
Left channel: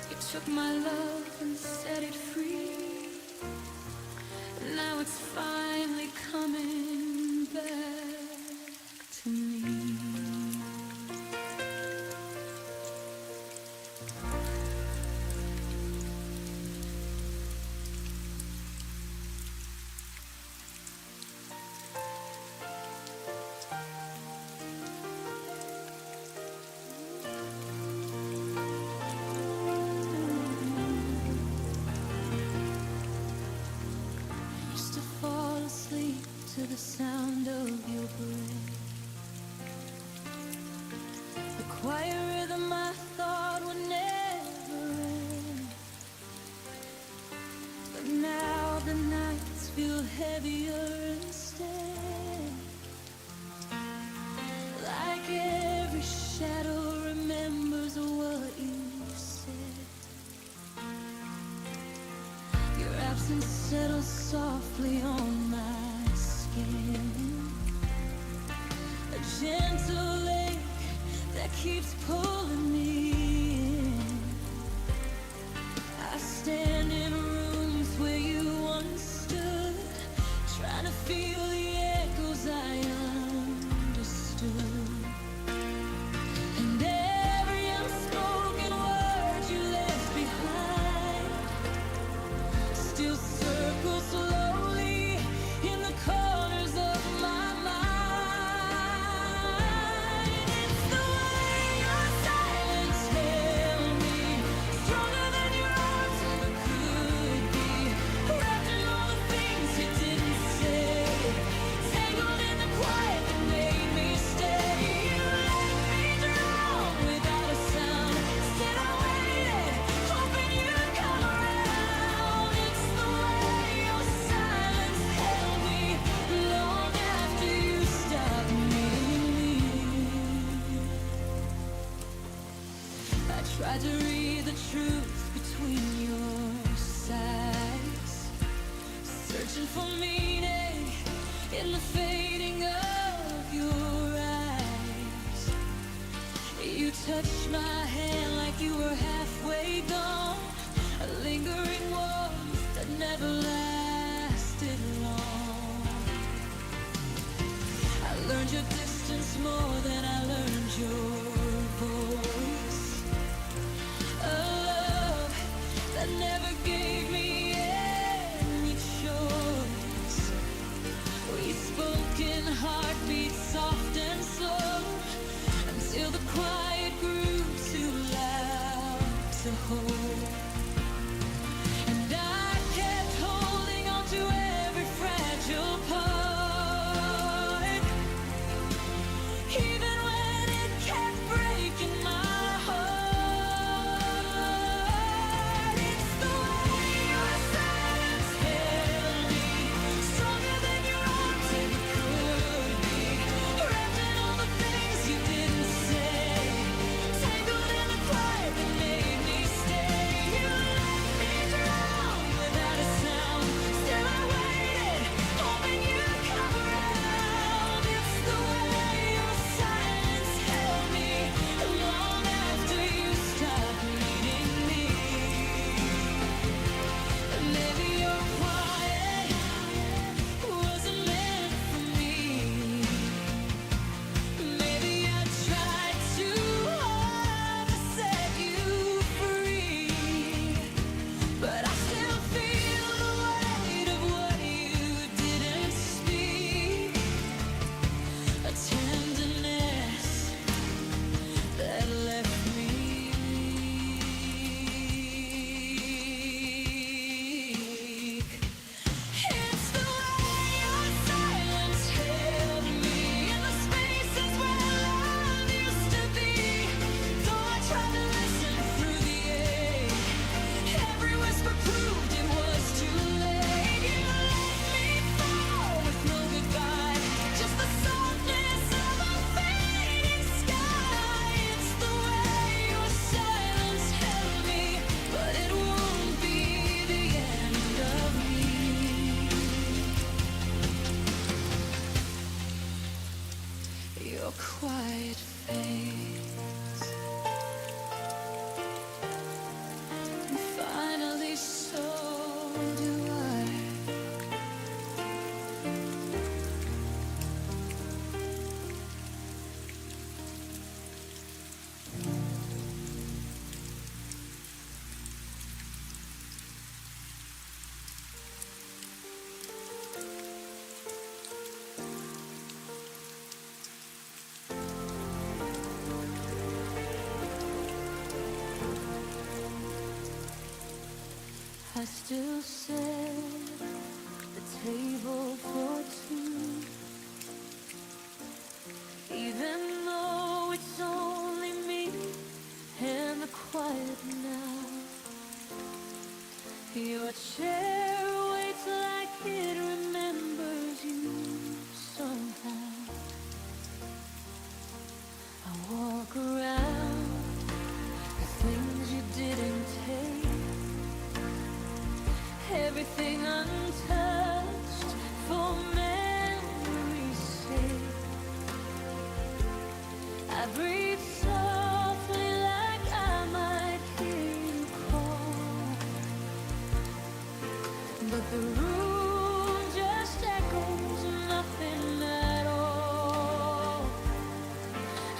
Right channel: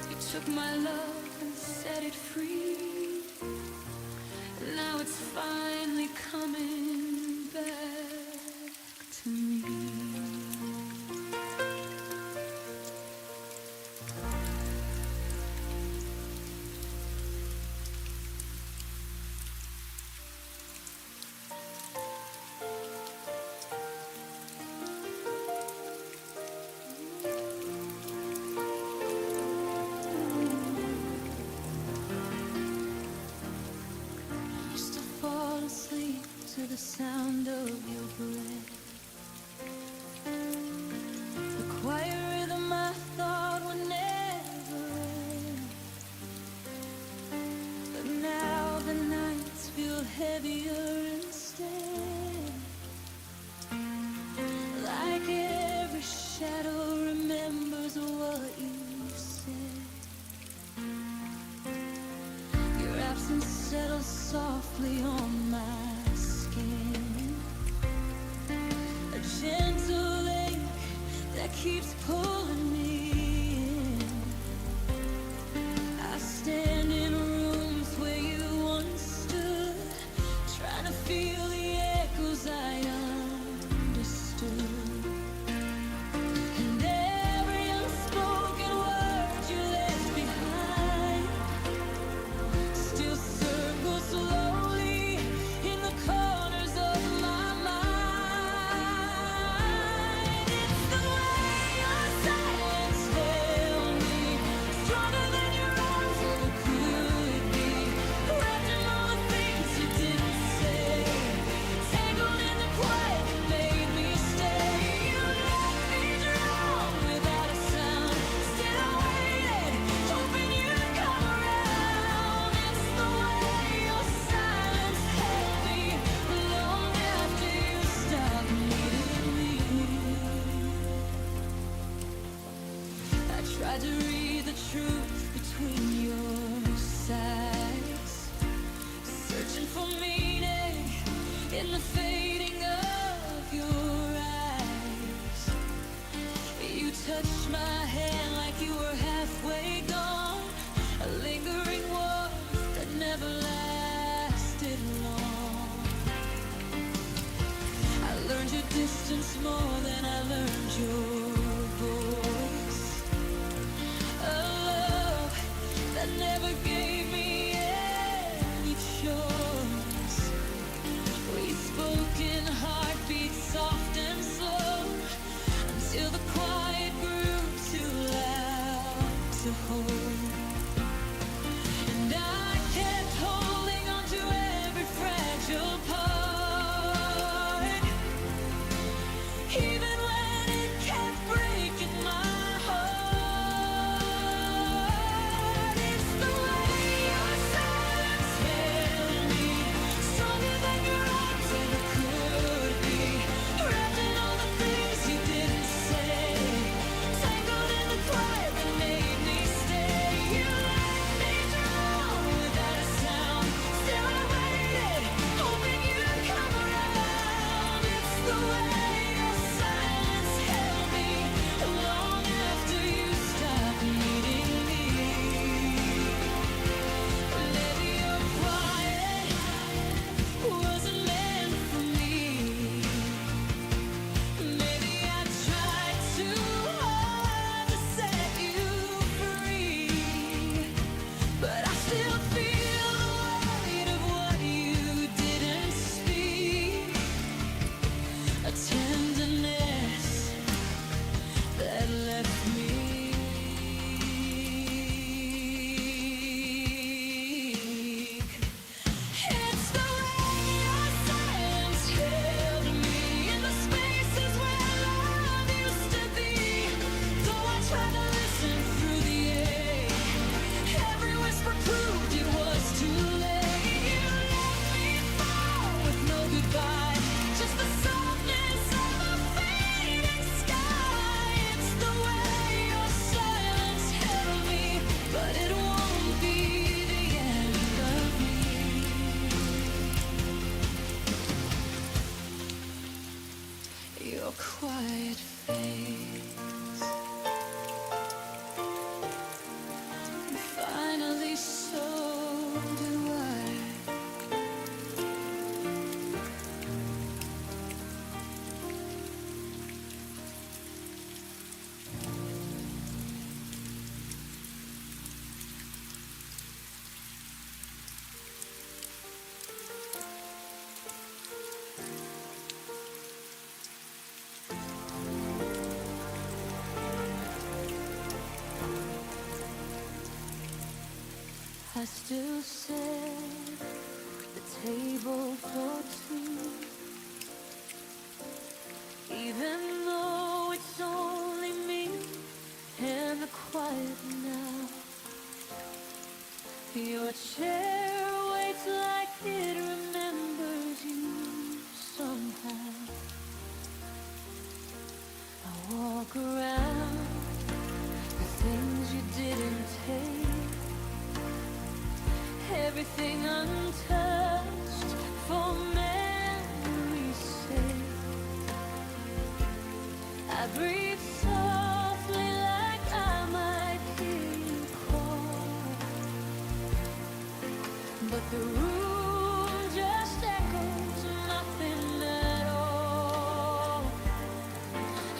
You took my love and set it free, and now it's finally coming back to me. I used to fall asleep to the sound of your breath, the quiet rhythm I thought would never end. But now the nights feel heavier instead, like every shadow remembers what you said. Your absence settles softly on my skin, a gentle ache that keeps pulling me in. I stand in rooms where you once stood, trying to feel the echoes I understood. And every unspoken word you left behind still circles slowly in the corners of my mind. It's the way your silence held me, stronger than your arms ever could be, wrapped in all the things you didn't say, tangled in the quiet that made me stay. You let me drown without a sound, still I waited, hoping you'd come around. It's the way your silence held me long after you stopped needing me. I tried to read the truth between your sides, searching for meaning in the fading of your eyes. You touched my hand like you were halfway gone, a lingering warmth that never lasted long. I learned your distance more than I learned your voice, the quiet grew too loud to hold. And I kept holding on to every fragile part, even when it kept breaking my heart. It's the way your silence held me, stronger than your arms ever could be, wrapped in all the things you didn't say, tangled in the quiet that made me stay. You let me drown without a sound, still I waited, hoping you'd come around. It's the way your silence held me long after you stopped needing me. Maybe your quiet wasn't meant for me. Maybe I tried too hard to set you free, but I still feel the weight of what you didn't speak, a tenderness that left me weak. It's the way your silence held me in the spaces where love used to be. Though I tried to listen through the ache, every whisper proved it was too late. You let me fall with no goodbye, just the softness of a fading sky. It's the way your silence held me, but it won't be the end of me. Your quiet fades, and finally so do I. I still set the table for two, even though it's only me and the quiet now. Your chair waits like it remembers you somehow. I walk around the things you didn't take, everything untouched for memory's sake. I breathe softly like I might hear you call, but the room just echoes nothing at all.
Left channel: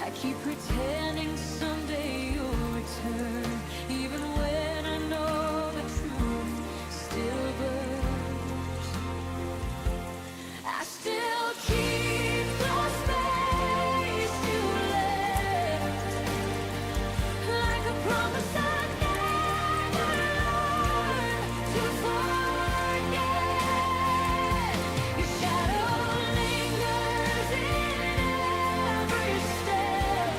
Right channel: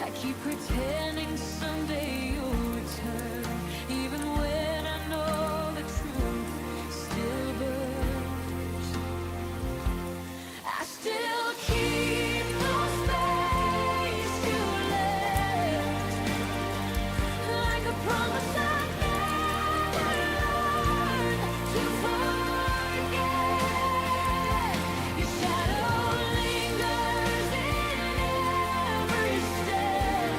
I keep pretending someday you'll return, even when I know the truth still burns. I still keep no space you left, like a promise I never learned to forget. Your shadow lingers in every step,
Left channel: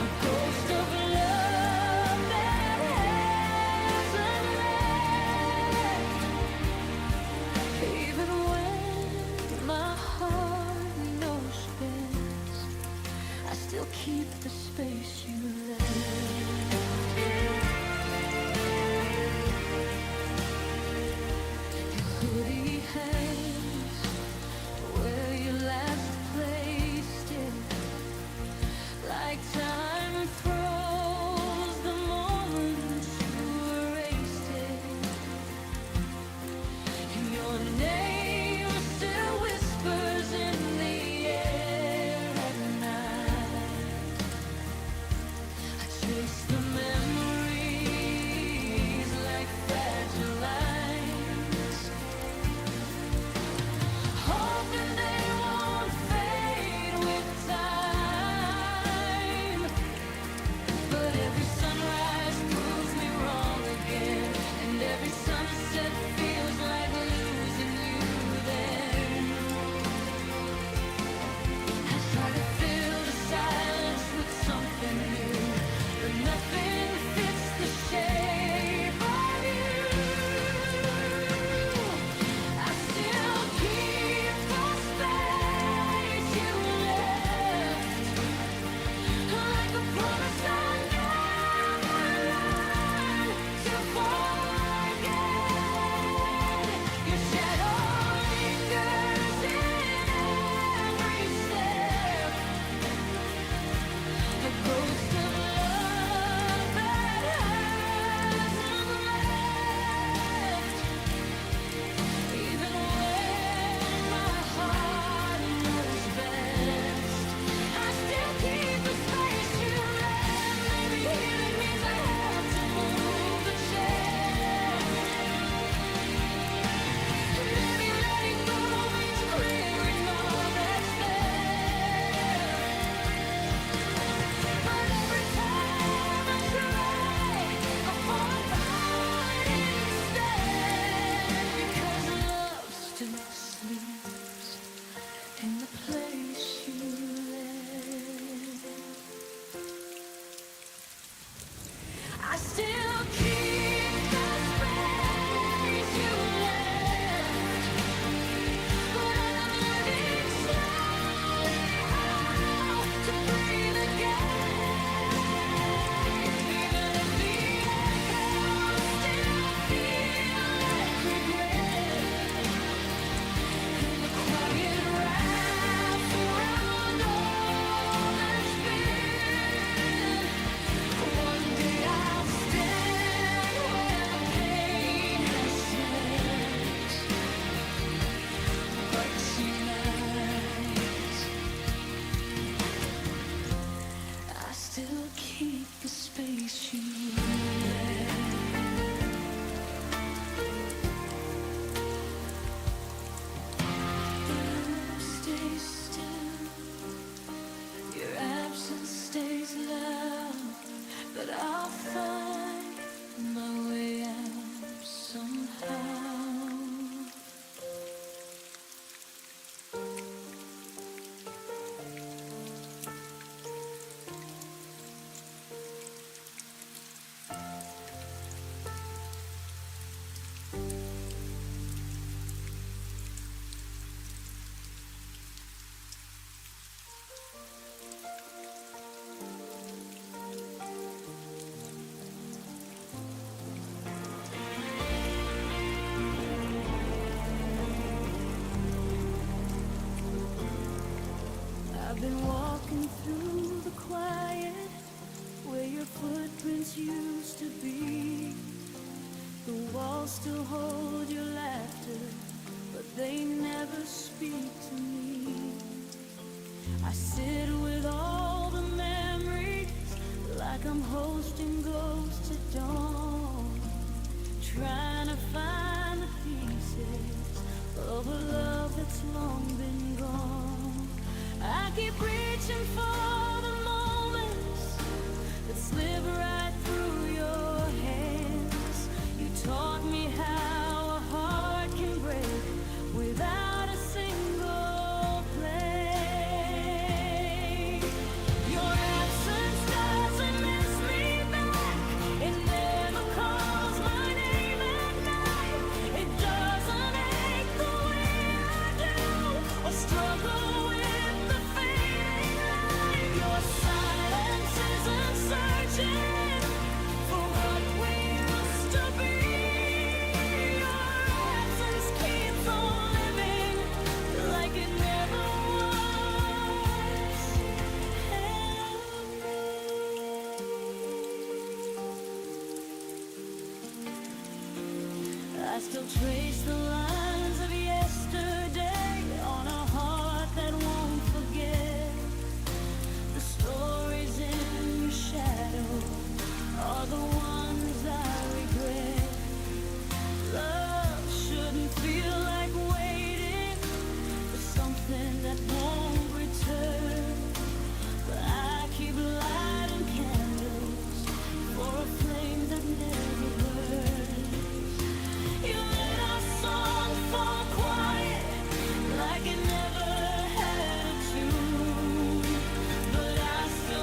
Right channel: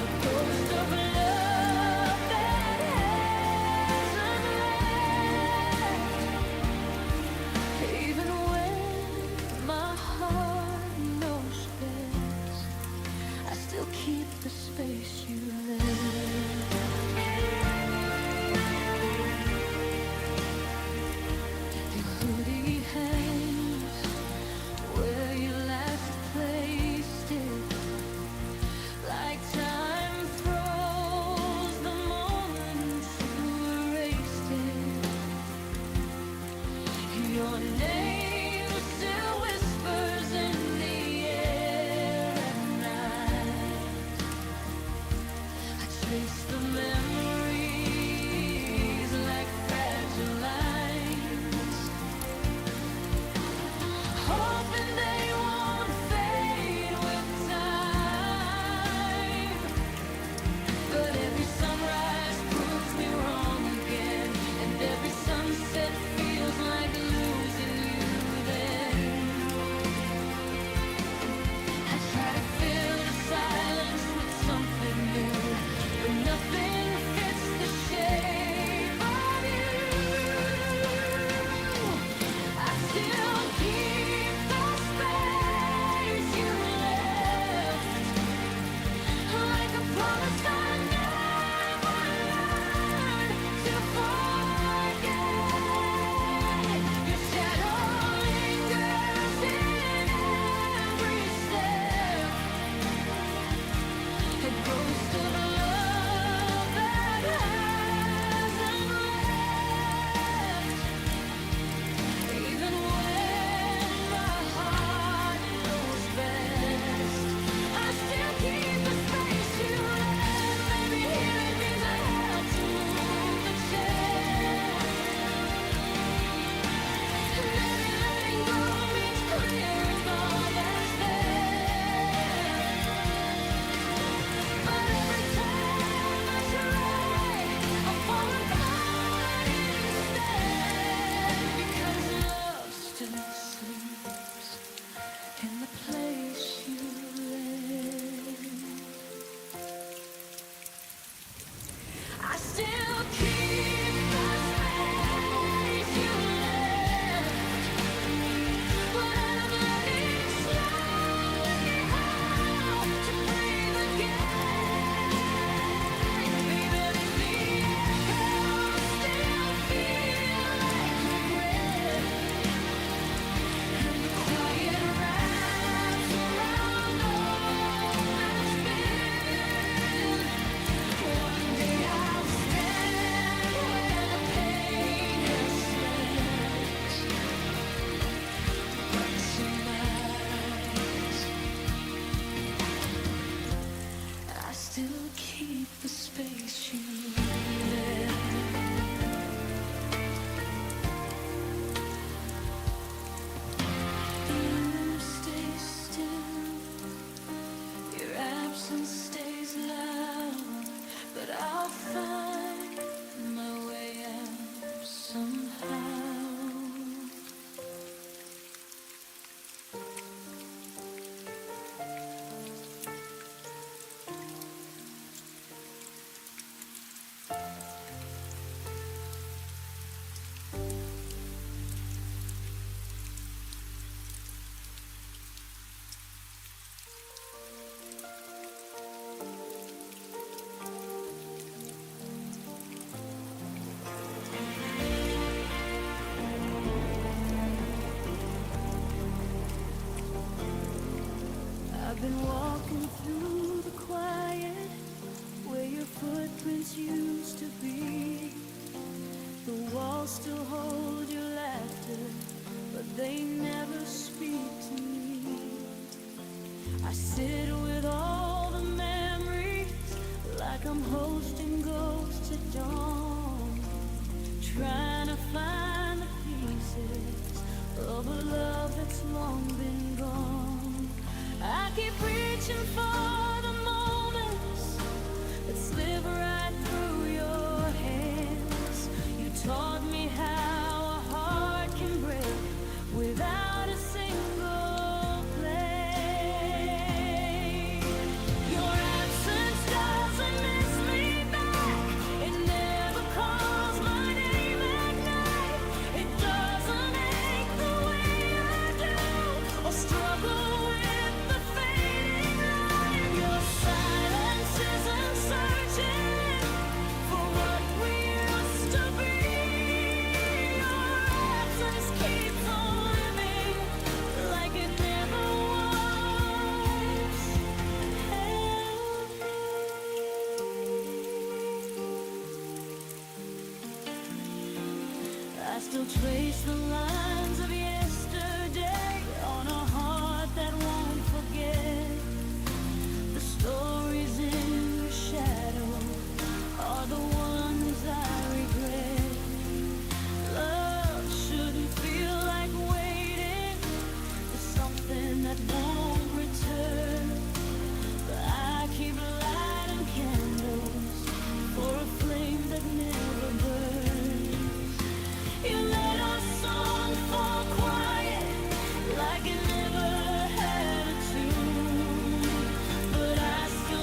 a ghost of love that hasn't left. Even when my heart knows best, I still keep the space you left. Your hoodie hangs where you last placed it, like time froze the moment you erased it. Your name still whispers in the air at night. I trace the memories like fragile lines, hoping they won't fade with time. but nothing fits the shape of you. I still keep the space you left, like a promise I never learned to forget. Your shadow lingers in every step, a ghost of love that hasn't left. Even when my heart knows best, I still keep the space you left. Maybe healing means I have to move the chair. Maybe letting go means clearing all that's there. But every time I try, I fall apart instead, because love still sleeps in the place you left. I still keep the space you left, but I'm learning slowly how to breathe again. Even if the echoes still feel like regret, and the quiet wraps around all that's been, one day I'll stand where the pain has slept. But tonight, I still keep the space you left. The room stays still, your absence stays loud, but I'll find my way out somehow. I've been walking through the quiet, where your footprints used to be. The walls still hold your laughter, but they never speak to me. I sit with all the memories, like I'm hosting ghosts at dawn, trying to find the pieces of a love that's long been gone. I keep reaching for the moments that slip right through your hands. You taught me how a heart can break without a single play. Your absence doesn't miss me back, it never calls my name at night. It doesn't ache the way I do, or struggle with the fading light. Your silence isn't searching for what we used to be. Your absence keeps on living like it never was. Help me. I still trace the lines of yesterday on a heart that won't forget. The stories in your shadow are the ones I regret. Love shouldn't feel like waiting for something that won't return, but I keep lighting candles for a flame that never burns. You let our song fall quiet like it never had a tune, but I still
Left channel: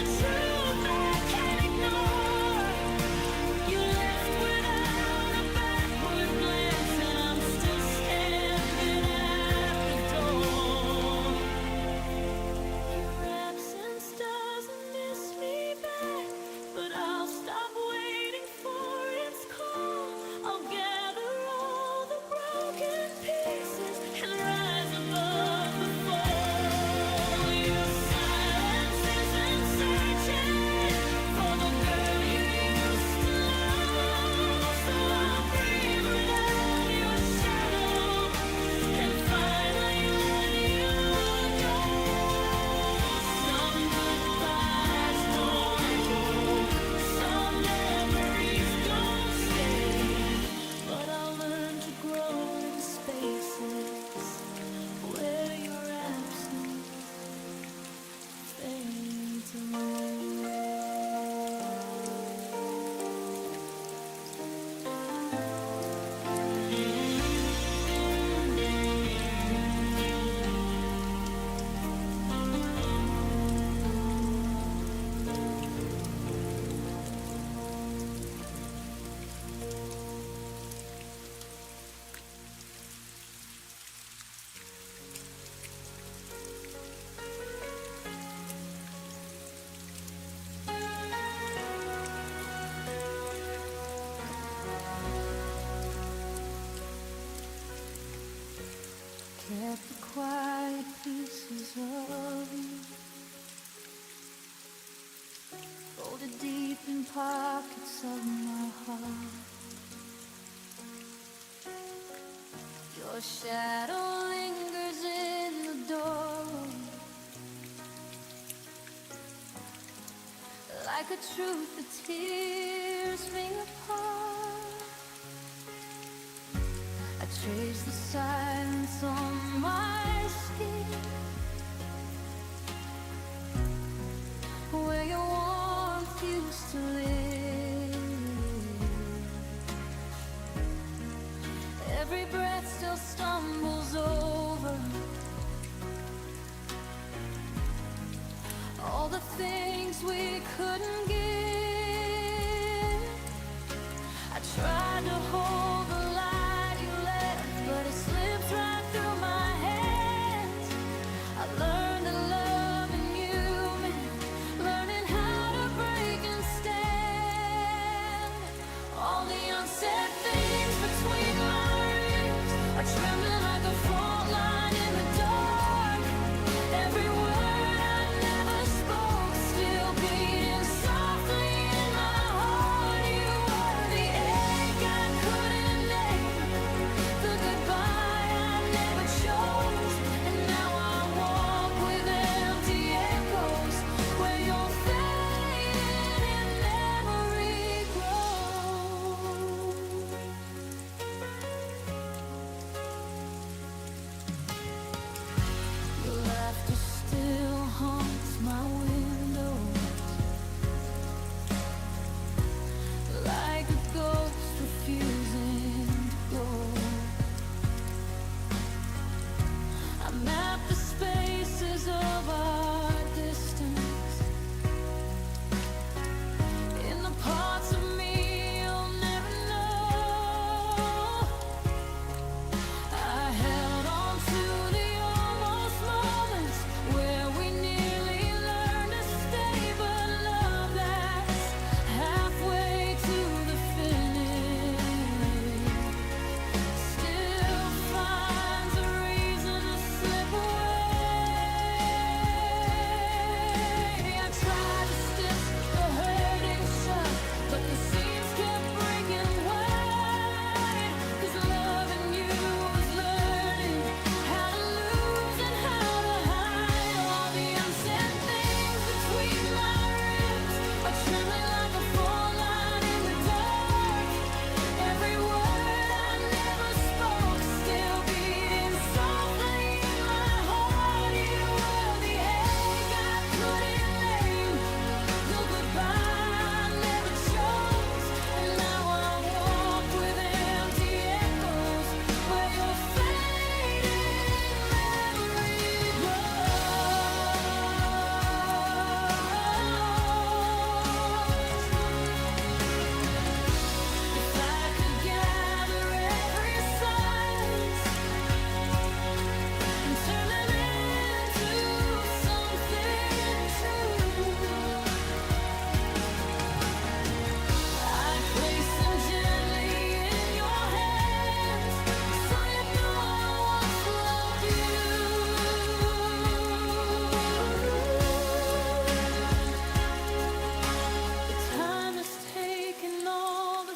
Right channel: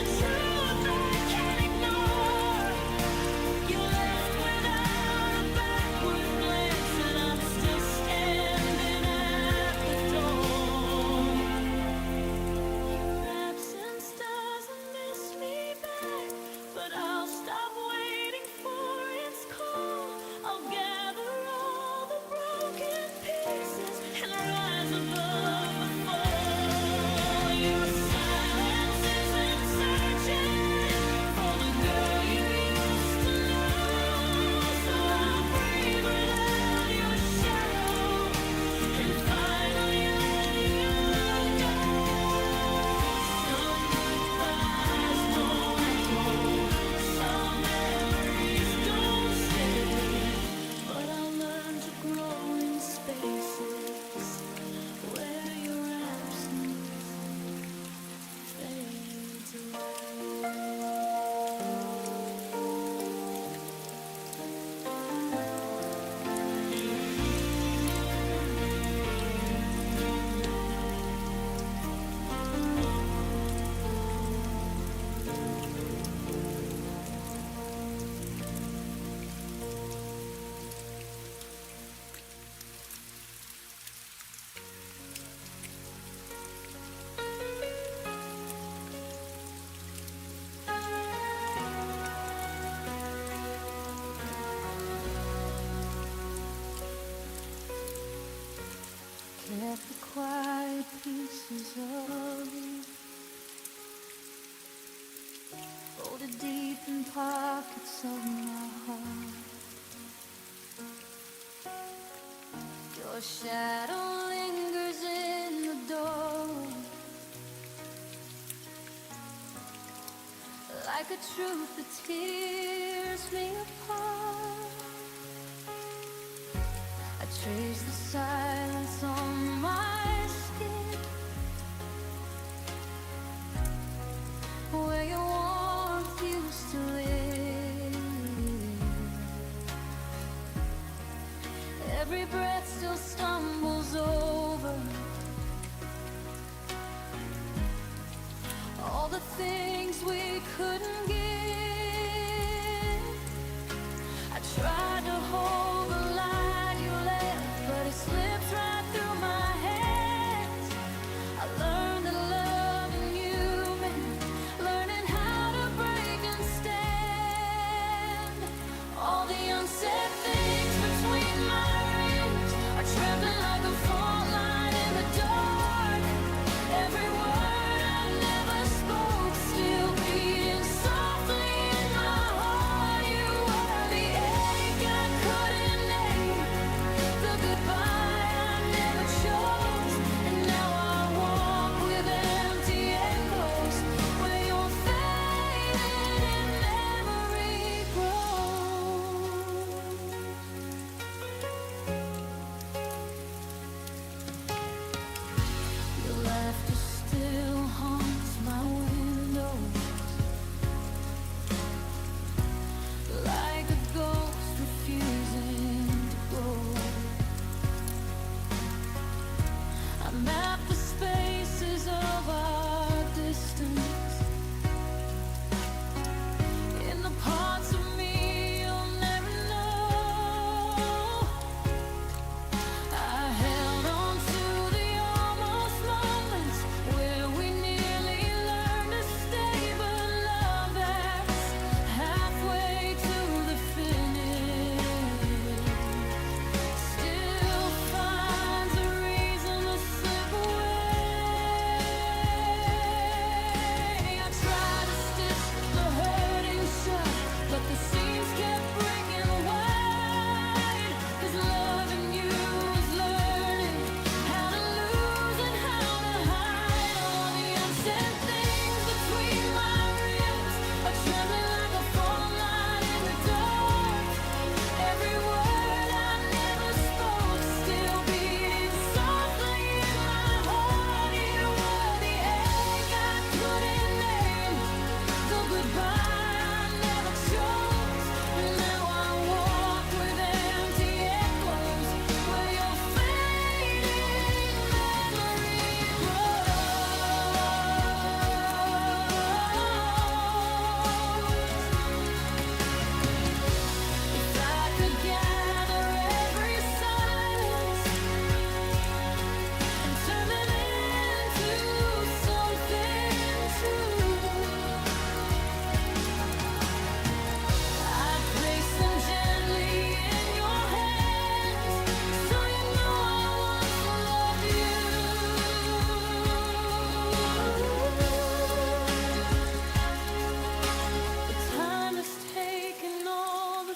a truth I can't ignore. You left without a backward glance, and I'm still standing at the door. Your absence doesn't miss me back, but I'll stop waiting for its call. I'll gather all the broken pieces and rise above the fall. Your silence isn't searching for the girl you used to know, so I'll breathe without your shadow and finally let you go. Some goodbyes don't echo, some memories don't stay, but I'll learn to grow in spaces where your absence fades away. Kept the quiet pieces of you folded deep in pockets of my heart. Your shadow lingers in the doorway, like a truth that tears me apart. I trace the silence on my skin, where your warmth used to live. Every breath still stumbles over all the things we couldn't give. I tried to hold the light you left, but it slips right through my hands. I learned that loving you meant learning how to break and stand. All the unsaid things between my ribs are trembling like a fault line in the dark. Every word I never spoke still beating softly in my heart. You were the ache I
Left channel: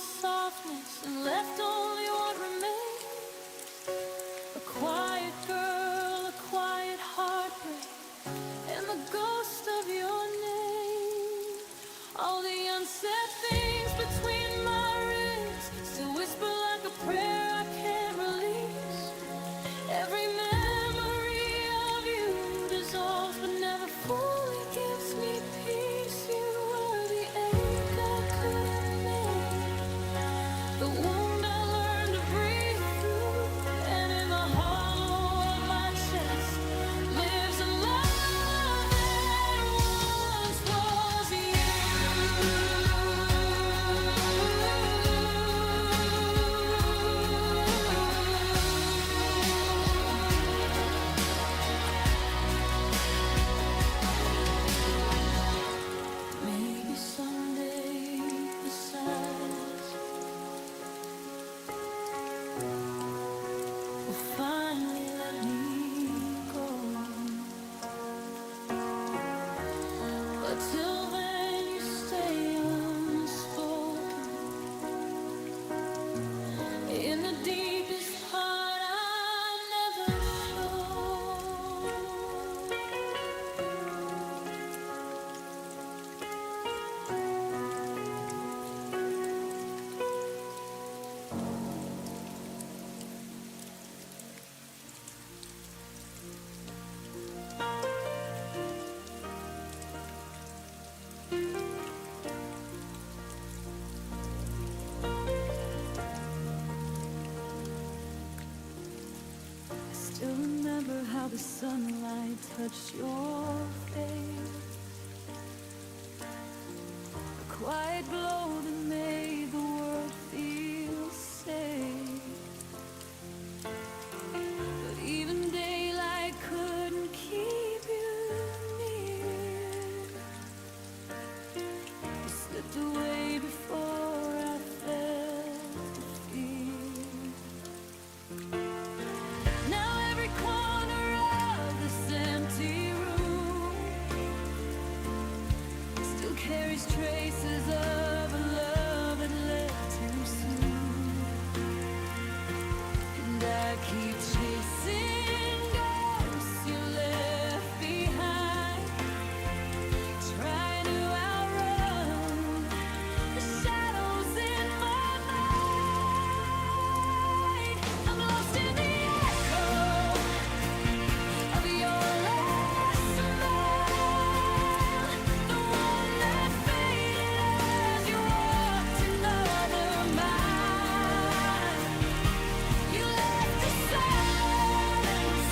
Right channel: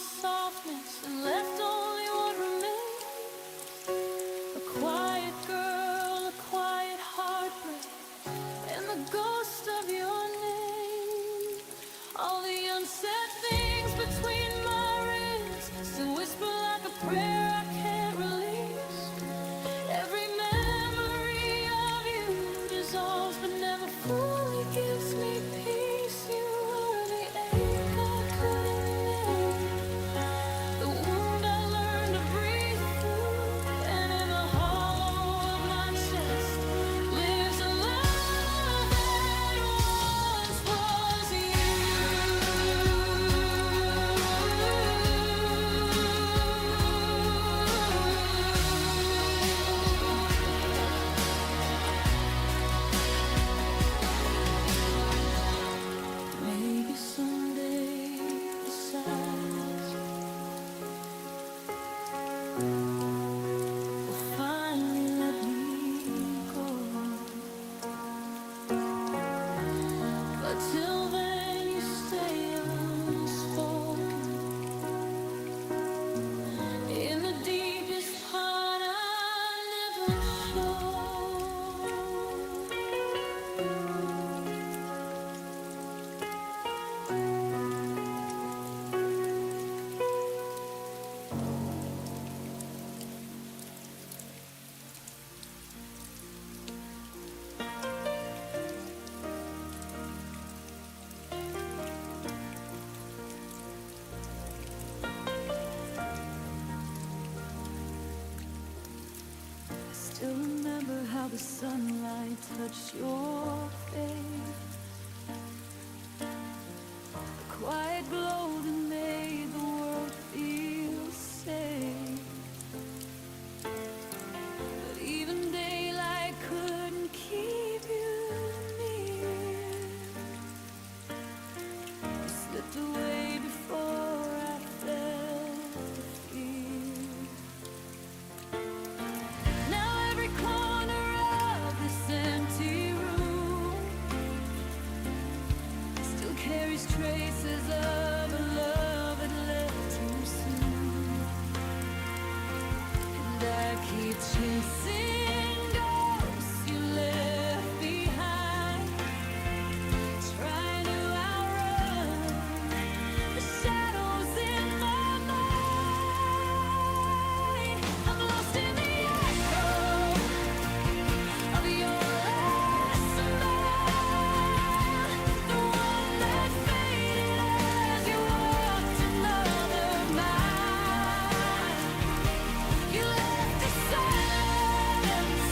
softness and left only what remains. A quiet girl, a quiet heartbreak, and the ghost of your name. All the unsaid things between my ribs still whisper like a prayer I can't release. Every memory of you dissolves but never fully gives me peace. You were the ache I couldn't make, the wound I learned to breathe through, and in the hollow of my chest lives a love that once was you. Maybe someday the silence will finally let me go. But till then you stay unspoken in the deepest part I never showed. Still remember how the sunlight touched your face, a quiet glow that made the world feel safe. But even daylight couldn't keep you near. You slipped away before I felt the fear. Now every corner of this empty room still carries traces of a love that left too soon. And I keep chasing ghosts you left behind, trying to outrun the shadows in my mind. I'm lost in the echo of your last smile, the one that faded as you walked another mile. You left a silence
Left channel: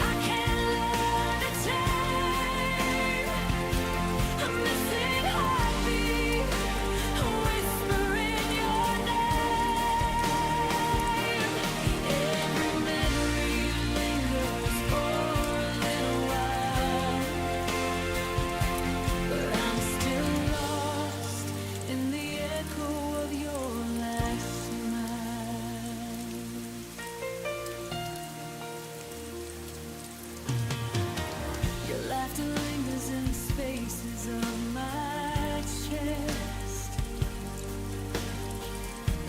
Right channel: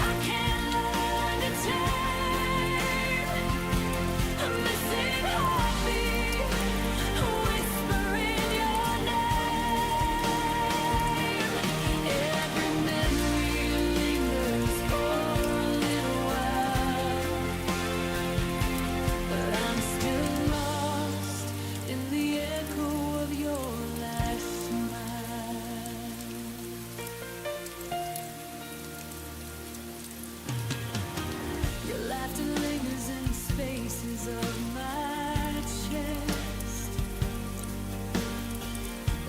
I can't learn to tame, a missing heartbeat, whispering your name. Every memory lingers for a little while, but I'm still lost in the echo of your last smile. Your laughter lingers in the spaces of my chest,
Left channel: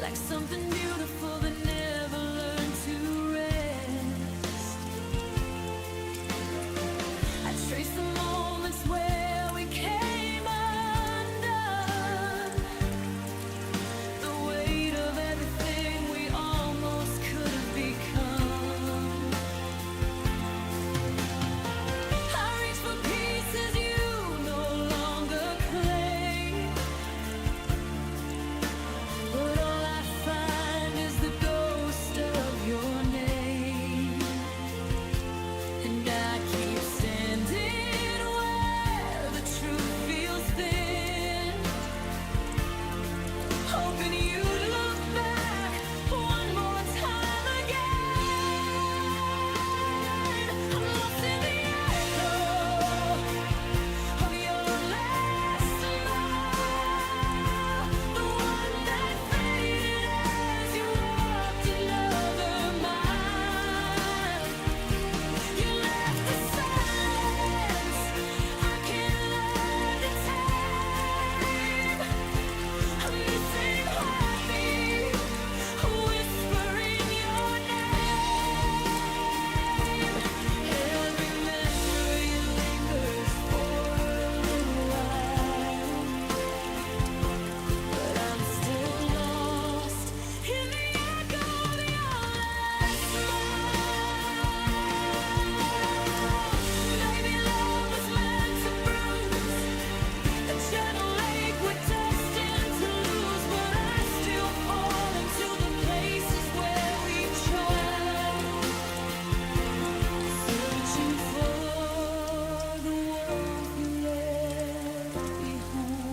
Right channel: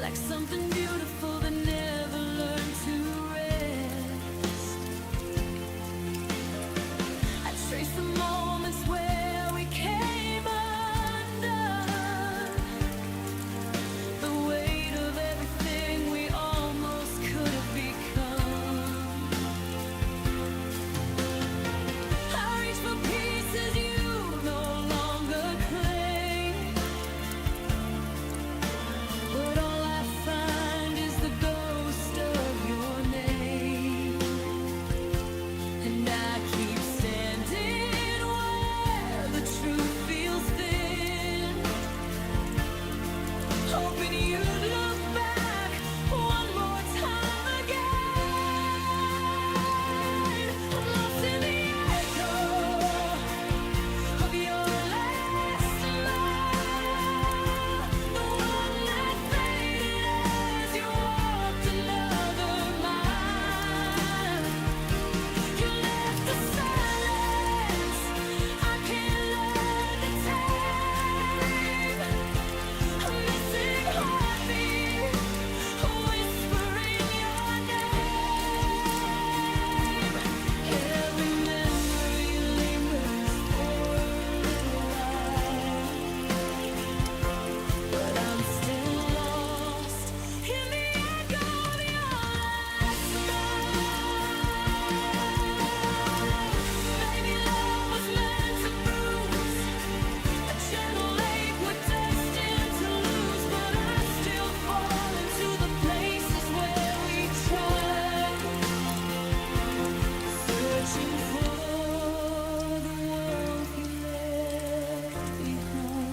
like something beautiful that never learned to rest. I trace the moments where we came undone, the weight of everything we almost could have become. I reach for pieces you no longer claim, but all I find is the ghost of your name. And I keep standing where shallow lake we're destined to lose, but I still fall into the places where we tried, searching for the warmth you left behind.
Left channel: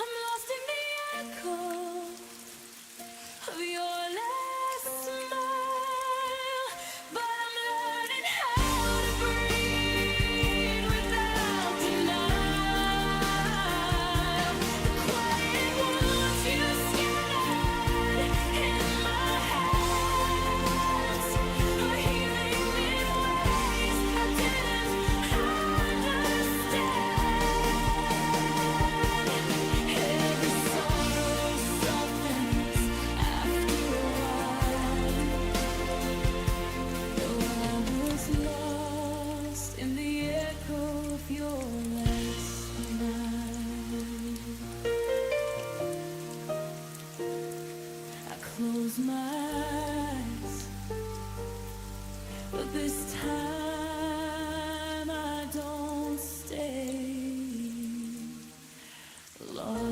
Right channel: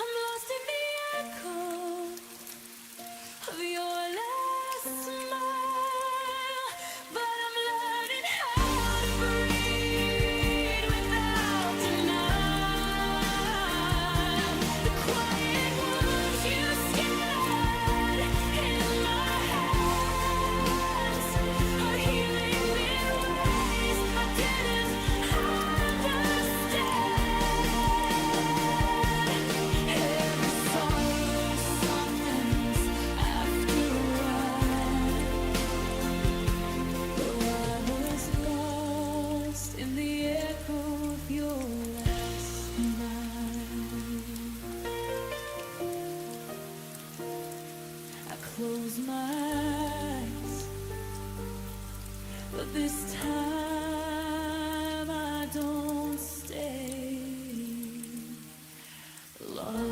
I'm lost in the echo of your last smile, but I'm learning how to breathe without denial. The quiet wounds you scattered in my hands are healing in ways I didn't understand. Every sorrow softens after a while, though I was lost in the echo of your last smile. I close my eyes, but this time I don't stay lost.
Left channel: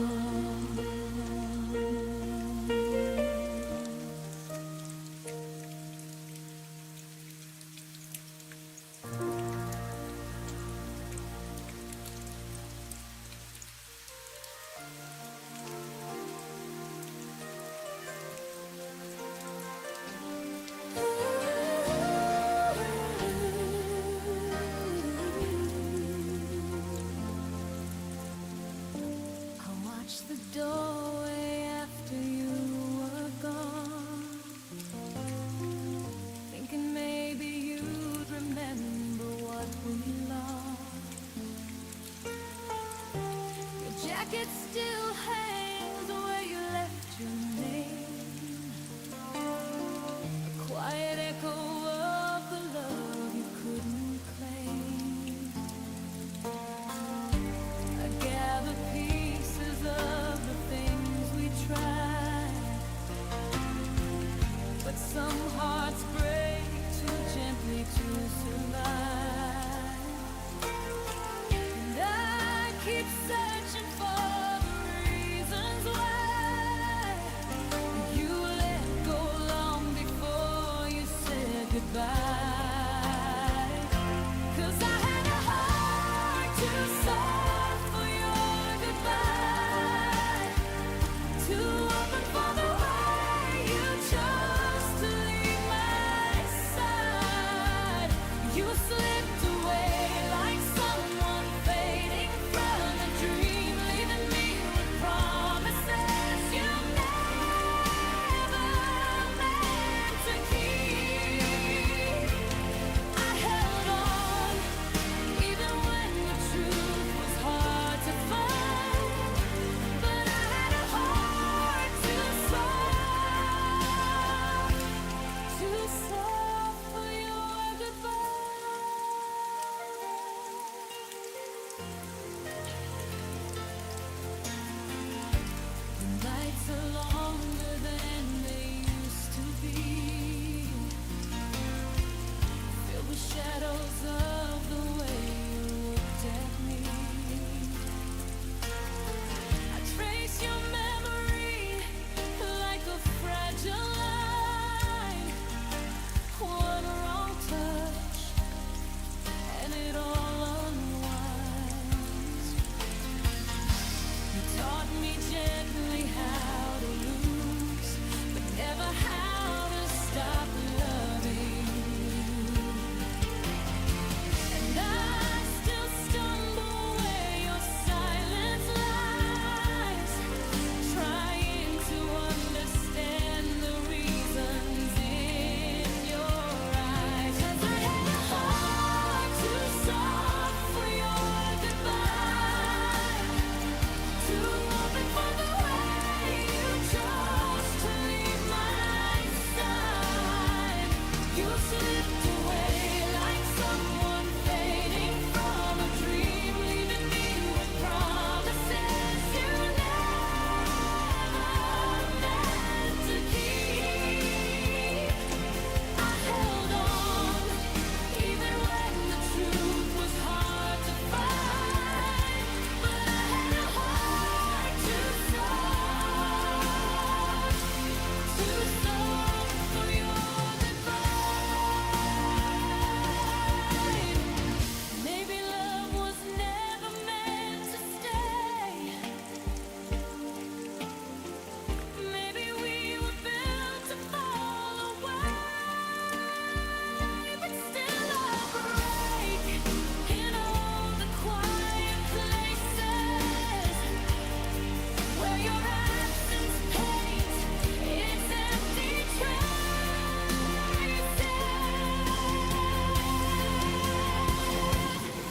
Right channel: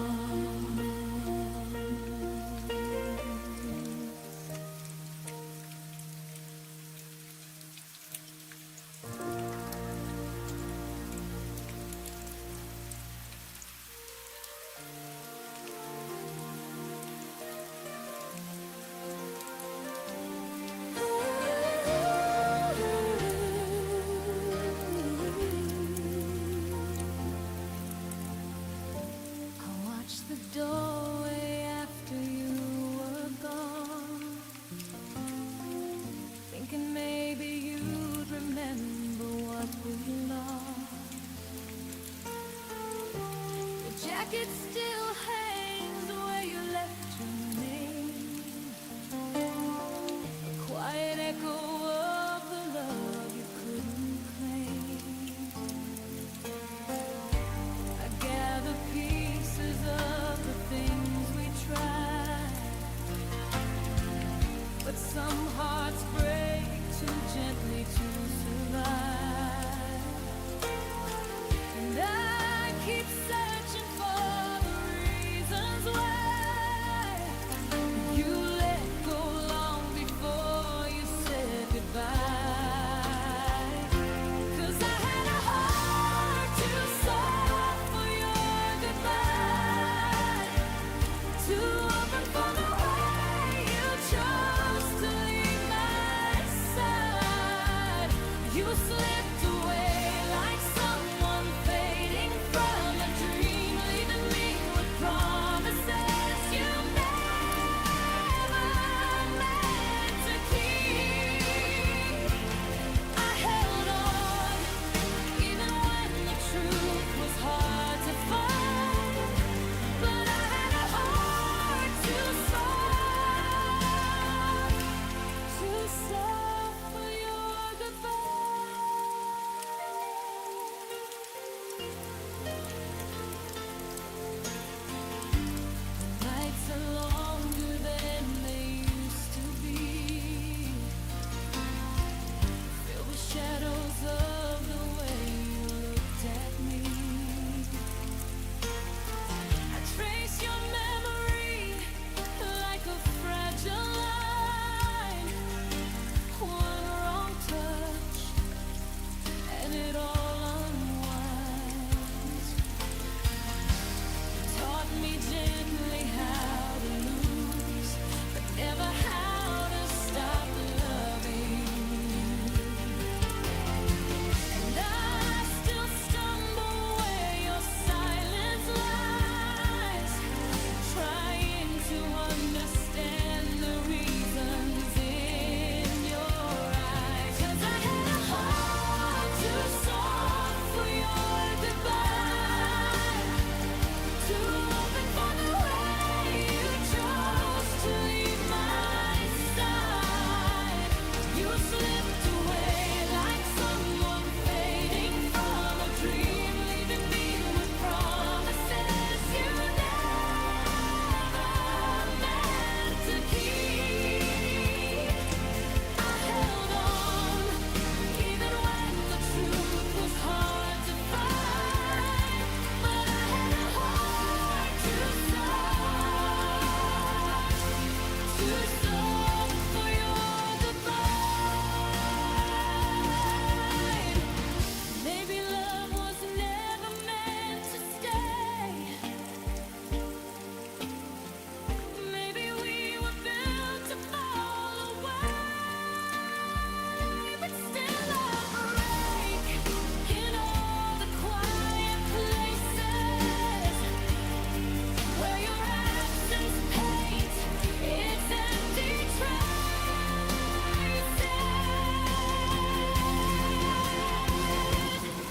I watched the doorway after you were gone, thinking maybe you'd remember what we lost. Your jacket still hangs where you left your name, a quiet echo of the love you couldn't claim. I gather pieces of the things we tried, but some hearts break too gently to survive. And I keep searching for the reasons why you let go long before you said goodbye. 'Cause I had a heart too soft for your goodbye, too open for the way you chose to leave my side. You slipped away like someone fading from a dream, leaving me with promises you never meant to keep. I held on even when the truth was hard to find, but I had a heart too soft for your goodbye.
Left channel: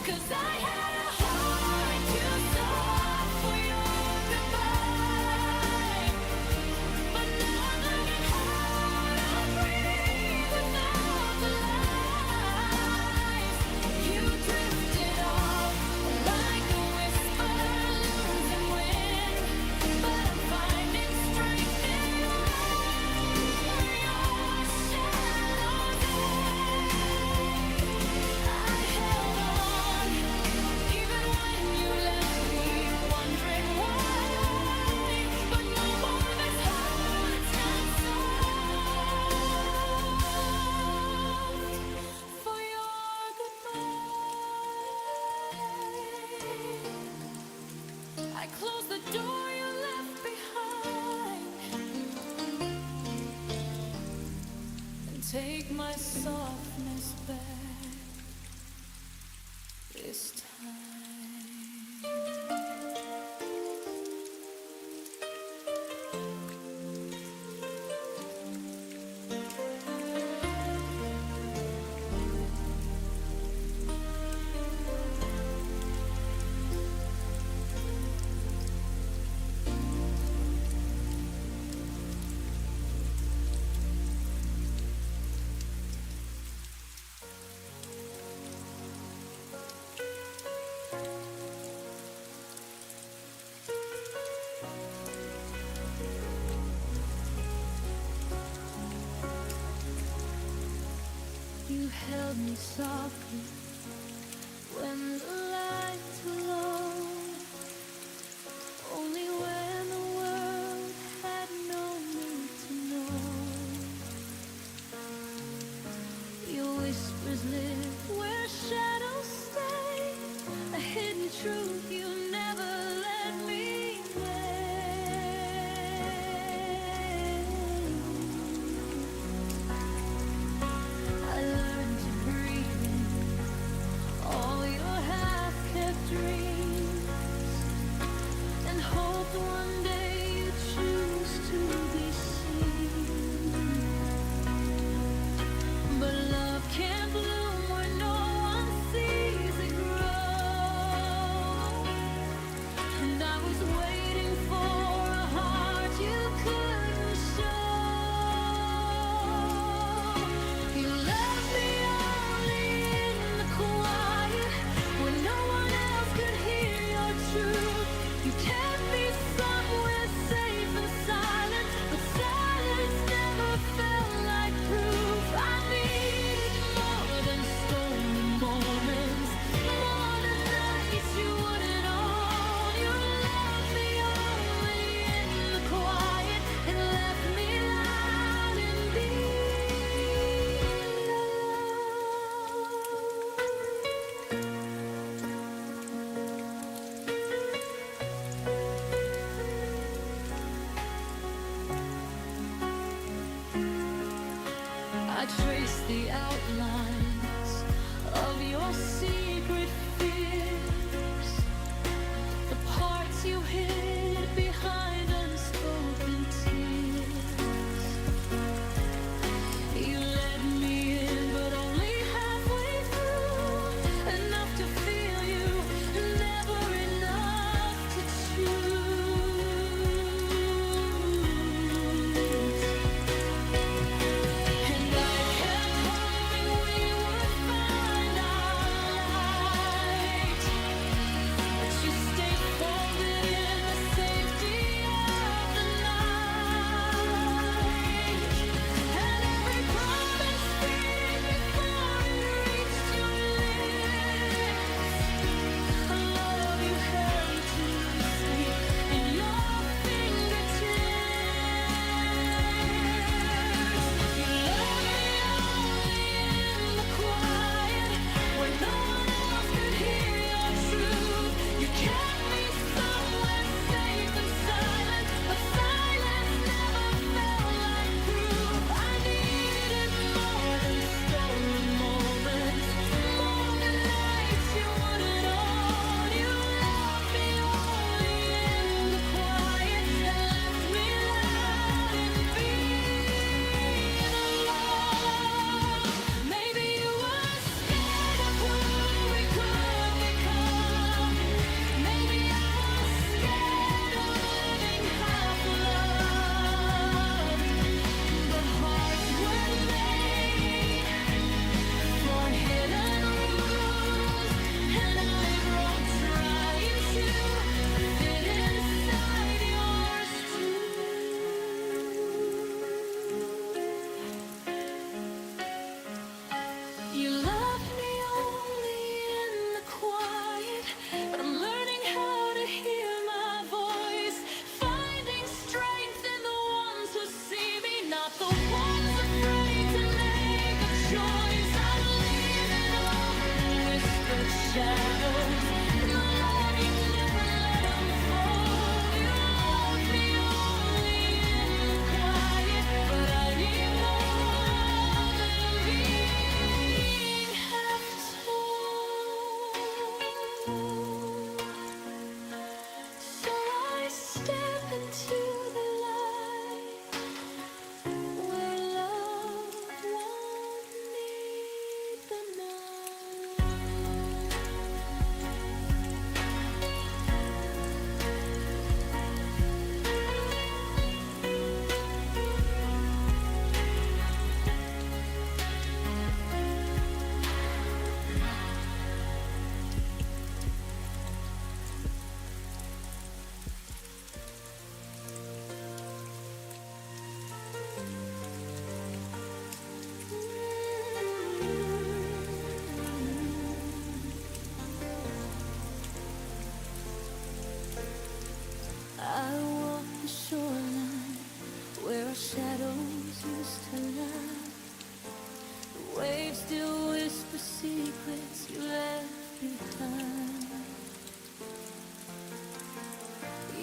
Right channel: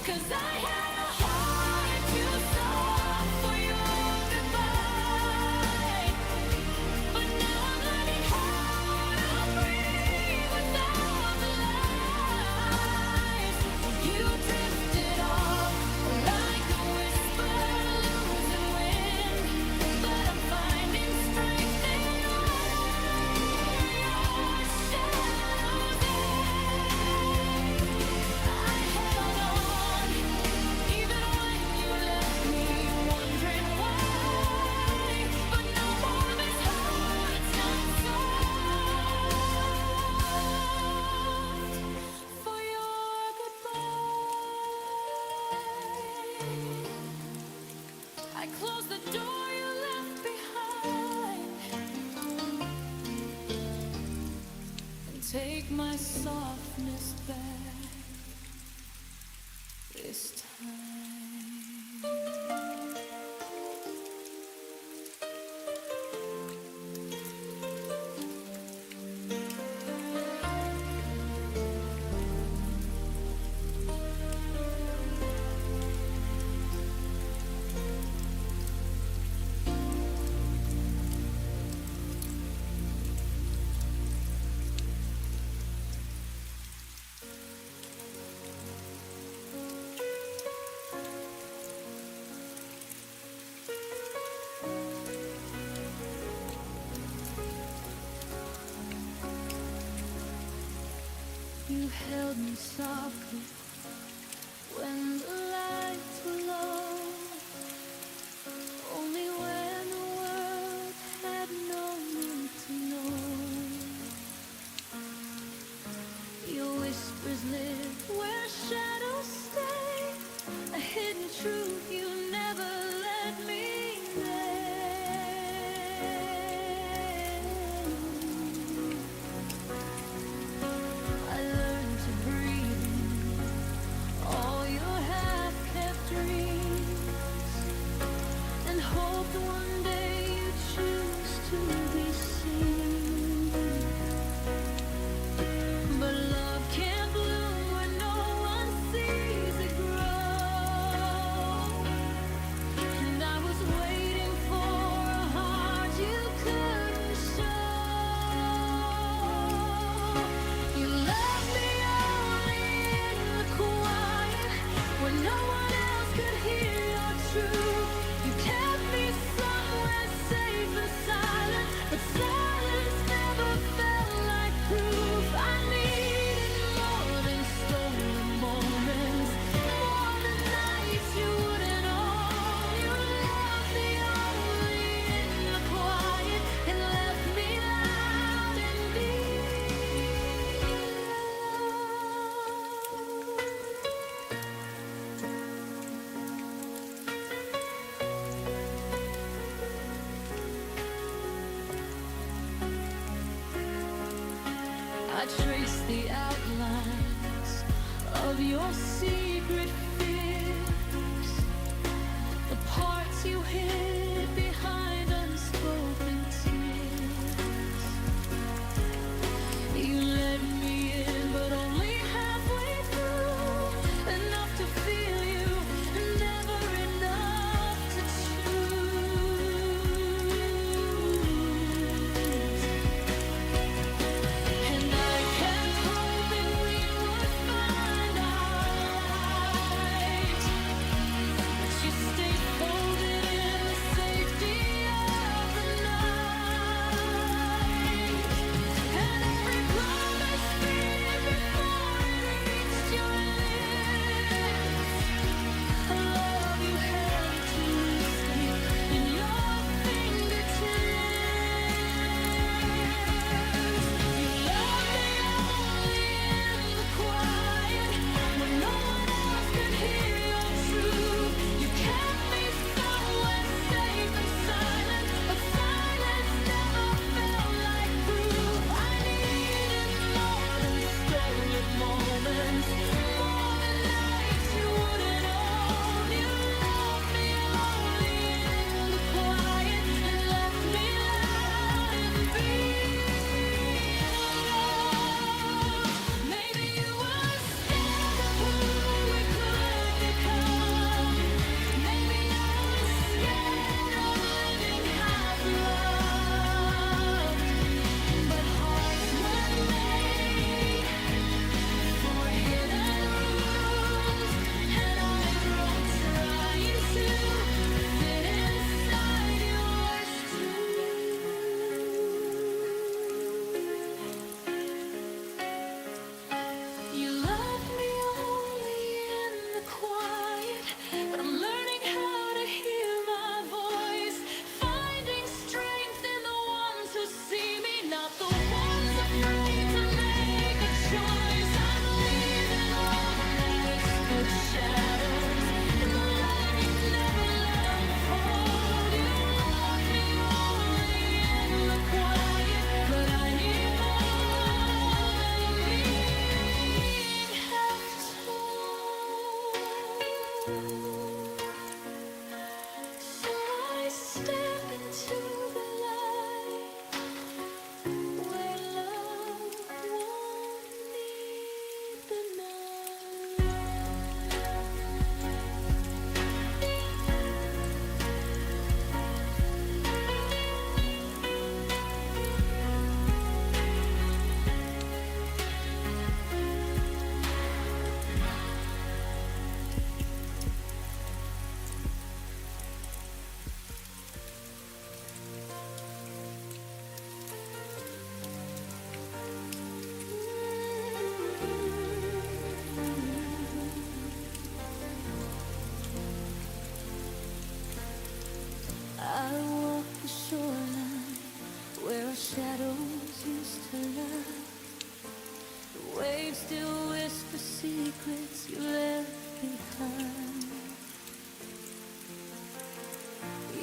'Cause I had a heart too soft for your goodbye. But now I'm learning how to breathe without the lies. You drifted off like a whisper losing wind. But I'm finding strength in where your shadows end. I held on even when you left me wondering why. But no more, this heart's not soft for your goodbye. I closed the door you left behind and take my softness back this time. You held me softly when the lights were low, only when the world had no need to know. Your whispers live where shadows stay, a hidden truth you never let me name. I learned to breathe in all your half-kept dreams, and hoped one day you'd choose to be seen. But love can't bloom where no one sees it grow, and I was waiting for a heart you couldn't show. You loved me only in the quiet, when no one else could hear your truth. You kept me somewhere safe and silent, but silence never felt like proof. I needed more than stolen moments, more than nights you wouldn't own. You loved me only in the quiet and left me loud and being alone. I traced the outlines of your secret fears, the parts you hid behind unspoken tears. You let me in, but only halfway through, enough to feel you, never enough to choose. And I kept hoping we would find our light, but you stayed folded in the safety of the night. And every promise faded before it reached your lips, a love you held too loosely in your fingertips. You loved me only in the quiet, where no one else could hear your truth. You kept me somewhere safe and silent, but silence never felt like proof. I needed more than stolen moments, more than nights you wouldn't own. You loved me only in the quiet and left me loud and being alone. Maybe you were scared of who we could but shadows. And the love you never let unfold. You love me only in the quiet, but I need more than being half told. So I step into the light where love won't need the night. I walk the shoreline where our shadows used to lie. The waves still whisper secrets you left behind.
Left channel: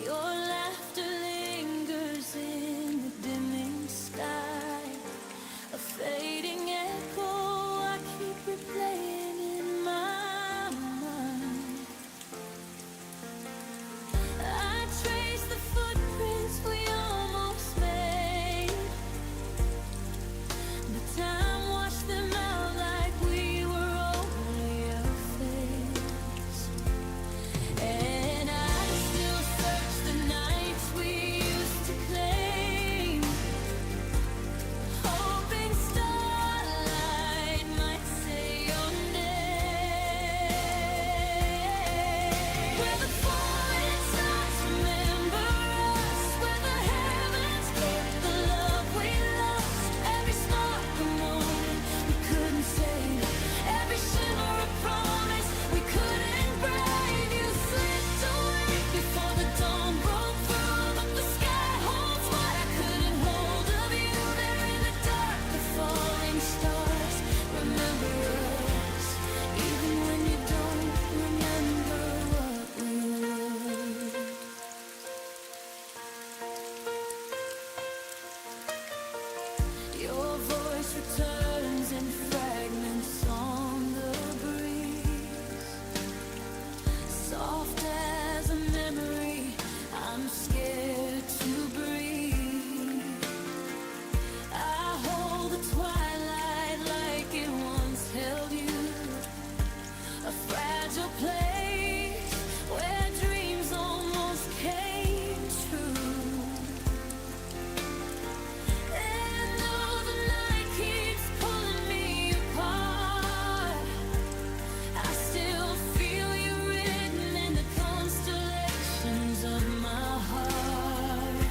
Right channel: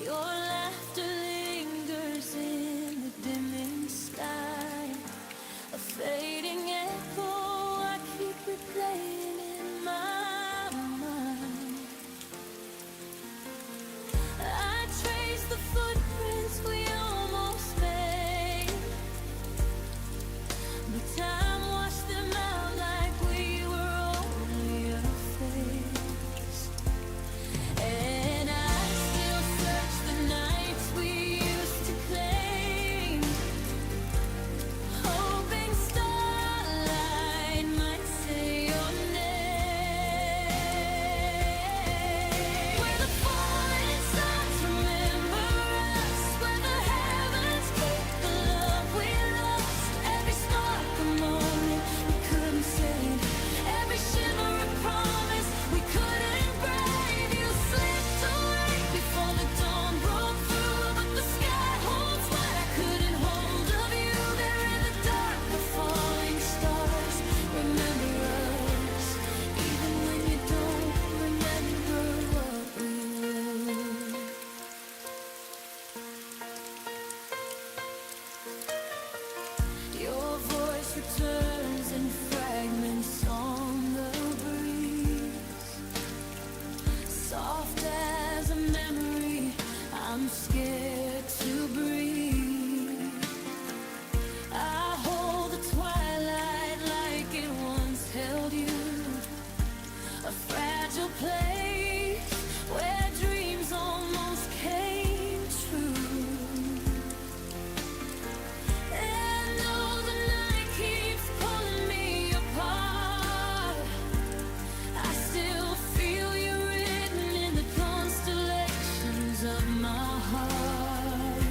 Your laughter lingers in the dimming sky, a fading echo I keep replaying in my mind. I trace the footprints we almost made, but time washed them out like we were only a phase. And I still search the nights we used to claim, hoping starlight might say your name. Where the falling stars remember us, where the heavens keep the love we lost. Every spark a moment we couldn't save, every shimmer a promise we couldn't brave. You slipped away before the dawn broke through, but the sky holds what I couldn't hold of you. There in the dark, the falling stars remember us, even when you don't remember what we were. Your voice returns in fragments on the breeze, soft as a memory. I'm scared to breathe. I hold the twilight like it once held you, a fragile place where dreams almost came true. And though the night keeps pulling me apart, I still feel you written in the constellations of my heart.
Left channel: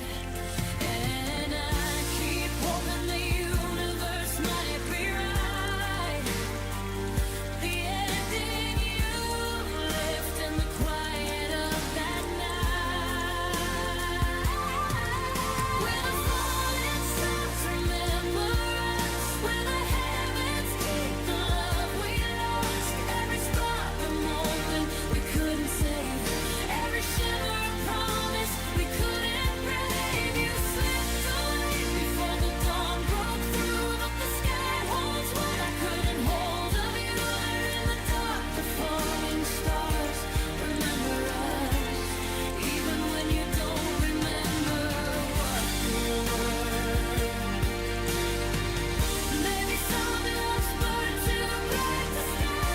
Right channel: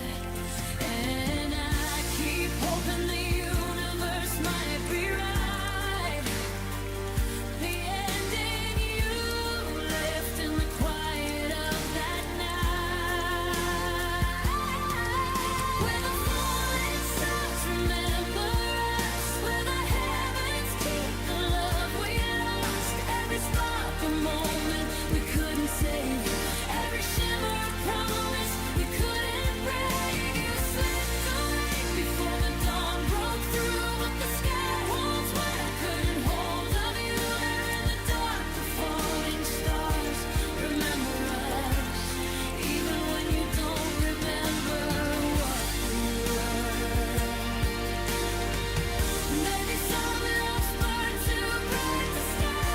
And I keep hoping the universe might rewrite the ending you left in the quiet of that night. Where the falling stars remember us, where the heavens keep the love we lost. Every spark a moment we couldn't save, every shimmer a promise we couldn't brave. You slipped away before the dawn broke through, but the sky holds what I couldn't hold of you. There in the dark, the falling stars remember us, even when you don't remember what we were. Maybe some loves burn too bright to stay.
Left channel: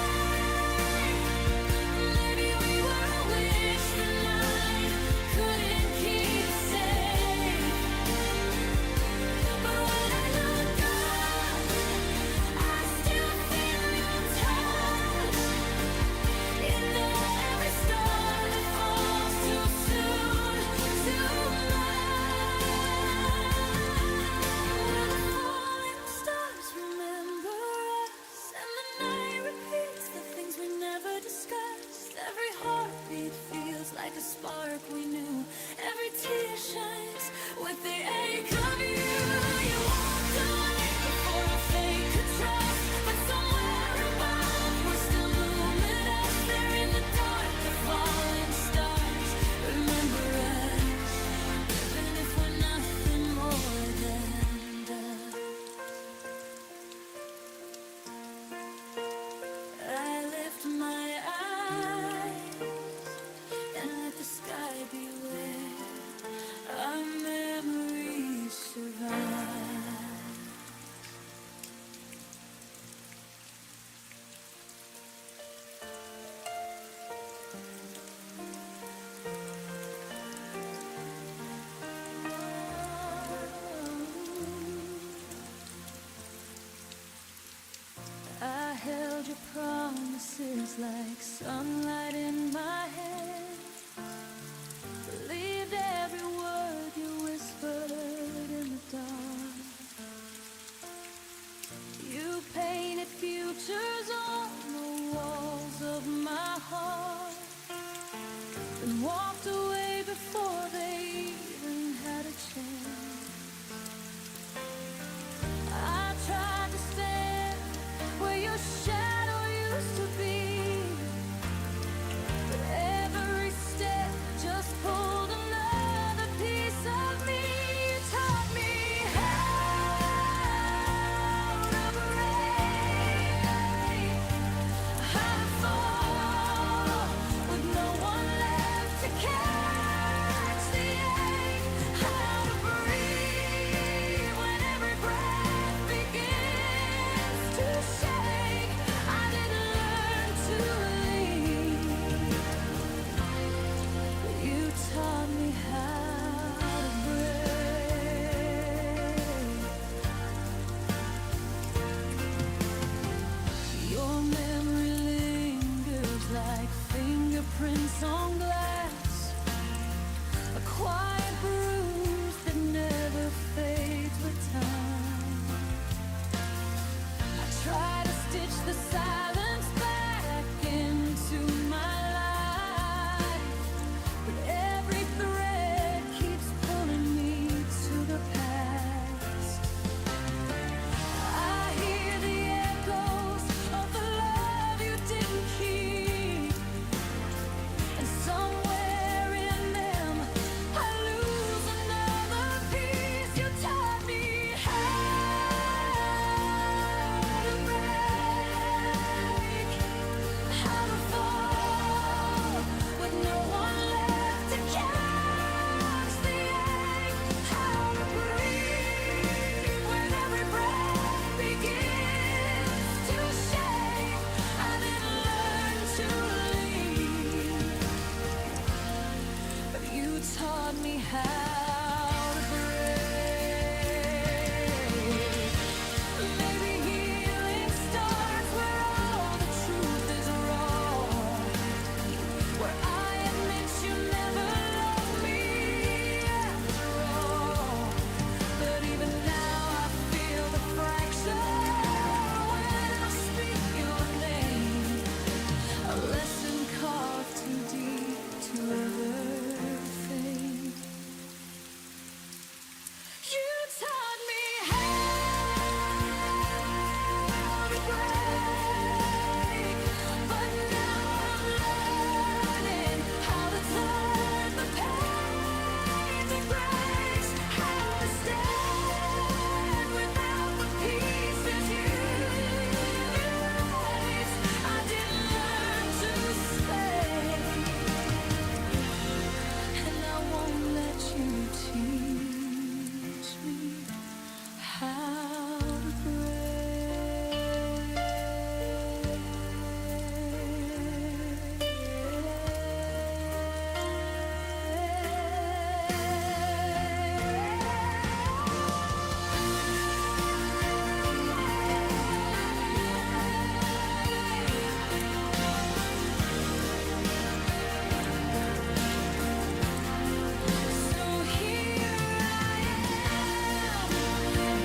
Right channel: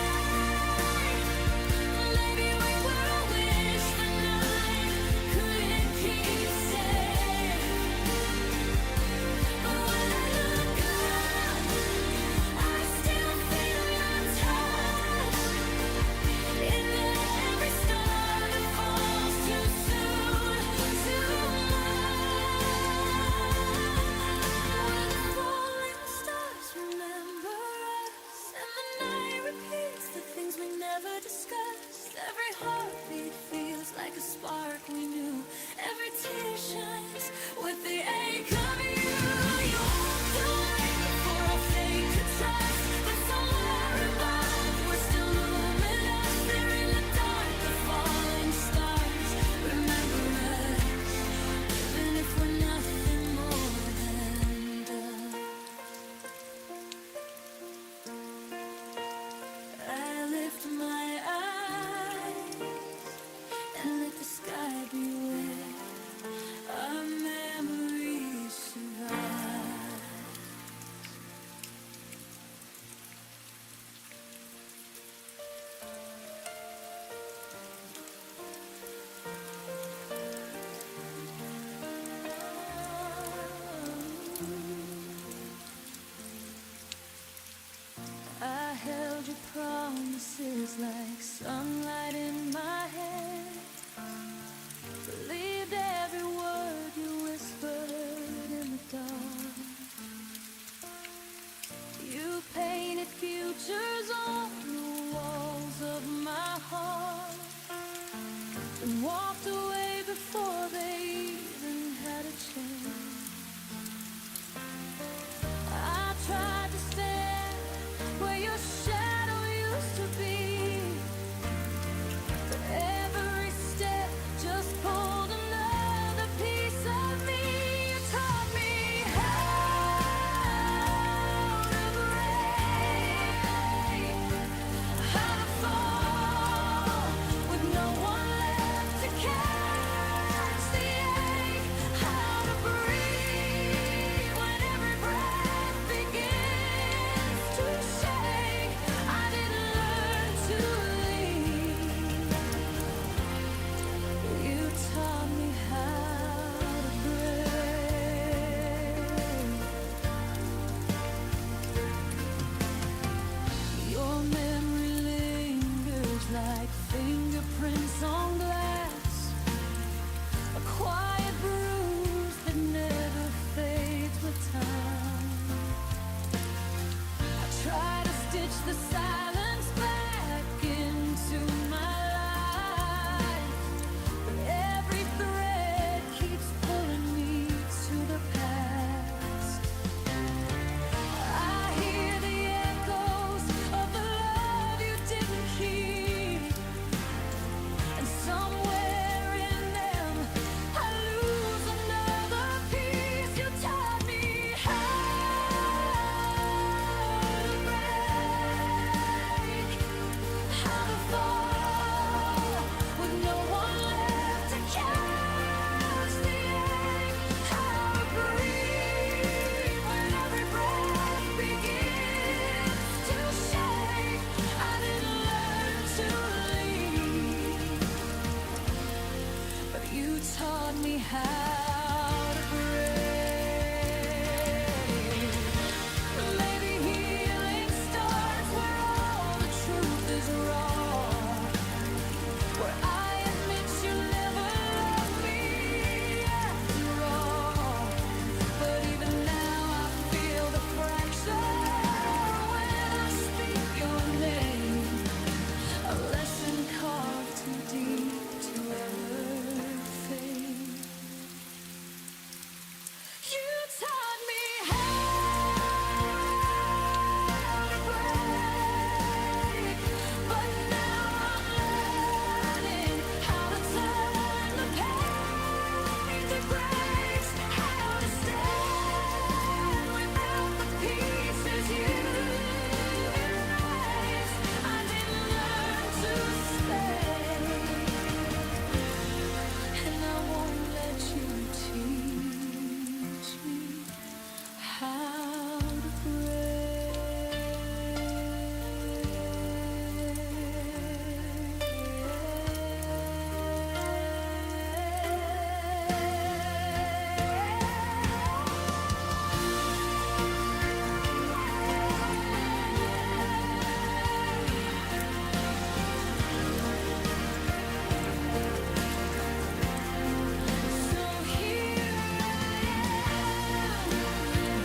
Maybe we were a wish the night couldn't keep safe. But when I look up, I still feel your touch in every star that falls too soon, too much. Where the falling stars remember us, and the night repeats the things we never discussed. Every heartbeat feels like a spark we knew, every tear shines with the ache of you. You walked away before our fate could trust, but somewhere above we're still luminous. promises like sunlight in my head. Believed every word you whispered in the dark. You painted futures on the walls of my heart, and walked away before they even had a chance. I tried to stand where your shadow used to be, but every step just pulled another piece of me. You taught me how to break, how to fall with no one left to catch the ache, how to breathe when every breath begins to shake. I didn't learn to leave, but you taught me how to break. Your memory lingers like fingerprints on glass, a quiet bruise that never fades with time. I try to stitch the silence back into my life, but every thread keeps pulling me to the past. I hear the echoes of the love you didn't keep, and somewhere in them I lose another piece. You taught me how to break, how to fall with no one left to catch the ache, how to breathe when every breath begins to shake. I didn't learn to leave, but you taught me how to break. Maybe healing starts where all the truth is raw, where I admit you never loved me after all. But even now I feel the fracture when I speak your name, a lesson carved too deep to ever fade. You taught me how to break, but now I'm learning how to turn the pain to grace, how to stand without the pieces you erased. I didn't learn to stay, and I won't let you teach me how to So here I am,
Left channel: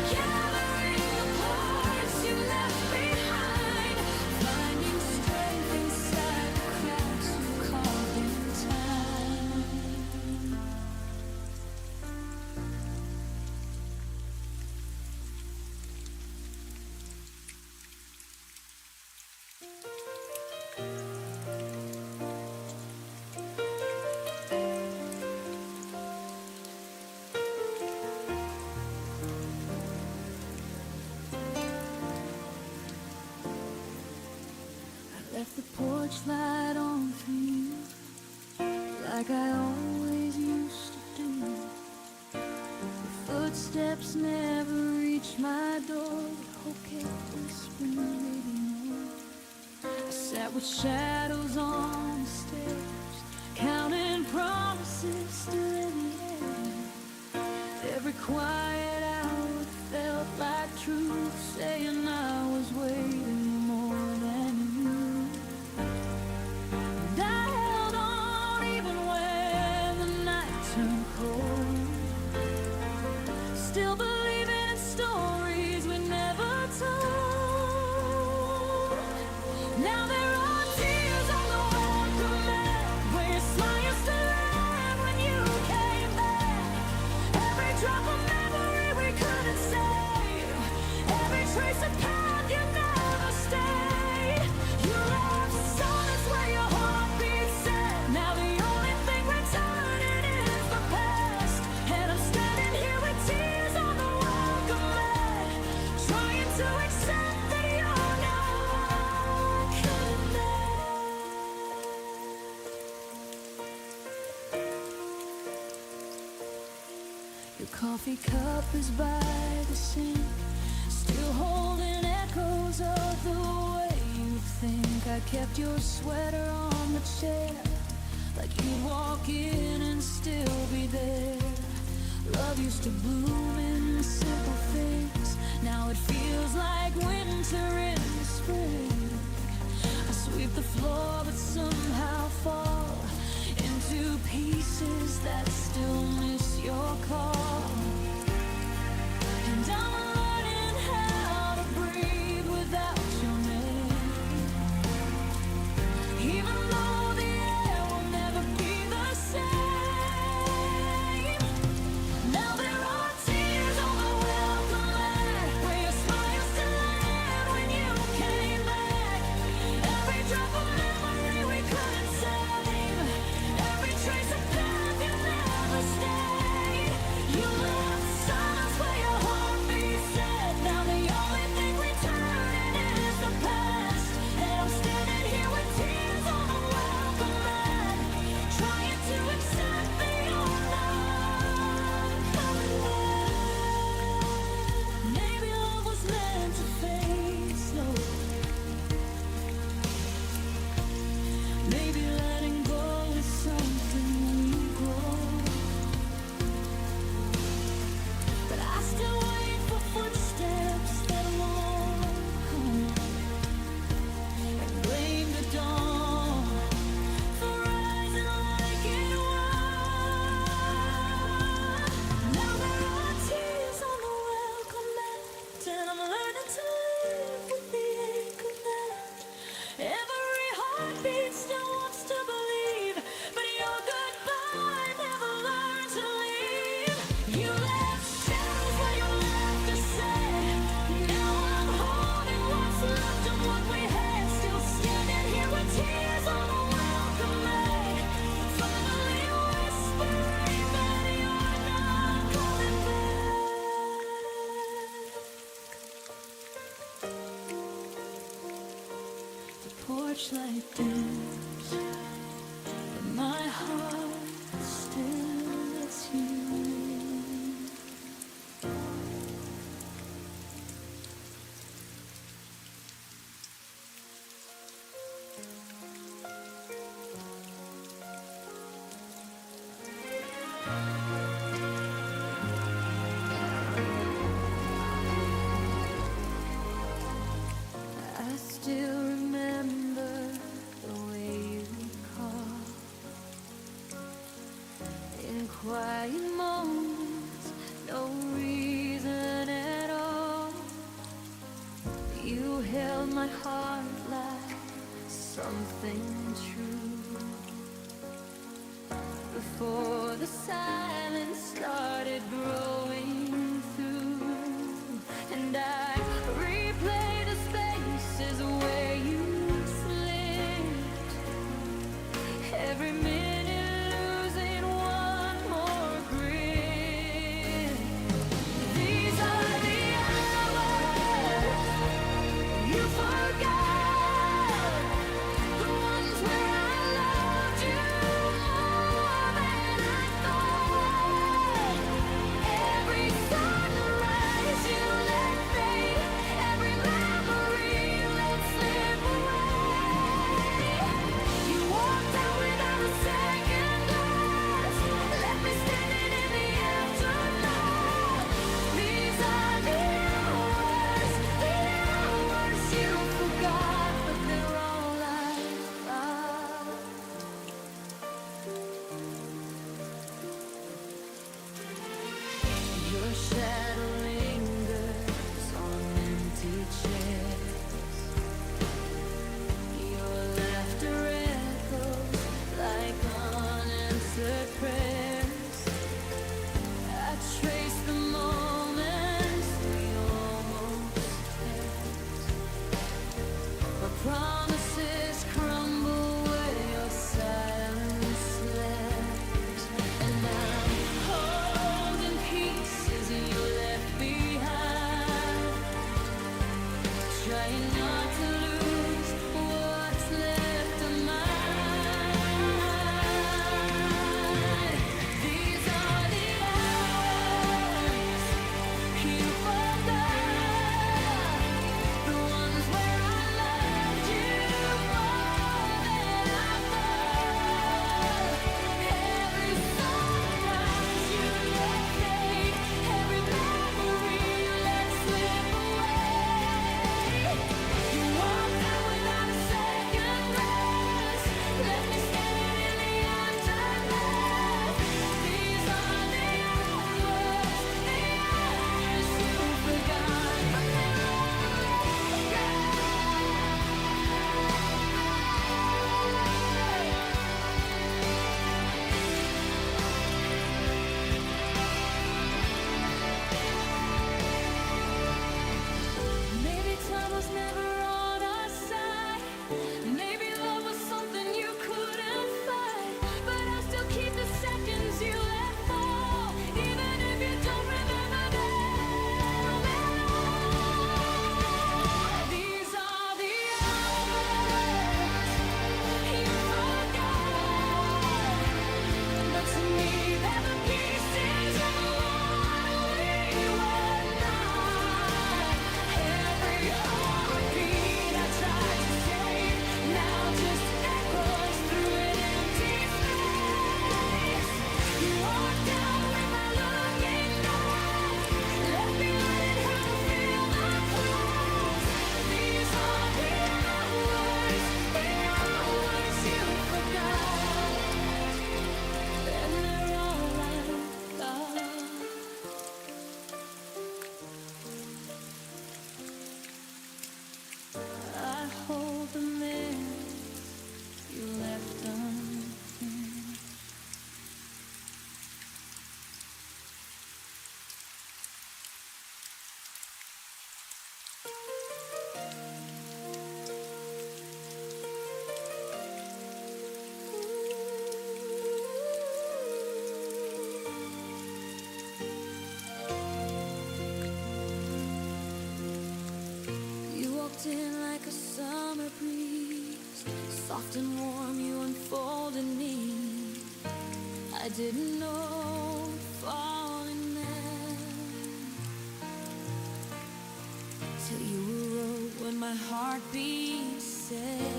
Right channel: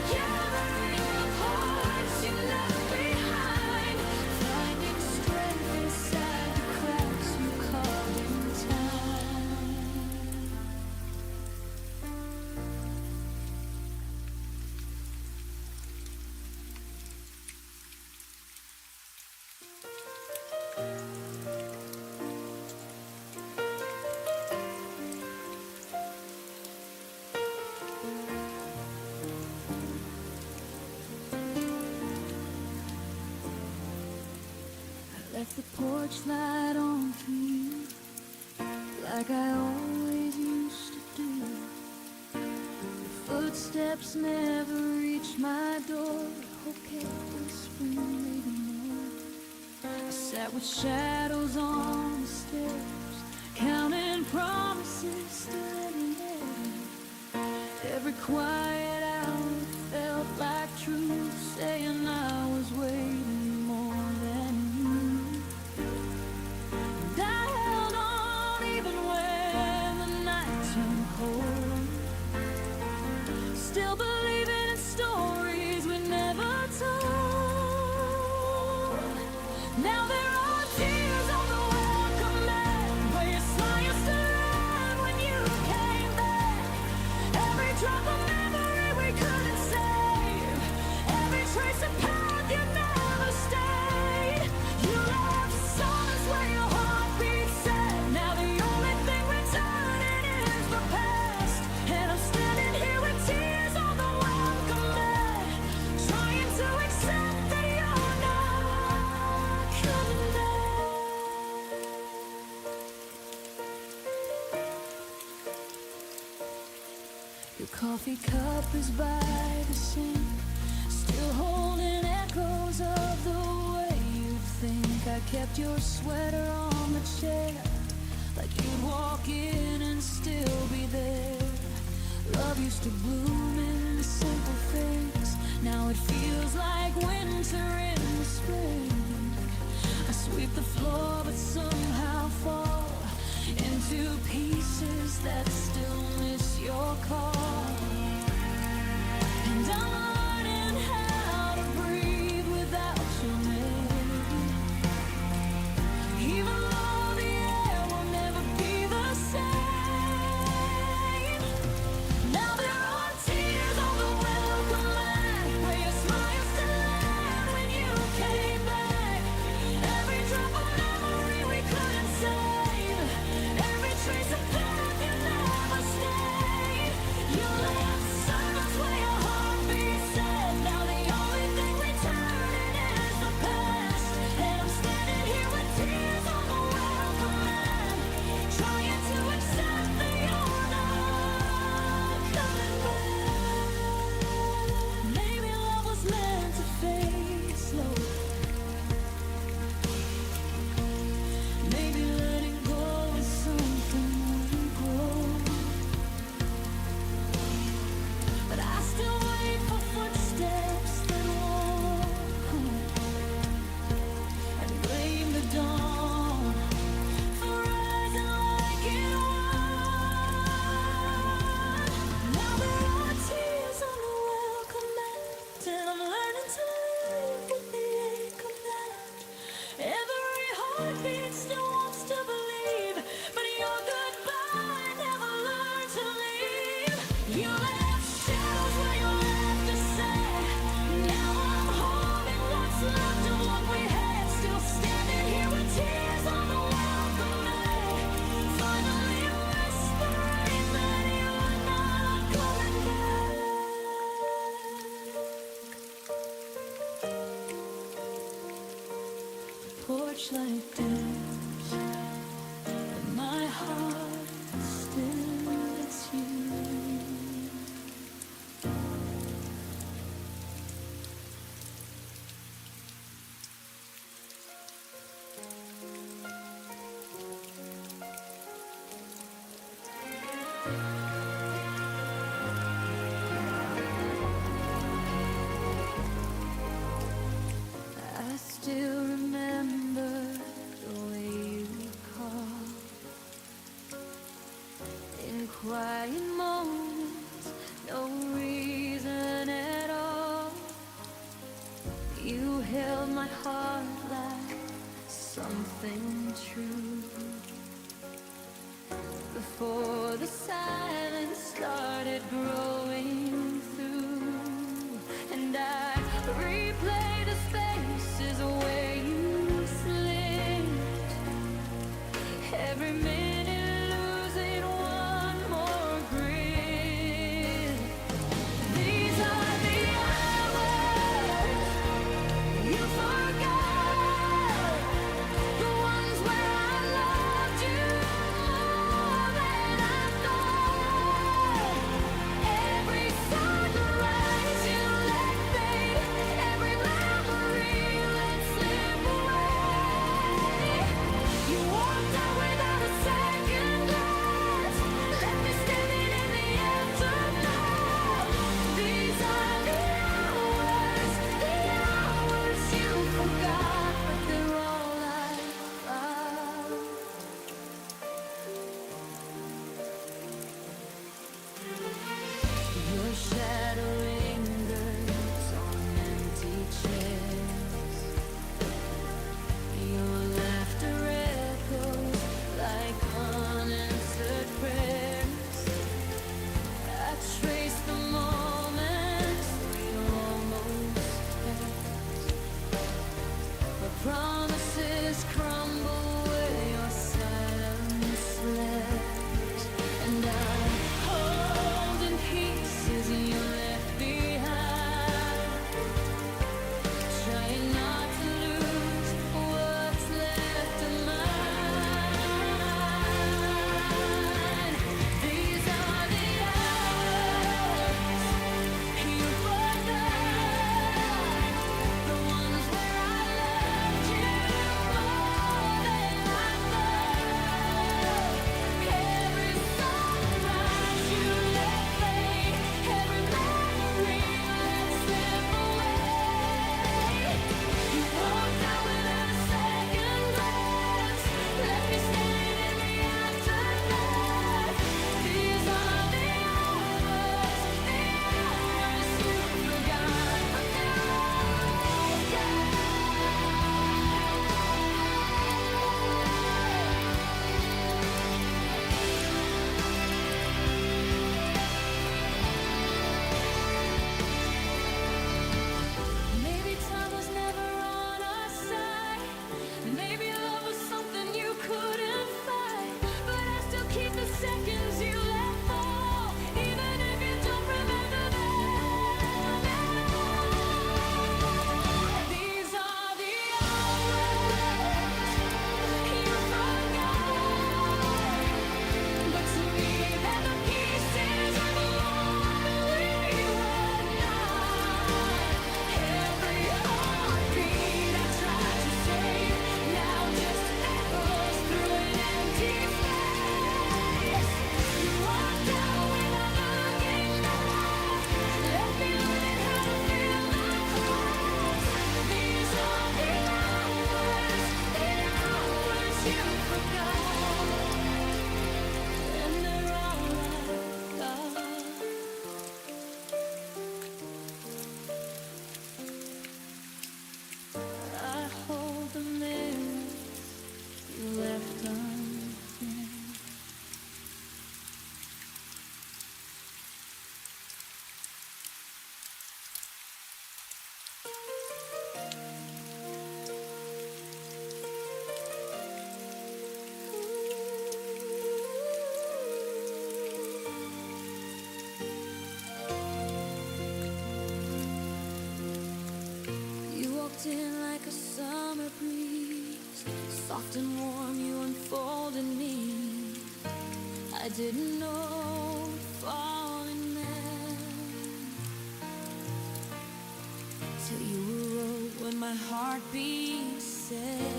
gathering the parts you left behind, finding strength inside the cracks you carved in time. Left the porch light on for you, like I always used to do. Your footsteps never reached my door, but hope kept whispering maybe more. I sat with shadows on the stairs, counting promises still in the air. Every quiet hour felt like truth, saying I was waiting more than you. coffee cup is by the sink, still holding echoes of the way you'd think. I kept your sweater on the chair, like you'd walk in and still be there. Love used to bloom in simple things, now it feels like winter in the spring. I sweep the floor but somehow fall into pieces that still miss your call. And I'm learning how to breathe without your name, even though the air will never be the same. Now there are tears on the welcome mat, where your smile used to land when you came back. Every drop of memory we couldn't save, every trace of path you never stayed. You left silence where your heartbeat said. Now the only thing returning is the past, and I'm standing here with tears on the welcome mat, trying to accept that you're not coming back. Maybe love was meant to fade slowly, maybe letting go is something we grow. But I still wait for footsteps that won't come, and blame the dawn for rising like it was. Now there are tears on the welcome mat, and I'm learning to live with the ache of that. Every heartbeat still wants to believe, but your goodbye never learned to leave. You left shadows where you left to say. Now I'm holding what's left of what we had, still standing here with tears on the welcome mat, finally whispering that you're not coming back. The porch light dims, but my heart still lets you in. I still remember the way you called in quiet moments, no reason at all. You held my heart like something true, before the silence started growing through. And I replay the spaces where you slipped, every minute losing one more grip. These are the hours you forgot, the ones where I loved you more than I thought. Every sunrise you let fade, every memory let slip away. You walked out without a second glance, left me standing in the aftermath. These are the hours you forgot, but they're all I got. Your shadow lingers on empty chairs, your laughter echoes like unanswered prayers. I trace the moments we almost kept, but promises crumble where your silence left. And I'm holding pieces you but to me they're the pieces of what we were not. Every heartbeat I tried to save now just echoes through an empty space. You walked out without looking back, left me learning how to feel the cracks. These are the hours you forgot, and they're all I've got. I hold the minutes you left unfinished. You walked in like a summer breeze, soft and warm you unfolded me. I didn't know falling meant, till you wrote when my heartbeat said.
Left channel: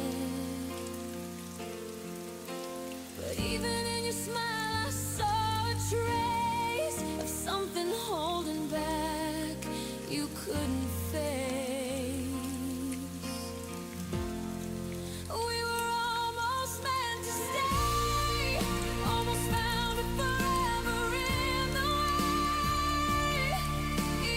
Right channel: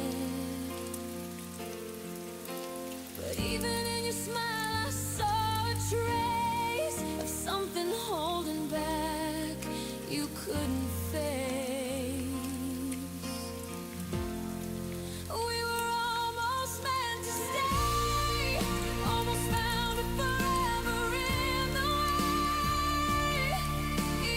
But even in your smile I saw a trace of something holding back you couldn't face. We were almost meant to stay, almost found it forever in the way.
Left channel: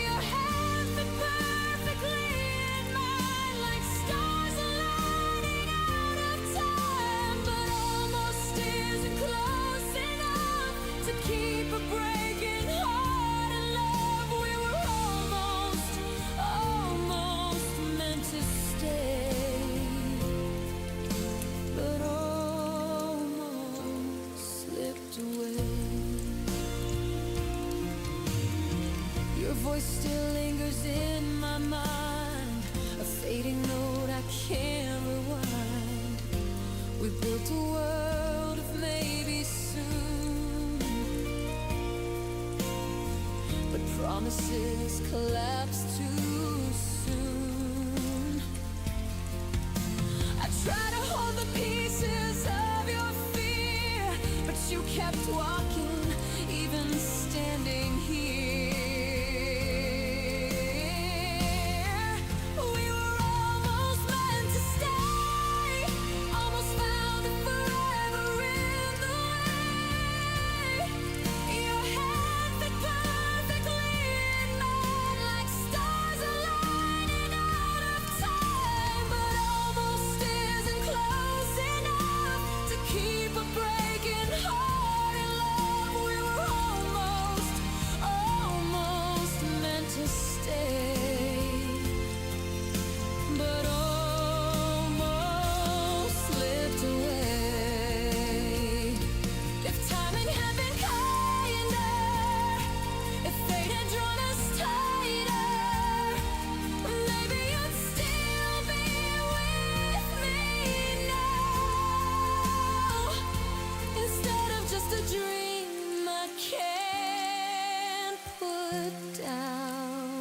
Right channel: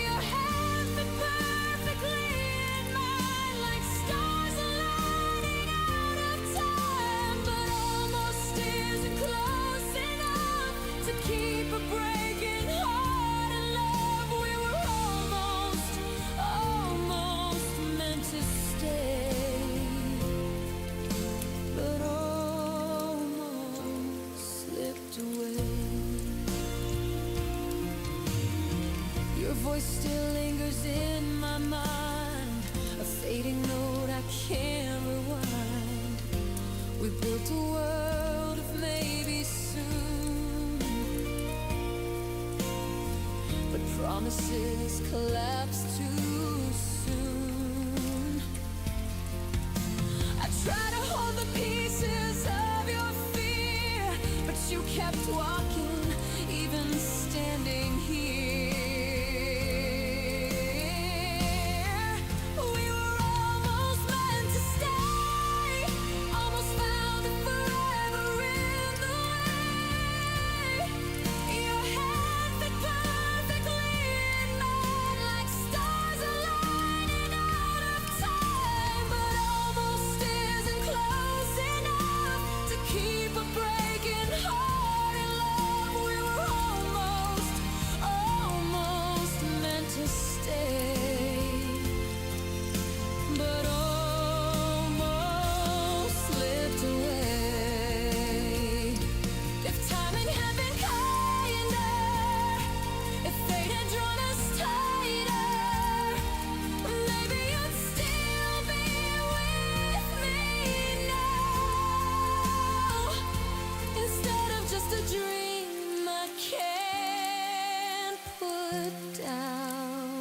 Your hands fit perfectly in mine, like stars aligning out of time. But almost isn't close enough to keep a breaking heart in love. We were almost meant to stay, but almost slipped away. Your voice still lingers in my mind, a fading note I can't rewind. We built a world of maybe soon, but promises collapse too soon. I try to hold the pieces of your fear, but you kept walking, even standing here. We were almost meant to stay, almost found it forever in the way. Your hand fit perfectly in mine, like stars aligning out of time. But almost isn't close enough to keep a breaking heart in love. We were almost meant to stay, but almost slipped away. If timing had been kinder, if fate had drawn us tighter, maybe you'd still be with me now, instead of just a dream I can't put down.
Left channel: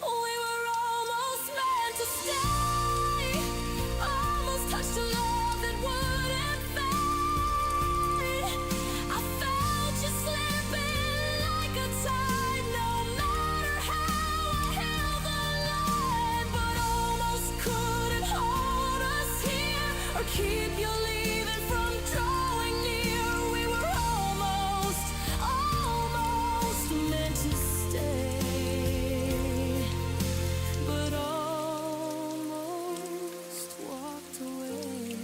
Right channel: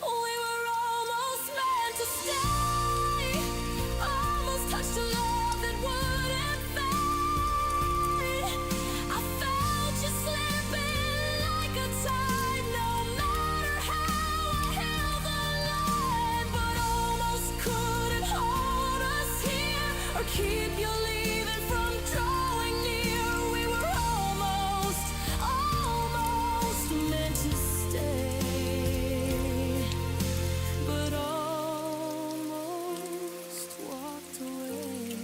We were almost meant to stay, almost touched a love that wouldn't fade. I felt you slipping like a tide, no matter how I held the line. But almost couldn't hold us here, or keep you leaving from drawing near. We were almost meant to stay, but almost walked away.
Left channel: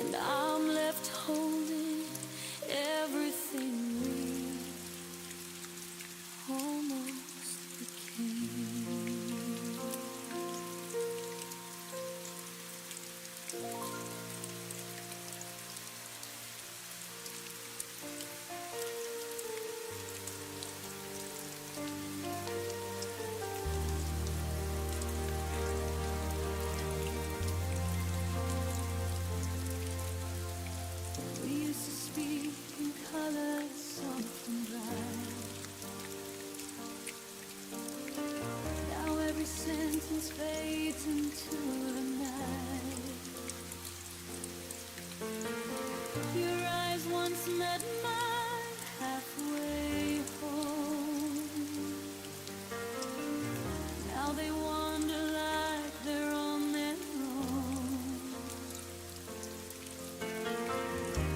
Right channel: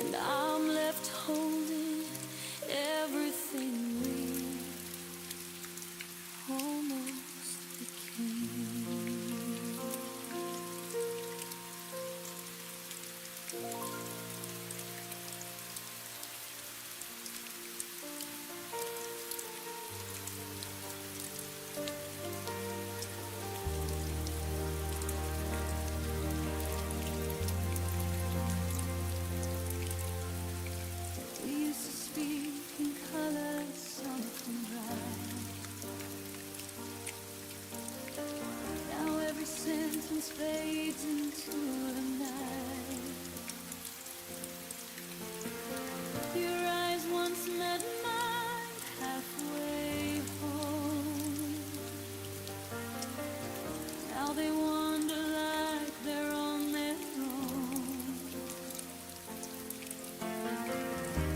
And I'm left holding everything we almost became.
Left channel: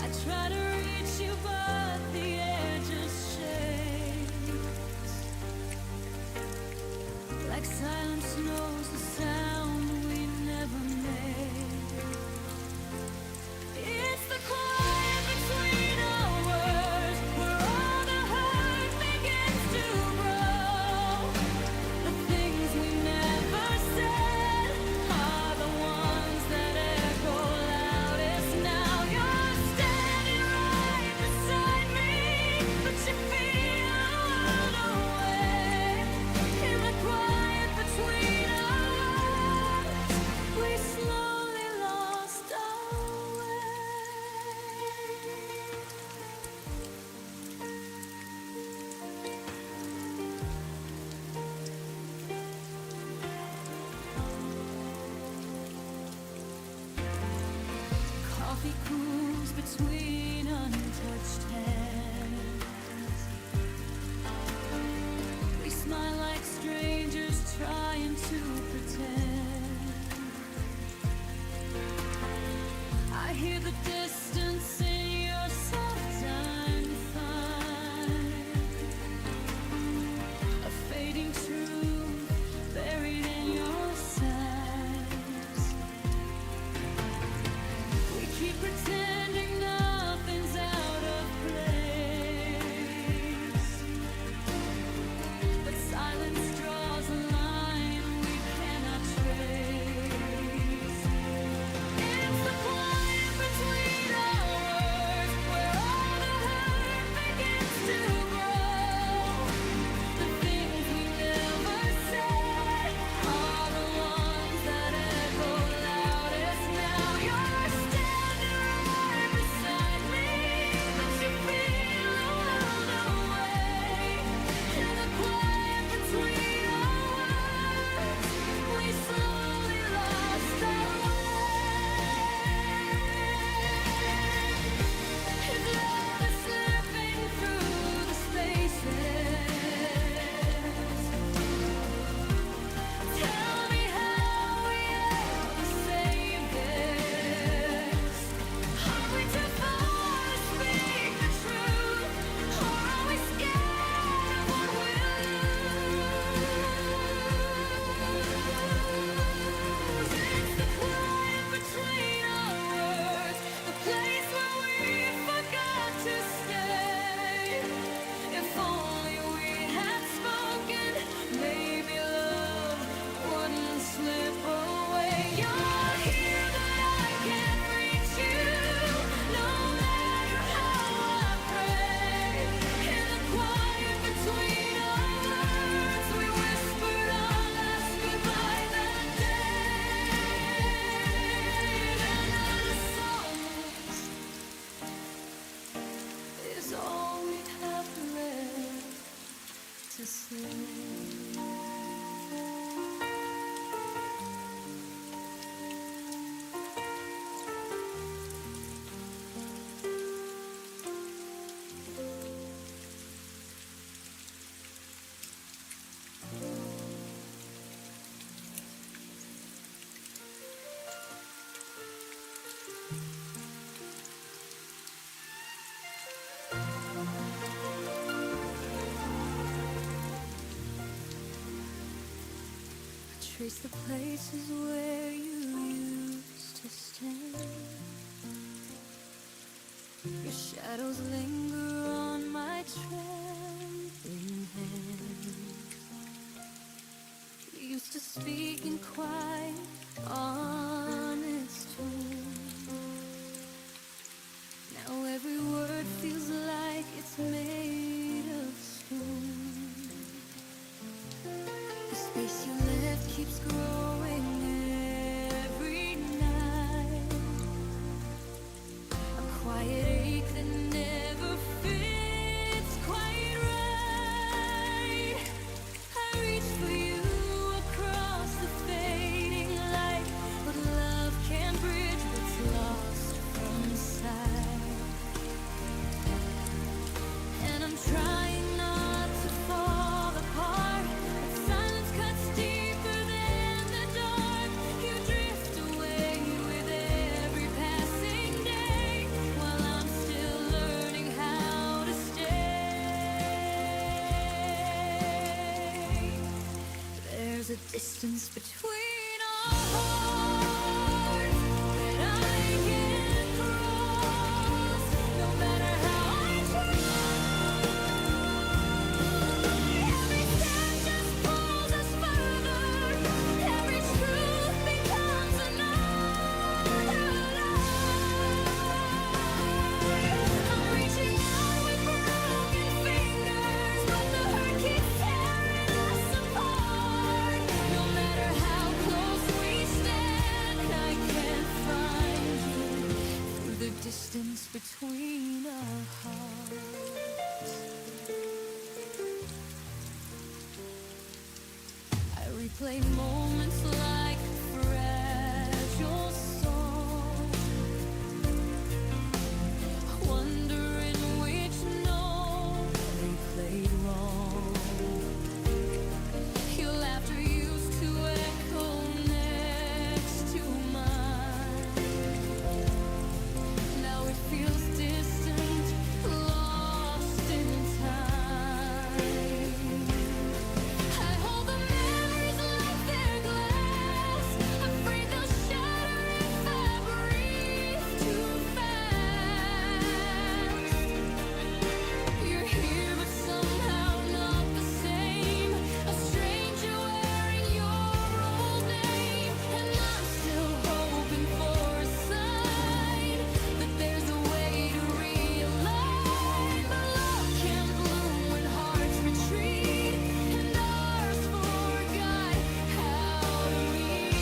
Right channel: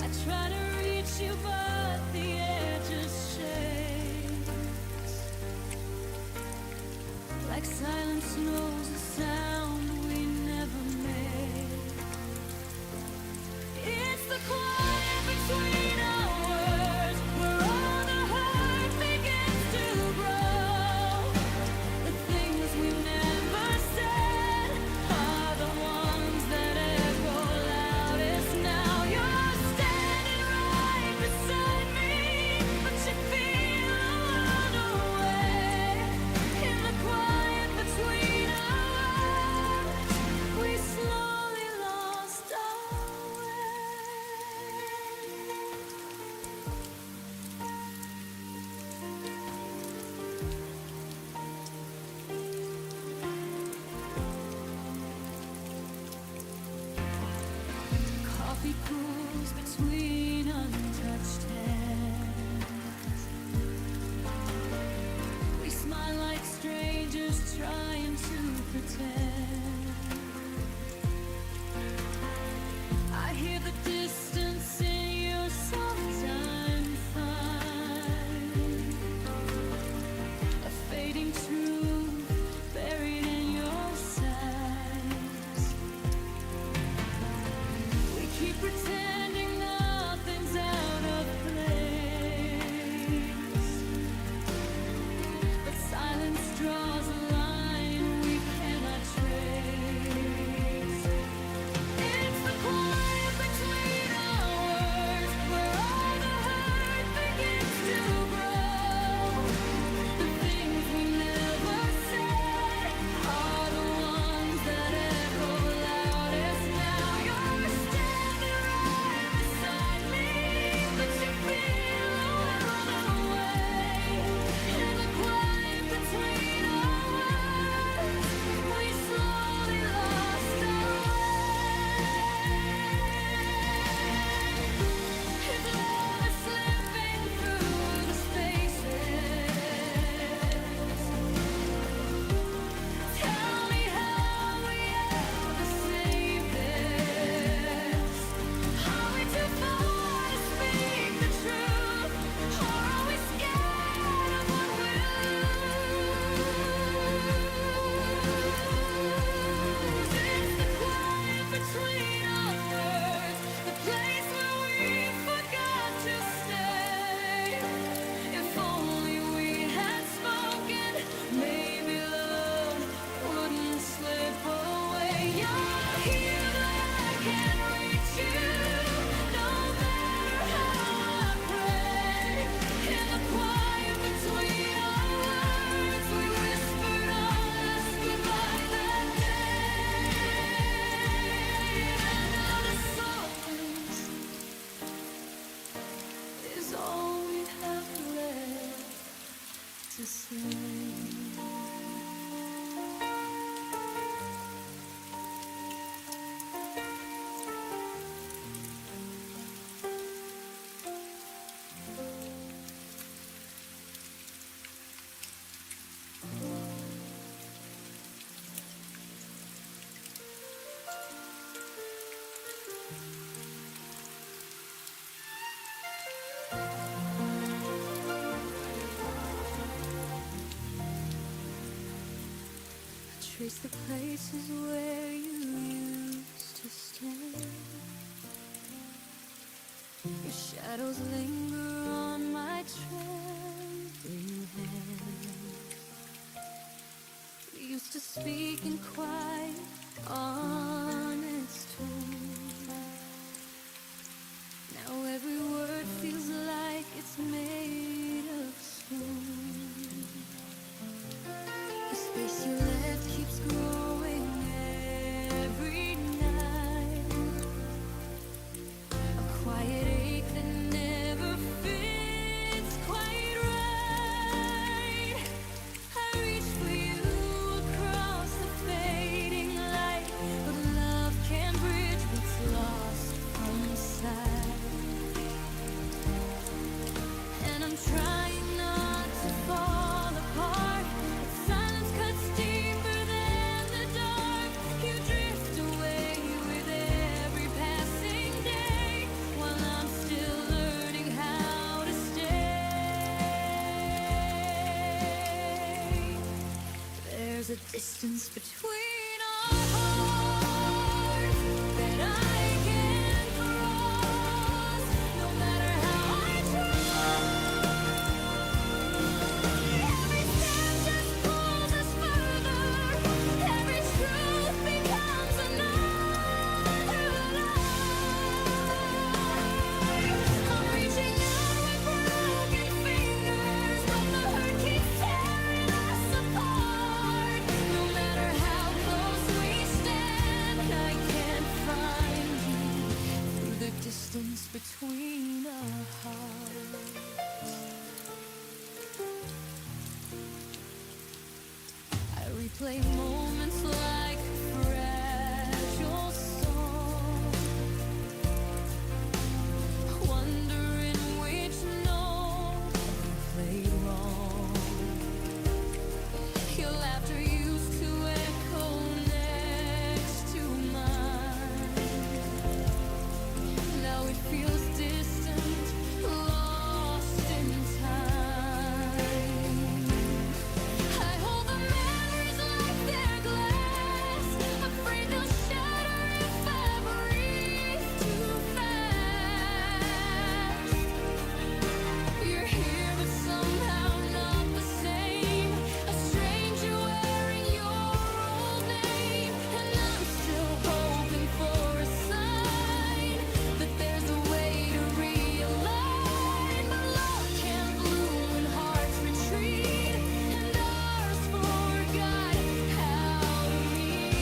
I try to reach you, but the air just shakes. Like silence knows the sound we never made. It's the quiet between our words, where all the hurt begins to grow. The things we never said are the ones that echo loudest now. You're standing right beside me, but you feel a world away. In the quiet between our words, we slowly lost our way. Coffee cools between untouched hands. We smile like strangers trying to pretend. I hear the distance in your soft I'm fine. A fading truth buried in your sighs. We keep pretending nothing's out of place, but silence draws a line we cannot trace. It's the quiet between our words, where all the hurt begins to grow. The things we never said are the ones that echo loudest now. You're standing right beside me, but you feel a world away. In the quiet between our words, we slowly lost our way. If love is slipping through the spaces, tell me how we ever save this. Are we too far to speak the truth, or are we scared of what we'll lose? It's the quiet between our words, the place where we forgot to stay. If only we had spoken, maybe love wouldn't slip away. You're here, but I can't reach you, no matter how I pray. In the quiet between our words, we whispered our last goodbye that day. And I know the silence is all we have left to say. Trace the places where you used to stay. Your shadows linger on my trembling hands. We used to speak in quiet, honest tones. Now every word feels like it's made of stone. The space you left keeps growing every night. A quiet ache that never fits quite right. I reach for you across the fading light, but distance between our hearts that I can't cross, no matter how I try. Every step just pulls us further, every truth becomes another lie. I'm reaching out with broken fingers, but the hurt keeps tearing us apart. No matter how close we stand, I can't find you through the distance between our hearts. I replay moments like a fragile song, wondering which note we played wrong. Your laughter used to echo next to mine. Now it feels distant, lost in time. I hold the memories like they're glass, afraid they'll shatter if I breathe too fast. You're here but somehow not the same, a stranger wearing your old name. And I'm still hoping for a sign that there's a way to realign. But love can bloom when hearts retreat, and ours forgot how to meet.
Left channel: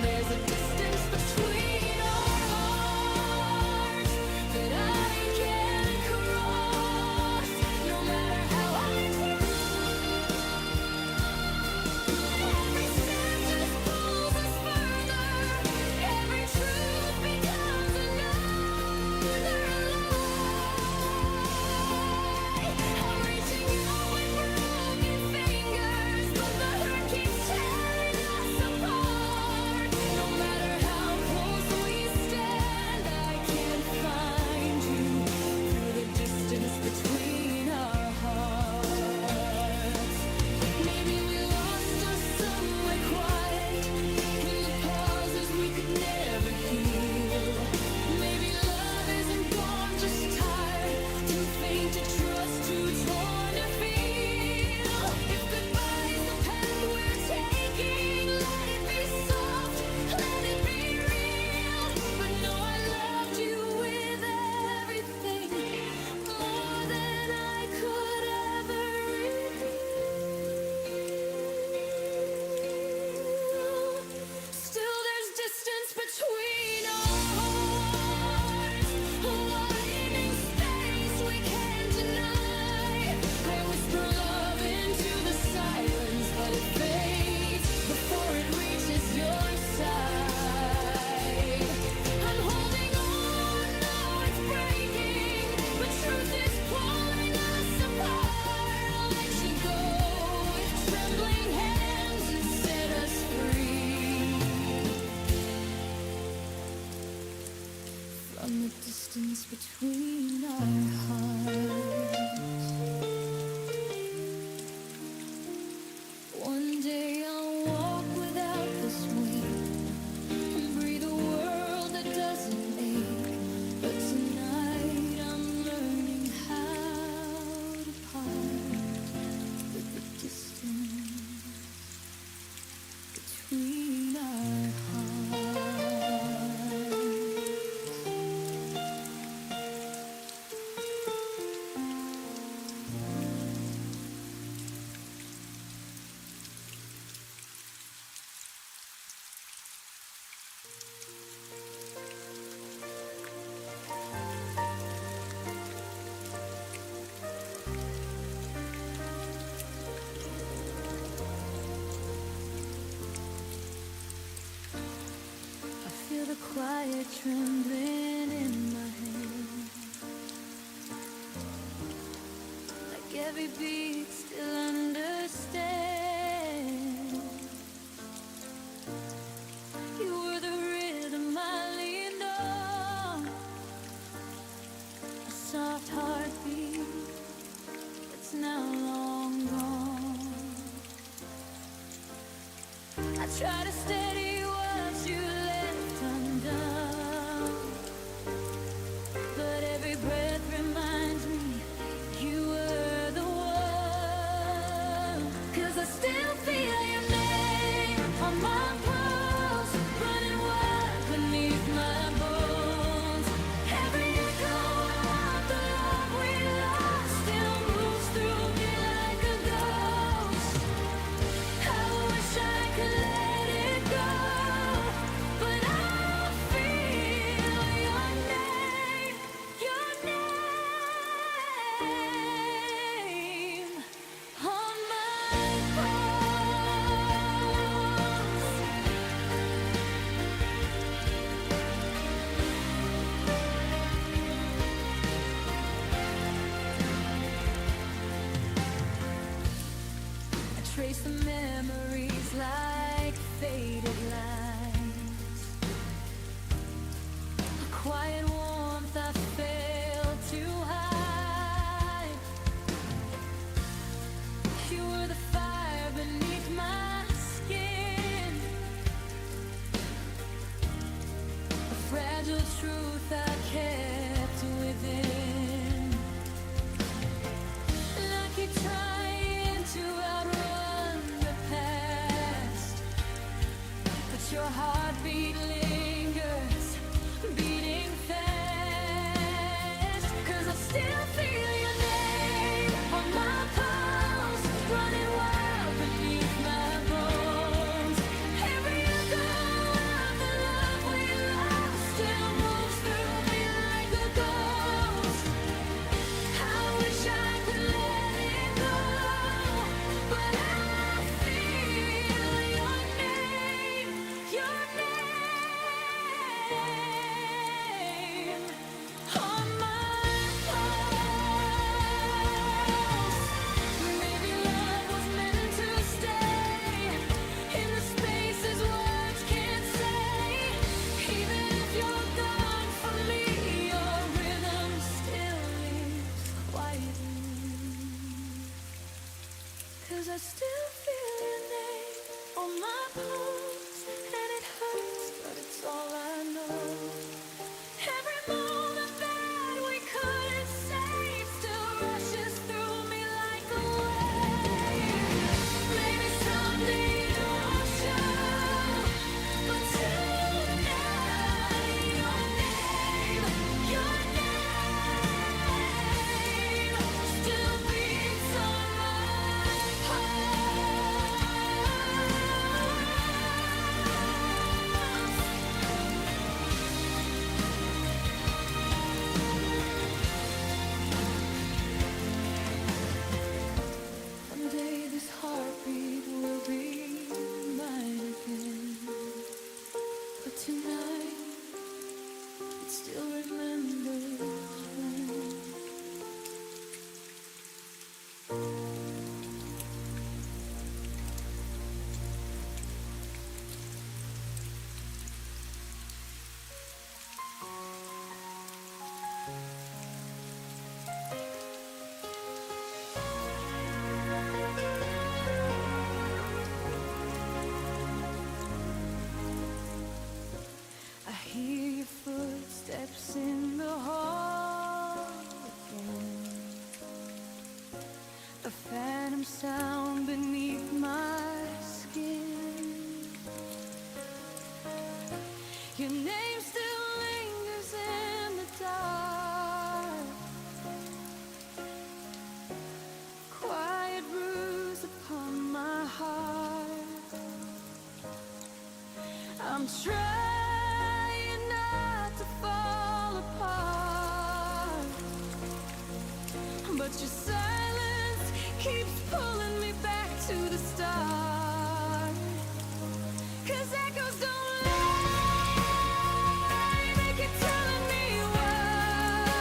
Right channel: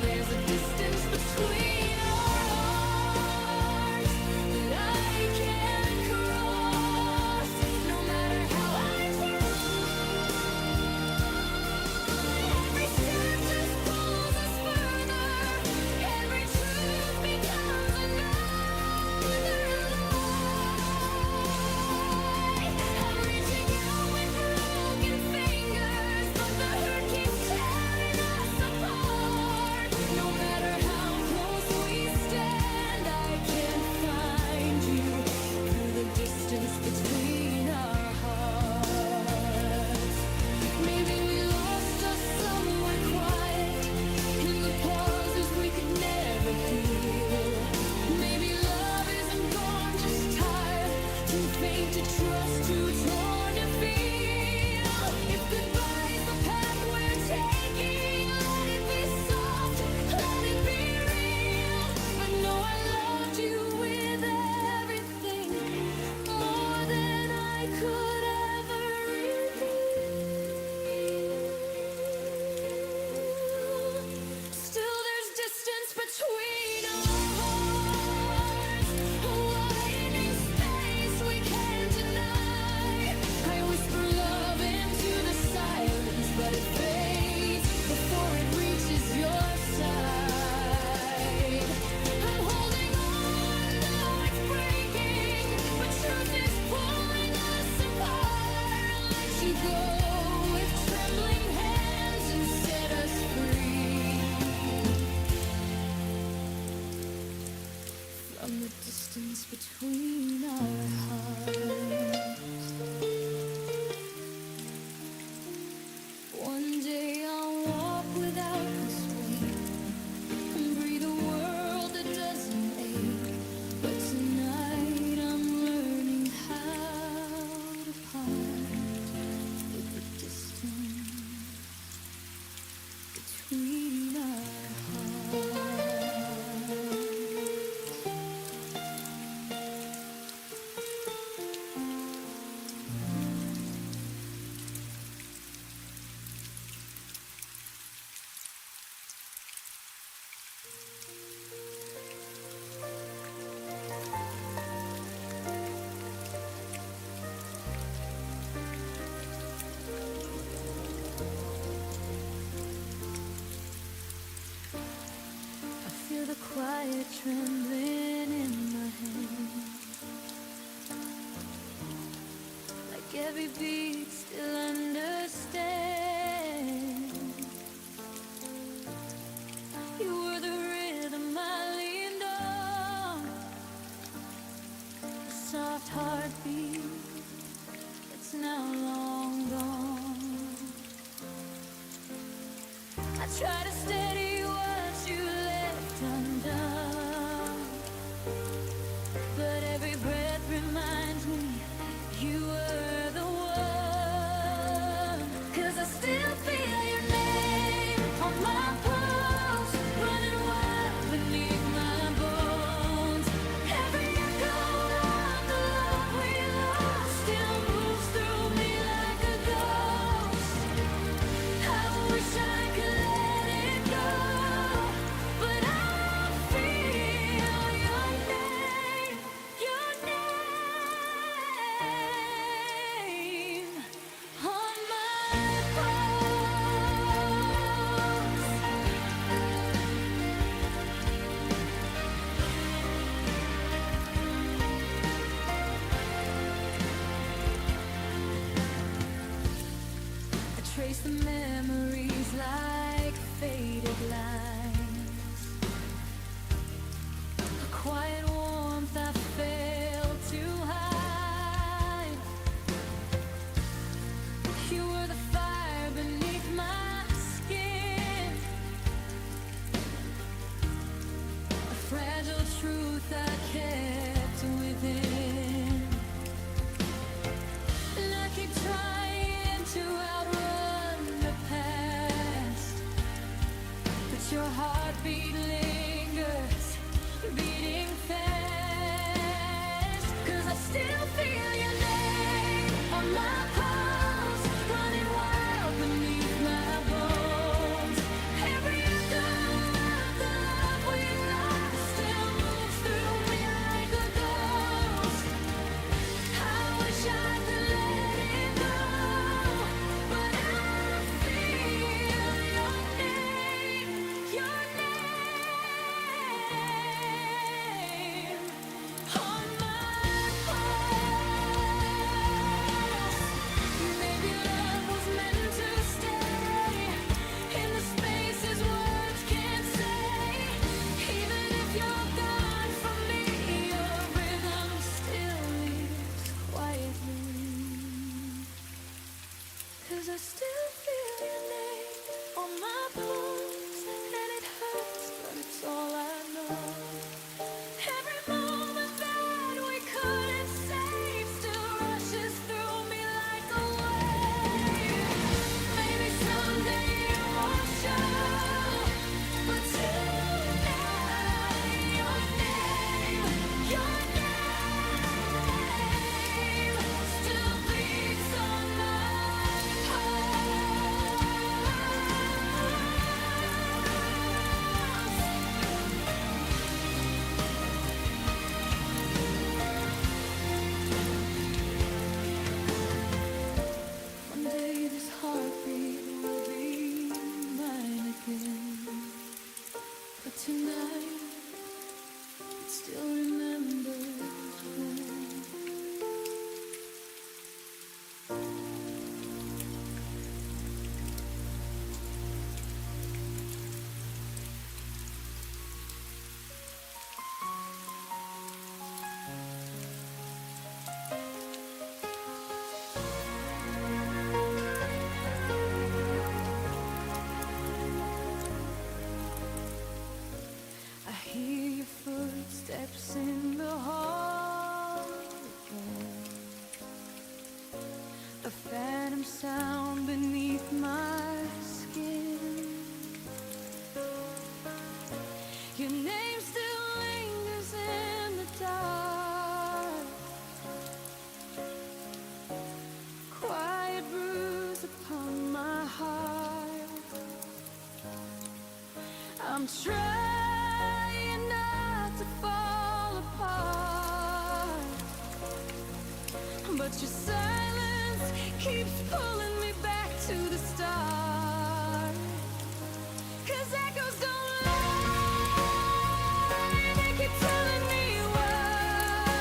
There's a distance between our hearts that I can't cross, no matter how I try. Every step just pulls us further, every truth becomes another lie. I'm reaching out with broken fingers, but the hurt keeps tearing us apart. No matter how close we stand, I can't find you through the distance between our hearts. Maybe we lost us somewhere quiet, in the pauses we could never heal. Maybe love isn't gone, just tired, too faint to trust, too torn to feel. If goodbye is the path we're taking, let it be soft, let it be real. But no, I loved you with everything, more than I could ever reveal. Still there's distance between our hearts, a widening space we can't deny. I whisper love into the silence, but it fades before it reaches your side. I'm holding on, though it's breaking, but truth is pulling us apart. I'll let you go with trembling hands and set us free from the distance between our hearts. One day I'll walk without this weight and breathe a world that doesn't ache. But tonight I'm learning how to part with the distance between our hearts. I feel the quiet trembling in my hand, like every beat still understands. You were the rhythm I leaned on, a soft heartbeat that's now try to steady what you left undone, but every breath reminds me you were the one. 'Cause I still feel your name on my pulse, running wild beneath my bones. Every echo of the love we lost still moves through me like a ghost. I wish I could let it go, but I feel your name on my pulse. I trace the memories like faded lines, a quiet warmth I failed to hide. You were the fire beneath my skin, a fragile truth I kept within. And I keep trying to outrun the past, but your heartbeat lingers, beating fast. 'Cause I still feel your name on my pulse, running wild beneath my bones. Every echo of the love we lost still moves through me like a ghost. I wish I could let it go, but I feel your name on my pulse. Maybe love was meant to stay in the spaces words can't say. Even if you're gone from me, your rhythm still lives quietly. 'Cause I still feel your name on my pulse, and it hurts, but it's all I know. Every moment that we couldn't save still rushes through me like a wave. Maybe someday it won't show, but tonight your name still beats on my pulse. One day this heartbeat will be mine again, but tonight it still remembers when. I hear your footsteps in the hall again, a phantom sound beneath my skin. Your name still lingers in the dark, quiet bruise upon my heart. I'm trying not to fall apart, but your silence keeps pulling me back to the start. 'Cause echoes don't lie, they keep telling me why.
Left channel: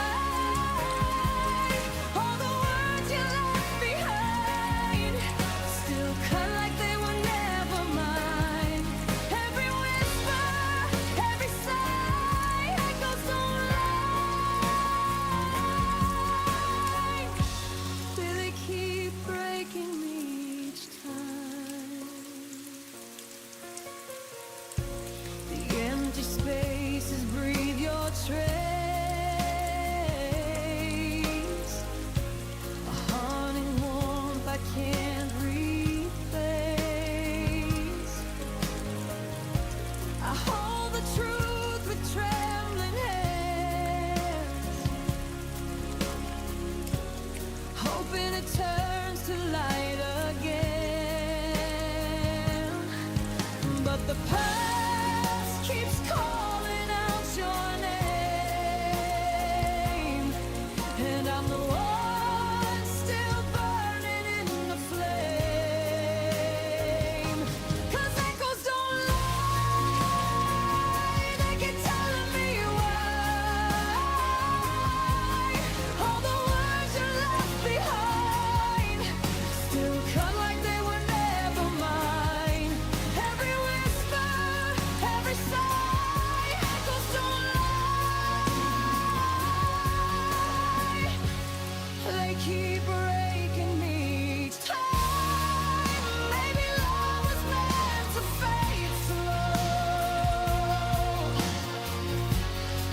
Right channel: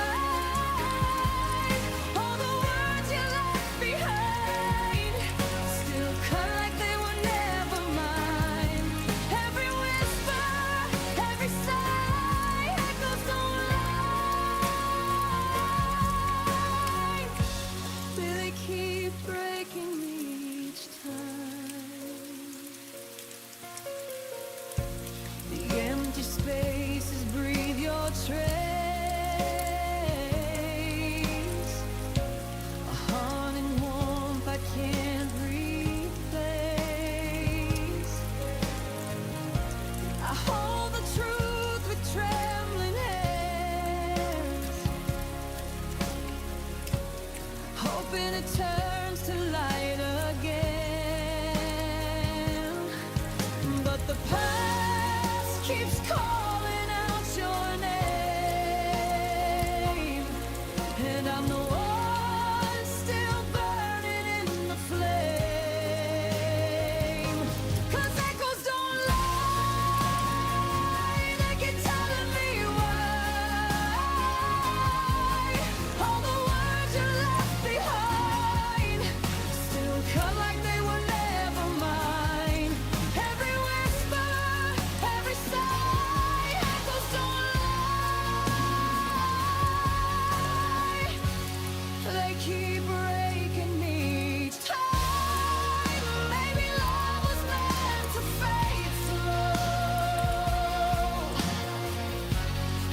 All the words you left behind still cut like they were never mine. Every whisper, every sigh, echoes don't lie. They keep breaking me each time. faces breathe your trace. A haunting warmth I can't replace. I hold the truth with trembling hands, hoping it turns to light again. But the past keeps calling out your name, and I'm the one still burning in the flame. 'Cause echoes don't lie, they keep telling me why all the words you left behind still cut like they were never mine. Every whisper, every sigh, echoes don't lie. They keep breaking me each time. Maybe love was meant to fade slow,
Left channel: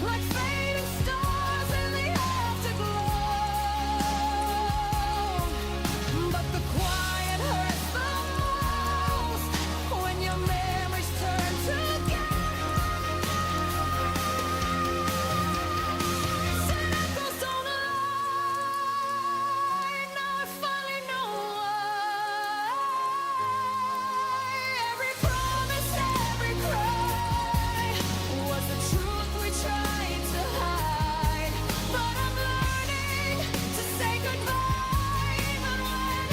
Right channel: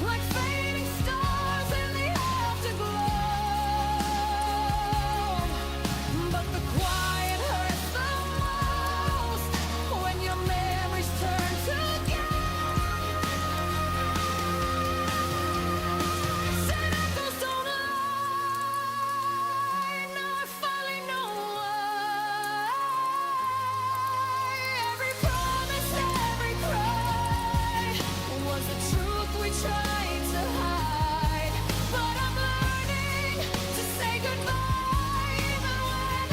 like fading stars in the afterglow. But the quiet hurts the most when your memories turn to gas. And echoes don't lie. Now I finally know why. Every promise, every cry was the truth we tried to hide. But I'm learning to say goodbye even when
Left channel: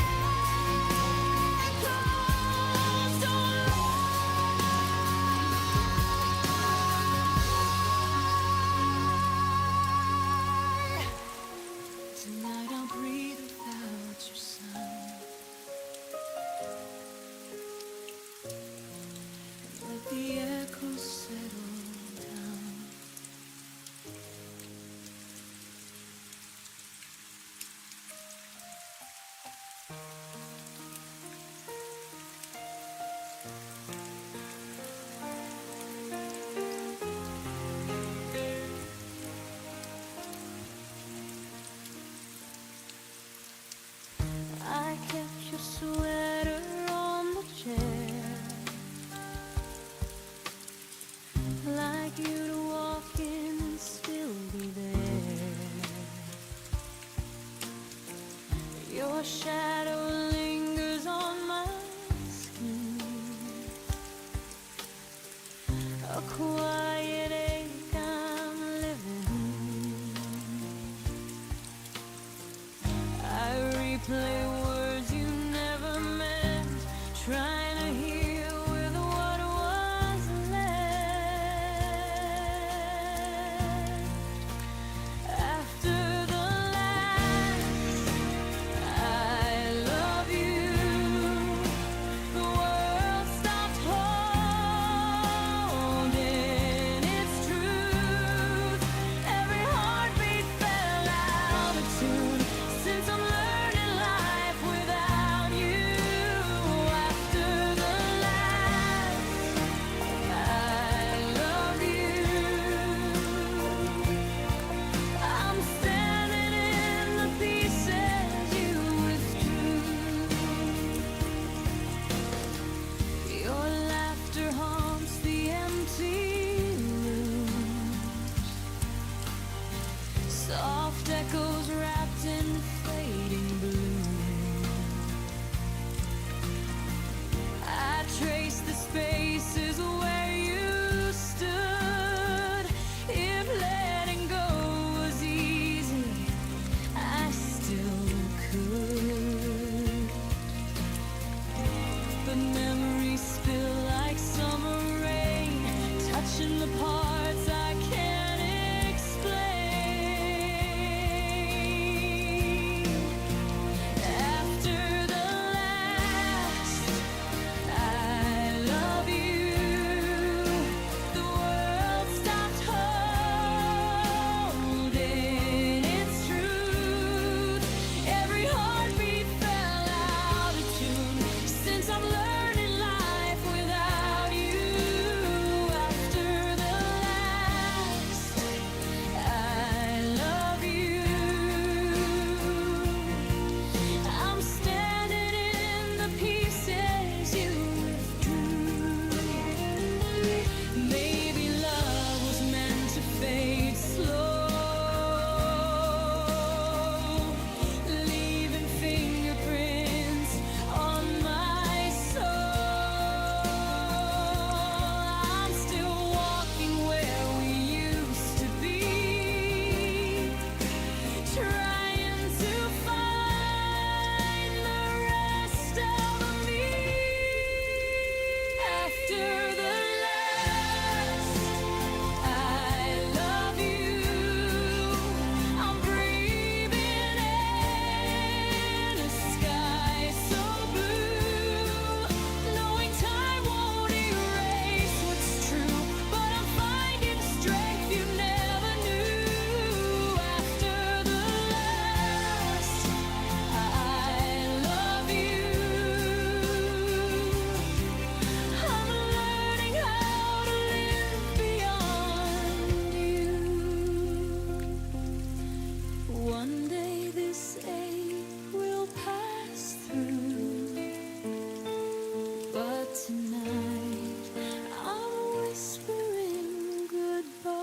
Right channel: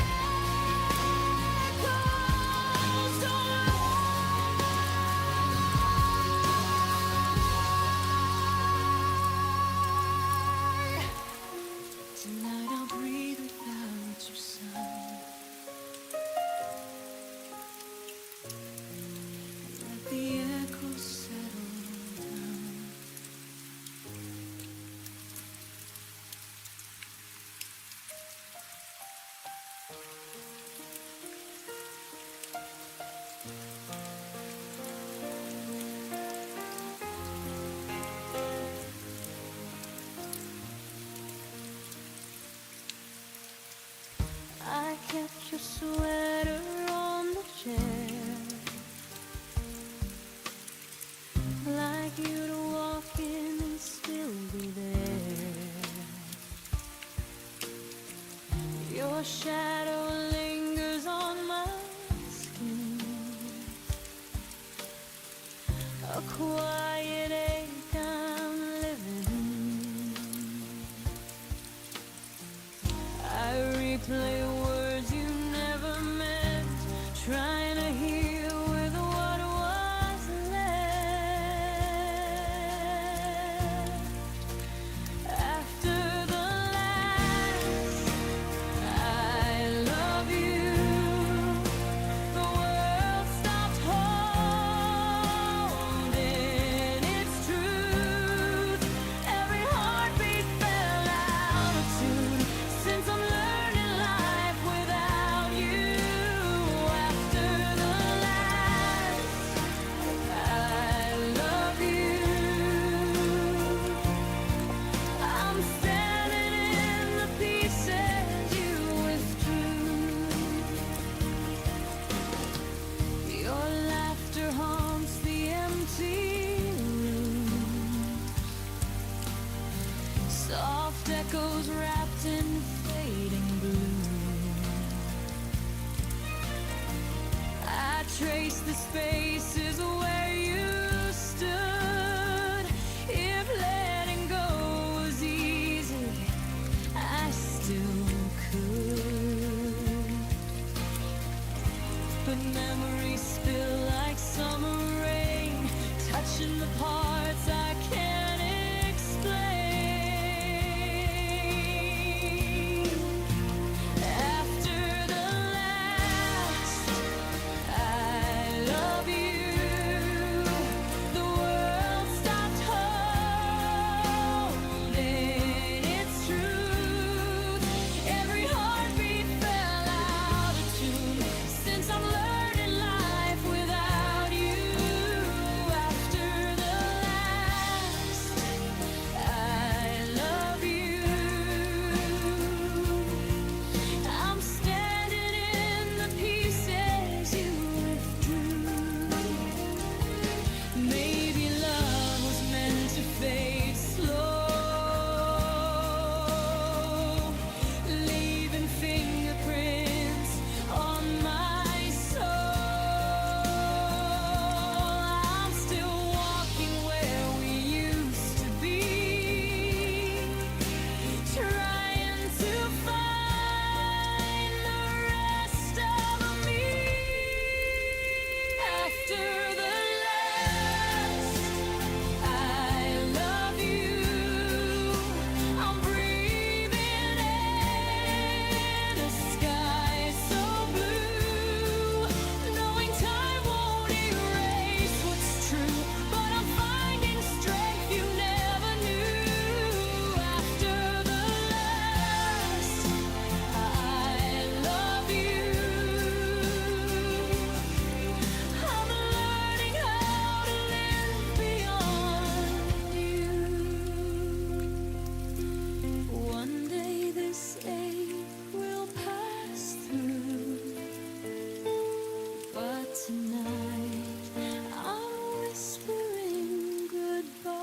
echoes don't lie. Tonight I'll breathe without your sound and let the echoes settle down. I kept your sweater on the chair, like you'd walk in and still be there. Your shadow lingers on my skin, a quiet ache I'm living. I replay words you never meant, trying to heal with what was left. After the last I love you, the world stopped holding its truth. Every heartbeat fell out of tune. Since I'm learning life without you, after the last I love you, I'm standing in the pieces you withdrew. Your laughter haunts the empty rooms, soft echoes wrapped in fading bloom. I trace the spaces where you stood. If letting go was easy, I still could. But memories spill like summer rain, touching the parts I can't explain. After the last I love you, the world stopped holding its truth. Every heartbeat fell out of tune. Since I'm learning life without you, after the last But tonight I'm whispering goodbye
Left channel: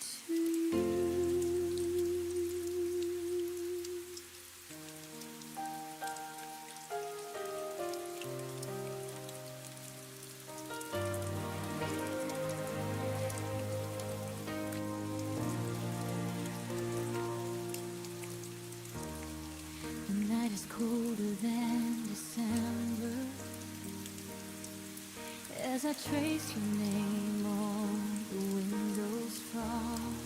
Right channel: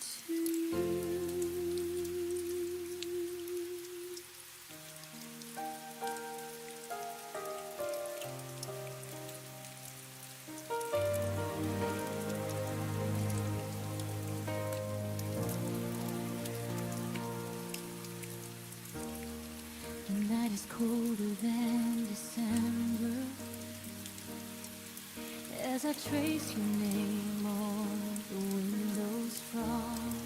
to you. The night is colder than December as I trace your name on the window's front.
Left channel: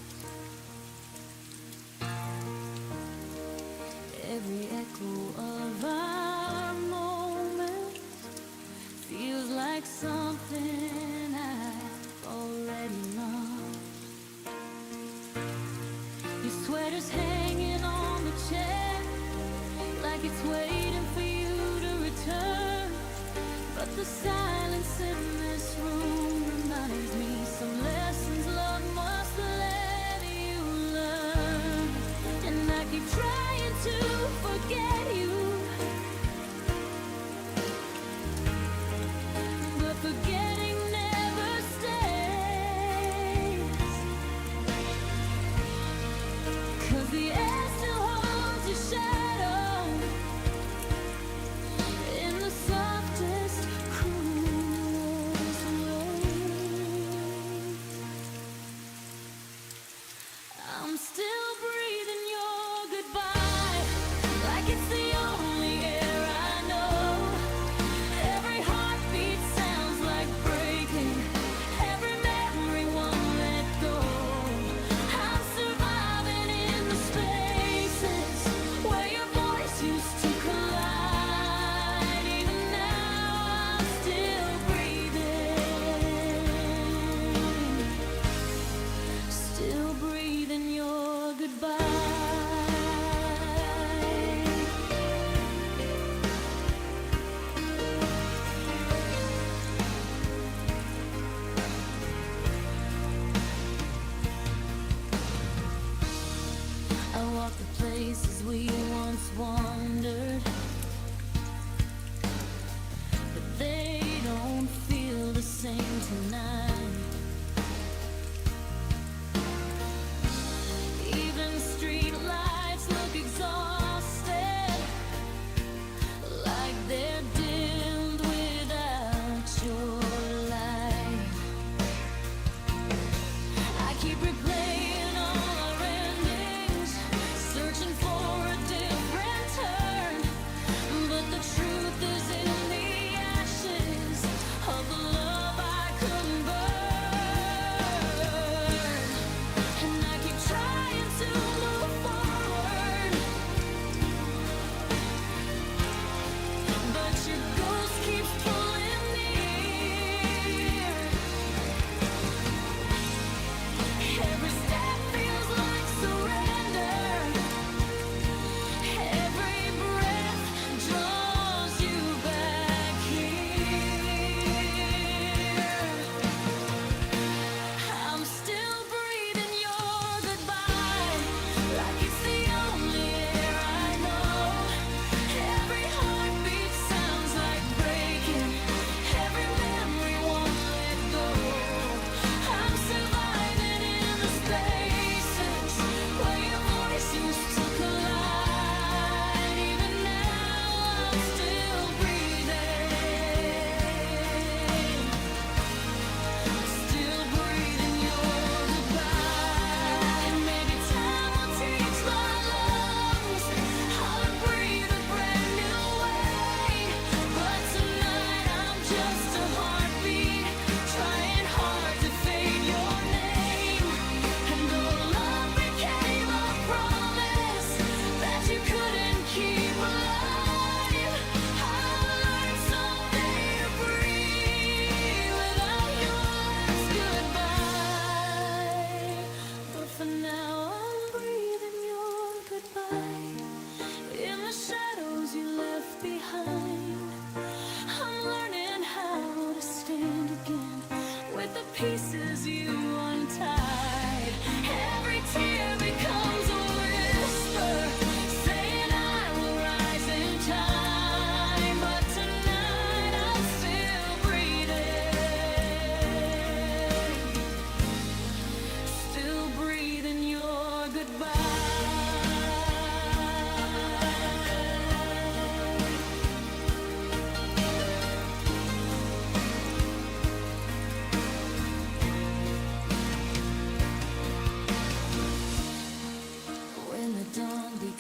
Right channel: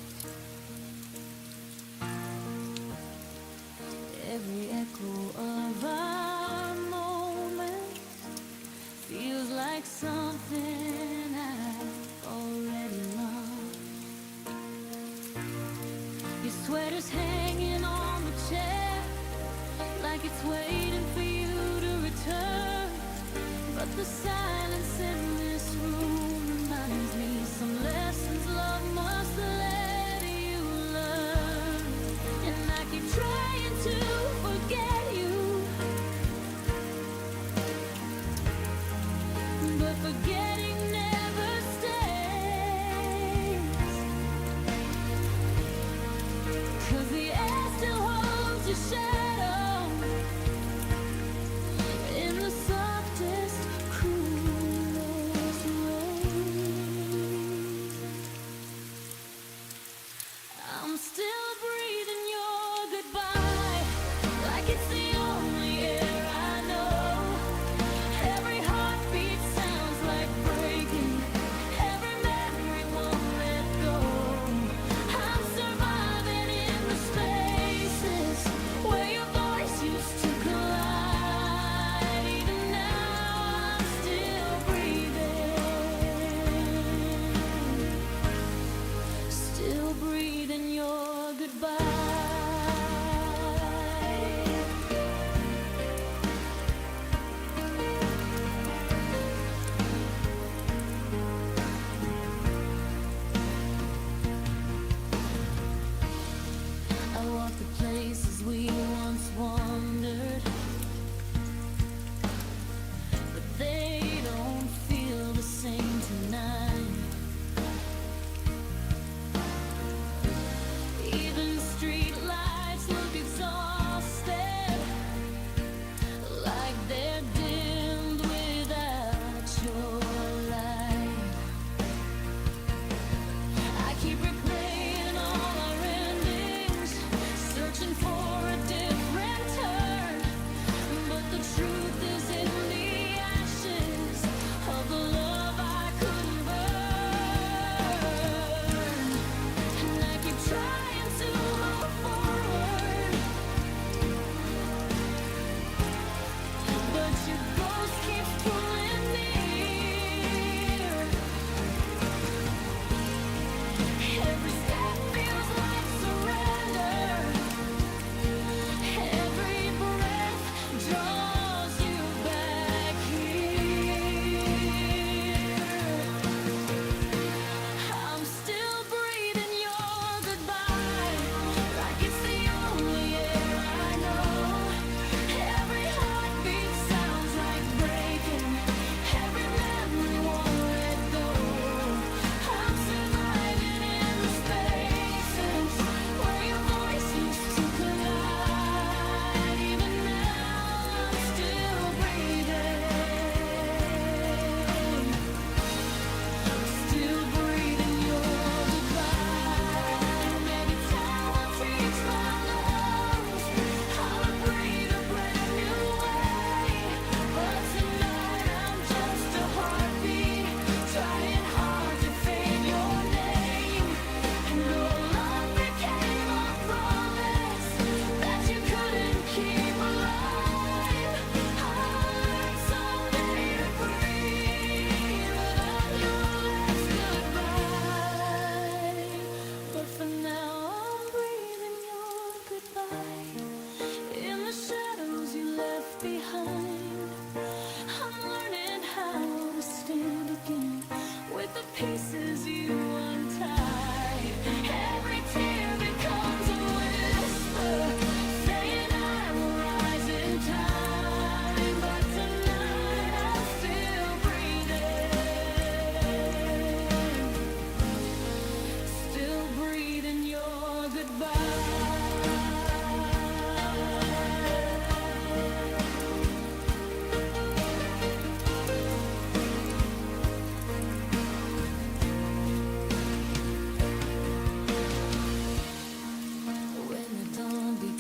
Every echo of our moments feels like something I've already lost. Your sweater's hanging on the chair like it's waiting for you to return. But the silence in this room reminds me some lessons love must let you learn. And I keep trying to forget you, but forgetting never stays. 'Cause the air still holds your shadow in the softest, cruelest ways. I'm still breathing your goodbye like it's the only air I know. Every heartbeat sounds like breaking, every memory won't let go. I'm surviving in the spaces where your voice used to collide. Even now I'm still breathing your goodbye. I walk the places we once wandered, but they don't feel the same tonight. Even street lights look exhausted, like they're dimmed without your light. I keep replaying all our endings, searching for a different turn. But the truth is in the ashes of the love I couldn't burn. And I keep trying to move forward, but your ghost keeps pulling near. Every step feels like surrender, every breath draws you back here. I'm still breathing your goodbye like it's the only air I know. Every heartbeat sounds like breaking, every memory won't let go. I'm surviving in the spaces where your voice used to collide. Even now I'm still breathing, still breathing your goodbye. Maybe time will teach my lungs how to breathe a brand new way. But tonight I'm just a heartbeat, trying hard to fade your name. And though love became a promise that you couldn't keep alive, I'll learn someday to breathe without your last goodbye. But for now I'm breathing your goodbye in the shadows you left behind. I'm learning how to stand again with the pieces you untied. Every tear becomes a whisper saying I will rise in time. But tonight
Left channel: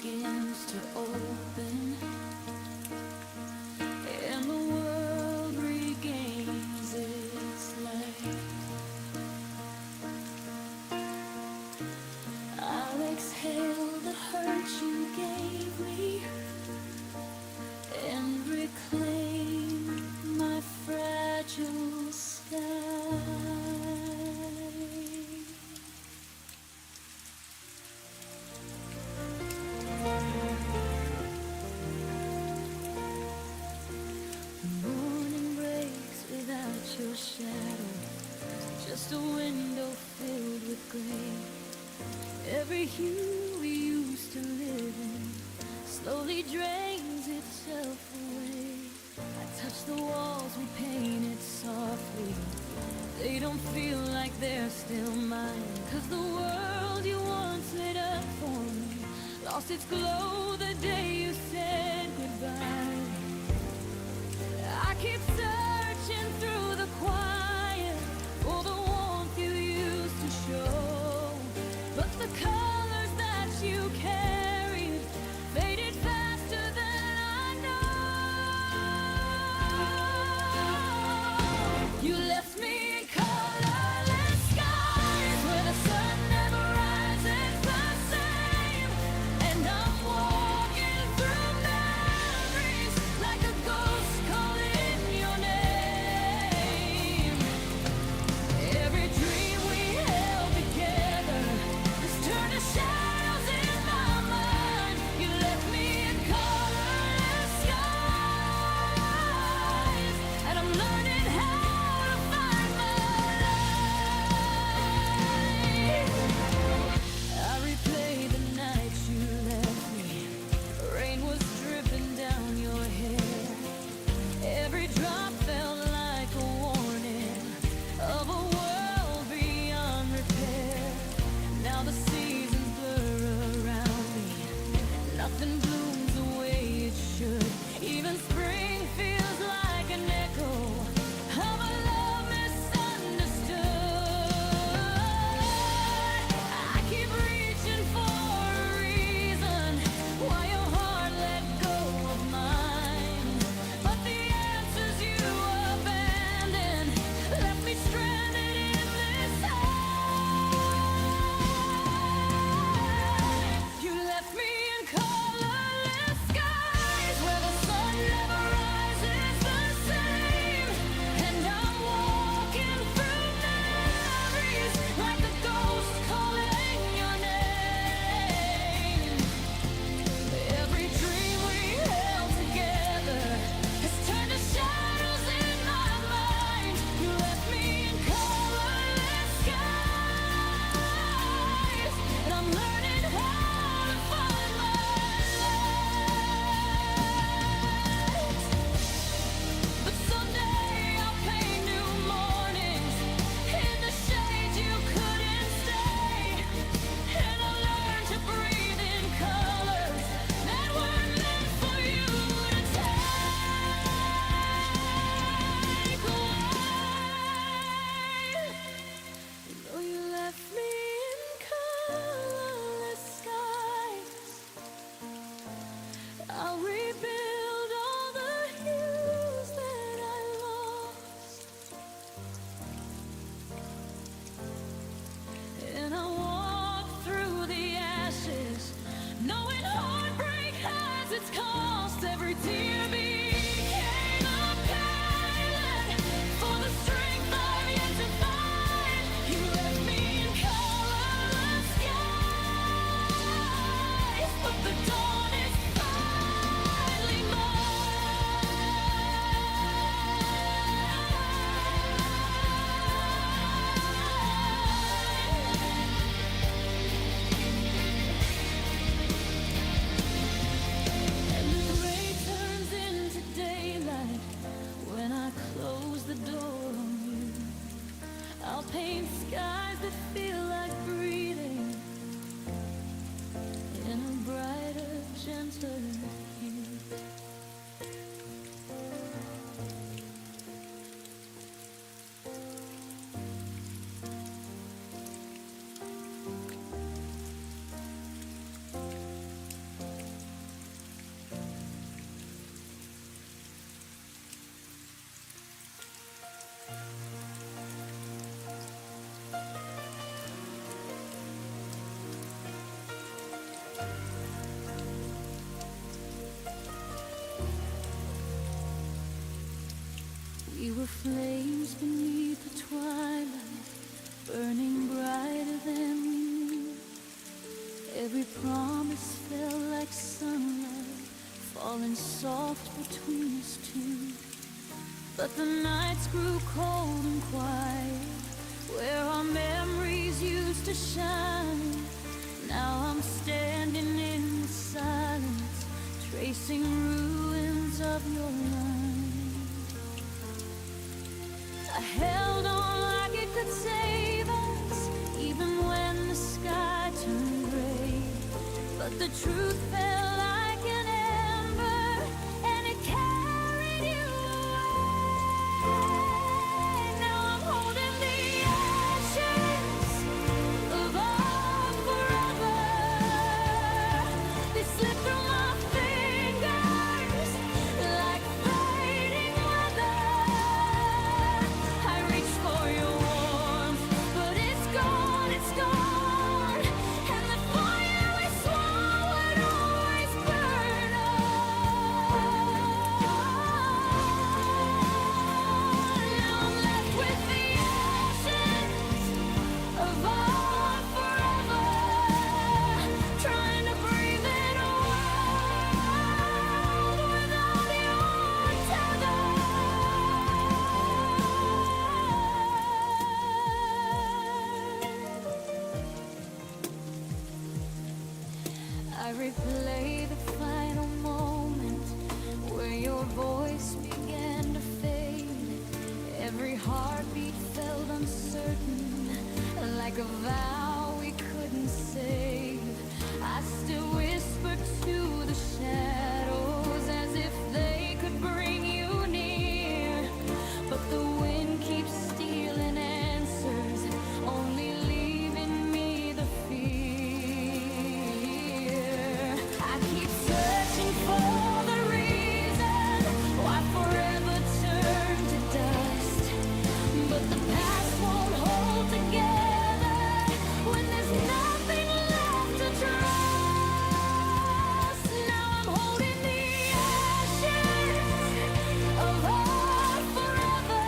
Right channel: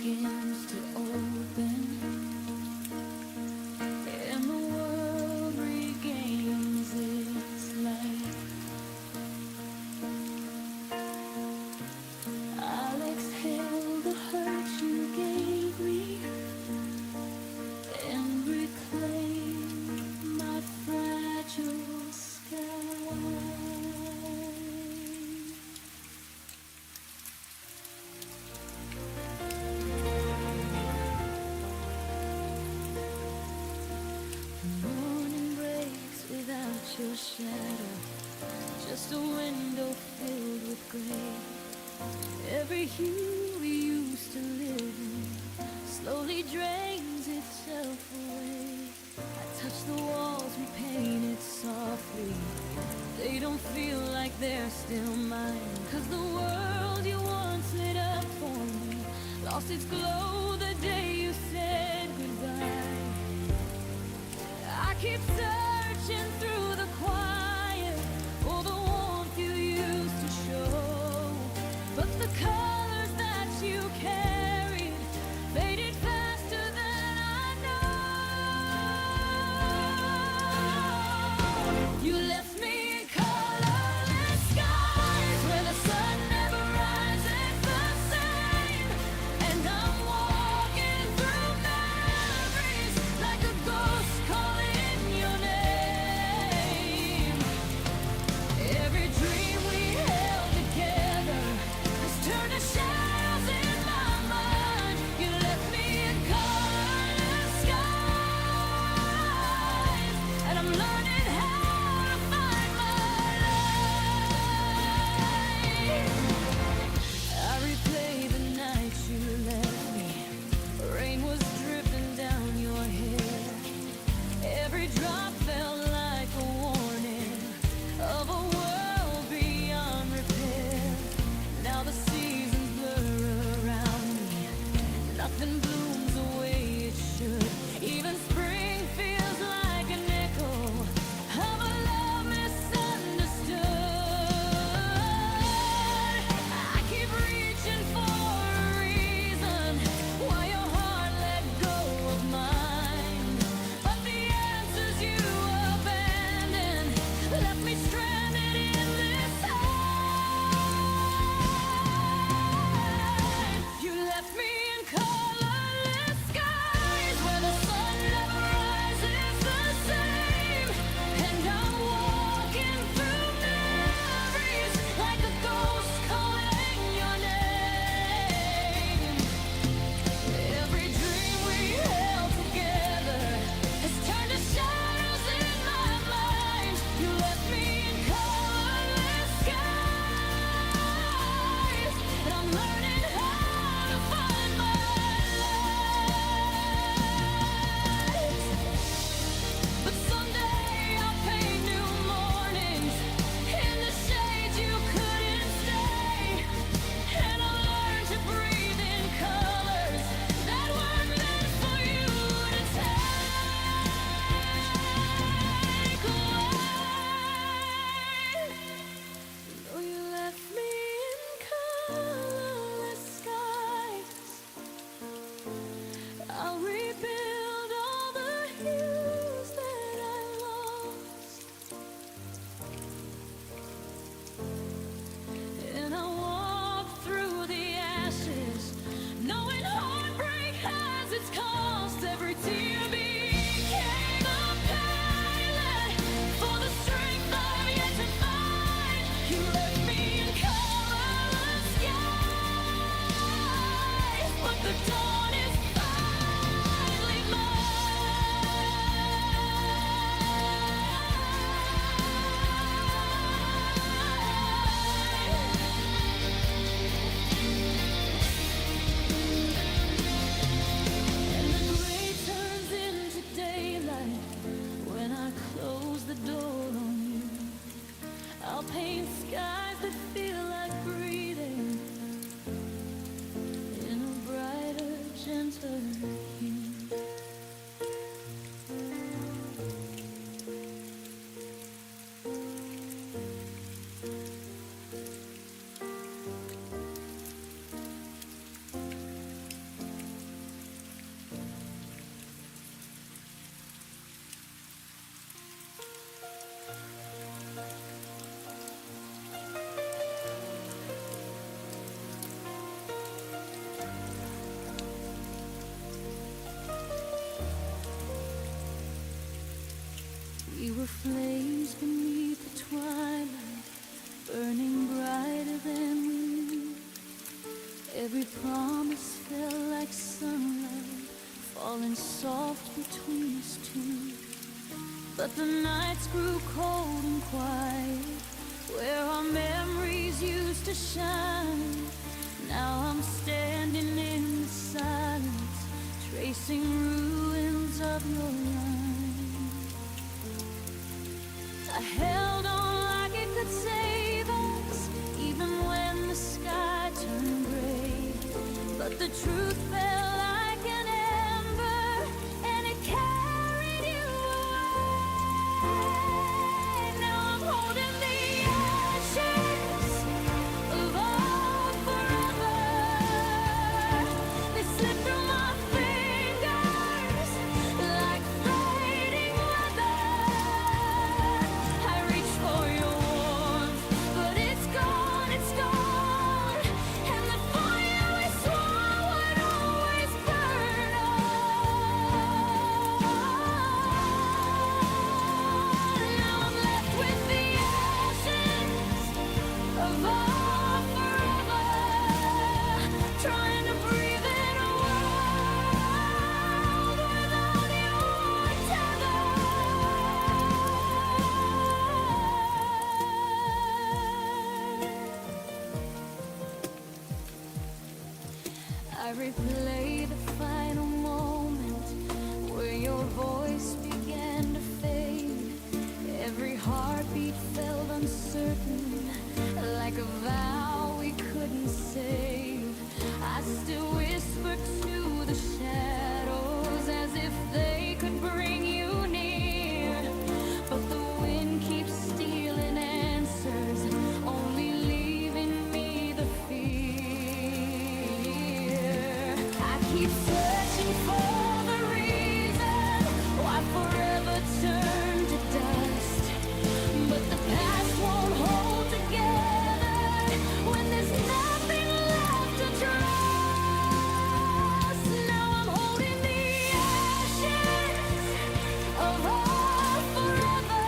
begins to open, and the world regains its light. I'll exhale the hurt you gave me and reclaim my fragile sky. The morning breaks without your shadow, just a window filled with gray. Every hue we used to live in slowly drains itself away. I touch the walls we painted softly. They don't feel like they're still mine, 'cause the world you once lit up for me lost its glow the day you said goodbye. I keep searching through the quiet for the warmth you used to show, but the colors that you carried faded faster than I know. You left me in colorless skies where the sun never rises the same, and I'm walking through memories like a ghost calling your name. Every dream we held together has turned to shadows in my mind. You left me in colorless skies, and I'm learning how to find my light. I replay the nights you left me. Rain was dripping down your hair. Every drop felt like a warning of a world beyond repair. Now the seasons blur around me. Nothing blooms the way it should. Even spring feels like an echo of a love misunderstood. I keep reaching for a reason why your heart let go of mine, but the answers you abandoned left me stranded in this time. You left me in colorless skies where the sun never rises the same, and I'm walking through memories like a ghost calling your name. Every dream we held together has turned to shadows in my mind. You left me in colorless skies, and I'm learning how to find my light. But someday I'll paint new mornings in the shade you couldn't stay, and I'll learn to breathe in colors that weren't meant for you to take away. Though you left me in colorless skies, I'll rebuild all the hues that I lost, and I'll walk through the ashes, knowing heartbreak has its cost. Every tear became a pilot for the strength I've yet to find. You left me in colorless skies, but the dawn is finally mine. And the gray turns into daylight when I close the door on you. I'll paint skies that feel like breathing in a brighter, gentler hue. We were flames beneath the twilight, burning brighter than we knew. Every promise felt like sunlight, falling soft between us two. But the nights grew cold and quiet, where our memories used to shine. Now I'm standing in the silence, tracing ruins of your line. I held on like it could save us, even when the sky turned gray. But the truth felt like an ember, and it carried you away. Now I'm holding the ashes of our forever. They slip through my fingers like fading weather. I reach for your warmth, but it's gone, it's gone. And the fire we swore would always burn on. Now I'm left with the ashes of our forever, trying to breathe in a world without your tether. I replay the final moment where your voice began to fade. Every heartbeat felt uncertain, like a vow we couldn't save. I still whisper to the shadows as if they could bring you near. But the wind keeps stealing answers, only leaving me the fear. I keep searching for the reason why forever turned to dust. But the past won't hold together when there's nothing left to trust. Now I'm holding the ashes of our forever.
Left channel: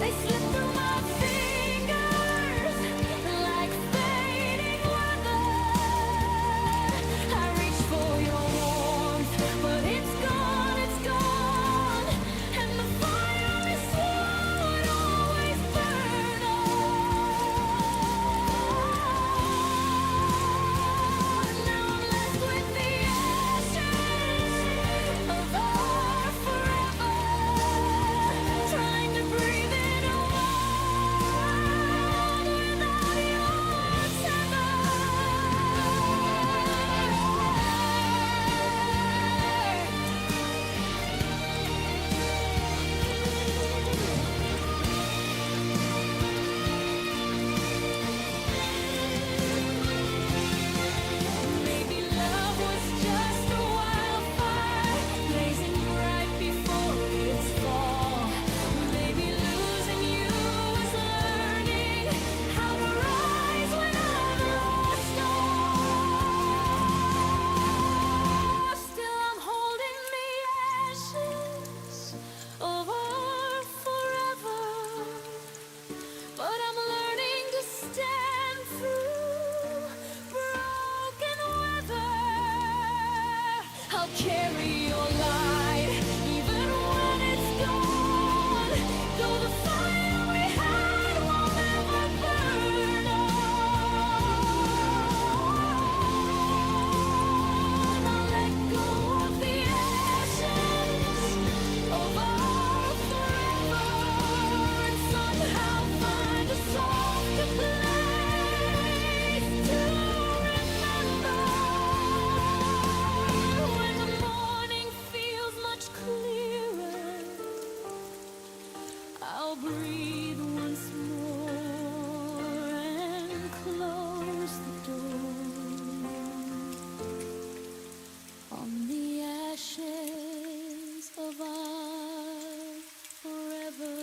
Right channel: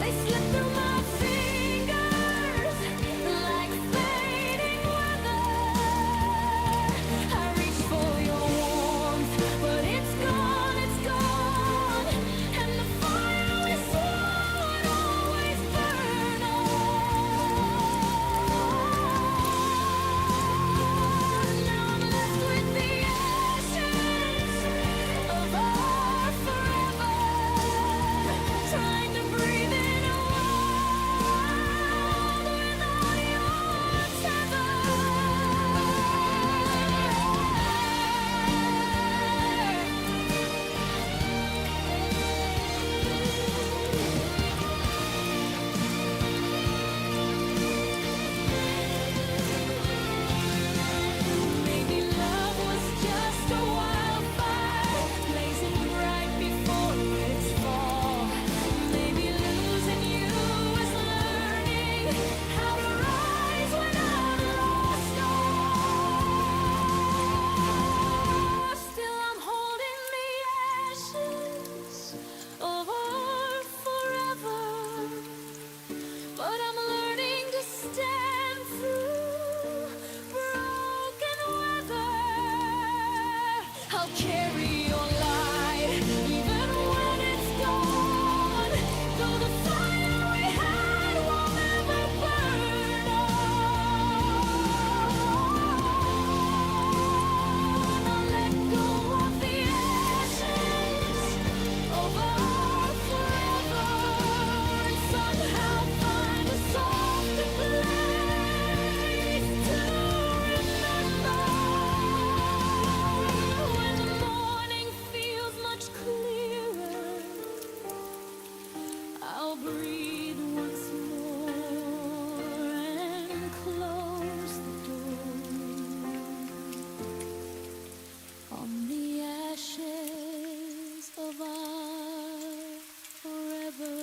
They slip through my fingers like fading weather. I reach for your warmth, but it's gone, it's gone. And the fire we swore would always burn on. Now I'm left with the ashes of our forever, trying to breathe in a world without your tether. Maybe love was just a wildfire, blazing bright before its fall. Maybe losing you was learning how to rise when I've lost all. Still I'm holding the ashes of our forever, but I'm learning to stand through broken weather. I'll carry your light even when it's gone, though the fire we had won't ever burn on. I'll let go of the ashes of our forever and somehow find a softer place to remember. When the morning feels much clearer, I'll breathe once more and close the door on the ashes of our forever.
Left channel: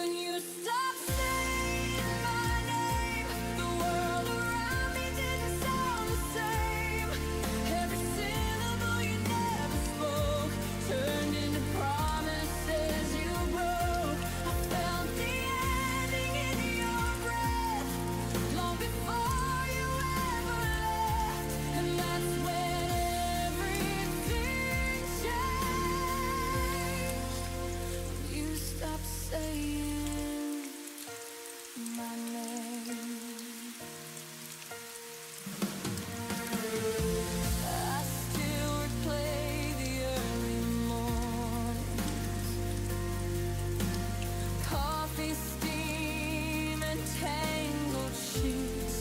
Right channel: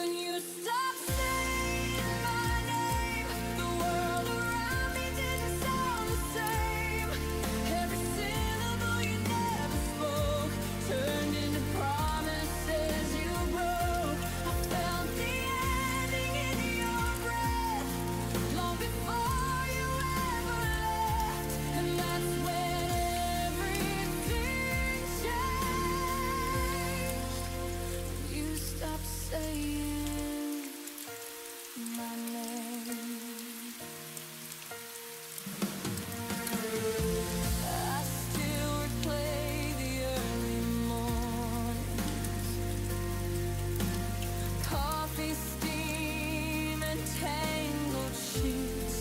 When you stop saying my name, the world around me didn't sound the same. Every syllable you never spoke turned into promises you broke. I felt the ending in your breath long before you ever left, and that's when everything changed. You stopped saying my name. I still replay the early mornings, coffee steam and tangled sheets.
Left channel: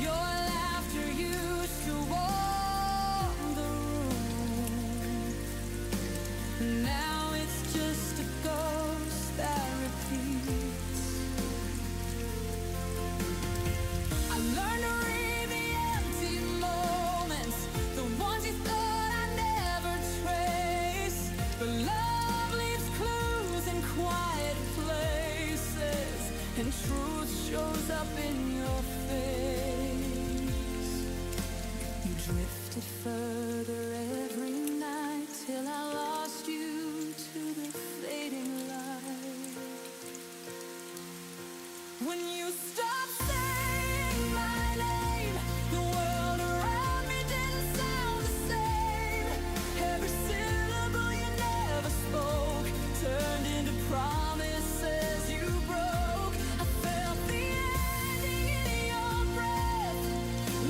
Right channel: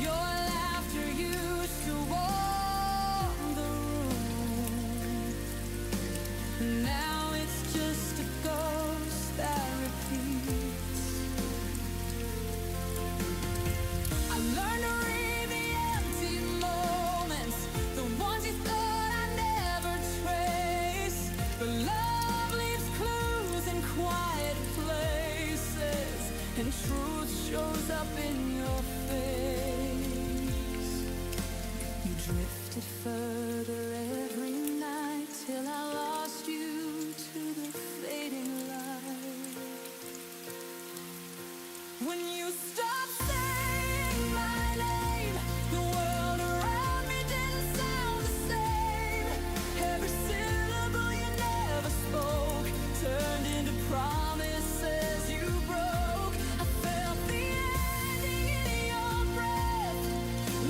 Your laughter used to warm the room. Now it's just a ghost that repeats. I learned to read the empty moments, the ones you thought I'd never trace. But love leaves clues in quiet places, and truth shows up in your face. You drifted further every night till I lost you to the fading light. When you stopped saying my name, the world around me didn't sound the same. Every syllable you never spoke turned into promises you broke. I felt the ending in your breath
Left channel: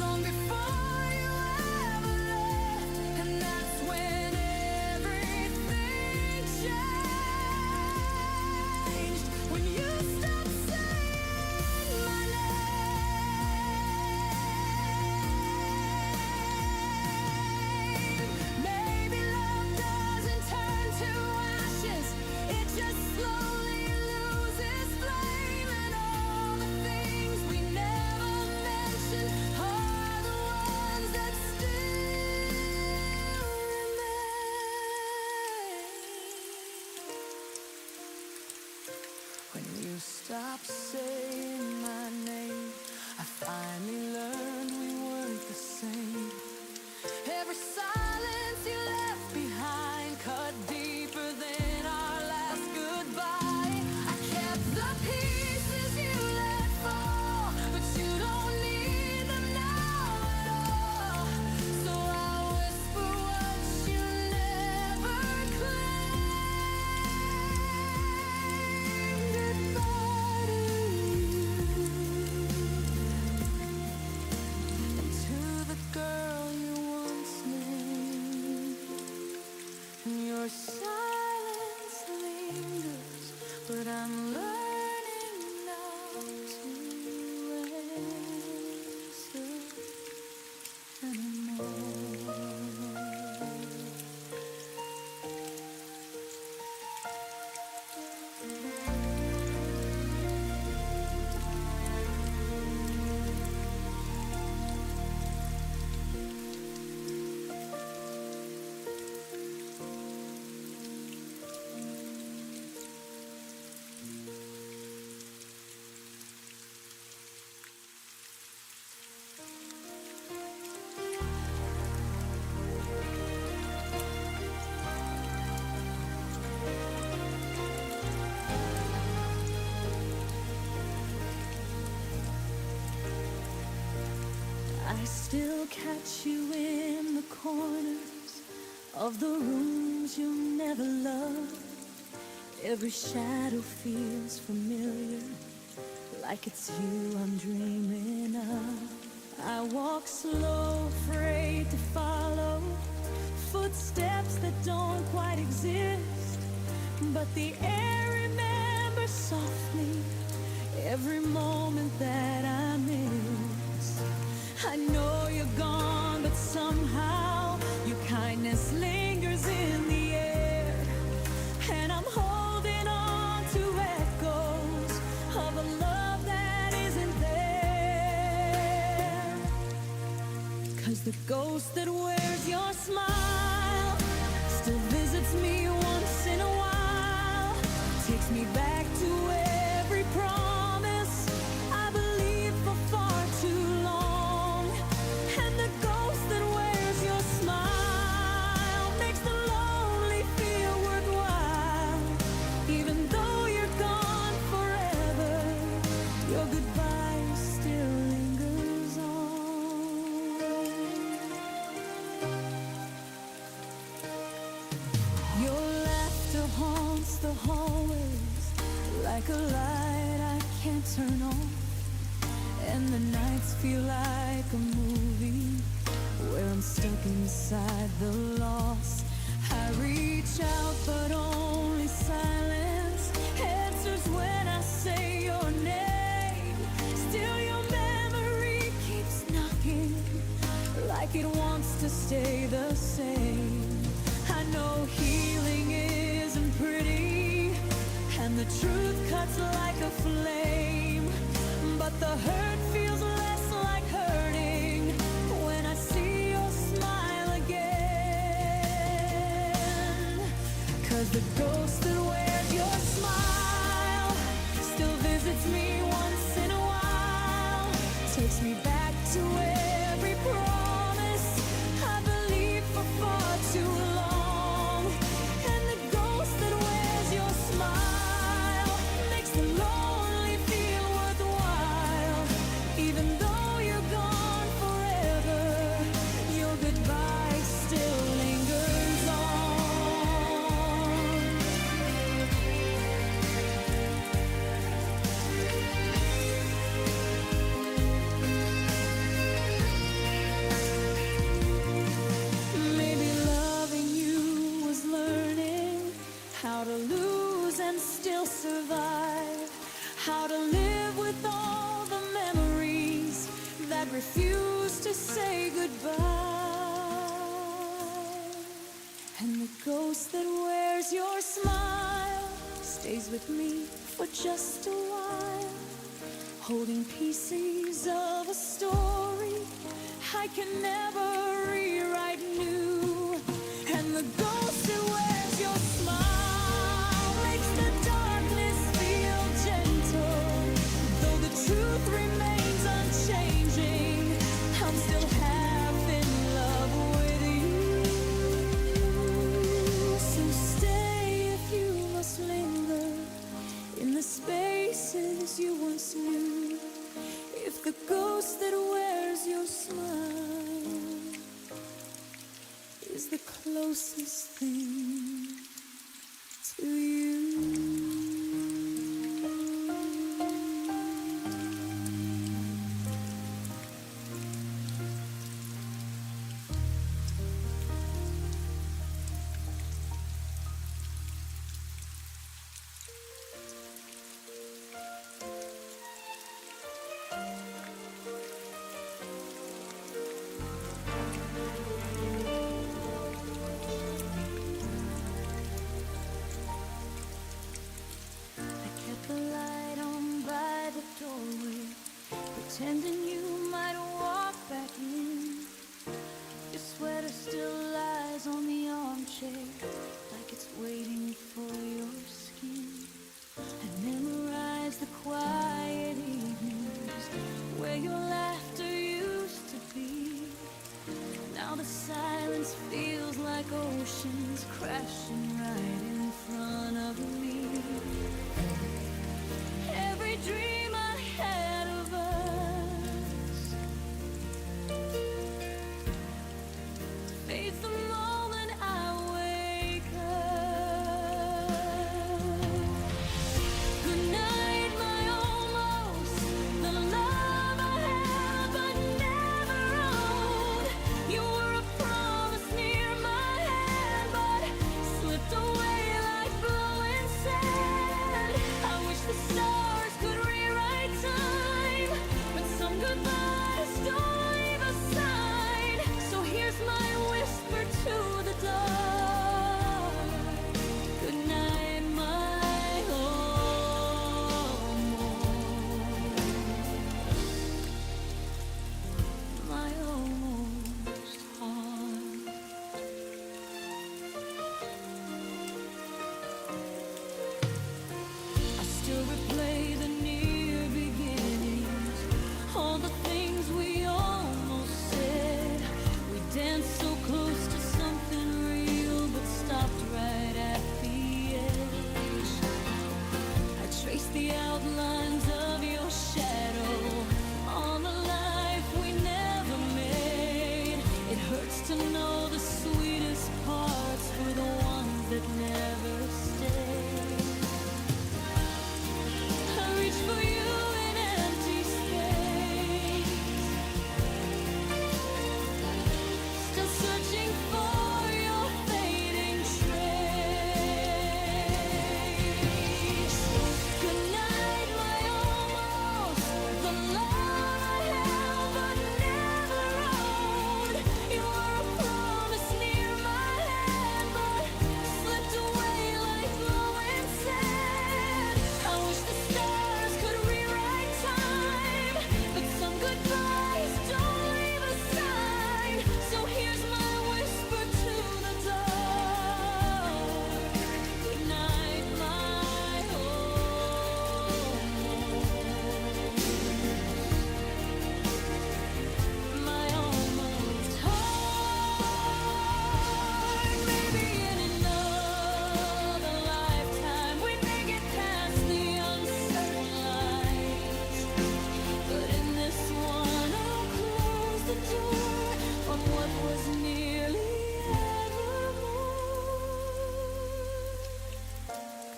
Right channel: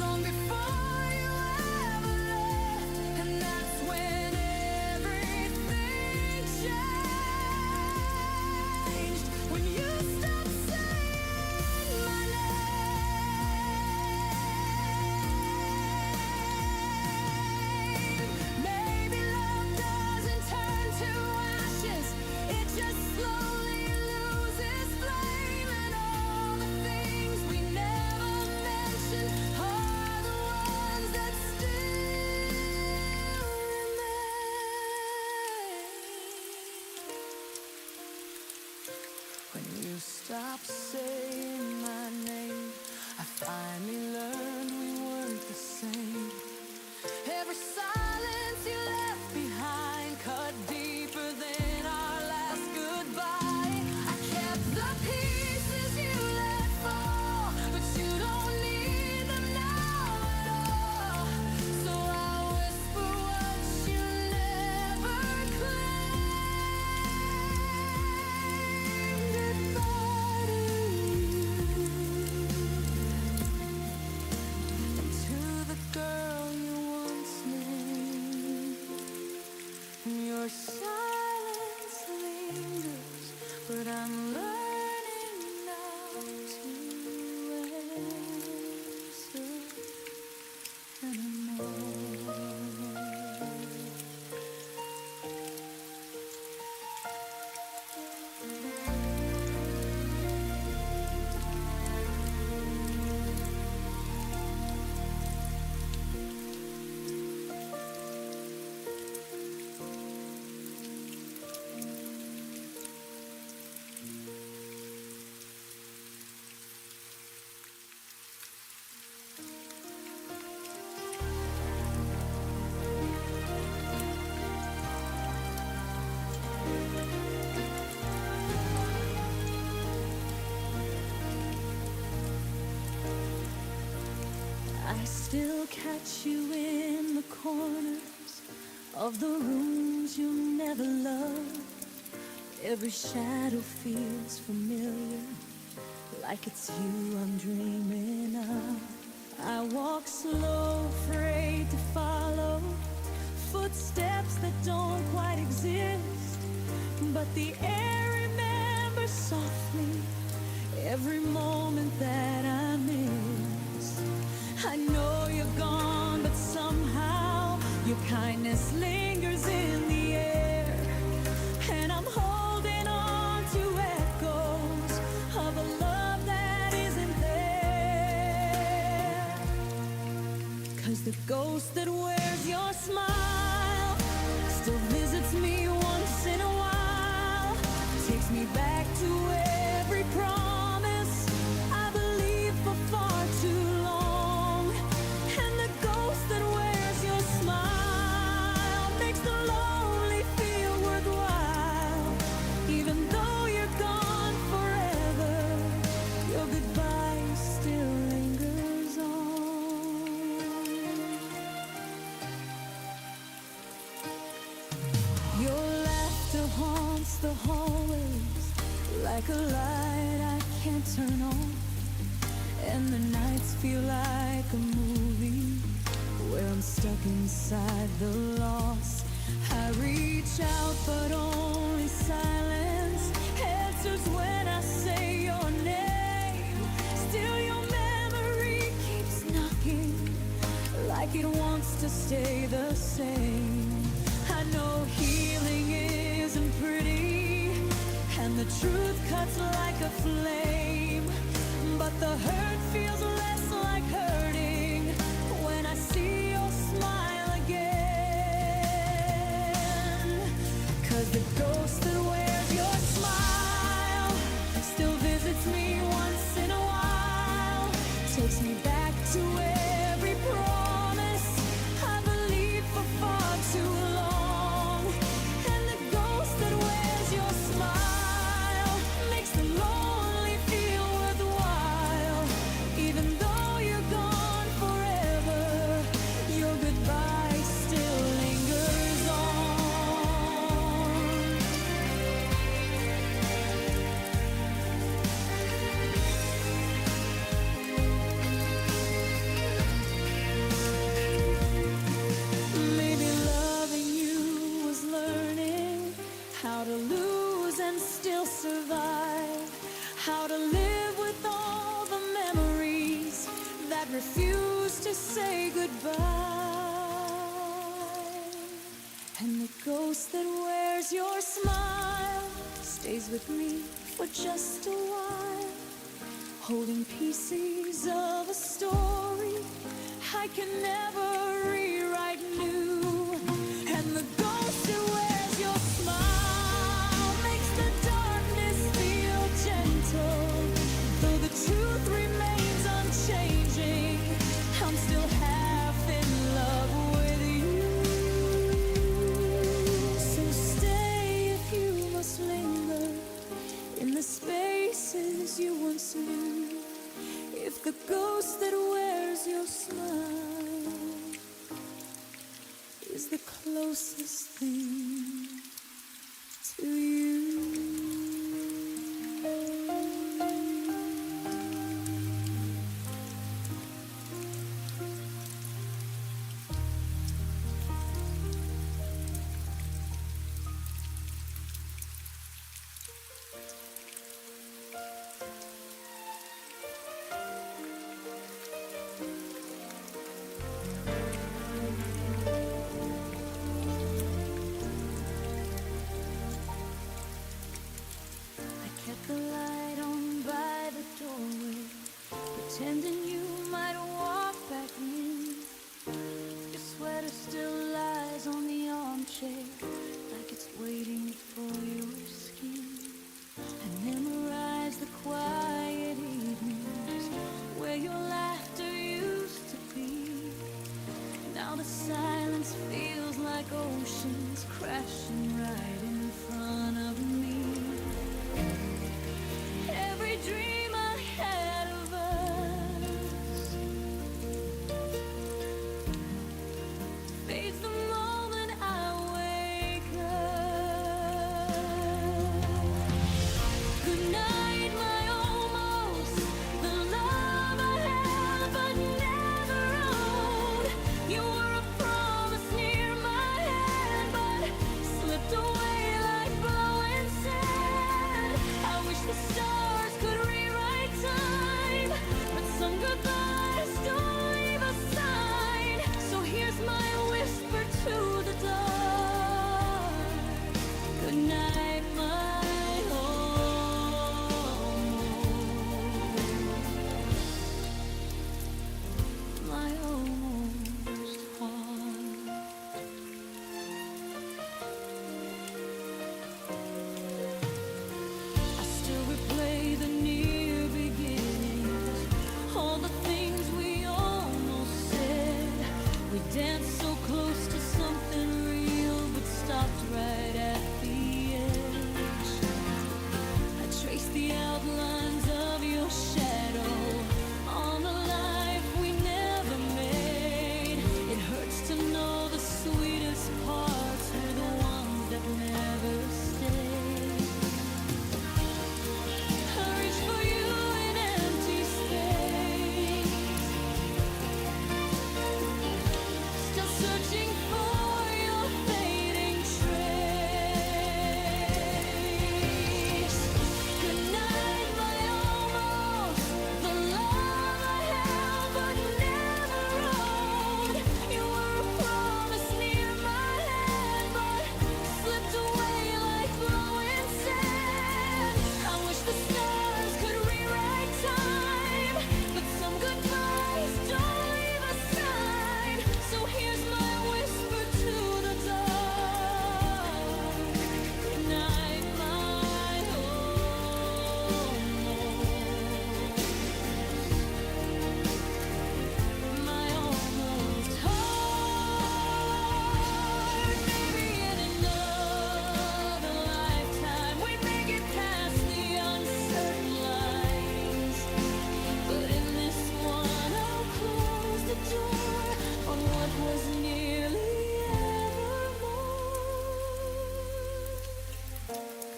long before you ever left, and that's when everything changed. When you stopped saying my name. Maybe love doesn't turn to ashes, it just slowly loses flame, and all the things we never mentioned are the ones that still remain. When you stopped saying my name, I finally learned we weren't the same. Every silence you left behind cut deeper than our last goodbye. I kept the pieces you let fall, but you don't need them now at all. So I whisper what you never claimed. Goodbye to you, and to the girl you once named. Your silence lingers, but I'm learning now to answer anymore. I still catch you in the corners of the rooms you never loved. Every shadow feels familiar, like it's you I'm dreaming of. I walk slow, afraid to follow footsteps that don't quite exist, but the air remembers softly every moment that I miss. I know you're gone, but somehow your kindness lingers in the air, and I'm holding on to echoes of a love that isn't there. 'Cause the ghost that wears your smile still visits me once in a while. to every promise I believed for far too long. And the ghost that wears your smile makes the lonely feel worthwhile. Even though you're gone forever, your goodbye still lingers on. Your laughter haunts the hallways like a light I can't turn off. And the nights feel like a movie where I'm stuck inside the loss. I reach out but only silence answers when I say your name. Still your memory keeps knocking like it wants to stay the same. I know healing isn't pretty and the truth cuts like a flame, but the hurt feels less like hurting when I see your smile again. 'Cause the ghost that wears your smile still visits me once in a while, takes me back to every promise I believed for far too long. And the ghost that wears your smile makes the lonely feel worthwhile. Even though you're gone forever, your goodbye still lingers on. Maybe loving you was learning how to lose and still survive, how to live with all the memories that refuse to say goodbye. And the ghost that wears your smile stays with me for just a while, holding pieces of a story I can never rewrite new. And the ghost that wears your smile makes the darkness feel gentle. Though the truth remains unchanging, I'm still half in love with you. So stay if you must linger in the spaces you once knew. If the ghost that wears your smile is the closest thing to you. Kept the light on by the doorway, pretending you might walk back in. Your sweater still lies on the armchair, like it's waiting for your skin. I memorize the quiet evenings where your laughter used to be. Now the silence feels like oceans crashing right in front of me. Every dream I had of us fades the moment I wake up. Good night, my almost, the love I held but never owned. You were a promise near my hand, but slipped away like blowing sand. I wish the stars could rewrite time, but some goodbyes don't leave a sign. So here's my whisper to the dark. Good night, my almost heart. replay the near beginnings, all the things we almost said. We danced so close to something real, but stopped right at the edge. I traced the outlines of your shadow on the life we never made. It hurts to know the sweetest parts were the ones that never stayed. I reach for you in empty space, still searching for your fading trace. Good night, my almost, the love I held but never owned. You were a promise near my hand, but slipped away like blowing sand. I wish the stars could rewrite time, but some goodbyes don't leave a sign. So here's my whisper to the dark. Good night, my almost. My almost heart. Maybe in another lifetime we'd make it past the uncertain lines, but in this one I'll close the door on what was nearly evermore.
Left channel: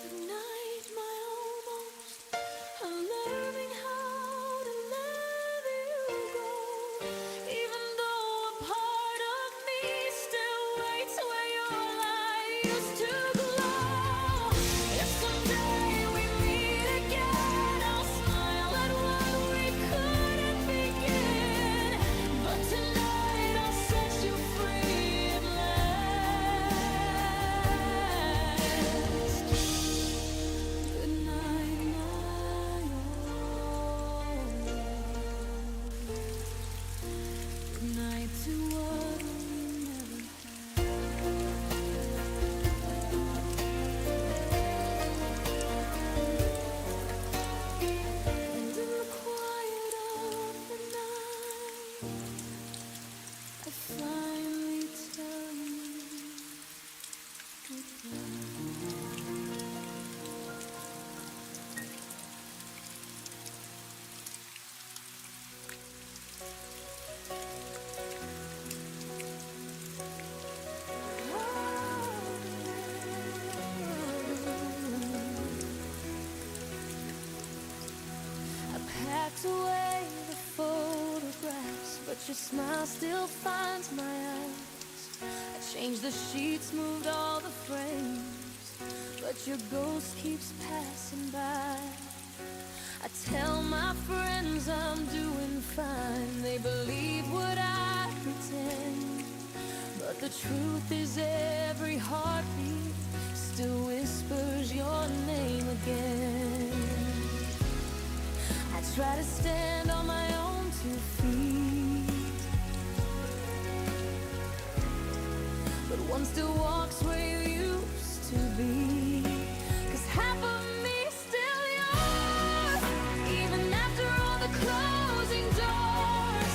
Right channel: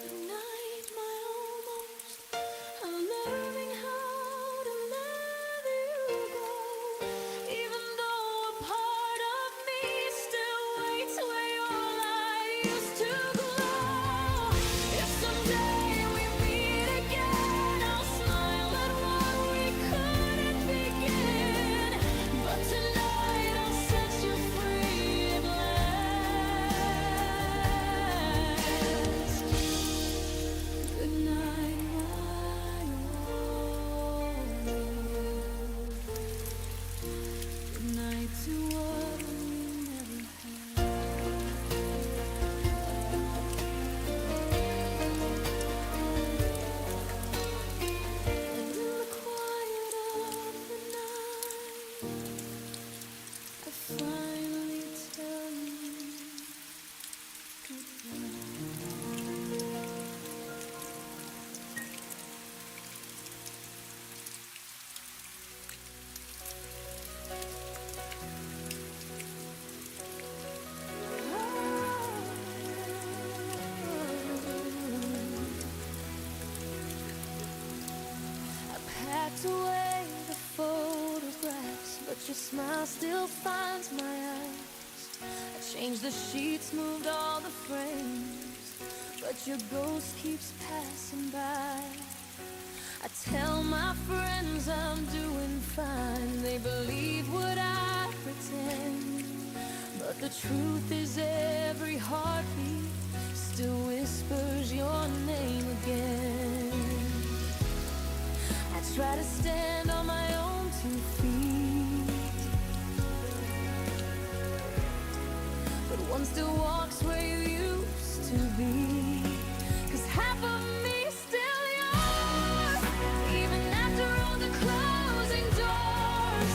Good night, my almost. I'm learning how to let you go, even though a part of me still waits where your light used to glow. If someday we meet again, I'll smile at what we couldn't begin. But tonight I'll set you free at last. Good night, my almost. Good night to what we never had. And in the quiet of the night, I finally tell you goodbye. I packed away the photographs, but your smile still finds my eyes. I changed the sheets, moved all the frames, but your ghost keeps passing by. I tell my friends I'm doing fine, they believe what I pretend, but the truth is every heartbeat still whispers your name again. I try to stand on my own 2 feet, but one still walks where you used to be. 'Cause half of me is still yours, even after all the closing doors.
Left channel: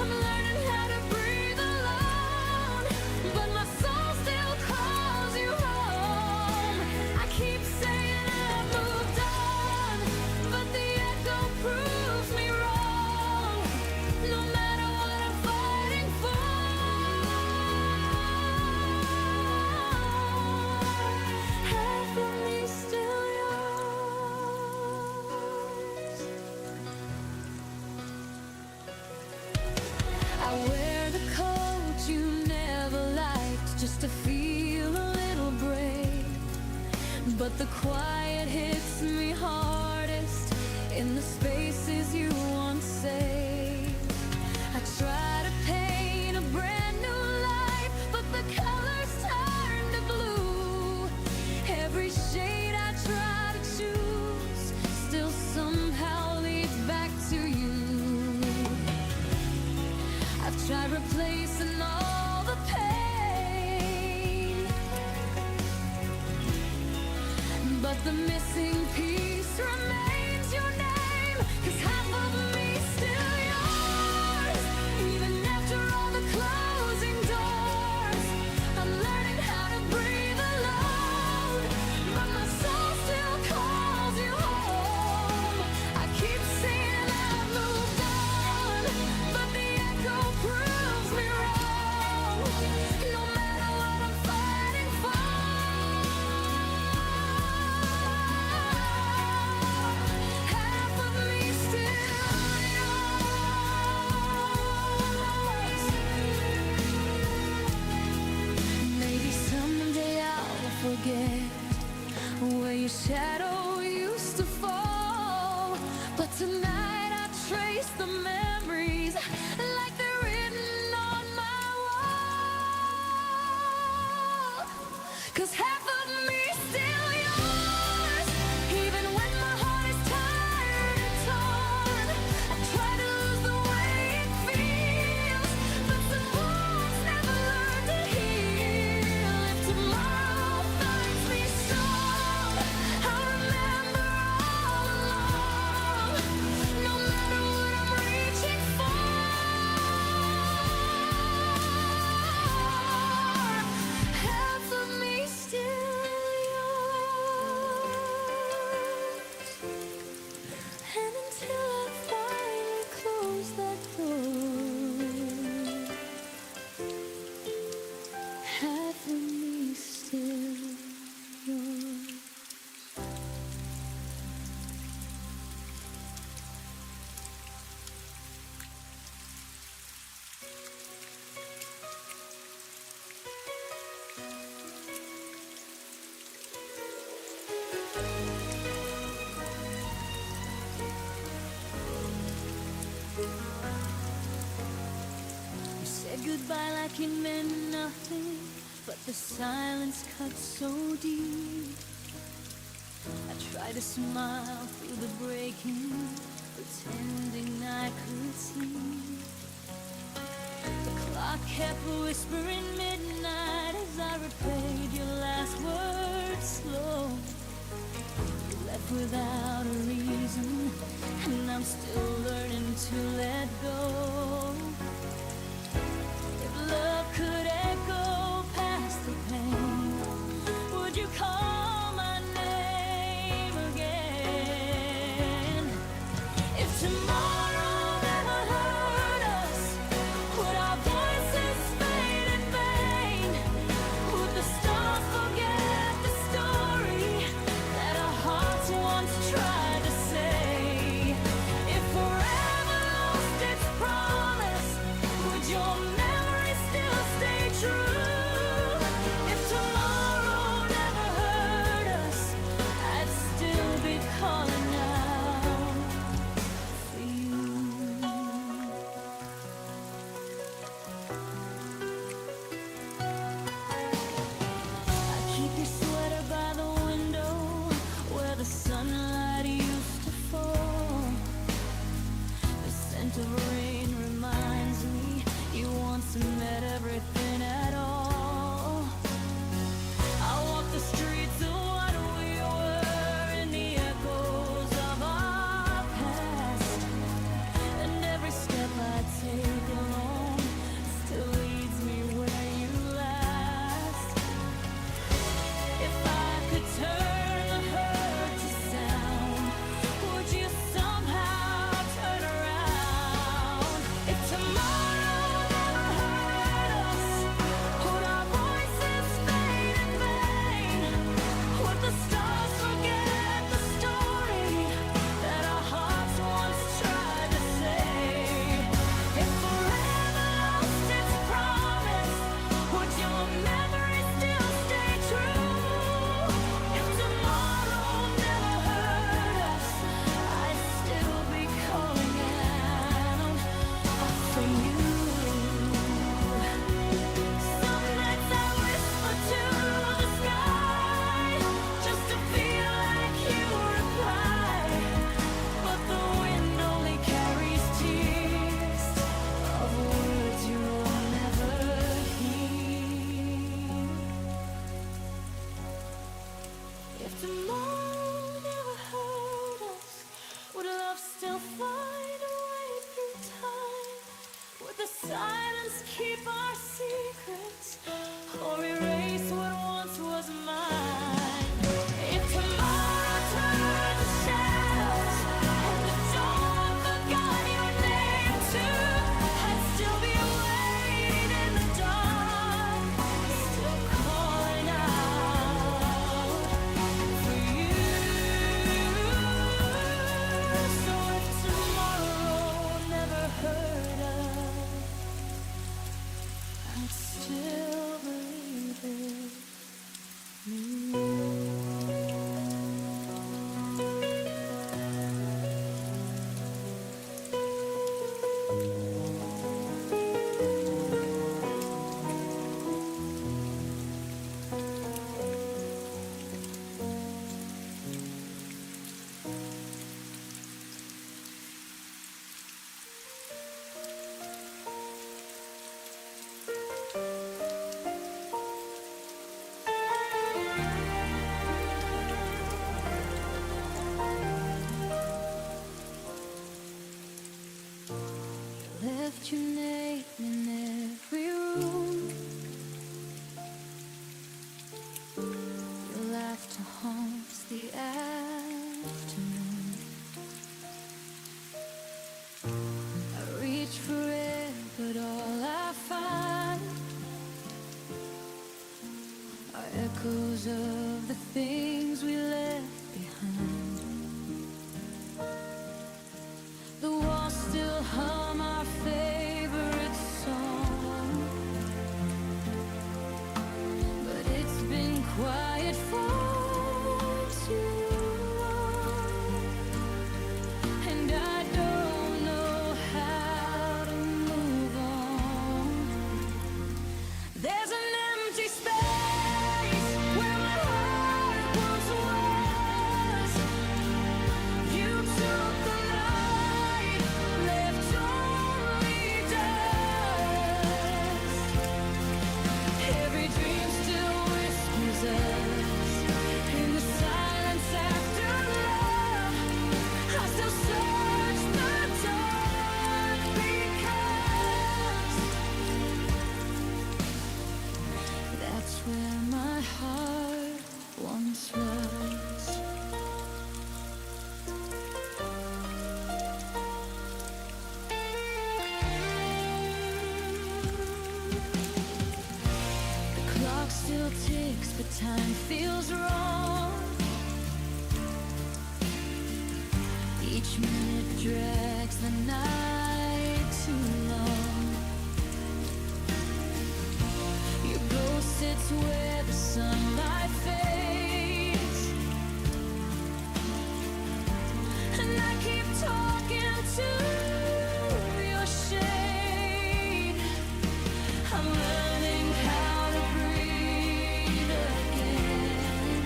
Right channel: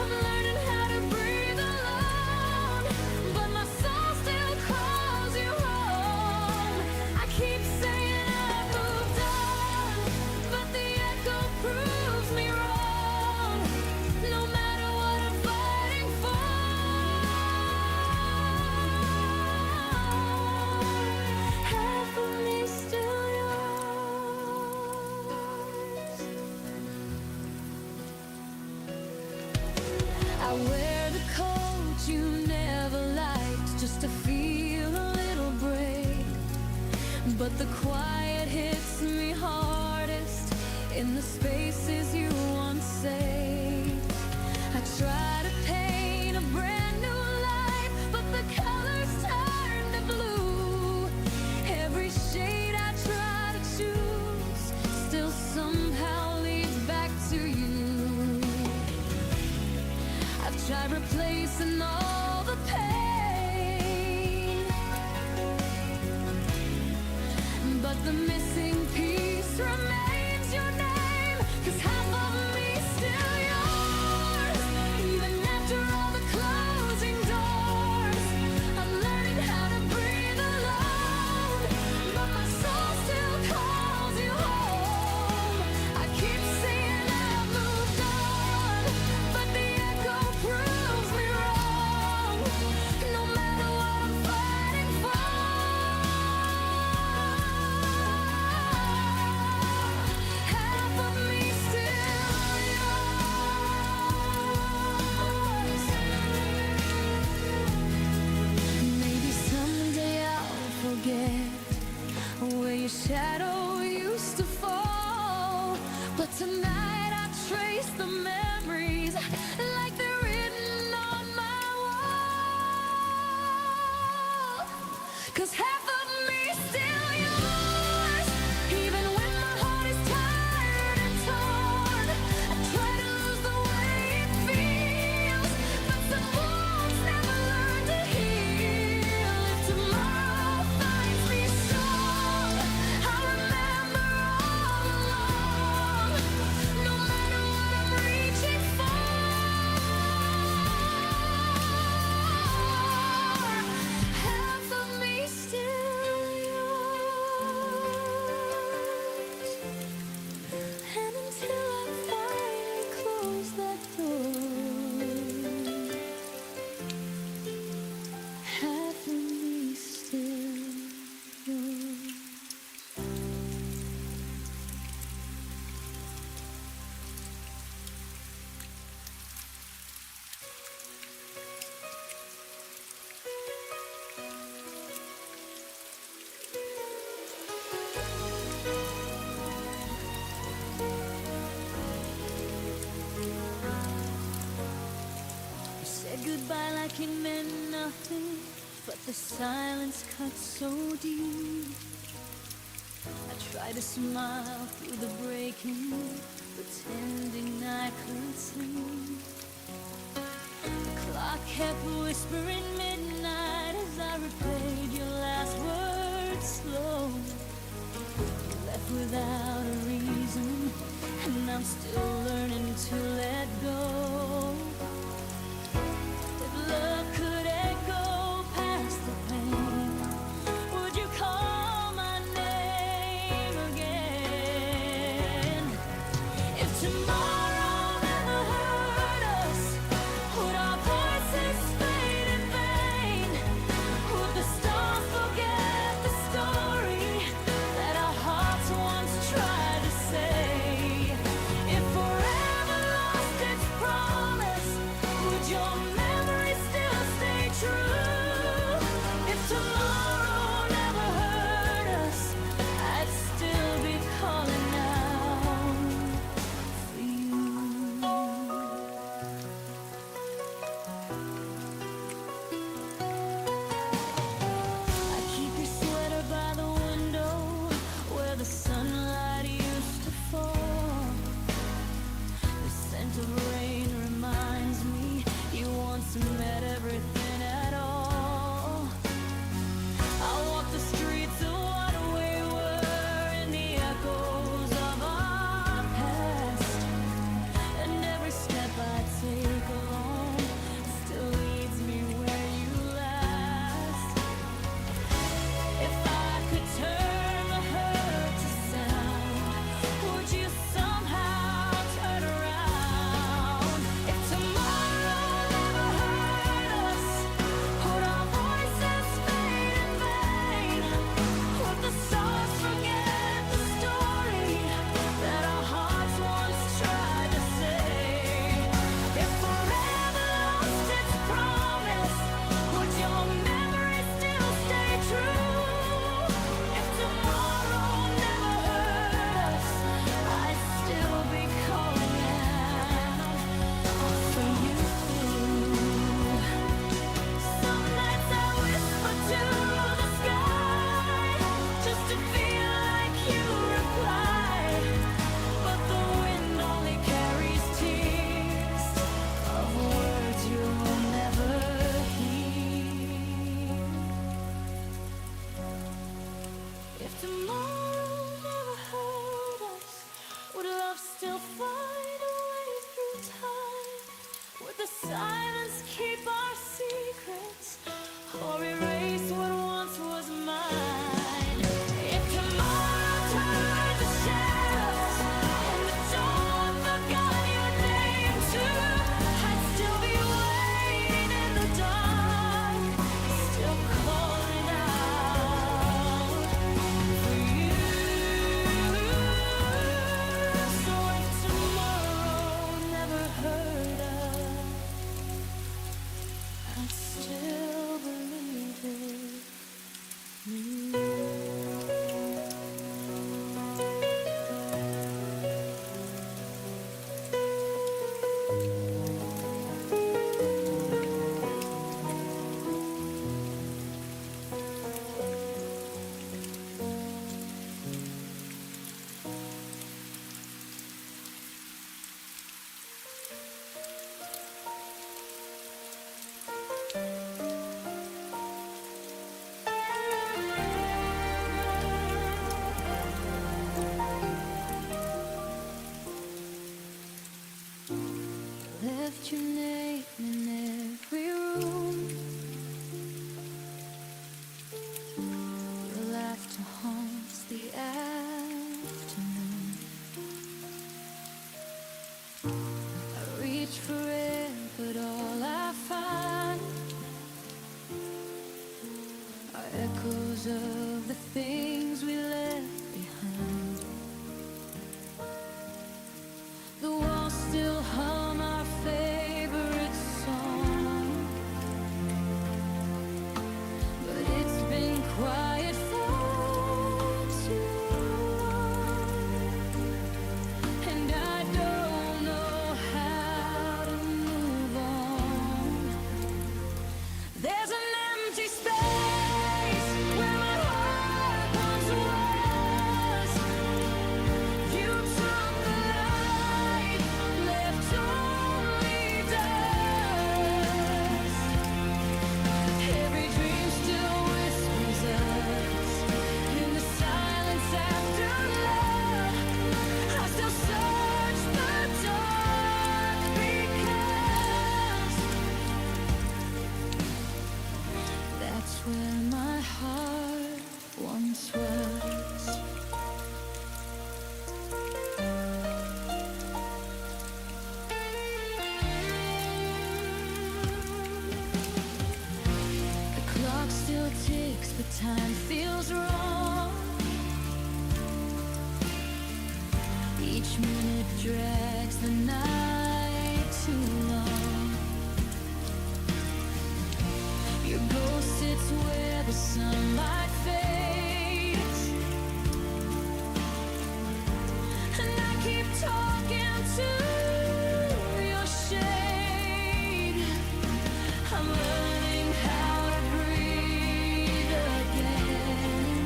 I'm learning how to breathe alone, but my soul still calls you home. I keep saying I've moved on, but the echo proves me wrong. No matter what I'm fighting for, half of me still yours. I wear the coat you never liked just to feel a little brave, but the quiet hits me hardest in the spaces you once saved. I try to paint a brand new life, but the colors turn to blue. Every shade I try to choose still somehow leads back to you. I've tried replacing all the pain, but the missing piece just remains your name. 'Cause half of me still yours, even after all the closing doors. I'm learning how to breathe alone, but my soul still calls you home. I keep saying I've moved on, but the echo proves me wrong. No matter what I'm fighting for, half of me still yours. Maybe someday I'll forget where your shadow used to fall, but tonight I trace the memories like they're written on my wall. 'Cause half of me still yours, even when my heart is tired and torn. I try to lose the way it feels, but some wounds never learn to heal. If tomorrow finds me strong, I'll remember all along. No matter what I'm reaching for, half of me still yours. And until I finally close that door, half of me still yours. You said goodbye like it meant nothing, but the silence cut so deep. I tried to smile through the breaking, pretending I could sleep. The clock kept whispering midnight as I replayed your last words slow. You left without a reason, and I'm still learning to let go. If love could echo past the pain, would you call my name again? If tomorrow never hurt us, would our voices fade in vain? Would the stars forget the story that our hearts once tried to say? If forever lost its promise, would your memory still stay true? If tomorrow never hurt us, I'd still be calling out for you. I keep your sweater by the window where the sunlight used to fall. The scent of rain reminds me you once met everything at all. I walk the streets of what we were in the echoes of our past, and every step I take alone still leads me where you last. If I could turn the hurt to sound, would you somehow turn around? If tomorrow never hurt us, would our voices fade in vain? Would the stars forget the story that our hearts once tried to say? If forever lost its promise, would your memory still stay true? If tomorrow never hurt us, I'd still be calling out for you. Some nights I whisper to the sky just to feel like you reply, but the wind only carries tears of words you'll never hear. If tomorrow never hurt Would love still find a way through time? Would the silence keep our secrets, or erase what once was mine? If tomorrow turned to shadows and the dawn forgot your name too, I'd still be waiting in the dark, still calling out for you. So if tomorrow never heard of, I'd still believe it new. Left your name in every room. Your laughter haunts the afternoon. I reach for it, but all I find are echoes of the things we left behind. The walls still hum our favorite song, but it's been quiet for too long, and I don't know how to move on. There's an empty space where my heart once was. You took the light, left only dust. Every dream still whispers us in the silence after love. I still search the dark because that's where my heart once was. The clock still ticks, but time feels wrong. Each minute drags the night too long. Your ghost sits where the sunlight fades, and I keep talking to your shade. I'm learning how to breathe again,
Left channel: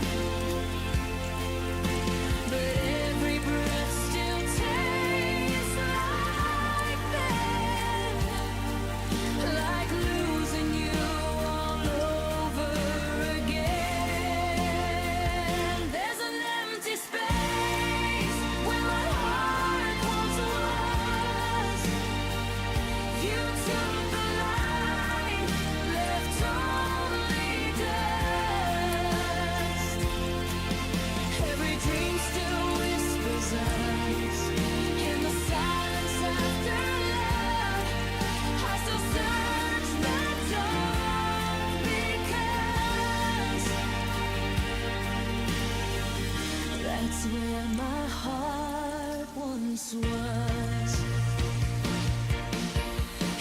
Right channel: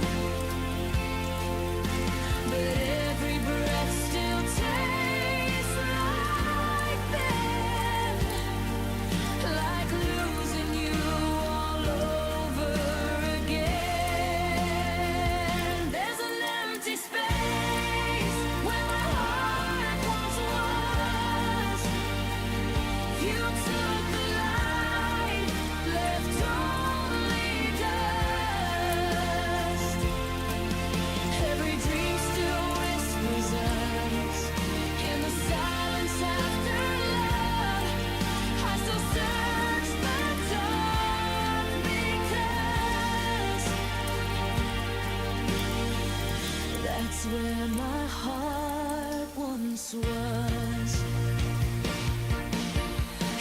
but every breath still tastes like then, like losing you all over again. There's an empty space where my heart once was. You took the light, left only dust. Every dream still whispers us in the silence after love. I still search the dark because that's where my heart once was.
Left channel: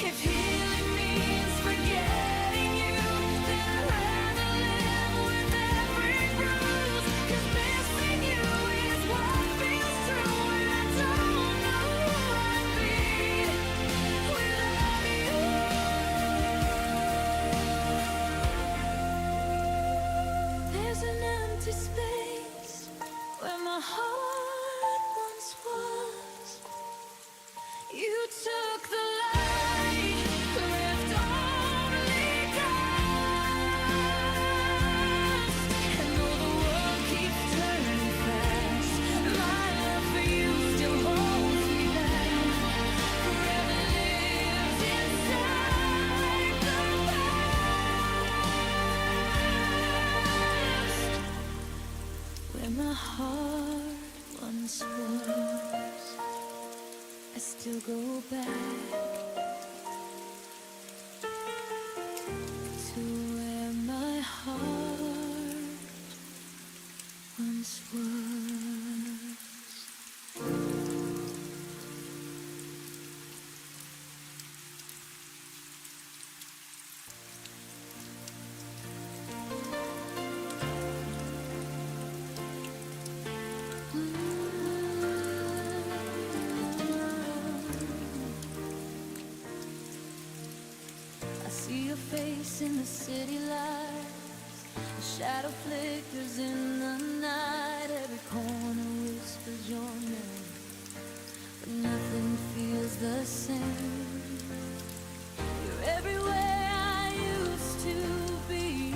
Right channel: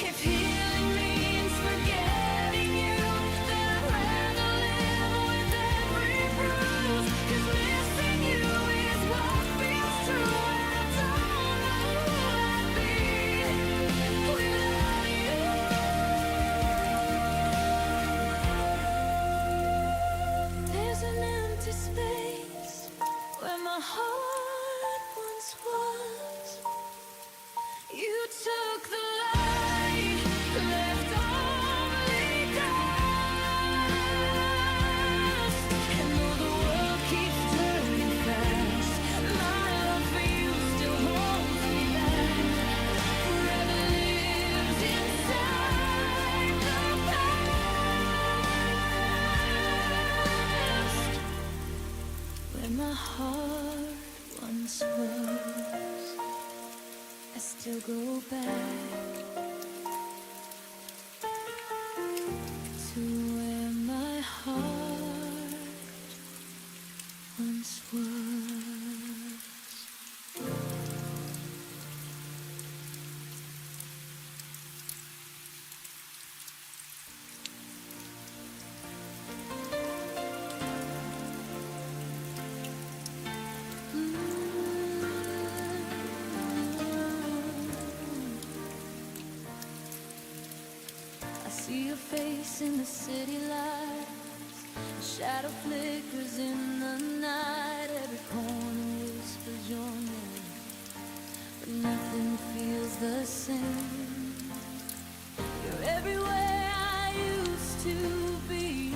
If healing means forgetting you, then I'd rather live with every bruise. 'Cause missing you is what feels true, and I don't know who I'd be without you. There's an empty space where my heart once was. where my heart once was. I still go back to where my heart once was. I see your face in the city lights. A shadow flickers in the night. Every corner whispers your name, but nothing feels the same. You're everywhere I used to be,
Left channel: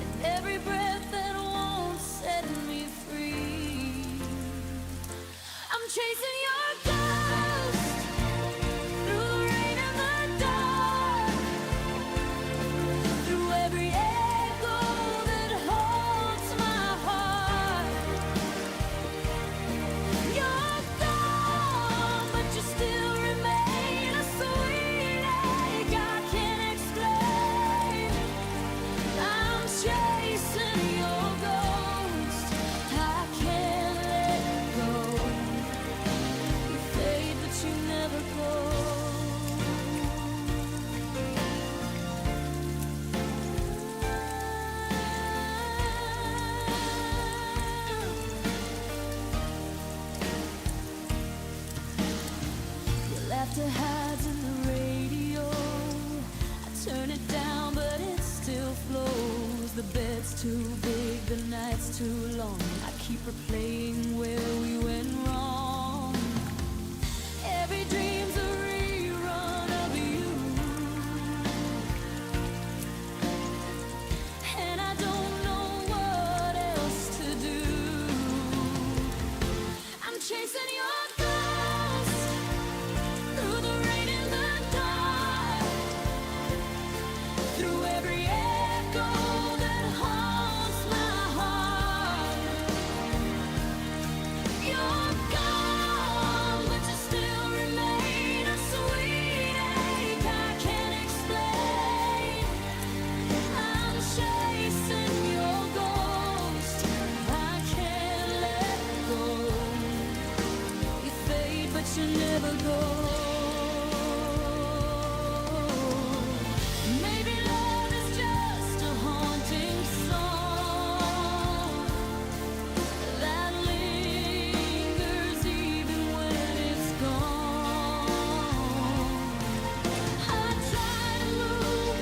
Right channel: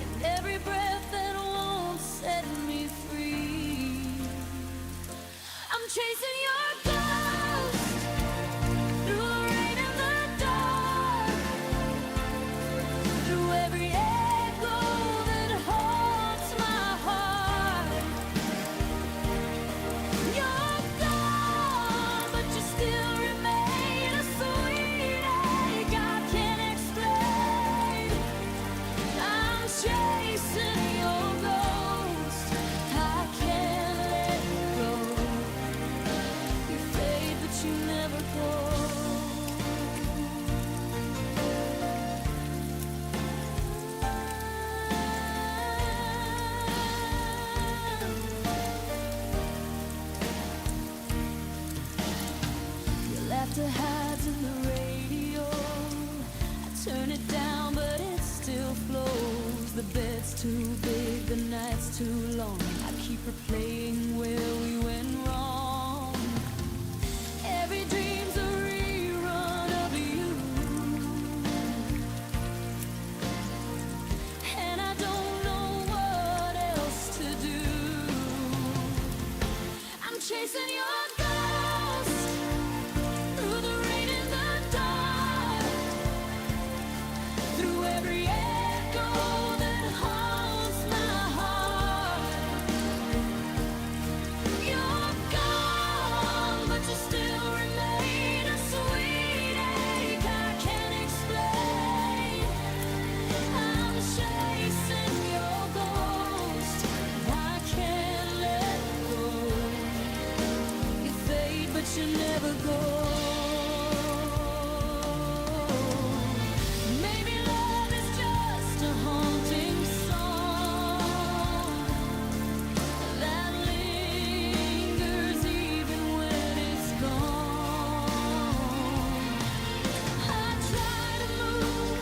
and every breath that won't set me free. I'm chasing your ghost through the rain and the dark, through every echo that haunts my heart. You're gone, but you still remain a sweet ache I can't explain. I'm chasing your ghost, I can't let go. You fade, but you never go. Your laughter hides in the radio. I turn it down, but it still flows. The bed's too big, the night's too long. I keep replaying where we went wrong. Every dream's a rerun of you, and I don't know what else to do. I'm chasing your ghost through the rain and the dark, through every echo that haunts my heart. You're gone, but you still remain a sweet ache I can't explain. I'm chasing your ghost, I can't let go. You fade, but you never go. Maybe love is just a haunting song that lingers even when it's gone. I try to move,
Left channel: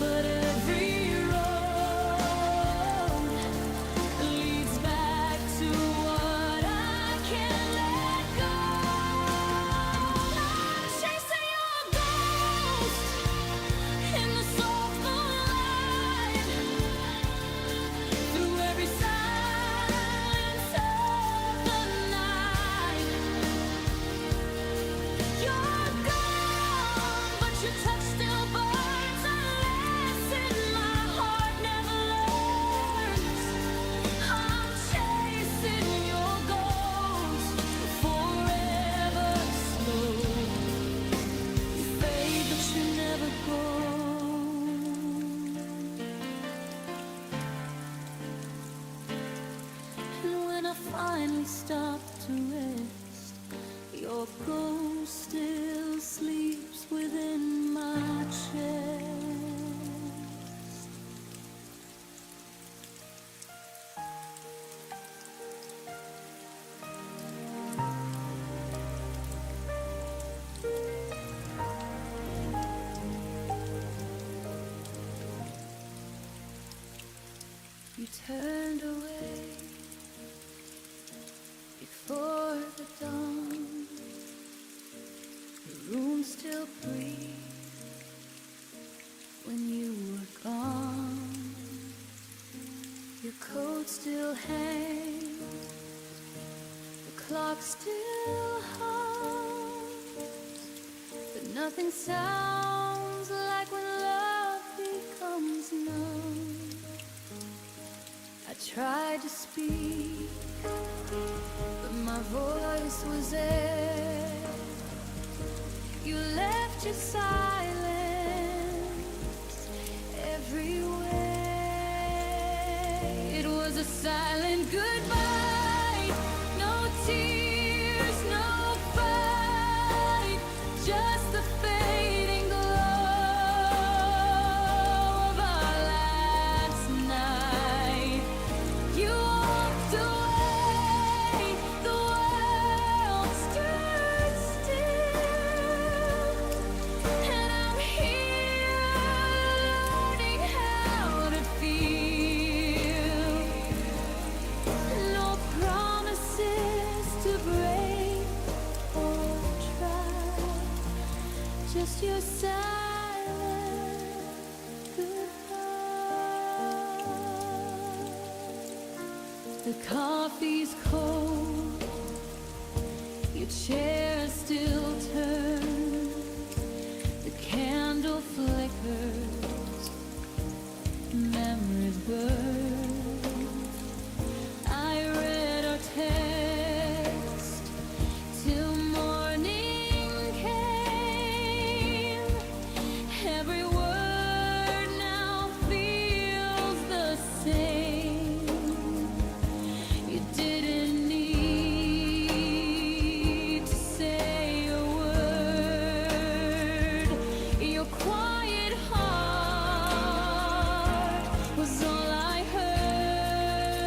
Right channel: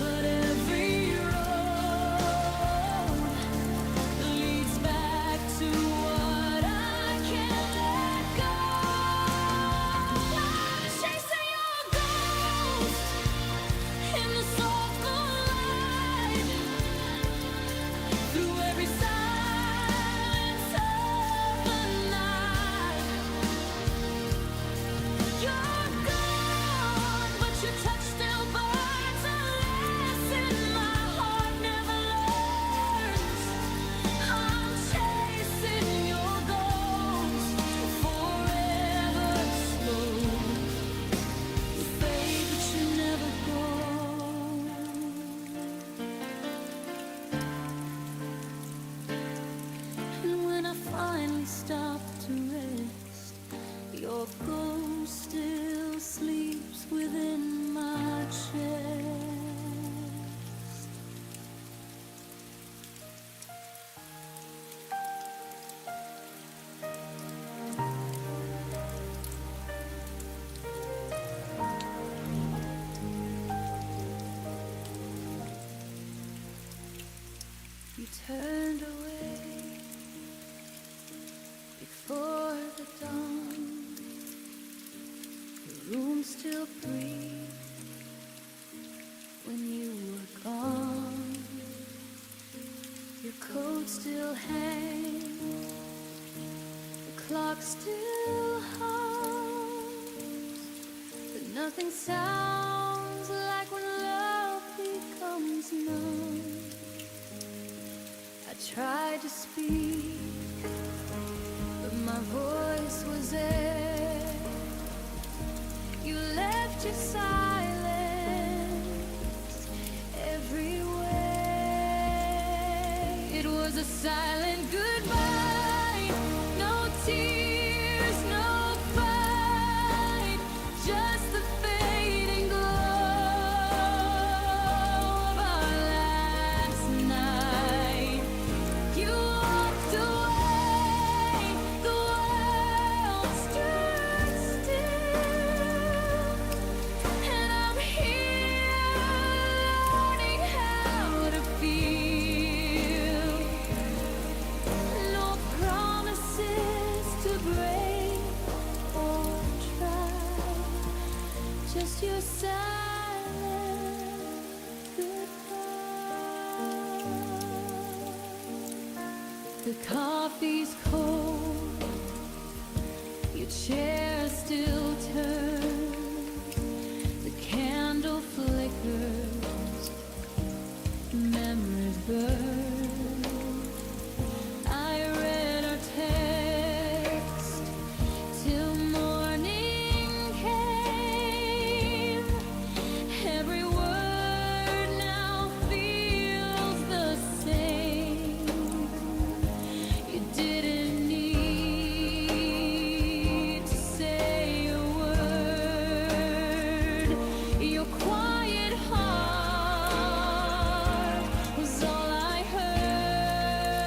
but every road leads back to what I can't let go. I'm chasing your ghost in the soft moonlight, through every silence of the night. You're gone, but your touch still burns a lesson my heart never learns. I'm chasing your ghost forever slow. You fade, but you never go. And when I finally stop to rest, your ghost still sleeps within my chest. You turned away before the dawn. The room still breathed when you were gone. Your coat still hangs, the clock still hums, but nothing sounds like when love becomes numb. tried to speak, but my voice was air. You left your silence everywhere. It was a silent goodbye, no tears, no fight, just the fading glow of our last night. You walked away, the world stood still, and I'm here learning how to feel. No promises to break or try, just your silent goodbye. The coffee's cold, your chair still turns, the candle flickers, memories burn. I read our text till morning came. Every word now feels the same. You didn't need to say a word. Your quiet heart was all I heard.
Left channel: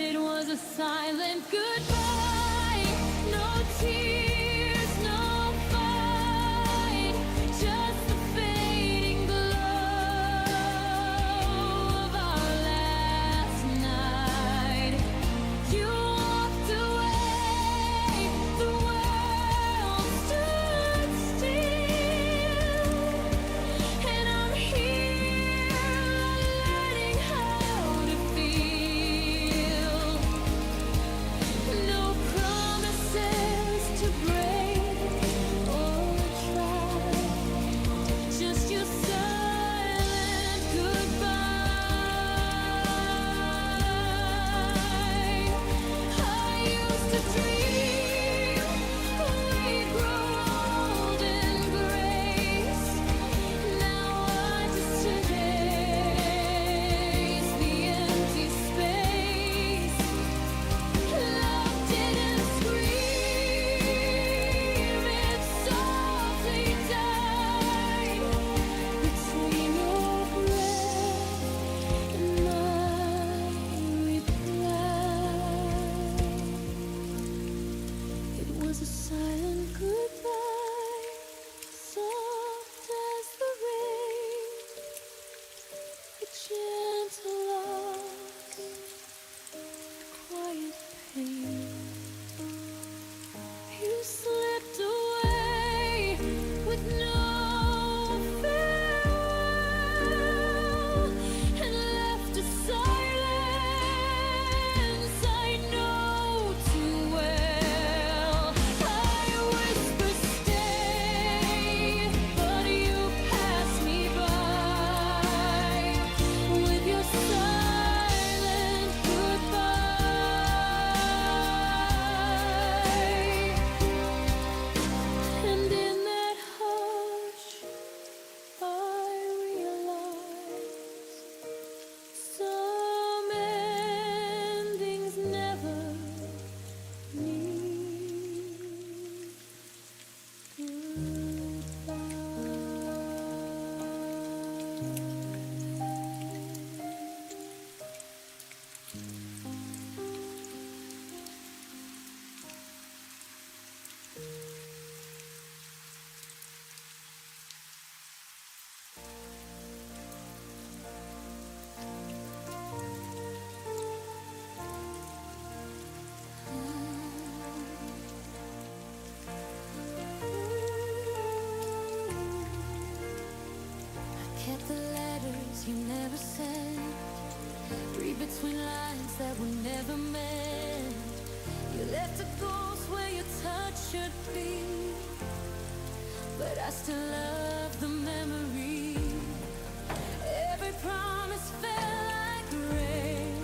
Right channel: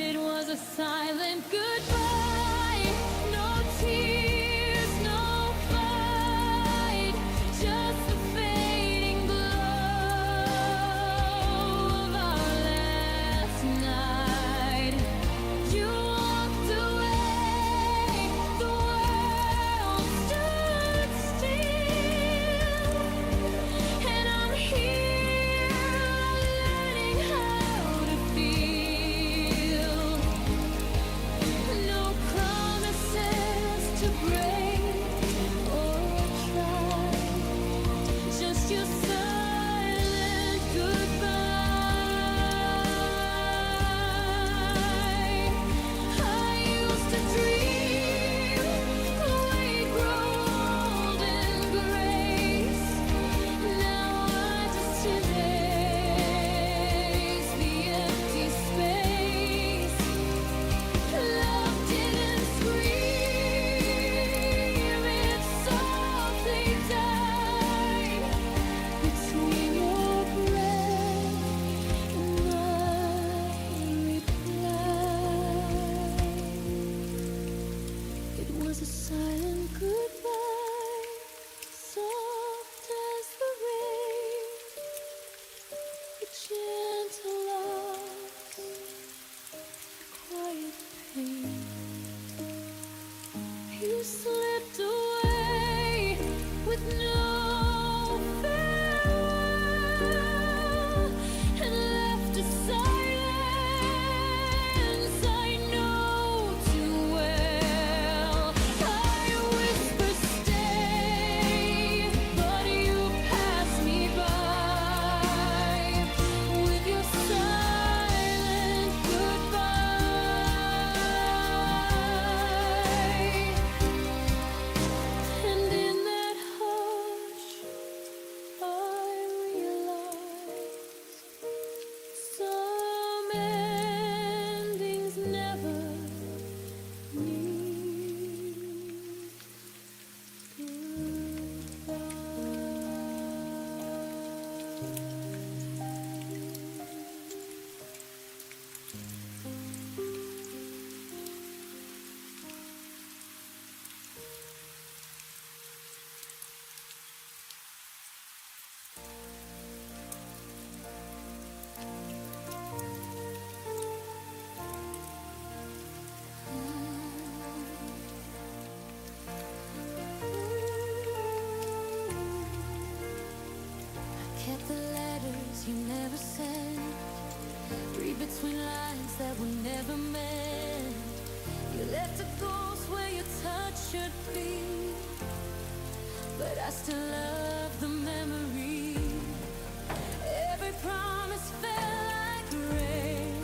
It was a silent goodbye, no tears, no fight, just the fading glow of our last night. You walked away, the world stood still, and I'm here learning how to feel. No promises to break or try, just your silent goodbye. I used to dream we'd grow old in grace. Now I just erase the empty space. Love didn't scream, it softly died between your breath and my reply. It was a silent goodbye, soft as the rain, a gentle loss, quiet pain. You slipped away with no farewell and left a silence I know too well. I whisper stay, but you pass me by with your silent goodbye. And in that hush, I realize some endings never need kept the letters you never sent, read between lines that were never meant. You left a ghost where your touch should be, but I still love the memory. Every promise fell like rain,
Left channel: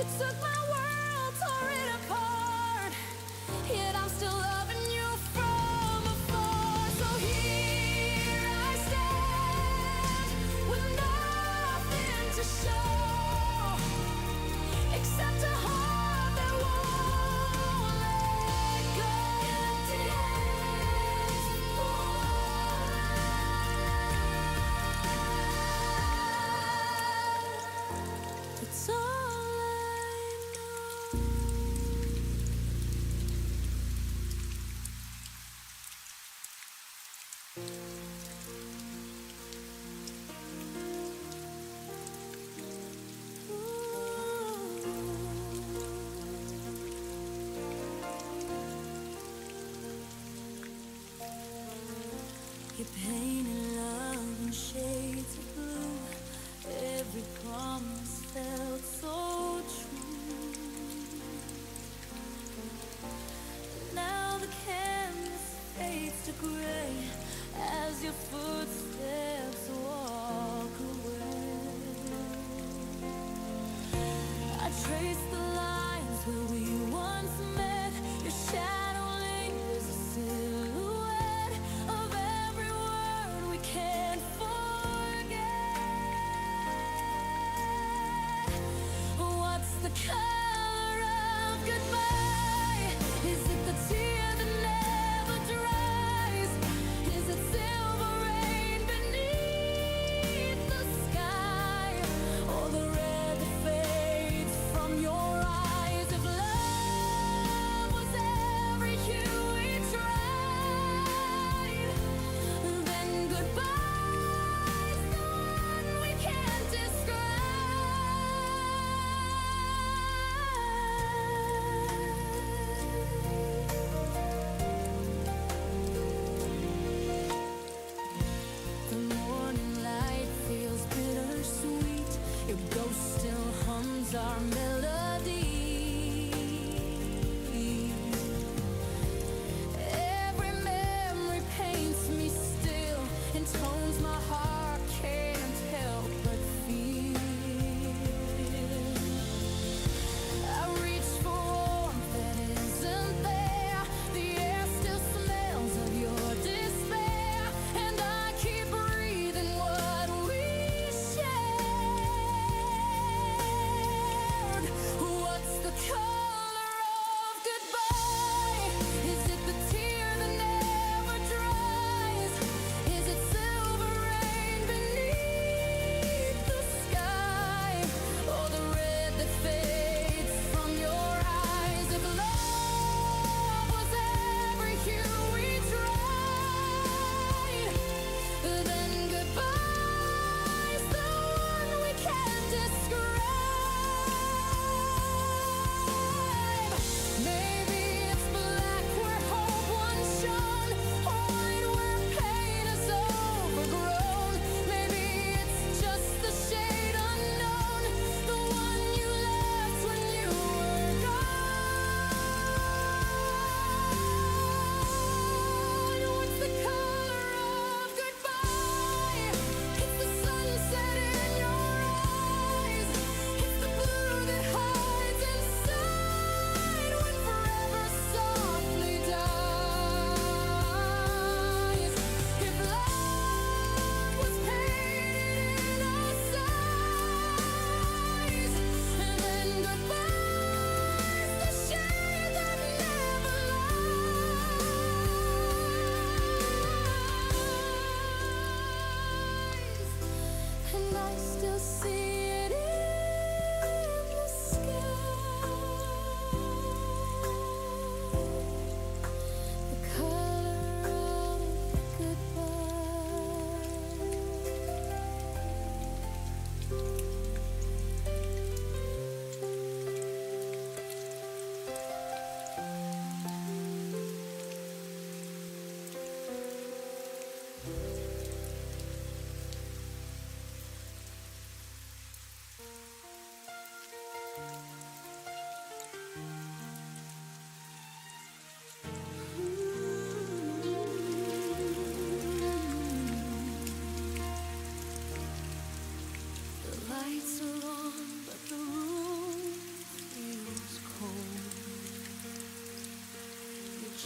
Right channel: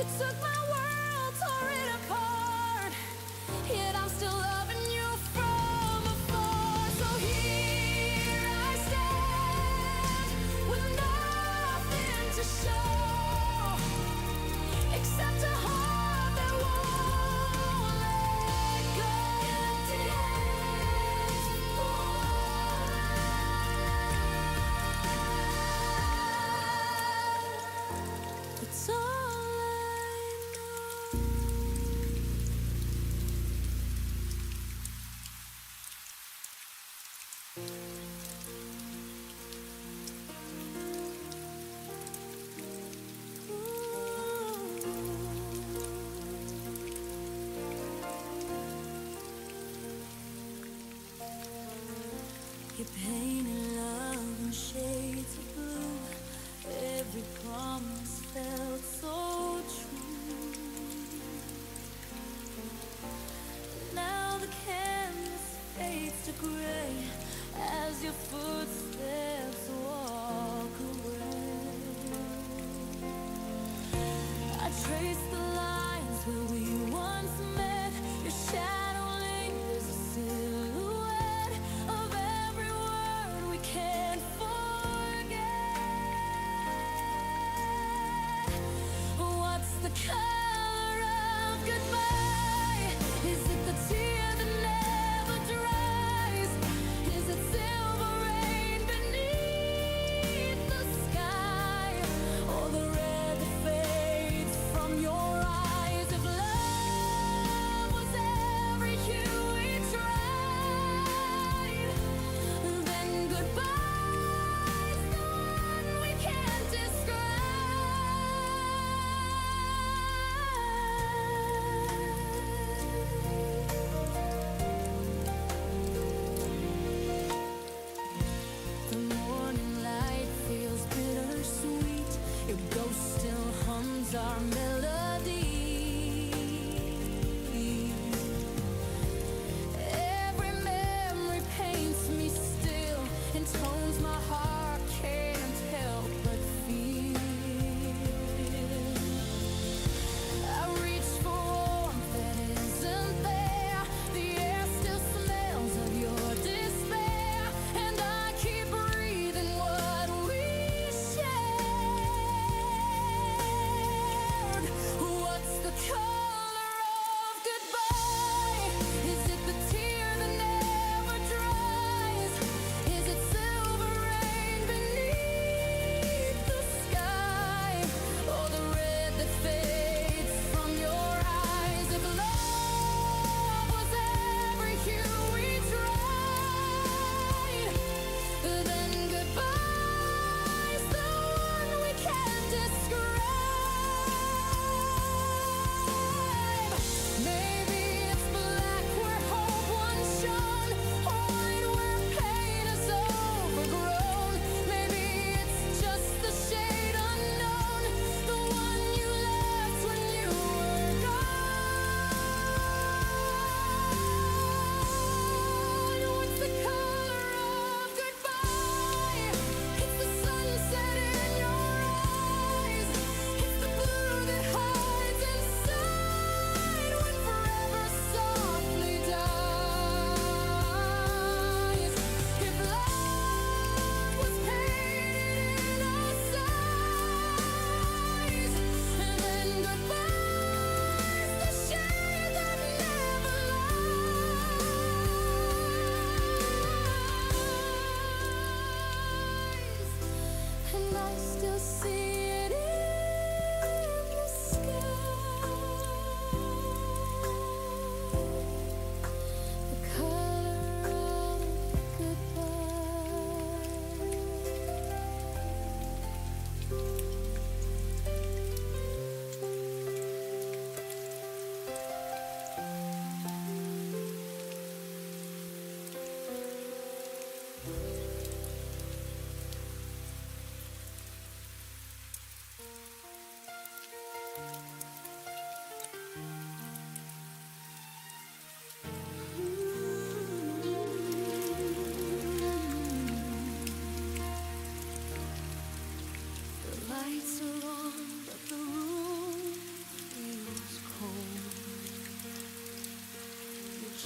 You took my world, tore it apart, yet I'm still loving you from afar. So here I stand with nothing to show except a heart that won't let go. Empty hands, it's all I know. You painted love in shades of blue. Every promise felt so true. Now the canvas fades to gray as your footsteps walk away. I trace the lines where we once met. Your shadow lingers a silhouette of every word we can't forget. What's the color of goodbye? Is it the tear that never dries? Is it silver rain beneath the sky, or the red that fades from your eyes? If love was every hue we tried, then goodbye's the one we can't describe.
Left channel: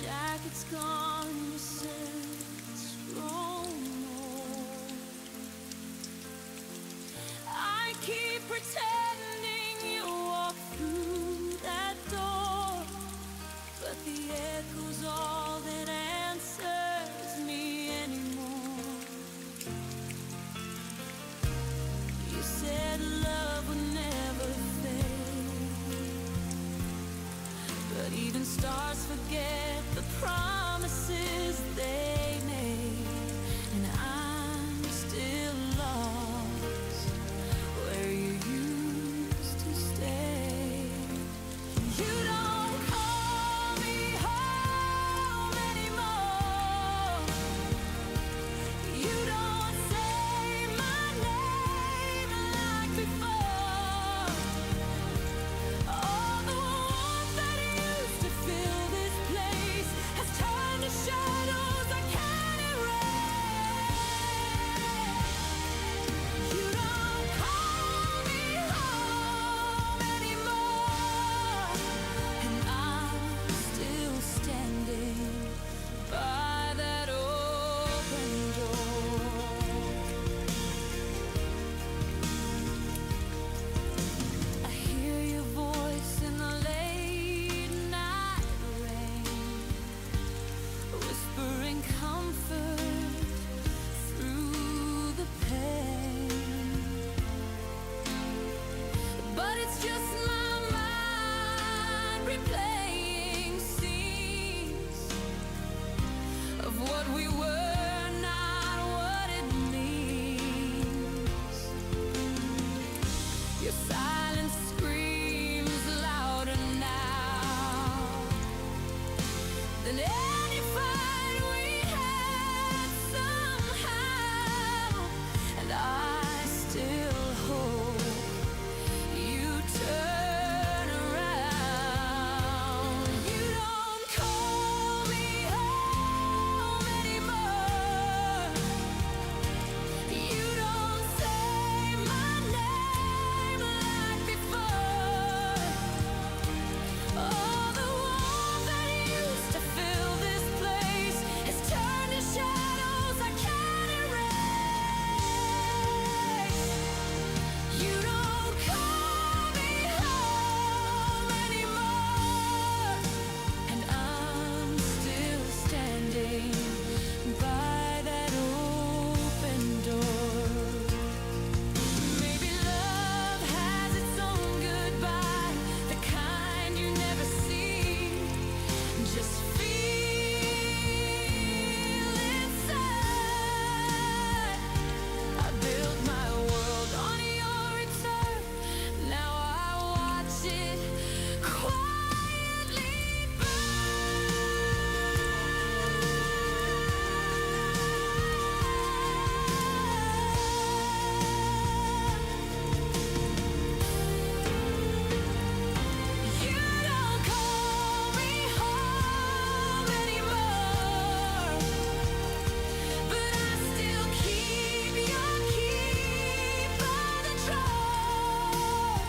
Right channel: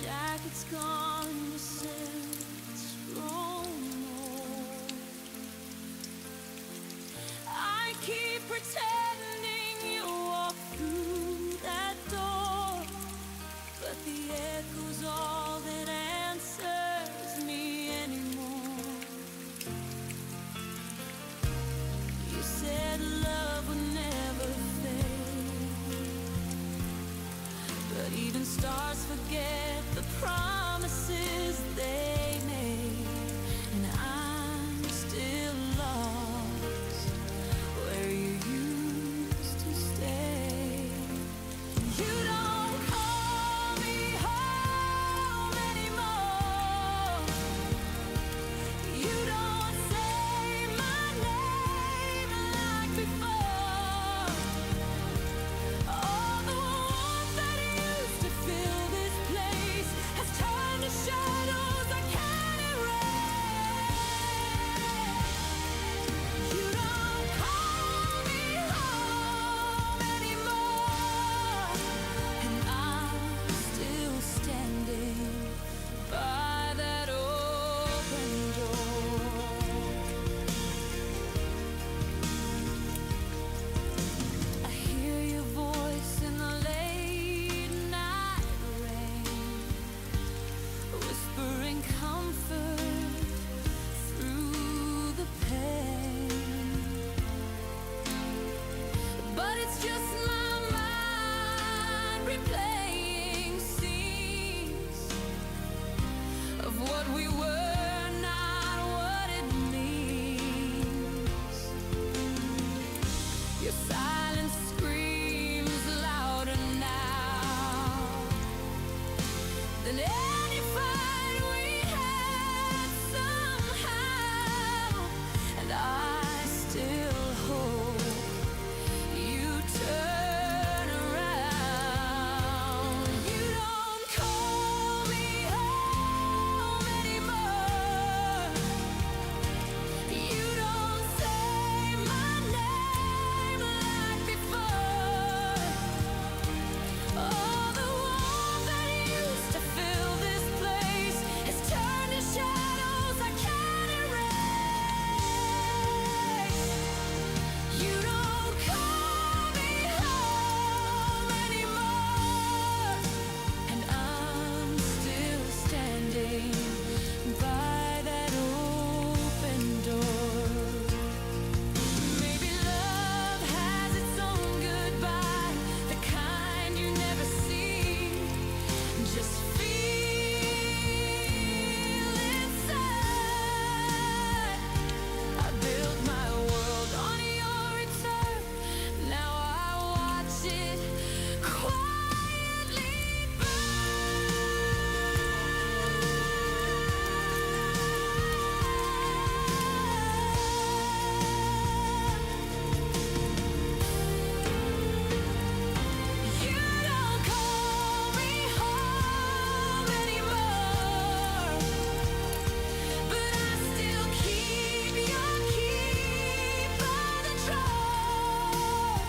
jacket's gone, your scent's grown old. I keep pretending you walk through that door, but the echo's all that answers me anymore. You said love would never fade, but even stars forget the promises they made. And I'm still lost where you used to stay. You don't call me home anymore. You don't say my name like before. All the warmth that used to fill this place has turned to shadows I can't erase. You don't call me home anymore, and I'm still standing by that open door. I hear your voice in the late night rain, whispering comfort through the pain. But it's just my mind replaying scenes of what we were, not what it means. Your silence screams louder now than any fight we had somehow. And I still hope you turn around. You don't call me home anymore. You don't say my name like before. All the warmth that used to fill this place has turned to shadows I can't erase. You don't call me home anymore, and I'm still standing by that open door. Maybe love has its own goodbye, the kind you never see. Just feel inside. I built my world on your return. Now I watch it quietly You don't call me home anymore, but I still keep your key by the door.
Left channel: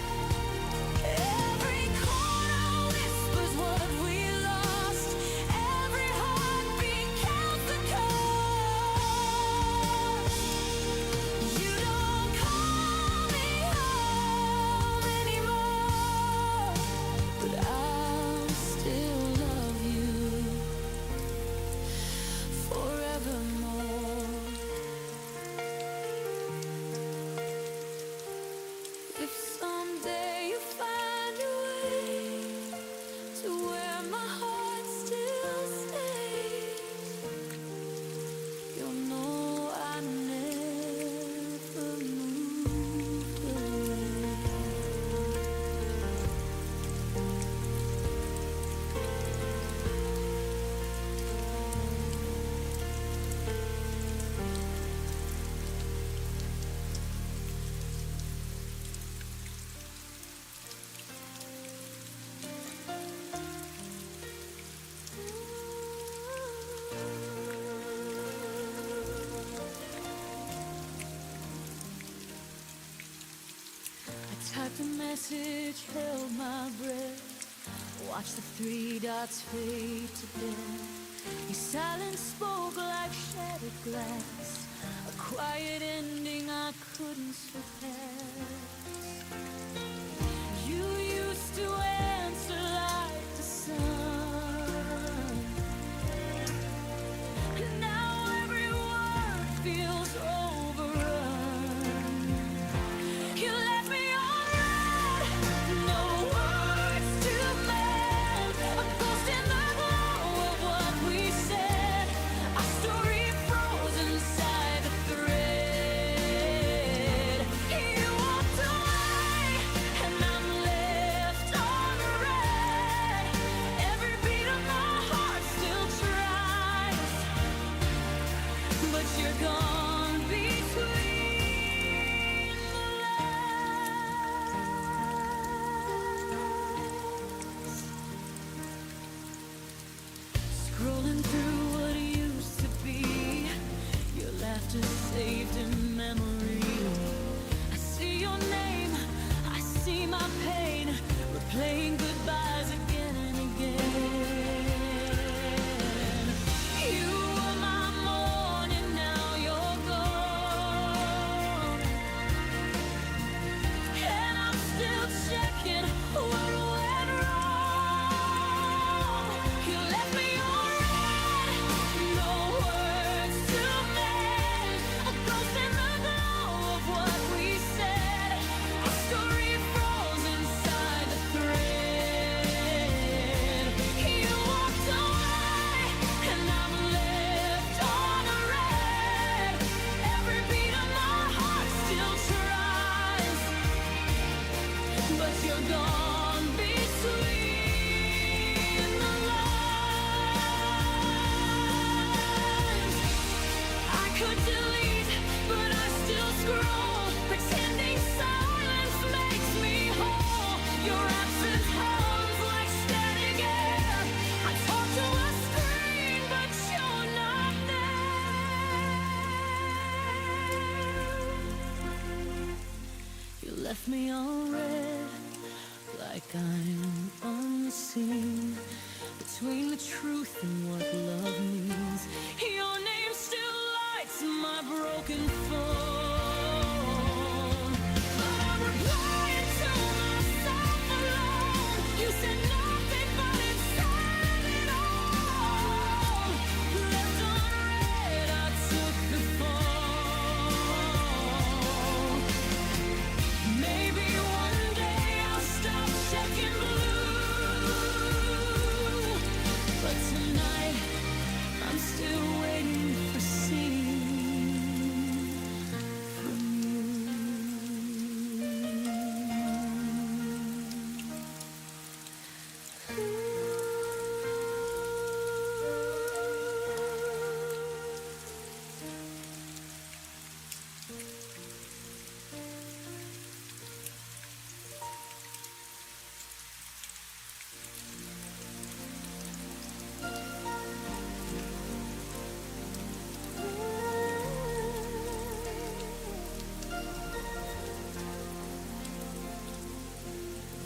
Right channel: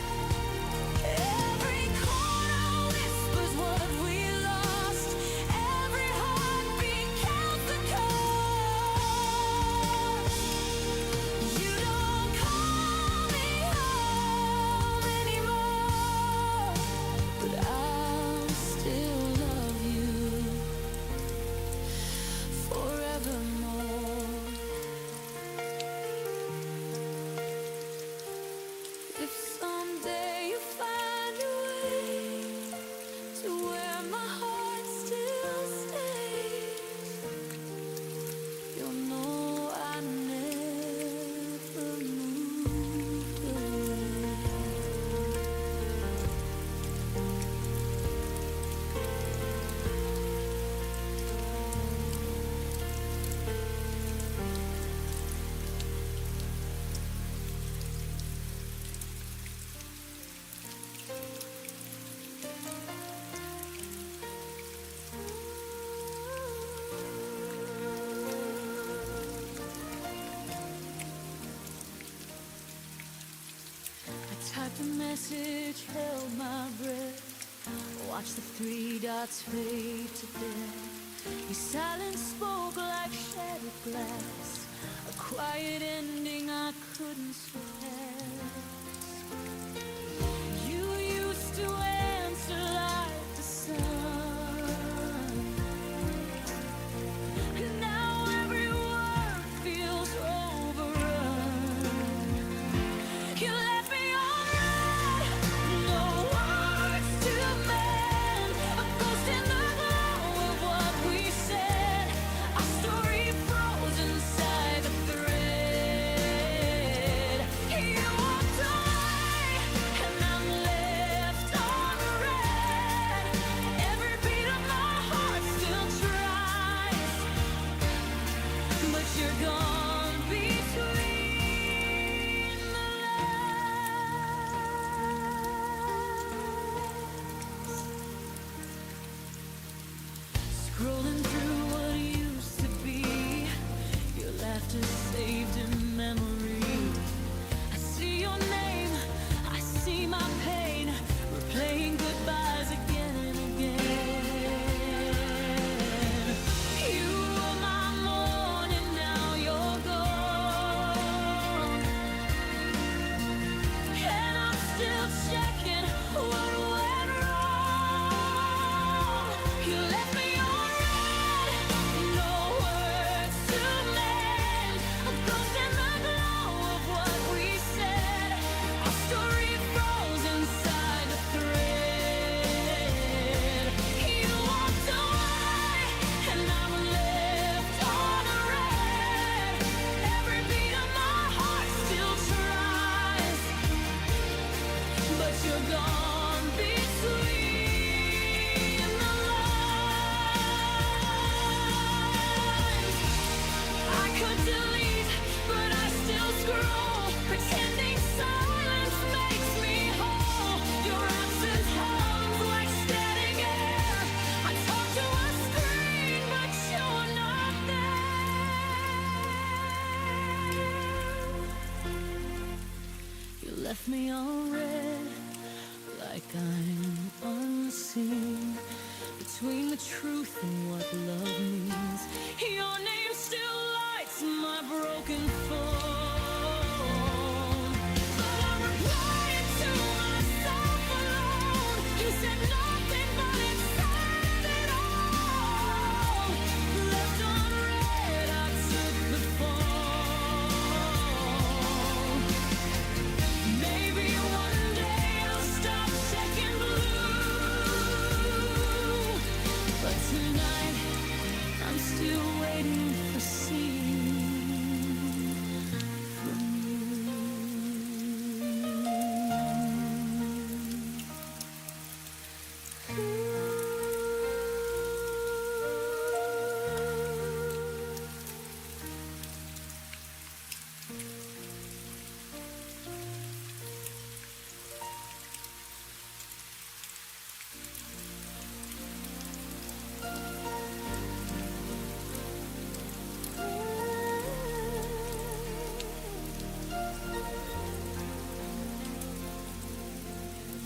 Every corner whispers what we lost. Every heartbeat counts the cost. You don't call me home anymore, but I'll still love you forevermore. If someday you find a way to where my heart still stays, you'll know I never moved away. I typed a message, held my breath, Watch the three dots fade to death. Your silence spoke like shattered glass, a quiet ending I couldn't surpass. You used to answer like the sun. Now every word feels overrun. You left me on red, no words to mend. A ghost in the glow of what we said. Our story froze inside the thread. You walked away, and I'm left on red. Every beat of my heart still tries, but you're gone between the lines. Scrolling through what used to be, your laughter saved in memory. I see your name, I see my pain, replaying goodbyes again and again. You were my morning, now you're gone, and I'm still checking what went wrong. You left me on red, no words to mend. A ghost in the glow of what we said. Our story froze inside the thread. You walked away, and I'm left on red. Every beat of my heart still tries, but you're gone between the lines. I could delete, but I still scroll, pretending silence makes me whole. Your absence hums like static air. I talk to a screen, but you're not there. You left me on red, like I'm unseen, between the truth and what love means. Your name still lights my broken phone, but I'm replying to myself alone. You said nothing, but it said it all. Left on red, I took the fall. Maybe one day I'll stop checking blue, but tonight I'm still waiting for seeing from you.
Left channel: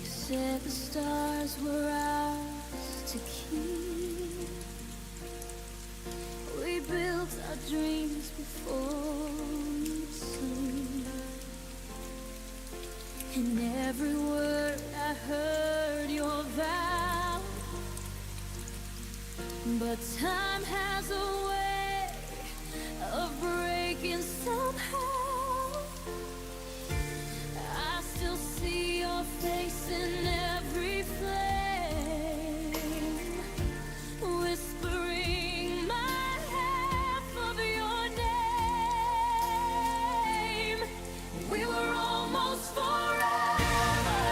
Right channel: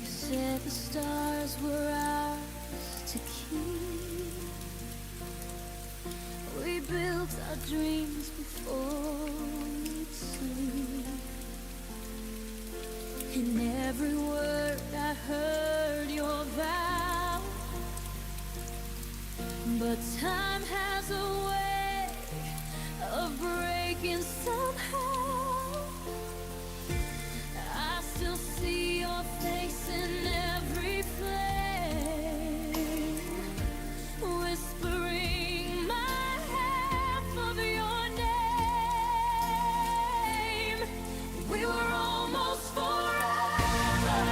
You said the stars were ours to keep. We built our dreams before we'd sleep. In every word I heard your vow, but time has a way of breaking somehow. I still see your face in every flame, whispering my half of your name. We were almost forever,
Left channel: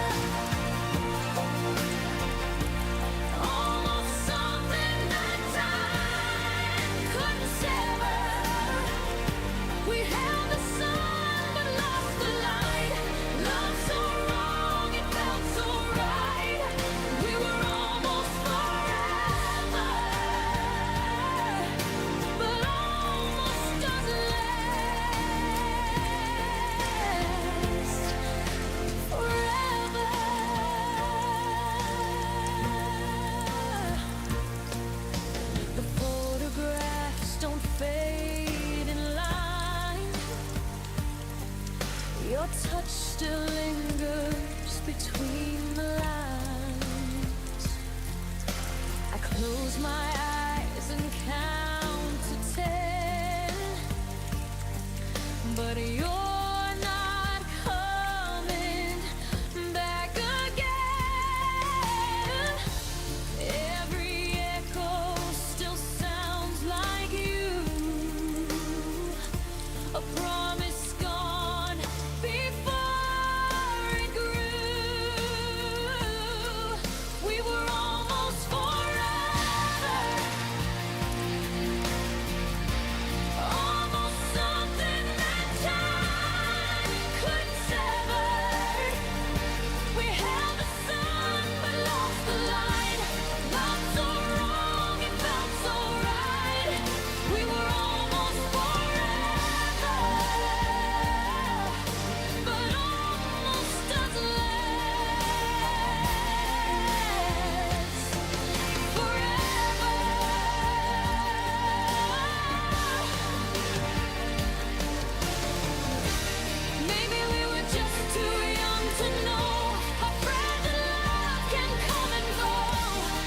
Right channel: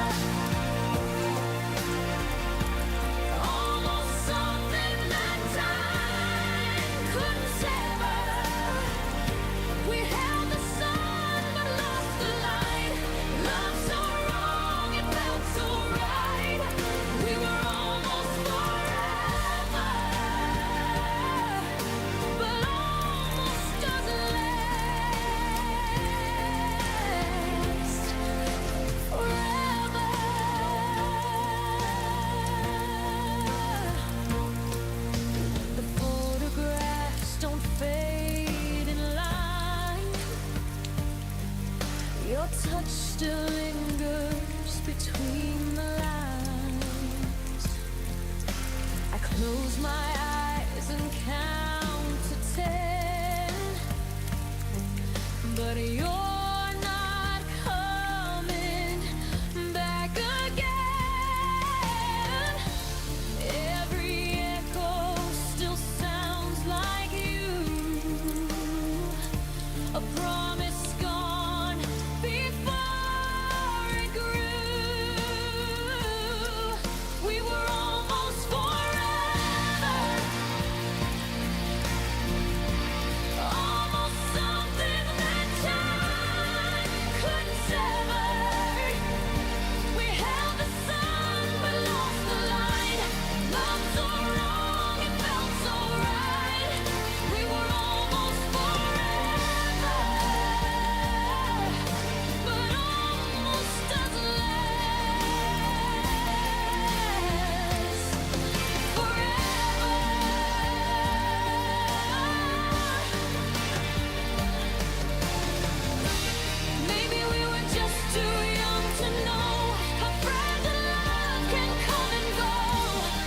almost something that time couldn't sever. We held the sun still lingers between the lines. I close my eyes and count to 10, but you're not coming back again. Every echo still sounds like you, a promise gone before it grew. We were almost forever, almost something that time couldn't sever. We held the sun but lost the light. Loved so wrong, it felt so right. We were almost forever, but almost doesn't last forever. Maybe we were just too young to know how fragile love can come and go.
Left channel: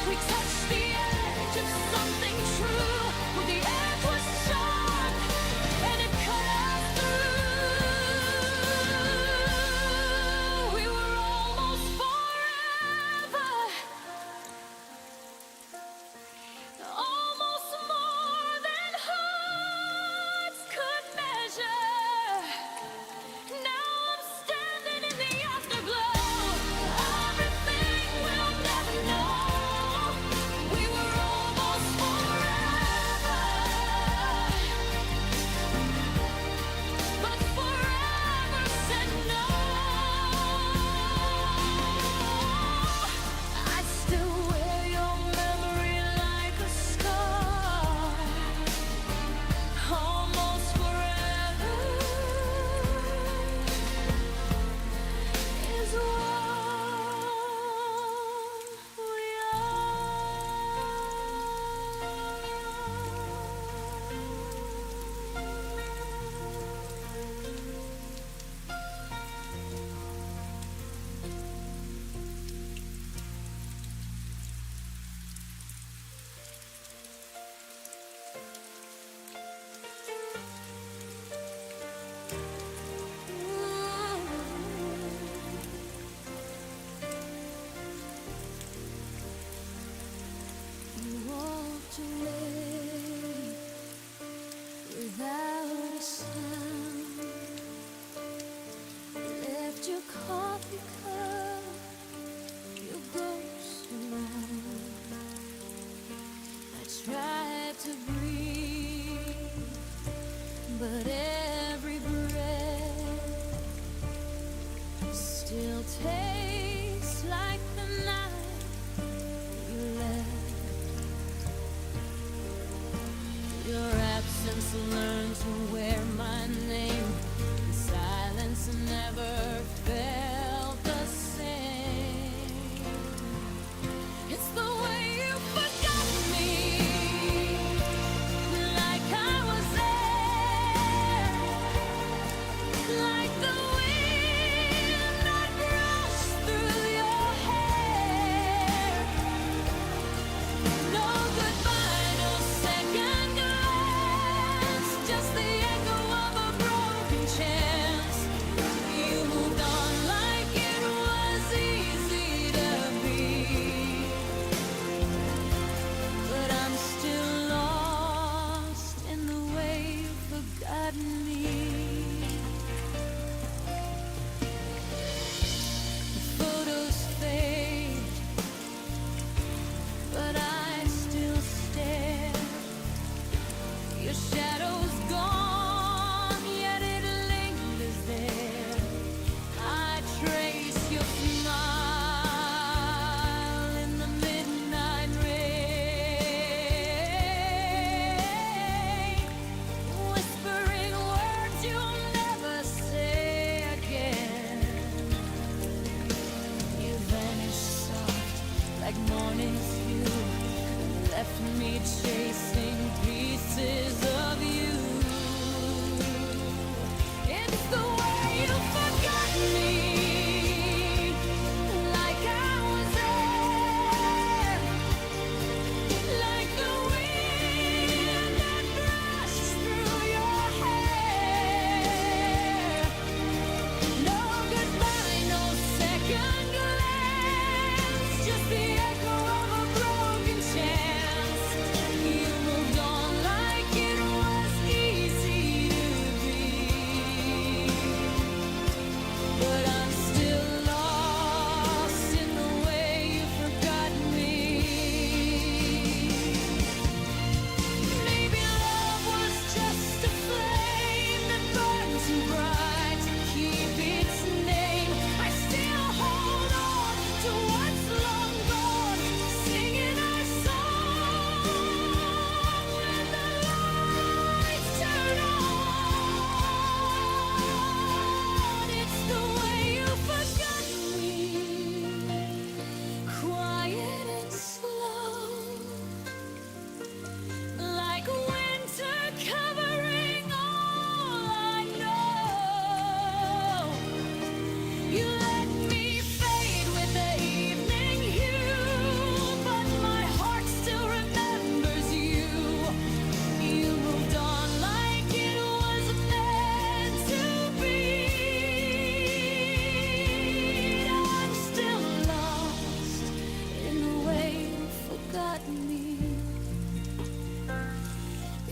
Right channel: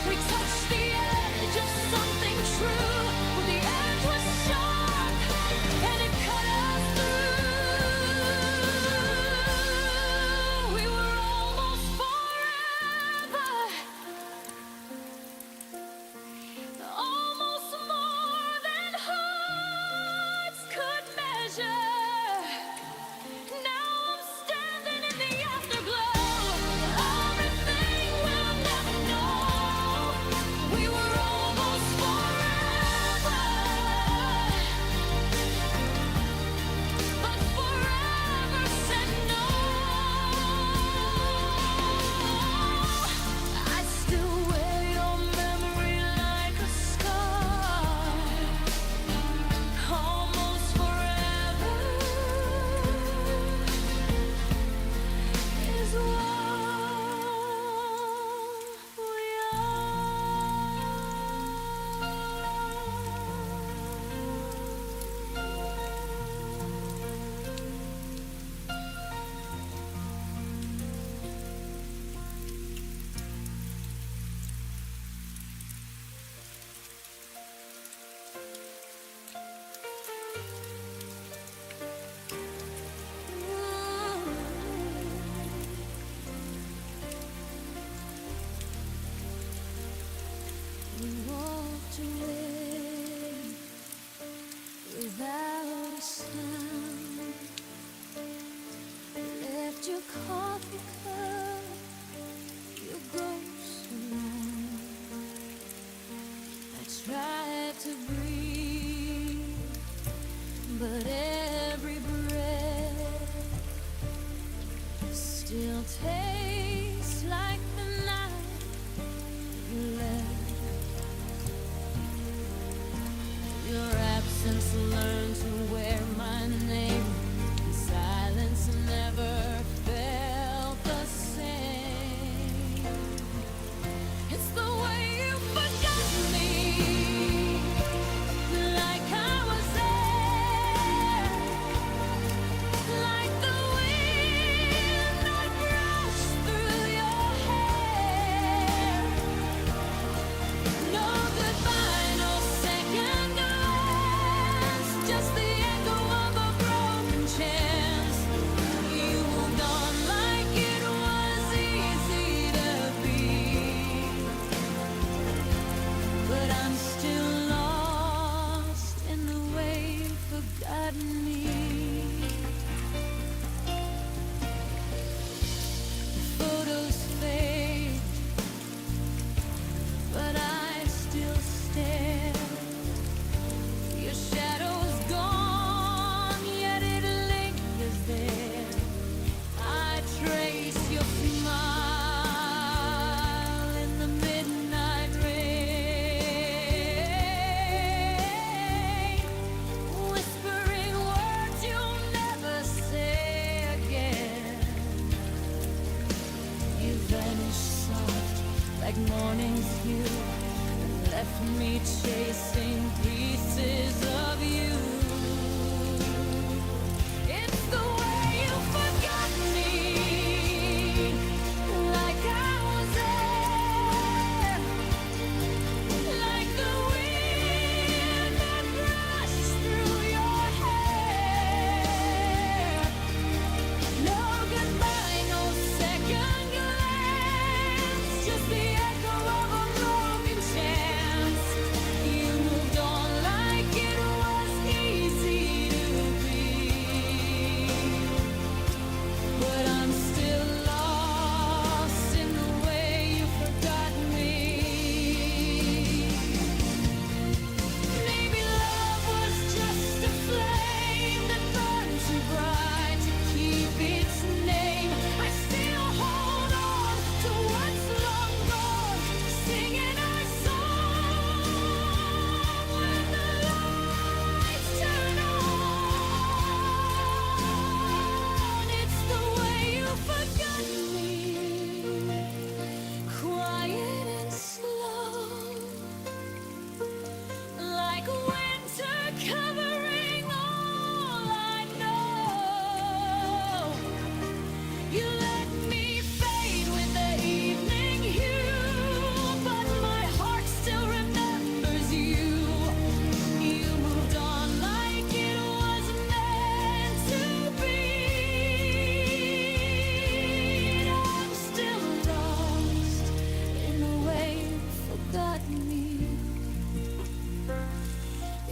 We touched the edge of something true. Well, the edge was sharp and it cut us through. We were almost forever, almost more than hearts could measure. Now I'm standing in the afterglow. Everything we'll never know. We were almost forever, but forever said no. I still wear your memory like a scar. Almost forever is what we You walked away without a sound. Left your coffee cup, your ghost around. I tried to breathe, but every breath still tastes like the night you left. Your absence learned to wear my name, and silence never felt the same. It's the way you forgot me, like I was there, like the wind that brushed through your hair. No goodbye, no second glance, just the echo of a broken chance. You moved on like it was easy to be, but I'm still lost in the way you've forgotten me. The photos fade, but I still stare. Your shadow's gone, yet it lingers there. I trace your smile in the midnight rain, whispering words you'll never say again. You vanished soft like morning's hue, and left me chasing pieces of you. It's the way you forgot me,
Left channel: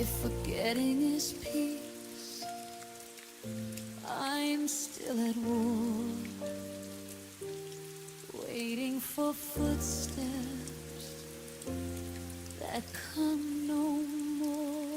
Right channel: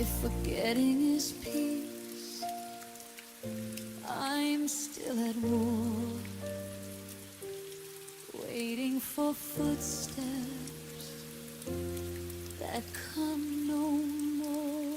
If forgetting is peace, I'm still at war, waiting for footsteps that come no more.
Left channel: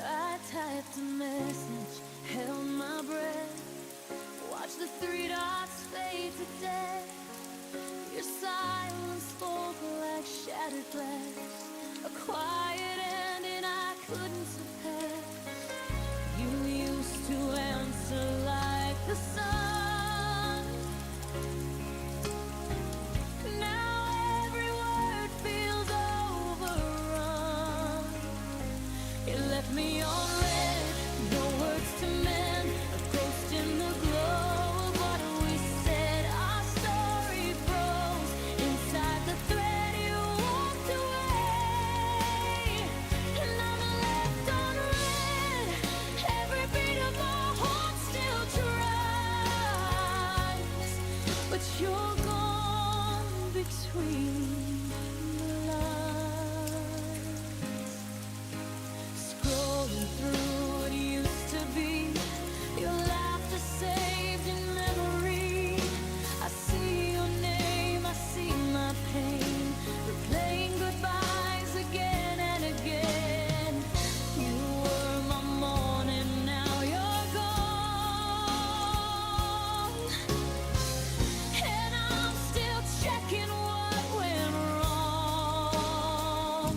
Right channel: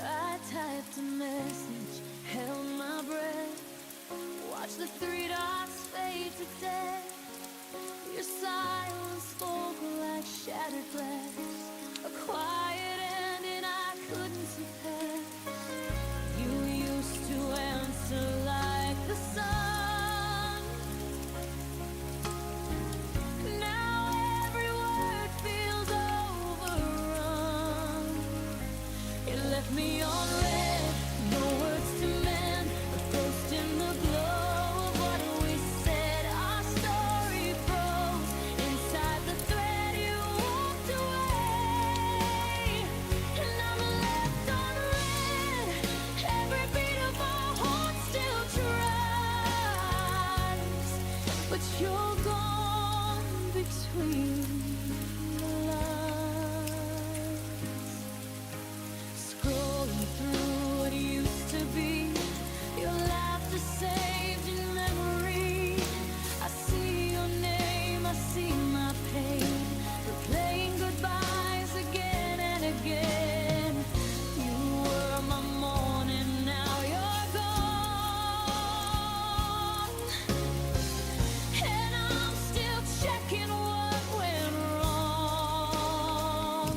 I typed a message, held my breath, watched the three dots fade to death. Your silence spoke like shattered glass, a quiet ending I couldn't surpass. You used to answer like the sun. Now every word feels overrun. It left me on red, no words to mend, a ghost in the glow of what we said. Our story froze inside the thread. You walked away, and I'm left on red. Every beat of my heart still tries, but you're gone between the lines. Scrolling through what used to be, your laughter saved in memory. I see your name, I see my pain, replaying goodbyes again and again. You were my morning, now you're gone, and I'm still checking what went wrong.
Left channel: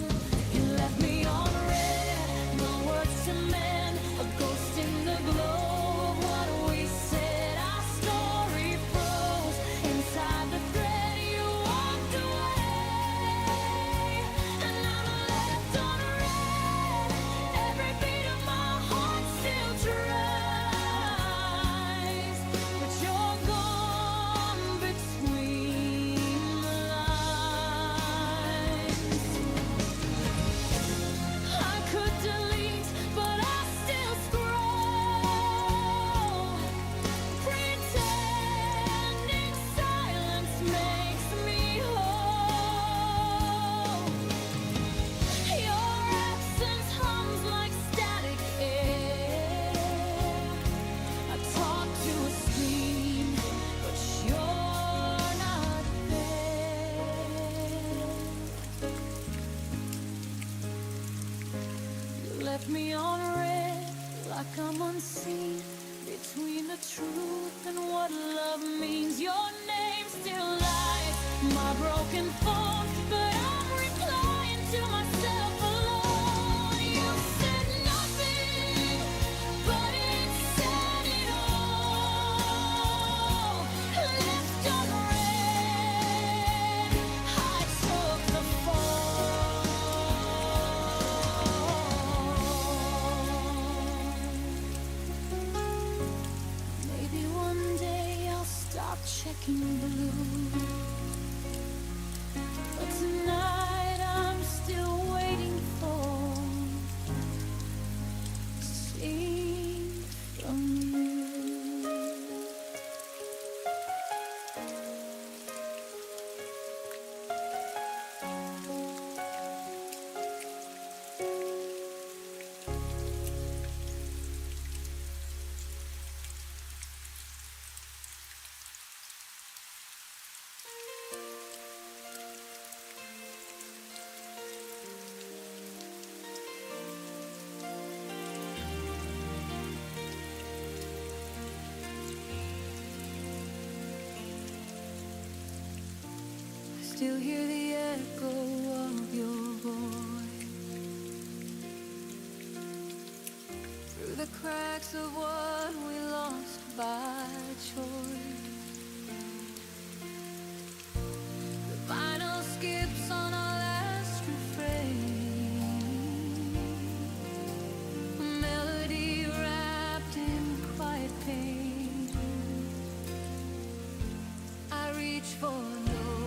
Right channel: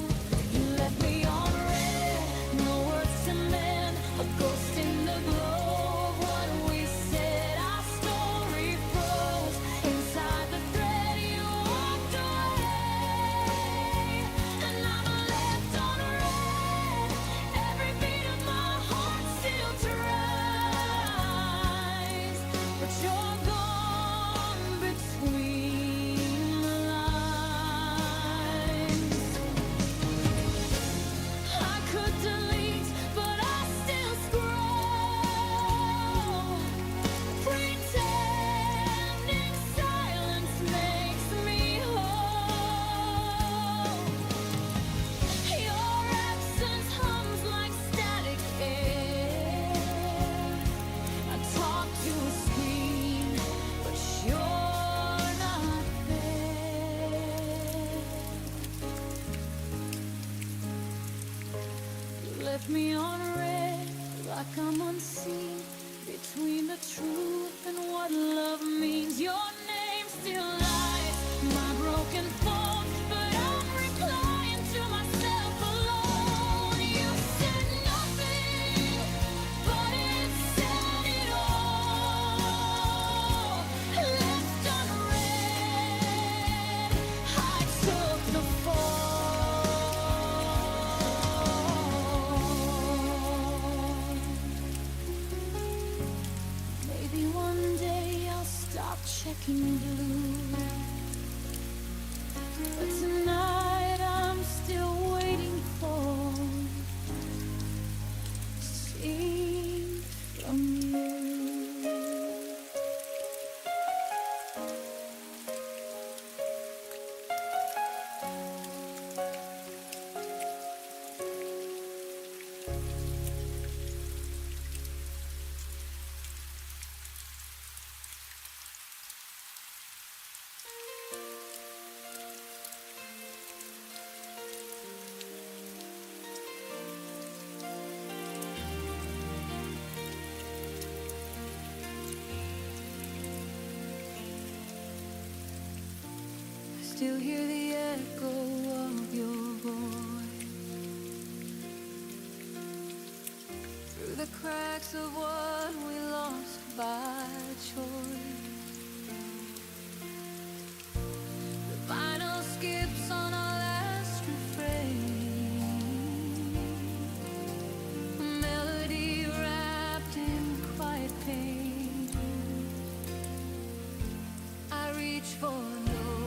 You left me on red, no words to mend, a ghost in the glow of what we said. Our story froze inside the thread. You walked away, and I'm left on red. Every beat of my heart still tries, but you're gone between the lines. I could delete, but I still scroll, pretending silence makes me whole. Your absence hums like static air. I talk to a screen, but you're not there. You left me on red, like I'm unseen, between the truth and what love means. Your name still lies, my broken phone, but I'm replying to myself alone. You said nothing, but it said it all. Left unread, I took the fall. Maybe one day I'll stop checking blue, but tonight I'm still waiting for seeing from you. Still hear the echo of your voice through the cracks of what we lost by choice. The vinyl skips on our last refrain, a melody wrapped in quiet pain. I reach for no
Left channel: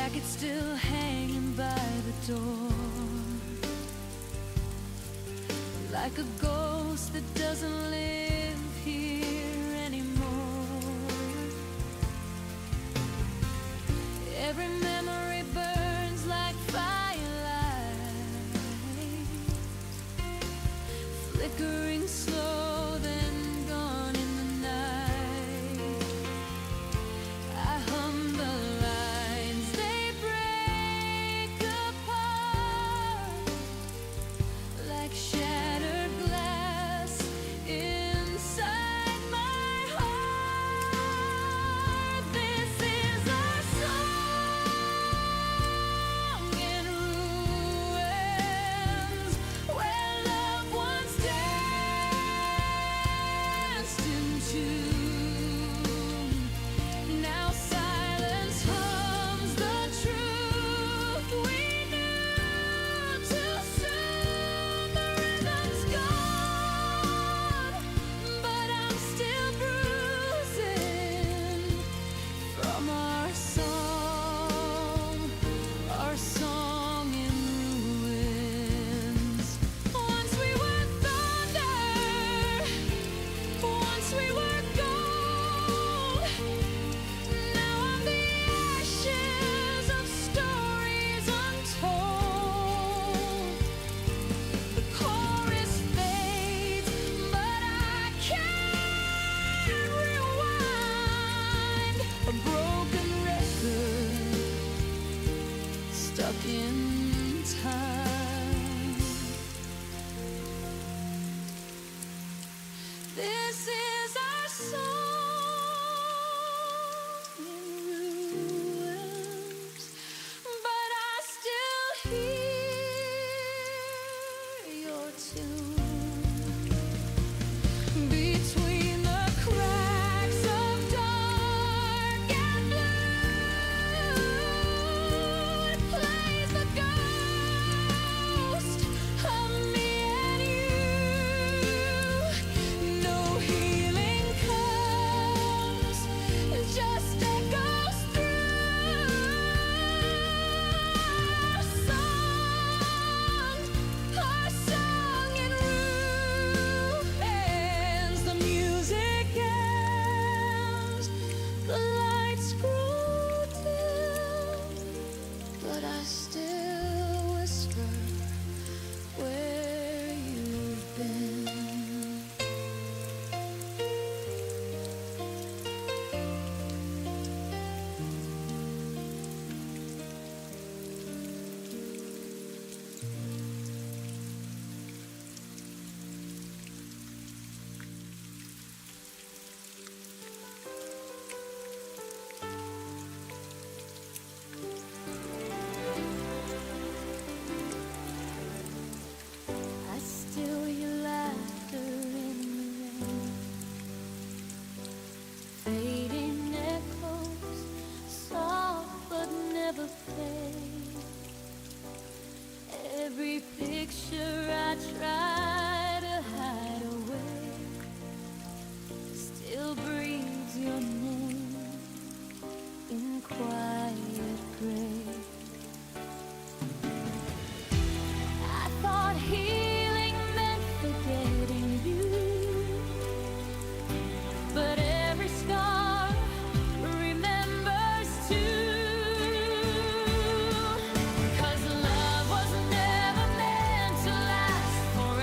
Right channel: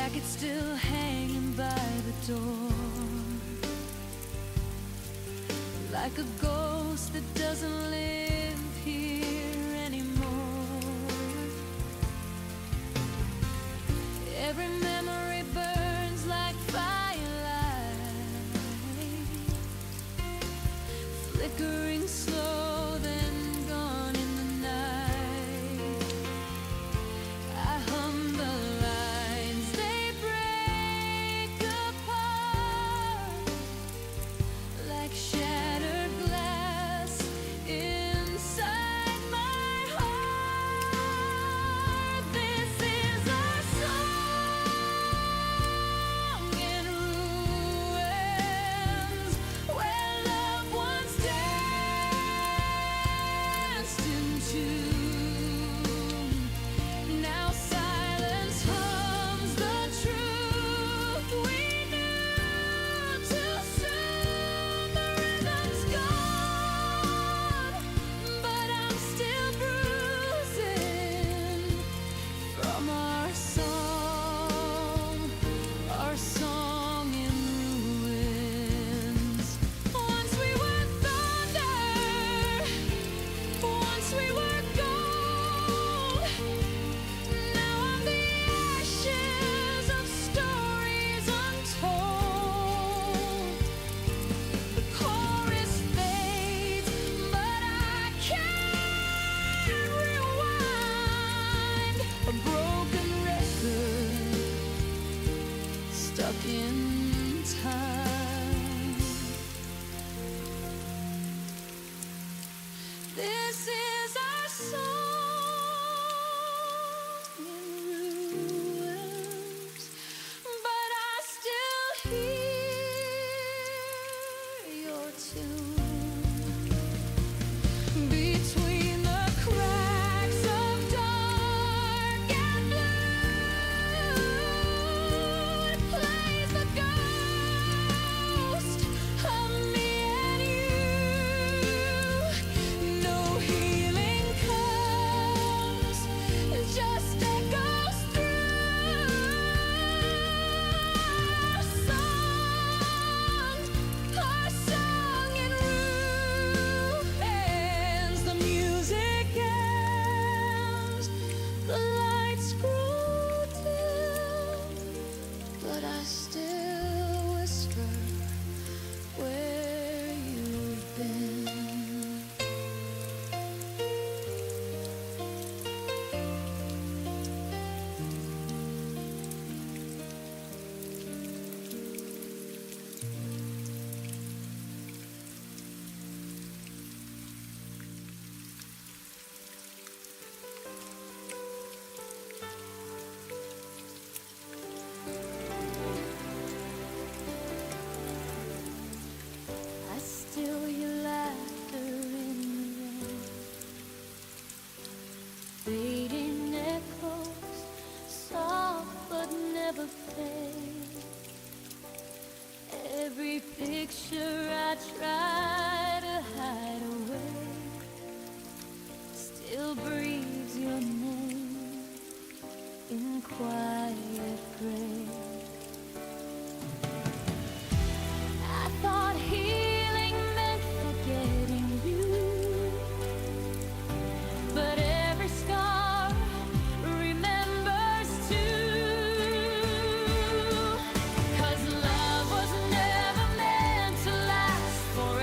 jacket still hanging by the door, like a ghost that doesn't live here anymore. Every memory burns like firelight, flickering slow, then gone in the night. I hum the lines, they break apart like shattered glass inside my heart. This is our song in ruins, where loved ones danced into. Now silence hums the truth we knew too soon. The rhythm's gone, but I'm still bruising from our song in ruins. Once we were thunder, once we were gold. Now I'm the ashes of stories untold. The chorus fades, but I can't rewind. A broken record stuck in time. This is our song in ruins, but I still hear your tune between the cracks of dark and blue. It plays the ghost of me and you. No healing comes, it just echoes through. Our song in ruins. The music ends, the lights grow dim, but I still whisper where you've been. I still hear laughter in the rain, fading echoes, soft but never fade. Every picture I try to hide away still breathes your name in quiet gray. I thought healing meant forgetting you, but every scar remembers too. 'Cause love was never meant to last forever.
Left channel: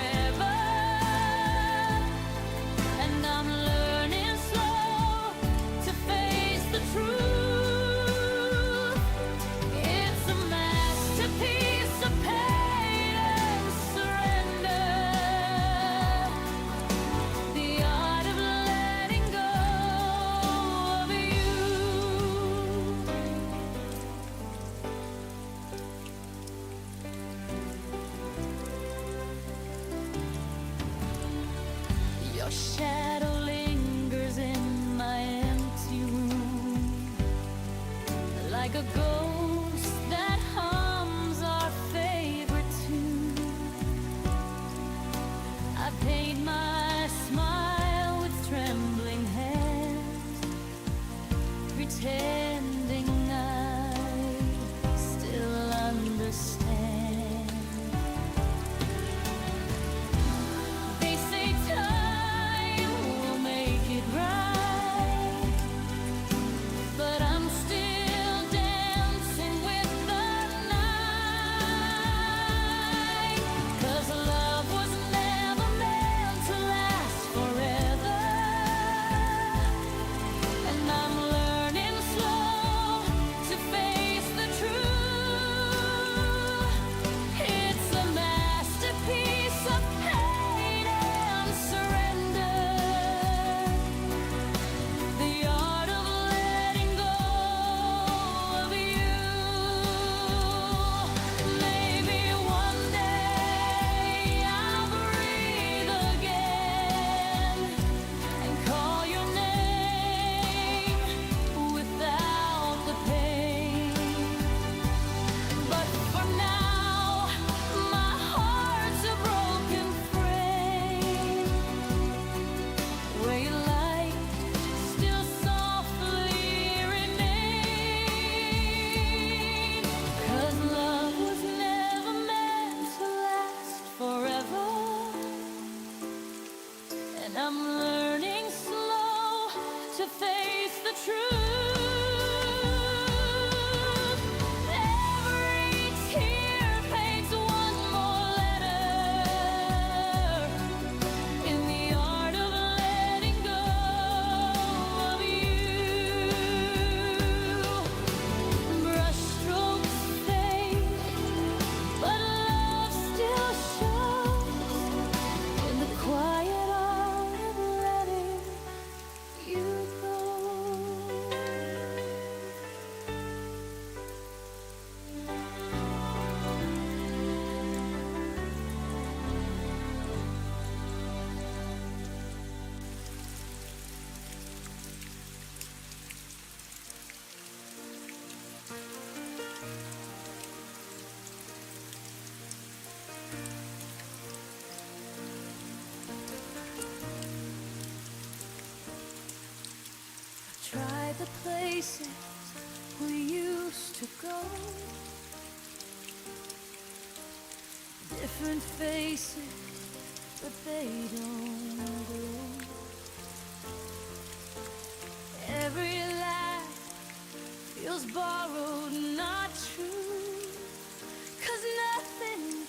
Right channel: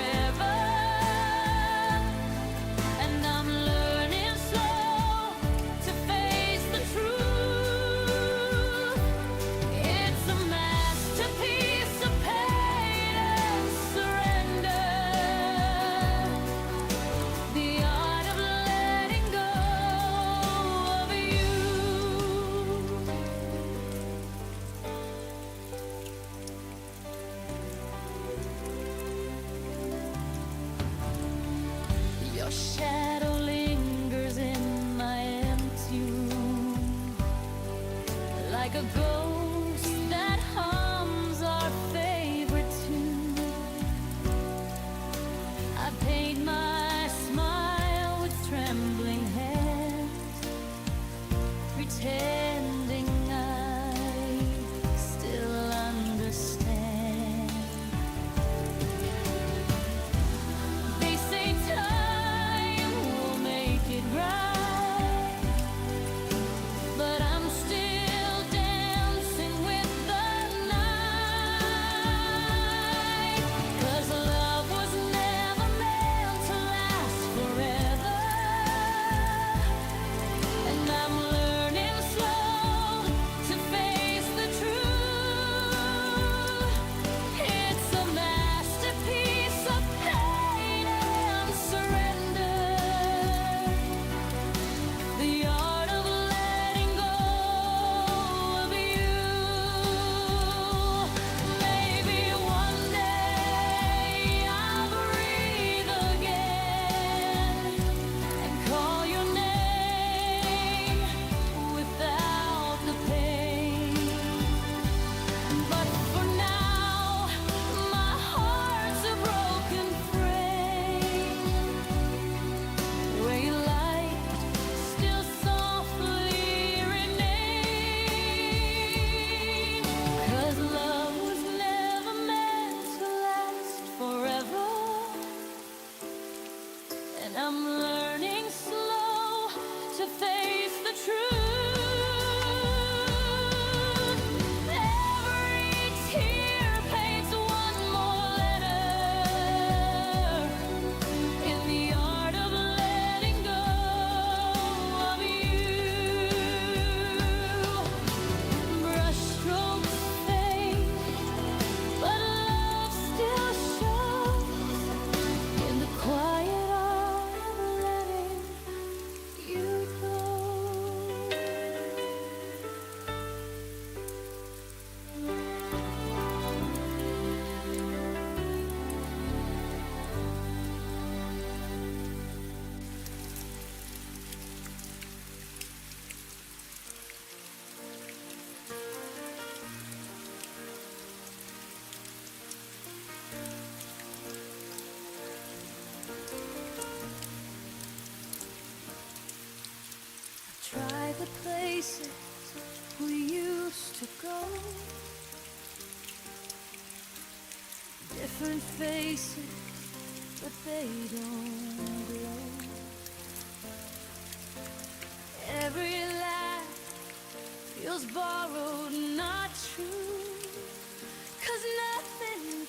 the places we used to go. Different faces, but they don't grow. Every laugh feels borrowed, not true. 'Cause nothing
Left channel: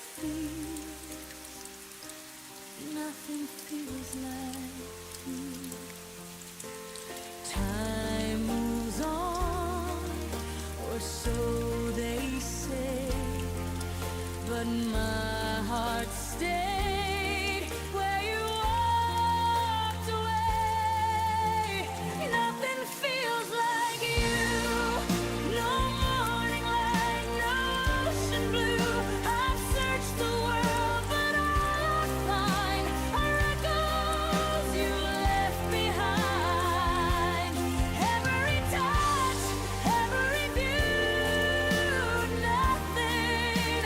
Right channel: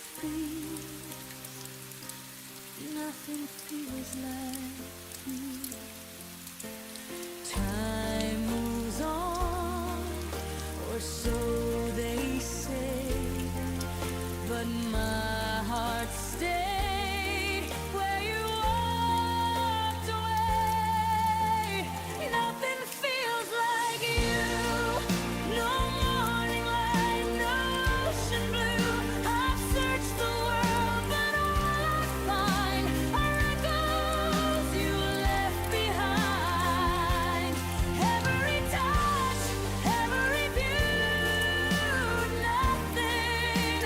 feels like you. Time moves on, or so they say, but my heart stayed where you walked away. Nothing feels like you. No morning light, no ocean blue. I've searched the world, but all I find are echoes you left behind. Every touch, every view, nothing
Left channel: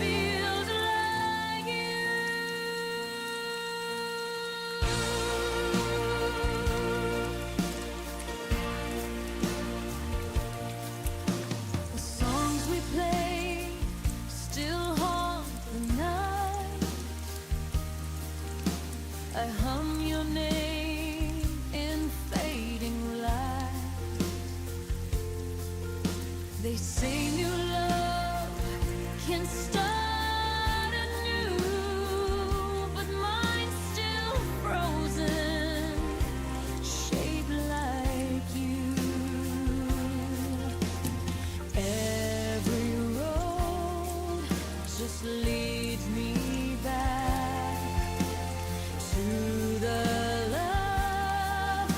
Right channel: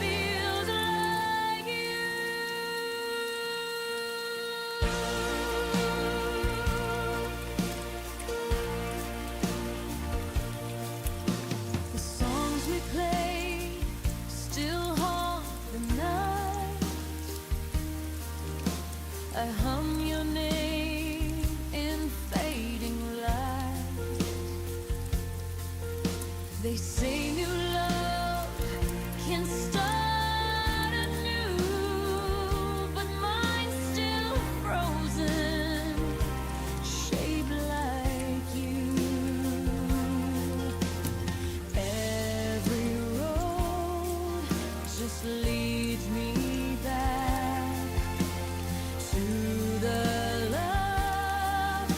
feels like you. The songs we play still haunt the night. I hum your name in fading light. They say new love can start anew, but mine's still frozen, shaped like you. Every road just leads me back to the love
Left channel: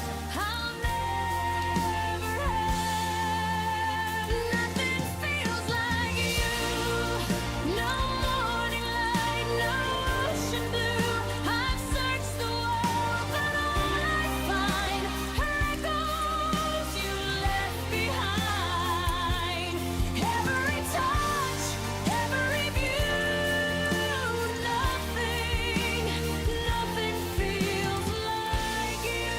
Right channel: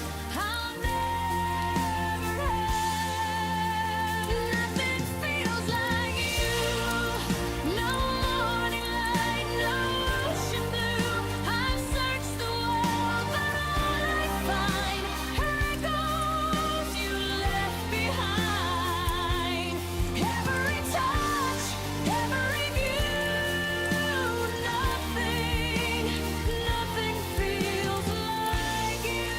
I'll never have. Nothing feels like you. No morning light, no ocean blue. I've searched the world, but all I find are echoes you left behind. Every touch, every view, nothing feels like you.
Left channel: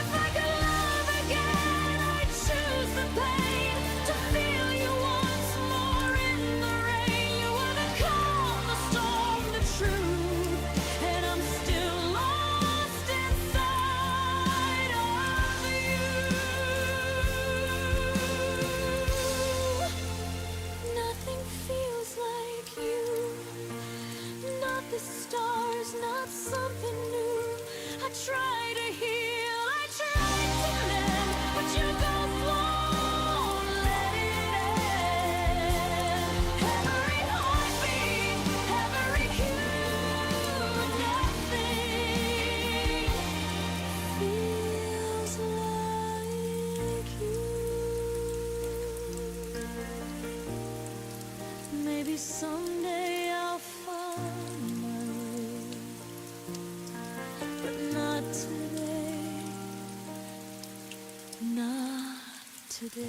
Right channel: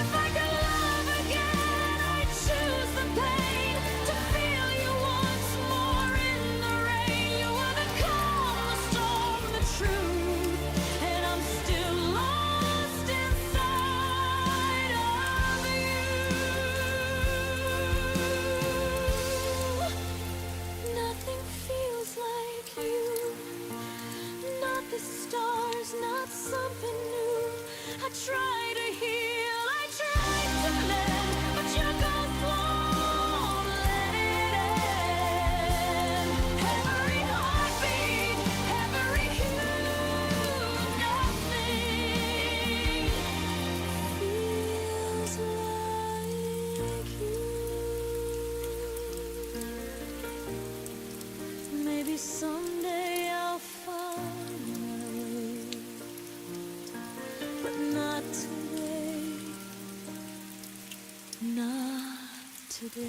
If I could love again, I'd choose the pain, to feel you once more in the rain. You were the calm, the storm, the truth, and I'm still lost inside of you. Nothing feels like you. Not the stars, not something new. I try to heal, I try to mend, but your ghost won't let it end. Every heartbeat, every hue, nothing feels like you. Maybe someday I'll find my way, but not today, not today.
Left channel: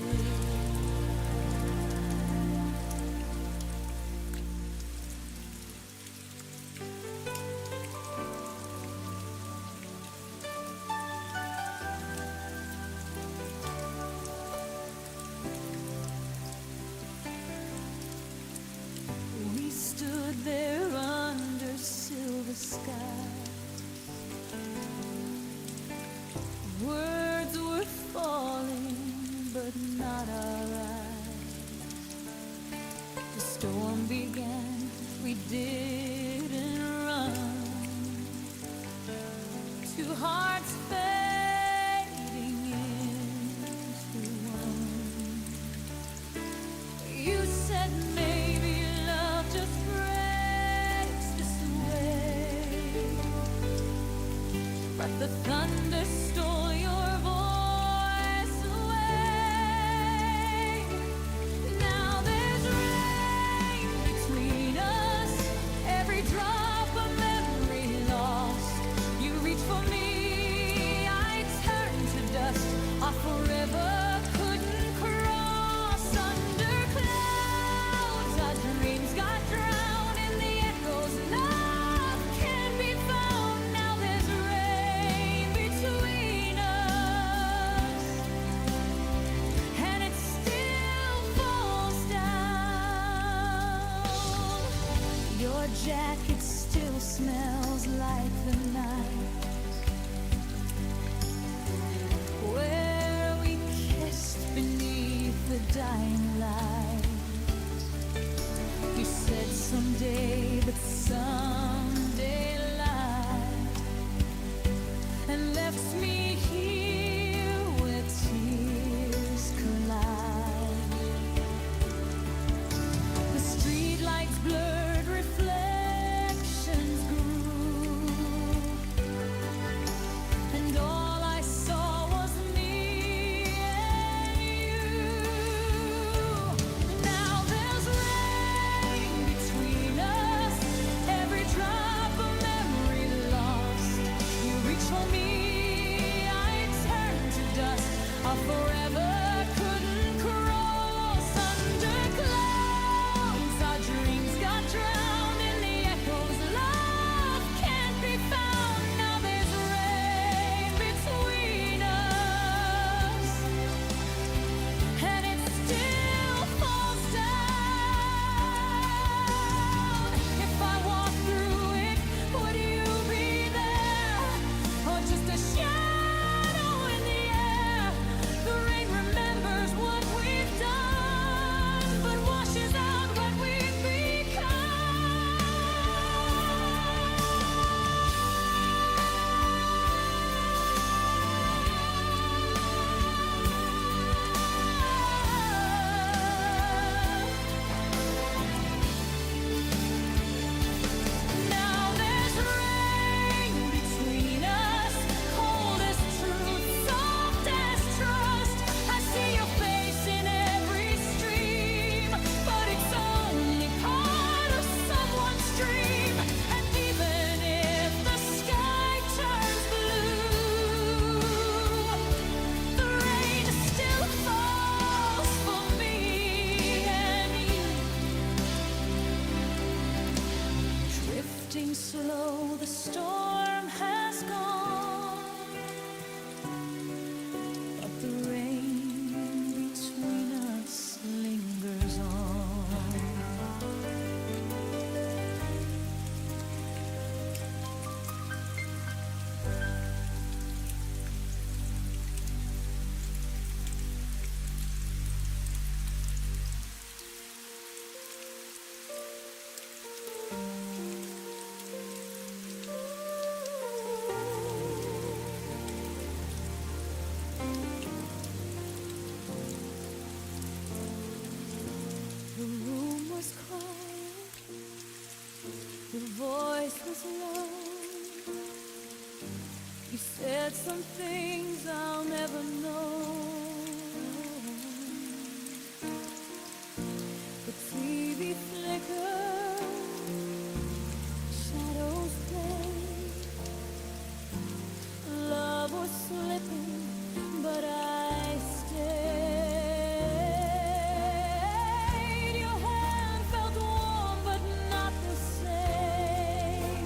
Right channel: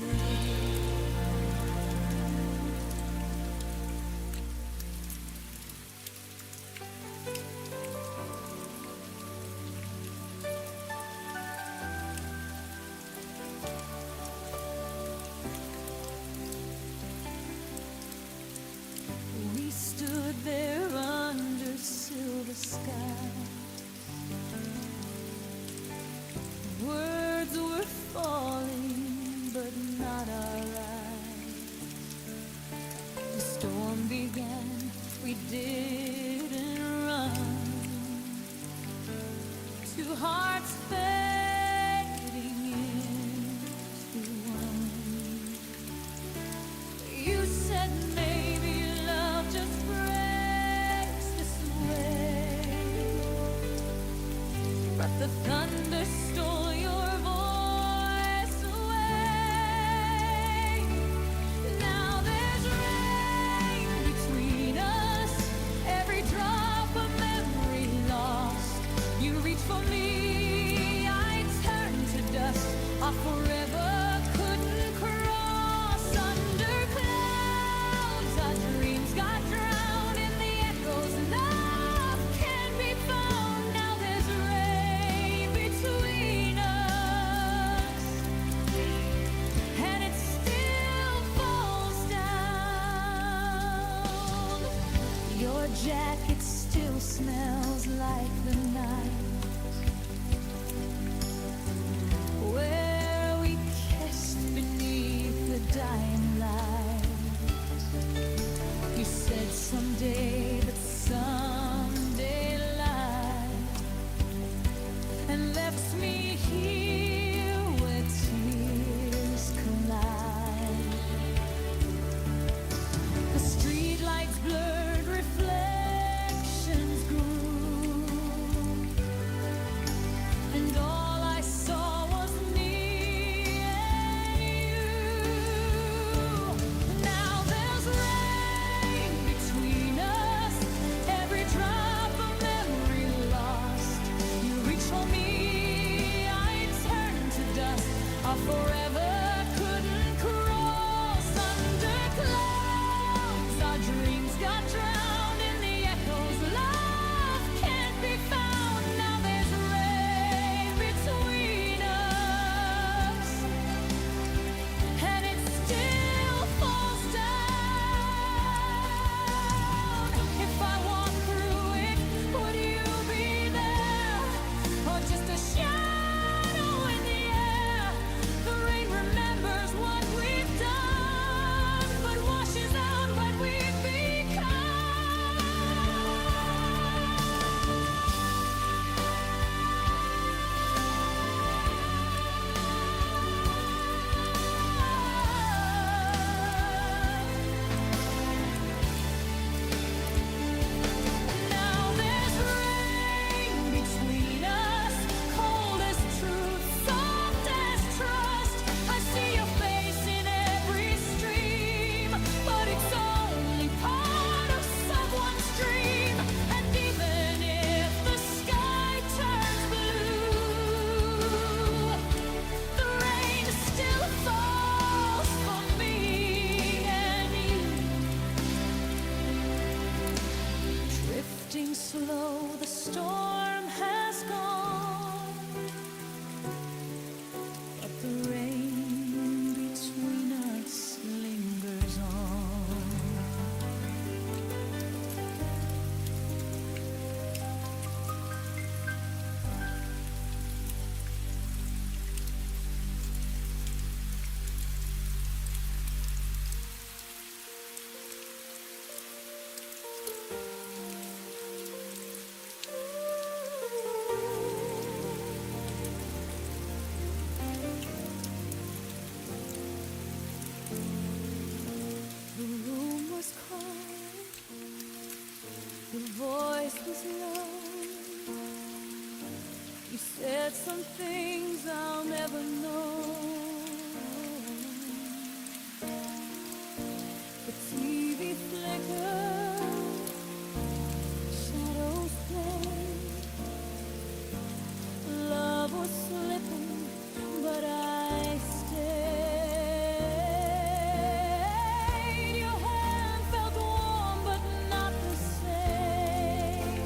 We stood there under silver skies. Words were falling, but not our eyes. The storm began, we didn't run. Two hearts fading into one. You said maybe love just breaks this way, but the thunder stole your voice away. Now there's rain between us, every drop a memory lost. You reach for me, I turn to dust. Our forever couldn't cross. Under clouds, our dreams got drowned in the echoes. Love can be jacket still smells like the night where we kissed beneath the dying light. You said someday, but someday lied, and left me here where tears collide. The streetlights blurred, reflections grew, and all I saw was me and you. Now there's rain between us, every drop of memory lost. You reach for me, I turn to dust. Our forever couldn't cross under clouds. Our dreams got drowned in the echoes. Love can't be found. Now there's rain between us, and it still falls down. If I walk through it, would you be there, or just a shadow in the air? The rain remembers what we've done, but washes out what we've become. Now there's rain between us, cold as truth, soft as trust. I see your face in every stream, but it's only part of someone's dream. And even if the sky turns blue, the rain still falls for me and you. Drifting slow, the storm has gone, but the rain between us lingers on. The room was quiet, your voice was low. You said some things I'll never know. The TV flickered, shadows played. Love was slipping, but I stayed. Your hand felt warm, but not the same.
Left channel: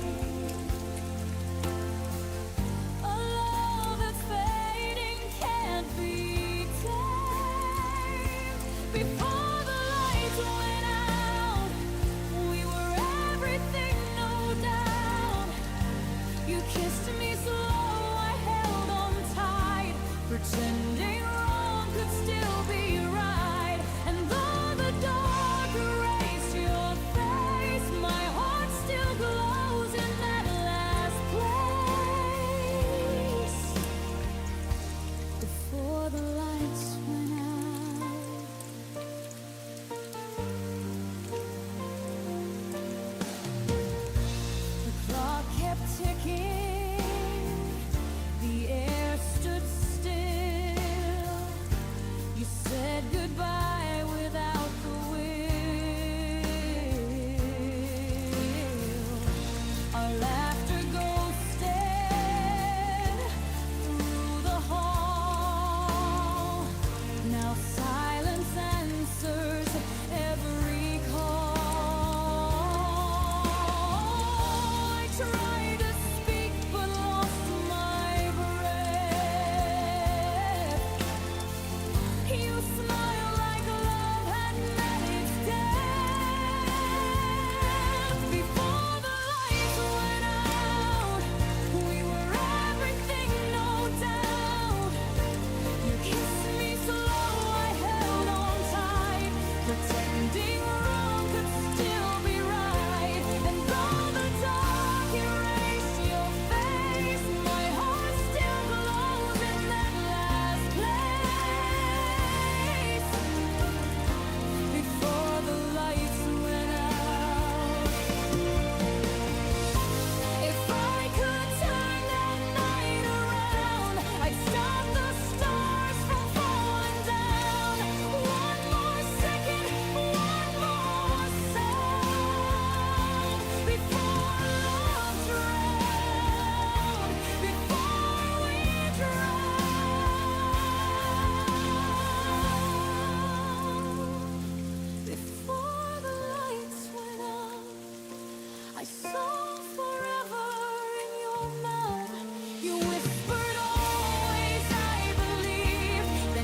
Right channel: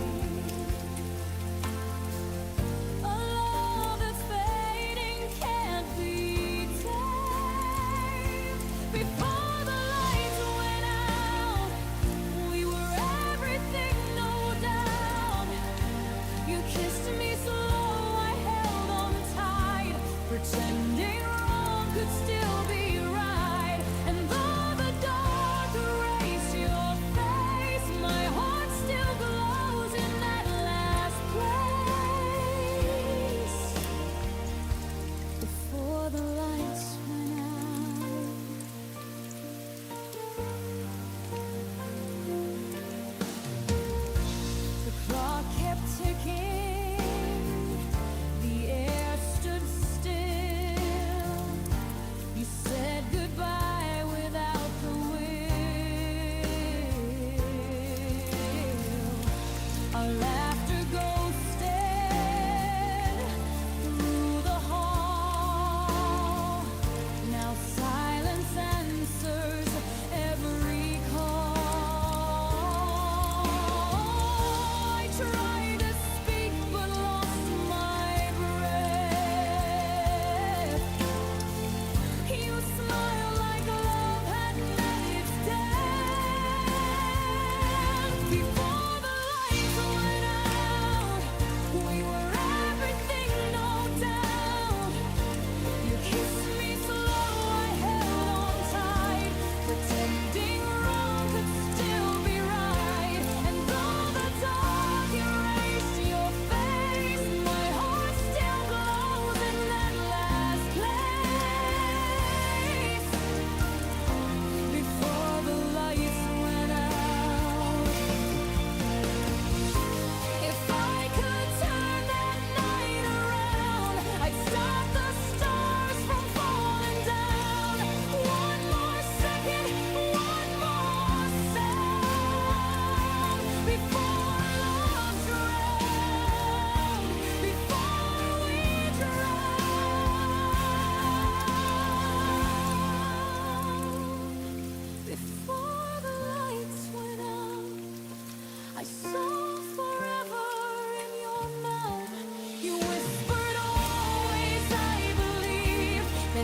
A love that's fading can't be tamed. Before the lights went out, we were everything, no doubt. You kissed me slow, I held on tight, pretending wrong could still be right. And though the dark erased your face, my heart still glows in that last place. Before the lights went out, the clock kept ticking, the air stood still.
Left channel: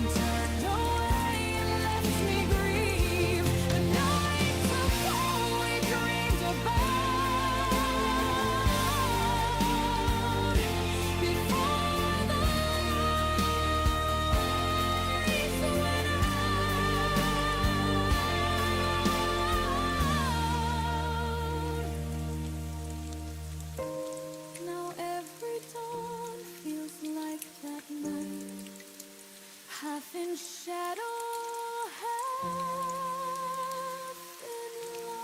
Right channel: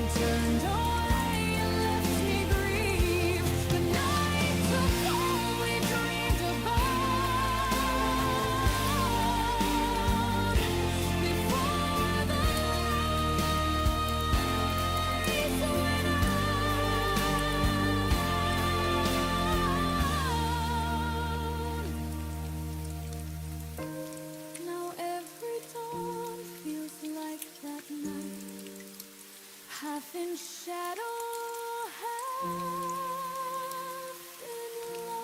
and turned away and left me grieve the night took all we dreamed about before the lights went out. Now every dawn feels like that night, half in shadow, half in light.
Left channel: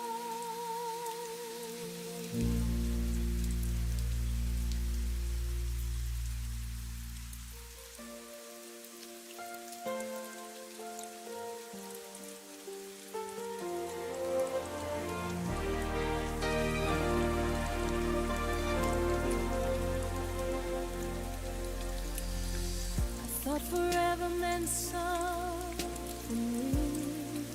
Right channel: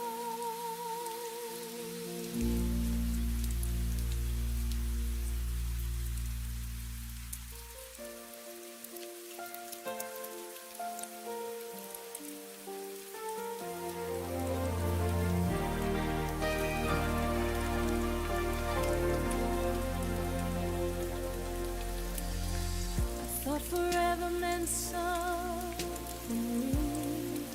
I thought forever meant something real,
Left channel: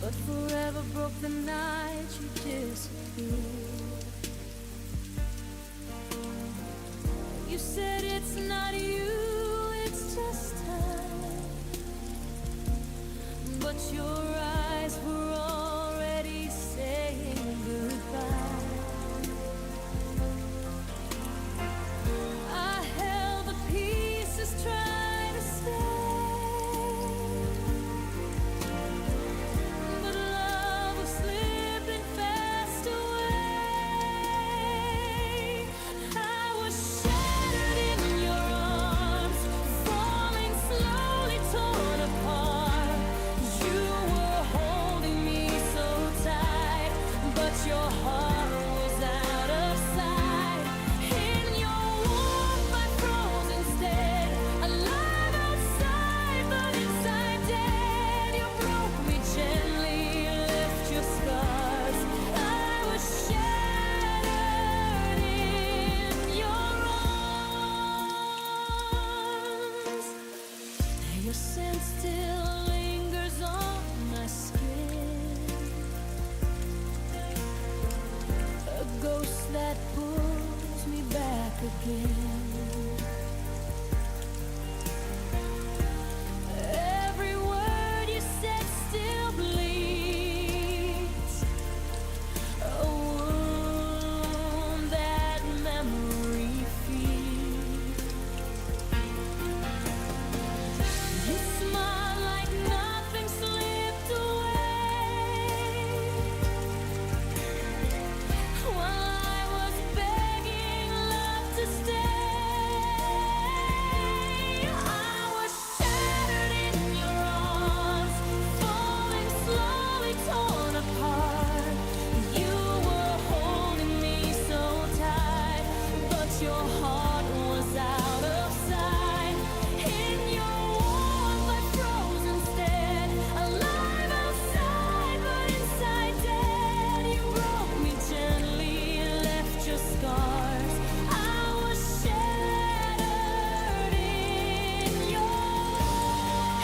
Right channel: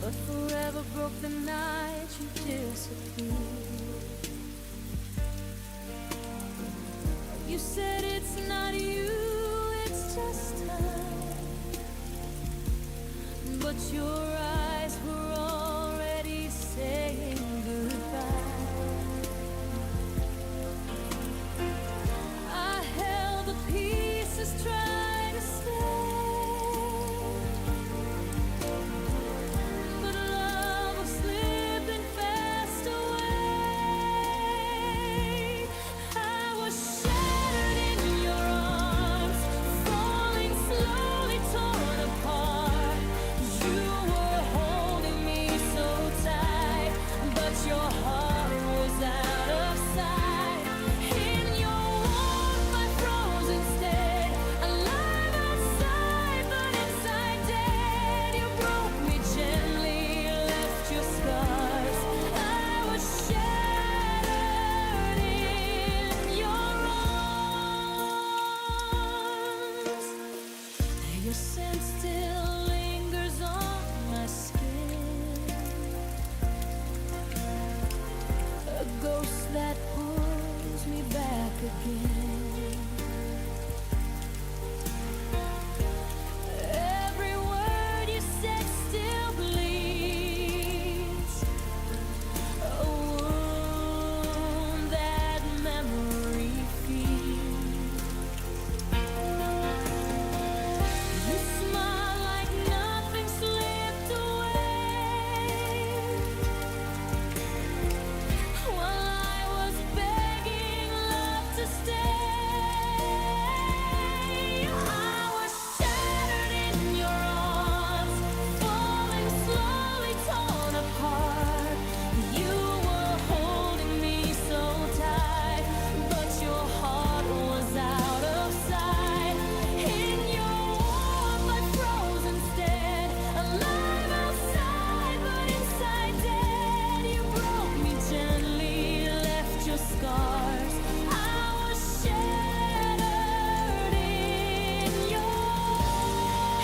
but forever broke the night you disappeared. You said it's not you, it's just time, but your eyes were already saying goodbye. I held the pieces, trying to stay, but love was slipping fast away. I was shattered in your arms, falling slowly, torn apart. You were holding me so tight, but your heart was out of sight. In your warmth I froze instead, alive outside but inside dead. You broke me gently, left your scars. I was shattered in your arms. Your scent still lingers on my skin, a ghost that pulls me back again. Every word you said still bleeds, a wound that memory feeds. You smile like nothing slipped away, while I was begging love to stay. I was shattered in your arms, falling slowly, torn apart. You were holding me so tight, but your heart was out of sight. In your warmth I froze instead, alive outside but inside dead. You broke me gently, left your scars. I was shattered in your.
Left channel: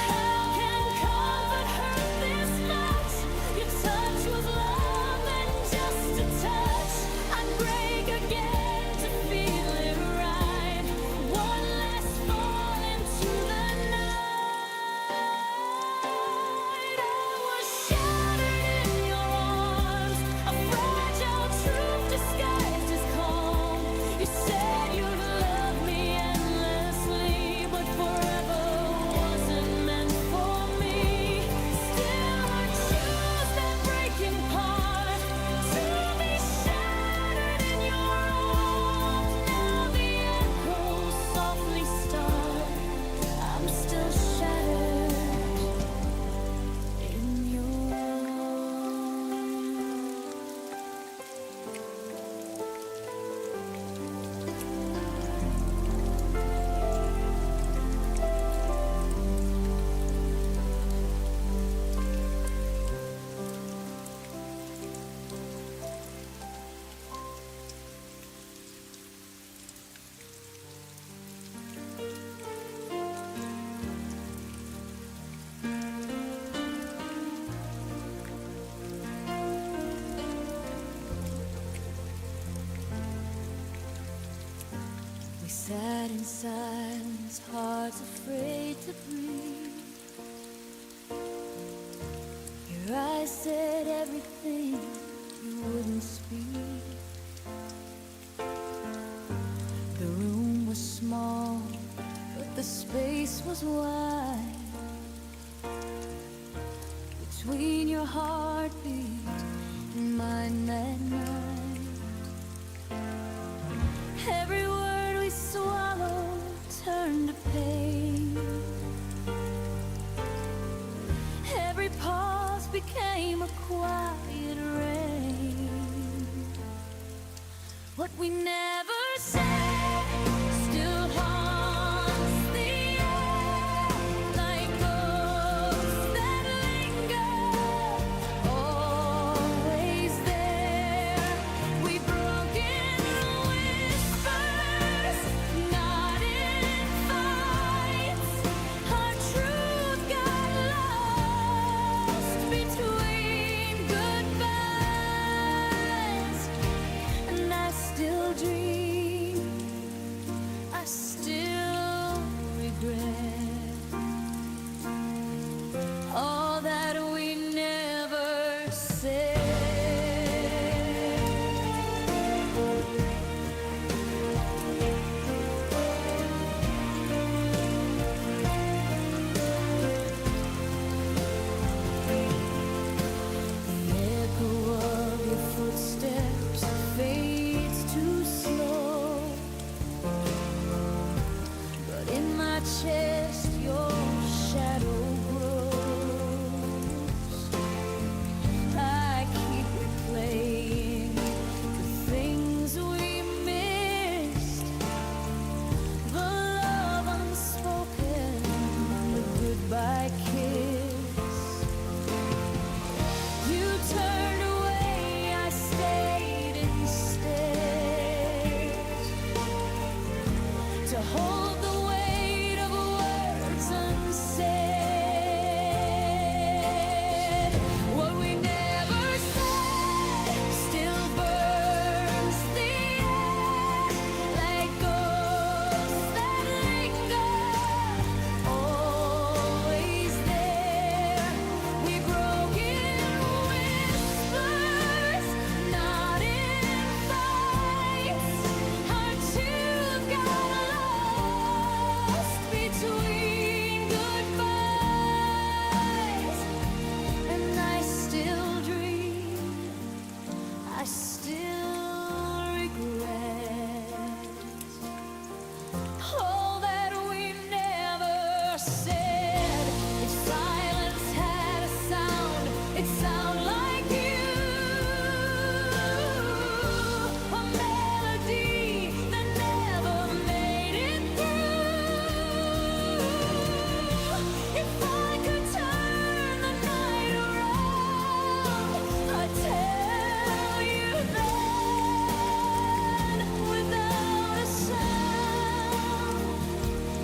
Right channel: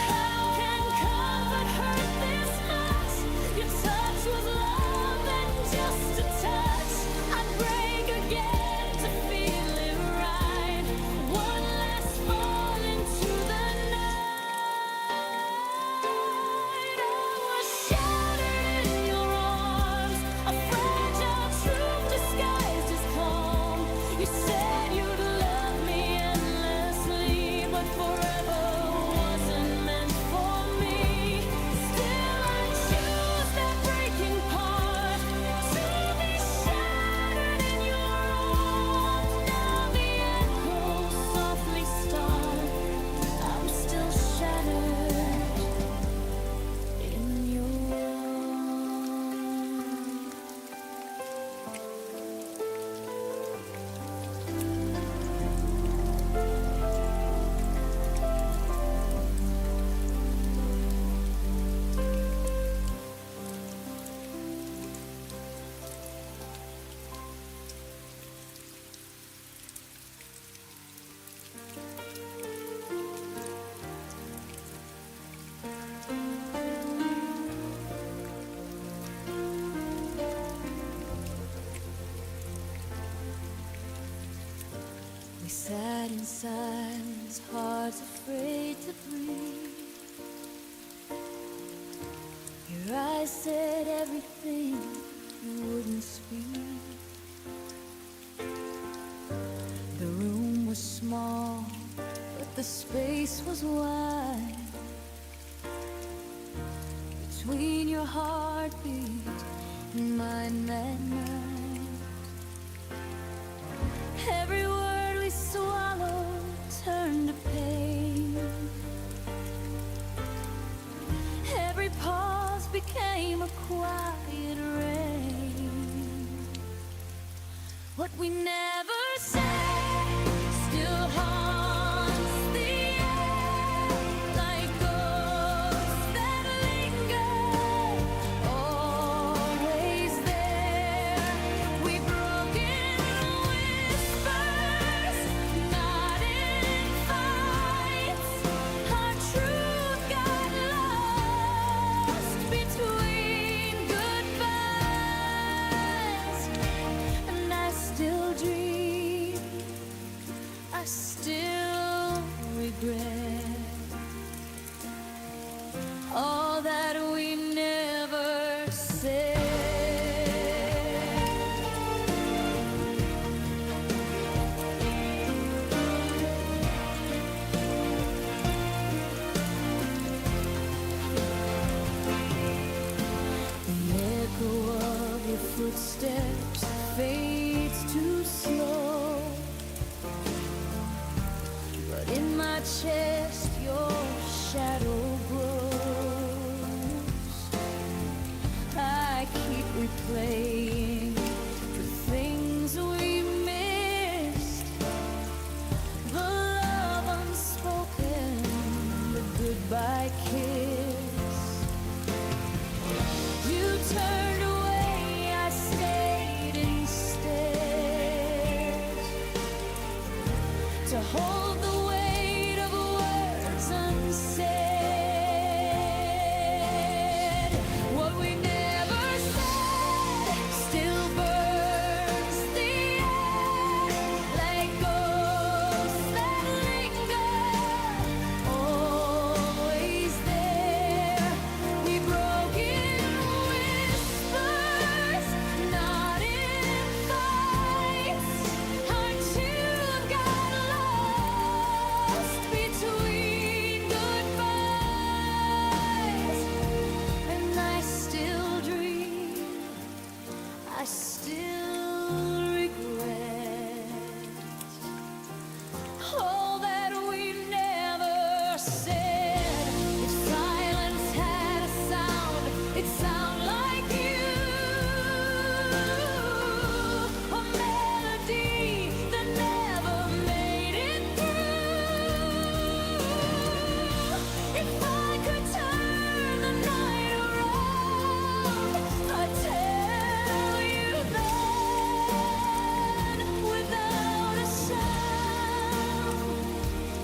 How can comfort hurt this much? Your touch was love and just a touch. I'd break again to feel it right. sat in silence, hearts afraid to breathe. Your eyes said everything you wouldn't speak. The room was small, but the space was wide. Between your heartbeat and mine that night, every word we swallowed turned to pain. Every pause became a quiet rain. What we never said still haunts the air like ghosts that linger, always there. We've broken whispers, not in fights. Our truth got lost between goodbyes, and I still dream, I still regret all that we never said. The echo of your footsteps fades too slow, but in my chest your shadow grows. I keep replaying the things we missed, the love unspoken, the goodbye kiss. You turned away, I stayed instead to hold the weight of words unsaid. What we never said still burns the air like ghosts that linger, always there. We've broken whispers, not in fights. Our tune got lost between goodbyes, and I still dream, I still regret all that we never said. If silence had a sound, it'd sound like you, a melody that never made it through. If I could turn the night around, I'd tell you then, without a sound.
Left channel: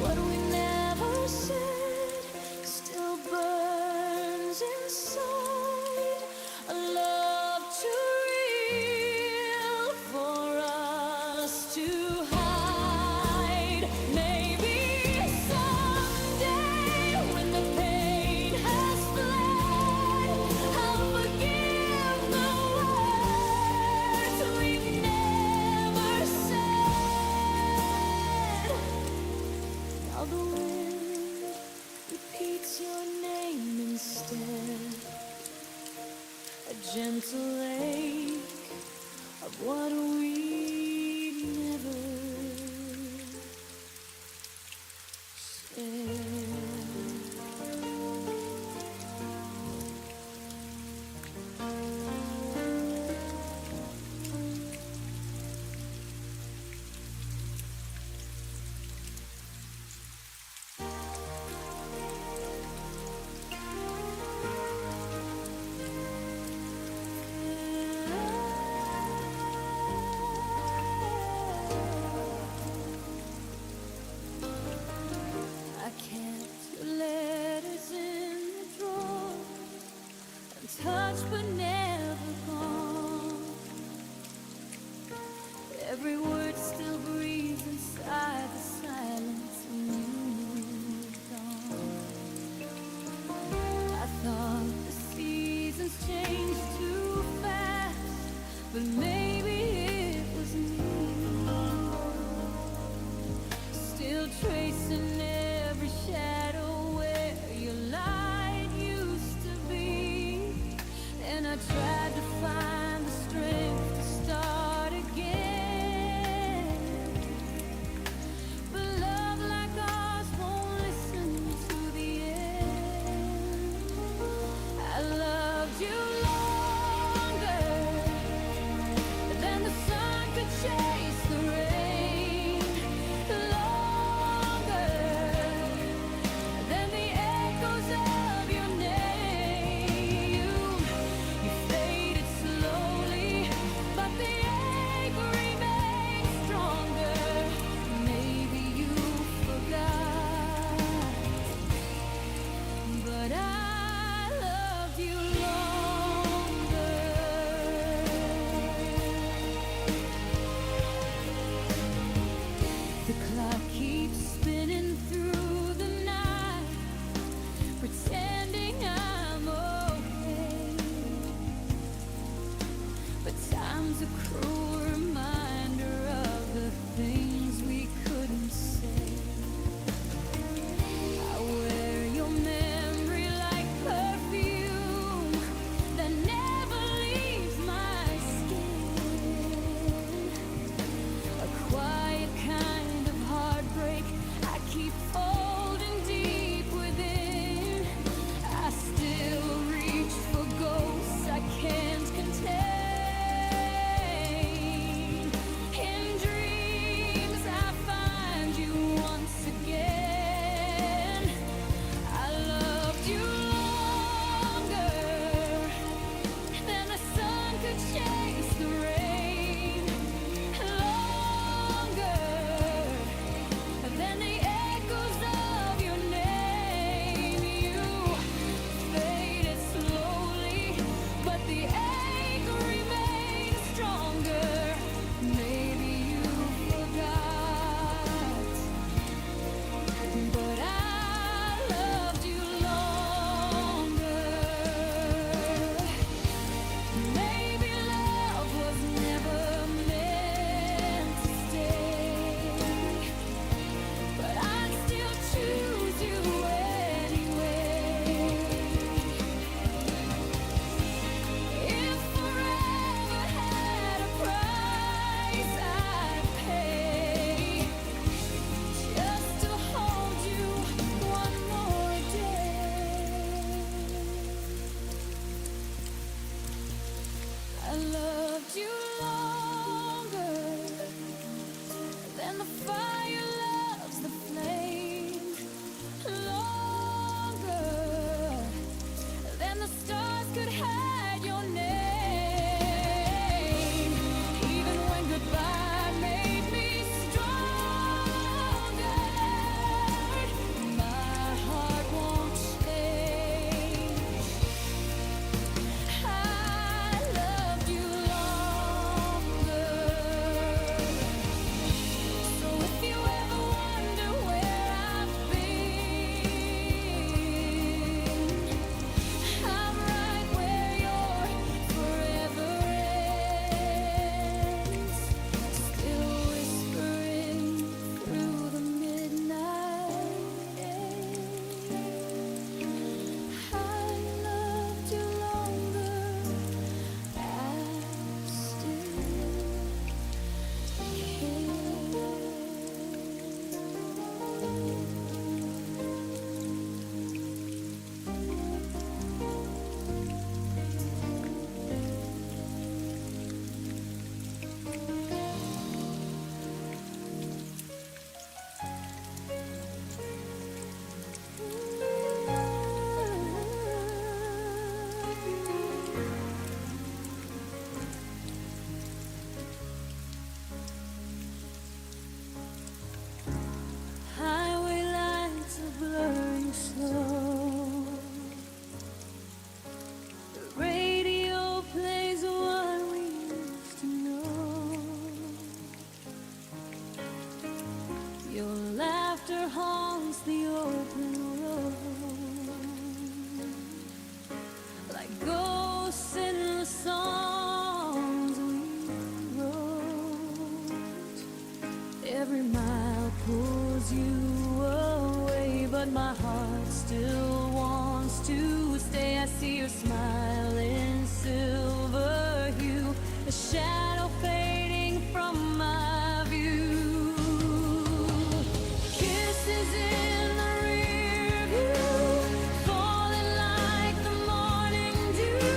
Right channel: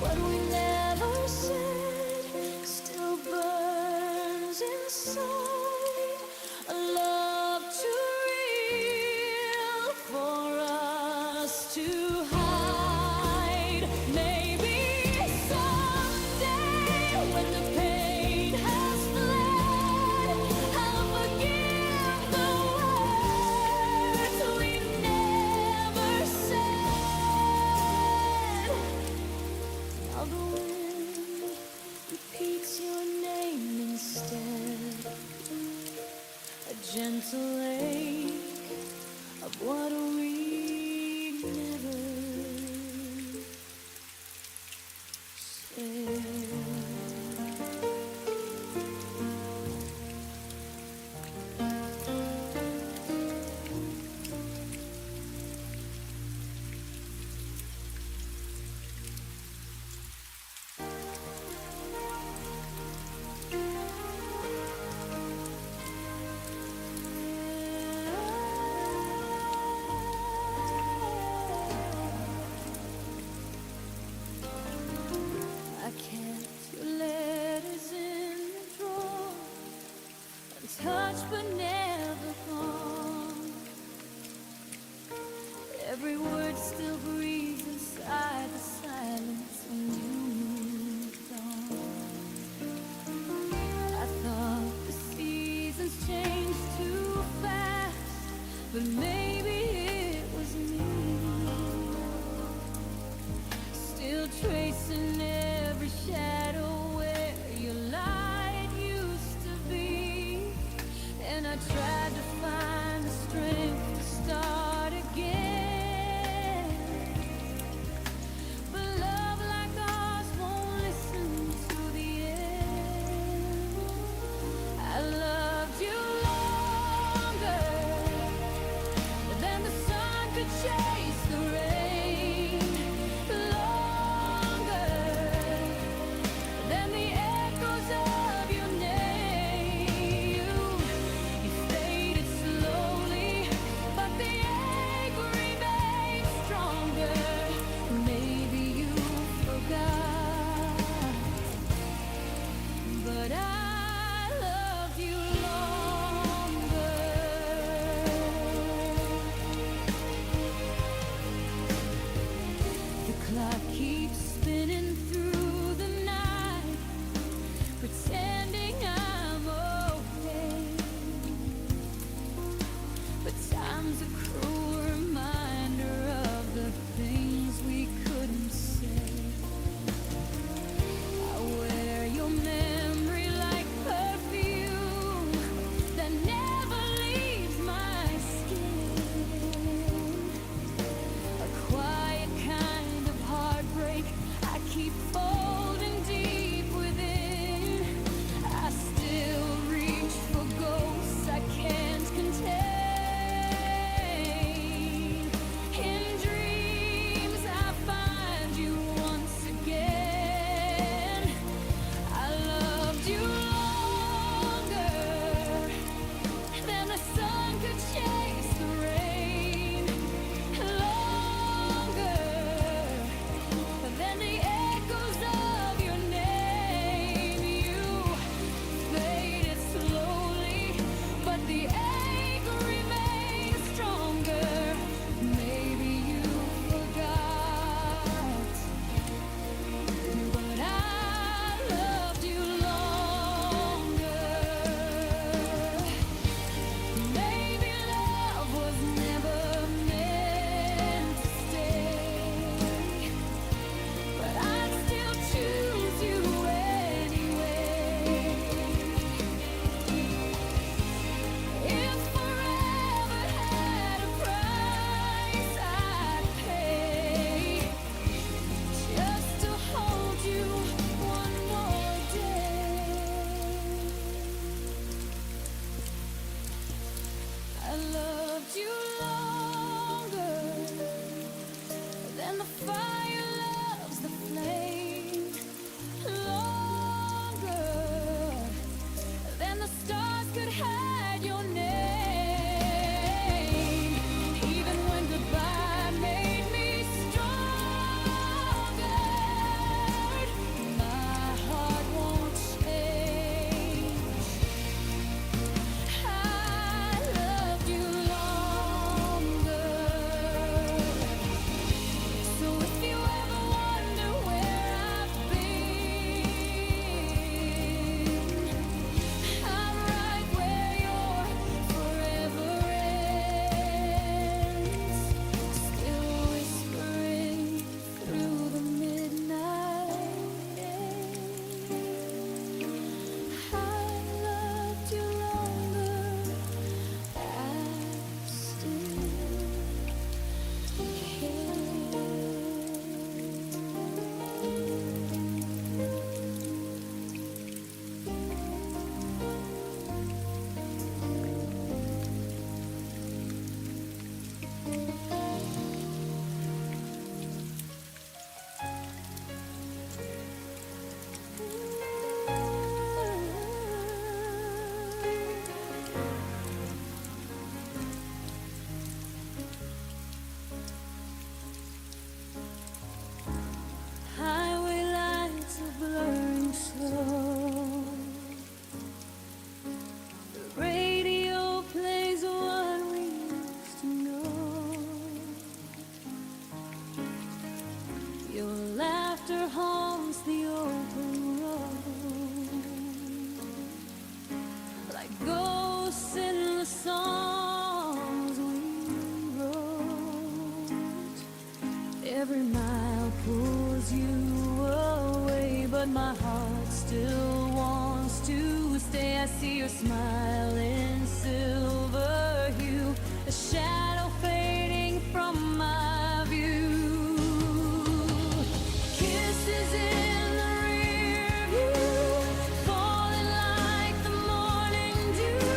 What we never said still burns inside. A love too real for us to hide. Maybe someday when the pain has fled, I'll forgive the words we never said. Now the wind repeats your name instead, a gentle ache of what we never said. I kept your letters in the drawer, untouched but never gone. Every word still breathes inside still tracing every shadow where your light used to be. And I tried to find the strength to start again, but love like ours won't listen to the end. I loved you longer than the sun could chase the rain, longer than the echoes of your name. You faded slowly, but the ache remains stronger. Maybe you forgot, but I loved you longer. The clock keeps spinning through the night, pretending I'm okay. But time's a cruel reminder of the things we couldn't say. I wear your memory like perfume that never leaves my skin. A quiet kind of heartbreak I keep folding deep within. I still reach for ghosts I can't contain. In dreams I find you once again. I loved you longer than the sun could chase the rain, longer than the echoes of your name. You faded slowly, but the ache remains stronger. Maybe you forgot, but I loved you longer. Maybe love was never meant to stay, but I'd still choose you anyway. If forever had a price I'd pay, just to hold you one more day. I loved you longer than the fire loves the flame, longer than the stars could hide your name. Even when goodbye made me stronger, my heart won't change. I loved you longer. So if you ever wonder where I've been, I'm right where your forever ends. Still whispering through the midnight air. I loved you longer. I still care. Highway lights are blurring slow. The radio plays what we used to know. Your laughter haunts the open road, like ghosts in the songs we wrote. Every mile pulls you my heart still wants to stay. I see your smile in silver hue, a shadow fading from my view. Kisses in the rear view, falling like the morning dew.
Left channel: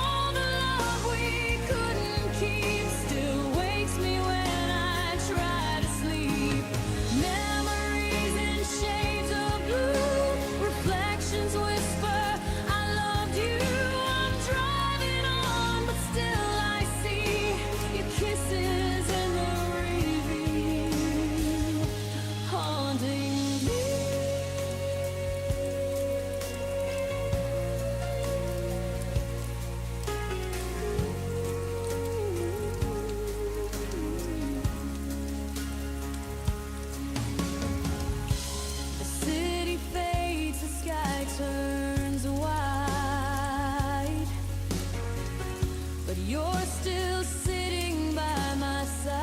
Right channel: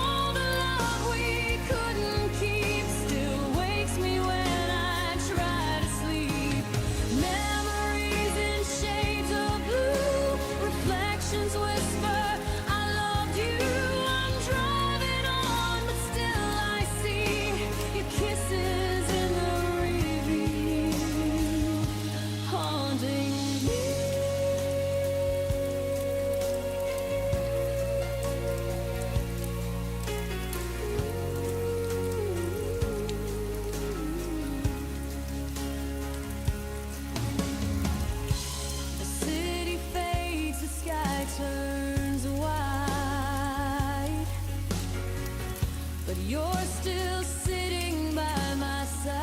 All the love we couldn't keep still wakes me when I try to sleep. Memories in shades of blue, reflections whisper, I loved you. I'm driving on, but still I see your kisses in the review, haunting me. The city fades, the sky turns white, but you're still sitting by my side.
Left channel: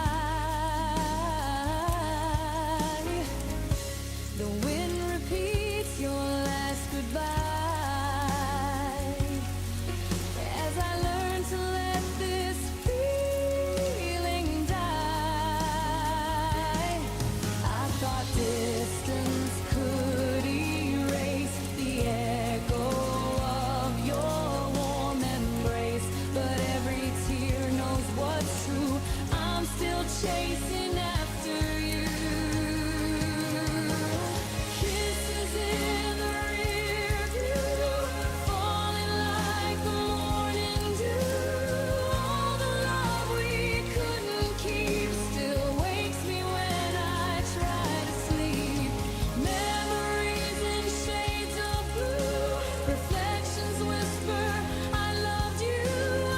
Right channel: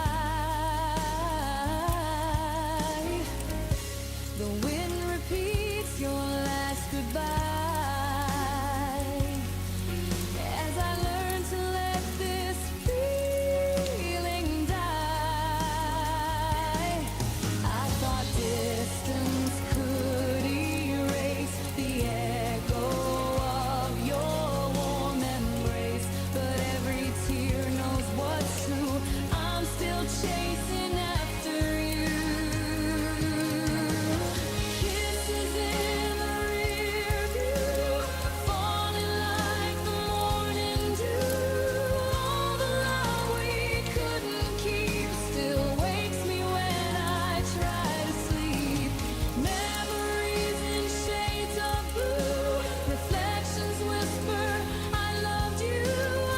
The wind repeats your last goodbye as I learn to let this feeling die. I thought distance could erase the echo of your warm embrace, but every tear knows what's true. I'm still chasing after you. Kisses in the rear view, falling like the morning dew. All the love we couldn't keep still wakes me when I try to sleep. Memories in shades of blue, reflections whisper, I loved you.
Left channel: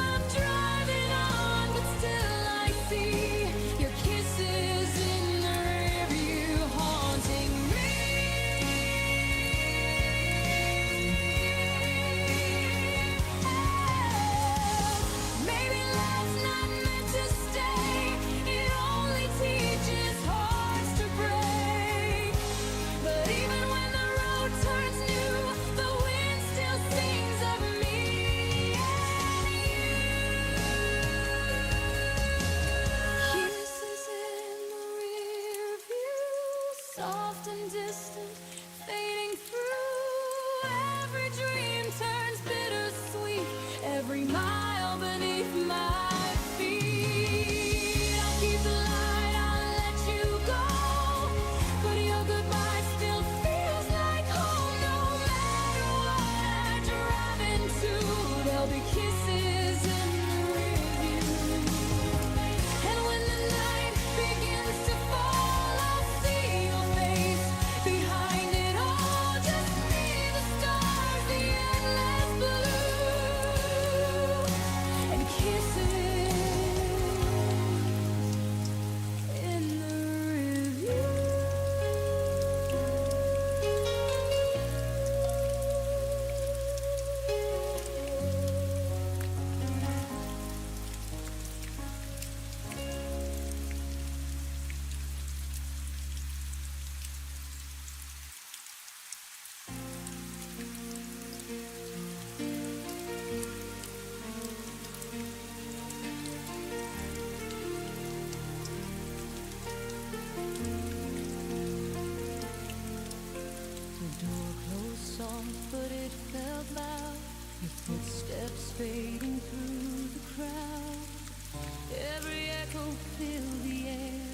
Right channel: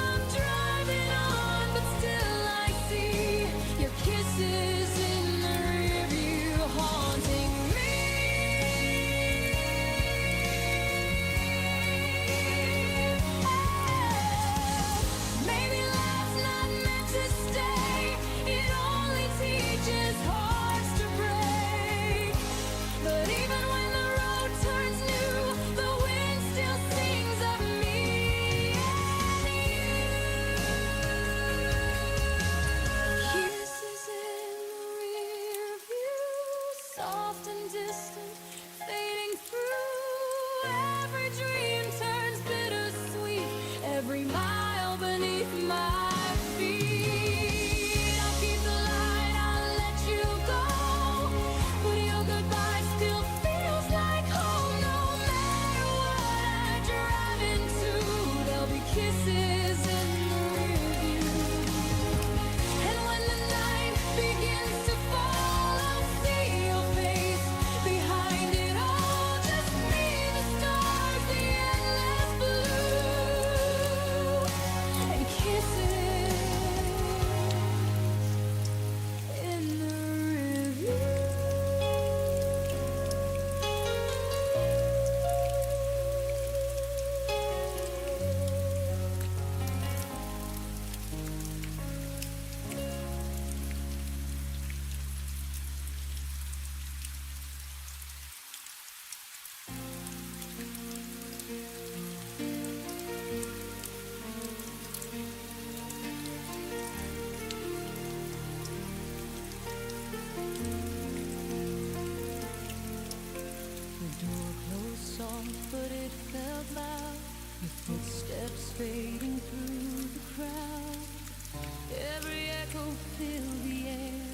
I'm driving on, but still I see your kisses in the rear view, haunting me. Oh, maybe love's not meant to stay. It only teaches hearts to break. But even when the road turns new, the wind still sings of me and you. Kisses in the rear view, soft and distant, fading through. Every dream turns bittersweet, every mile beneath my feet. I'll keep the light, I'll let you go, but your goodbye still feels like home. No matter what I drive into, there'll be kisses in the rear view. And when the night begins to fall, I'll see your face behind it all. Just me, the stars, the endless blue, and kisses in the review. The door closed soft, but it felt loud. Your footsteps fading through the crowd. Every echo filled the air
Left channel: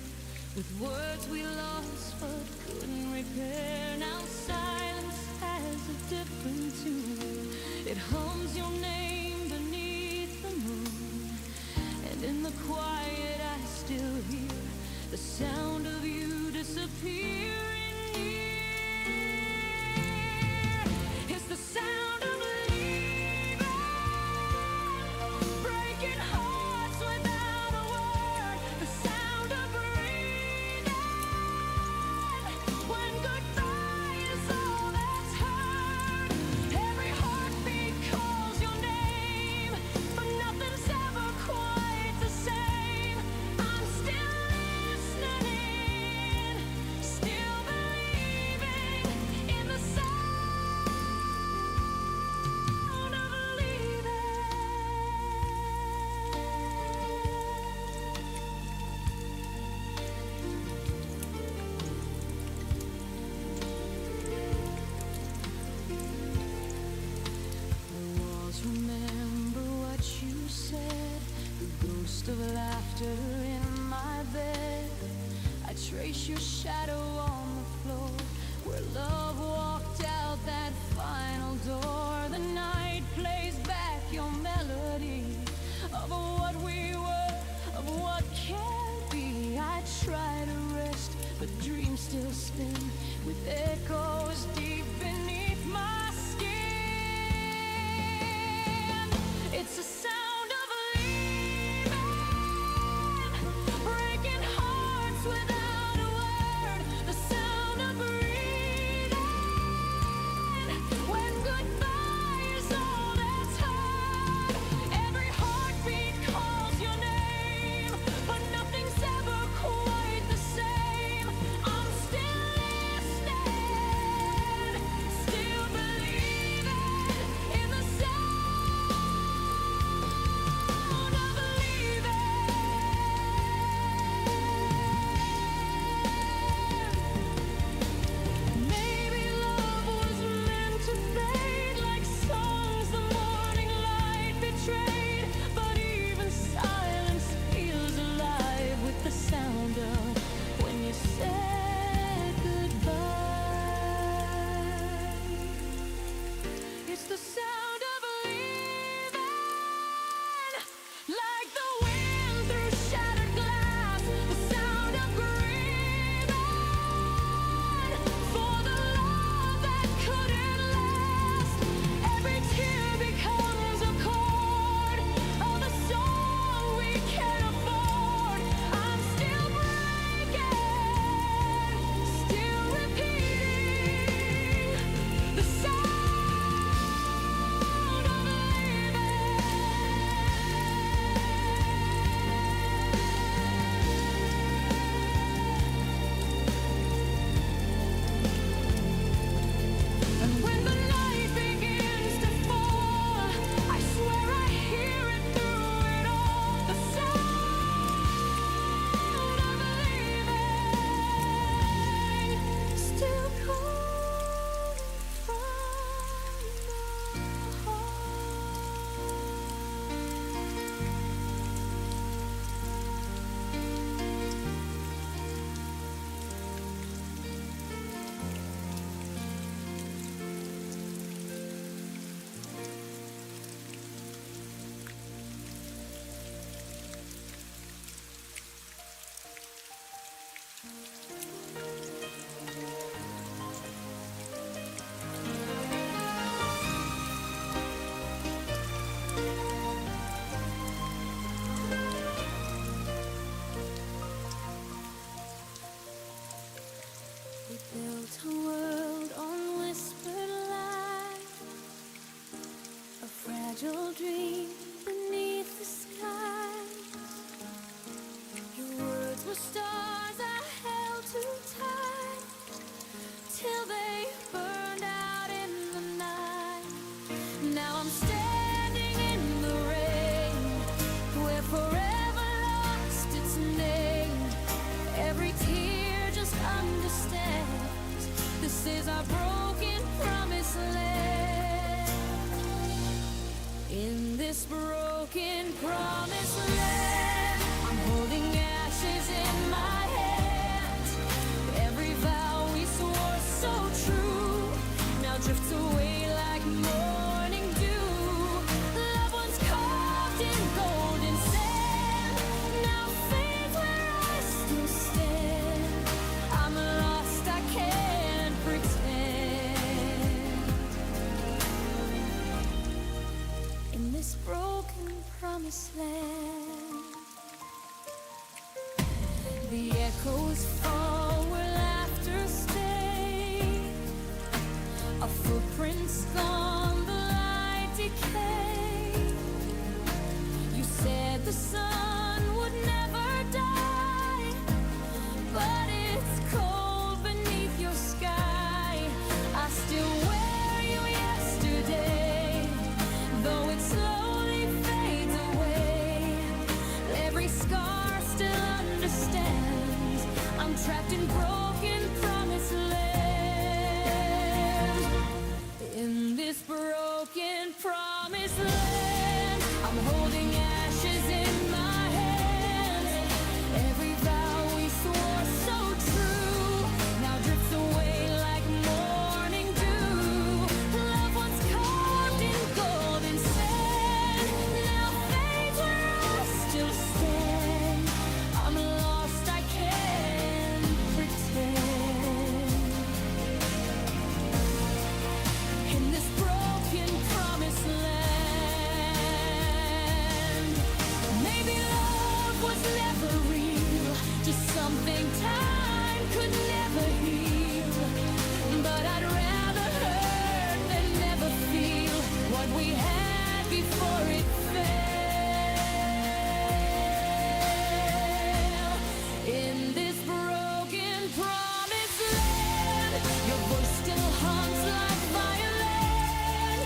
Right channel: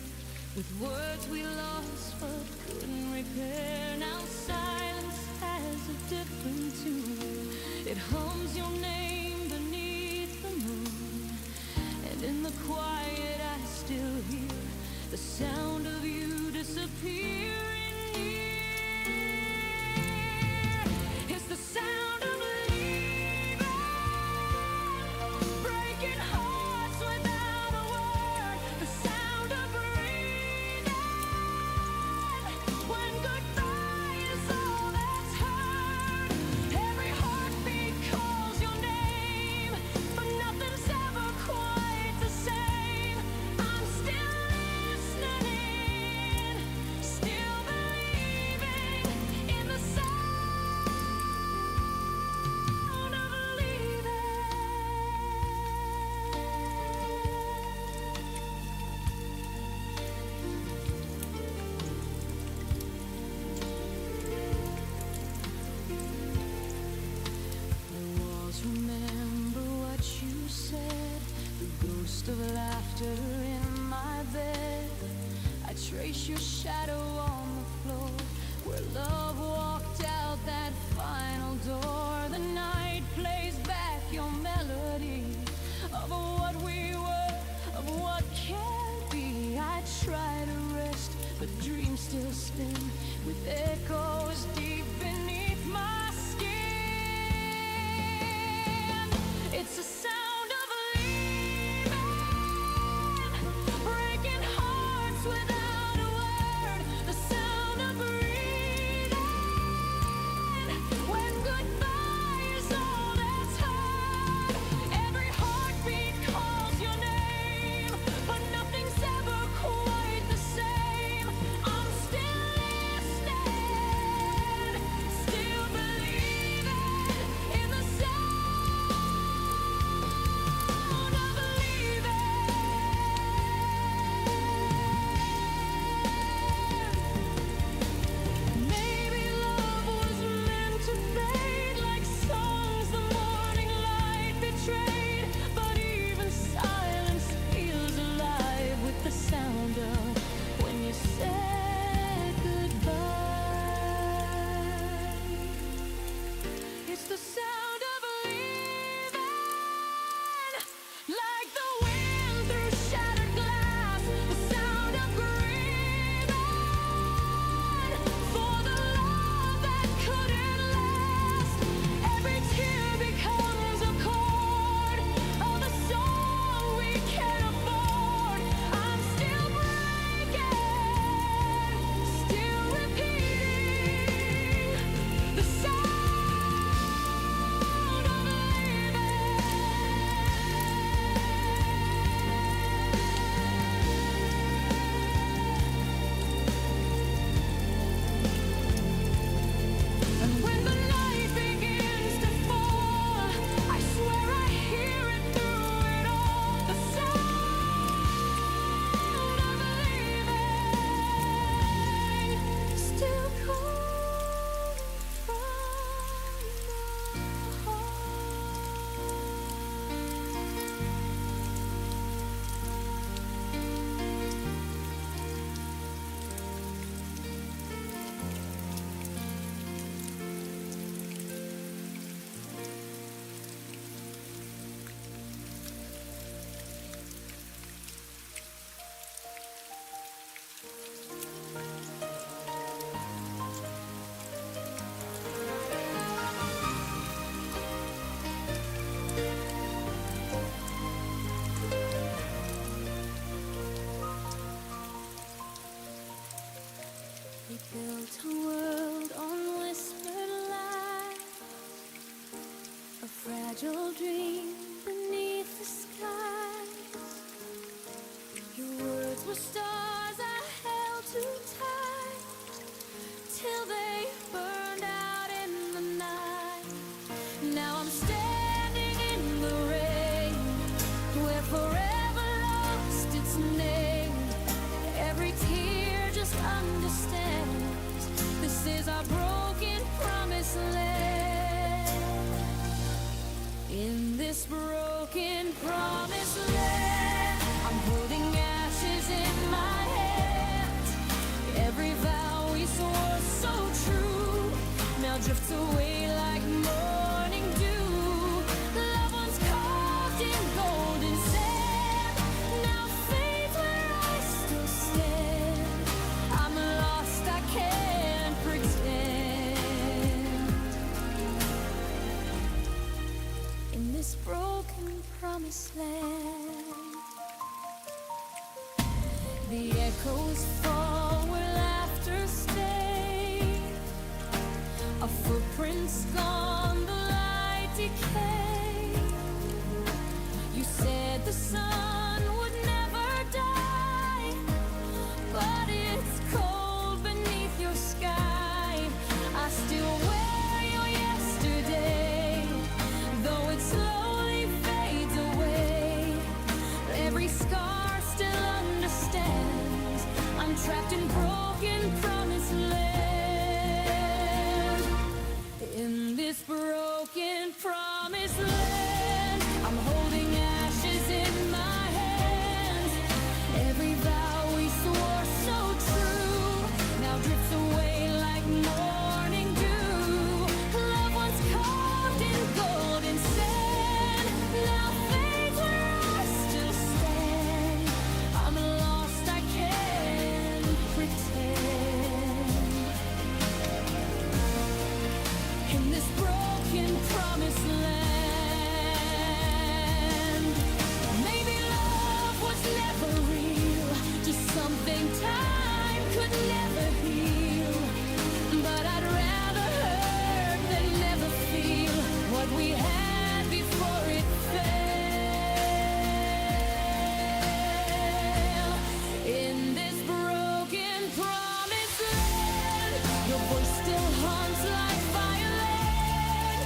with words we lost but couldn't repair. Now silence has a different tune. It hums your name beneath the moon, and in the quiet I still hear the sound of you disappearing. It's the sound of leaving, breaking hearts without a word. The sound of breathing, trace your shadow on the floor, where love walked out that final door. The night plays back your melody of what we were, of what can't be. I try to rest, but dreams still spin with echoes deep beneath my skin. It's a sound of leaving, breaking hearts without a word. The sound of breathing when goodbye is all that's heard. Every heartbeat calls your name, but nothing's ever quite the same. I'm still listening, still believing in the sound of leaving. Maybe love was meant to fade like songs the morning light betrayed, but even silence feels alive with the sound of when you said goodbye. It's the sound of leaving, like the wind through shattered glass, the sound of grieving for the love that couldn't last. Every tear becomes a chord of the song we can't afford. I'm still breaking, still repeating the sound of leaving. And when the night begins to fall, I swear I hear it through it all. The sound of leaving, still calling from the We built a world on whispered lies, a fragile dream beneath the skies. Your words were stars I held too tight, till they burned out in the night. Now I'm standing in the rain, where forever lost its name. Every tear just understands this is our broken promised land. In this broken promised land, I'm holding ashes in my hands. Every vow we swore so true now drifts away like morning dew. Loved ones carved in golden sand now fades where I still stand. I'm lost, I can't pretend. In this broken promised land, the echoes fall where laughter stays. A footprint's gone, the light decay. You said the sun would never die, but it's cold beneath your sky. I still wear you yesterday, though it slowly fades away. Every scar still understands I'm trapped in broken promised land. In this broken promised land, I'm holding ashes in my hands. Every vow we swore so true drifts away like morning dew. Love once carved in golden sand now fades where I still stand. I'm lost, I can't pretend. In this broken promised land, maybe love was never real, just something time could never heal. But I'd rather hurt than never feel what we had before it fell. In this broken promised land, your voice still haunts like violin.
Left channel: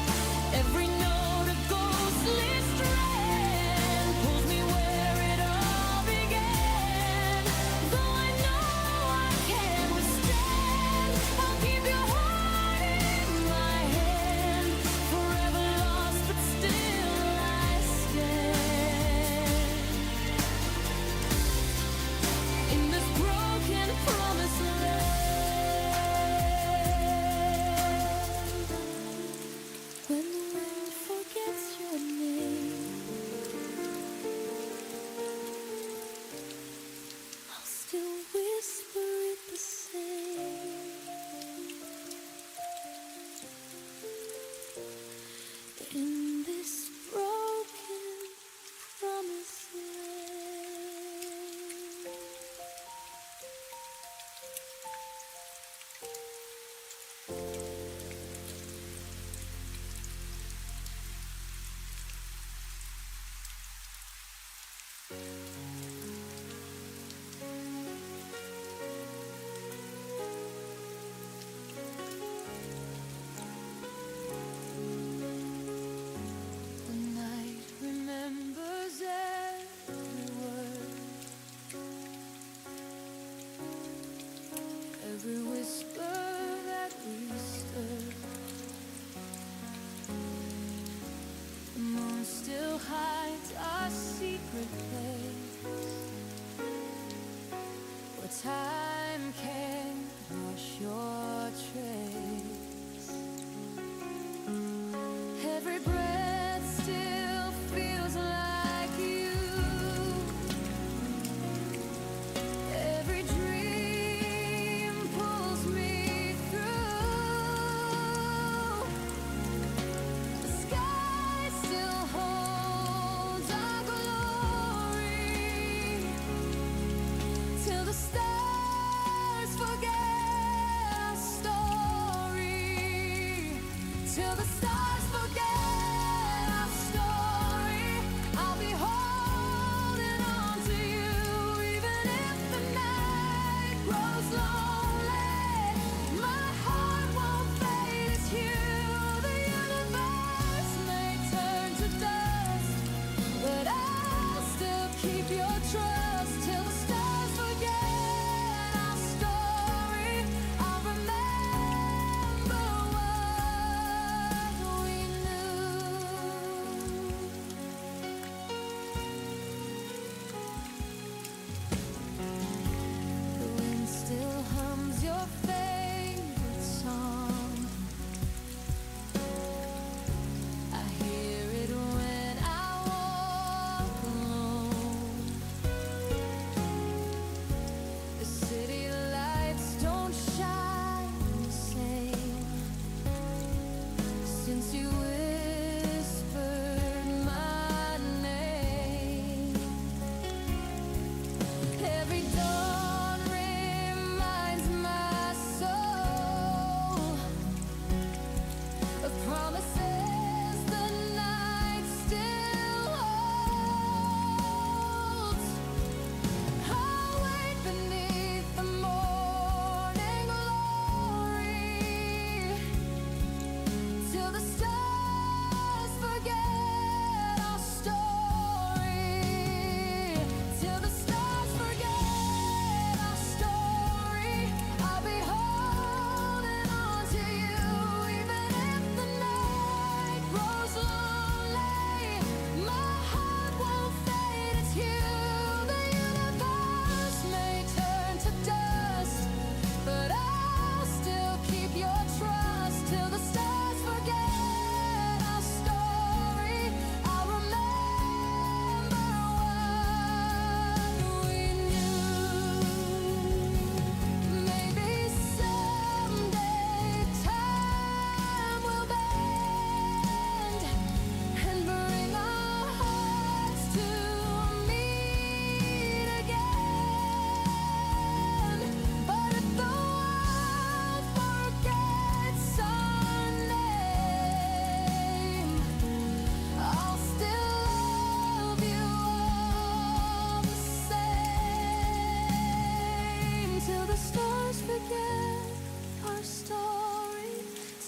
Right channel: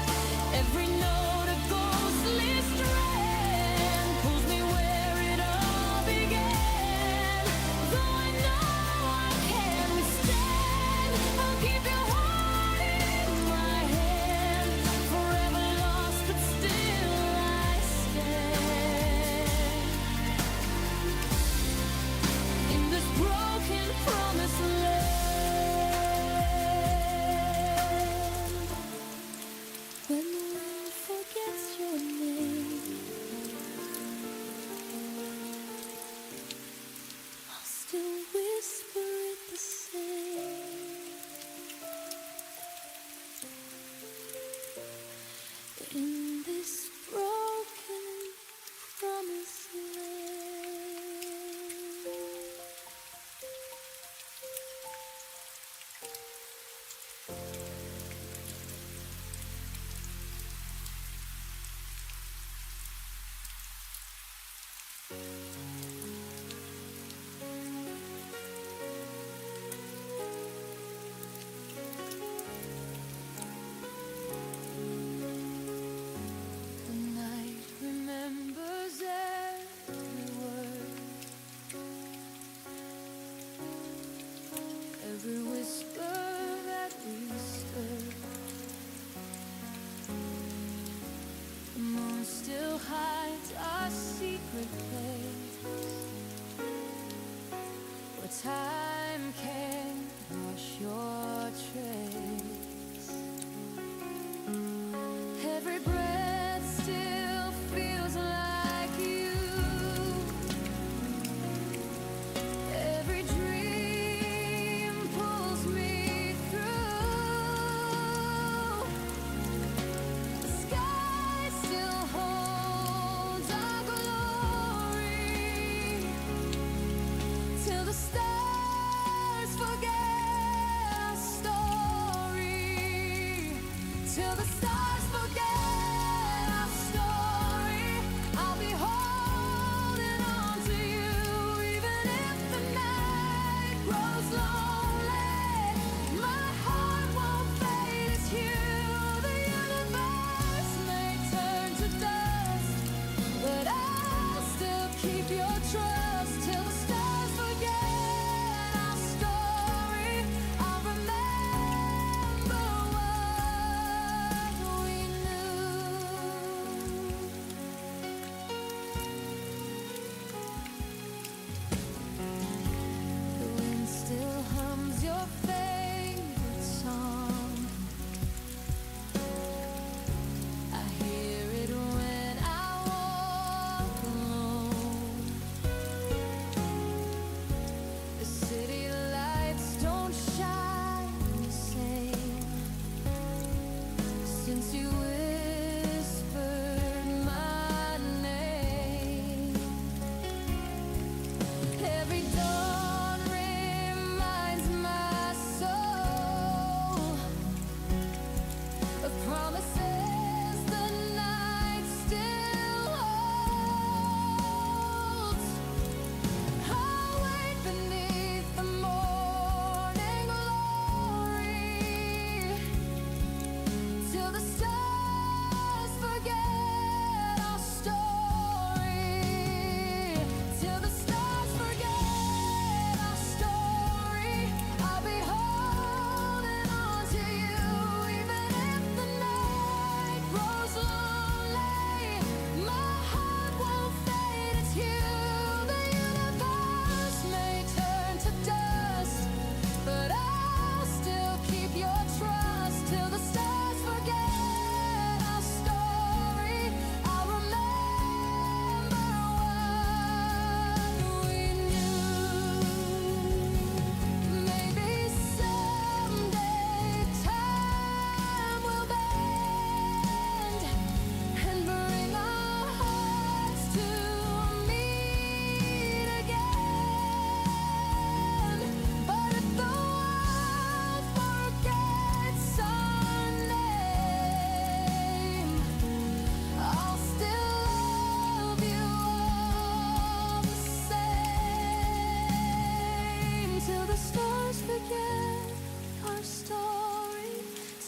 Every note a ghostly strand pulls me where it all began. Though I know I can't withstand, I'll keep your heart in my hand. Forever lost, but still I stand. In this broken promised land, when the wind forgets your name, I'll still whisper it the same. In this broken promised land. The night remembers every word, every whisper that we stirred. The moon still hides our secret place, where time can't wash your trace. Every breath still feels like you. Every dream pulls me through. The sky still holds our glory till the stars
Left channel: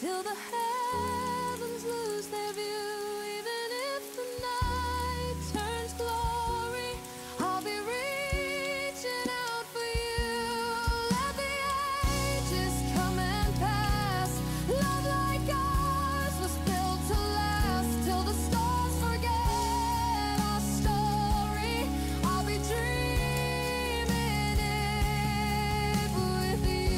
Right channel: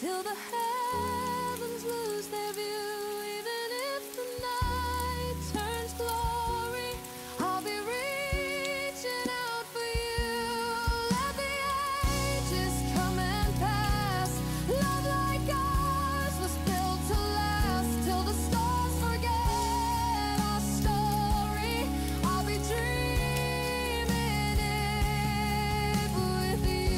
till the heavens lose their view. Even if the night turns glory, I'll be reaching out for you. Let the ages come and pass. Love like ours was built to last till the stars forget our story. I'll be dreaming it with you.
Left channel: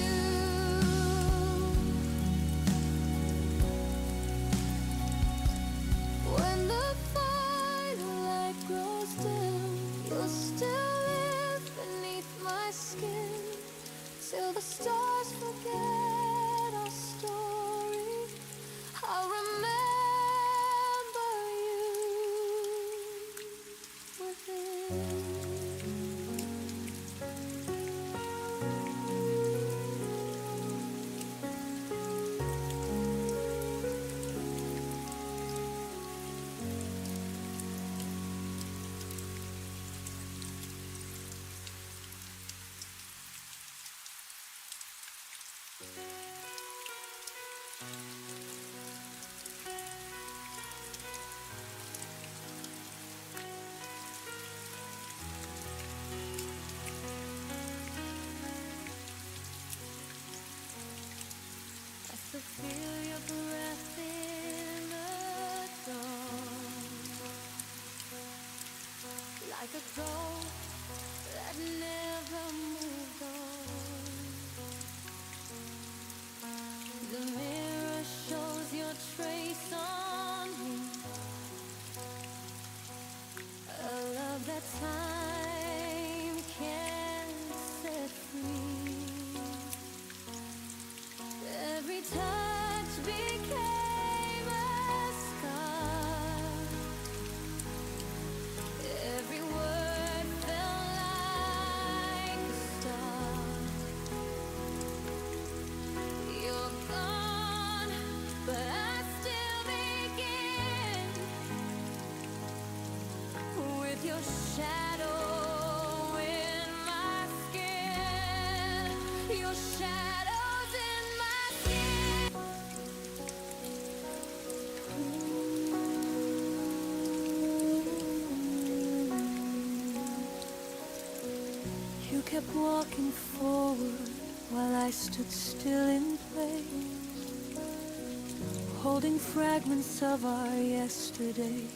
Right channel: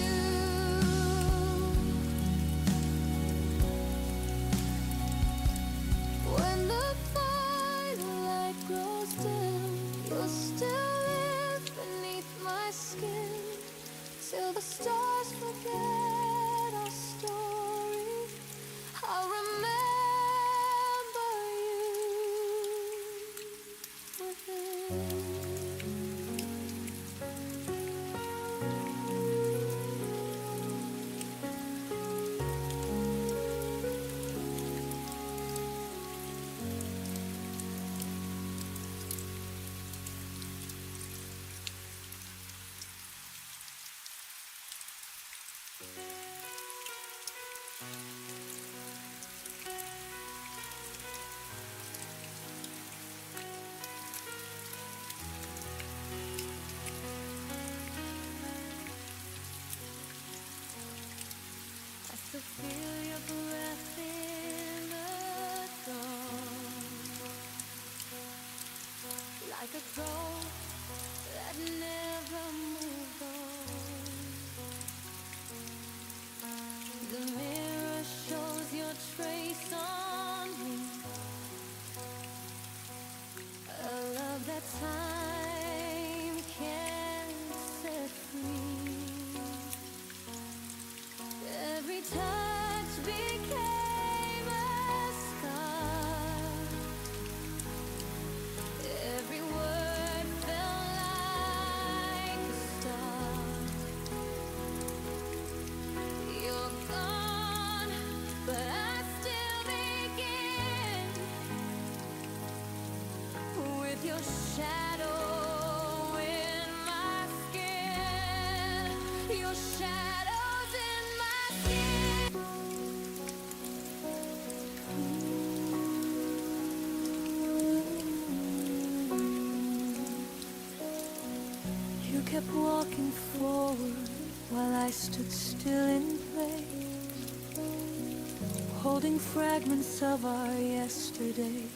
When the firelight grows dim, you'll still live beneath my skin till the stars forget our story. I'll remember you within. I still feel your breath in the dawn, like a ghost that never moved on. The mirror shows your trace on me, a love that time can't set free. Every touch became a scar. Every word felt like a start. You're gone, but I still begin with your shadow in my skin. Your shadows in my skin. You kept walking forward while I stood still in place, holding fragments of our yesterday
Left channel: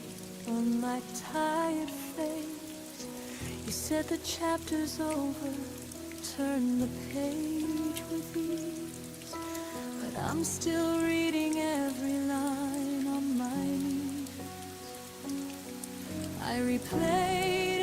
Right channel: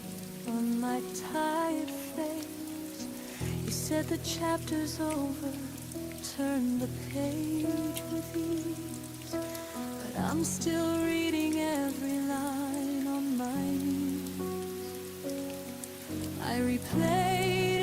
on my tired face. You said the chapter's over, turn the page with ease, but I'm still reading every line on my knees. I replayed